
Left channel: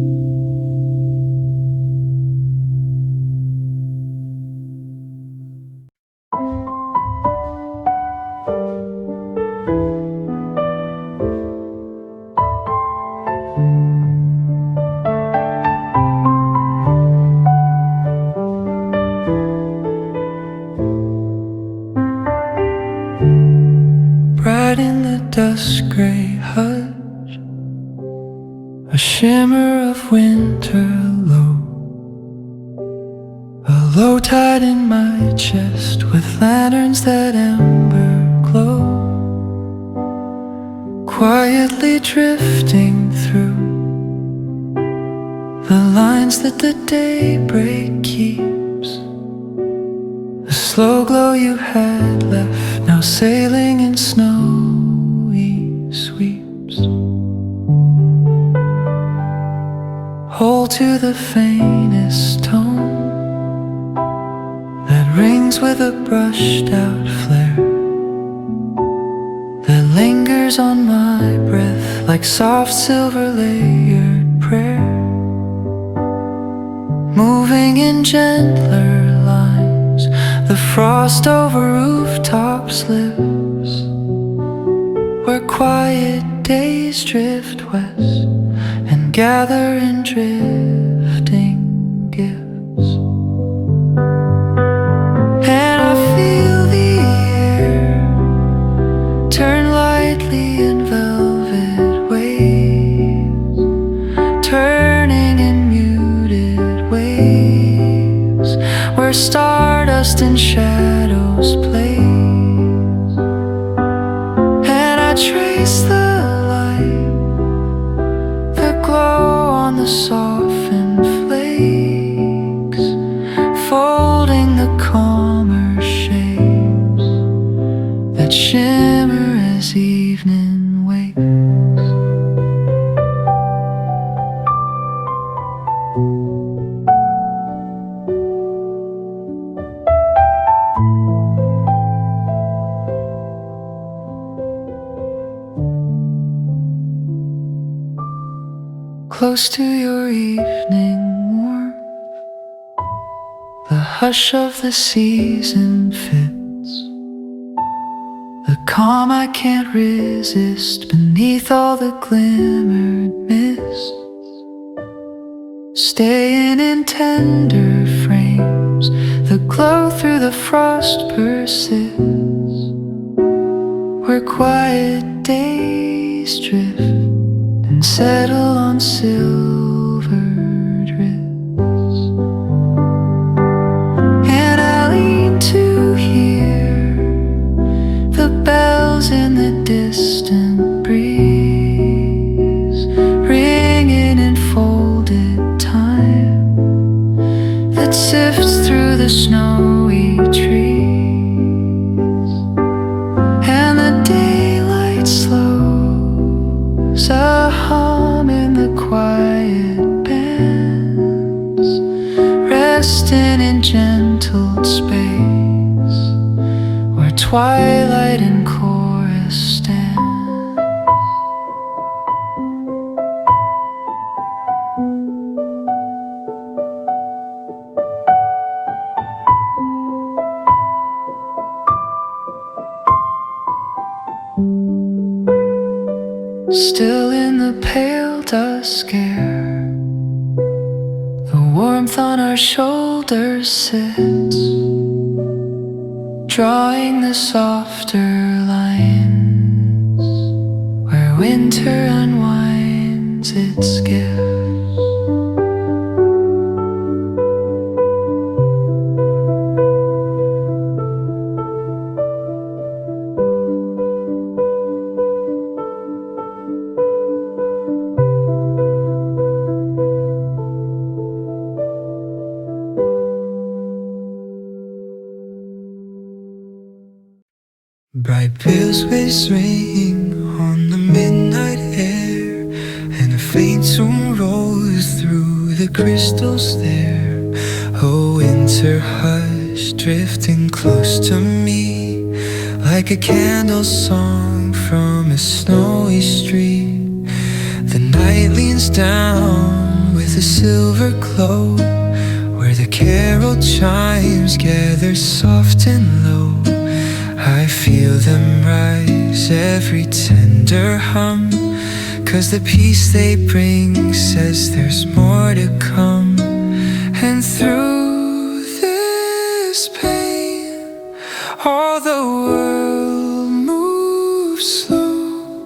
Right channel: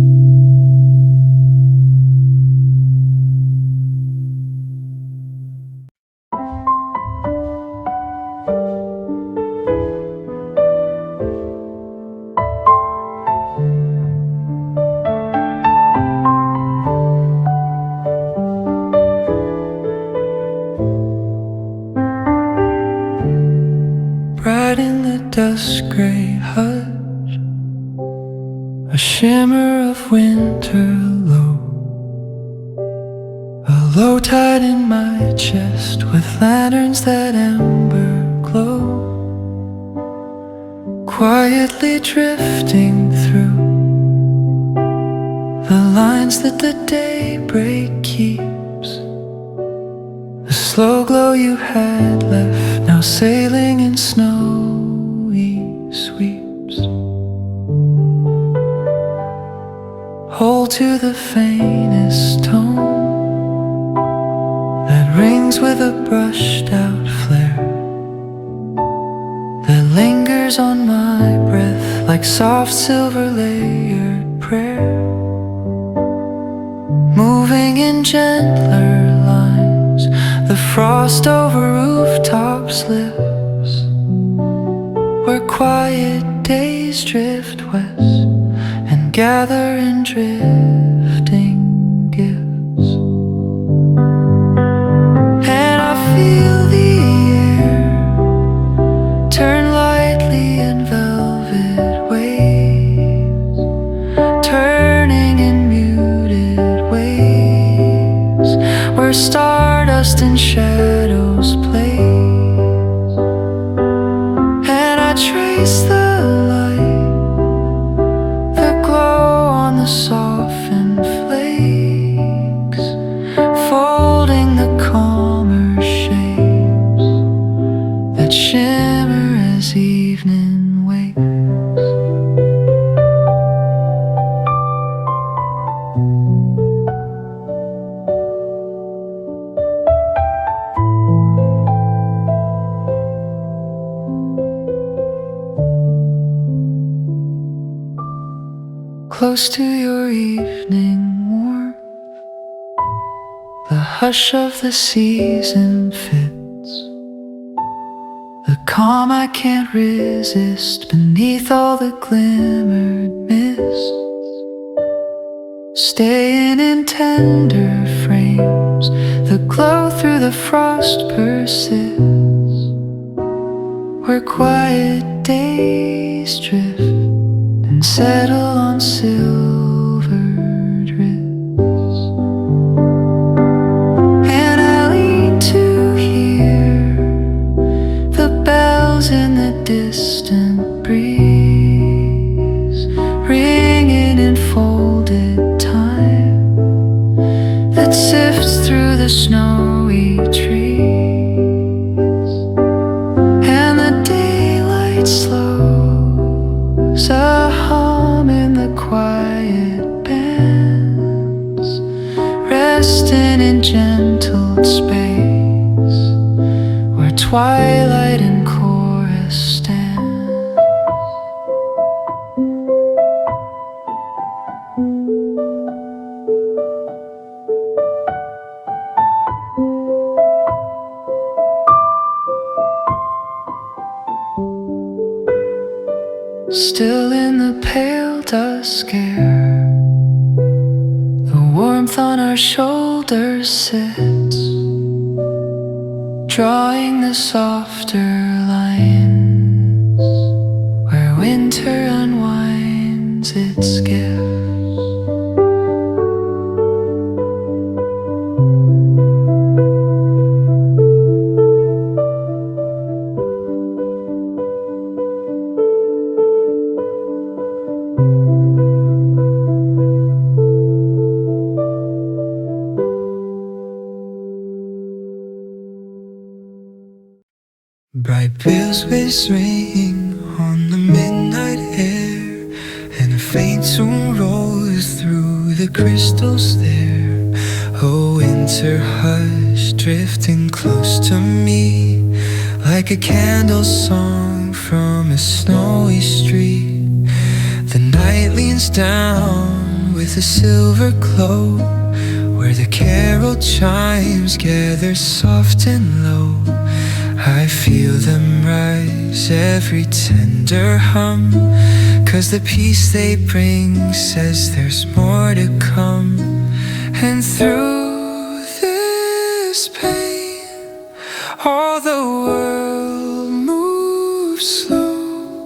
dusk gray hush, a shimmer of winter low, a low tide in my chest with lanterns that ember glow, quietly drifting through the lines that the daybreak keeps. The slow glow you had left, now sailing in snowy sweeps. Hold to the faintest tone that rings with a brushed out flare, that lingers on my breath like soft silver layered prayer, moving in gentler lines. The frost over rooftops lives, where quiet days drift west and gather in drifting gifts. And I feel the air turn lightly in velvet waves, turning in muted waves, where stardust and shadows plays. And I trace the light, the glow on the softened flakes, folding the calmer shapes that shimmer as evening wakes. Close to your evening warmth, the hush of the season fits, the calm I can't resist beneath all the glimmered mists, staying in tender frames, the glow through the frost persists, where quiet days drift and settle on silvered wrists. And I lean to hear the bells in the distant breeze, ringing in folded time that sifts through the snowy trees. And the daylight slows, a hum in the quiet bands, resting in gentle space, where twilight and chorus stand. Still in the pale dusk air, the warmth on our shoulders sits, drawing the softer lines, where winter unwinds its gifts. Bright bells ring on the midnight air, and a faint tune rolls through the crystals there. A winter hush drifting close to me, like a candle song from a snowy street. The night leans down with a silver glow, where the carol chimes gather soft and low. I feel them rise, every tender hum, 'cause the peace they bring says there's more to come. And through this pain, all the world moves slow,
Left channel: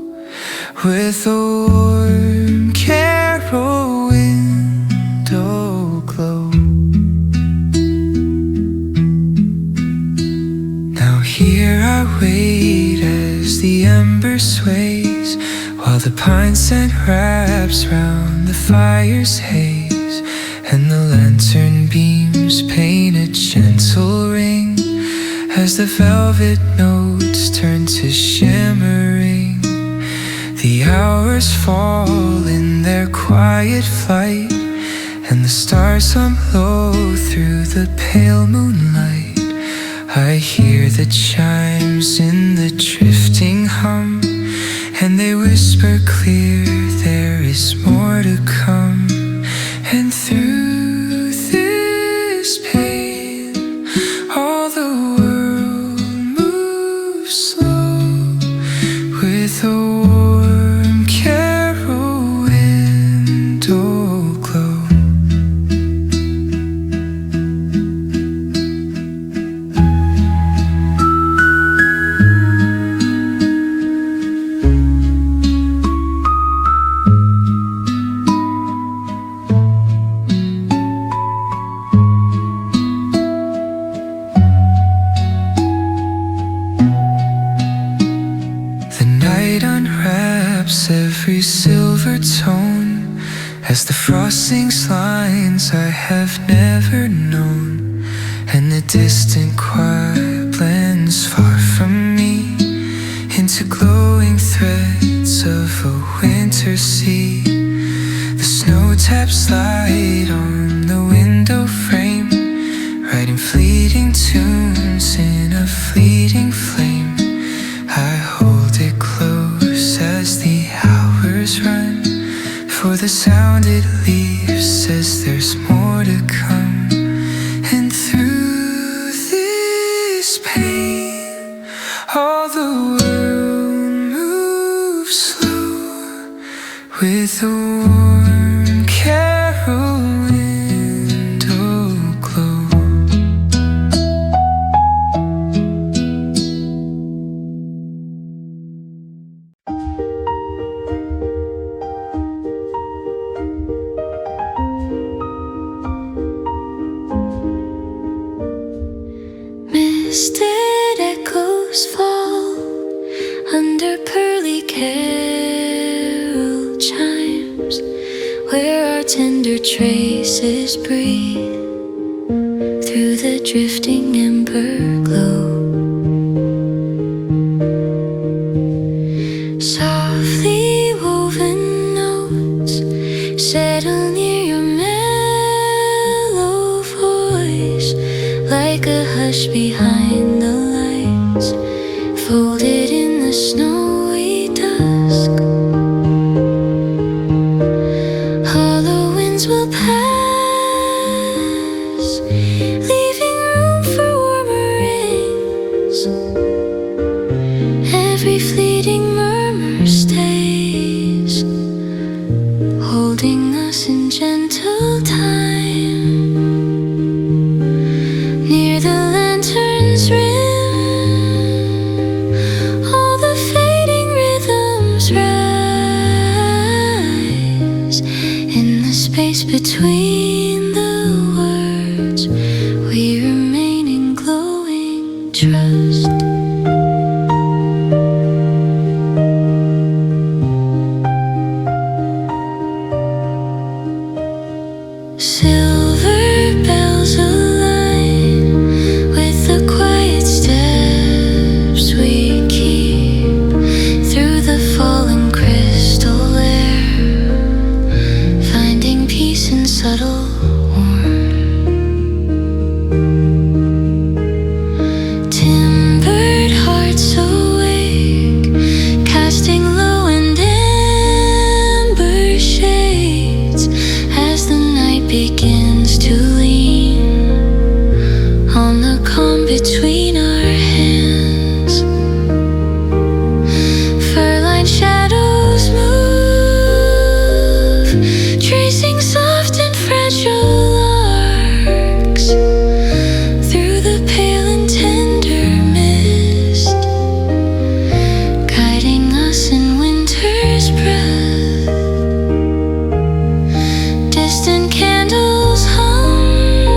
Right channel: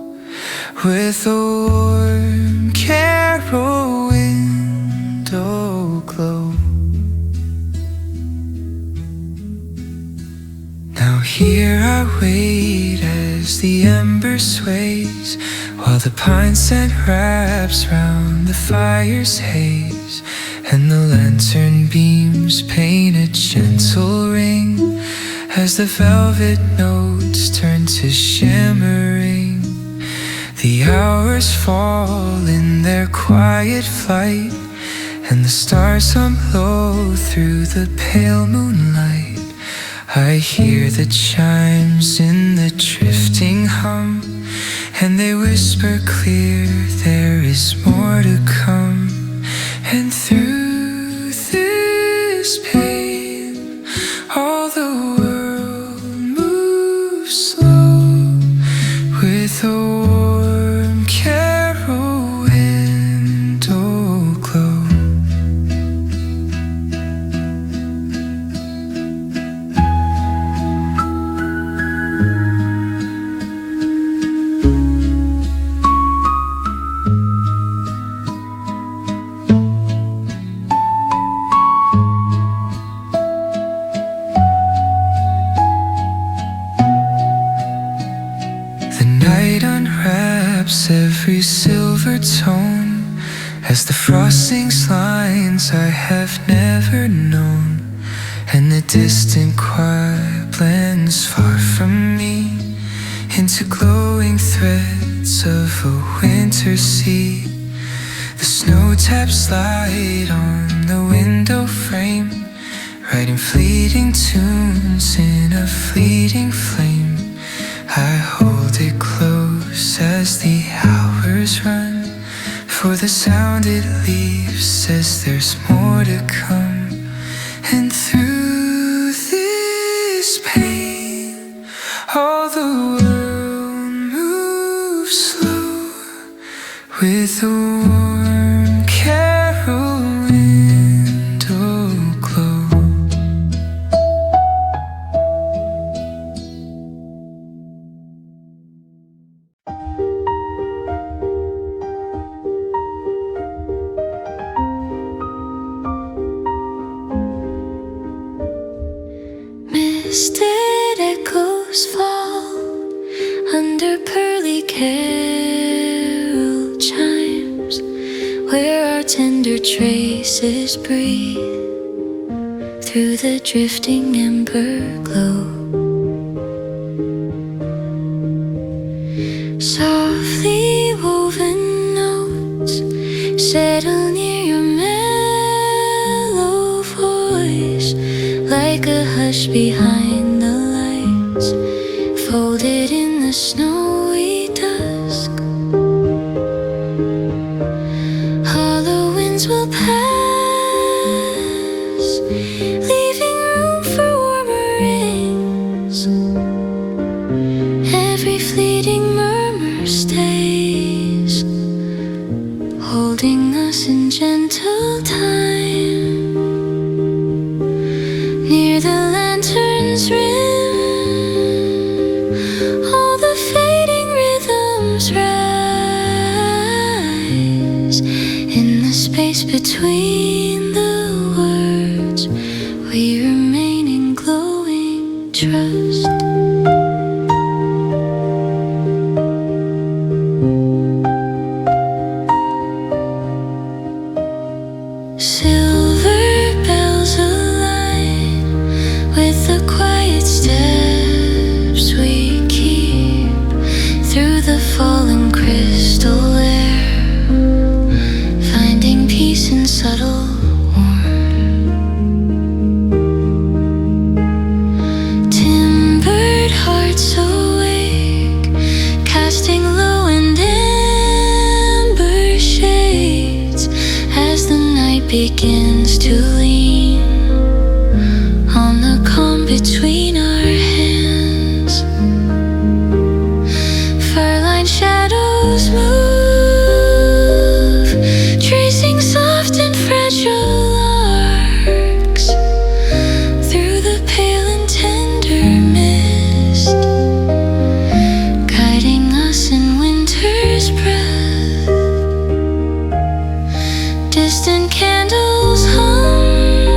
here I wait as the ember sways, while the pine scent wraps round the fire's haze, and the lantern beams paint a gentle ring as the velvet notes turn to shimmering. The hours fall in their quiet flight, and the stars hum low through the pale moonlight. I hear the chimes in the drifting hum, and they whisper clear, there is more to come. And through this pain, all the world moves slow, with a warm carol window glow. Every silver tone as the frost sings lines I have never known, and the distant choir blends far from me into glowing threads of a winter sea. The snow taps light on the window frame, writing fleeting tunes in a fleeting flame. I hold it close as the hours run, for the sound it leaves says there's more to come. And through this pain, all the world moves slow, with a warm carol window glow. Misted echoes fall under pearly carol chimes, where our tender traces breathe through the drifting ember glow. Softly woven notes settle near your mellow voice, like a hush behind the lights, folded in the snowy dusk. Hollow winds will pass, leaving room for warmer rings. Every fleeting murmur stays, holding us in gentle time. Near the lantern's rim, all the fading rhythms rise. In the space between the words, we remain in glowing trust. Silver bells align with the quiet steps we keep through the falling crystal air, finding peace in subtle warmth. Timbered hearts awake, casting low and amber shades as the night begins to lean on the calm between our hands. Fur-lined shadows move, tracing soft and fragile arcs through the pale and tender mist, guiding us in winter's breath. Distant candles hum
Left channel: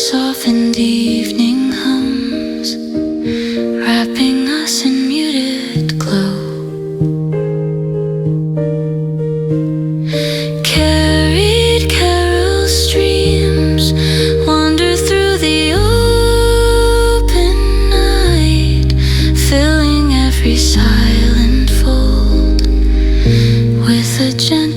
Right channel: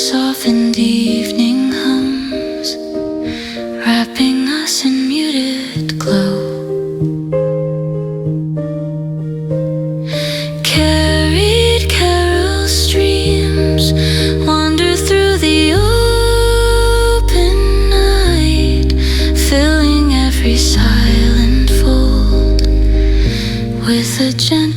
softened evening hums, wrapping us in muted glow. Carried carol streams wander through the open night, filling every silent fold with a gentle